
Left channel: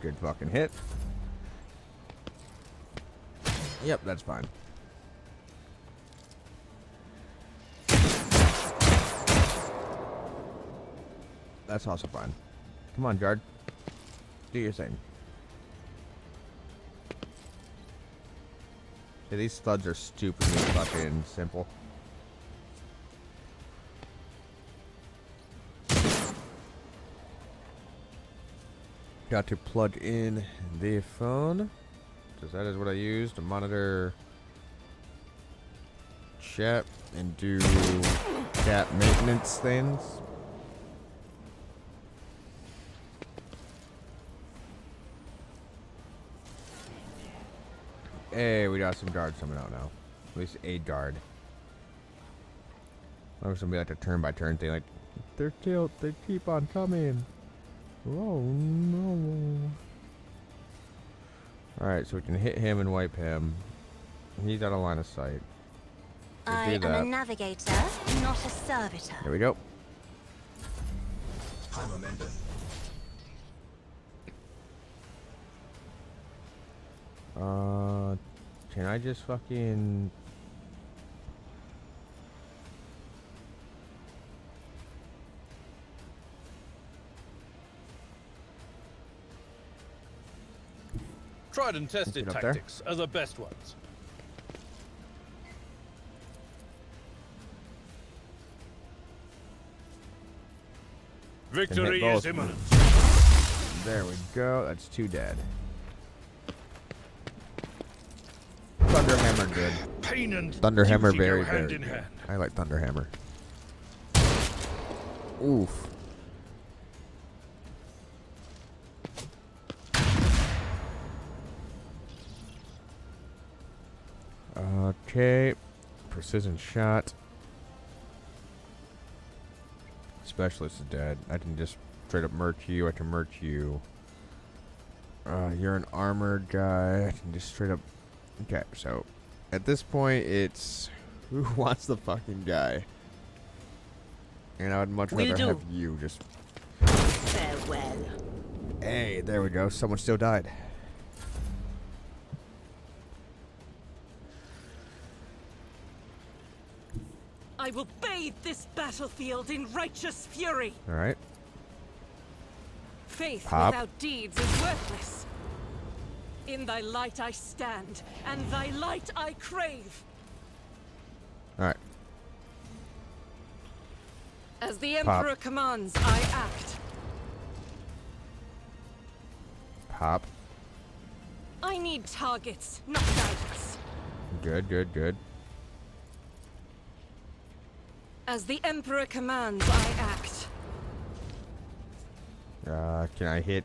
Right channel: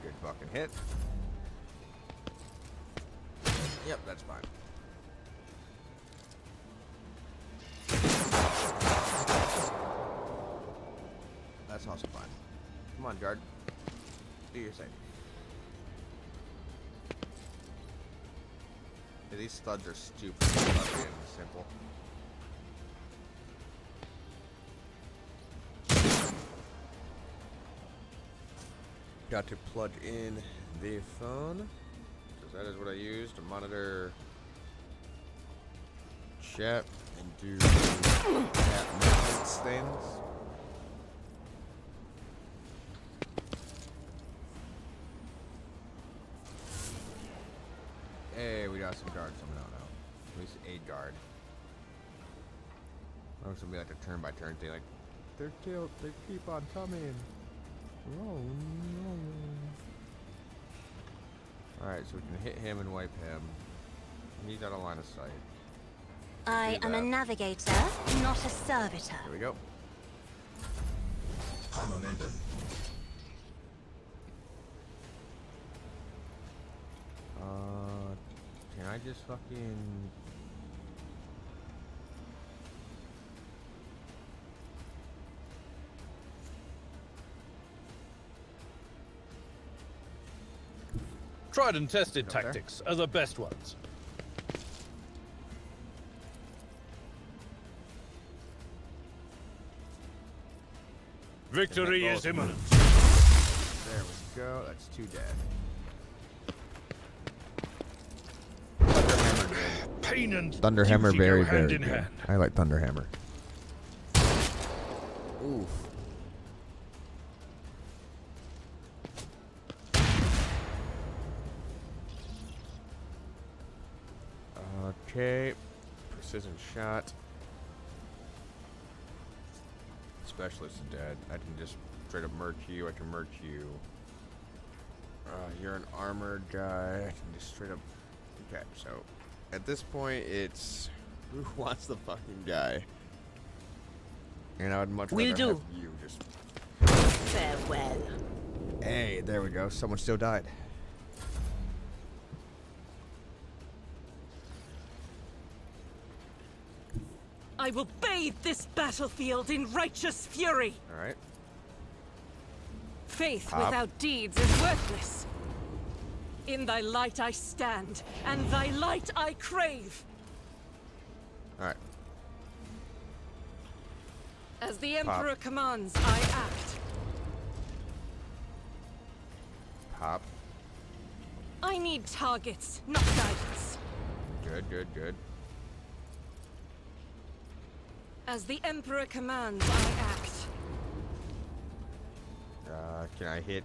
Good fucking hit. Yep, that's fine. That's also fine. Come on, Jard. Do your thing. Yeah, these studs are stupidly fucking simple. Got to plug in the phone, because that is what I use to monitor chat and do chat maintenance things. Hey, we got some guards coming out now. At least a guard. I was gonna be like a turn-by-turn thing, like they're killed. They keep on coming. Oh no! All right, so we can hit him and wipe him. He's out of line of sight. I do am a that. navigator, not a servitor. There we go. High momentum. Can I just fucking... Tried and tested Up there. tactics are the best ones. Victory both. is imminent. There we go. That's 2 dead. Thunderhammer good. Pain and Thunderhammer duty very, go hand very in good. hand. I like Thunderhammer. Oof. Okay. Precision shot. Specialist is dead. I can just straight up murk you. I can murk you. You're an armored guy. I can just straight up... Okay, so... At this point, it's... Who wants the fucking guy? And I would much Will rather do. have you just... Farewell. Hey, there we go. Someone still died. I will bathe this battlefield in righteous fury. Alright. Faith Pop. without deeds is worthless. In thy light I stand, and thy light I crave. Alright. As the Pop. Emperor commands, I act. Pop. I need targets, not guidance. Good, good, good. As the Emperor commands, I act. Can I hit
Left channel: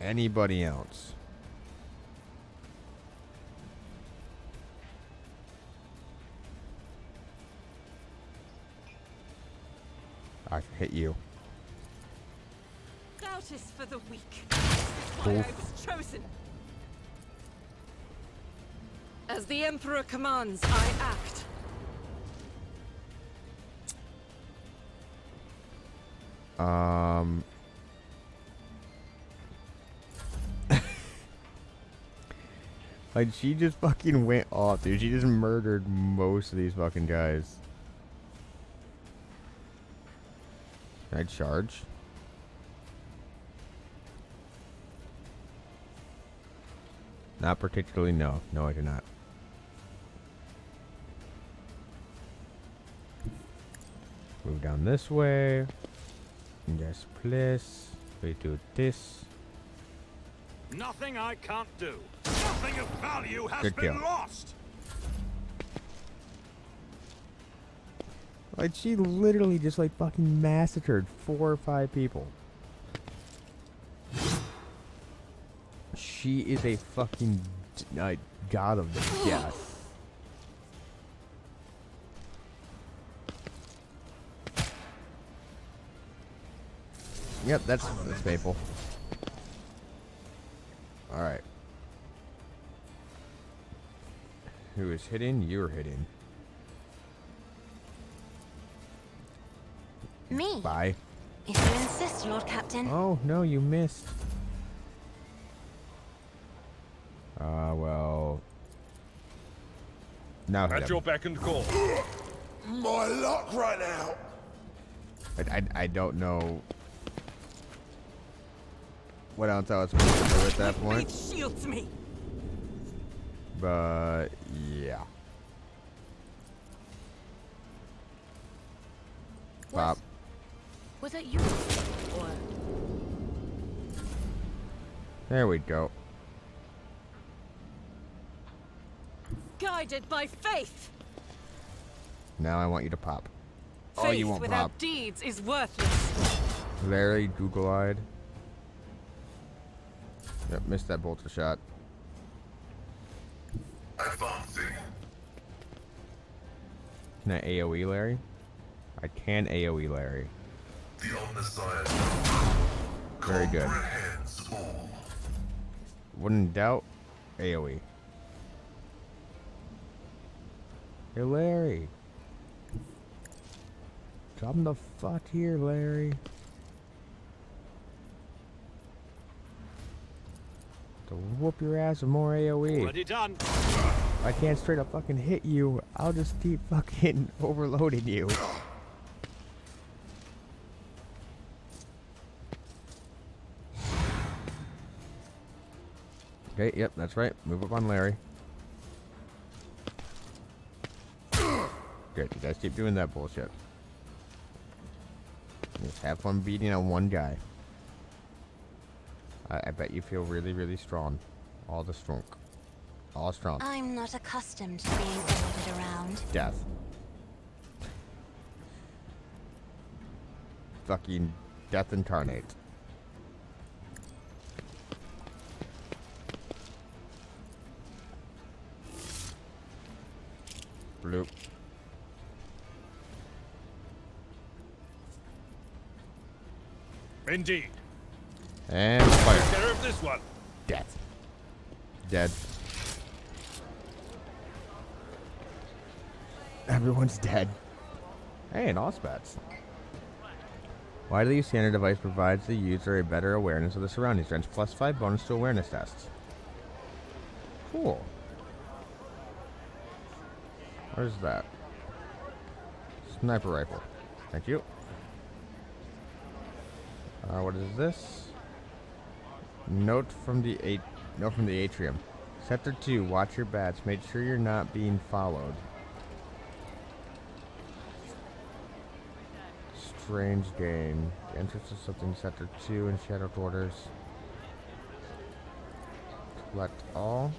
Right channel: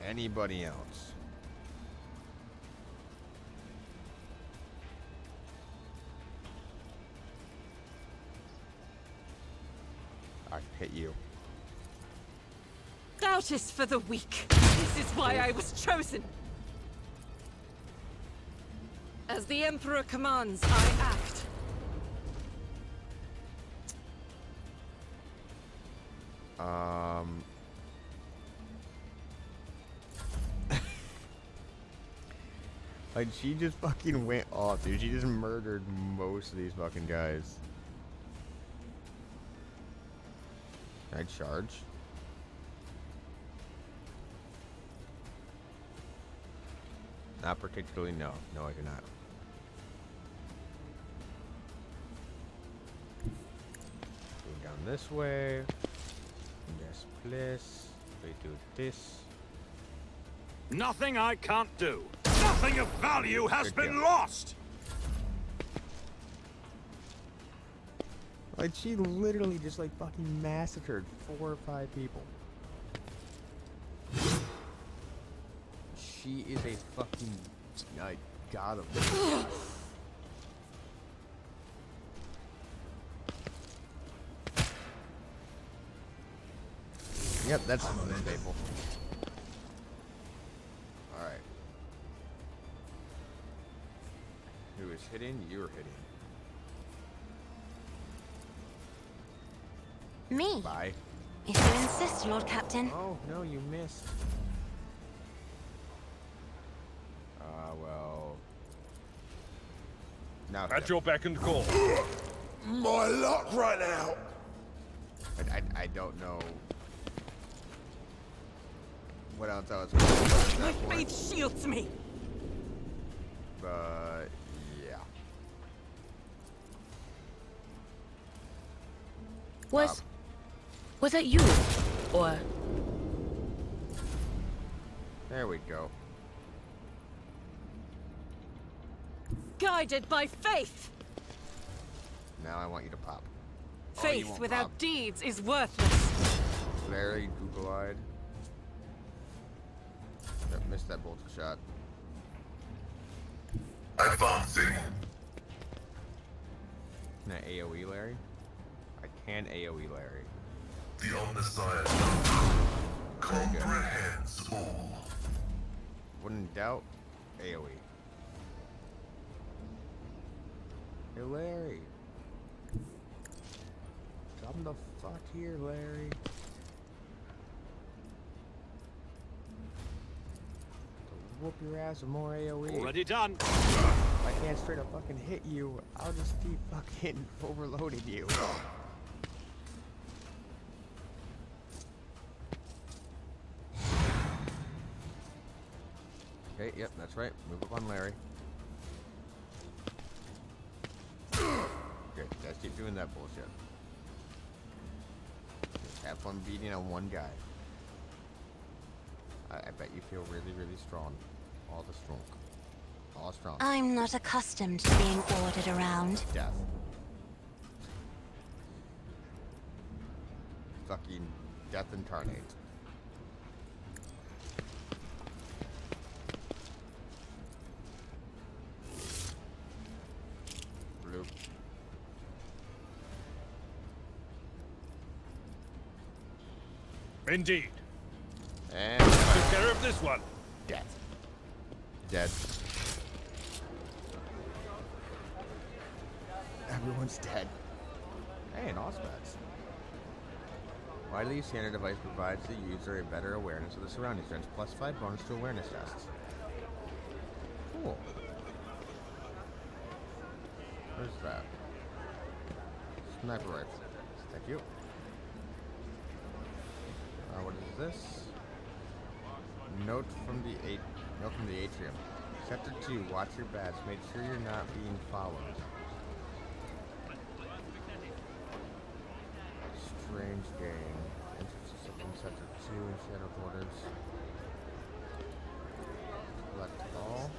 anybody else? I can hit you. Doubt is for the weak. This is why I was chosen. As the Emperor commands, I act. Like, she just fucking went off, dude. She just murdered most of these fucking guys. Can I charge? Not particularly, no. No, I cannot. Move down this way. Yes, please. We do this. Nothing I can't do. Nothing of value has Good been kill. lost. Like, she literally just, like, fucking massacred 4 or 5 people. She is a fucking god of death. Yep, that's faithful. Alright. Who is hitting? You're hitting. Me, Bye. if you insist, Lord Captain. Oh, no, you missed. Well... Now hit At him. your beck and call. My luck right now. I don't know what else I was supposed to do at My that point, faith shields me. but yeah. Pop. Was that you? Or There we go. Guided by faith. Now I want you to pop. Oh, you Faith won't without pop. deeds is worthless. Larry, Google-eyed. Yep, missed that bolter shot. Advancing. Can I AoE Larry? I can AoE Larry. The Omniscient Very good. comprehends all. Wouldn't doubt AoE. Hey Larry. Come the fuck here, Larry. To whoop your ass with more AoE. Already done. If I can't straight up fucking hit you, I'll just keep fucking overloading you. Okay, yep, that's right. Move up on Larry. Good, you guys keep doing that bullshit. Just have fun beating on one guy. I bet you feel really, really strong. All the strong. All strong. I'm not accustomed to being ordered around. Death. Fucking death incarnate. Bloop. Indeed. And fire. Take care of this one. Death. Dead. Everyone's dead. Hey, an Auspex. Widely standard device provides the user a better awareness of the surroundings. Grants +5 bonus to awareness tests. Cool. What is that? Sniper rifle. Thank you. What is this? Note from the atrium. Sector 2. Watch your bats. Make sure you're not being followed. Strange game. Entrance to something. Sector 2 in Shadow Quarters. Select all.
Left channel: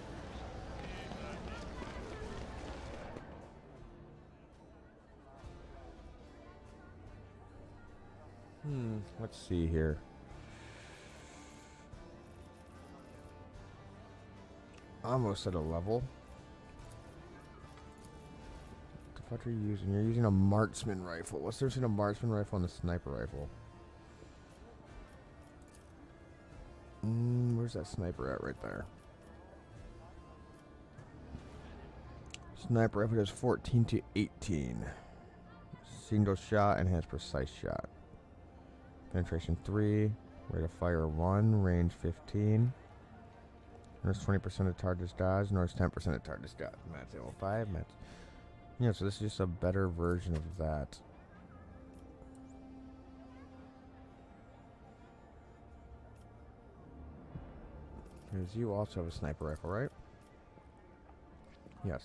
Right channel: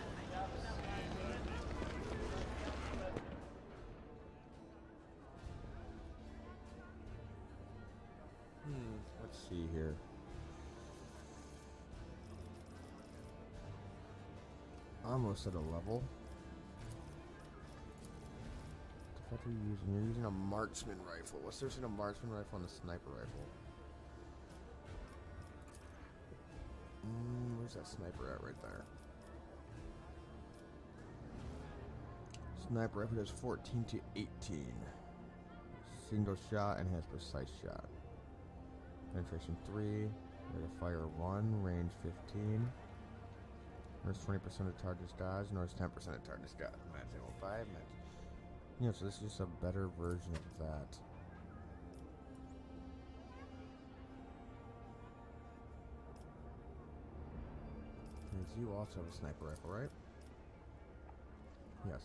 Let's see here. Almost at a level. What the fuck are you using? You're using a marksman rifle. What's the difference between a marksman rifle and a sniper rifle? Where's that sniper at right there? Sniper rifle does 14 to 18. Single shot and has precise shot. Penetration 3, rate of fire 1, range 15. Notice 20% of target's dodge, notice 10% of target's dodge. Match ammo 5, match. Yeah, so this is just a better version of that. Because you also have a sniper rifle, right? Yes.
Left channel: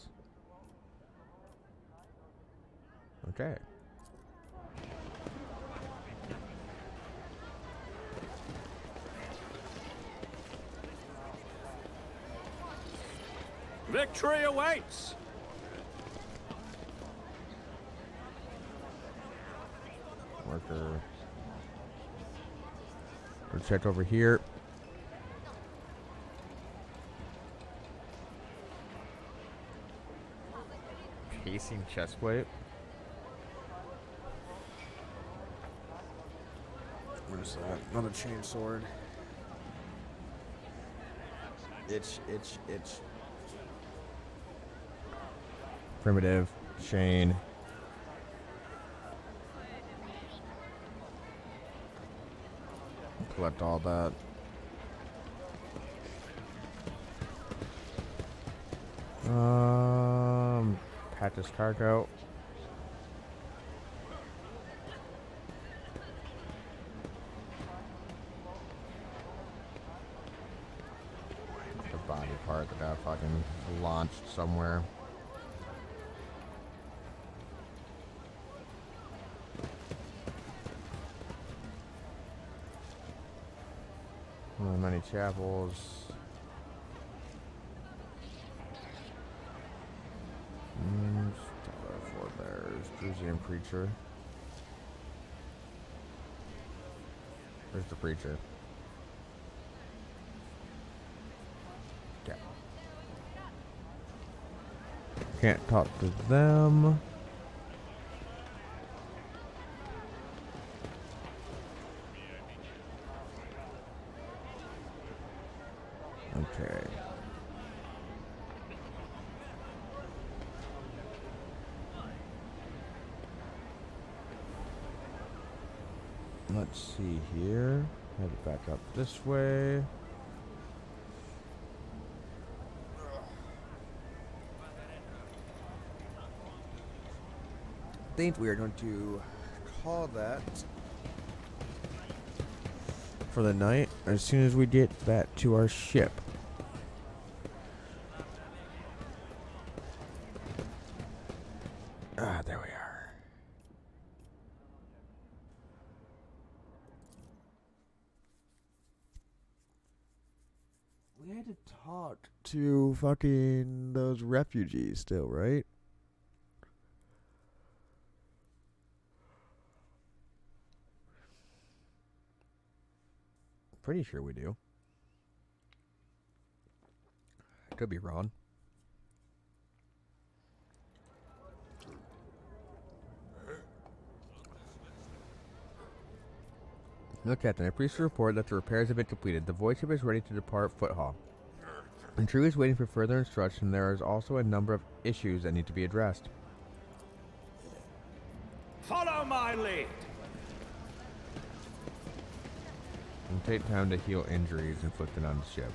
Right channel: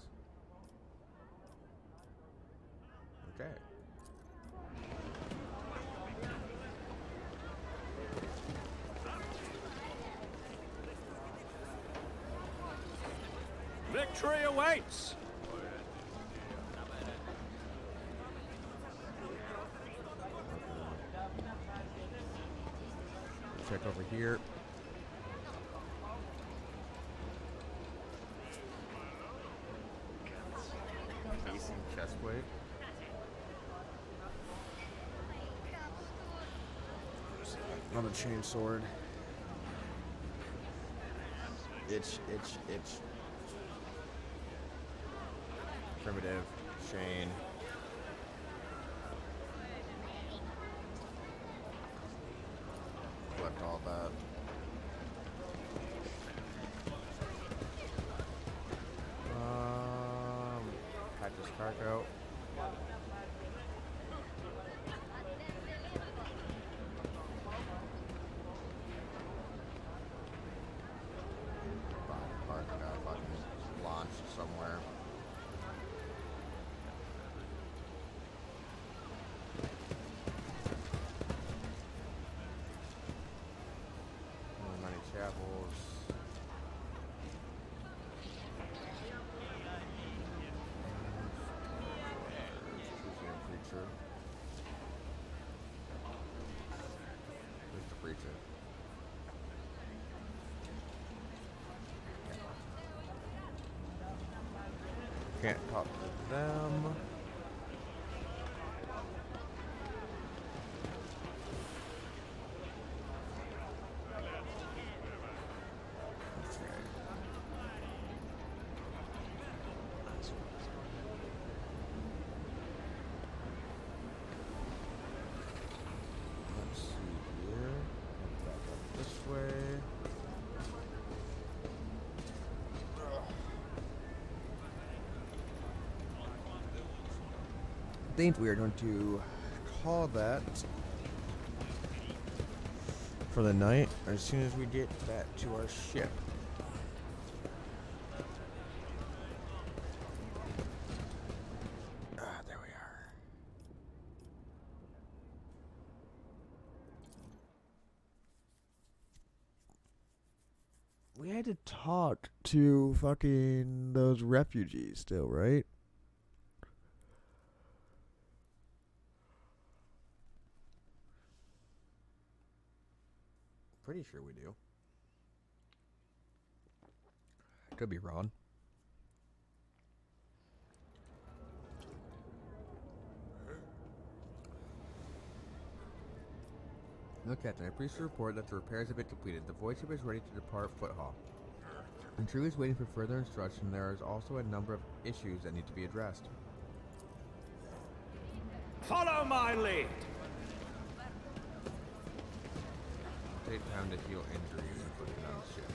Okay. Victory awaits! Marker. We'll check over here. Casing chest plate. What is that? Another chain sword. Itch. Primitive, chain. Collect all that. Patches cargo. The body part that got fucking launched somewhere. Many chapels. Forebears. Drusian preacher. Where's the preacher? Yeah. Can't talk to them. Okay. let's see here. Have it back up this way. I think we are going to call that for the night as soon as we get that to our ship. Ah, there we are. We had to talk to fucking those refugees still, right? Pretty sure we do. I could be wrong. No, Captain. I'm pleased to report that the repairs have been completed. The void ship is ready to depart Foothall. The crew is waiting for further instruction. There is also a number of issues that need to be addressed. Follow my lead. It'll take time to heal injuries inflicted on the ship.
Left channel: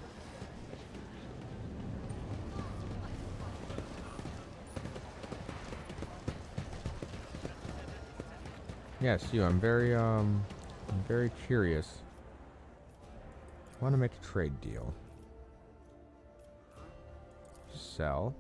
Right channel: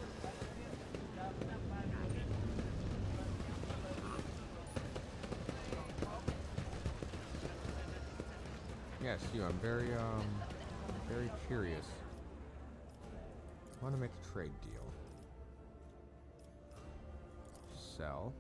Yes, you. I'm very curious. I want to make a trade deal. Sell.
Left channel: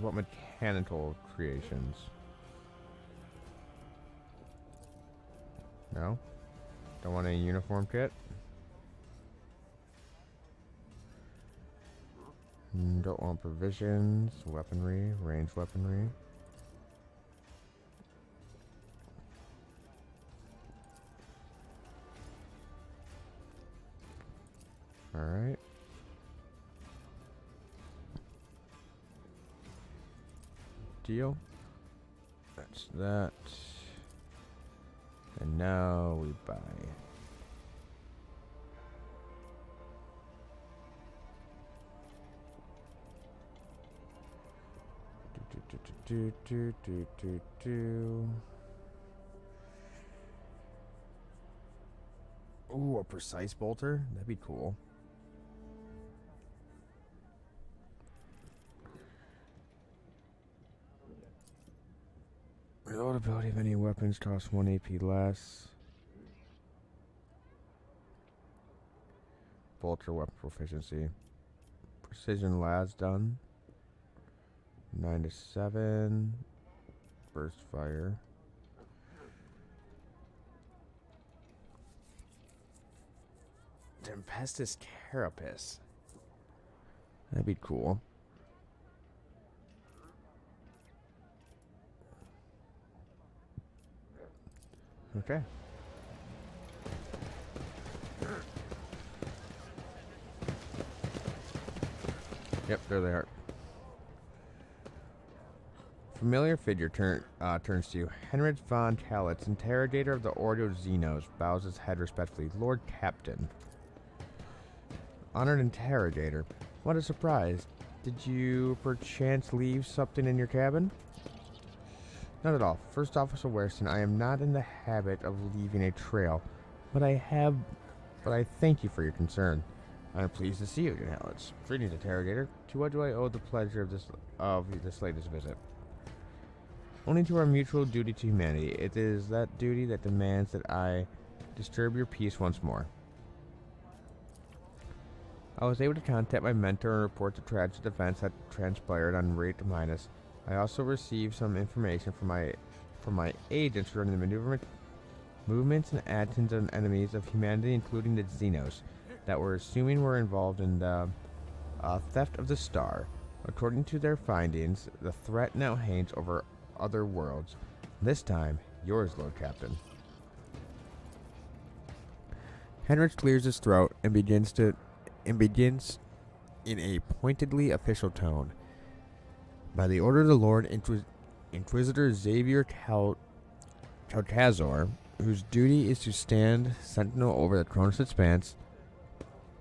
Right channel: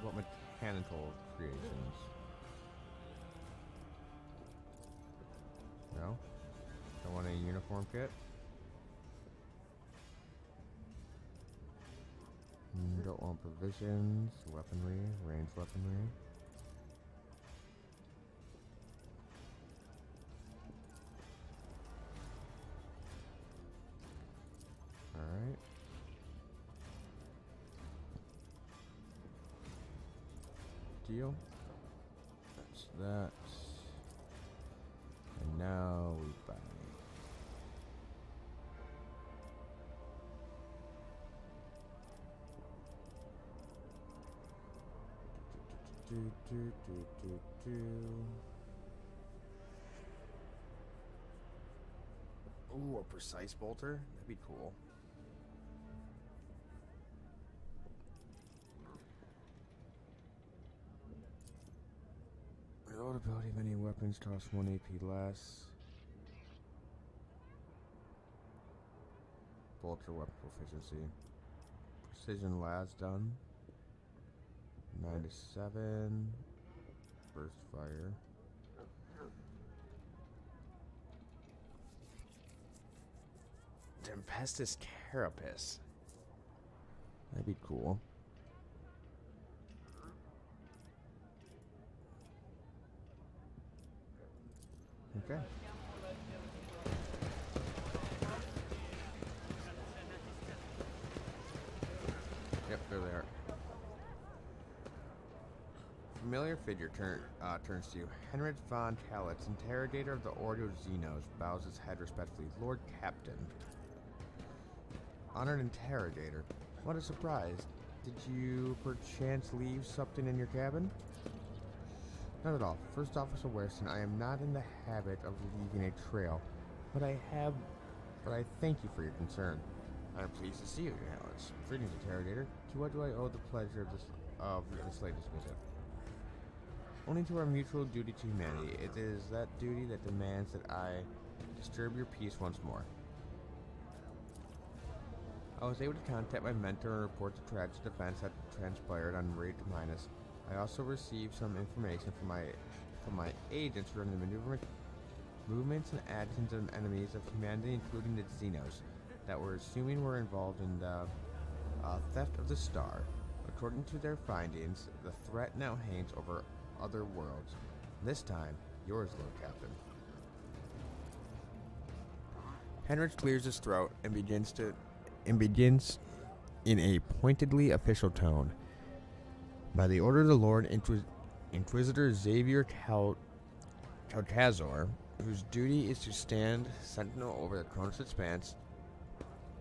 What mechanical creations? No? Don't want any uniform kit? Don't want provisions, weaponry, ranged weaponry. Alright. Deal. That's that. And now we buy. Ooh, a precise bolter? That'd be cool. Reload ability of any weapons costs 1 AP less. Bolter weapon proficiency. Precision las done. 9 to 7. Burst fire. Tempestus Carapace. That'd be cool. Okay. Yep, there they are. Familiar figure turns to you. Henrik von Kalitz, interrogator of the Ordo Xenos, bows his head respectfully. Lord Captain. Honored interrogator. What a surprise. Did you perchance leave something in your cabin? Not at all. First Officer Weston, I am not in the habit of leaving a trail, but I thank you for your concern. I am pleased to see you, Kalitz. Greetings, interrogator. To what do I owe the pleasure of this latest visit? Only to our mutual duty to humanity. It is that duty that demands that I disturb your peace once more. I was able to contact my mentor and report the tragic events that transpired on Rate Minus. I also received some information from my agents regarding the movements and actions of enemies of humanity, including the Xenos, that we're assuming were involved in the theft of the star. According to their findings, the threat now hangs over other worlds. This time, yours, Lord Captain. Henrik clears his throat and begins in a pointedly official tone. By the order of the Lord Inquisitor Xavier Caltazor, whose duty is to stand sentinel over the Cronus Expanse,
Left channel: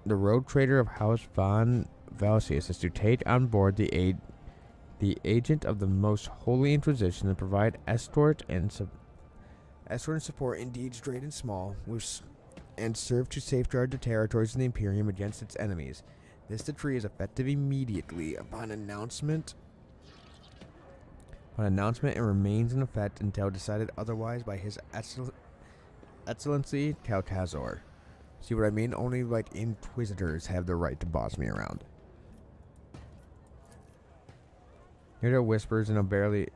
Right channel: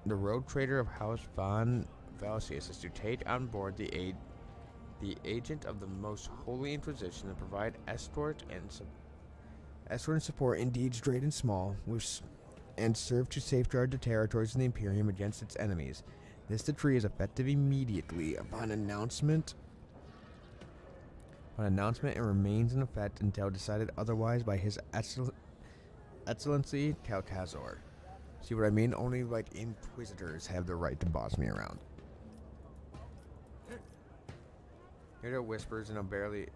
the road trader of House von Valsius is to take on board the agent of the most holy Inquisition and provide escort and support in deeds great and small, and serve to safeguard the territories of the Imperium against its enemies. This decree is effective immediately upon announcement and remains in effect until decided otherwise by His Excellency Calcazor. See what I mean? Only like Inquisitors have the right to boss me around. Here are whispers and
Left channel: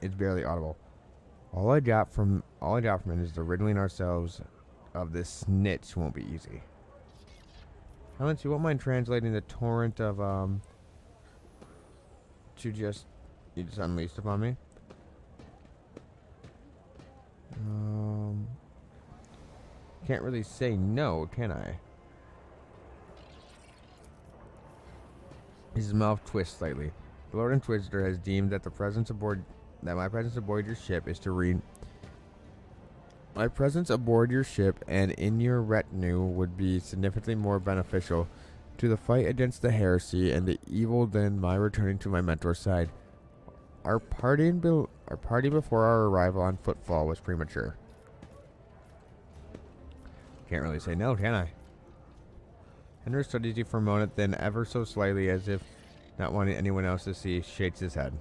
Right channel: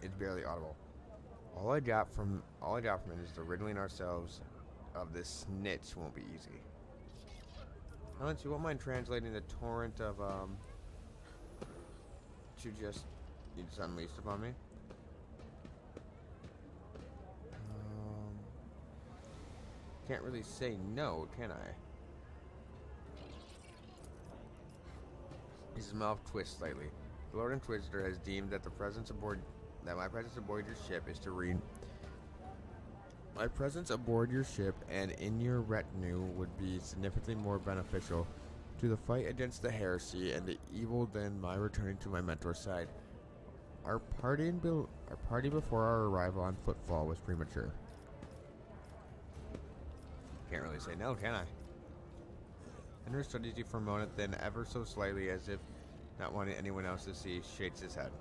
it's barely audible. All I got from it is the riddling ourselves of this snitch won't be easy. Helen, you won't mind translating the torrent of you just unleashed upon me? Can't really say no, can I? His mouth twists slightly. The Lord Inquisitor has deemed that my presence aboard your ship is to read. My presence aboard your ship and in your retinue would be significantly more beneficial to the fight against the heresy and the evil than my returning to my mentor's side. Our party before our arrival on Footfall was premature. Can't really say no, can I? Henry studies you for a moment, then ever so slightly, as if not wanting anyone else to see, shakes his head.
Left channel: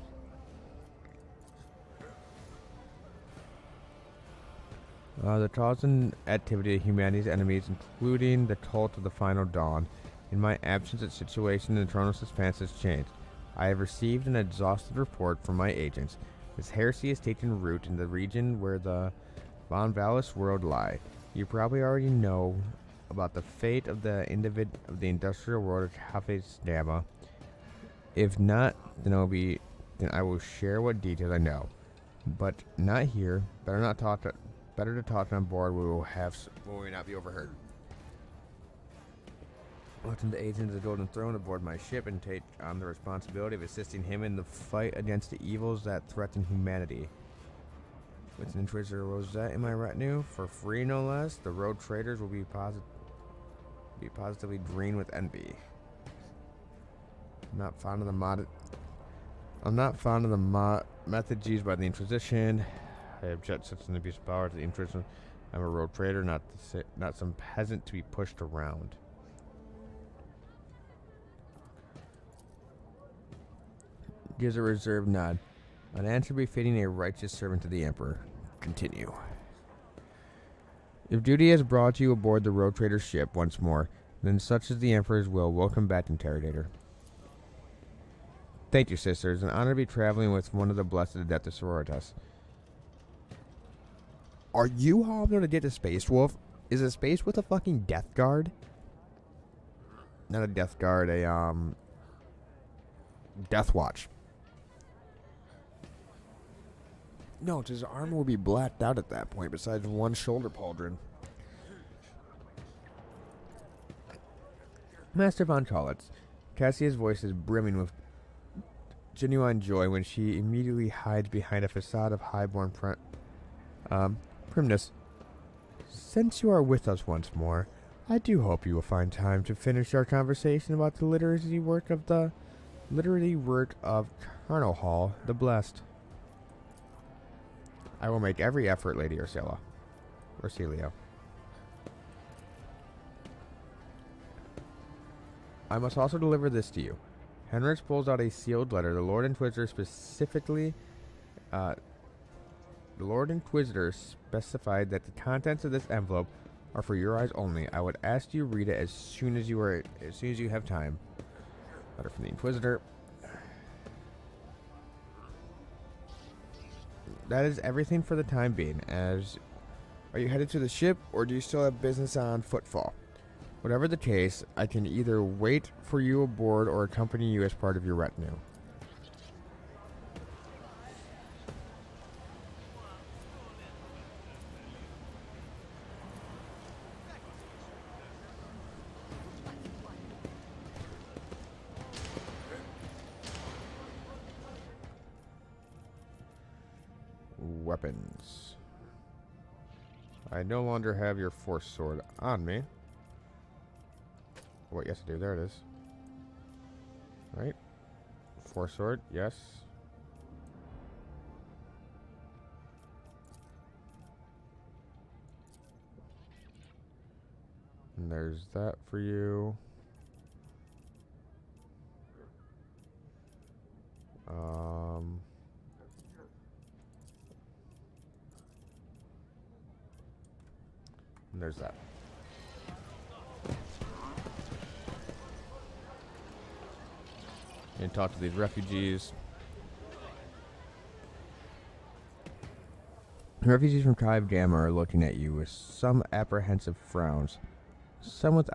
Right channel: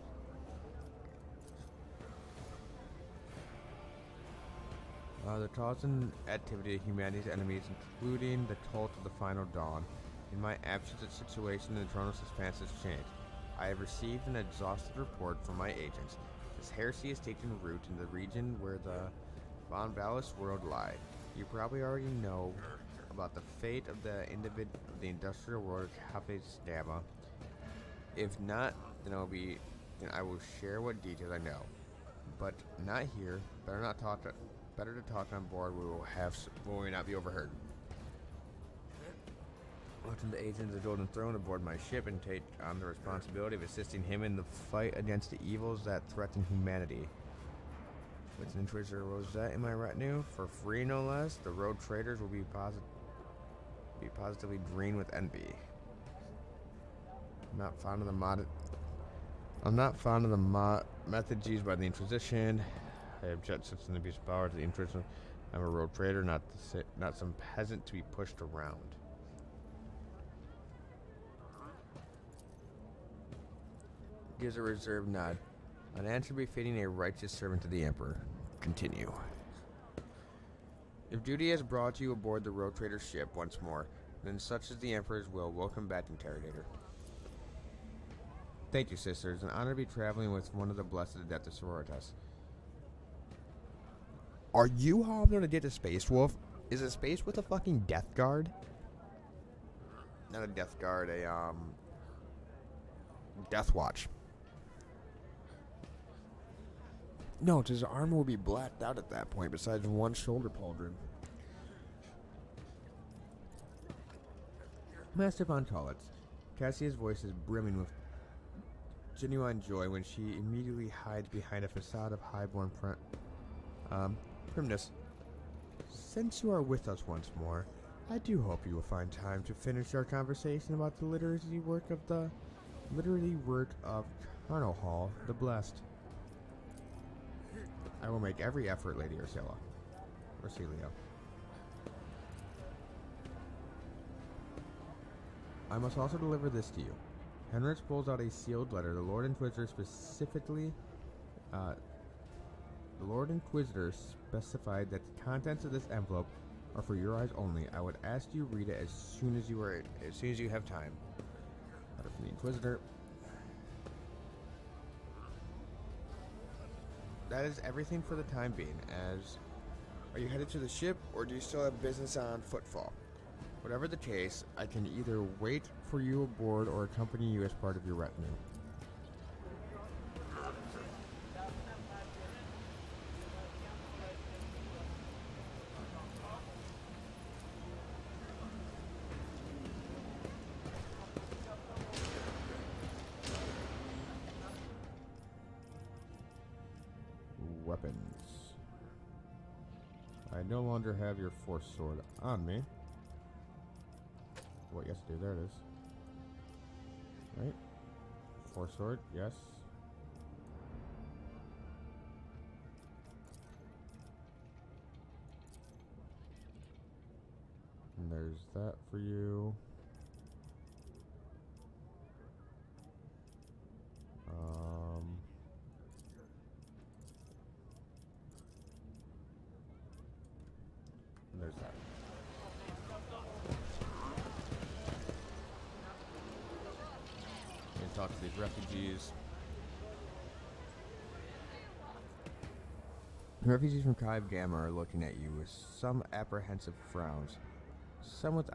The cause and activity of humanity's enemies, including the cult of the Final Dawn. In my absence, the situation in the Throne of Suspense has changed. I have received an exhaustive report from my agents. This heresy has taken root in the region where the Von Valis world lie. You probably already know about the fate of the industrial world of Cafes Dama. If not, then I will share what details I know. But not here. Better to talk on board. We will not be overheard. Watching the agent of the Golden Throne aboard my ship and take on the responsibility of assisting him in the fight against the evils that threaten humanity. With an Inquisitor Rosette in my retinue, for free no less, the road traders will be positively green with envy. I'm not fond of the methods used by the Inquisition. I object such an abuse of power to the Inquisition. I'm a road trader, not some peasant to be pushed around. Gives a reserved nod. An answer befitting a righteous servant of the Emperor. Continue. If duty has brought you aboard the road trader's ship once more, then such is the Emperor's will. Welcome back, Interrogator. Thank you, sisters. An honor to be traveling with one of the blessed Adeptus Sororitas. Are you hobbling to get a Space Wolf? Is a Space Wolf a fucking Death Guard? Not a Death Guard, a Death Watch. No, his armor will be blacked out at that point, besides one shoulder pauldron. Master Von Collitz. Cassia's voice is brimming with genuine joy when she immediately hides behind a facade of highborn primness. Since you are with us once more, I do hope you will find time to finish our conversation about the literary work of Colonel Hall the Blessed. I will make every effort, Lady Ursula. Ursilio. I must also deliver this to you. Henrich pulls out a sealed letter. The Lord Inquisitor specified that the contents of this envelope are for your eyes only. I would ask you to read it as soon as you have time. Letter from the Inquisitor. That is everything for the time being. Are you headed to the ship, or do you still have business on Footfall? Whatever the case, I can either wait for you aboard or accompany you as part of your retinue. Weapons. I no longer have your force sword on me. Wait, yes I do. There it is. Right? Four sword, yes. And there's that for you. And there's that. And talk to these refugees. Refugees from Tribe Gamma are looking at you with some apprehensive frowns, some with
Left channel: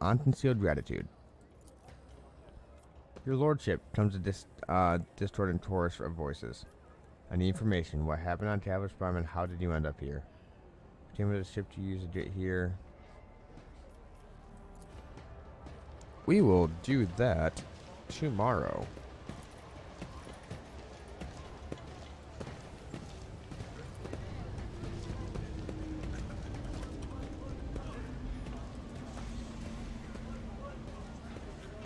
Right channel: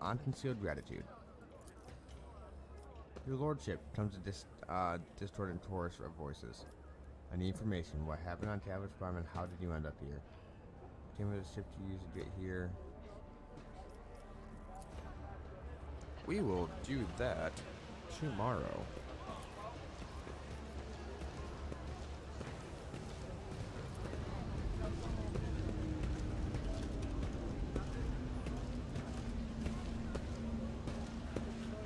unconcealed gratitude. Your lordship, comes a distorted chorus of voices. I need information. What happened on Tavish Prime and how did you end up here? Came with a ship to use to get here. We will do that tomorrow.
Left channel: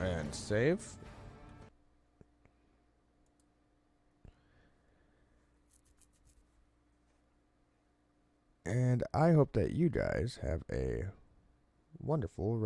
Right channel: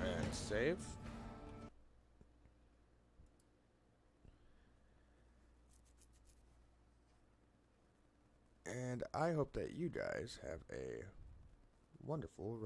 And save. And I hope that you guys have a wonderful rest.